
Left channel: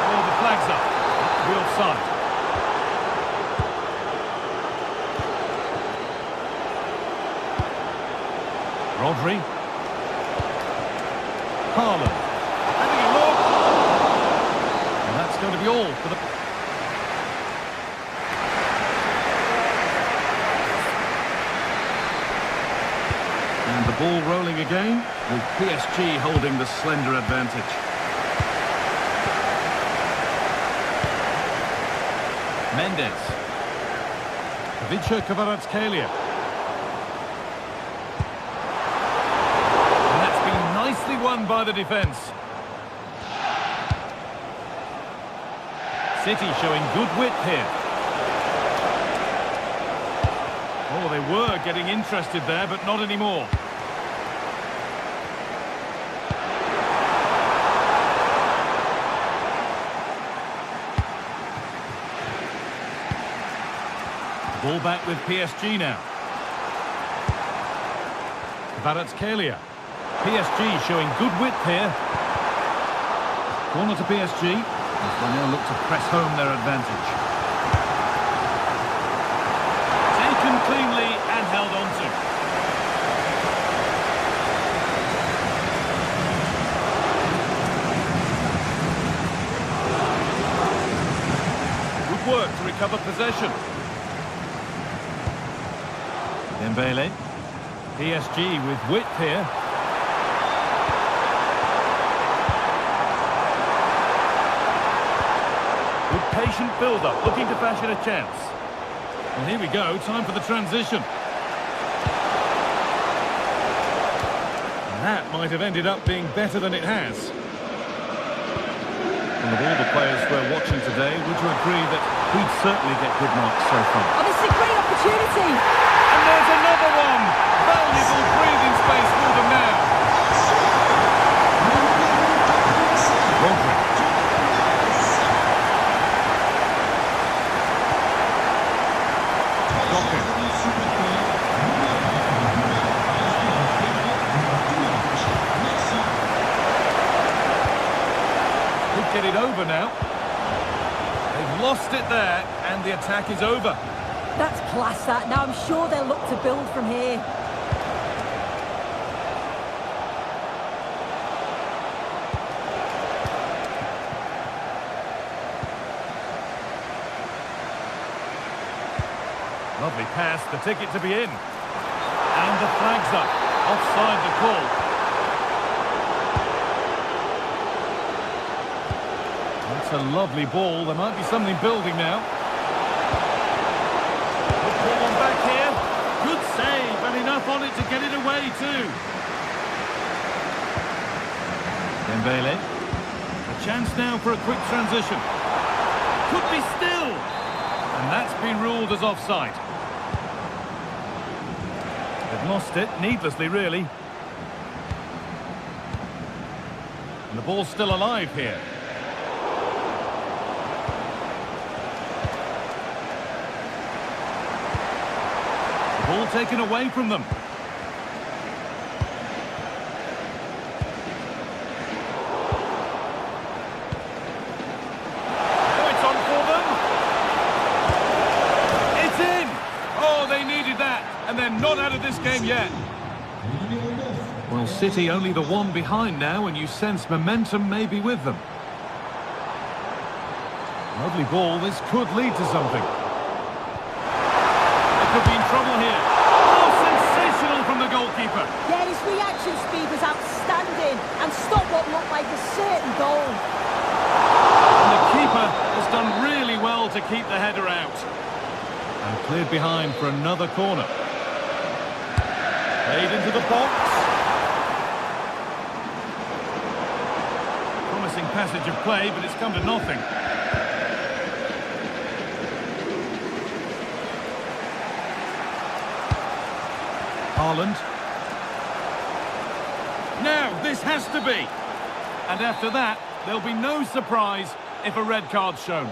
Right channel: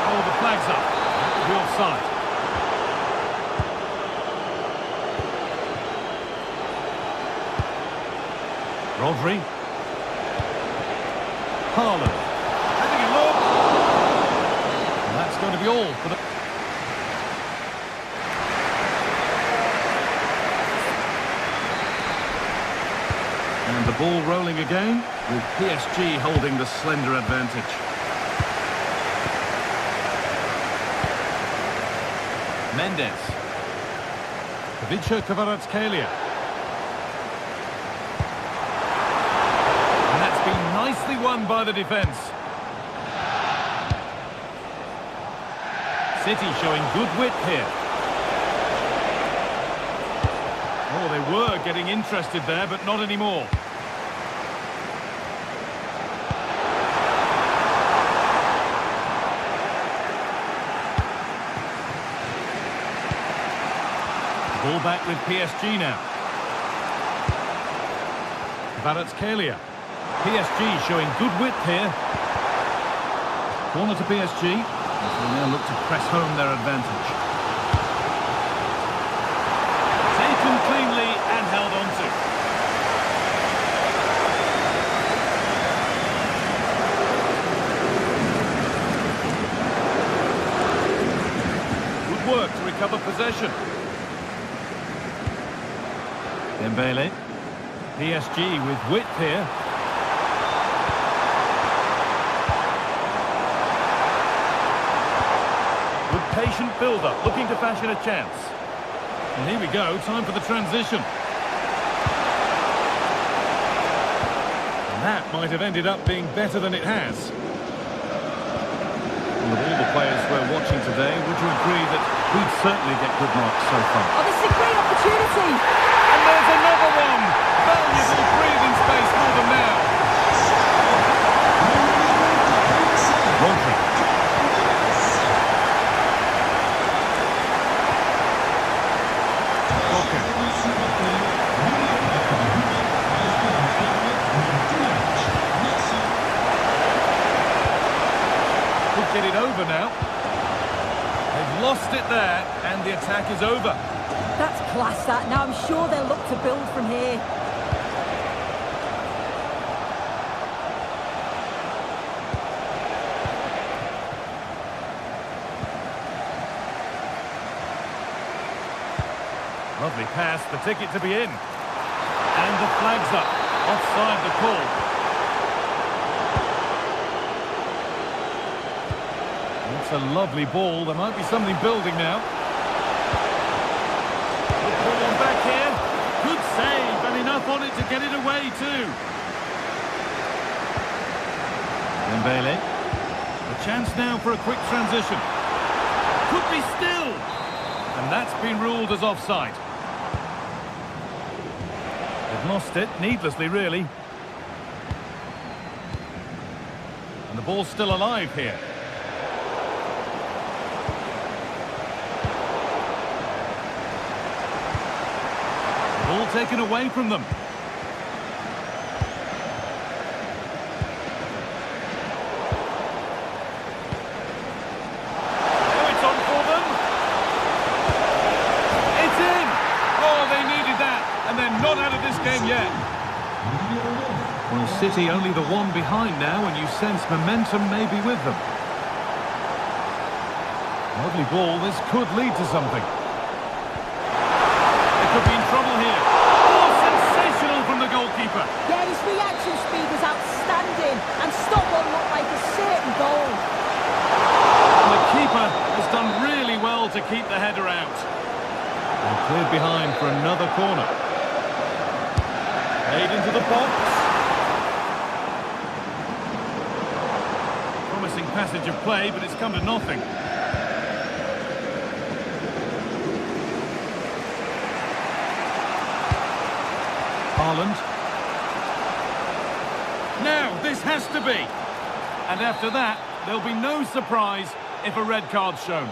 Oh, the flag's up. That could be offside. Rodri. Haaland. Having a look. And that's going to be all for the... And the ball rolling again, with PSG holding the slender advantage. Mendes. Ivica Kvaratskhelia. And that's been nicely won by the defence. City showing good width here. Oh, they were getting interested there, but not anymore. Ball back with PSG now. Kvaratskhelia. PSG showing good width here. Corner to PSG, as they now look to press home their advantage. Taken cleanly and held on to. Good work to recover possession. Dembele. PSG with width here. Good patient build-up, looking to fashion a chance. Well, here we go, time for the transition. And that might have ended up being better than it has. And of all the players we're watching today, would you agree that he'd certainly get good marks so far? Oh, this is a great opportunity. And there's another one! Valuable breathing space for them now. Rodri. Could get it over now. They've lost it there, and the attack is over. That's class, that. Now I'm sure they'll look to build from here. Lovely pass, the ticket to be in. And the flag's up. Offside the call. That's a lovely ball. There might be something building now. Good pull on back here. Good save, and enough on it to get it away too. Dembele. A chance now for a quick transition. Could be still. And that's been ruled as offside. They've lost it, needlessly really. And the ball's still alive here. The ball taken away from them. Now it's on for them. It's in! Oh, they needed that, and they're not out of this game yet. Well, City only the one behind now, and you sense momentum may be with them. Lovely ball, this could lead to something. They could be in trouble here. Oh, sensational from the goalkeeper. Yeah, his reaction speed was outstanding and stopped what looked like a certain goal. And the keeper has done really well to keep the header out. And cleared behind for another corner. Played into the box. Promising passage of play, but it's come to nothing. Haaland. Now, this has to be. And after that, there'll be no surprise if a red card's shown.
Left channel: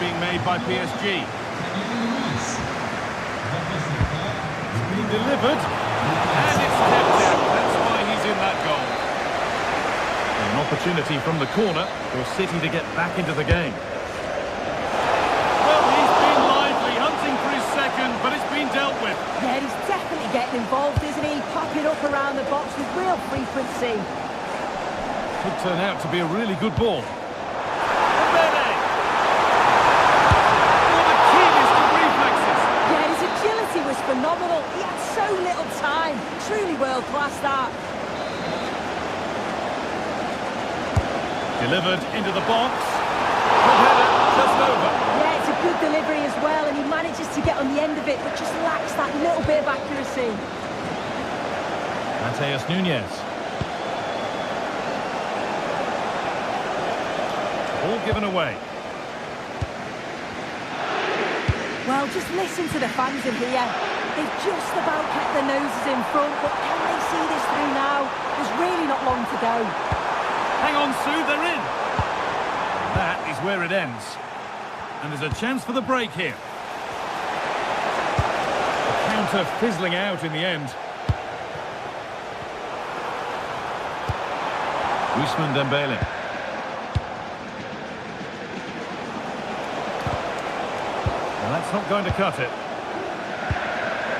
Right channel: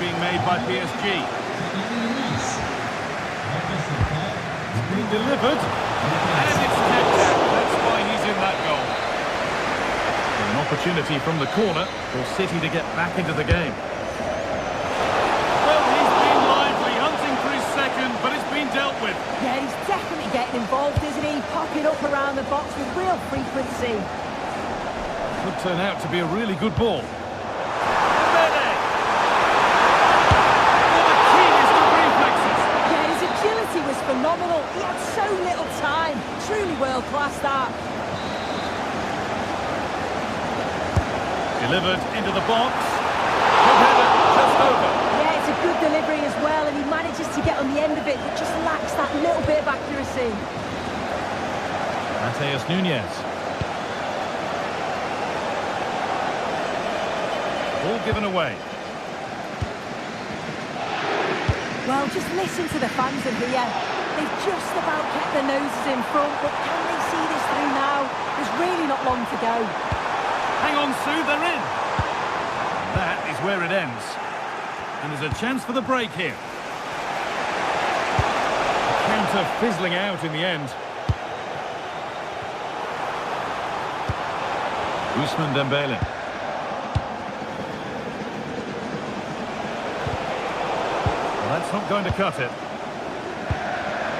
Being made by PSG. It's been delivered, and it's kept out. That's why he's in that goal. An opportunity from the corner for City to get back into the game. Well, he's been lively, hunting for his second, but it's been dealt with. Yeah, he's definitely getting involved, isn't he? Popping up around the box with real frequency. Could turn out to be a really good ball. Agility was phenomenal. He had so little time. Truly world-class that. Delivered into the box. Good header, just over. Yeah, it's a good delivery as well, and he manages to get on the end of it, but just lacks that little bit of accuracy. Mateus Nunes. Ball given away. Well, just listen to the fans in here. They've just about kept their noses in front, but can they see this through now? There's really not long to go. Hang on, Sue, they're in. That is where it ends. And there's a chance for the break here. The counter fizzling out in the end. Ousmane Dembele. Well, that's not going to cut it.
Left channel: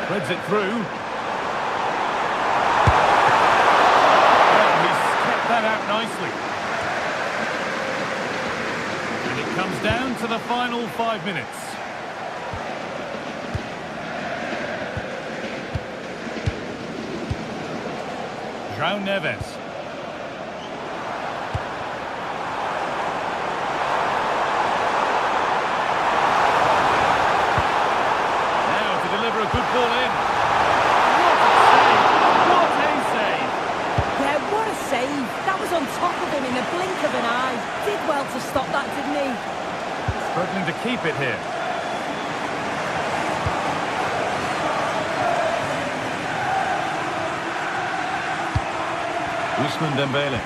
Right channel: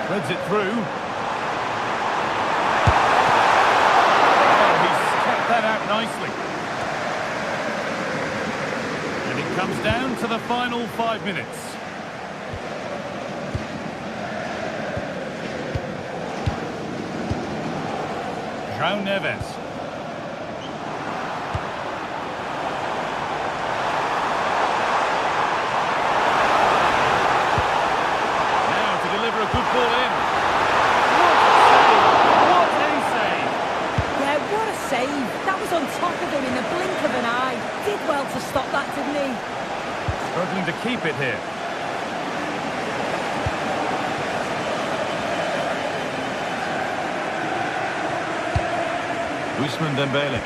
Threads it through. Well, he's kept that out nicely. And it comes down to the final 5 minutes. João Neves. Deliver a good ball in. What a save! What a save! Yeah, what a save. That was on top of him in the blink of an eye. Did well to stop that, didn't he? Struggling to keep it here. Ousmane Dembele.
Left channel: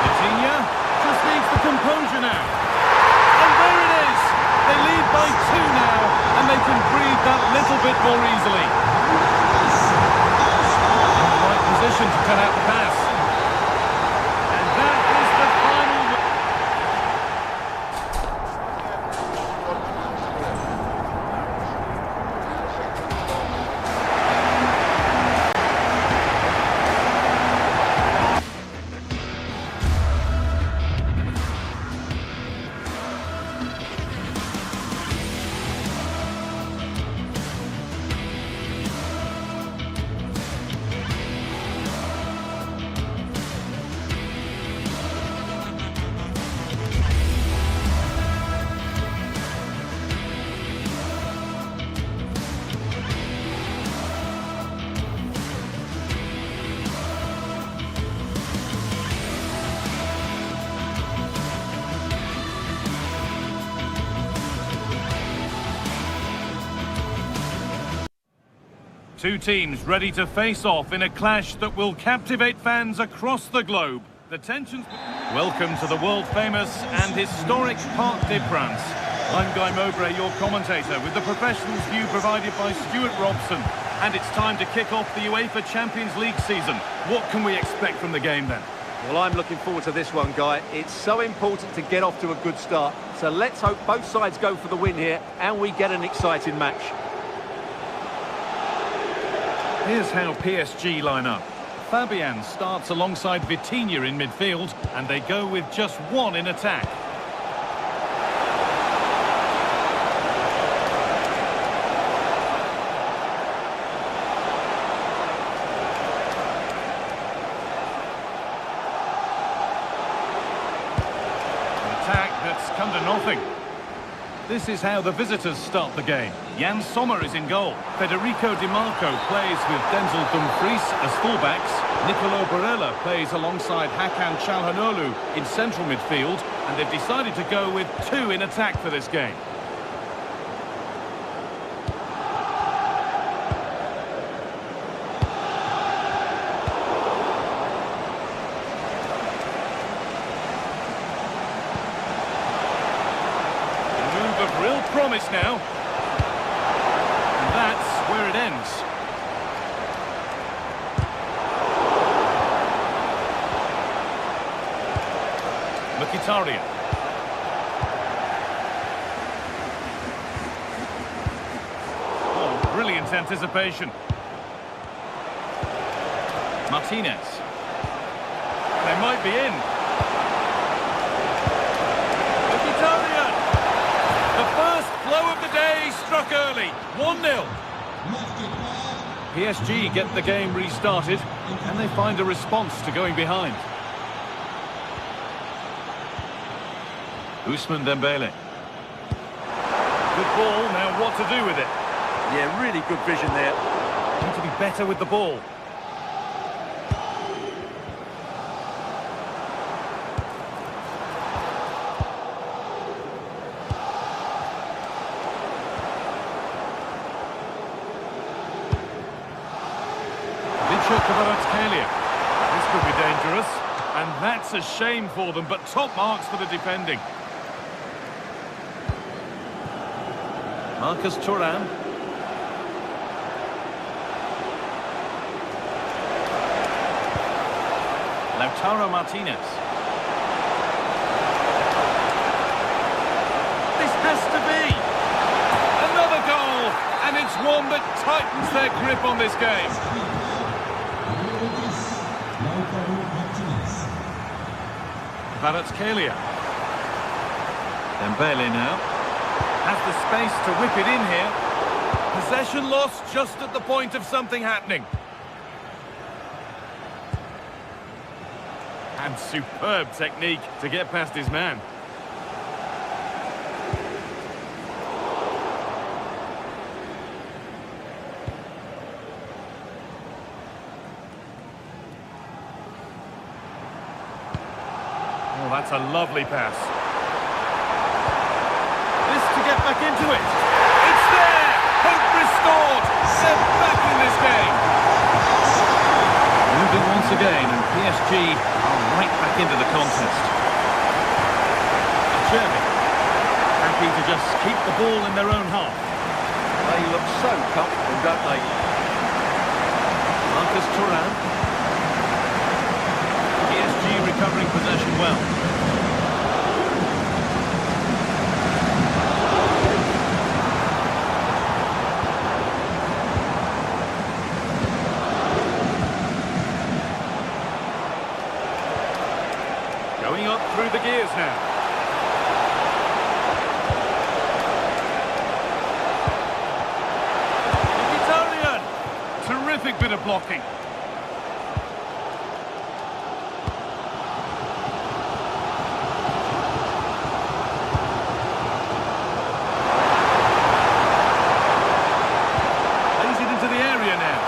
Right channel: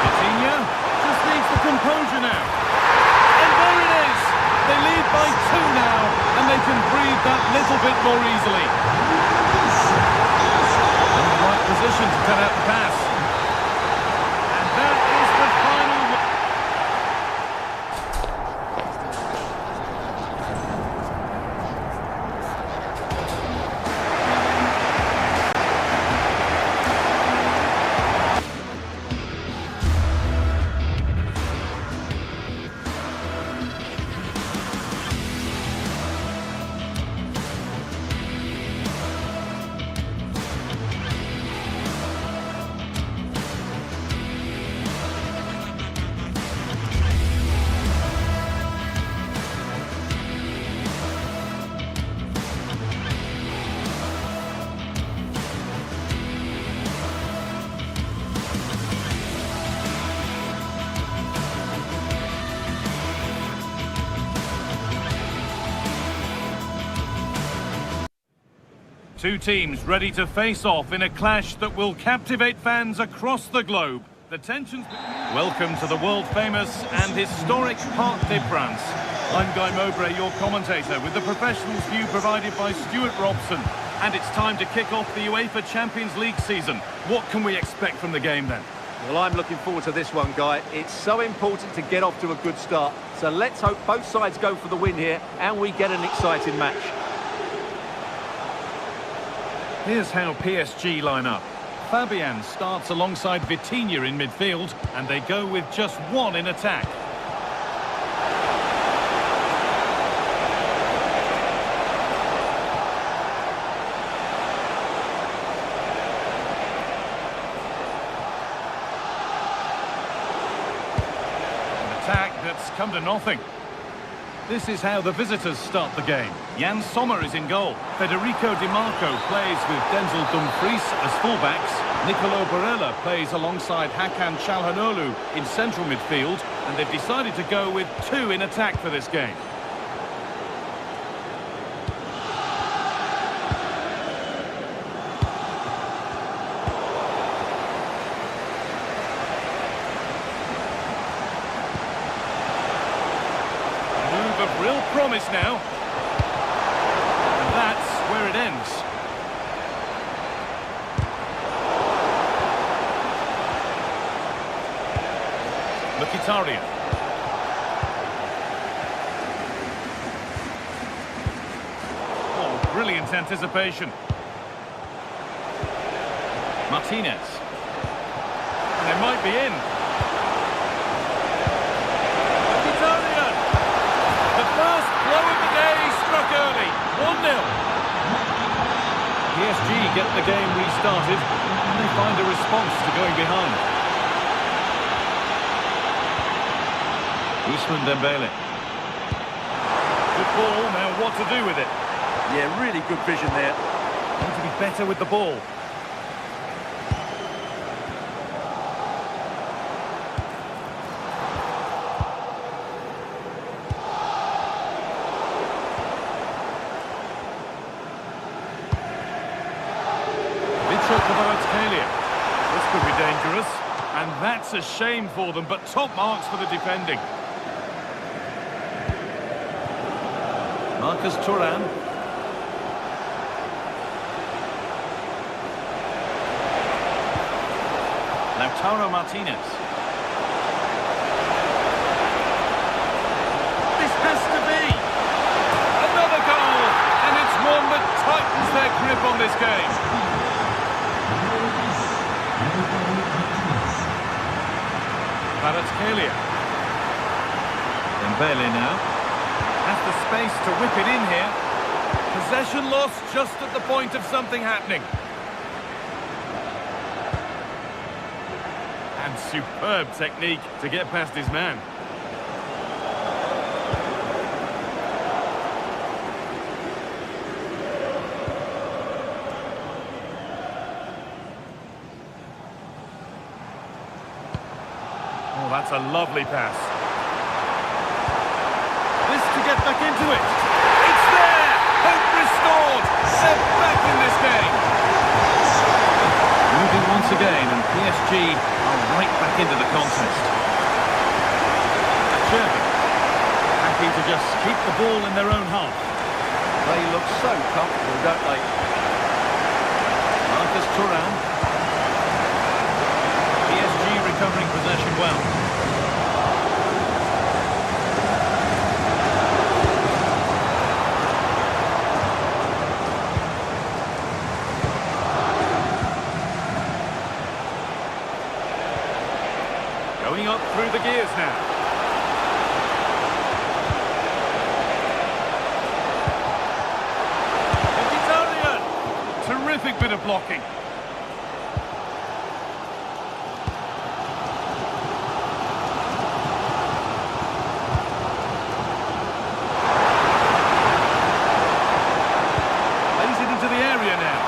Vitinha just needs the composure now. And there it is! They lead by 2 now, and they can breathe that little bit more easily. In the right position to cut out the pass. And that is the final... Two teams ready to face off in a clash that will captivate fans across the globe. The tensions... Welcome to the world-famous and historic Parc des Princes. I'm Guy Mowbray, your commentator, with the professionals' view provided by Stuart Robson. And it's time to kick off the UEFA Champions League season. What can we expect from the game then? Well, I'm looking forward to this one, Guy. It's so important to get off to a good start. So let's hope both sides go for the win here and we get an exciting match. Here's how PSG line up. Fabian starts alongside Vitinha in midfield, and they go with just one in attack. Attack that's come to nothing. This is how the visitors start the game. Jan Sommer is in goal. Federico Di Marco plays with Denzel Dumfries as fullbacks. Nicolo Barella plays alongside Hakan Çalhanoğlu in central midfield, and they've decided to go with two in attack for this game. Of real promise now, and that's where it ends. Mkhitaryan. Oh, brilliant anticipation. Martinez. And they might be in. Mkhitaryan. The first blow of the day struck early, 1-0. PSG get the game restarted, and they find a response to going behind. Ousmane Dembele. Good ball, now what to do with it? Yeah, really good vision there. Need to be better with the ball. This could be dangerous, and that's a shame for them, but top marks for the defending. Marcus Thuram. Lautaro Martinez. This has to be another goal, and it's one that tightens their grip on this game. Kvaratskhelia. Dembele now. Has the space to whip it in here. Possession lost just at the point of something happening. And superb technique to get past his man. Oh, that's a lovely pass. This to get back into it. It's there! Hope restored! They're back in this game. Moving once again, and PSG are right back into the contest. Chervik. Happy to just keep the ball in their own half. They look so comfortable, don't they? Marcus Thuram. PSG recovering possession well. Going up through the gears now. Mkhitaryan! Terrific bit of blocking. Into the area now.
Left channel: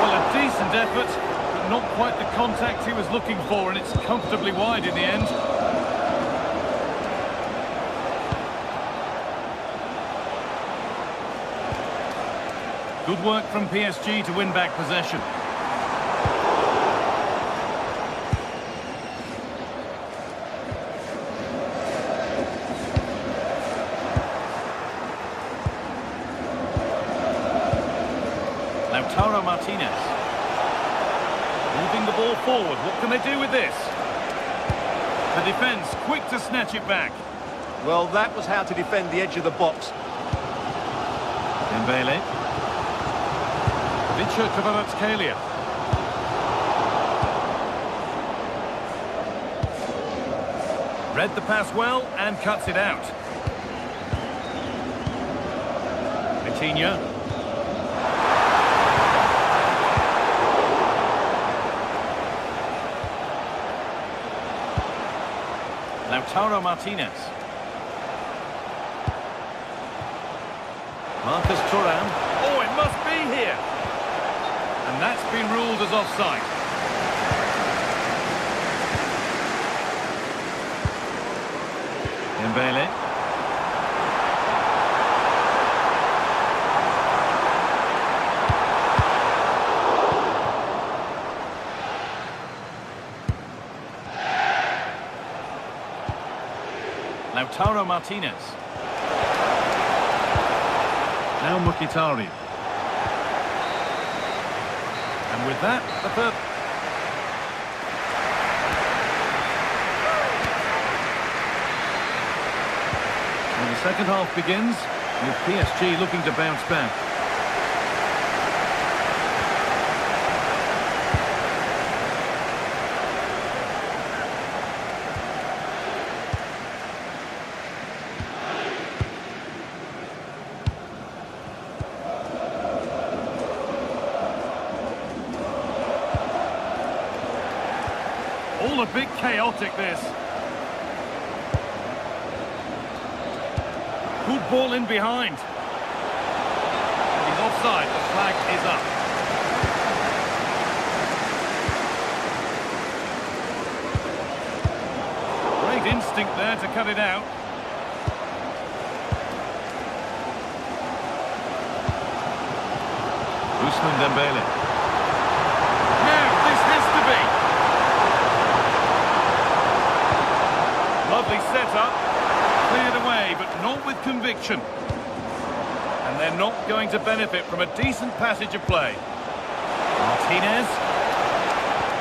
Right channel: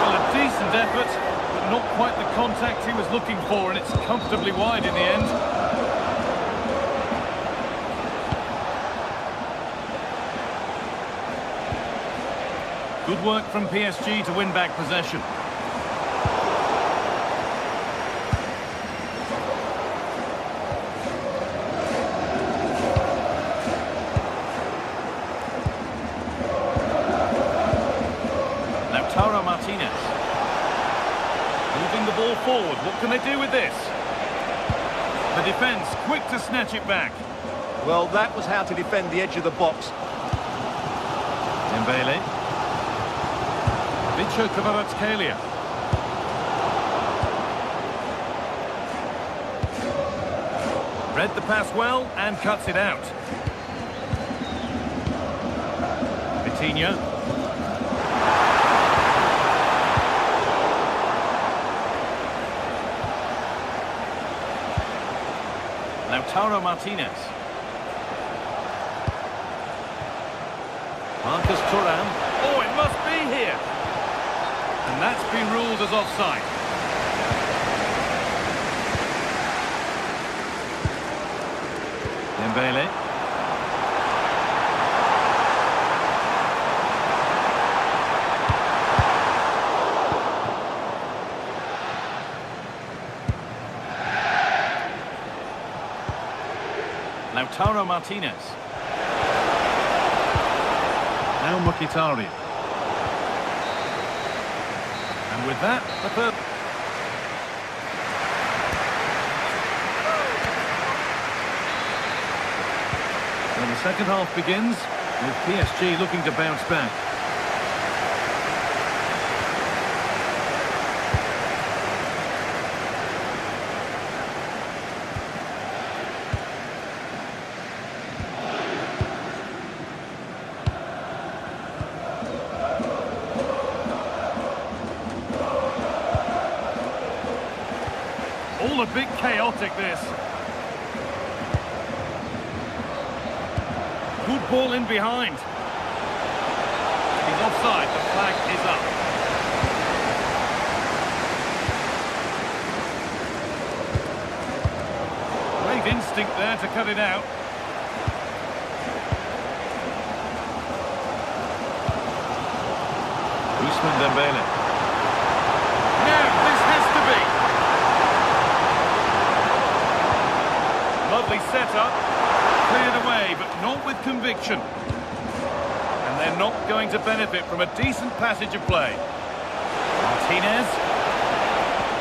Well, a decent effort, but not quite the contact he was looking for, and it's comfortably wide in the end. Good work from PSG to win back possession. Lautaro Martinez. Moving the ball forward. What can they do with this? The defence quick to snatch it back. Well, that was how to defend the edge of the box. Dembele. Vicha Kvaratskhelia. Read the pass well and cuts it out. Vitinha. Lautaro Martinez. Marcus Thuram. Oh, it must be here. And that's been ruled as offside. Dembele. Lautaro Martinez. Now Mkhitaryan. And with that, the third. So the second half begins with PSG looking to bounce back. All a bit chaotic, this. Good ball in behind. He's offside. The flag is up. Great instinct there to cut it out. Ousmane Dembele. Now, this has to be. Lovely setup, cleared away, but not with conviction. And they're not going to benefit from a decent passage of play. Martinez,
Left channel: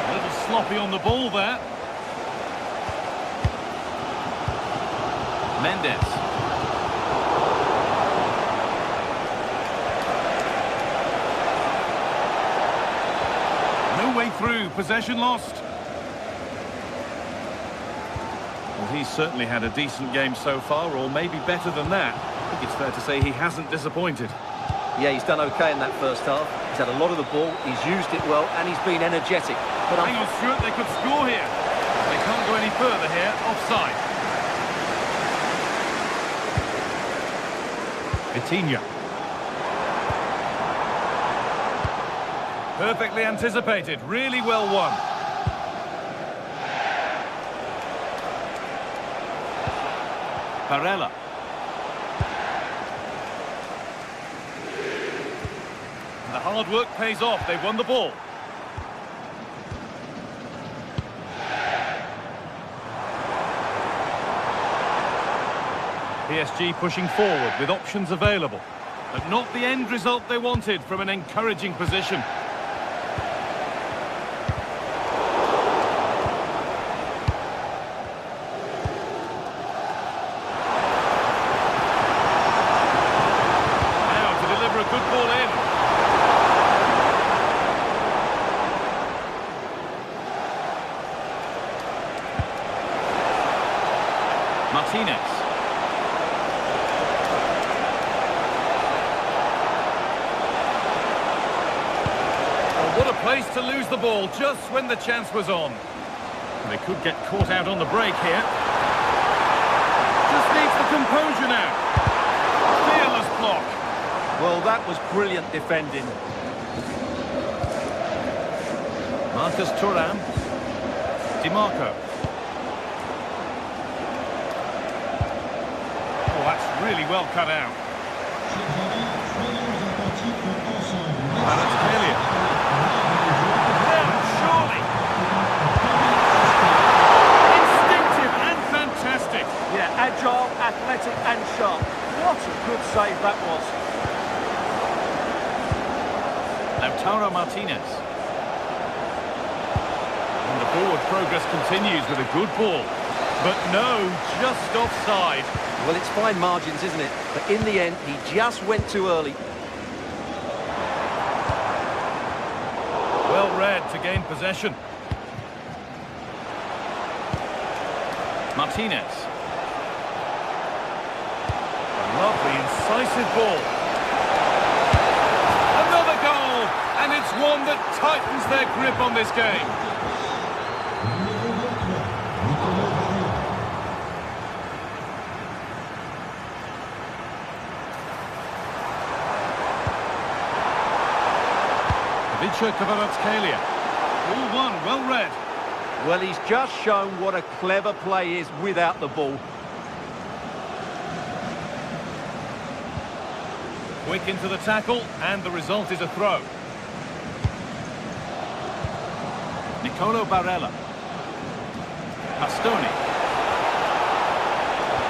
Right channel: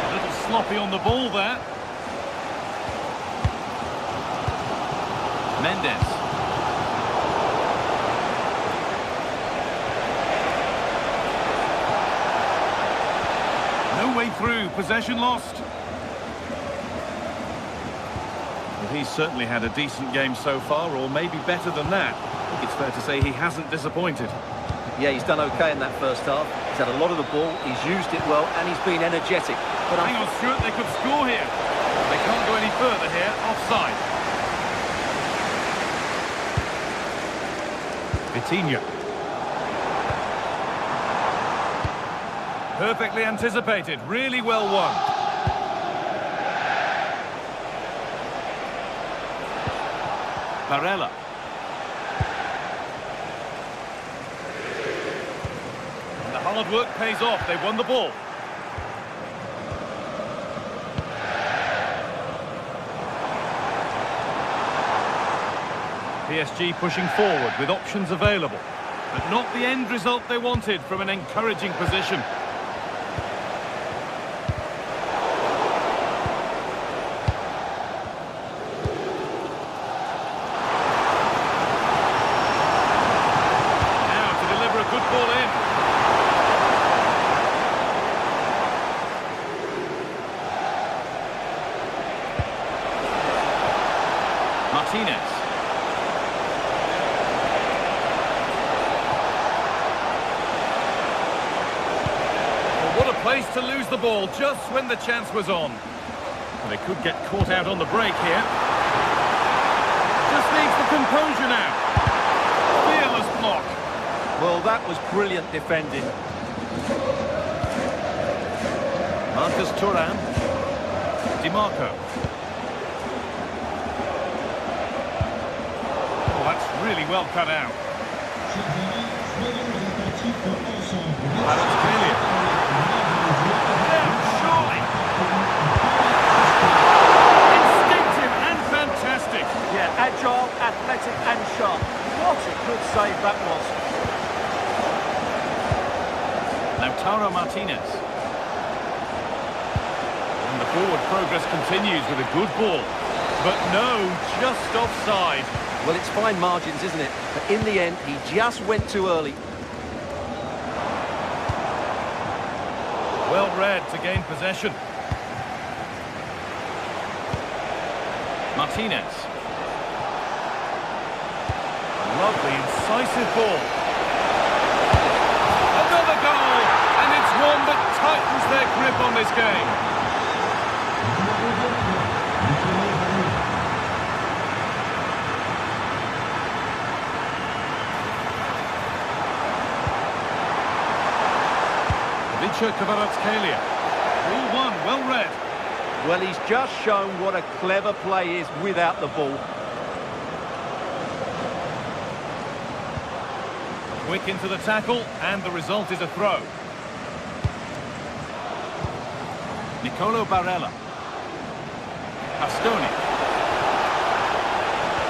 a little sloppy on the ball there. Mendes. No way through, possession lost. Well, he's certainly had a decent game so far, or maybe better than that. I think it's fair to say he hasn't disappointed. Yeah, he's done okay in that first half. He's had a lot of the ball, he's used it well, and he's been energetic. But hang on, Stuart, they could score here. They can't go any further here, offside. Vitinha. Perfectly anticipated, really well won. Barella. And the hard work pays off. They won the ball. PSG pushing forward with options available, but not the end result they wanted from an encouraging position. Good ball in. Martinez. Oh, what a place to lose the ball just when the chance was on. And they could get caught out on the break here. Just needs the composure now. Fearless block. Well, that was brilliant defending. Marcus Thuram. DiMarco. Oh, that's really well cut out. Kvaratskhelia. Yeah, surely. Instinctive and fantastic. Yeah, agile, athletic and sharp. What a good save that was. Lautaro Martinez. And the forward progress continues with a good ball. But no, just offside. Well, it's fine margins, isn't it? But in the end, he just went too early. Well read to gain possession. Martinez. A lovely, incisive ball. Another goal! And it's one that tightens their grip on this game. Vicha Kvaratskhelia. Ball one, well read. Well, he's just shown what a clever play is without the ball. Quick into the tackle, and the result is a throw. Nicolo Barella. Pastoni.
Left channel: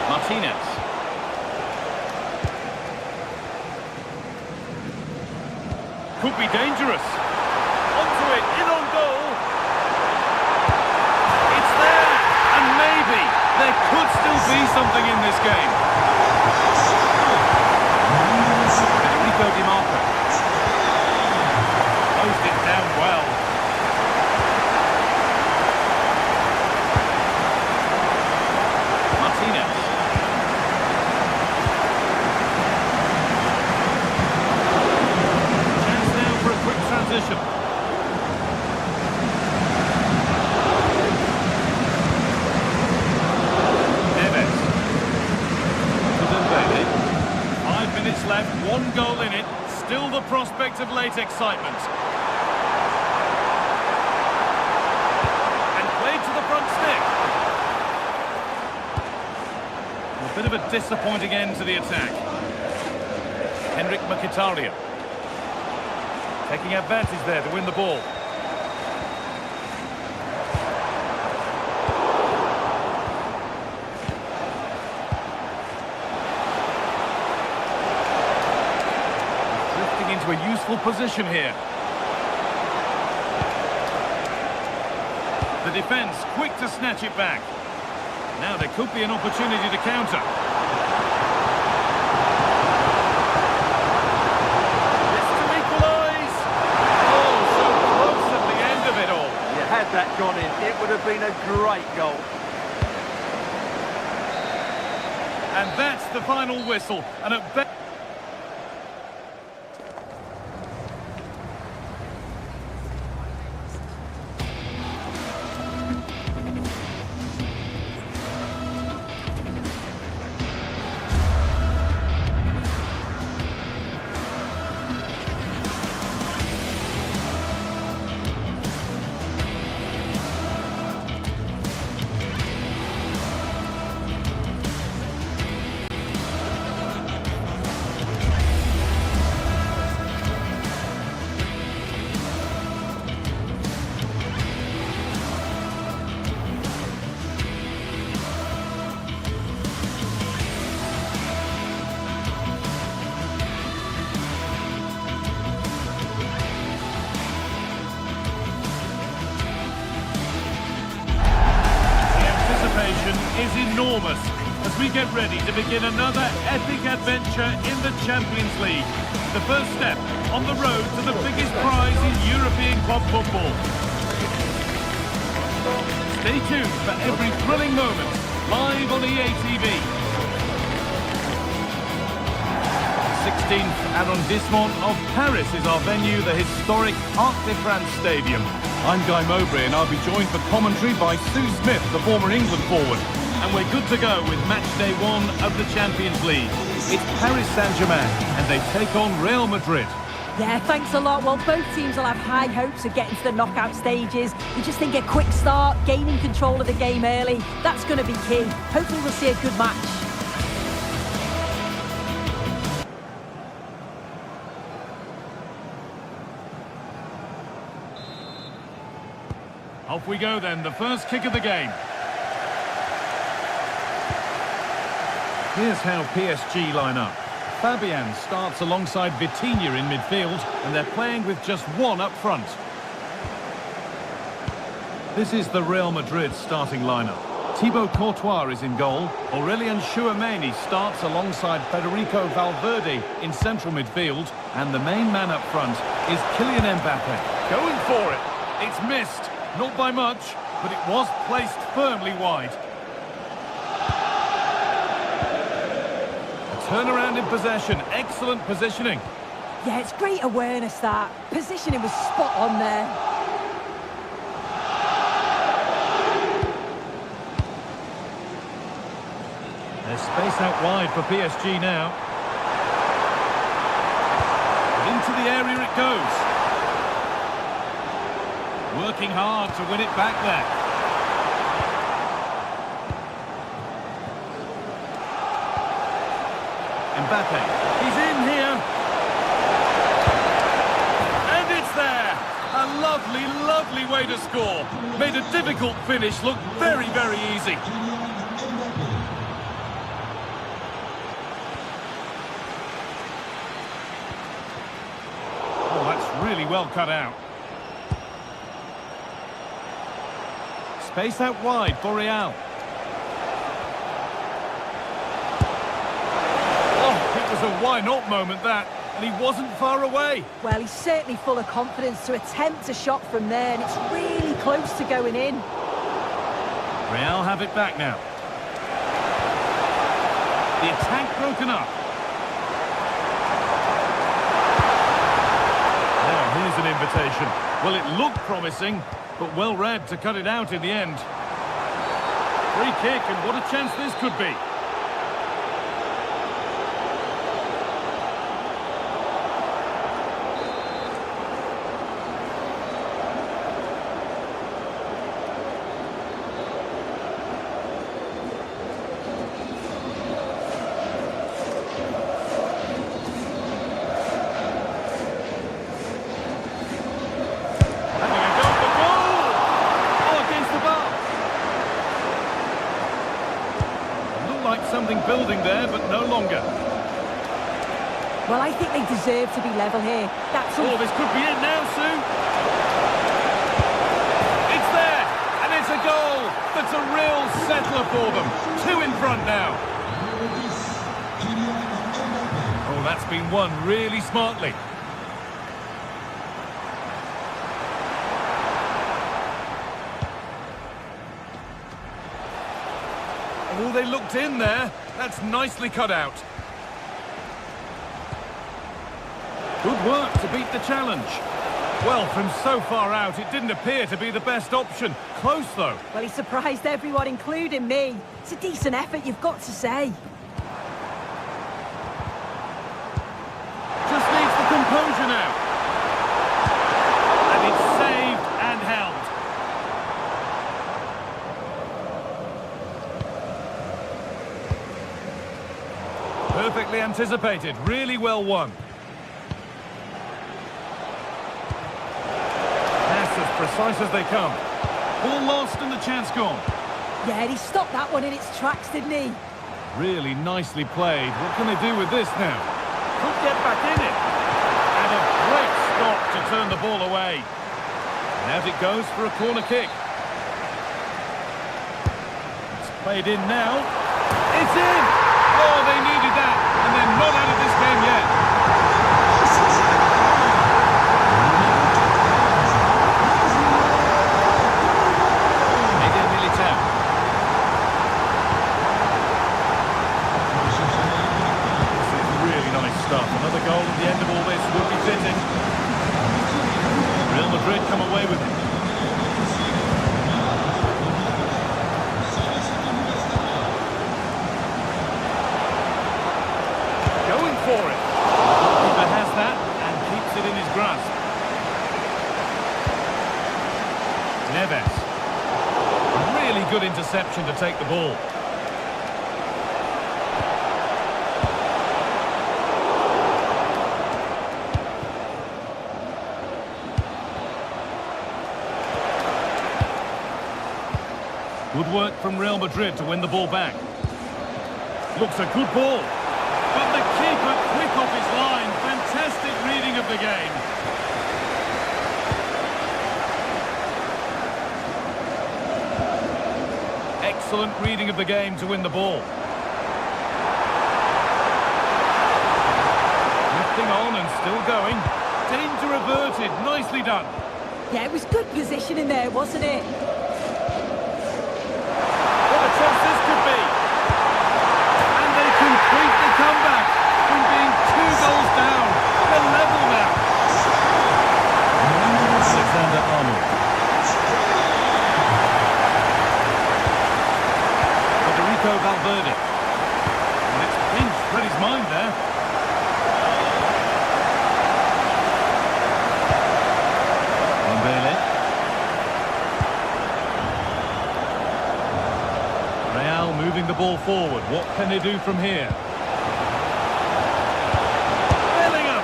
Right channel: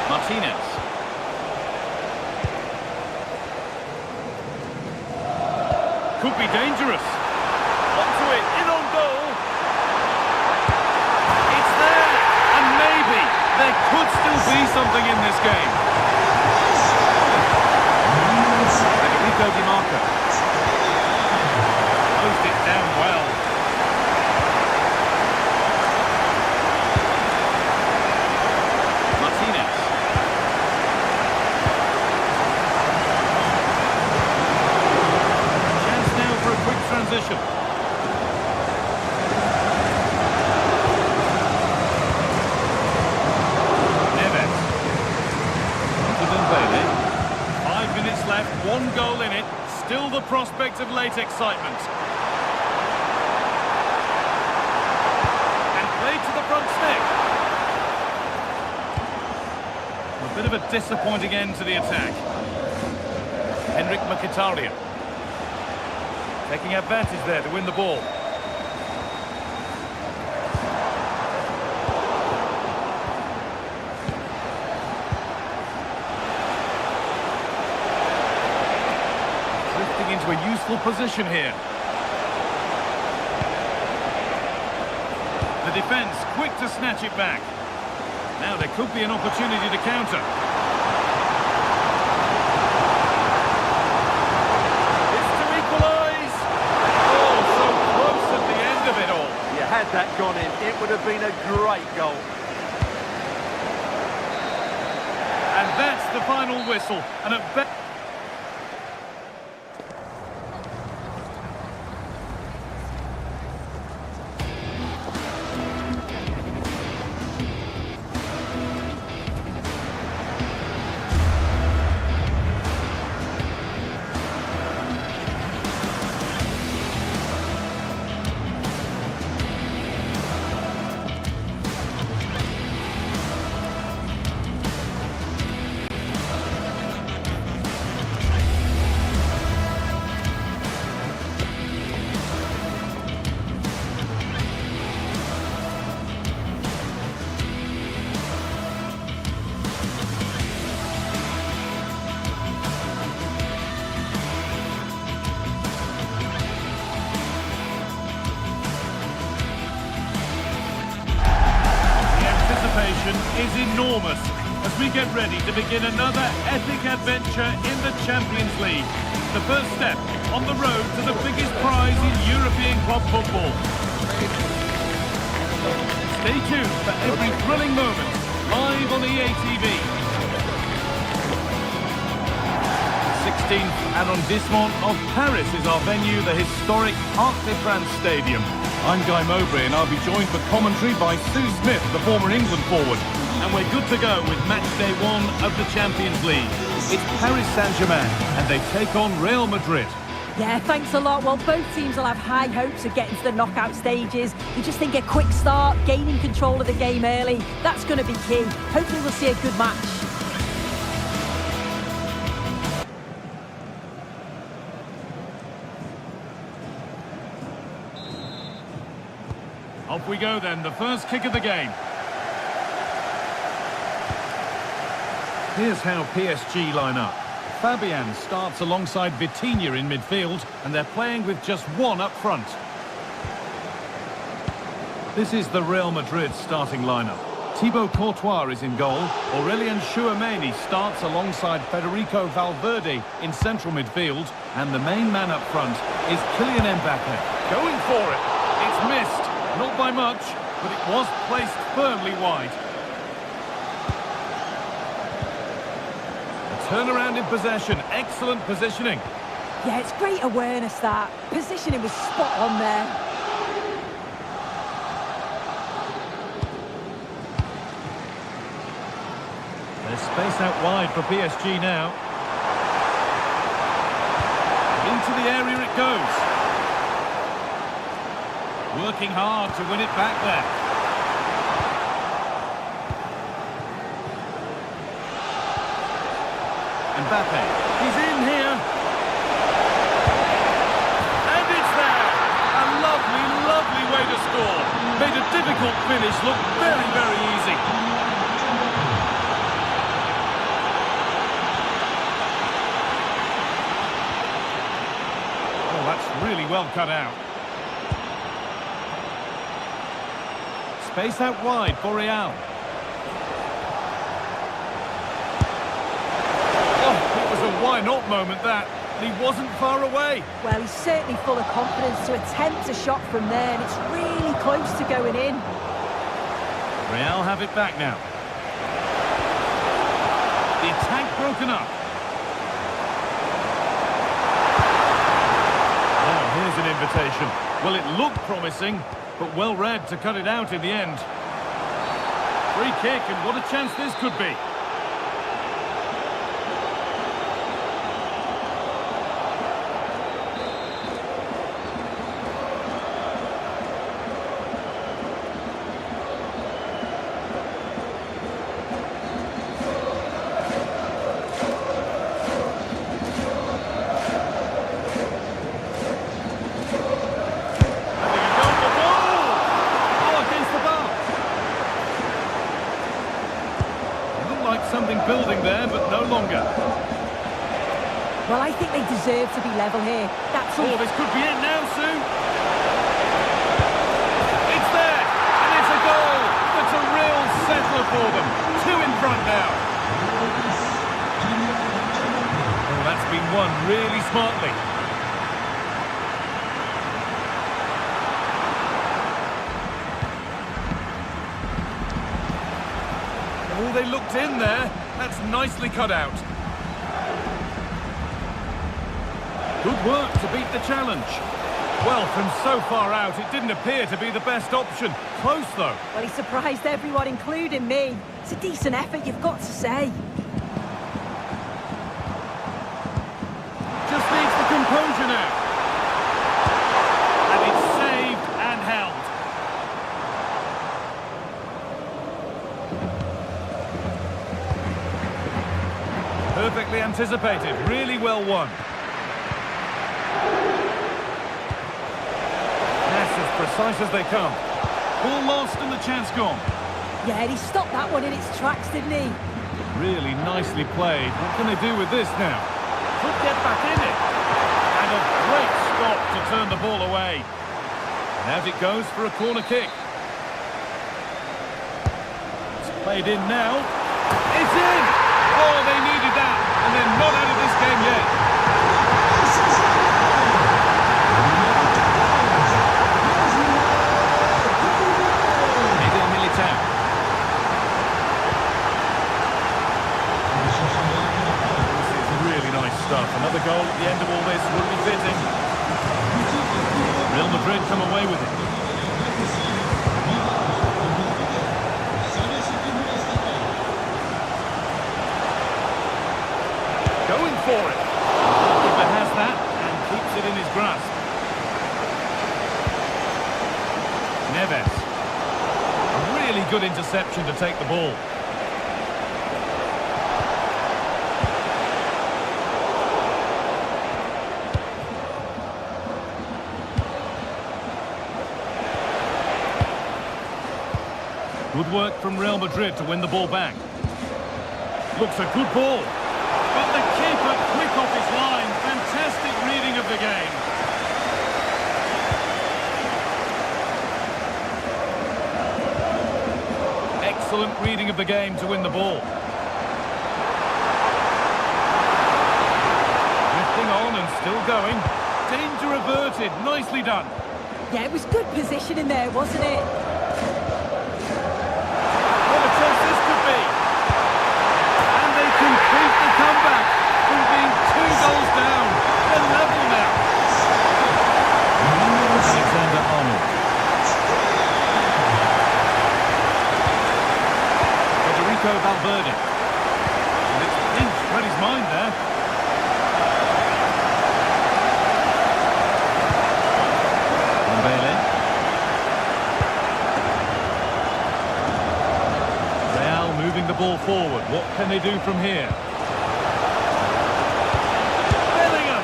Martinez. Could be dangerous. Onto it, in on goal. It's there, and maybe there could still be something in this game. Federico Di Marco. Closed it down well. Martinez. Chance now for a quick transition. Neves. Onto Dembele. 5 minutes left, 1 goal in it. Still the prospect of late excitement. And played to the front stick. A bit of a disappointing end to the attack. Henrik Mkhitaryan. Taking advantage there to win the ball. Drifting into a useful position here. The defence quick to snatch it back. Now there could be an opportunity to counter. It's to equalise. Oh, so close at the end of it all. You had that gone in, it would have been a great goal. And that's the final whistle. And at best... is enormous as we get ready to begin another epic adventure in the Champions League. The first step on the road to the biggest prize in European club football. Stay tuned for every thrilling moment live on EA TV. 16th arrondissement of Paris is our venue, the historic Arc de France Stadium. I'm Guy Mowbray and I'll be joined for commentary by Sue Smith, the former England forward. And we're good to go with match day 1 of the Champions League. It's Paris Saint-Germain and they take on Real Madrid. Yeah, thanks a lot. Well, both teams will have high hopes of getting to the knockout stages. You just think a quick start, gaining control of the game early, that's going to be key. Hopefully we'll see a good match. Off we go then, the first kick of the game. Here's how PSG line up. Fabian starts alongside Vitinha in midfield, and they're playing with just one up front. This is the Real Madrid starting lineup. Thibaut Courtois is in goal. Aurelien Tchouameni starts alongside Federico Valverde in central midfield. And the main man up front is Kylian Mbappe. Going for it. It's missed. Not by much, but it was placed firmly wide. A turnaround in possession. Excellent positioning. Yeah, it's great awareness, that. Positioning was spot on there. There's space out wide for PSG now. Into the area it goes. Working hard to win it back there. Mbappe, he's in here. And it's there. A lovely, lovely way to score. Made a difficult finish look very, very easy. Oh, that's really well cut out. Space out wide for Real. Oh, it was a why-not moment, that. And he wasn't far away. Well, he's certainly full of confidence to attempt a shot from there, and it's really close to going in. Real have it back now. The attack broken up. Now, here's an invitation. Well, it looked promising, but well read to cut it out in the end. Free kick, and what a chance this could be. Like something building there, but no longer. Well, I think they deserve to be level here. That's all. Oh, this could be it now, Sue. It's there, and it's a goal. That's a real settler for them. 2 in front now. Oh, that's been won really smartly. Oh, they looked in there. That's nicely cut out. Good work to beat the challenge. Well, from so far out, it didn't appear to be the best option. Close, though. Well, he surprised everyone, including me. It's a decent effort, you've got to say. Just needs the composure now. And it's saved and held. Perfectly anticipated, really well won. That's as precise as they come. Ball lost and the chance gone. Yeah, he stopped that one in its tracks, didn't he? Really nicely played. What can they do with this now? Could get back in it. And a great stop to turn the ball away. And out it goes for a corner kick. It's played in now. It's in! Oh, they needed that, and they're not out of this game yet. Eden Militao. This is really nice stuff. Another goal at the end of all this would be fitting. Real Madrid come away with it. Going for it. The goalkeeper has that and keeps it in his grasp. Neves. A really good interception to take the ball. Good work from Real Madrid to win the ball back. Looks a good ball. But the keeper quick off his line. Fantastic reading of the game. Excellent reading of the game to win the ball. Drifting on and still going. Danger averted. Nicely done. Yeah, it was good positioning there, wasn't it? What a chance this could be. And they complete the comeback from being 2 goals down. They're level now. Alexander-Arnold. Federico Valverde. And it's pinched Freddie's mind there. Dembele. Real moving the ball forward. What can they do from here? Bellingham!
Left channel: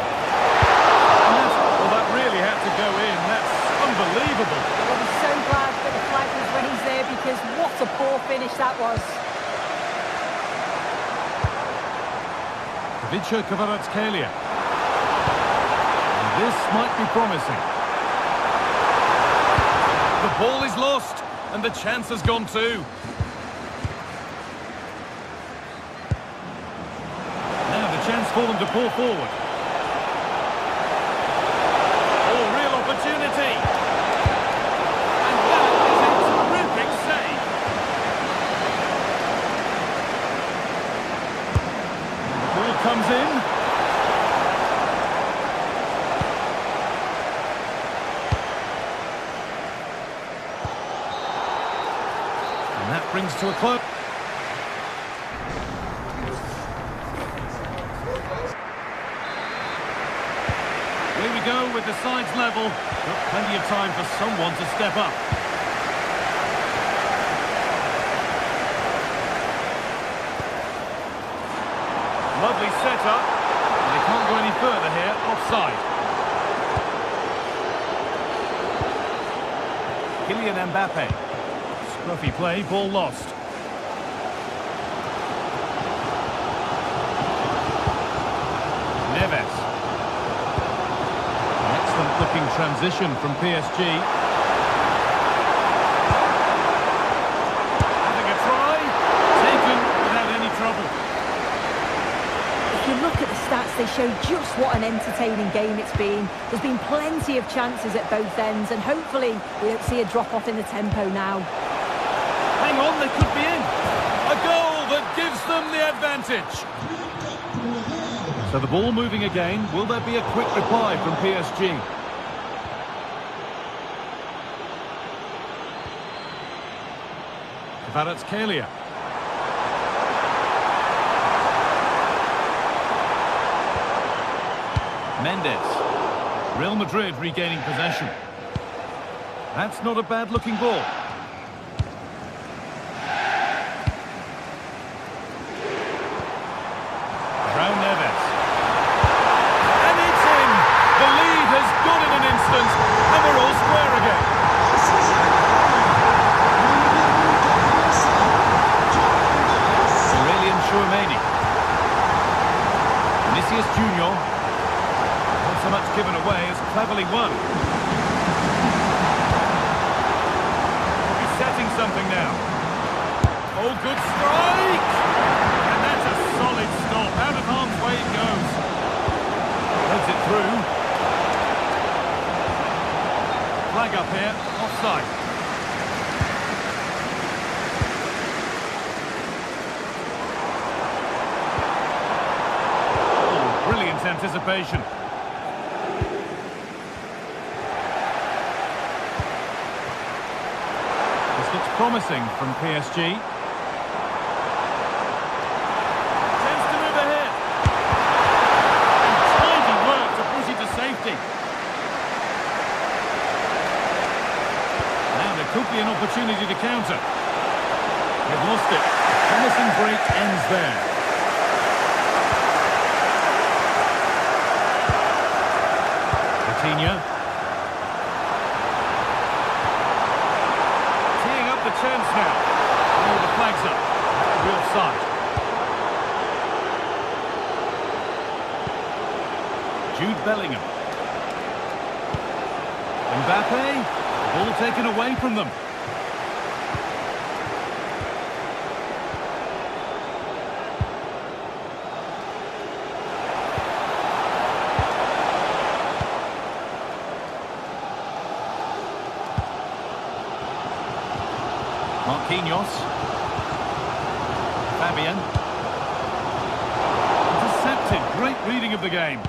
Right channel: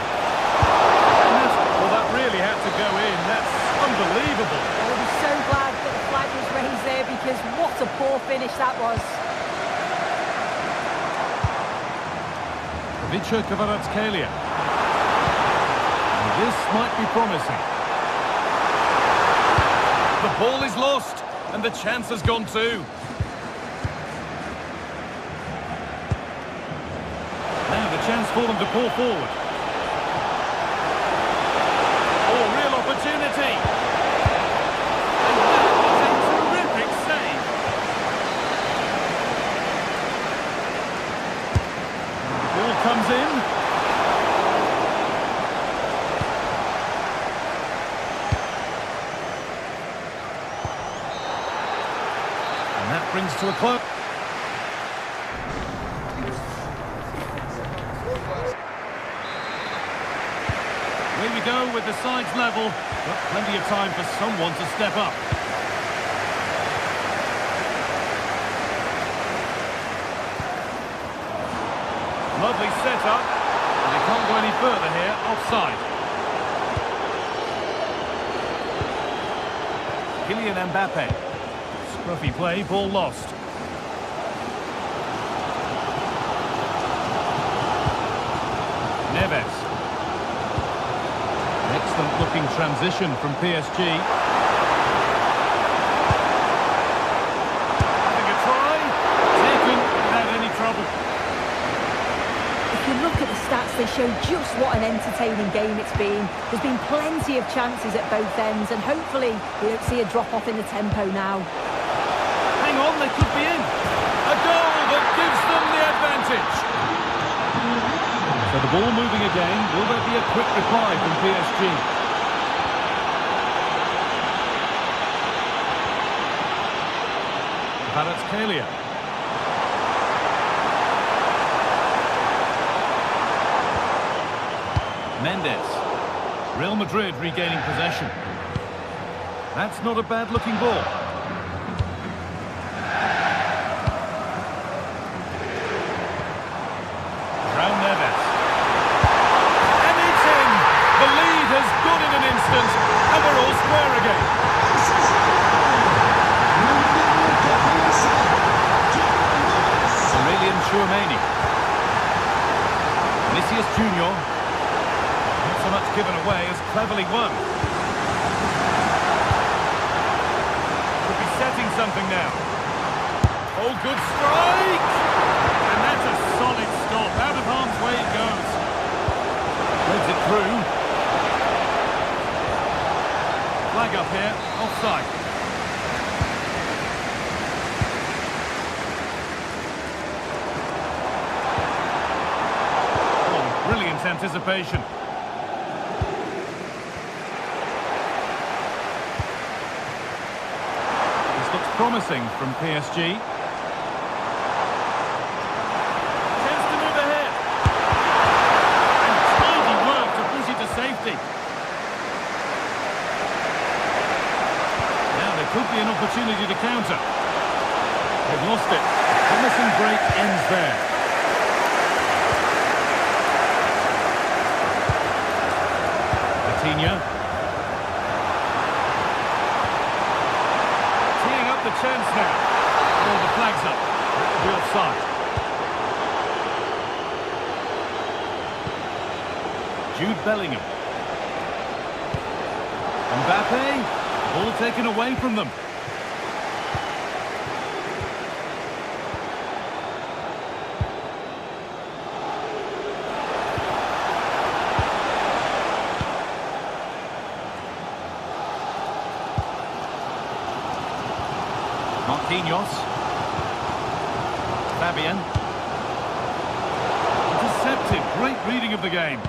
And well, that really had to go in. That's unbelievable. Well, I'll be so glad that the flag was raised there because what a poor finish that was. Vicha Kvaratskhelia. And this might be promising. The ball is lost, and the chance has gone too. Now the chance for them to pour forward. Oh, real opportunity. And that is a terrific save. And the ball comes in. And that brings to a close. Here we go with the sides level, but plenty of time for someone to step up. Lovely setup, and they can't go any further here, offside. Kylian Mbappe. Scruffy play, ball lost. Neves. An excellent looking transition from PSG. Having a try, taken without any trouble. If you look at the stats, they show just what an entertaining game it's been. There's been plenty of chances at both ends, and hopefully we don't see a drop-off in the tempo now. Hang on, they could be in. A goal that gives them the advantage. So the ball moving again. Will there be a quick reply from PSG? Kvaratskhelia. Mendes. Real Madrid regaining possession. That's not a bad-looking ball. Neves. And it's in! The lead has gone in an instant, and we're all square again. Aurelian Chouameni. Vinicius Junior. Not so much given away as cleverly won. Could be setting something now. Oh, good strike! And that's a solid stop. Out of harm's way it goes. Threads it through. Flag up here. Offside. Oh, brilliant anticipation. This looks promising from PSG. Safety. Now there could be an opportunity to counter. They've lost it. A promising break ends there. Coutinho. Teeing up the chance now. Oh, the flag's up. That will be offside. Jude Bellingham. Mbappe, the ball taken away from them. Marquinhos. Fabian. Intercepted. Great reading of the game.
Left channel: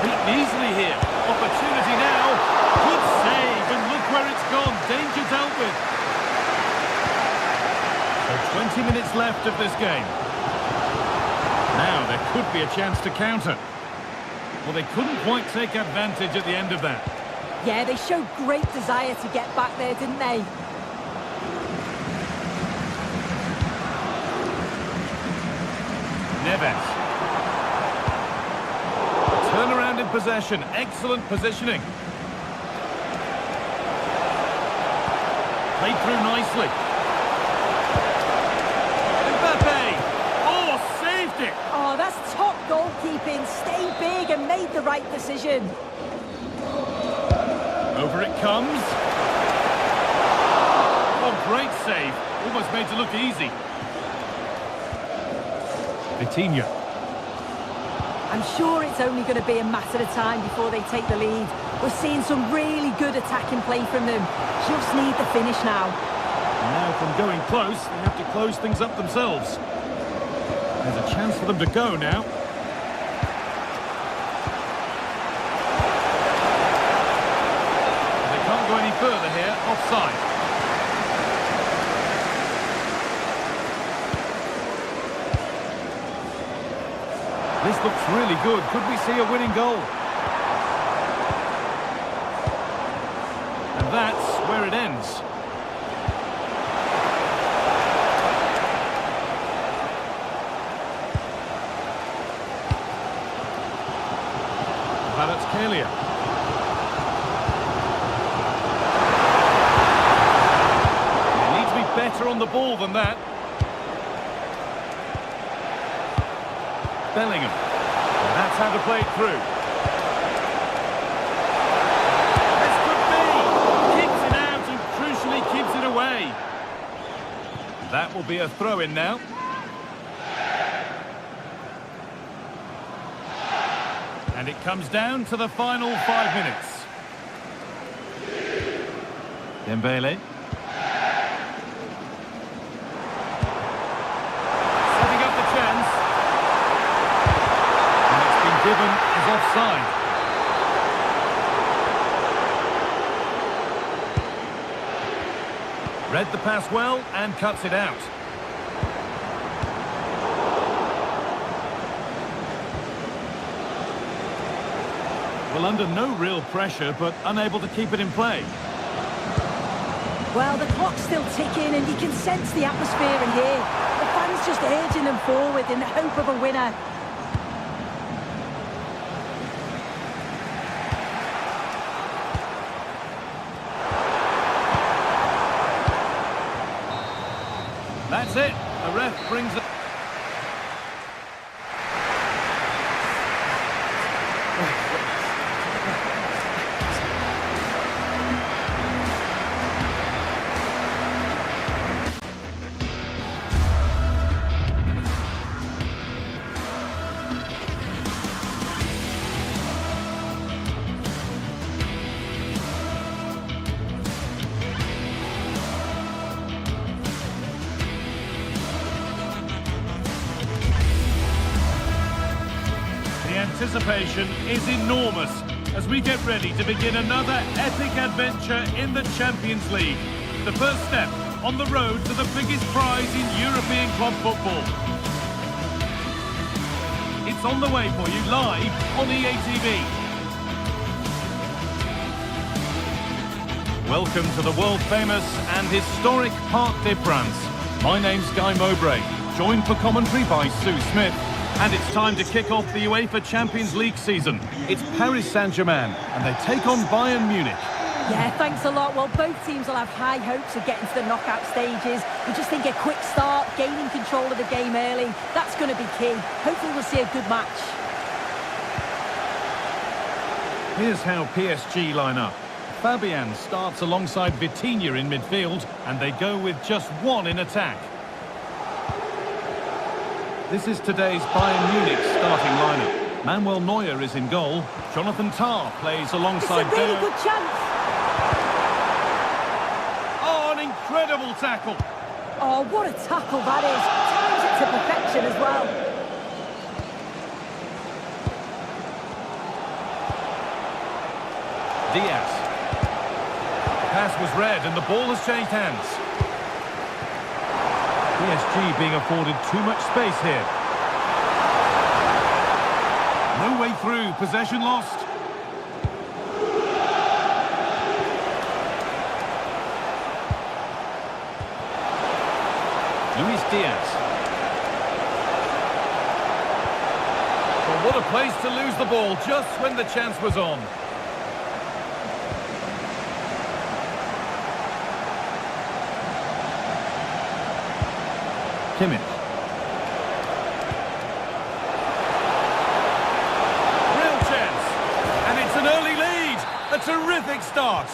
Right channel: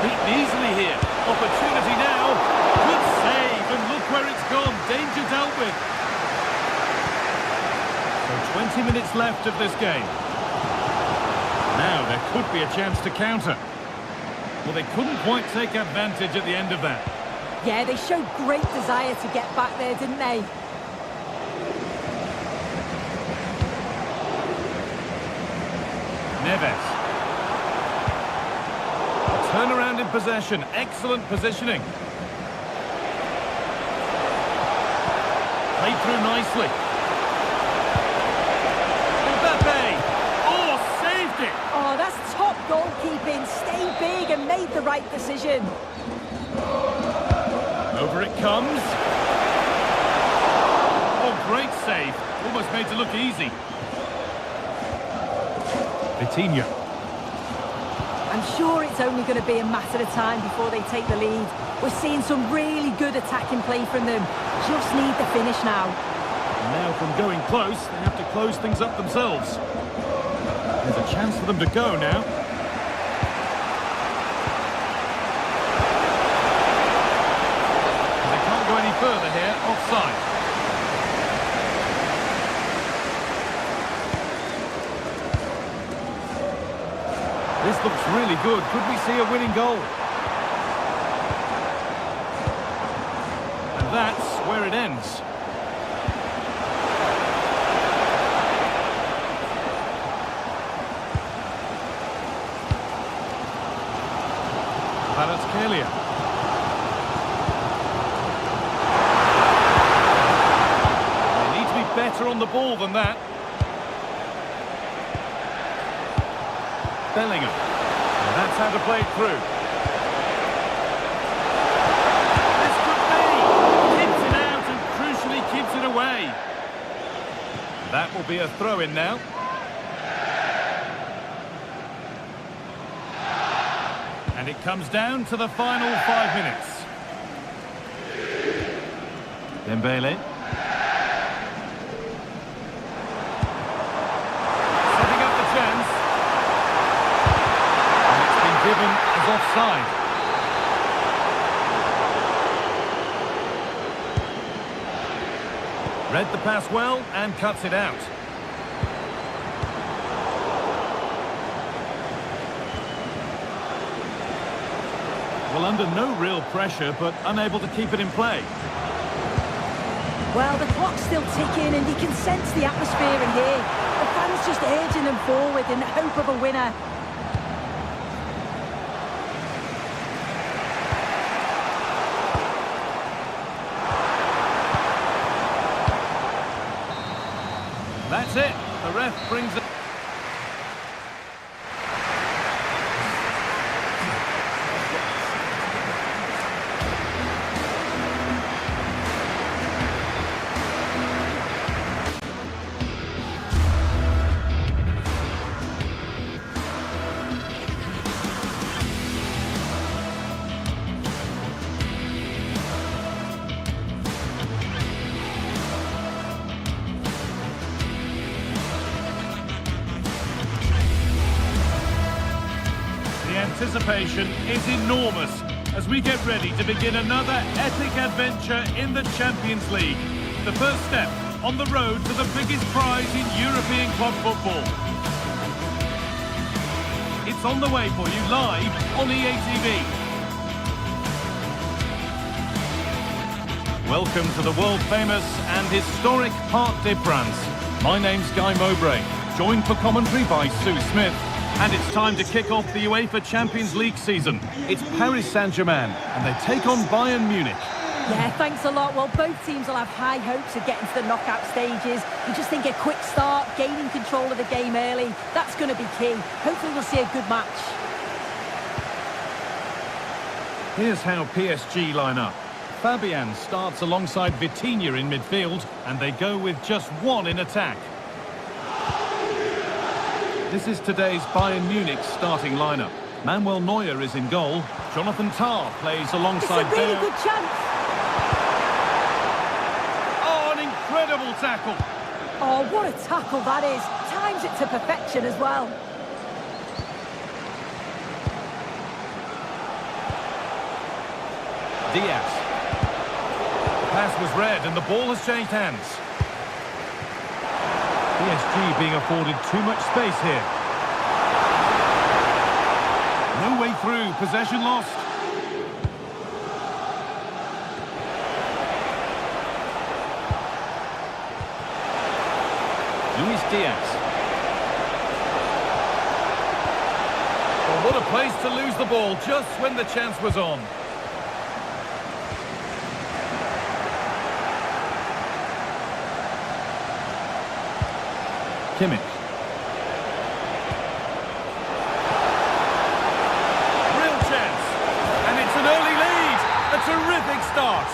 Beaten easily here. Opportunity now. Good save, and look where it's gone. Danger dealt with. So 20 minutes left of this game. Now there could be a chance to counter. Well, they couldn't quite take advantage at the end of that. Yeah, they showed great desire to get back there, didn't they? Neves. A turnaround in possession. Excellent positioning. Played through nicely. Mbappe! Oh, saved it! Oh, that's top goalkeeping. Stay big and made the right decision. Over it comes. Oh, great save. Almost made to look easy. Vitinha. I'm sure it's only going to be a matter of time before they take the lead. We're seeing some really good attacking play from them. Just need the finish now. And now from going close, they have to close things up themselves. There's a chance for them to go now. They can't go any further here. Offside. This looks really good. Could we see a winning goal? And that's where it ends. Kvaratskhelia. They need to be better on the ball than that. Bellingham. And that's how to play it through. This could be. Keeps it out and crucially keeps it away. That will be a throw-in now. And it comes down to the final 5 minutes. Dembele. Setting up the chance. Given as offside. Read the pass well and cuts it out. Well, under no real pressure, but unable to keep it in play. Well, the clock's still ticking and you can sense the atmosphere in here. The fans just urging them forward in the hope of a winner. That's it. The ref brings it. Anticipation is enormous as we get ready to begin another epic adventure in the Champions League. The first step on the road to the biggest prize in European club football. It's on the way for you live on EA TV. Welcome to the world famous and historic Parc des Princes. My name's Guy Mowbray, joined for commentary by Sue Smith. And it's time to kick off the UEFA Champions League season. It's Paris Saint-Germain, and they take on Bayern Munich. Yeah, thanks a lot. Well, both teams will have high hopes of getting to the knockout stages. You just think a quick start, gaining control of the game early, that's going to be key. Hopefully we'll see a good match. Here's how PSG line up. Fabian starts alongside Vitinha in midfield, and they go with just one in attack. This is today's Bayern Munich starting lineup. Manuel Neuer is in goal. Jonathan Tah plays alongside It's a really Deo. good chance. Oh, an incredible tackle. Oh, what a tackle that is. Times it to perfection as well. Diaz. The pass was read and the ball has changed hands. PSG being afforded too much space here. No way through, possession lost. Luis Diaz. Well, what a place to lose the ball just when the chance was on. Kimmich. Real chance. And it's an early lead. A terrific start.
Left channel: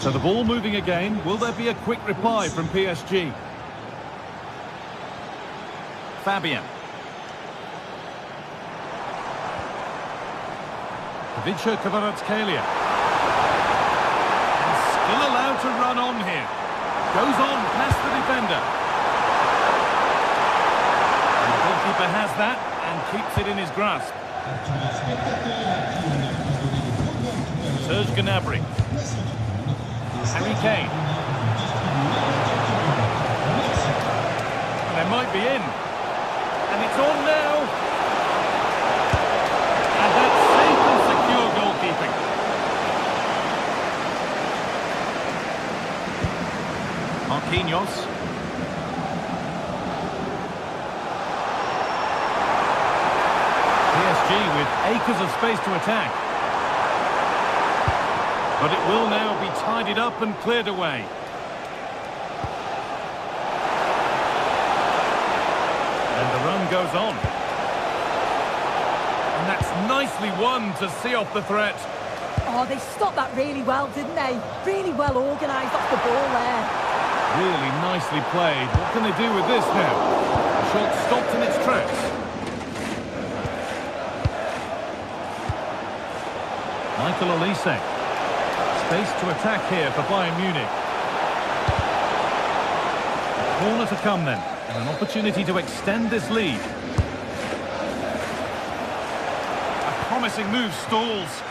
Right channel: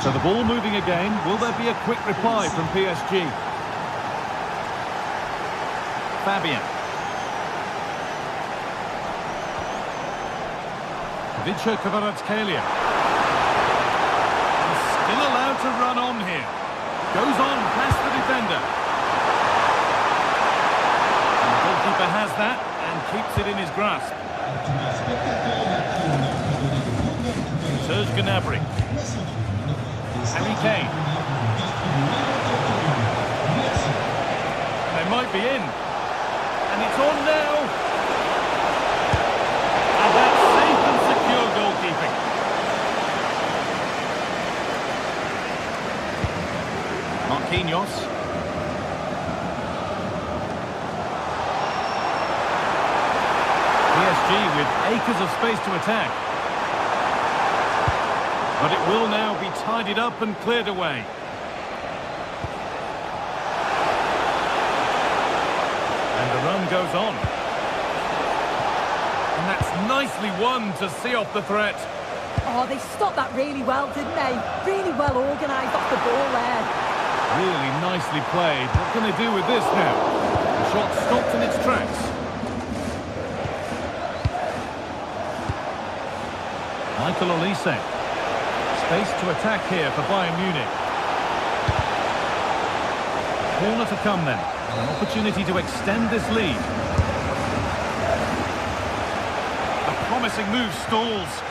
So the ball moving again. Will there be a quick reply from PSG? Fabian. Vitinha Kvaratskhelia. And still allowed to run on here. Goes on past the defender. And the goalkeeper has that and keeps it in his grasp. Serge Gnabry. Harry Kane. And they might be in. And it's on now. And that's safe and secure goalkeeping. Marquinhos. PSG with acres of space to attack. But it will now be tidied up and cleared away. And the run goes on. And that's nicely won to see off the threat. Oh, they stopped that really well, didn't they? Really well organised off the ball there. Really nicely played. What can they do with this now? The shot stopped in its tracks. Michael Olise. Space to attack here for Bayern Munich. A corner to come then. And an opportunity to extend this lead. A promising move stalls.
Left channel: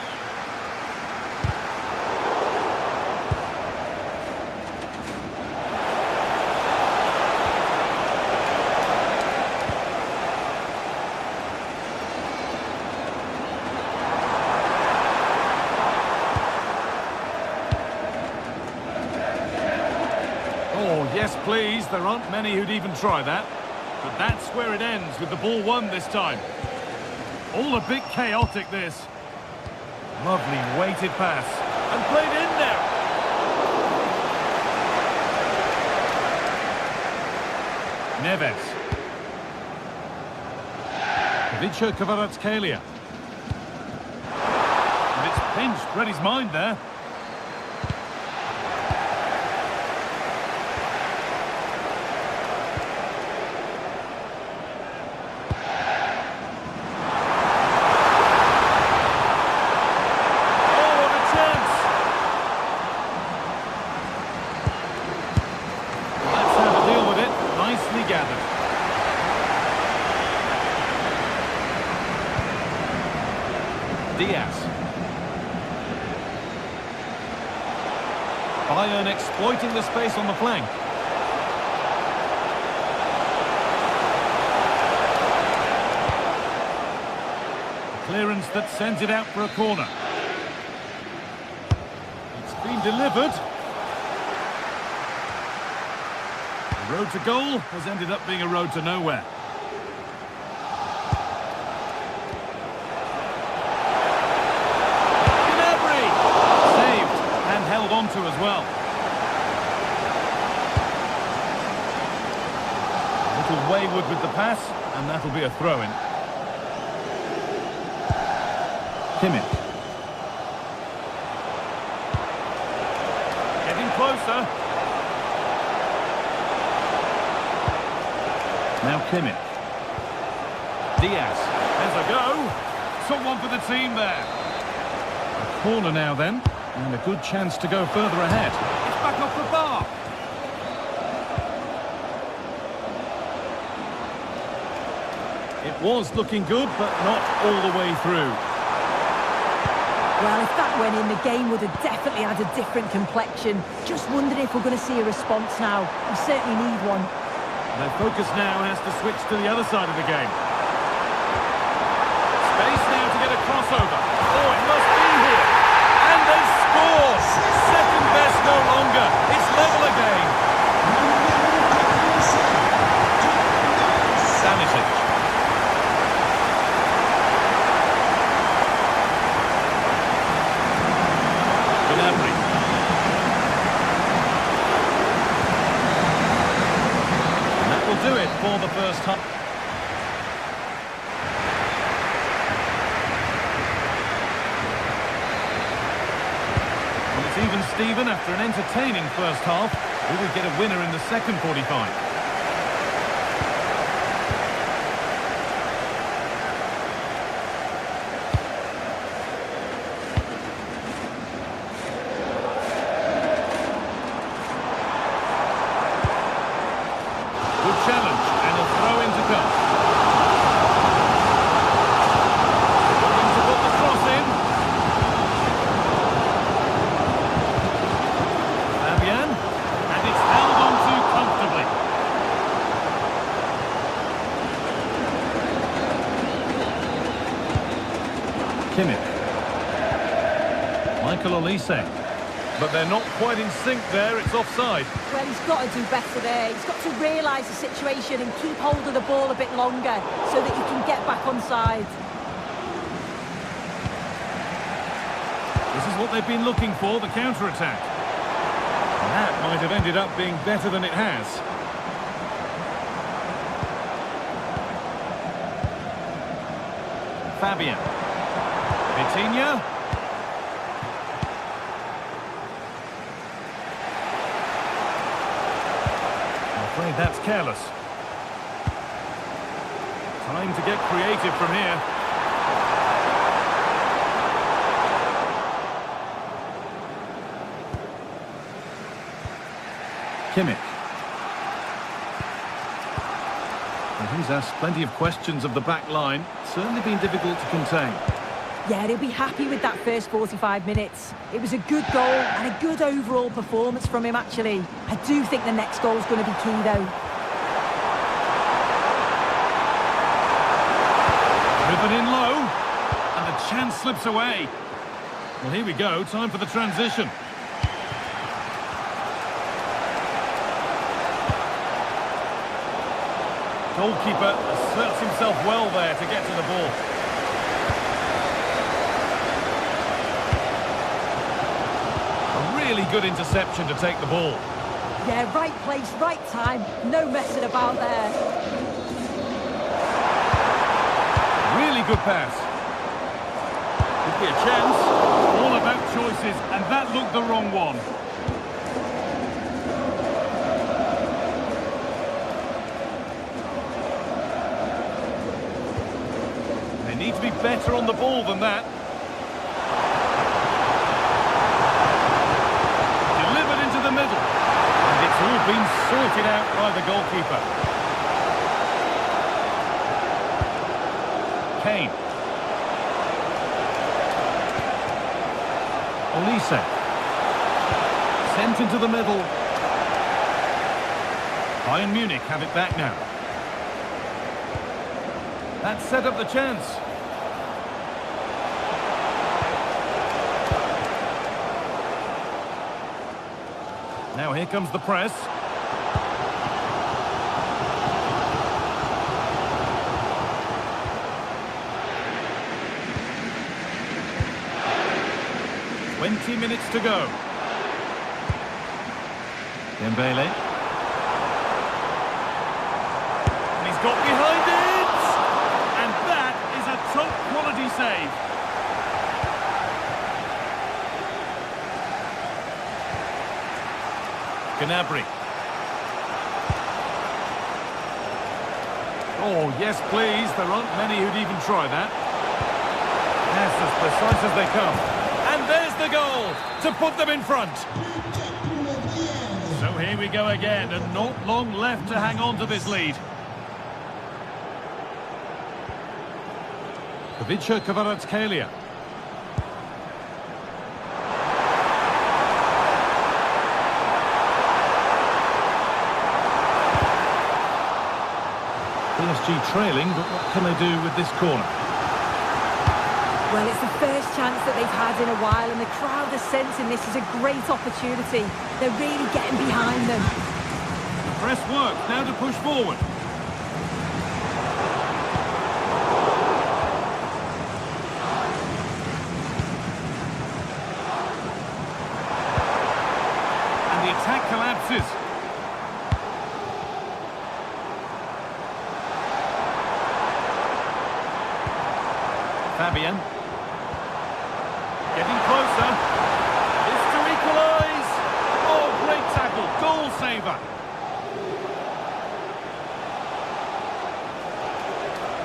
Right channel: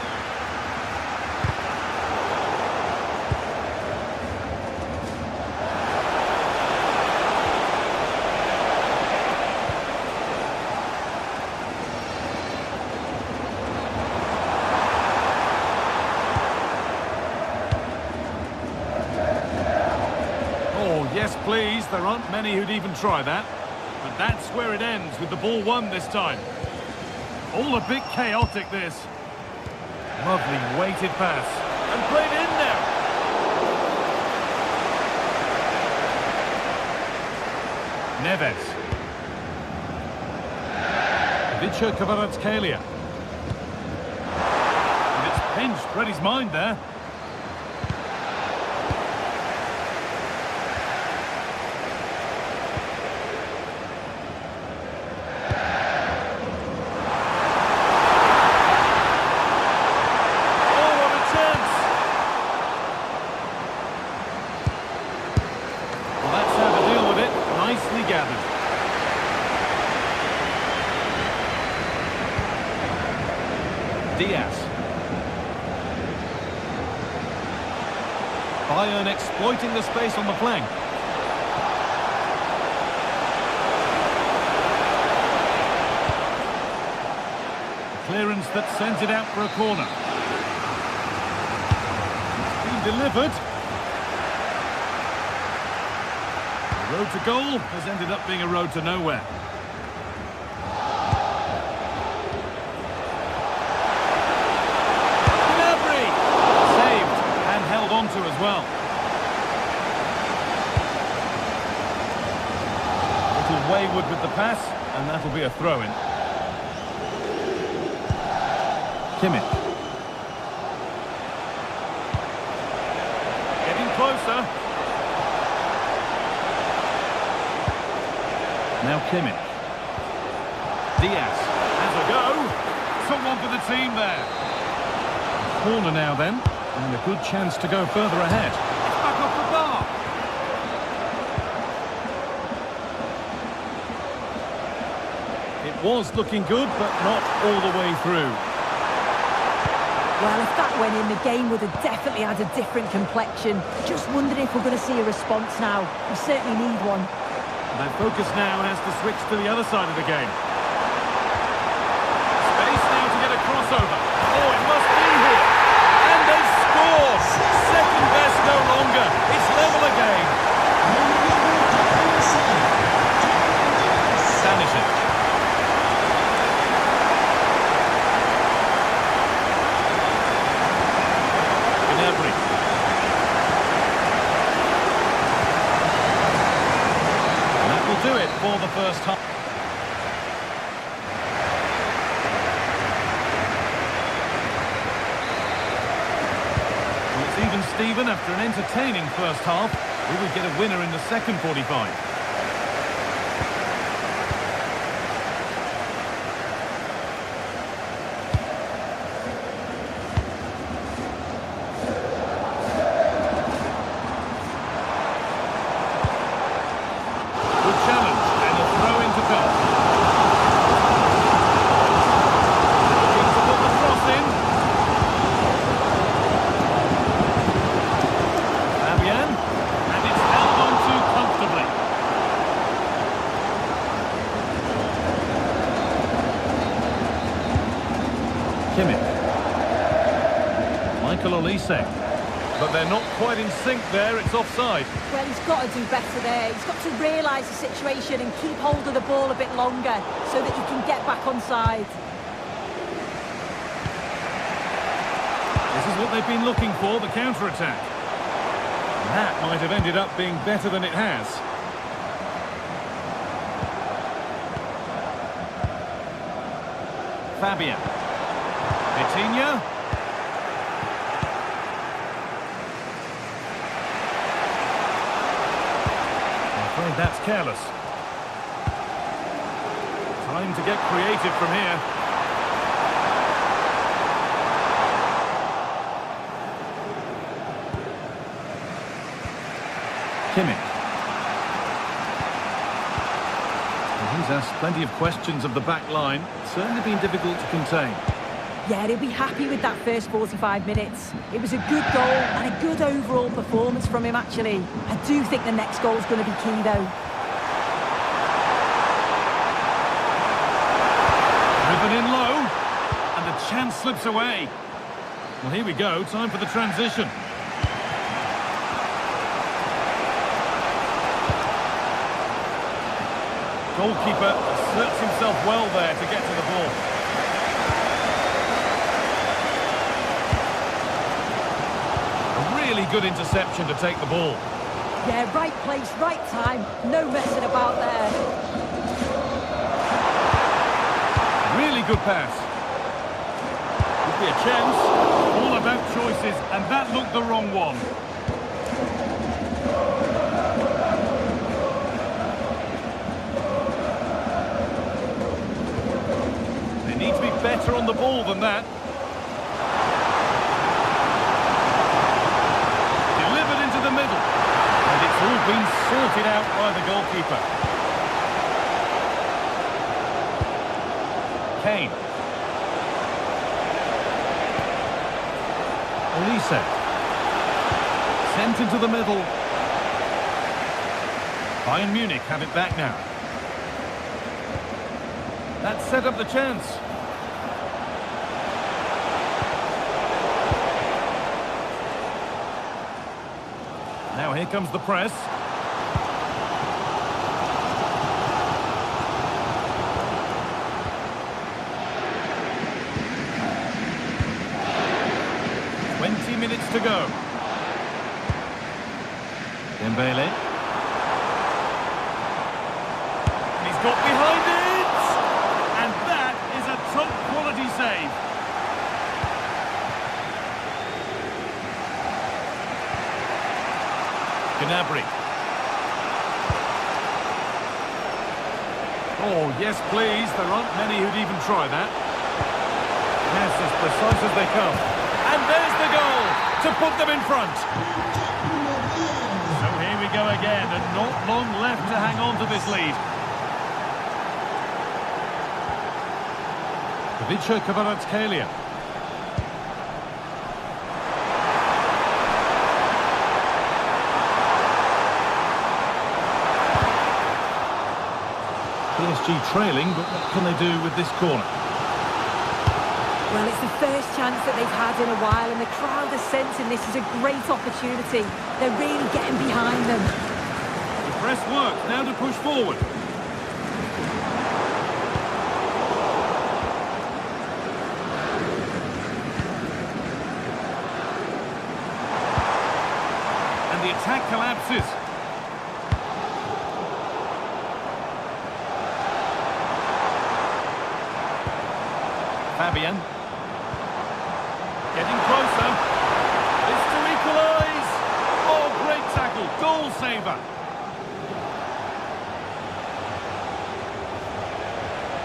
Oh, yes, please. There aren't many who'd even try that. But that's where it ends, with the ball won this time. All a bit chaotic, this. Lovely weighted pass. And played in now. Neves. Vitinha Kvaratskhelia. And it's pinched, read his mind there. Nicely gathered. Diaz. Bayern exploiting the space on the flank. A clearance that sends it out for a corner. It's been delivered. The road to goal has ended up being a road to nowhere. Gnabry! to as well. A little wayward with the pass, and that'll be a throw-in. Kimmich. Getting closer. Now Kimmich. Diaz has a go. Someone for the team there. A corner now then, and a good chance to go further ahead. It's back off the bar. It was looking good, but not all the way through. Well, if that went in, the game would have definitely had a different complexion. Just wondering if we're going to see a response now. We certainly need one. Their focus now has to switch to the other side of the game. Space now to get a crossover. Oh, it must be here. And they score! Second best no longer. It's level again. Stanisic. Gnabry. And that will do it for the first half. Well, it's even Steven after an entertaining first half. Will we get a winner in the second 45? Good challenge, and a throw-in to come. Looking to put the cross in. Fabian, and it's held on to comfortably. Kimmich. Michael Olise. But they're not quite in sync there, it's offside. Well, he's got to do better there. He's got to realise the situation and keep hold of the ball a bit longer so that he can get back on side. This is what they've been looking for, the counter-attack. That might have ended up being better than it has. Fabian. Vitinha. I'm afraid that's careless. Time to get creative from here. Kimmich. Well, he's asked plenty of questions of the back line. Certainly been difficult to contain. Yeah, he'll be happy with that first 45 minutes. It was a good goal and a good overall performance from him, actually. I do think the next goal is going to be key, though. Driven in low, and the chance slips away. Well, here we go, time for the transition. Goalkeeper asserts himself well there to get to the ball. A really good interception to take the ball. Yeah, right place, right time. No messing about there. Really good pass. Could be a chance. All about choices, and that looked the wrong one. They need to be better on the ball than that. Delivered into the middle. And it's all been sorted out by the goalkeeper. Kane. Olise. Sent into the middle. Bayern Munich have it back now. That set up the chance. Now here comes the press. .20 minutes to go. Dembele. And he's got behind it! And that is a top-quality save. Gnabry. Oh, yes, please. There aren't many who'd even try that. Yes, as precise as they come. And there's the goal to put them in front. So here we go again, and not long left to hang on to this lead. Kvaratskhelia. PSG trailing, but what can they do with this corner? Well, it's the first chance that they've had in a while, and the crowd are sensing this is a great opportunity. They're really getting behind them. The press works, now to push forward. And the attack collapses. Fabian. Getting closer. This to equalise. Oh, great tackle. Goal saver.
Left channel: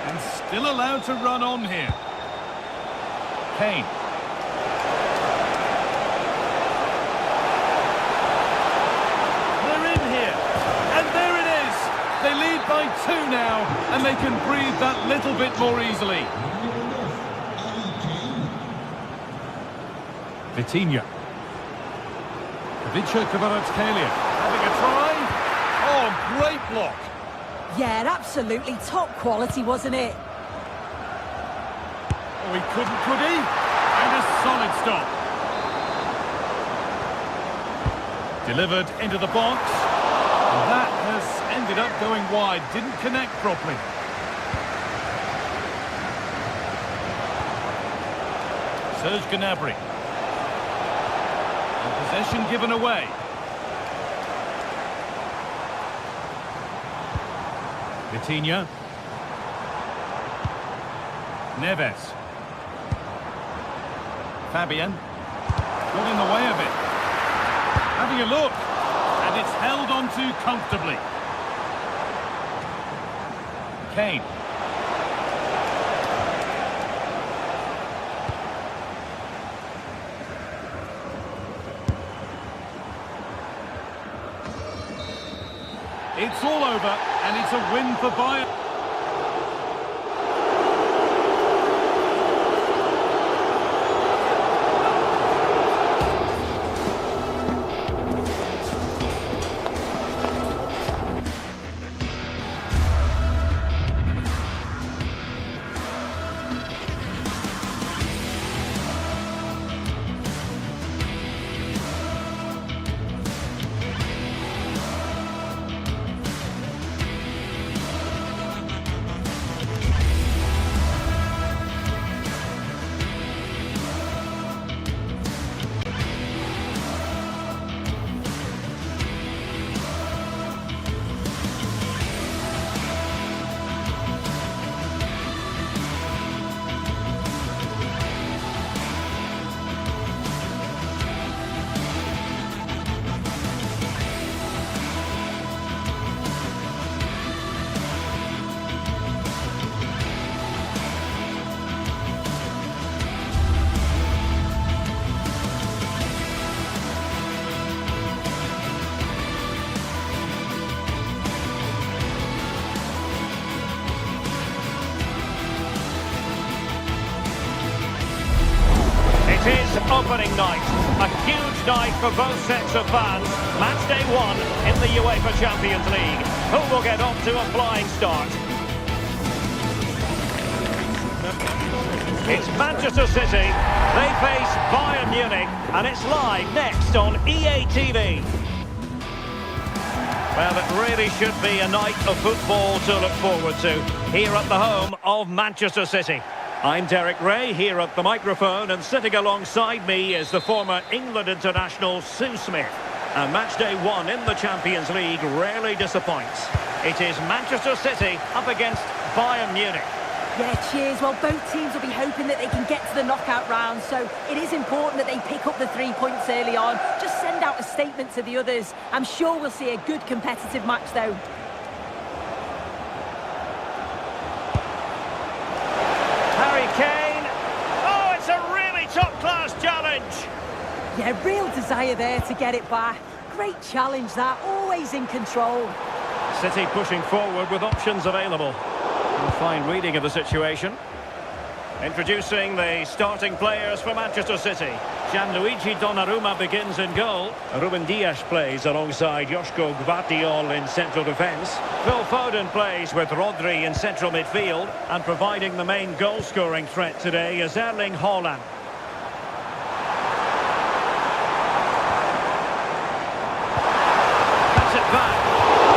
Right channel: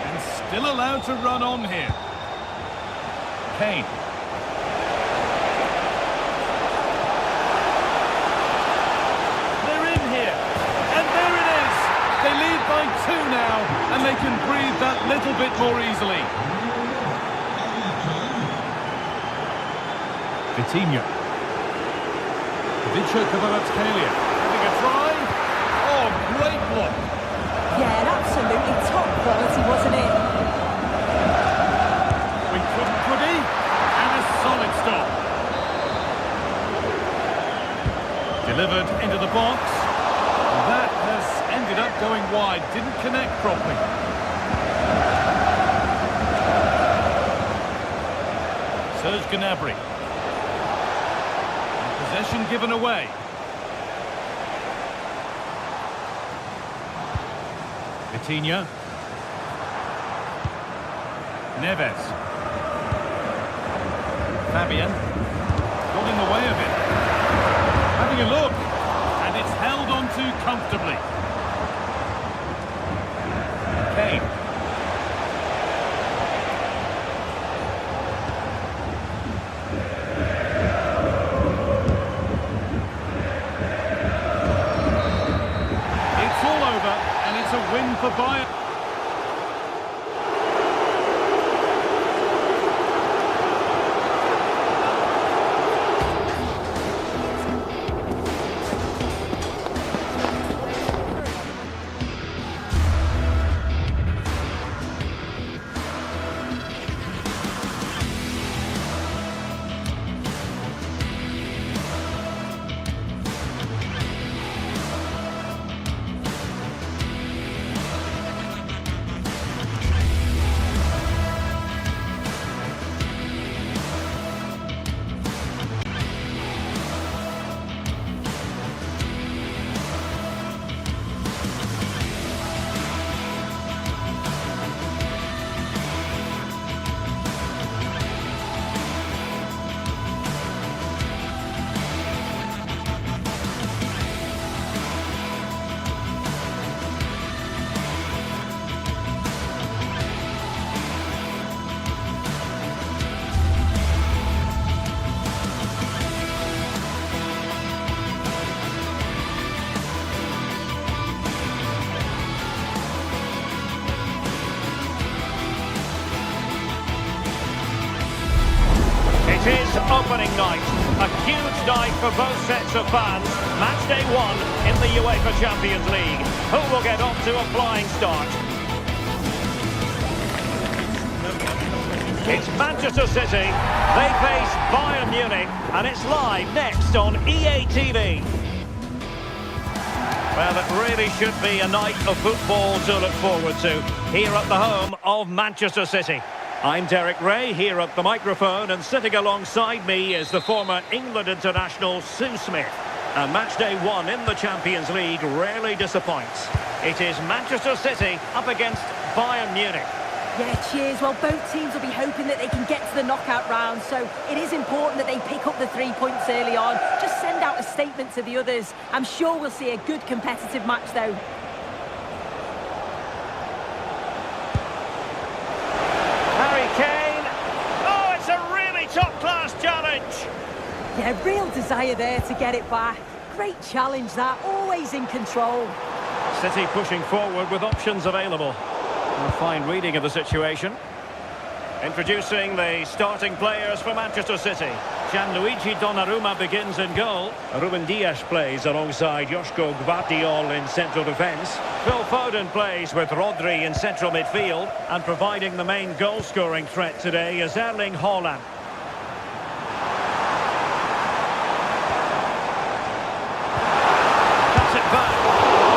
And still allowed to run on here. Kane. They're in here. And there it is. They lead by 2 now. And they can breathe that little bit more easily. Vitinha. Kvaratskhelia having a try. Oh, great block. Yeah, and absolutely top quality, wasn't it? Oh, he couldn't, could he? And a solid stop. Delivered into the box. And that has ended up going wide. Didn't connect properly. Serge Gnabry. Possession given away. Vitinha. Neves. Fabian. Got in the way of it. Having a look. And it's held on to comfortably. Kane. It's all over, and it's a win for Bayern. It is opening night. A huge night for both sets of fans. Match day 1 in the UEFA Champions League. Who will get off to a flying start? It's Manchester City. They face Bayern Munich, and it's live next on EA TV. Well, it really should be a night of football to look forward to here at the home of Manchester City. I'm Derek Ray here at the microphone, and sitting alongside me is the former England international Sue Smith. And match day 1 in the Champions League rarely disappoints. It is Manchester City up against Bayern Munich. Yeah, cheers. Well, both teams will be hoping that they can get to the knockout round, so it is important that they pick up the 3 points early on. Just send out a statement to the others. I'm sure we'll see a good competitive match, though. Harry Kane. Oh, it's a really top-class challenge. Yeah, real desire there to get it back. Great challenge that, always in control. City pushing forward with options available. A fine reading of the situation. Introducing the starting players for Manchester City. Gianluigi Donnarumma begins in goal. Ruben Dias plays alongside Joško Gvardiol in central defence. Phil Foden plays with Rodri in central midfield. And providing the main goal-scoring threat today is Erling Haaland. Cuts it back.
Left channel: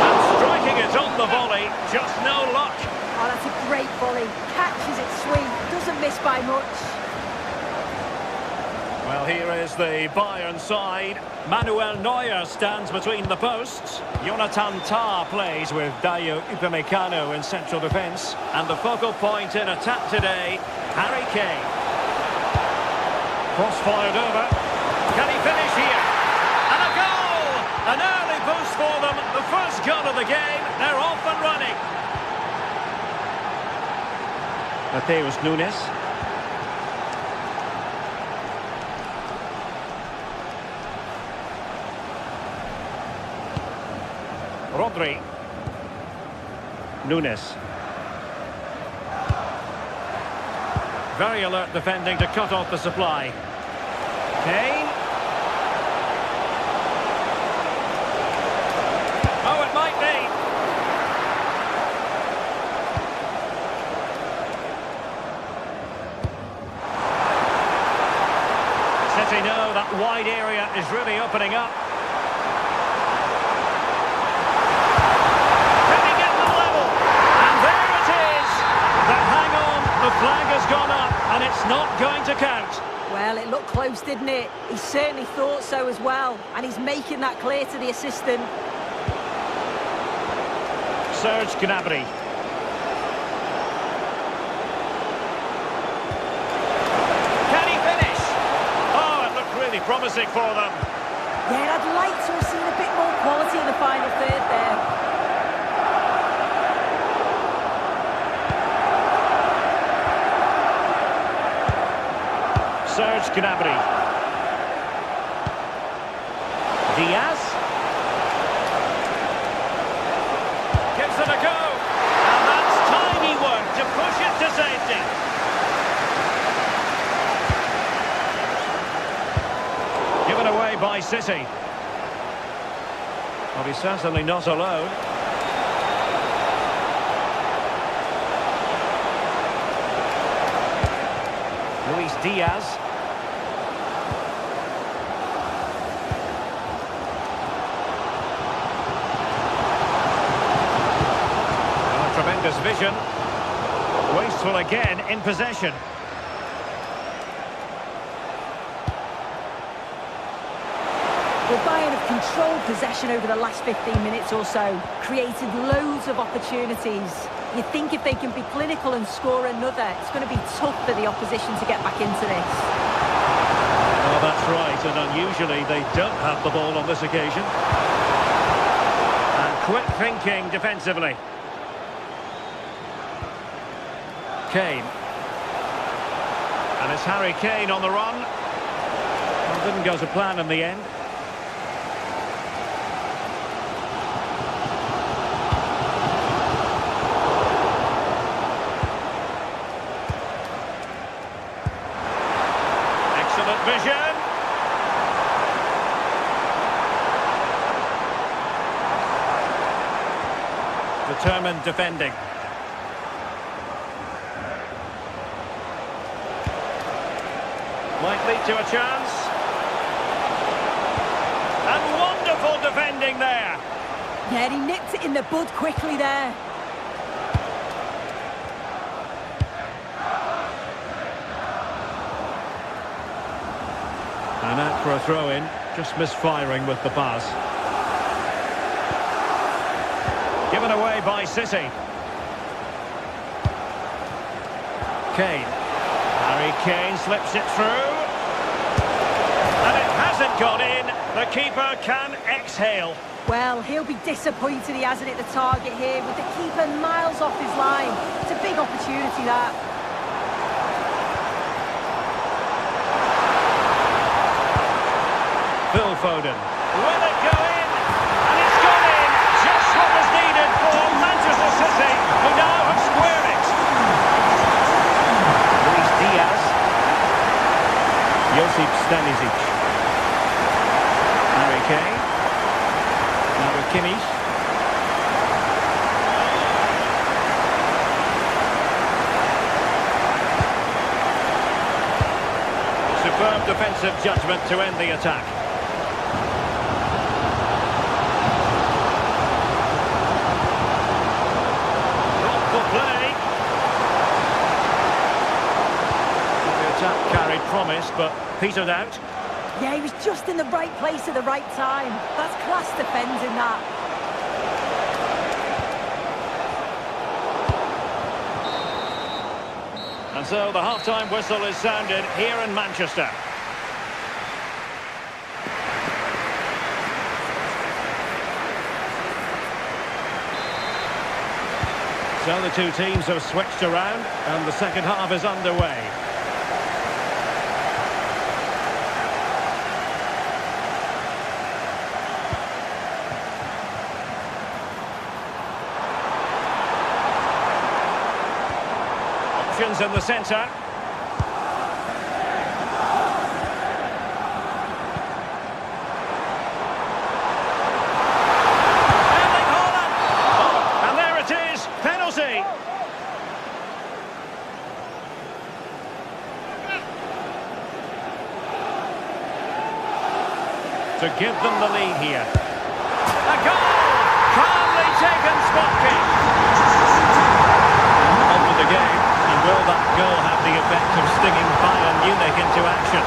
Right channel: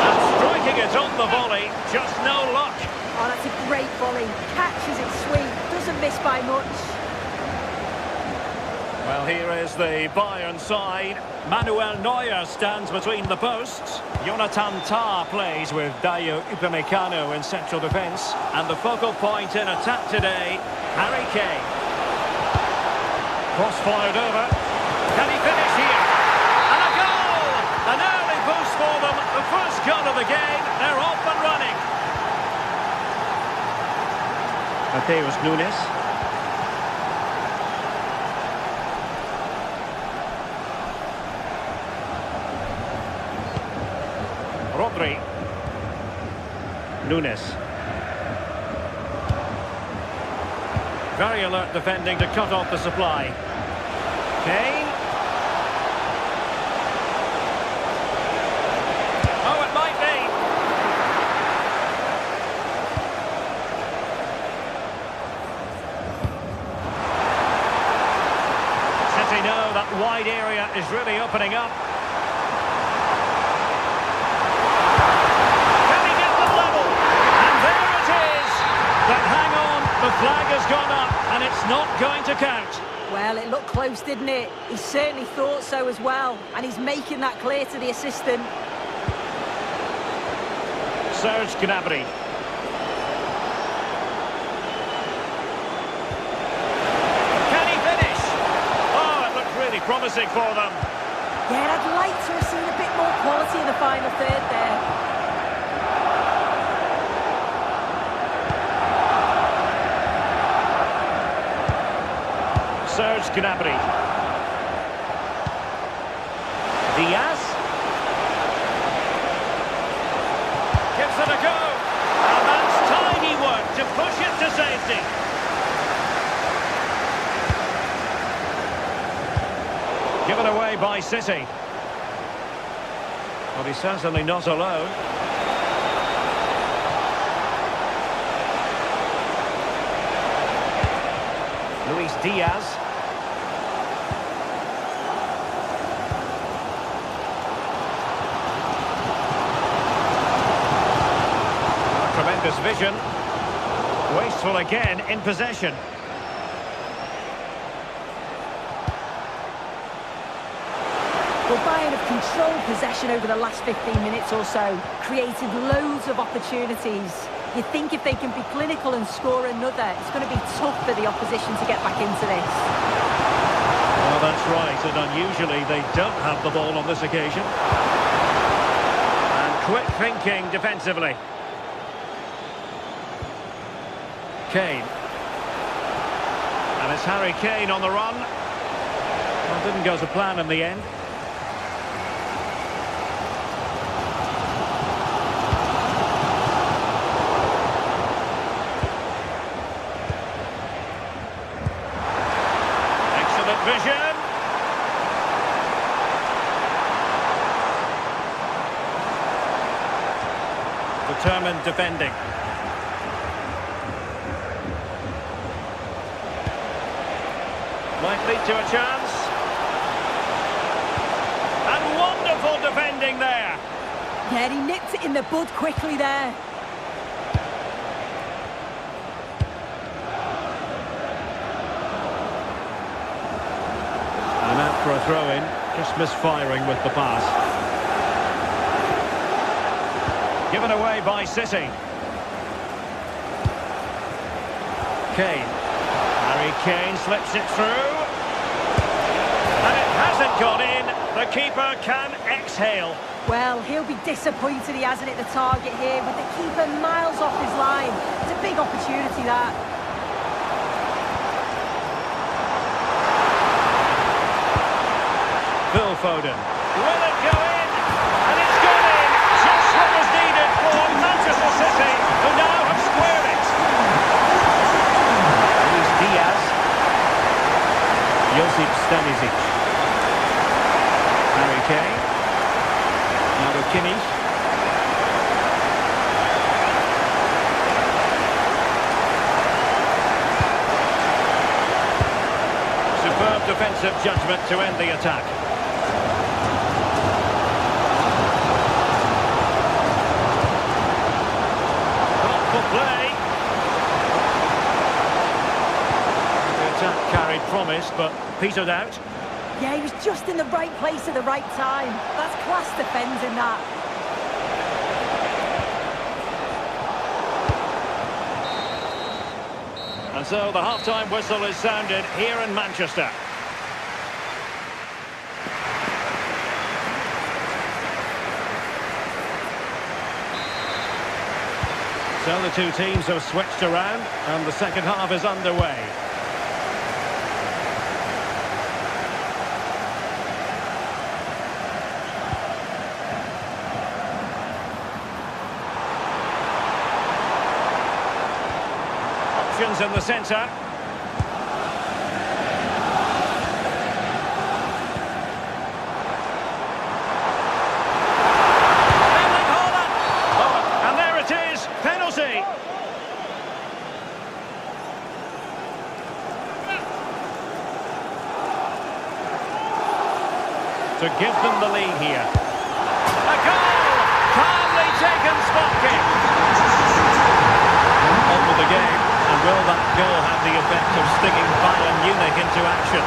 And striking it on the volley. Just no luck. Oh, that's a great volley. Catches it sweet. Doesn't miss by much. Well, here is the Bayern side. Manuel Neuer stands between the posts. Jonathan Tah plays with Dayo Upamecano in central defence. And the focal point in attack today, Harry Kane. Cross fired over. Can he finish here? And a goal! An early boost for them. The first goal of the game. They're off and running. Mateus Nunes. Rodri. Nunes. Very alert defending to cut off the supply. Kane. Oh, it might be. City know that wide area is really opening up. Can he get them level? And there it is! But hang on, the flag has gone up and it's not going to count. Well, it looked close, didn't it? He certainly thought so as well. And he's making that clear to the assistant. Serge Gnabry. Really promising for them. Yeah, I'd like to have seen a bit more quality in the final third there. Serge Gnabry. Diaz. Gives it a go. And that's tidy work to push it to safety. Given away by City. Well, he's certainly not alone. Luis Diaz. Oh, tremendous vision. Wasteful again in possession. Well, Bayern have controlled possession over the last 15 minutes or so, created loads of opportunities. You think if they can be clinical and score another, it's going to be tough for the opposition to get back into this. Oh, that's right, and unusually they don't have the ball on this occasion. And quick thinking defensively. Kane. And it's Harry Kane on the run. Well, didn't go to plan in the end. Excellent vision. Determined defending. Might lead to a chance. And wonderful defending there. Yeah, he nipped it in the bud quickly there. And out for a throw-in. Just misfiring with the pass. Given away by City. Kane. Harry Kane slips it through. And it hasn't gone in. The keeper can exhale. Well, he'll be disappointed he hasn't hit the target here with the keeper miles off his line. It's a big opportunity, that. Phil Foden. Will it go in? And it's gone in! Just what was needed for Manchester City, who now have squared it. Luis Diaz. Josip Stanisic. Harry Kane. Now with Kimmich. Superb defensive judgment to end the attack. Thoughtful play. The attack carried promise, but petered out. Yeah, he was just in the right place at the right time. That's class defending, that. And so the half-time whistle is sounded here in Manchester. So the two teams have switched around and the second half is underway. Options in the centre. And there it is, penalty. To give them the lead here. A goal! Calmly taken spot kick. On with the game, and will that goal have the effect of stinging Bayern Munich into action?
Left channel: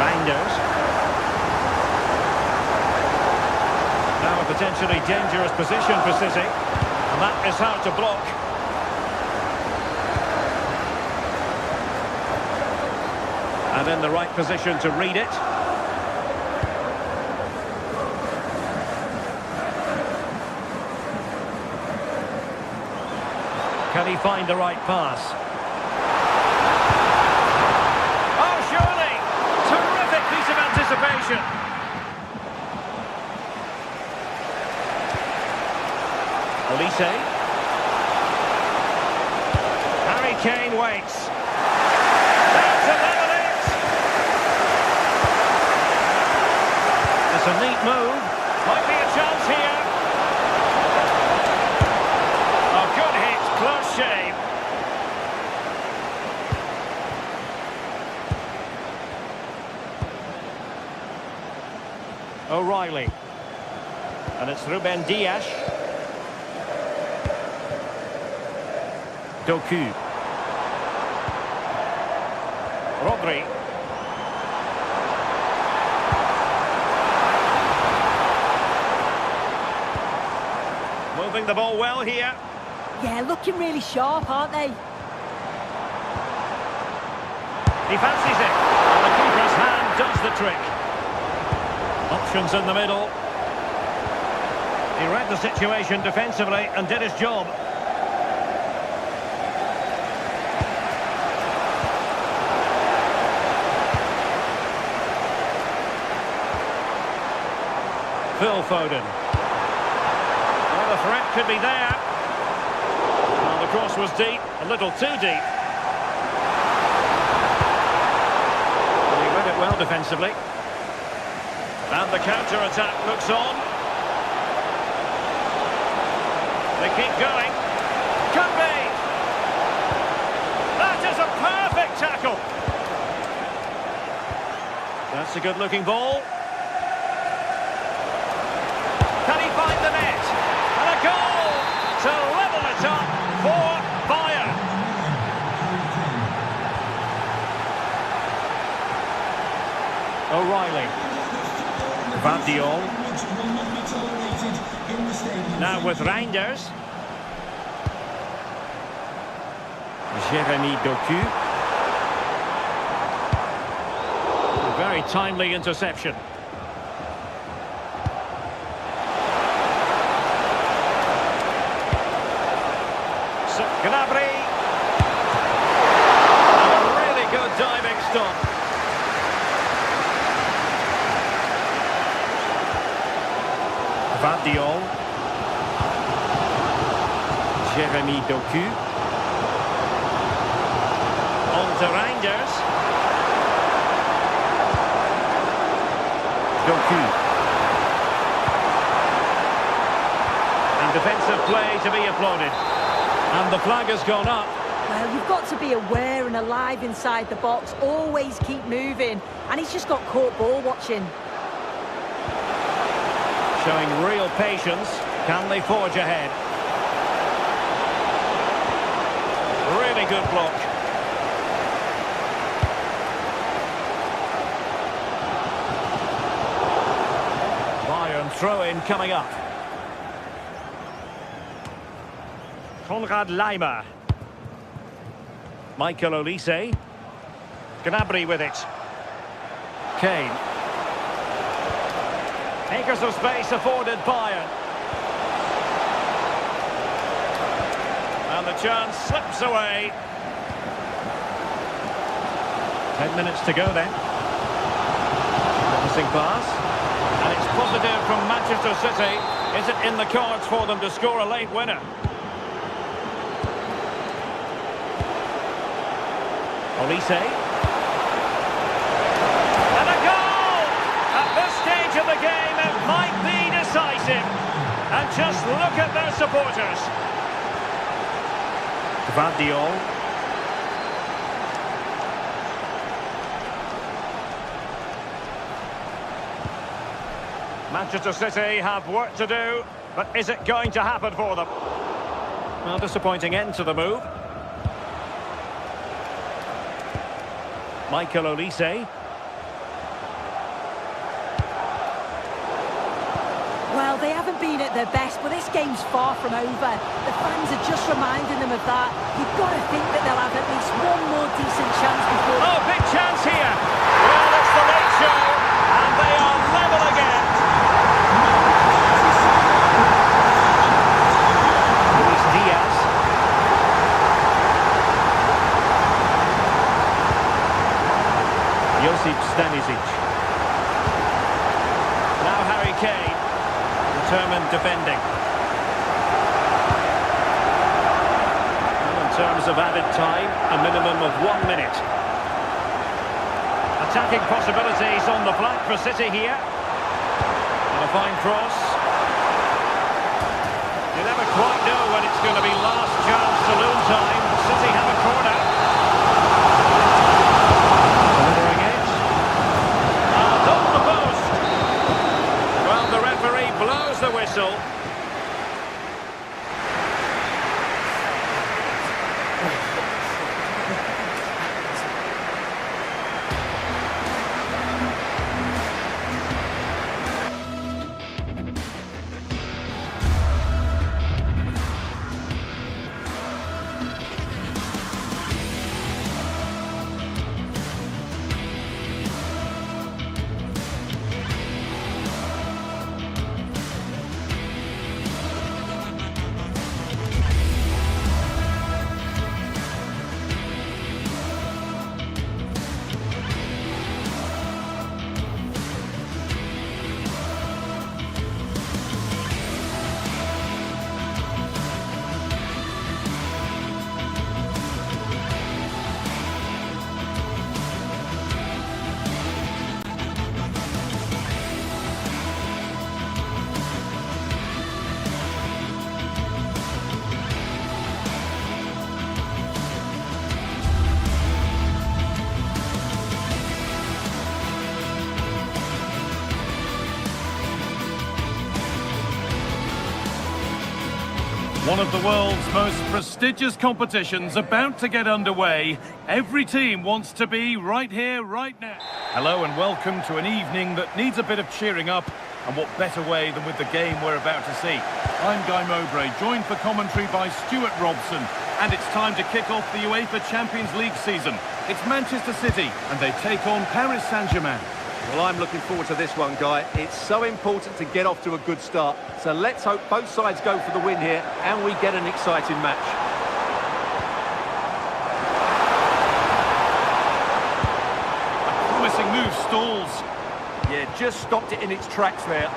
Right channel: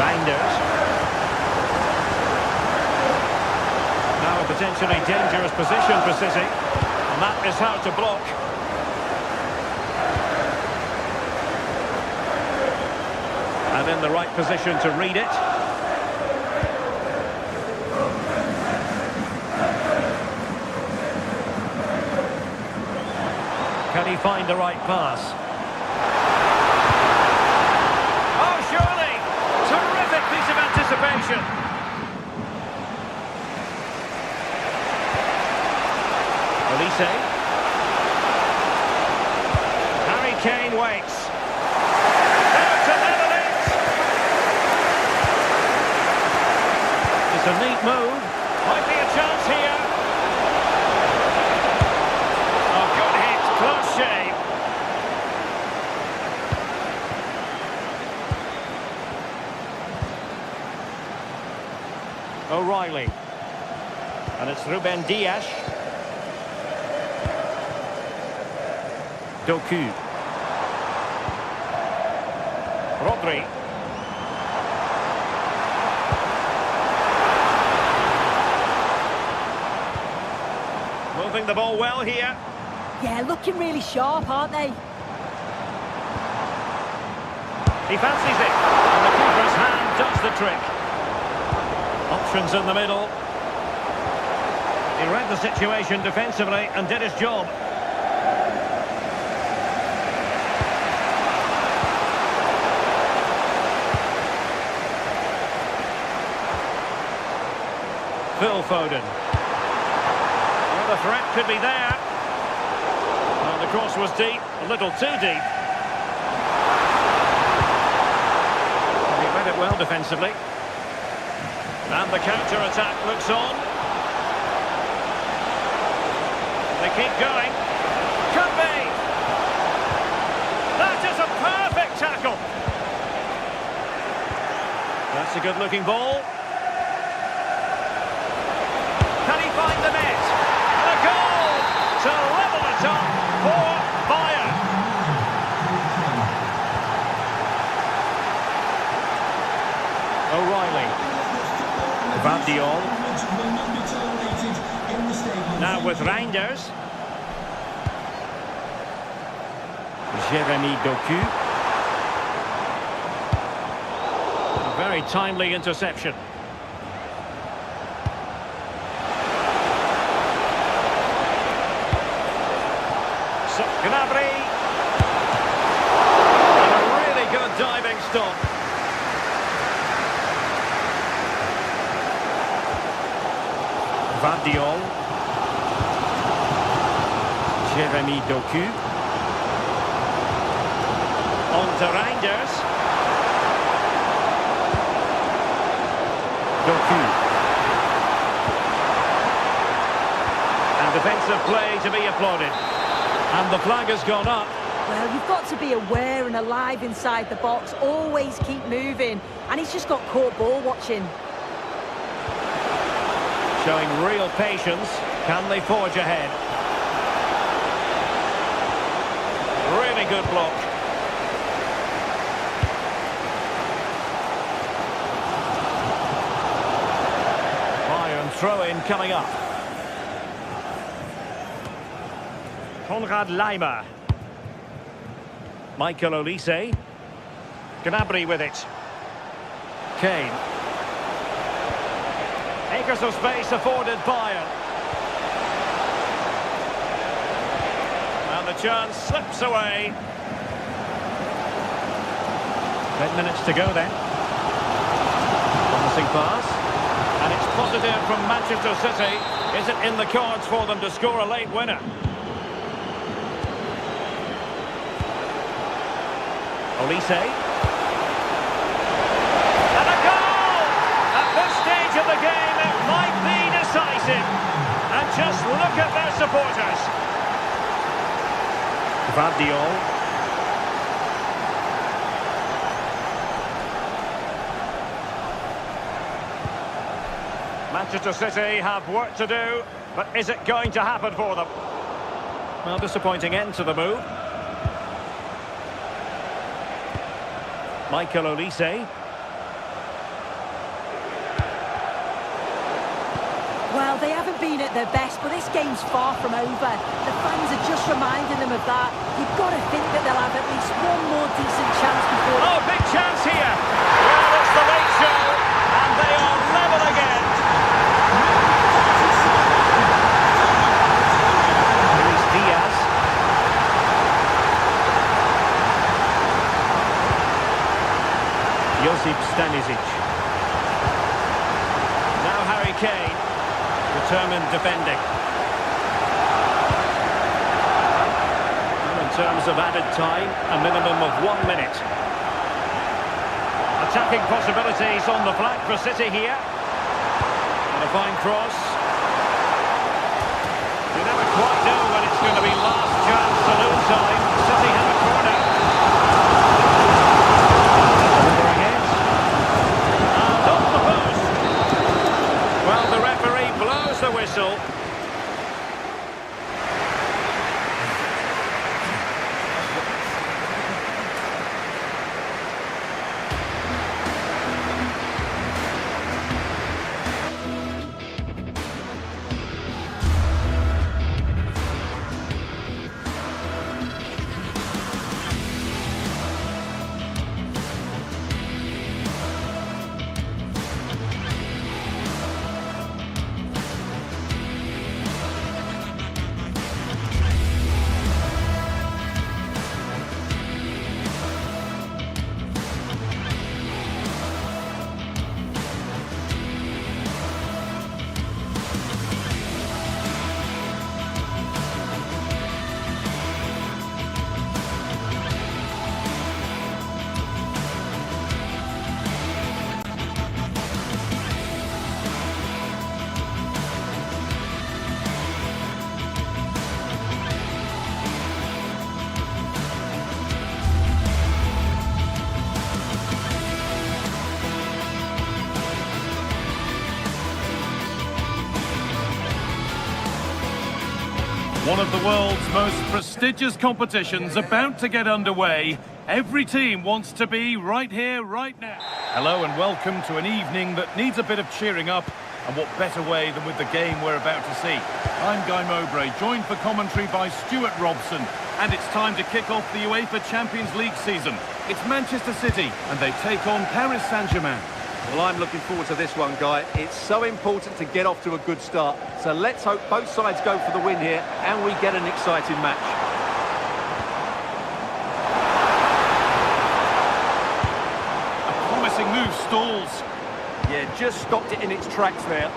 Reinders. Now a potentially dangerous position for City, and that is hard to block. And in the right position to read it. Can he find the right pass? Oh, surely! Terrific piece of anticipation. Olise. Harry Kane waits. Now to level it. It's a neat move. Might be a chance here. Oh, good hit. Close shave. O'Reilly. And it's Ruben Dias. Doku. Rodri. Moving the ball well here. Yeah, looking really sharp, aren't they? He fancies it. And the keeper's hand does the trick. Options in the middle. He read the situation defensively and did his job. Phil Foden. Well, the threat could be there. Well, the cross was deep, a little too deep. And he read it well defensively. And the counter-attack looks on. They keep going. Could be. That is a perfect tackle. That's a good-looking ball. Can he find the net? And a goal to level it up for Bayern. tightly. Vardiol. Will not be tolerated in the stadium. Now with Reinders. Jeremy Doku. A very timely interception. So, Gnabry. And a really good diving stop. Vardiol. Jeremy Doku. On to Reinders. Doku. And defensive play to be applauded. And the flag has gone up. Well, you've got to be aware and alive inside the box. Always keep moving. And he's just got caught ball watching. Showing real patience. Can they forge ahead? Really good block. Bayern throw-in coming up. Konrad Laimer. Michael Olise. Gnabry with it. Kane. Acres of space afforded Bayern. And the chance slips away. 10 minutes to go then. Promising pass. And it's positive from Manchester City. Is it in the cards for them to score a late winner? Olise. And a goal! At this stage of the game, it might be decisive. And just look at their supporters. Vardiol. Manchester City have work to do, but is it going to happen for them? Well, disappointing end to the move. Michael Olise. Well, they haven't been at their best, but this game's far from over. The fans are just reminding them of that. You've got to think that they'll have at least one more decent chance before... Oh, big chance here! Well, it's the late show, and they are level again. Luis Diaz. Josip Stanisic. Now Harry Kane. Determined defending. Well, in terms of added time, a minimum of 1 minute. Attacking possibilities on the flank for City here. And a fine cross. You never quite know when it's going to be last chance saloon time. City have a corner. Delivering it. And off the post. Well, the referee blows the whistle. One of the world's most prestigious competitions about to get underway. Every team wants to be right here, right now. Hello and welcome to an evening that needs a bit of cheering up. And what better way than with the game we're about to see. I'm Guy Mowbray, joined for commentary by Stuart Robson. And it's time to kick off the UEFA Champions League season. It's Manchester City, and they take on Paris Saint-Germain. Well, I'm looking forward to this one, Guy. It's so important to get off to a good start. So let's hope both sides go for the win here and we get an exciting match. A promising move stalls. Yeah, just stopped it in its tracks there.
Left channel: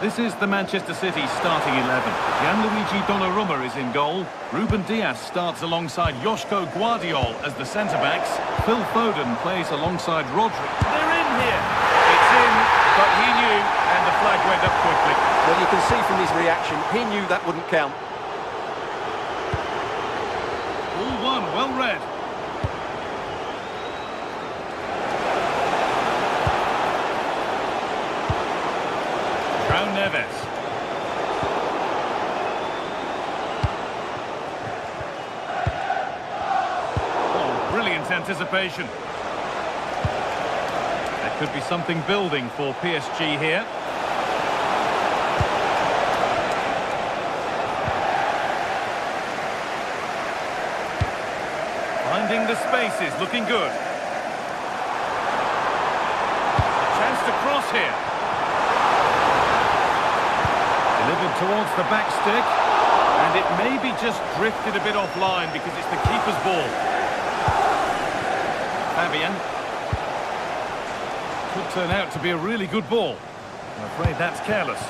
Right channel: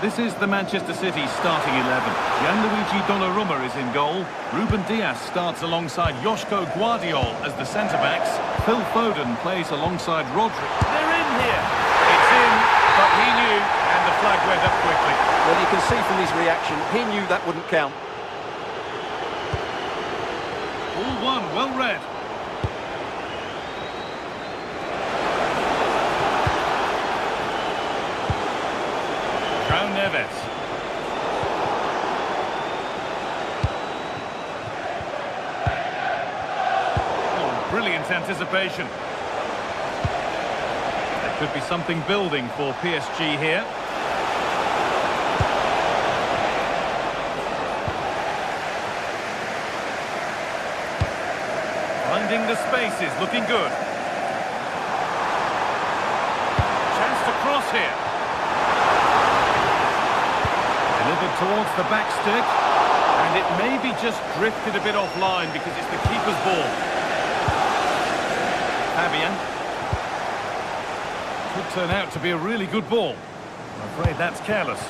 This is the Manchester City starting 11. Gianluigi Donnarumma is in goal. Ruben Dias starts alongside Joško Guardiol as the centre-backs. Phil Foden plays alongside Rodri. They're in here. It's in, but he knew, and the flag went up quickly. Well, you can see from his reaction, he knew that wouldn't count. All one, well read. João Neves. Oh, brilliant anticipation. There could be something building for PSG here. Finding the spaces, looking good. Chance to cross here. Delivered towards the back stick, and it maybe just drifted a bit offline because it's the keeper's ball. Fabian. Could turn out to be a really good ball. I'm afraid that's careless.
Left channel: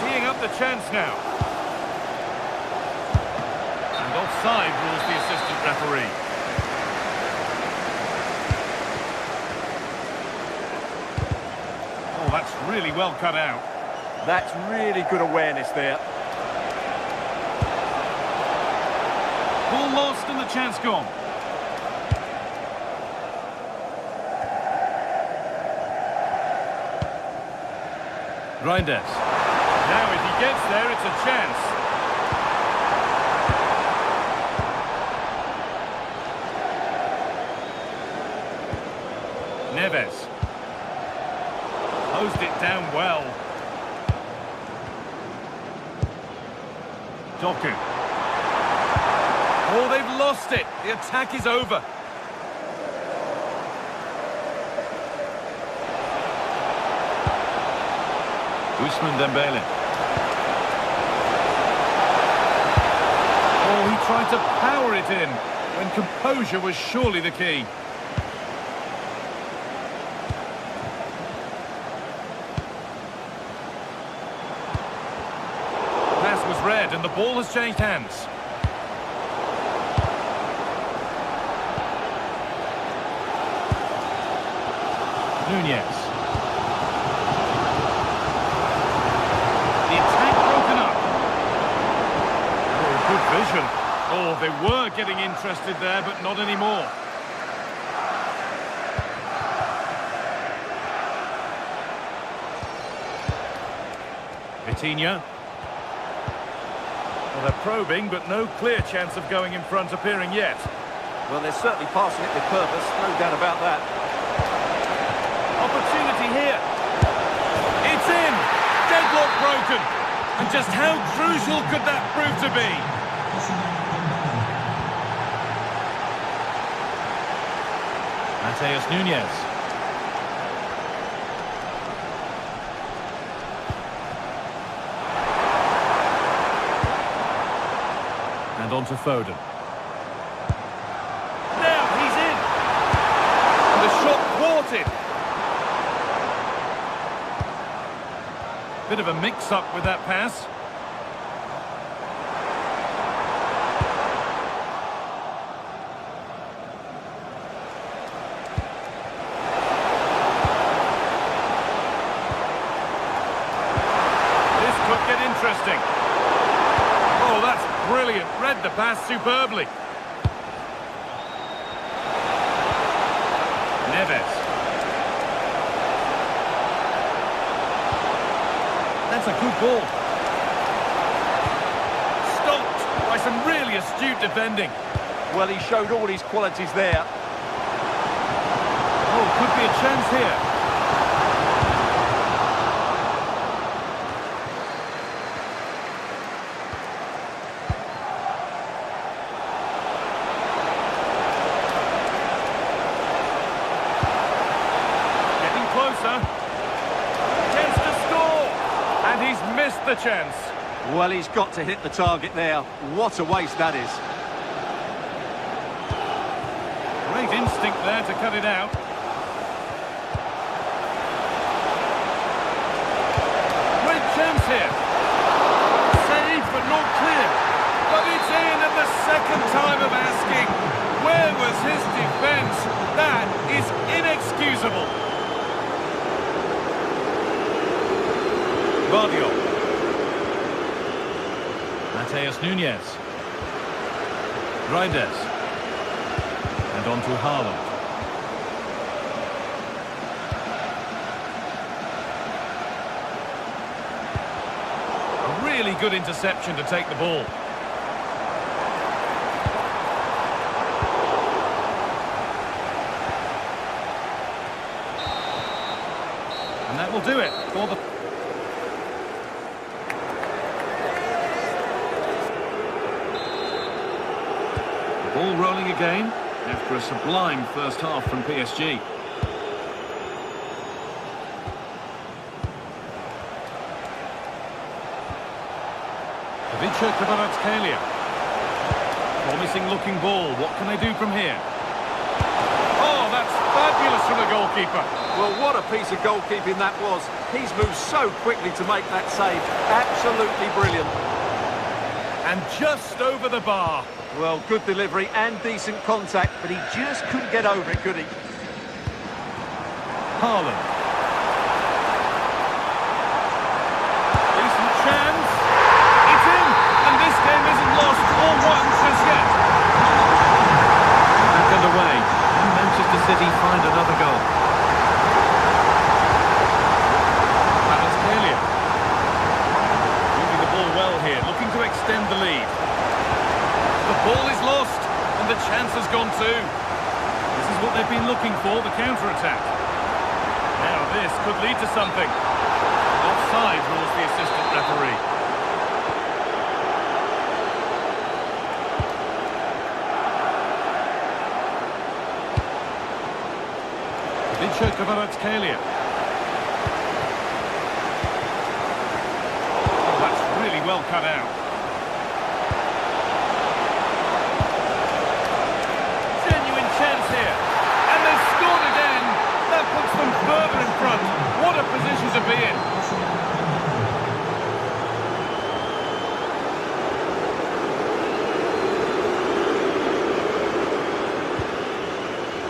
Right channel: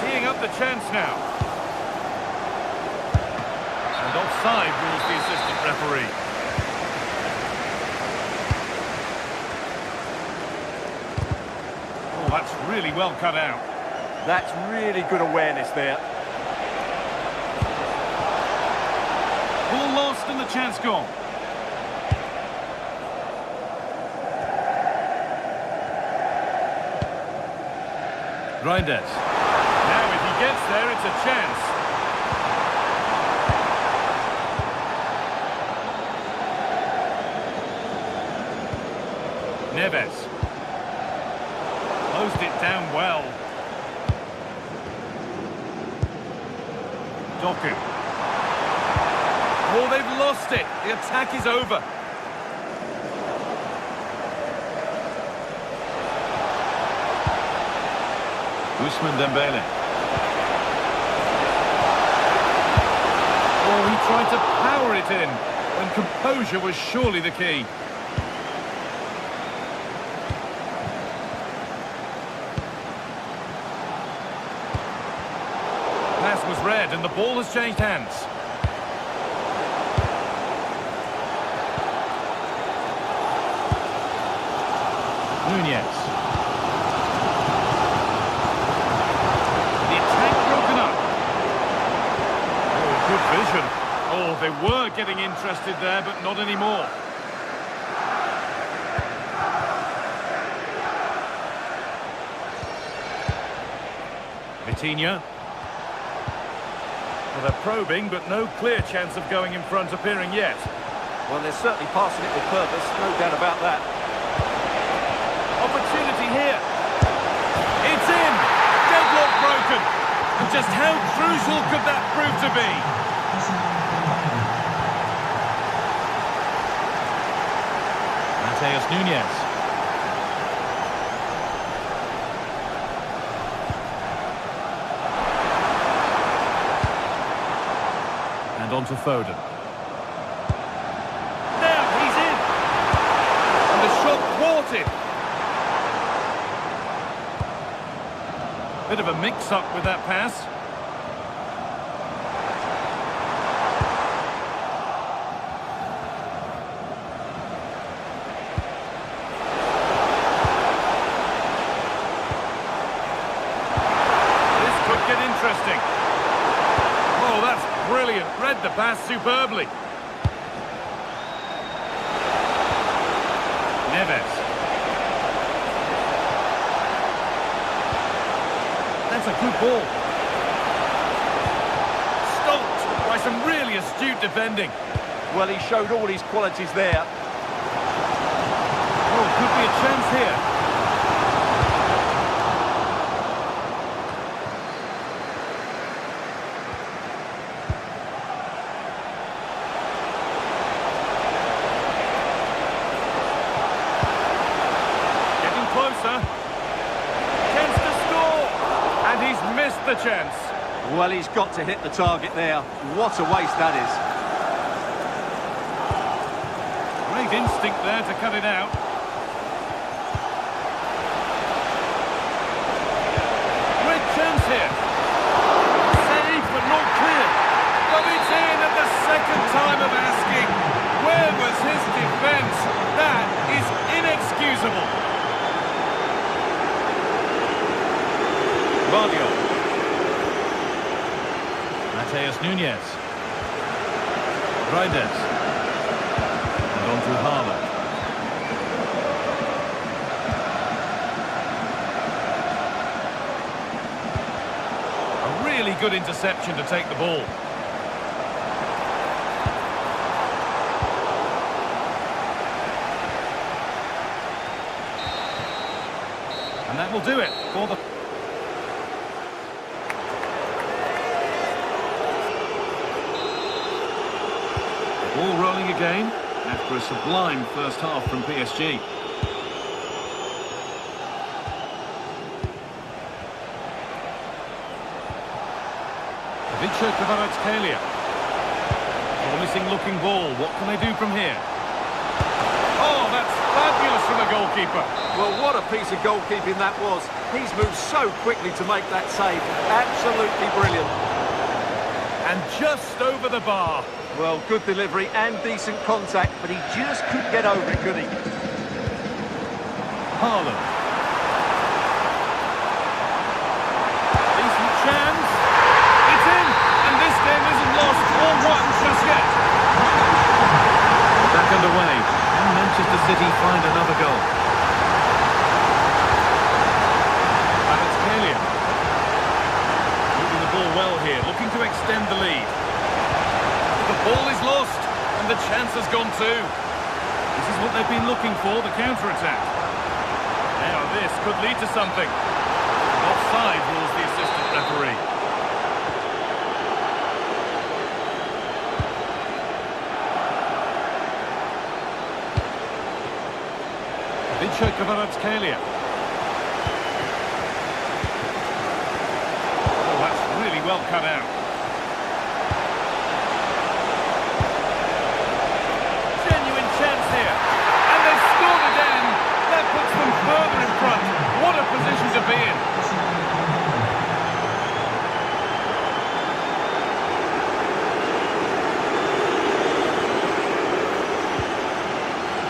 Teeing up the chance now. And offside rules the assistant referee. Oh, that's really well cut out. That's really good awareness there. Ball lost and the chance gone. Reinders. Now if he gets there, it's a chance. Neves. Closed it down well. Doku. Oh, they've lost it. The attack is over. Ousmane Dembele. Oh, he tried to power it in when composure was surely the key. Pass was read and the ball has changed hands. Nunez. The attack broken up. Oh, good vision. Oh, they were getting interested there, but not anymore. Vitinha. Well, they're probing, but no clear chance of going in front appearing yet. Well, they're certainly passing it with purpose, no doubt about that. Opportunity here. It's in. Deadlock broken. And just how crucial could that prove to be? Matheus Nunez. And on to Foden. Now he's in. And the shot thwarted. Bit of a mix-up with that pass. This could get interesting. Oh, that's brilliant. Read the pass superbly. Neves. That's a good ball. Stopped by some really astute defending. Well, he showed all his qualities there. Oh, could be a chance here. Getting closer. Chance to score. And he's missed the chance. Well, he's got to hit the target there. What a waste that is. Great instinct there to cut it out. Great chance here. Saved but not clear. But it's in at the second time of asking. Where was his defence? That is inexcusable. Guardiola. Mateus Nunes. Reyes. And on to Haaland. A really good interception to take the ball. And that will do it for the... The ball rolling again after a sublime first half from PSG. Kvaratskhelia. Promising looking ball. What can they do from here? Oh, that's fabulous from the goalkeeper. Well, what a piece of goalkeeping that was. He's moved so quickly to make that save. Absolutely brilliant. And just over the bar. Well, good delivery and decent contact, but he just couldn't get over it, could he? Haaland. Decent chance. It's in, and this game isn't lost or won just yet. Back underway, and Manchester City find another goal. Kvaratskhelia. Moving the ball well here, looking to extend the lead. The ball is lost, and the chance has gone too. This is what they've been looking for, the counter-attack. Now this could lead to something. Offside rules the assistant referee. Kvaratskhelia. Oh, that's really well cut out. Genuine chance here. And they've scored again. That puts them further in front. What a position to be in.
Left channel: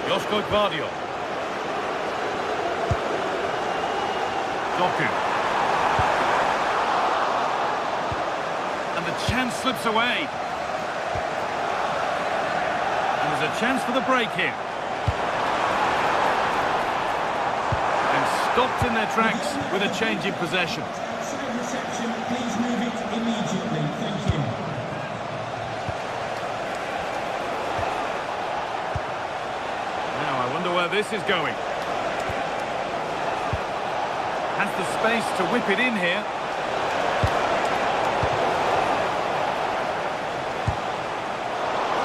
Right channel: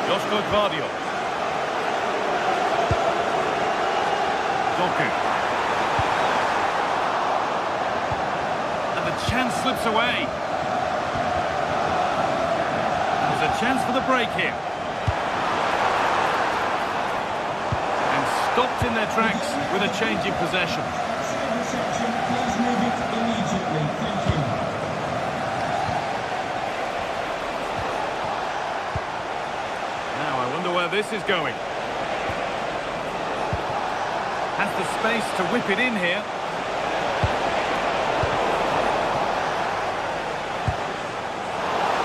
Josko Gvardiol. Doku. And the chance slips away. And there's a chance for the break here. And stopped in their tracks with a change in possession. Side reception, please move it immediately. Thank you. Now I wonder where this is going. Has the space to whip it in here.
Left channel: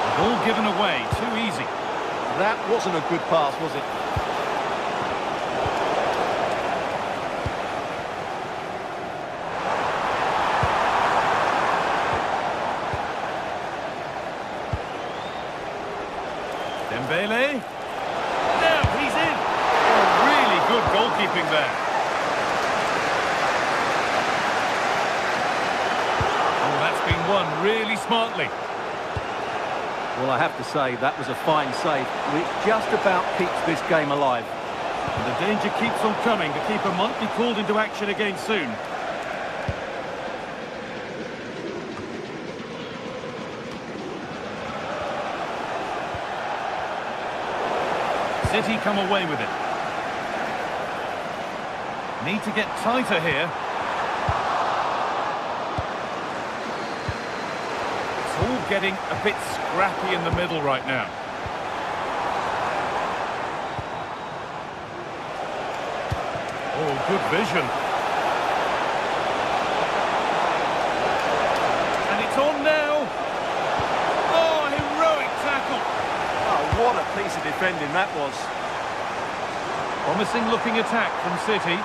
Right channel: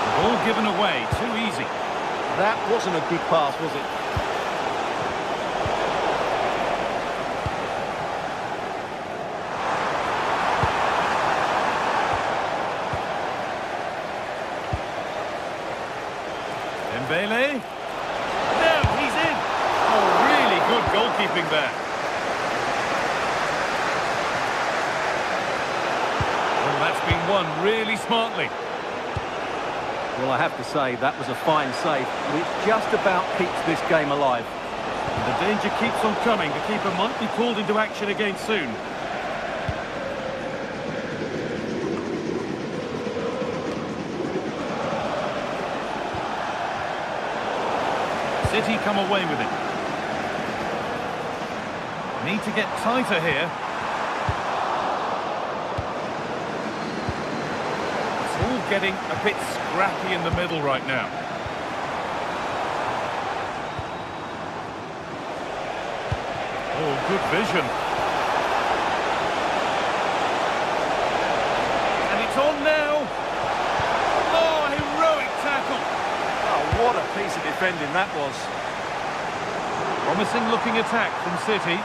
The ball given away, too easy. That wasn't a good pass, was it? Dembele. No, he's in. Oh, really good goalkeeping there. Oh, that's been won really smartly. Well, I have to say, that was a fine save, which just about keeps this game alive. And the danger keeps on coming. The keeper might be called into action again soon. City come away with it. Need to get tighter here. getting a bit scrappy in the middle right now. Oh, good vision. And it's on now. Oh, heroic tackle. Oh, what a piece of defending that was. Promising looking attack from City.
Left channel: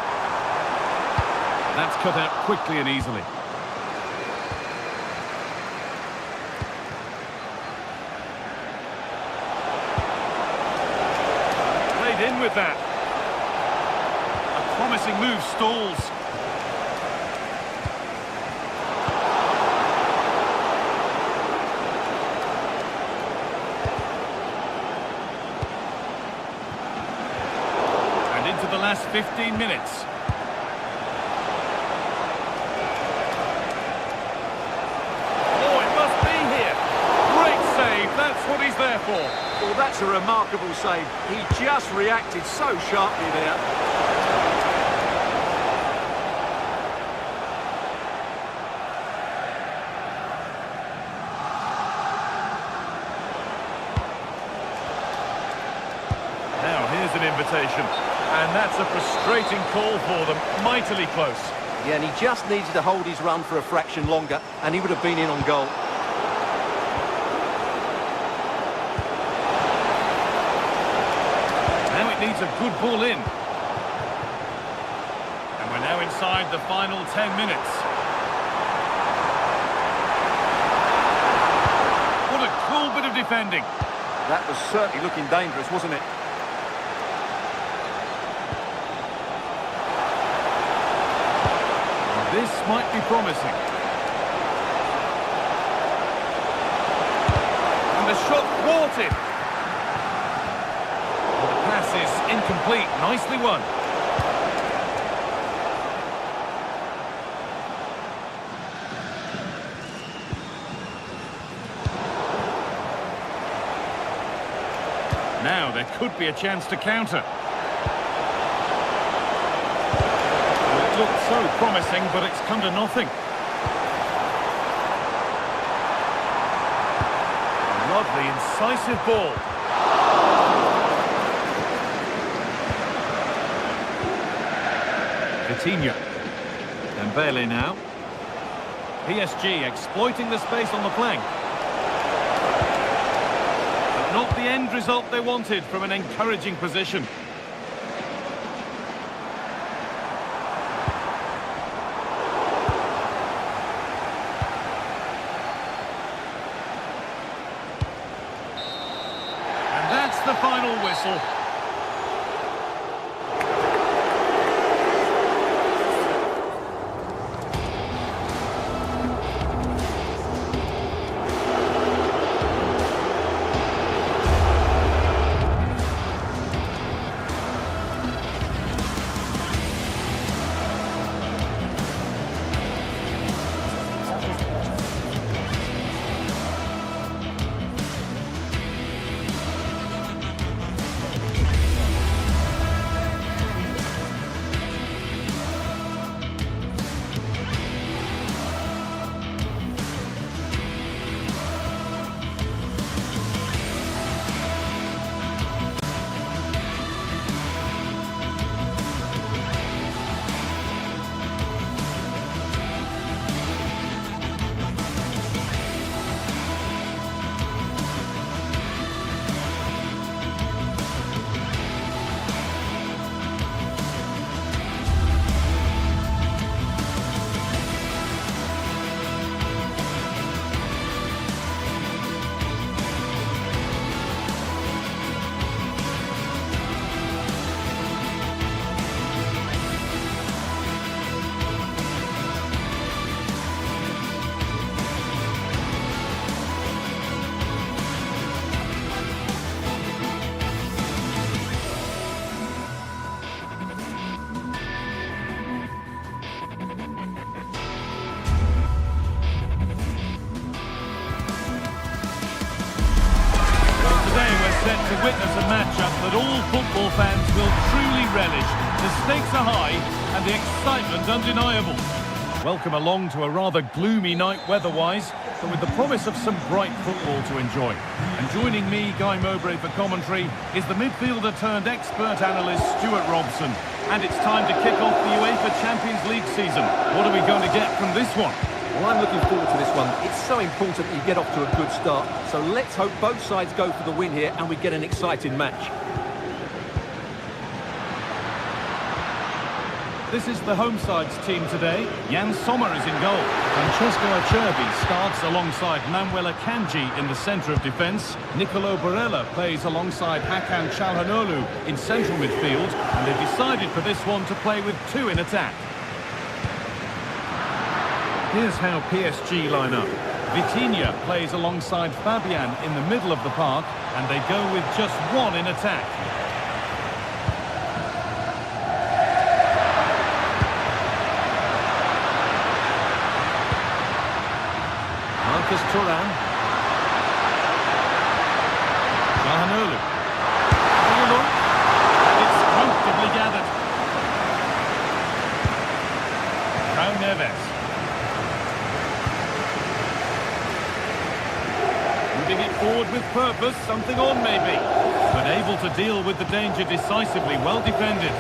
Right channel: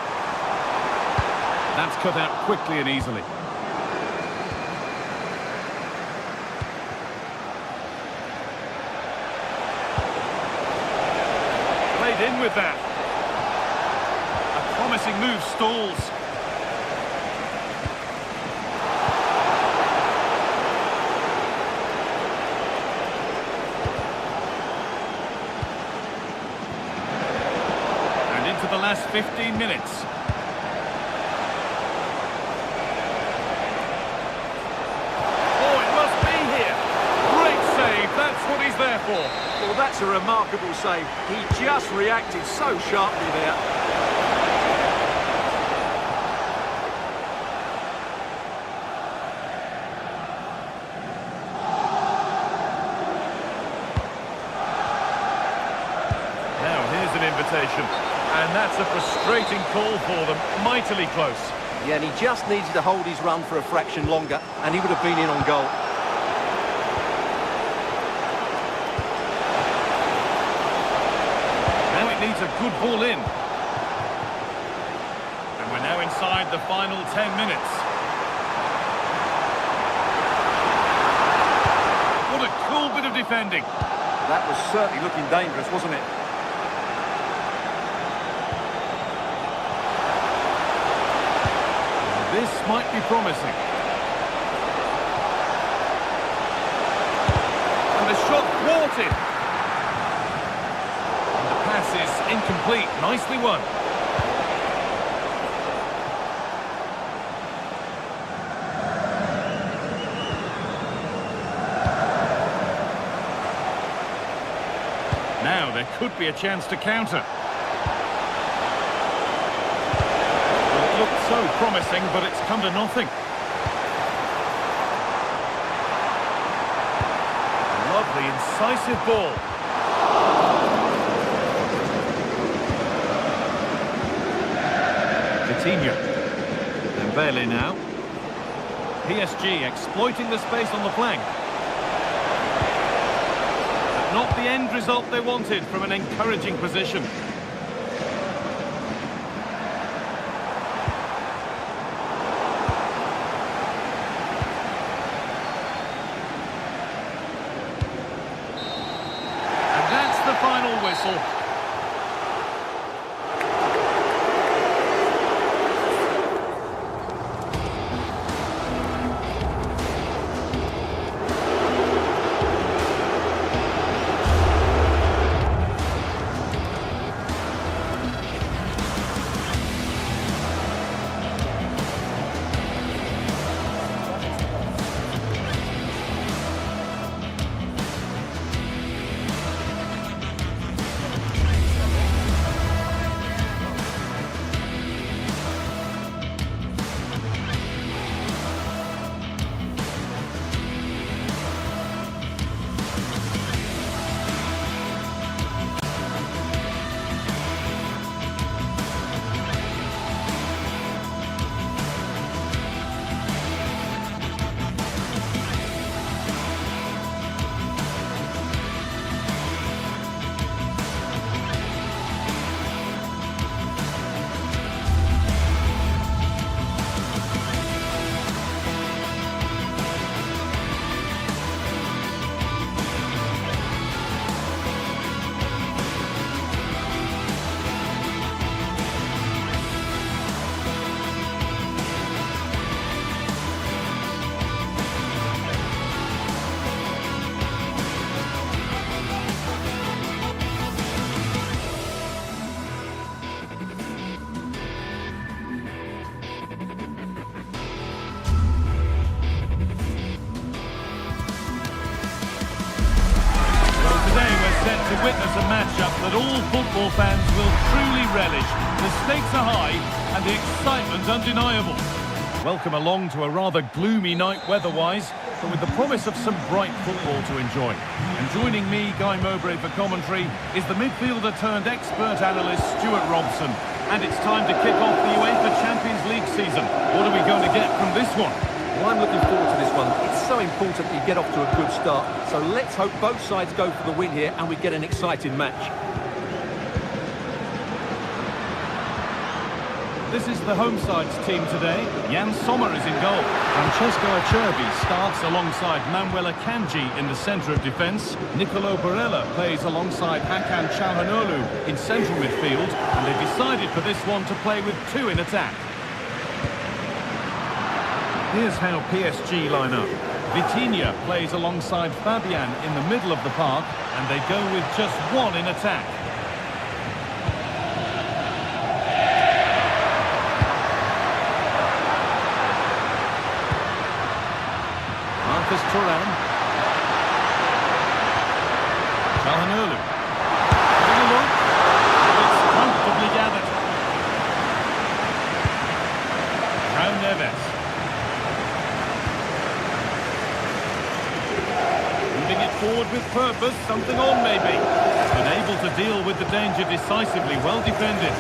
That's cut out quickly and easily. Played in with that. A promising move stalls. And into the last 15 minutes. Oh, it must be here. Great save. That's what he's there for. Well, that's a remarkable save. He just reacted so sharply there. Now, here's an invitation. And that's a frustrating call for them. Mightily close. Yeah, and he just needed to hold his run for a fraction longer, and he would have been in on goal. Now it needs a good ball in. And we're now inside the final 10 minutes. What a cool bit of defending. That was certainly looking dangerous, wasn't it? This might be promising. And the shot thwarted. And the pass is incomplete. Nicely won. Now there could be a chance to counter. It looked so promising, but it's come to nothing. Lovely, incisive ball. Vitinha. Dembele now. PSG exploiting the space on the flank. But not the end result they wanted from an encouraging position. That's the final whistle. Set to witness a matchup that all football fans will truly relish. The stakes are high and the excitement undeniable. Welcome along to a rather gloomy night weather-wise, but with the promise of some bright football to enjoy. And joining me, Guy Mowbray, for commentary, is the midfielder-turned-expert analyst, Stuart Robson. And it's time to kick off the UEFA Champions League season. What are we going to get from this one? Well, I'm looking forward to this one. It's so important that you get off to a good start. So let's hope both sides go for the win here and we get an exciting match. This is the home side's team today. Jan Sommer is in goal. Francesco Acerbi starts alongside Manuel Akanji in the centre of defence. Nicolo Barella plays alongside Hakan Çalhanoğlu in central midfield. And they've decided for this one to play with two in attack. Here's how PSG line up. Vitinha plays alongside Fabian in the middle of the park. And they go with just one in attack. Marcus Thuram. Çalhanoğlu. Having a look. And it's comfortably gathered. João Neves. Moving it forward with purpose, something on maybe. But able to deal with the danger decisively, well defended.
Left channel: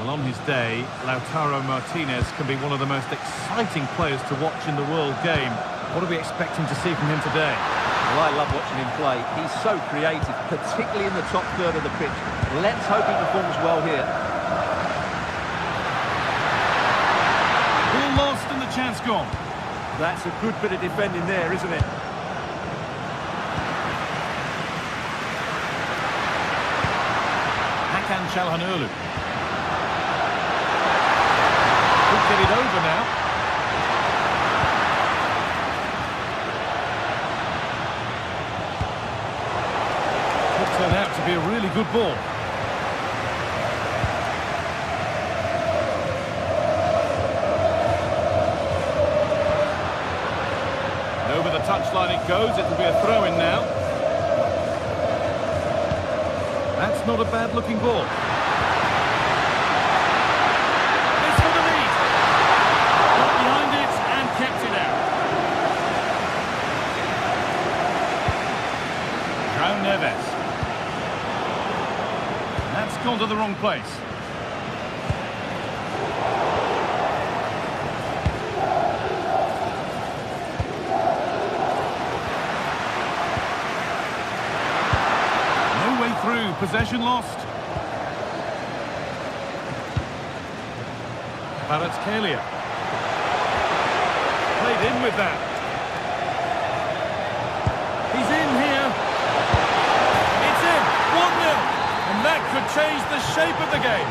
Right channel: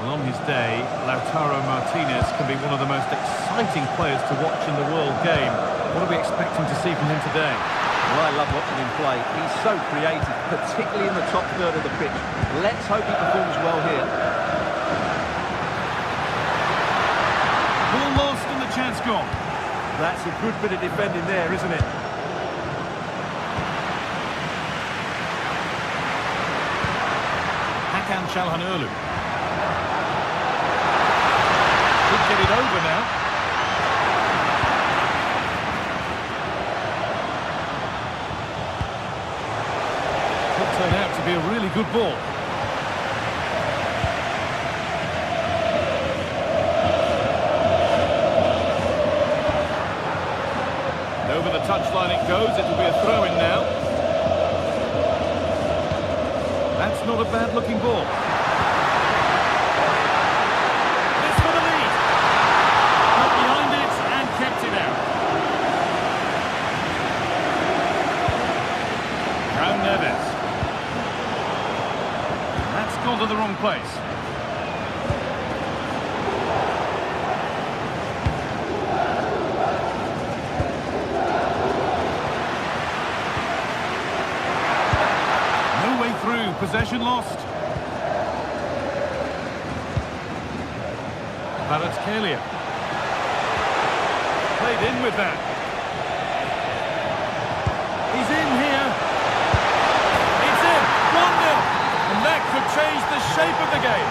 Well, on his day, Lautaro Martinez can be one of the most exciting players to watch in the world game. What are we expecting to see from him today? Well, I love watching him play. He's so creative, particularly in the top third of the pitch. Let's hope he performs well here. Ball lost and the chance gone. That's a good bit of defending there, isn't it? Hakan Çalhanoğlu. Could get it over now. Could turn out to be a really good ball. And over the touchline it goes. It'll be a throw-in now. That's not a bad-looking ball. Behind it and kept it out. João Neves. And that's gone to the wrong place. No way through. Possession lost. Kvaratskhelia. Played in with that. He's in here. It's in. 1-0. And that could change the shape of the game.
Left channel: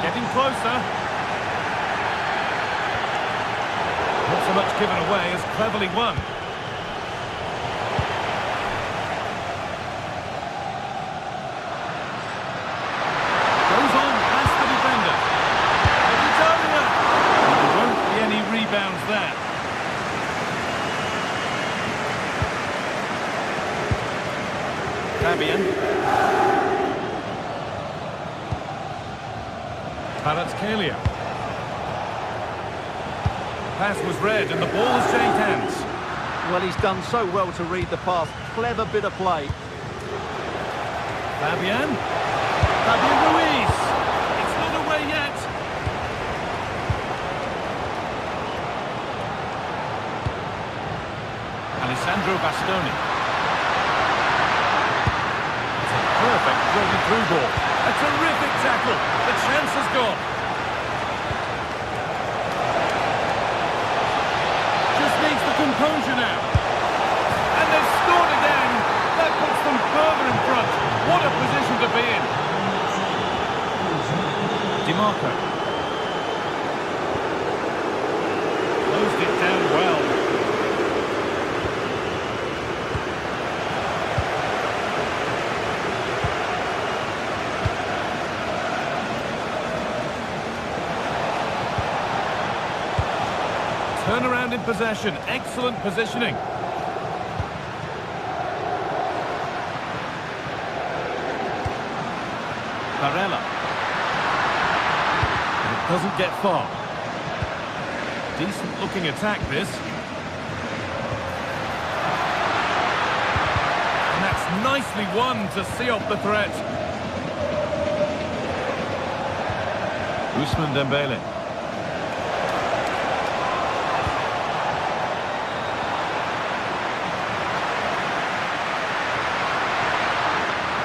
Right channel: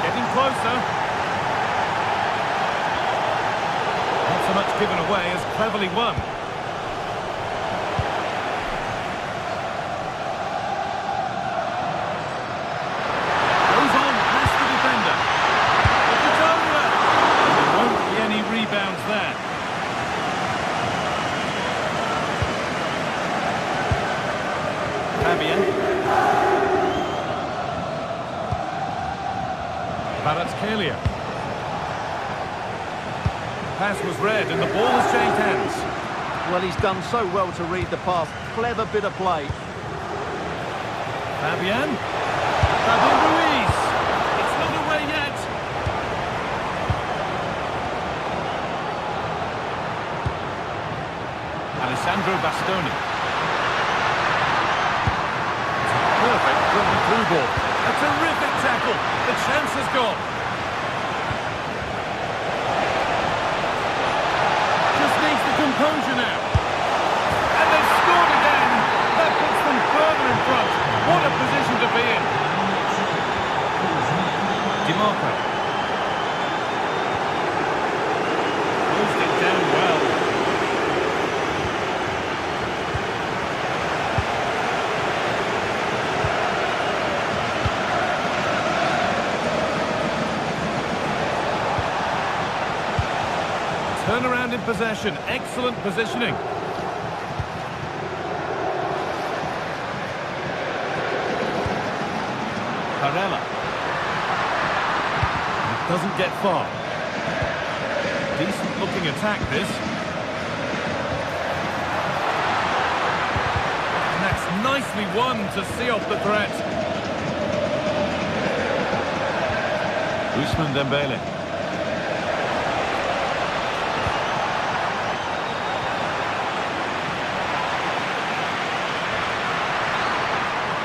Getting closer. Not so much given away as cleverly won. Goes on past the defender. And there won't be any rebounds there. Fabian. Kvaratskhelia. Pass was read and the ball has changed hands. Well, he's done so well to read the pass. Clever bit of play. Fabian Ruiz. It's not away yet. Alessandro Bastoni. It's a perfect thrown through ball. A terrific tackle. The chance has gone. Just needs the composure now. And they've scored again. That puts them further in front. What a position to be in. DiMarco. Closed it down well. Turn around in possession. Excellent positioning. Barella. It doesn't get far. Decent looking attack this. And that's nicely won to see off the threat. Ousmane Dembele.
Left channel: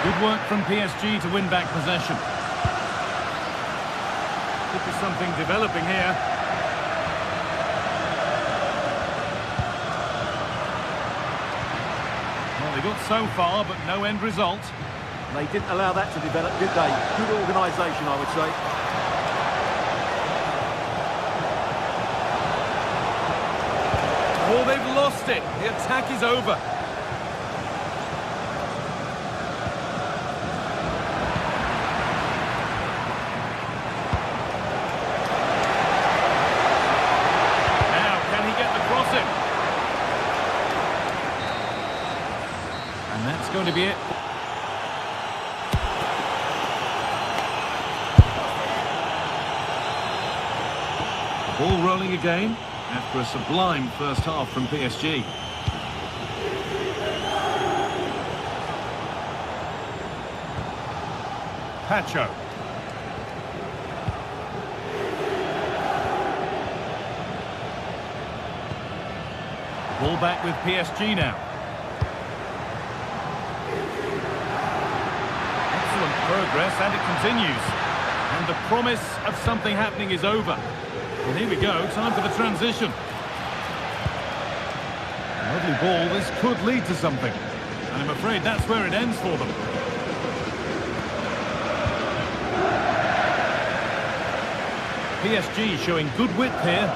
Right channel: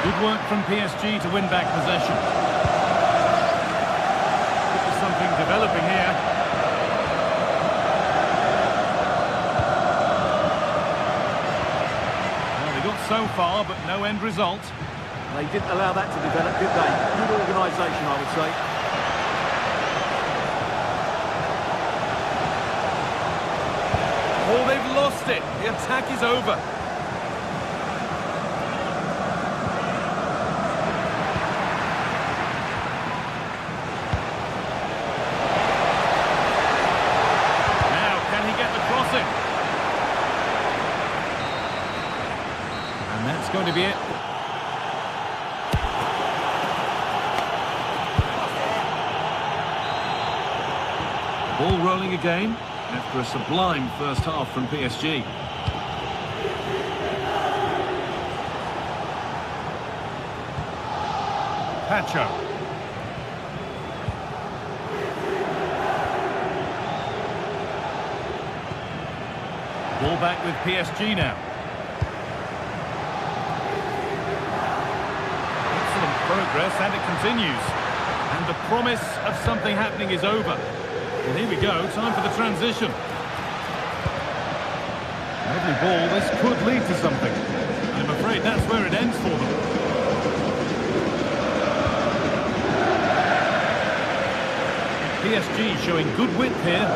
Good work from PSG to win back possession. Could be something developing here. Well, they got so far, but no end result. They didn't allow that to develop, did they? Good organisation, I would say. Oh, they've lost it. The attack is over. Get the crossing. And that's going to be it. Ball rolling again after a sublime first half from PSG. Pacho. Ball back with PSG now. Excellent progress, and it continues. And the promise of something happening is over. Well, here we go, time for the transition. Lovely ball, this could lead to something. And I'm afraid that's where it ends for them. PSG showing good width here.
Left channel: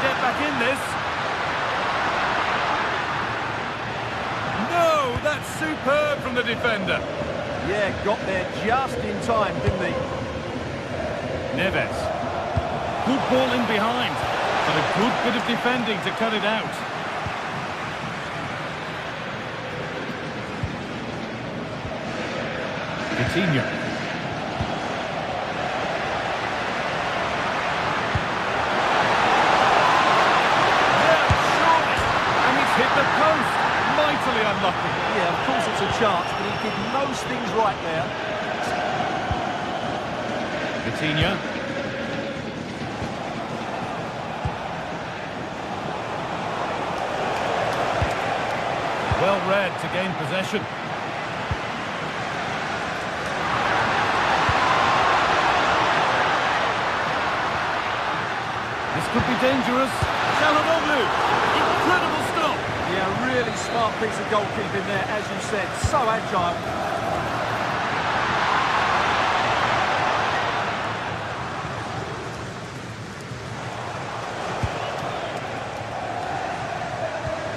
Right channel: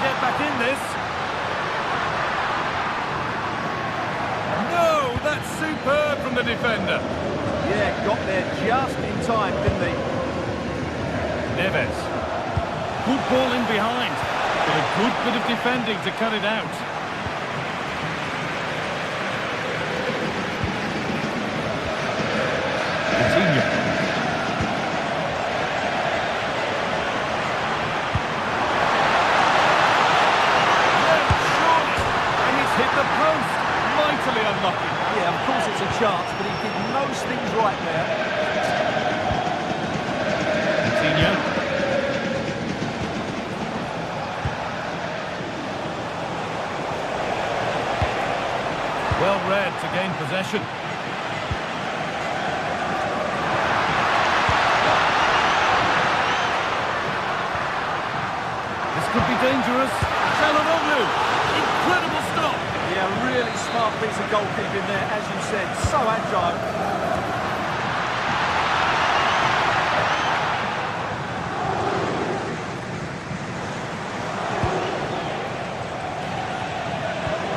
Get back in this. No, that's superb from the defender. Yeah, got there just in time, didn't he? Neves. Good ball in behind, but a good bit of defending to cut it out. Coutinho. Hit the post. Mightily unlucky. Yeah, of course it's a chance, but he did most things right there. Coutinho. Well read to gain possession. This could be dangerous. Çalhanoğlu. Incredible stop. Yeah, really smart piece of goalkeeping there, as you said. So agile.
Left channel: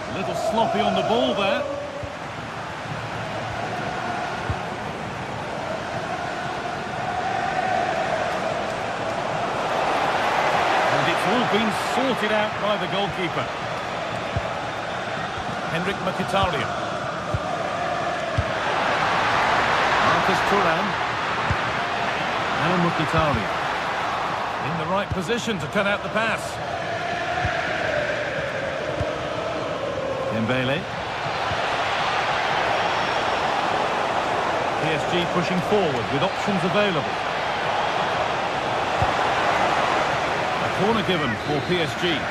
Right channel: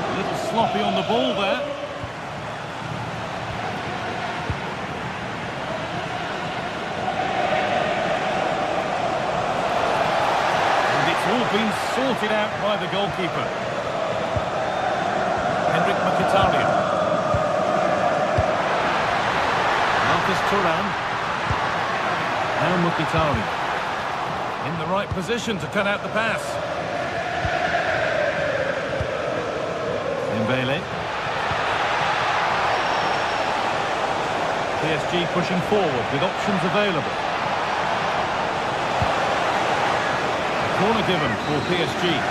A little sloppy on the ball there. And it's all been sorted out by the goalkeeper. Henrik Mkhitaryan. Marcus Thuram. Now Mkhitaryan. In the right position to cut out the pass. Dembele. PSG pushing forward with options available. A corner given for PSG.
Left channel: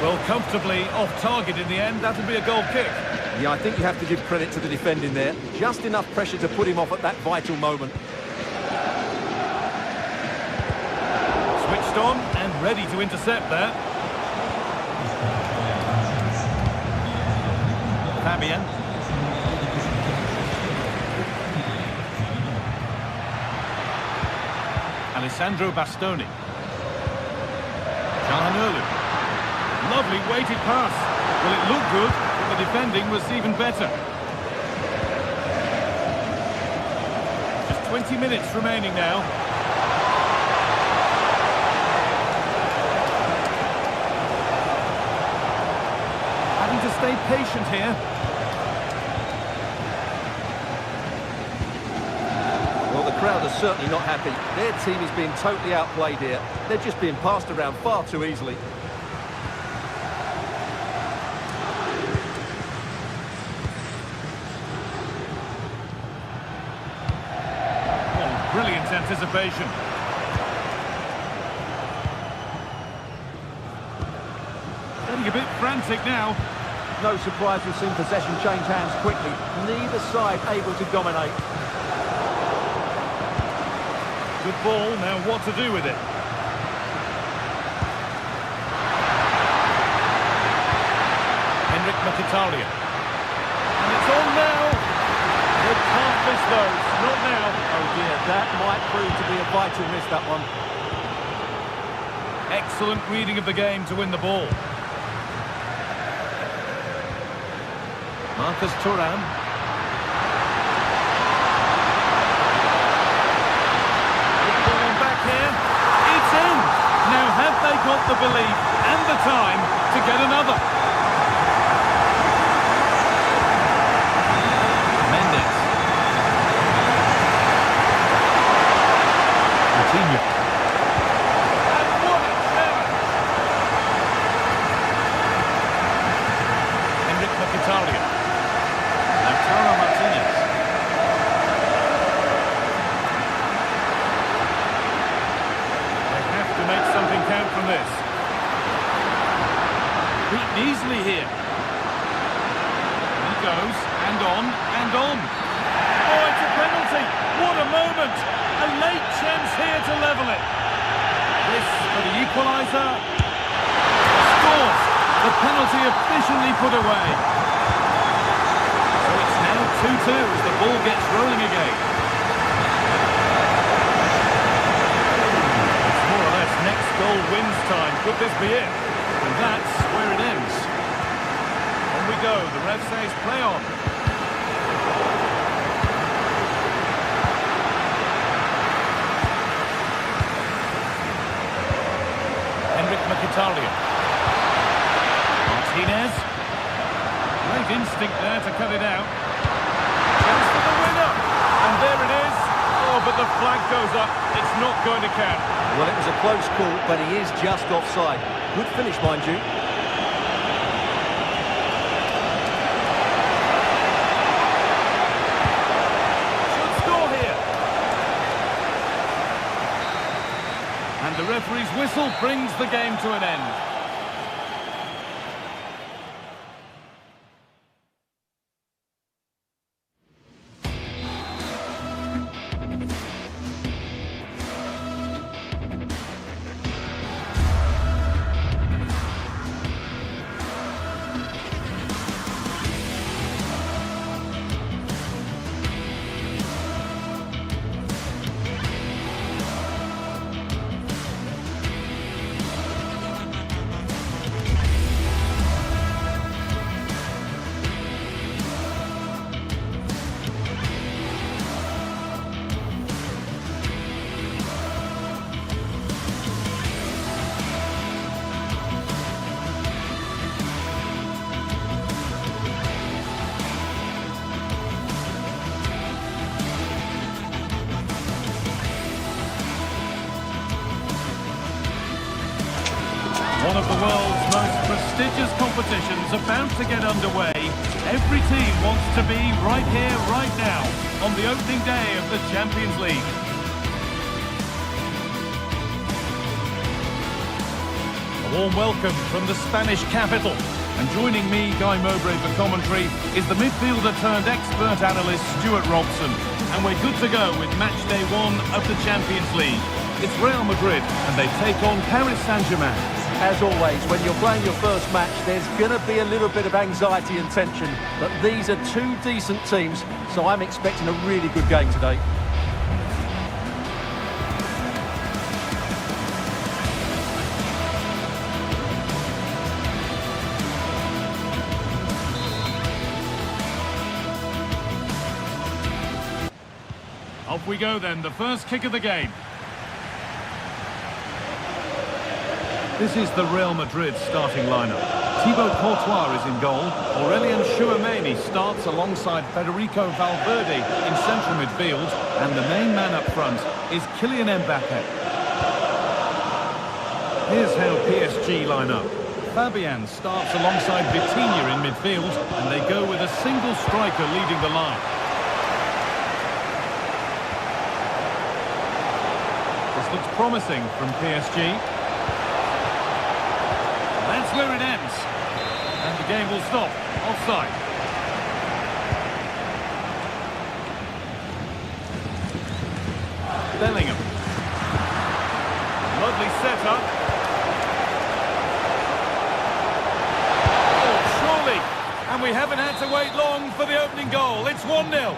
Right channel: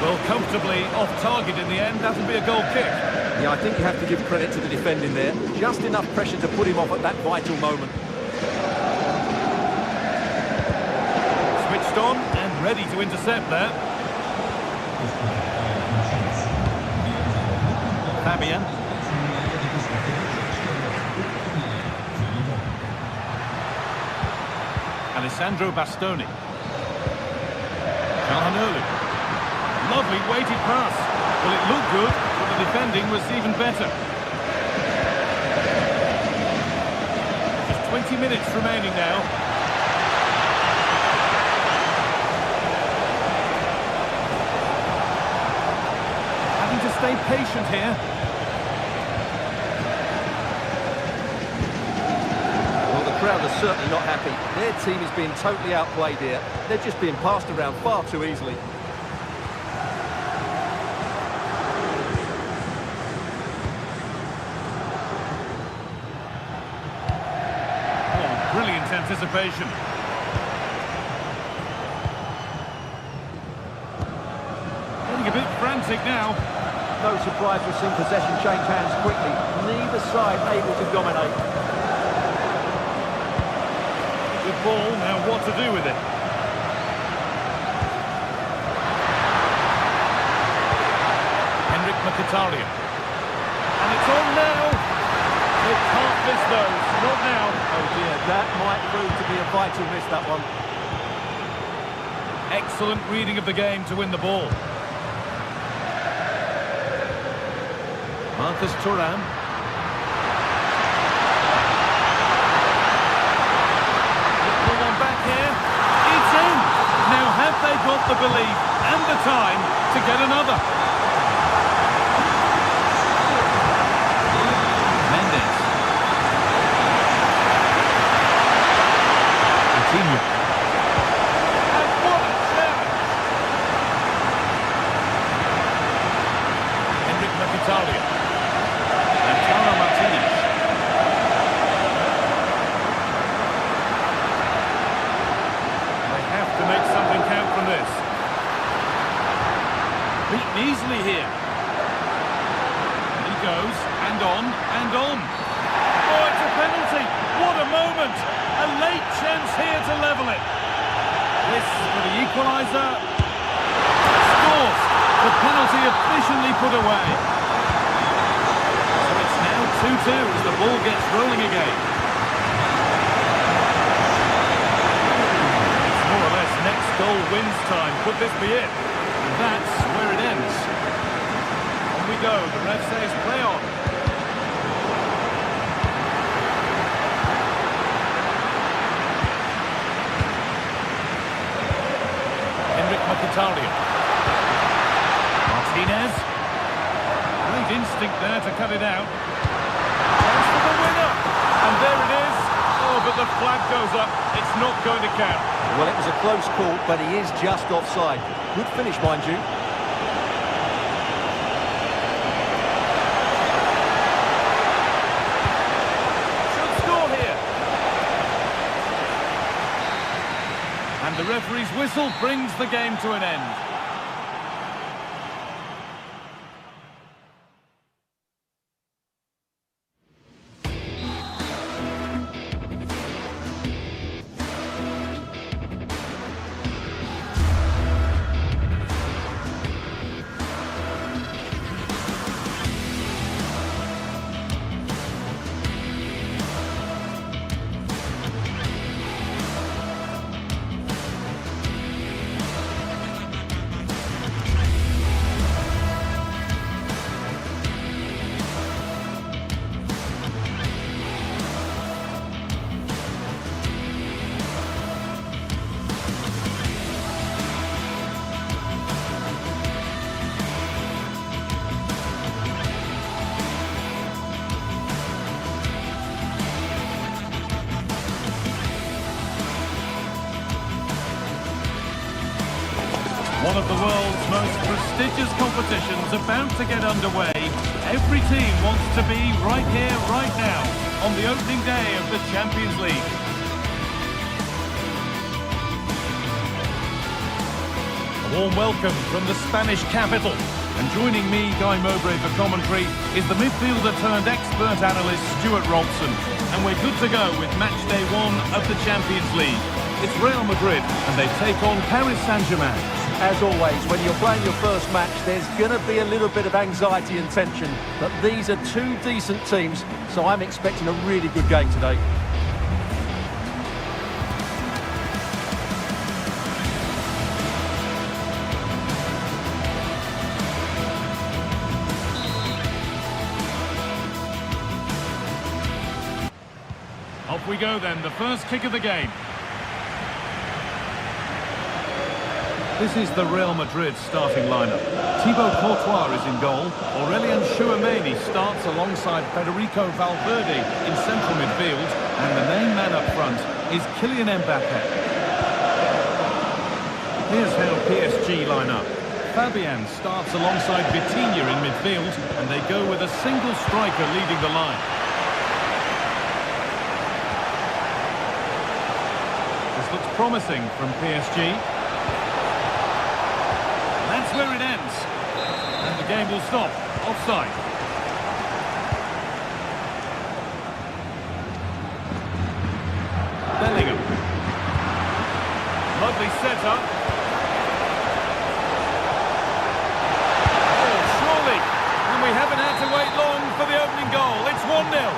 Well, comfortably off target in the end. That'll be a goal kick. Yeah, I think you have to give credit to the defending there. Just enough pressure to put him off at that vital moment. Switched on and ready to intercept there. Fabian. Alessandro Bastoni. Çalhanoğlu. Lovely weighted pass. Well, it looked good, but the defending was even better. Just 20 minutes remaining now. Having to stay patient here. Well, the crowd are certainly not happy. Their team is being totally outplayed here. They're just being passed around far too easily. Oh, brilliant anticipation. Getting a bit frantic now. No surprise we've seen possession change hands quickly. Neither side able to dominate. Good ball, now what to do with it? Henrik Mkhitaryan. And it's on now. They can't miss those, not now. Oh dear, that might prove to be a vital miss, that one. Excellent reading of the game to win the ball. Marcus Thuram. Pull one back here. It's in. Now have they got the belief and the time to get another? Mendes. Coutinho. And what a challenge! Henrik Mkhitaryan. Lautaro Martinez. Have to make something count from this. Beaten easily here. And he goes, and on, and on. Oh, it's a penalty. What a moment. A late chance here to level it. This for the equaliser. Scores. The penalty efficiently put away. So it's now 2-2 as the ball gets rolling again. More or less, next goal wins time. Could this be it? And that's where it ends. On we go. The ref says play on. Henrik Mkhitaryan. Martinez. Great instinct there to cut it out. Chance for the winner. And there it is. Oh, but the flag goes up. It's not going to count. Well, it was a close call, but he is just offside. Good finish, mind you. Should score here. And the referee's whistle brings the game to an end. One of the world's most prestigious competitions about to get underway. Every team wants to be right here, right now, on the opening day of the Champions League. A warm welcome from the Spanish capital. And joining me, Guy Mowbray, for commentary, is the midfielder-turned-expert analyst Stuart Robson. And we're good to go with match day one of the Champions League. It's Real Madrid, and they take on Paris Saint-Germain. As always, when you're playing your first match, there's going to be a little bit of anxiety and tension. But these are two decent teams, so I'm expecting a really good game today. Off we go then, the first kick of the game. This is the Real Madrid starting lineup. Thibaut Courtois is in goal. Aurelien Tchouameni starts alongside Federico Valverde in central midfield. And the main man up front is Kylian Mbappe. Here's how PSG line up. Fabian starts alongside Vitinha in midfield. And they go with a single striker leading the line. This looks promising from PSG. That's where it ends. And the game will stop. Offside. Bellingham. Lovely setup. Oh, surely. And we haven't had to wait long for the opening goal. It's 1-0.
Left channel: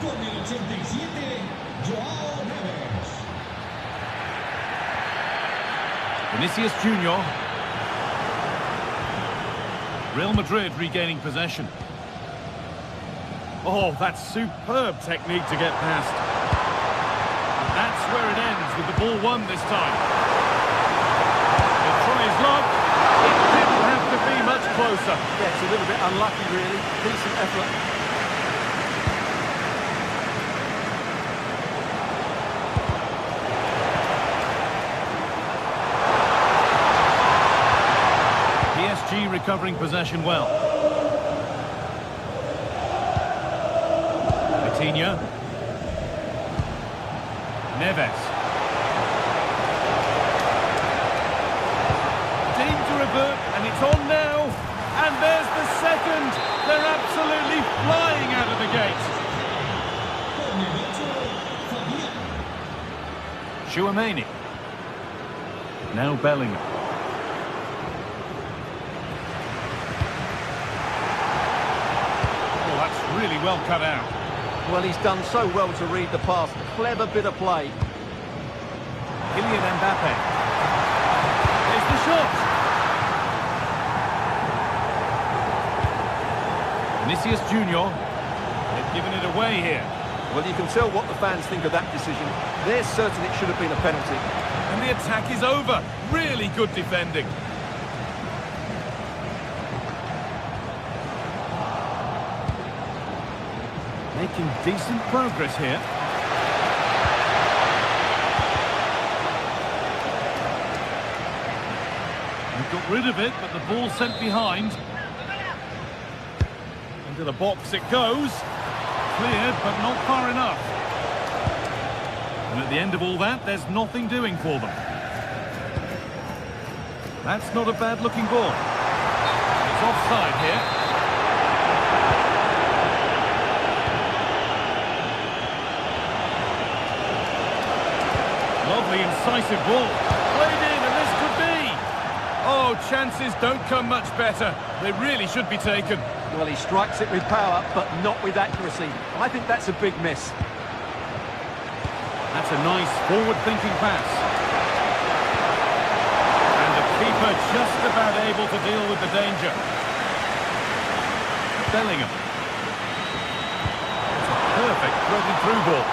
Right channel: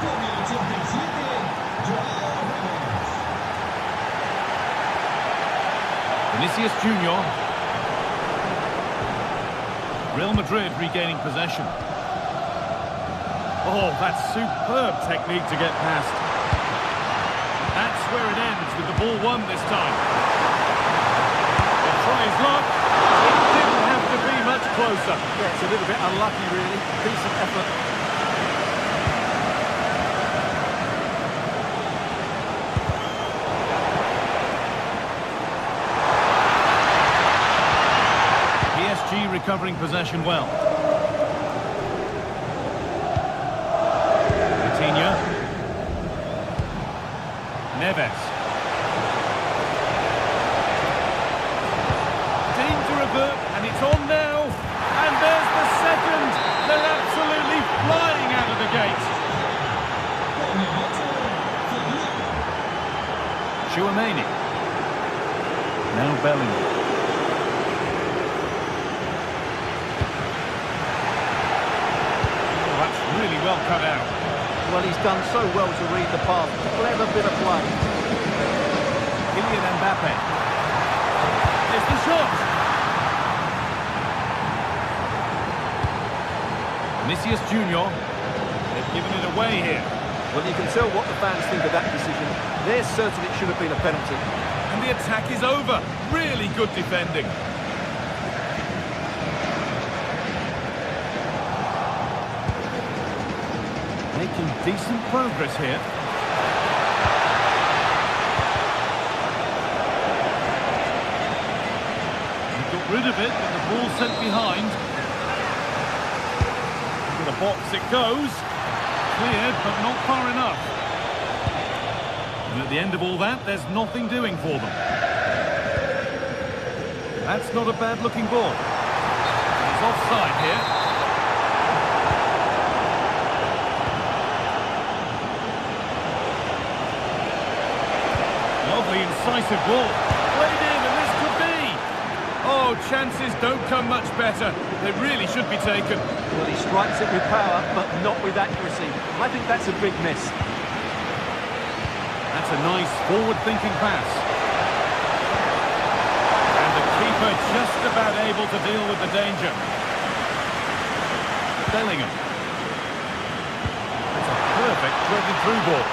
Con el 87, Joao Neves. Vinicius Junior. Real Madrid regaining possession. Oh, that's superb technique to get past. But that's where it ends with the ball won this time. He'll try his luck. It didn't have to be much closer. Yeah, it's a little bit unlucky, really. Decent effort. PSG recovering possession well. Vitinha. Neves. Deemed to revert, and it's on now. And there's the second. They're absolutely flying out of the gate. Con el 8, Fabian. Tchouameni. Now Bellingham. That's really well cut out. Well, he's done so well to read the pass. Clever bit of play. Kylian Mbappe. Here's the shot. Vinicius Junior. They've given it away here. Well, you can tell what the fans think of that decision. They're certain it should have been a penalty. And the attack is over. Really good defending. Making decent progress here. They've got rid of it, but the ball sent behind. Into the box it goes. Cleared, but not far enough. And at the end of all that, there's nothing doing for them. That's not a bad-looking ball. It's offside here. Lovely incisive ball. Played in, and this could be. Oh, chances don't come much better. They really should be taken. Well, he strikes it with power, but not with accuracy. I think that's a big miss. That's a nice forward-thinking pass. And the keeper just about able to deal with the danger. Bellingham. It's a perfect threaded through ball.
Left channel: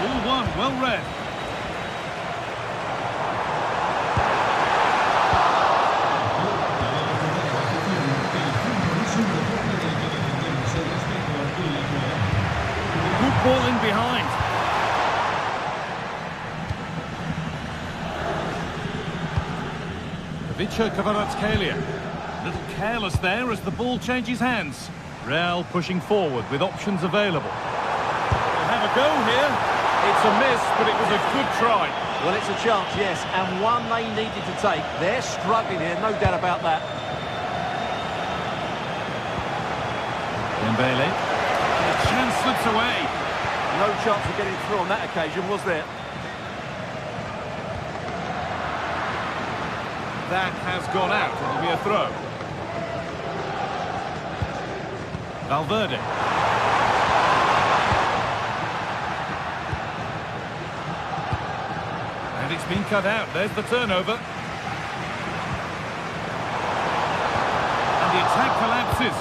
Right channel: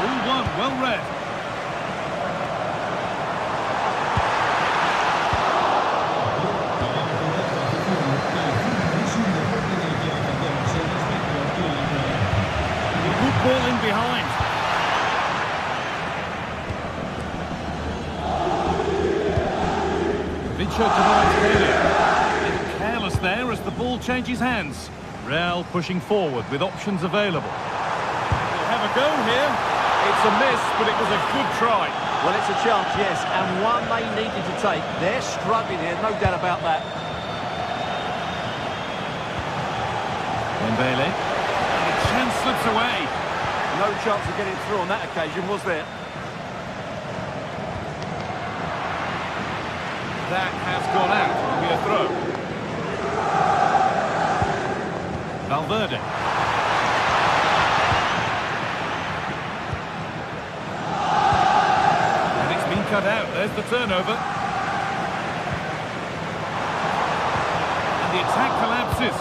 All one, well read. Good ball in behind. Vicio Kvaratskhelia. A little careless there as the ball changes hands. Real pushing forward with options available. We'll have a go here. It's a miss, but it was a good try. Well, it's a chance, yes, and one they needed to take. They're struggling here, no doubt about that. Dembele. And the chance slips away. No chance of getting through on that occasion, was there? That has gone out. It'll be a throw. Valverde. cut out. There's the turnover. And the attack collapses.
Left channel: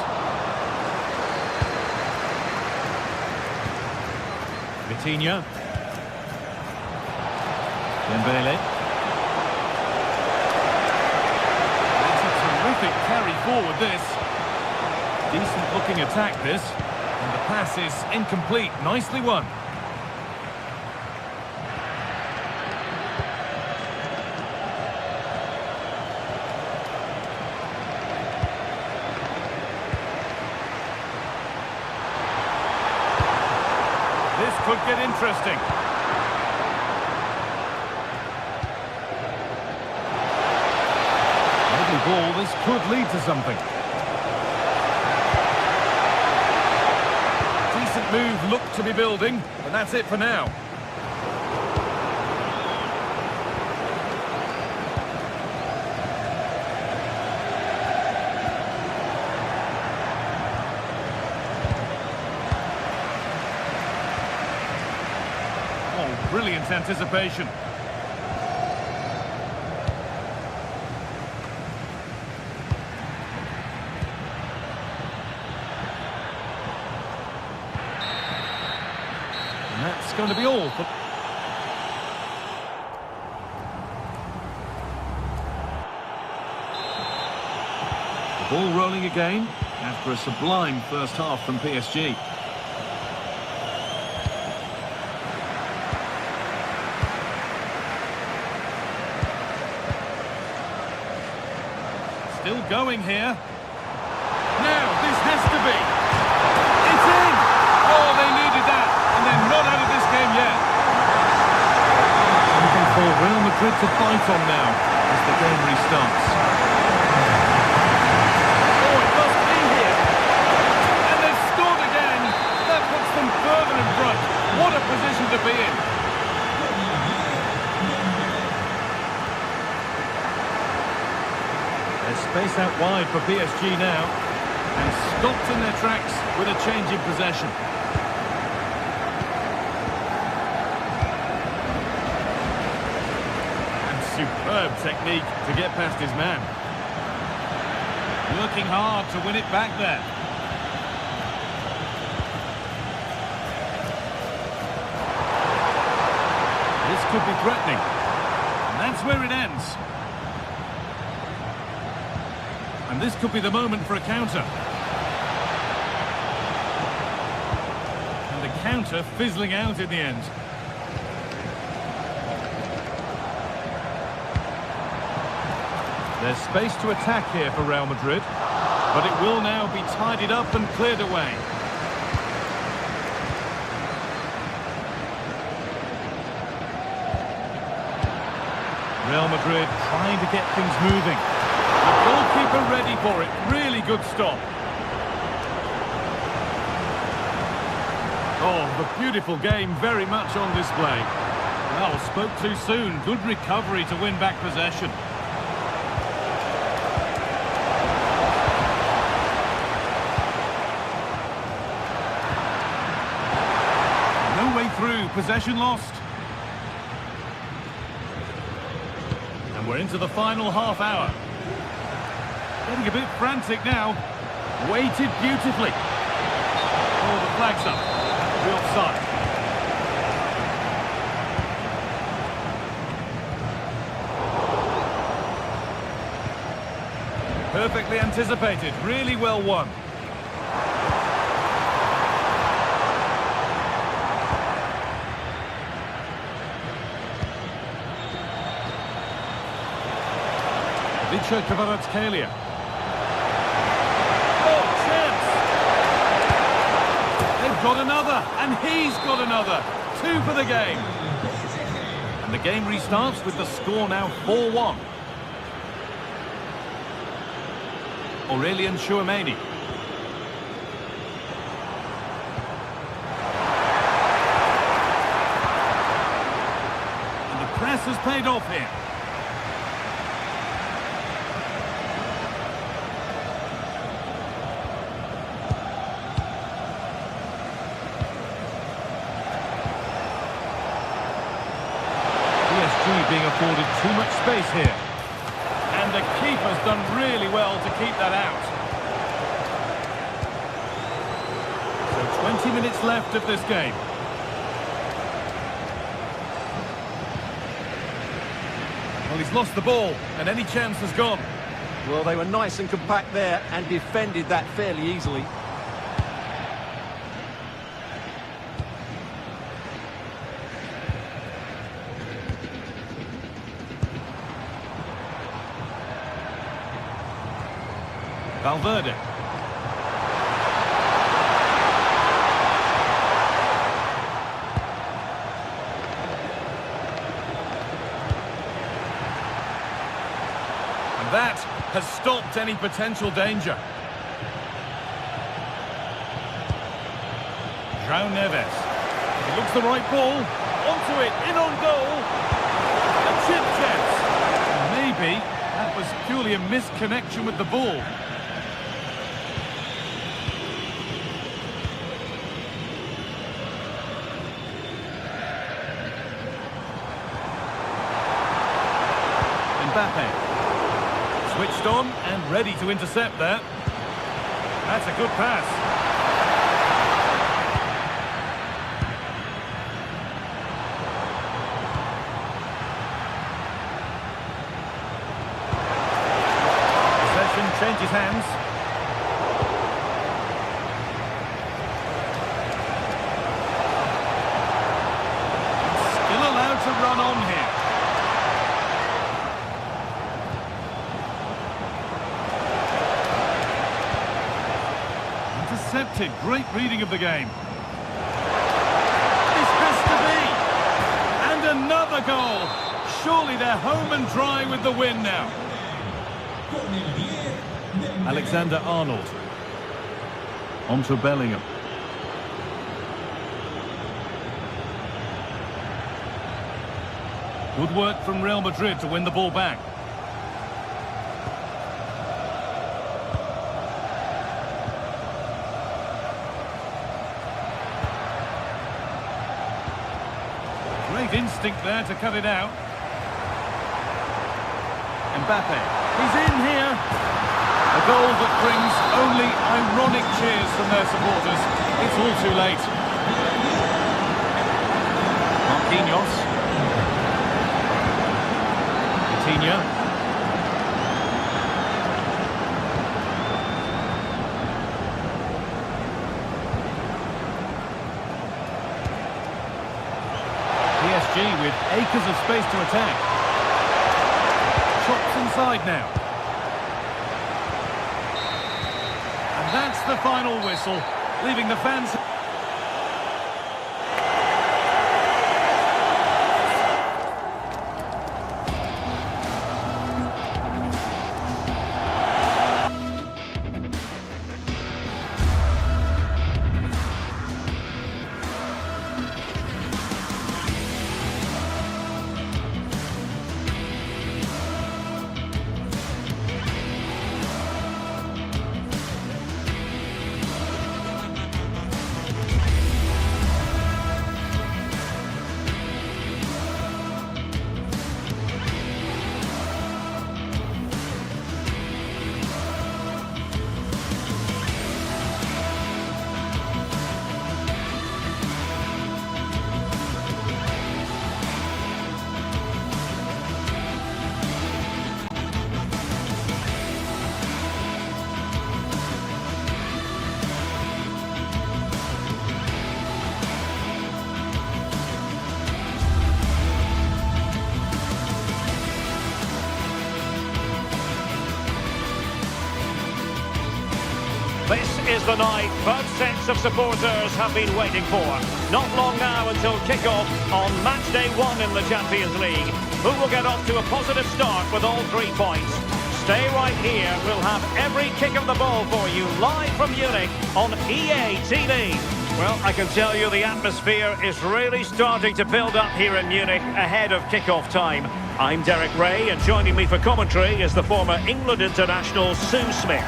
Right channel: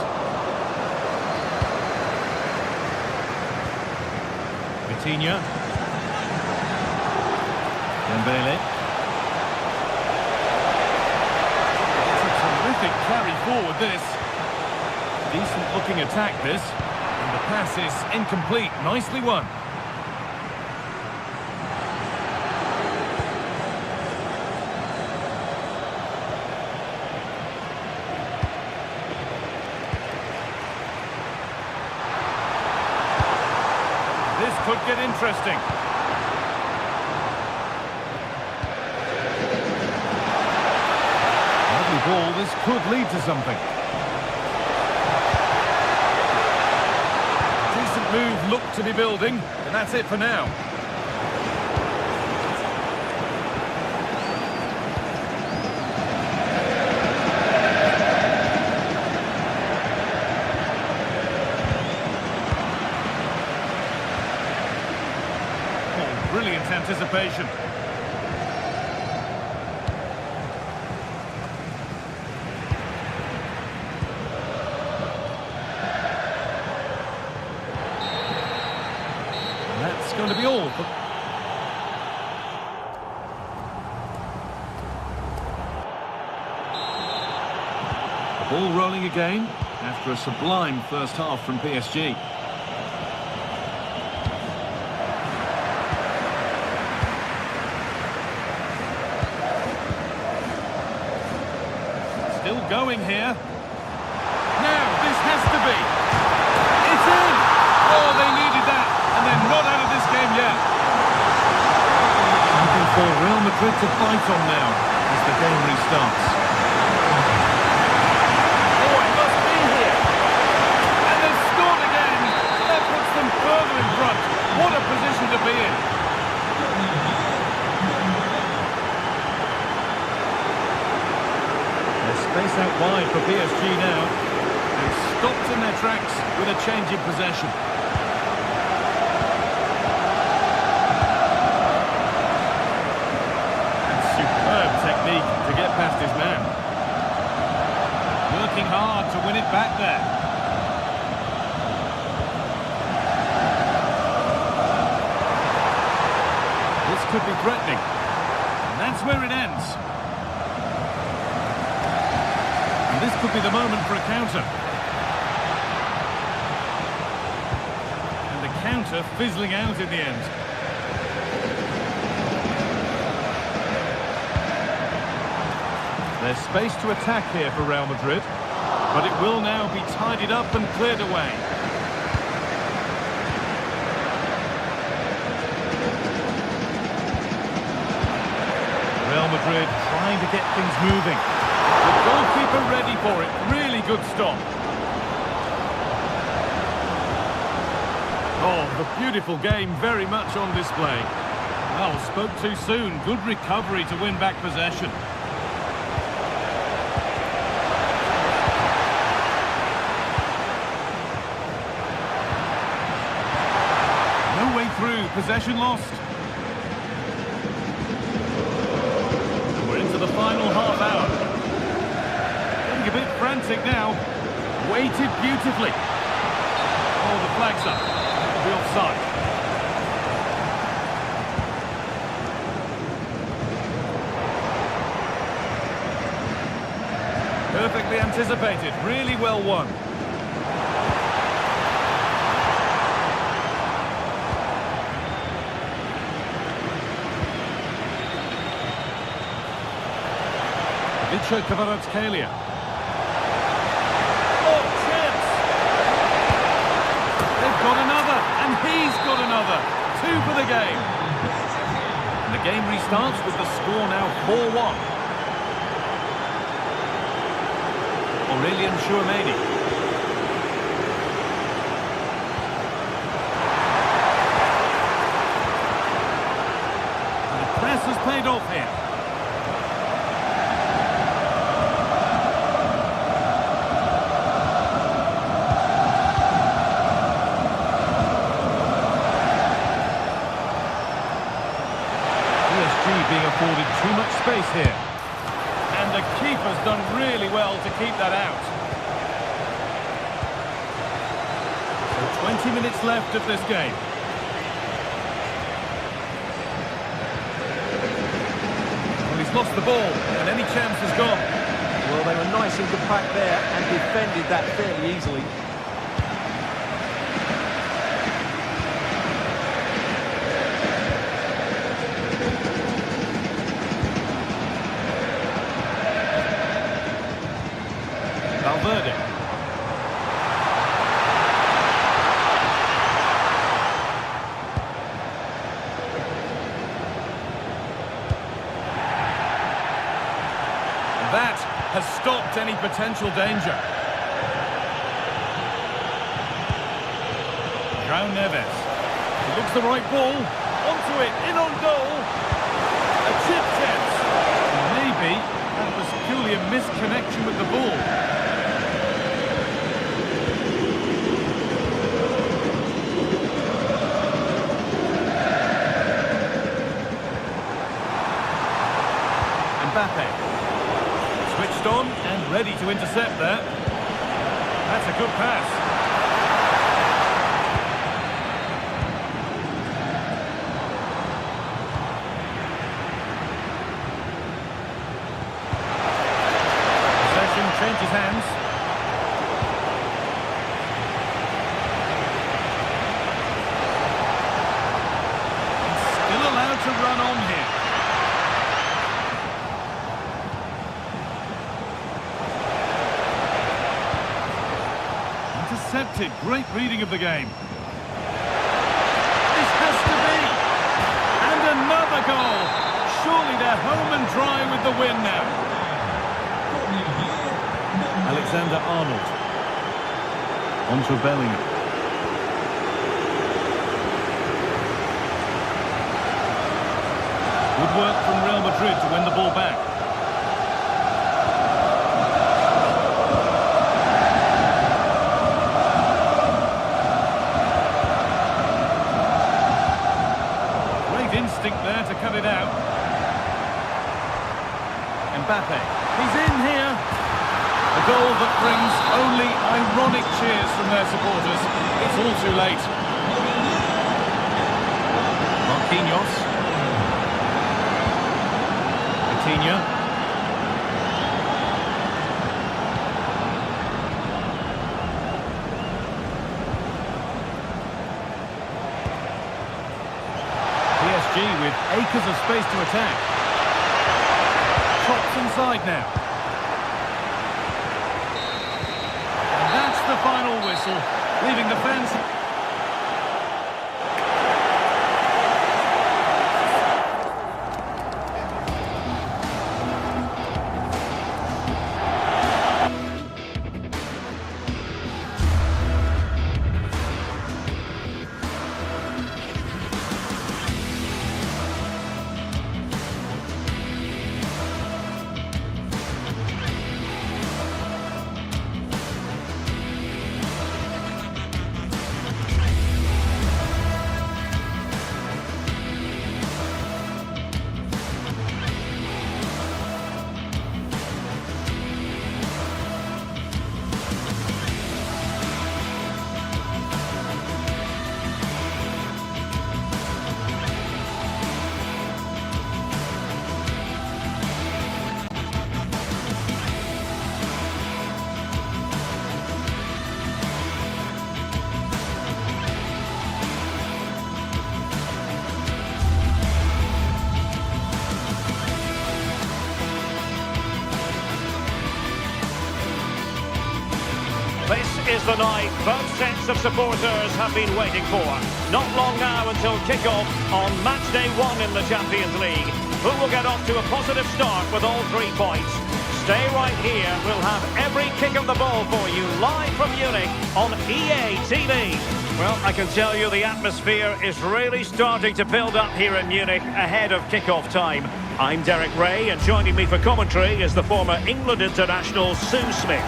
Vitinha. Dembele. It's a terrific carry forward, this. Decent looking attack, this. And the pass is incomplete. Nicely won. This could get interesting. Lovely ball, this could lead to something. Decent move looked to be building, but that's it for now. Oh, brilliant anticipation. And that's going to be all for... The ball rolling again after a sublime first half from PSG. Still going here. Now, this has to be. It's in! Oh, they needed that, and they're not out of this game yet. Something for Real Madrid to bite on now as the game restarts. Oh, it must be here. And they've scored again. That puts them further in front. What a position to be in. There's space out wide for PSG now, and stopped in their tracks with a change in possession. And superb technique to get past his man. Working hard to win it back there. This could be threatening, and that's where it ends. And this could be the moment for a counter. And the counter fizzling out in the end. There's space to attack here for Real Madrid, but it will now be tidied up and cleared away. Real Madrid trying to get things moving. The goalkeeper ready for it. Really good stop. Oh, the beautiful game very much on display. Well, spoke too soon. Good recovery to win back possession. No way through. Possession lost. And we're into the final half hour. Getting a bit frantic now. Weighted beautifully. Oh, the flag's up. That'll be offside. Perfectly anticipated. Really well won. Vicha Kvaratskhelia. Oh, chance! They've got another, and he's got another. 2 for the game. And the game restarts with the score now 4-1. Aurelien Chouameni. And the press has paid off here. PSG being afforded too much space here. And the keeper's done really well to keep that out. So 20 minutes left of this game. Well, he's lost the ball, and any chance has gone. Well, they were nice and compact there and defended that fairly easily. Valverde. And that has stopped any potential danger. João Neves. He looks the right ball. Onto it, in on goal. A chip chance. Maybe that was purely a misconnection with the ball. Mbappe. Switched on and ready to intercept there. That's a good pass. Possession changes hands. He's still allowed to run on here. Intercepted. Great reading of the game. This has to be. And another goal. Surely they're home and dry with the win now. Alexander-Arnold. Onto Bellingham. Good work from Real Madrid to win the ball back. Great instinct there to cut it out. Mbappe. He's in here. A goal that brings only ironic cheers from their supporters. It's all too late. Marquinhos. Coutinho. PSG with acres of space to attack. Chops inside now. And that's the final whistle, leaving the fans... This is the night both sets of supporters have been waiting for. Not long now until kick-off on match day 1 in the Champions League. Who will get off to a positive start with all 3 points? Stay right here. We'll have every kick of the ball for you live from Munich on EA TV. Well, I can tell you the atmosphere is really starting to build up here in Munich ahead of kick-off time. I'm Derek Ray, and joining me for commentary is the former England international Sue Smith.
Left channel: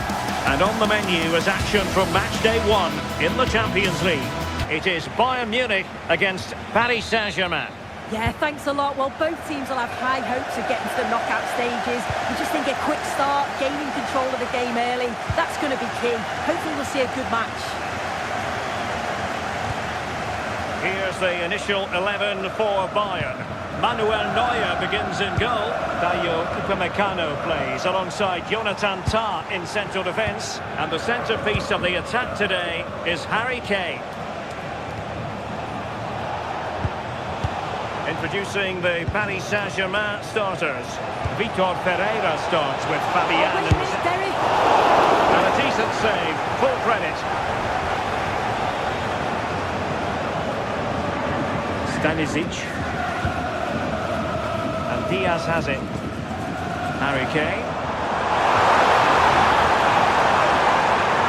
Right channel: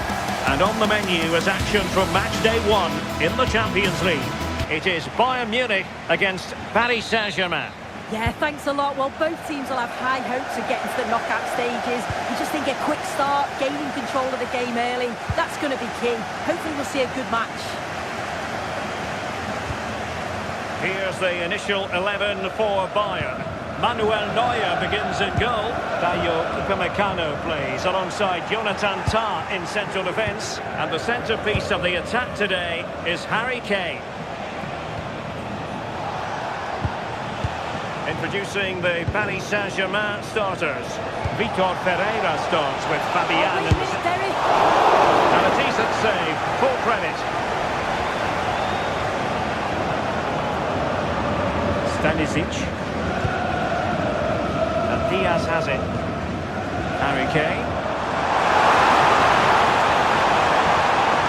And on the menu is action from match day 1 in the Champions League. It is Bayern Munich against Paris Saint-Germain. Yeah, thanks a lot. Well, both teams will have high hopes of getting to the knockout stages. You just think a quick start, gaining control of the game early, that's going to be key. Hopefully we'll see a good match. Here's the initial 11 for Bayern. Manuel Neuer begins in goal. Dayo Upamecano plays alongside Jonathan Tah in central defence. And the centrepiece of the attack today is Harry Kane. Introducing the Paris Saint-Germain starters. Vitor Pereira starts with Fabian in the centre. And a decent save, full credit. Stanisic. And Diaz has it. Harry Kane.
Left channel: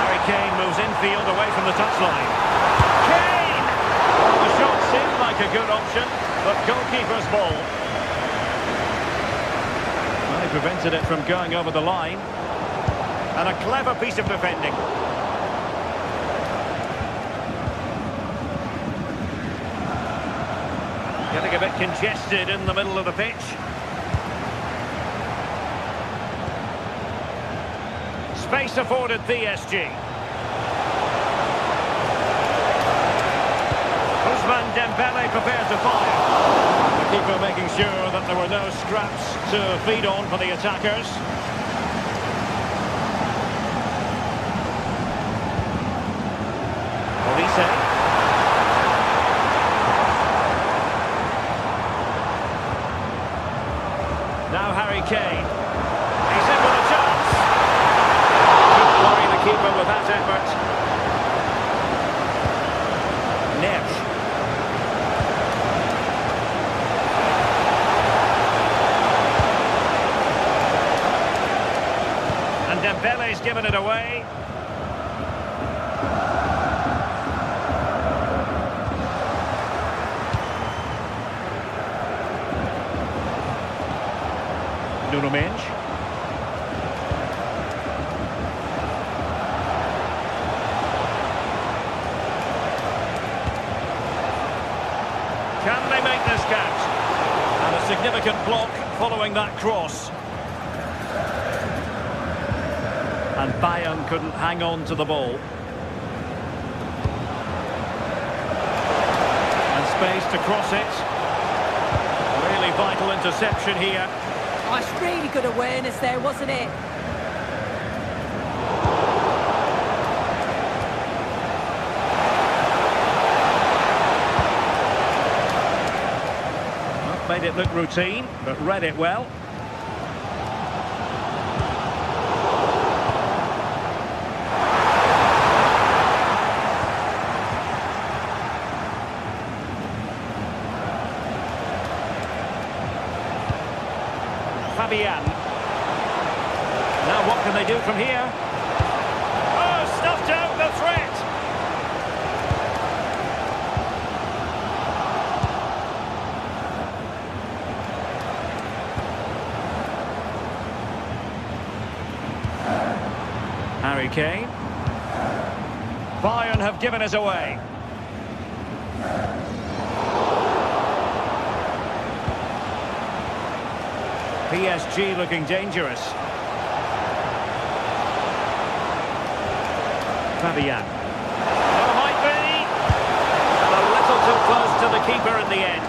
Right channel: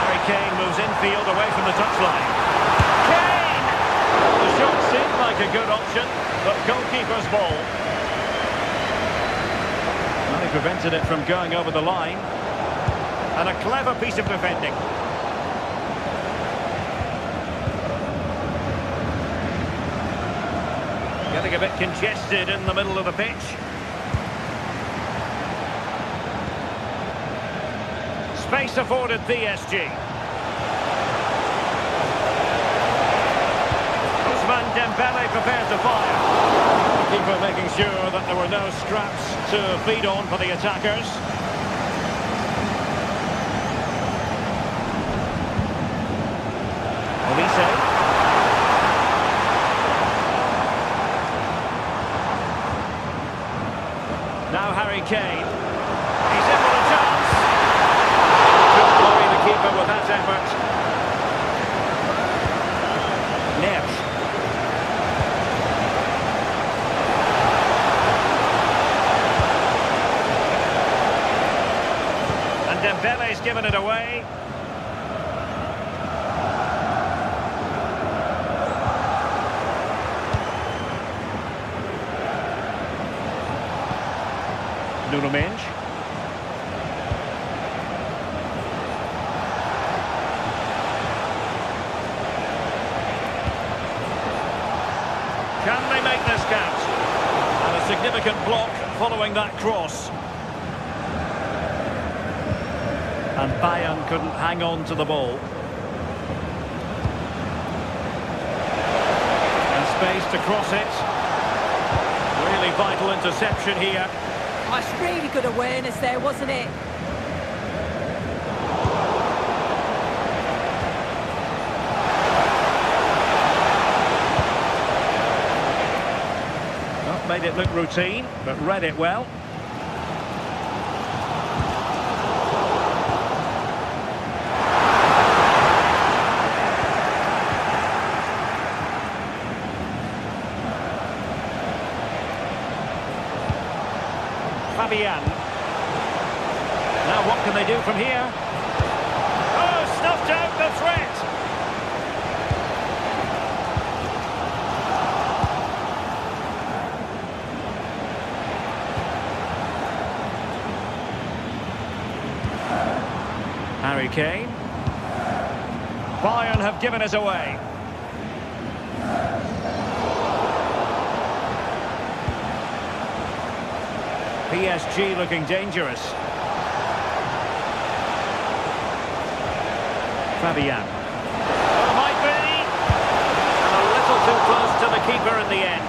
Harry Kane moves infield away from the touchline. Kane! Well, the shot seemed like a good option, but goalkeeper's ball. Well, he prevented it from going over the line. And a clever piece of defending. Getting a bit congested in the middle of the pitch. Space afforded PSG. Ousmane Dembele prepared to fire. The keeper making sure that there were no scraps to feed on for the attackers. Olise. Now Harry Kane. He's in with a chance. Couldn't worry the keeper with that effort. Neves. And Dembele's given it away. Nuno Mendes. Can they make this count? And a significant block following that cross. And Bayern couldn't hang on to the ball. And space to cross it. Really vital interception here. Oh, it's really good awareness there, wasn't it? Not made it look routine, but read it well. Fabian. Now what can they do from here? Oh, snuffed out the threat! Harry Kane. Bayern have given us away. PSG looking dangerous. Fabian. Oh, might be. And a little too close to the keeper in the end.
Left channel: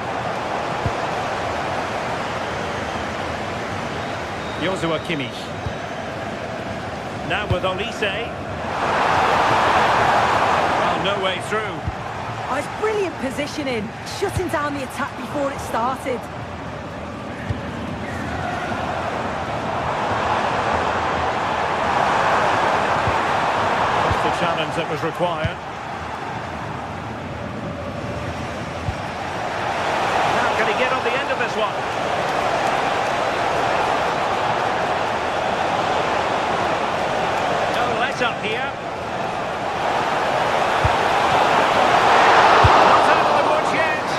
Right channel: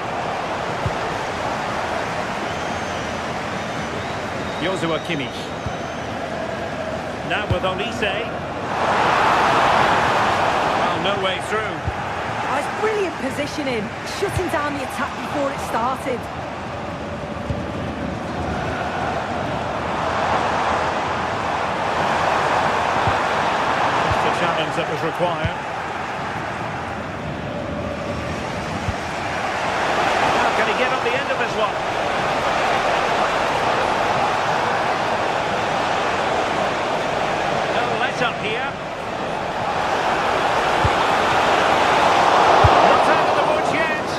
Joshua Kimmich. Now with Olise. Well, no way through. Oh, it's brilliant positioning, shutting down the attack before it started. Challenge that was required. Now can he get on the end of this one? No let up here. Not out of the woods yet.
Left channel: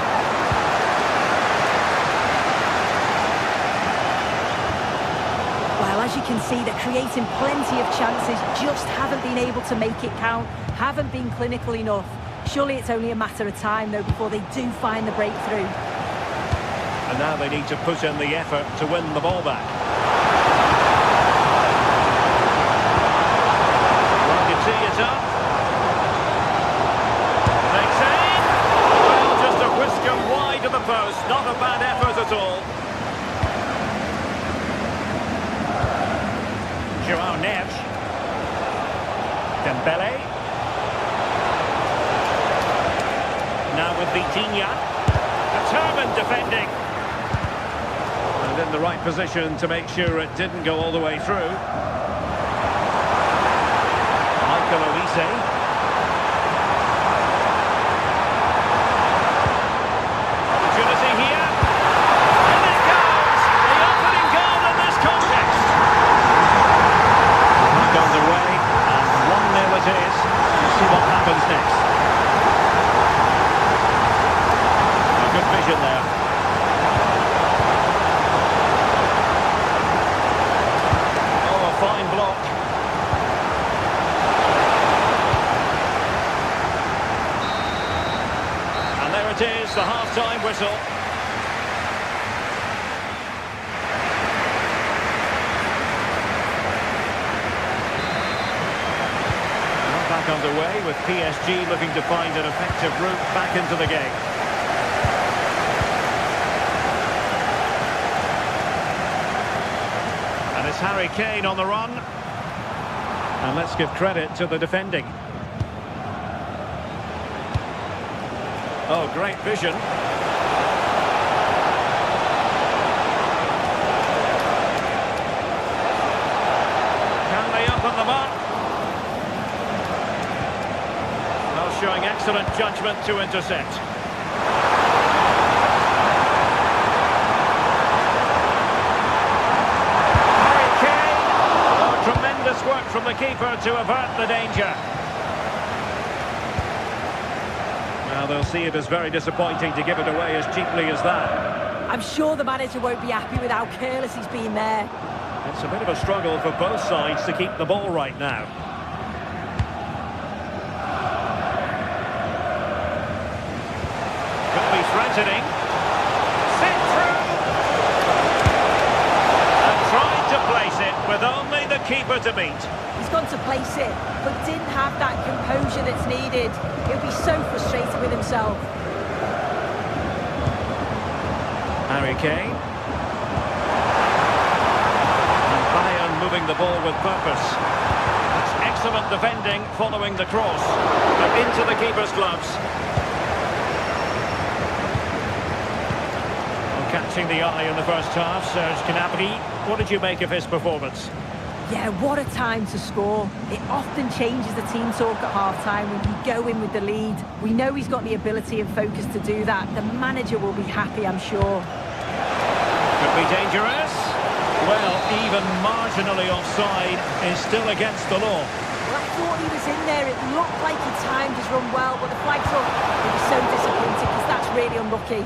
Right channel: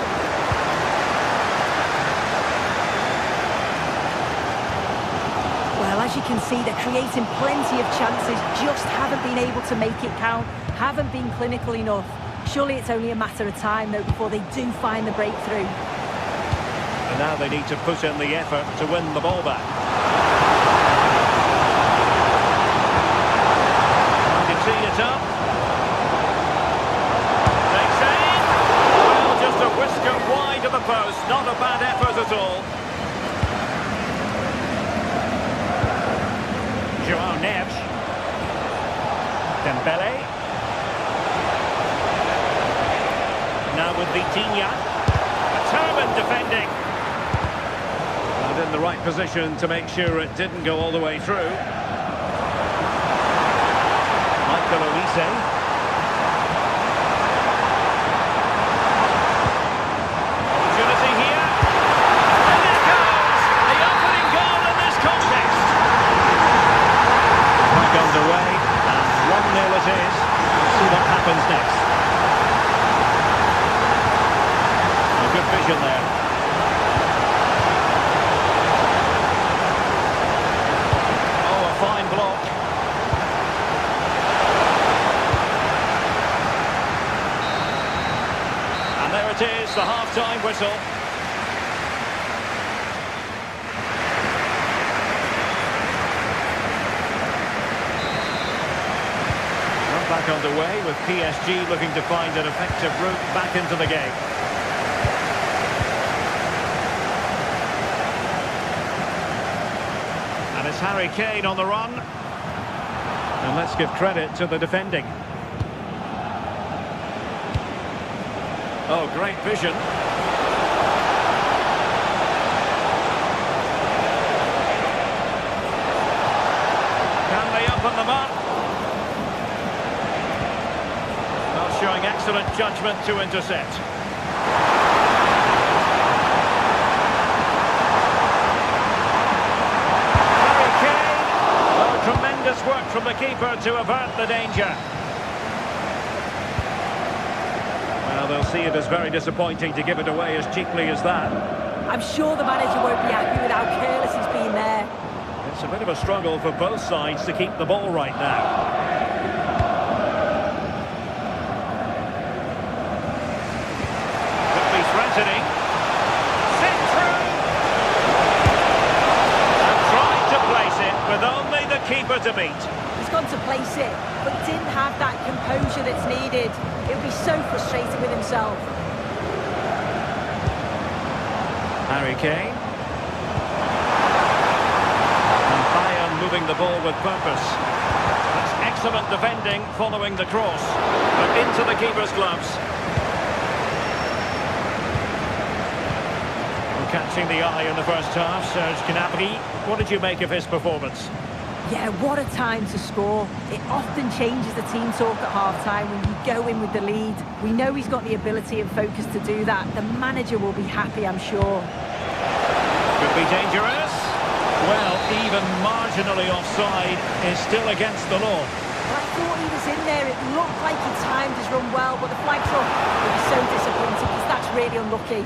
Well, as you can see, they're creating plenty of chances, just haven't been able to make it count, haven't been clinical enough. Surely it's only a matter of time, though, before they do find the breakthrough. And now they need to put in the effort to win the ball back. Trying to tee it up. Takes aim. Well, just a whisker wide of the post. Not a bad effort at all. João Neves. Dembele. Now with Vitinha. Determined defending. And in the right position to make sure it didn't go all the way through. Michael Olise. Opportunity here. And it goes! The opening goal in this contest. Back underway, and 1-0 it is. We'll see what happens next. Good vision there. Oh, a fine block. And there it is, the half-time whistle. Not back underway, with PSG looking to find an effective route back into the game. And it's Harry Kane on the run. And let's give credit to the defending. Oh, great vision. Can they open them up? Well, showing excellent judgment to intercept. Tremendous work from the keeper to avert the danger. Well, they'll see it as very disappointing to give it away as cheaply as that. I'm sure the manager won't be happy with how careless he's been there. It's a bit of a struggle for both sides to keep the ball right now. Could be threatening. Sent through. And tried to place it with only the keeper to beat. He's gone to place it, but didn't have that composure that's needed. He'll be so frustrated with himself. Harry Kane. And Bayern moving the ball with purpose. That's excellent defending following the cross. But into the keeper's gloves. Well, catching the eye in the first half, Serge Gnabry. What did you make of his performance? Yeah, what a time to score. It often changes the team talk at half-time when you go in with the lead. We know he's got the ability and focus to do that. The manager will be happy, I'm sure. Could be dangerous. Well, even marginally offside is still against the law. Well, I thought he was in there. It looked like he timed his run well, but the flag's up. He'll be so disappointed because that's really unlucky.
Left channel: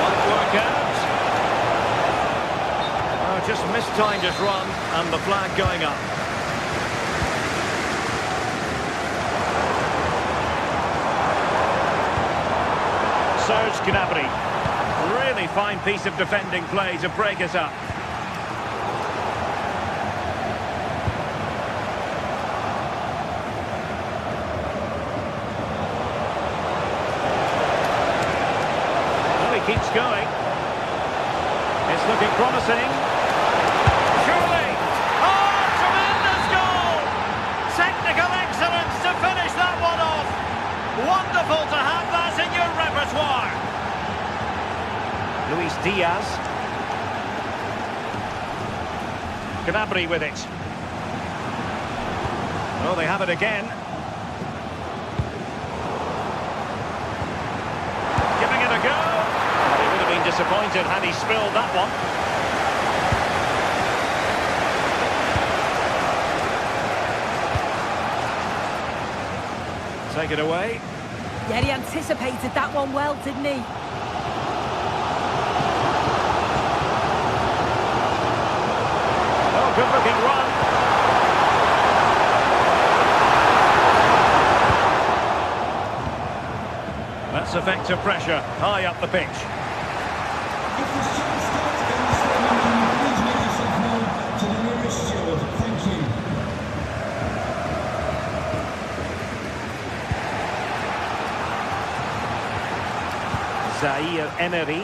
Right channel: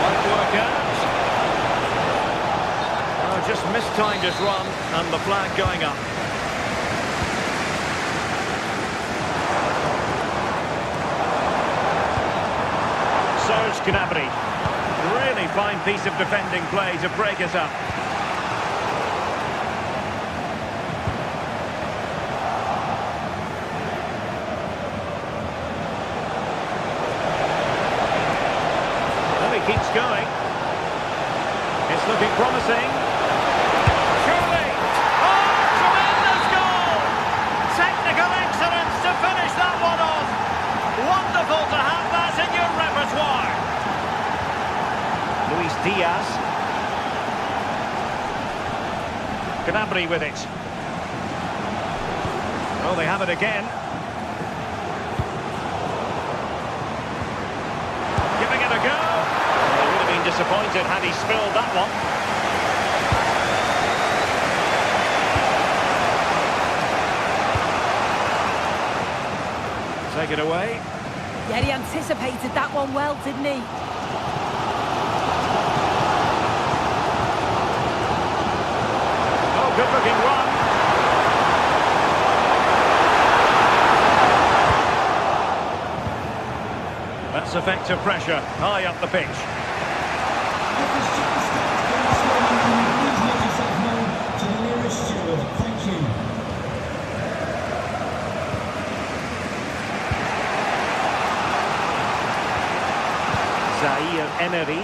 Might work out. Just mistimed his run, and the flag going up. Serge Gnabry. Really fine piece of defending play to break it up. Well, he keeps going. It's looking promising. Excellence to finish that one off. Wonderful to have that in your repertoire. Luis Diaz. Gnabry with it. Oh, they have it again. Giving it a go. Well, he would have been disappointed had he spilled that one. Take it away. Yeah, he anticipated that one well, didn't he? Oh, good-looking run. That's effective pressure, high up the pitch. If this game starts in the stadium, can you please make yourself known to the nearest steward? Thank you. Zaire Emery.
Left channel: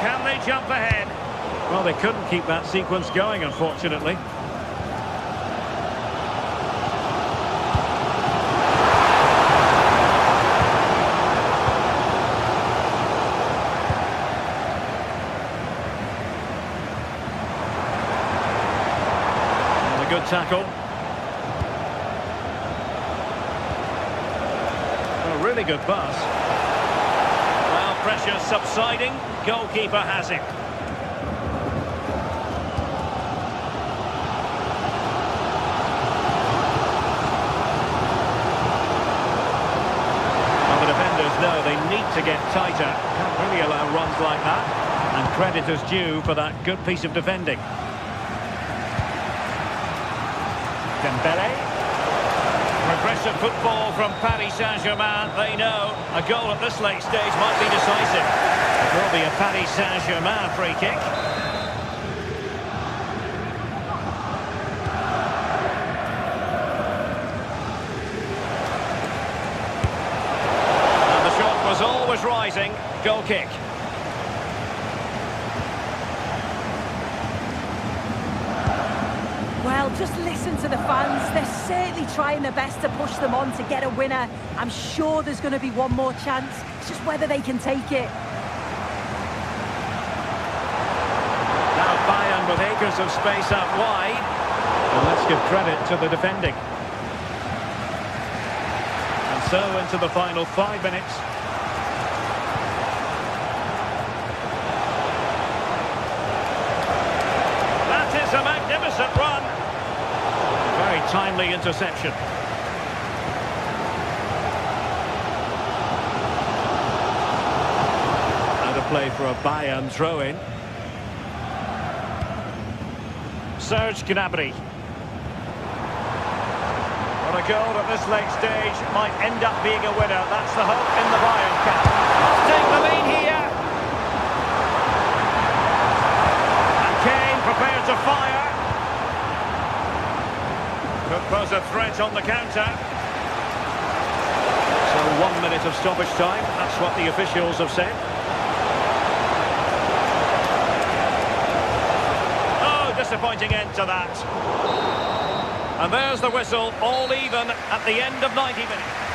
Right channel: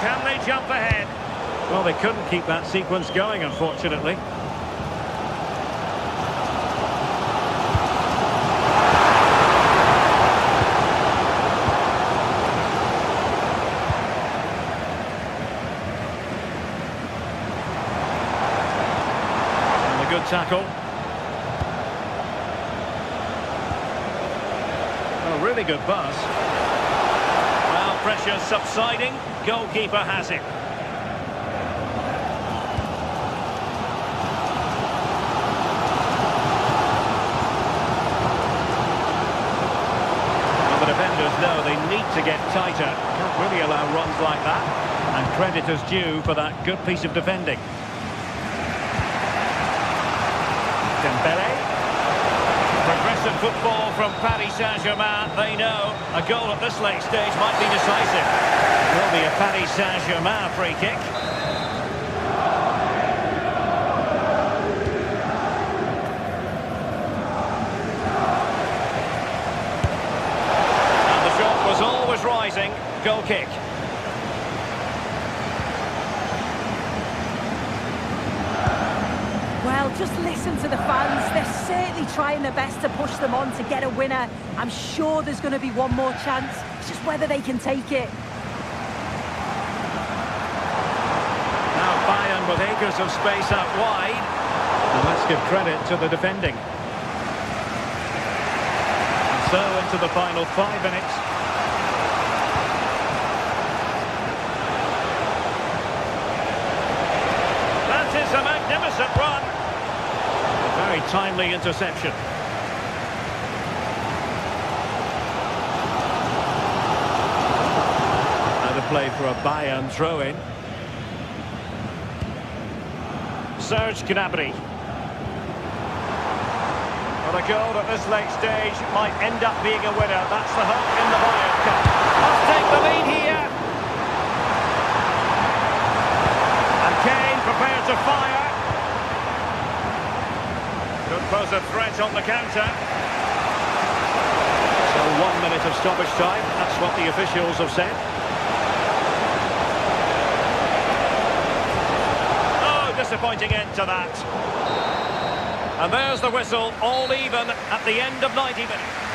Can they jump ahead? Well, they couldn't keep that sequence going, unfortunately. And a good tackle. A really good pass. Well, pressure subsiding. Goalkeeper has it. Well, the defenders know they need to get tighter. Can't really allow runs like that. And credit is due for that good piece of defending. Dembele. Progressive football from Paris Saint-Germain. They know a goal at this late stage might be decisive. It will be a Paris Saint-Germain free kick. And the shot was always rising. Goal kick. Well, just listen to the fans. They're certainly trying their best to push them on to get a winner. I'm sure there's going to be one more chance. It's just whether they can take it. Now Bayern with acres of space out wide. And let's give credit to the defending. And so into the final 5 minutes. That is a magnificent run. A very timely interception. Out of play for a Bayern throw-in. Serge Gnabry. But a goal at this late stage might end up being a winner. That's the hope in the Bayern Cup. Must take the lead here. And Kane prepared to fire. Could pose a threat on the counter. So 1 minute of stoppage time. That's what the officials have said. Disappointing end to that. And there's the whistle, all even at the end of 90 minutes.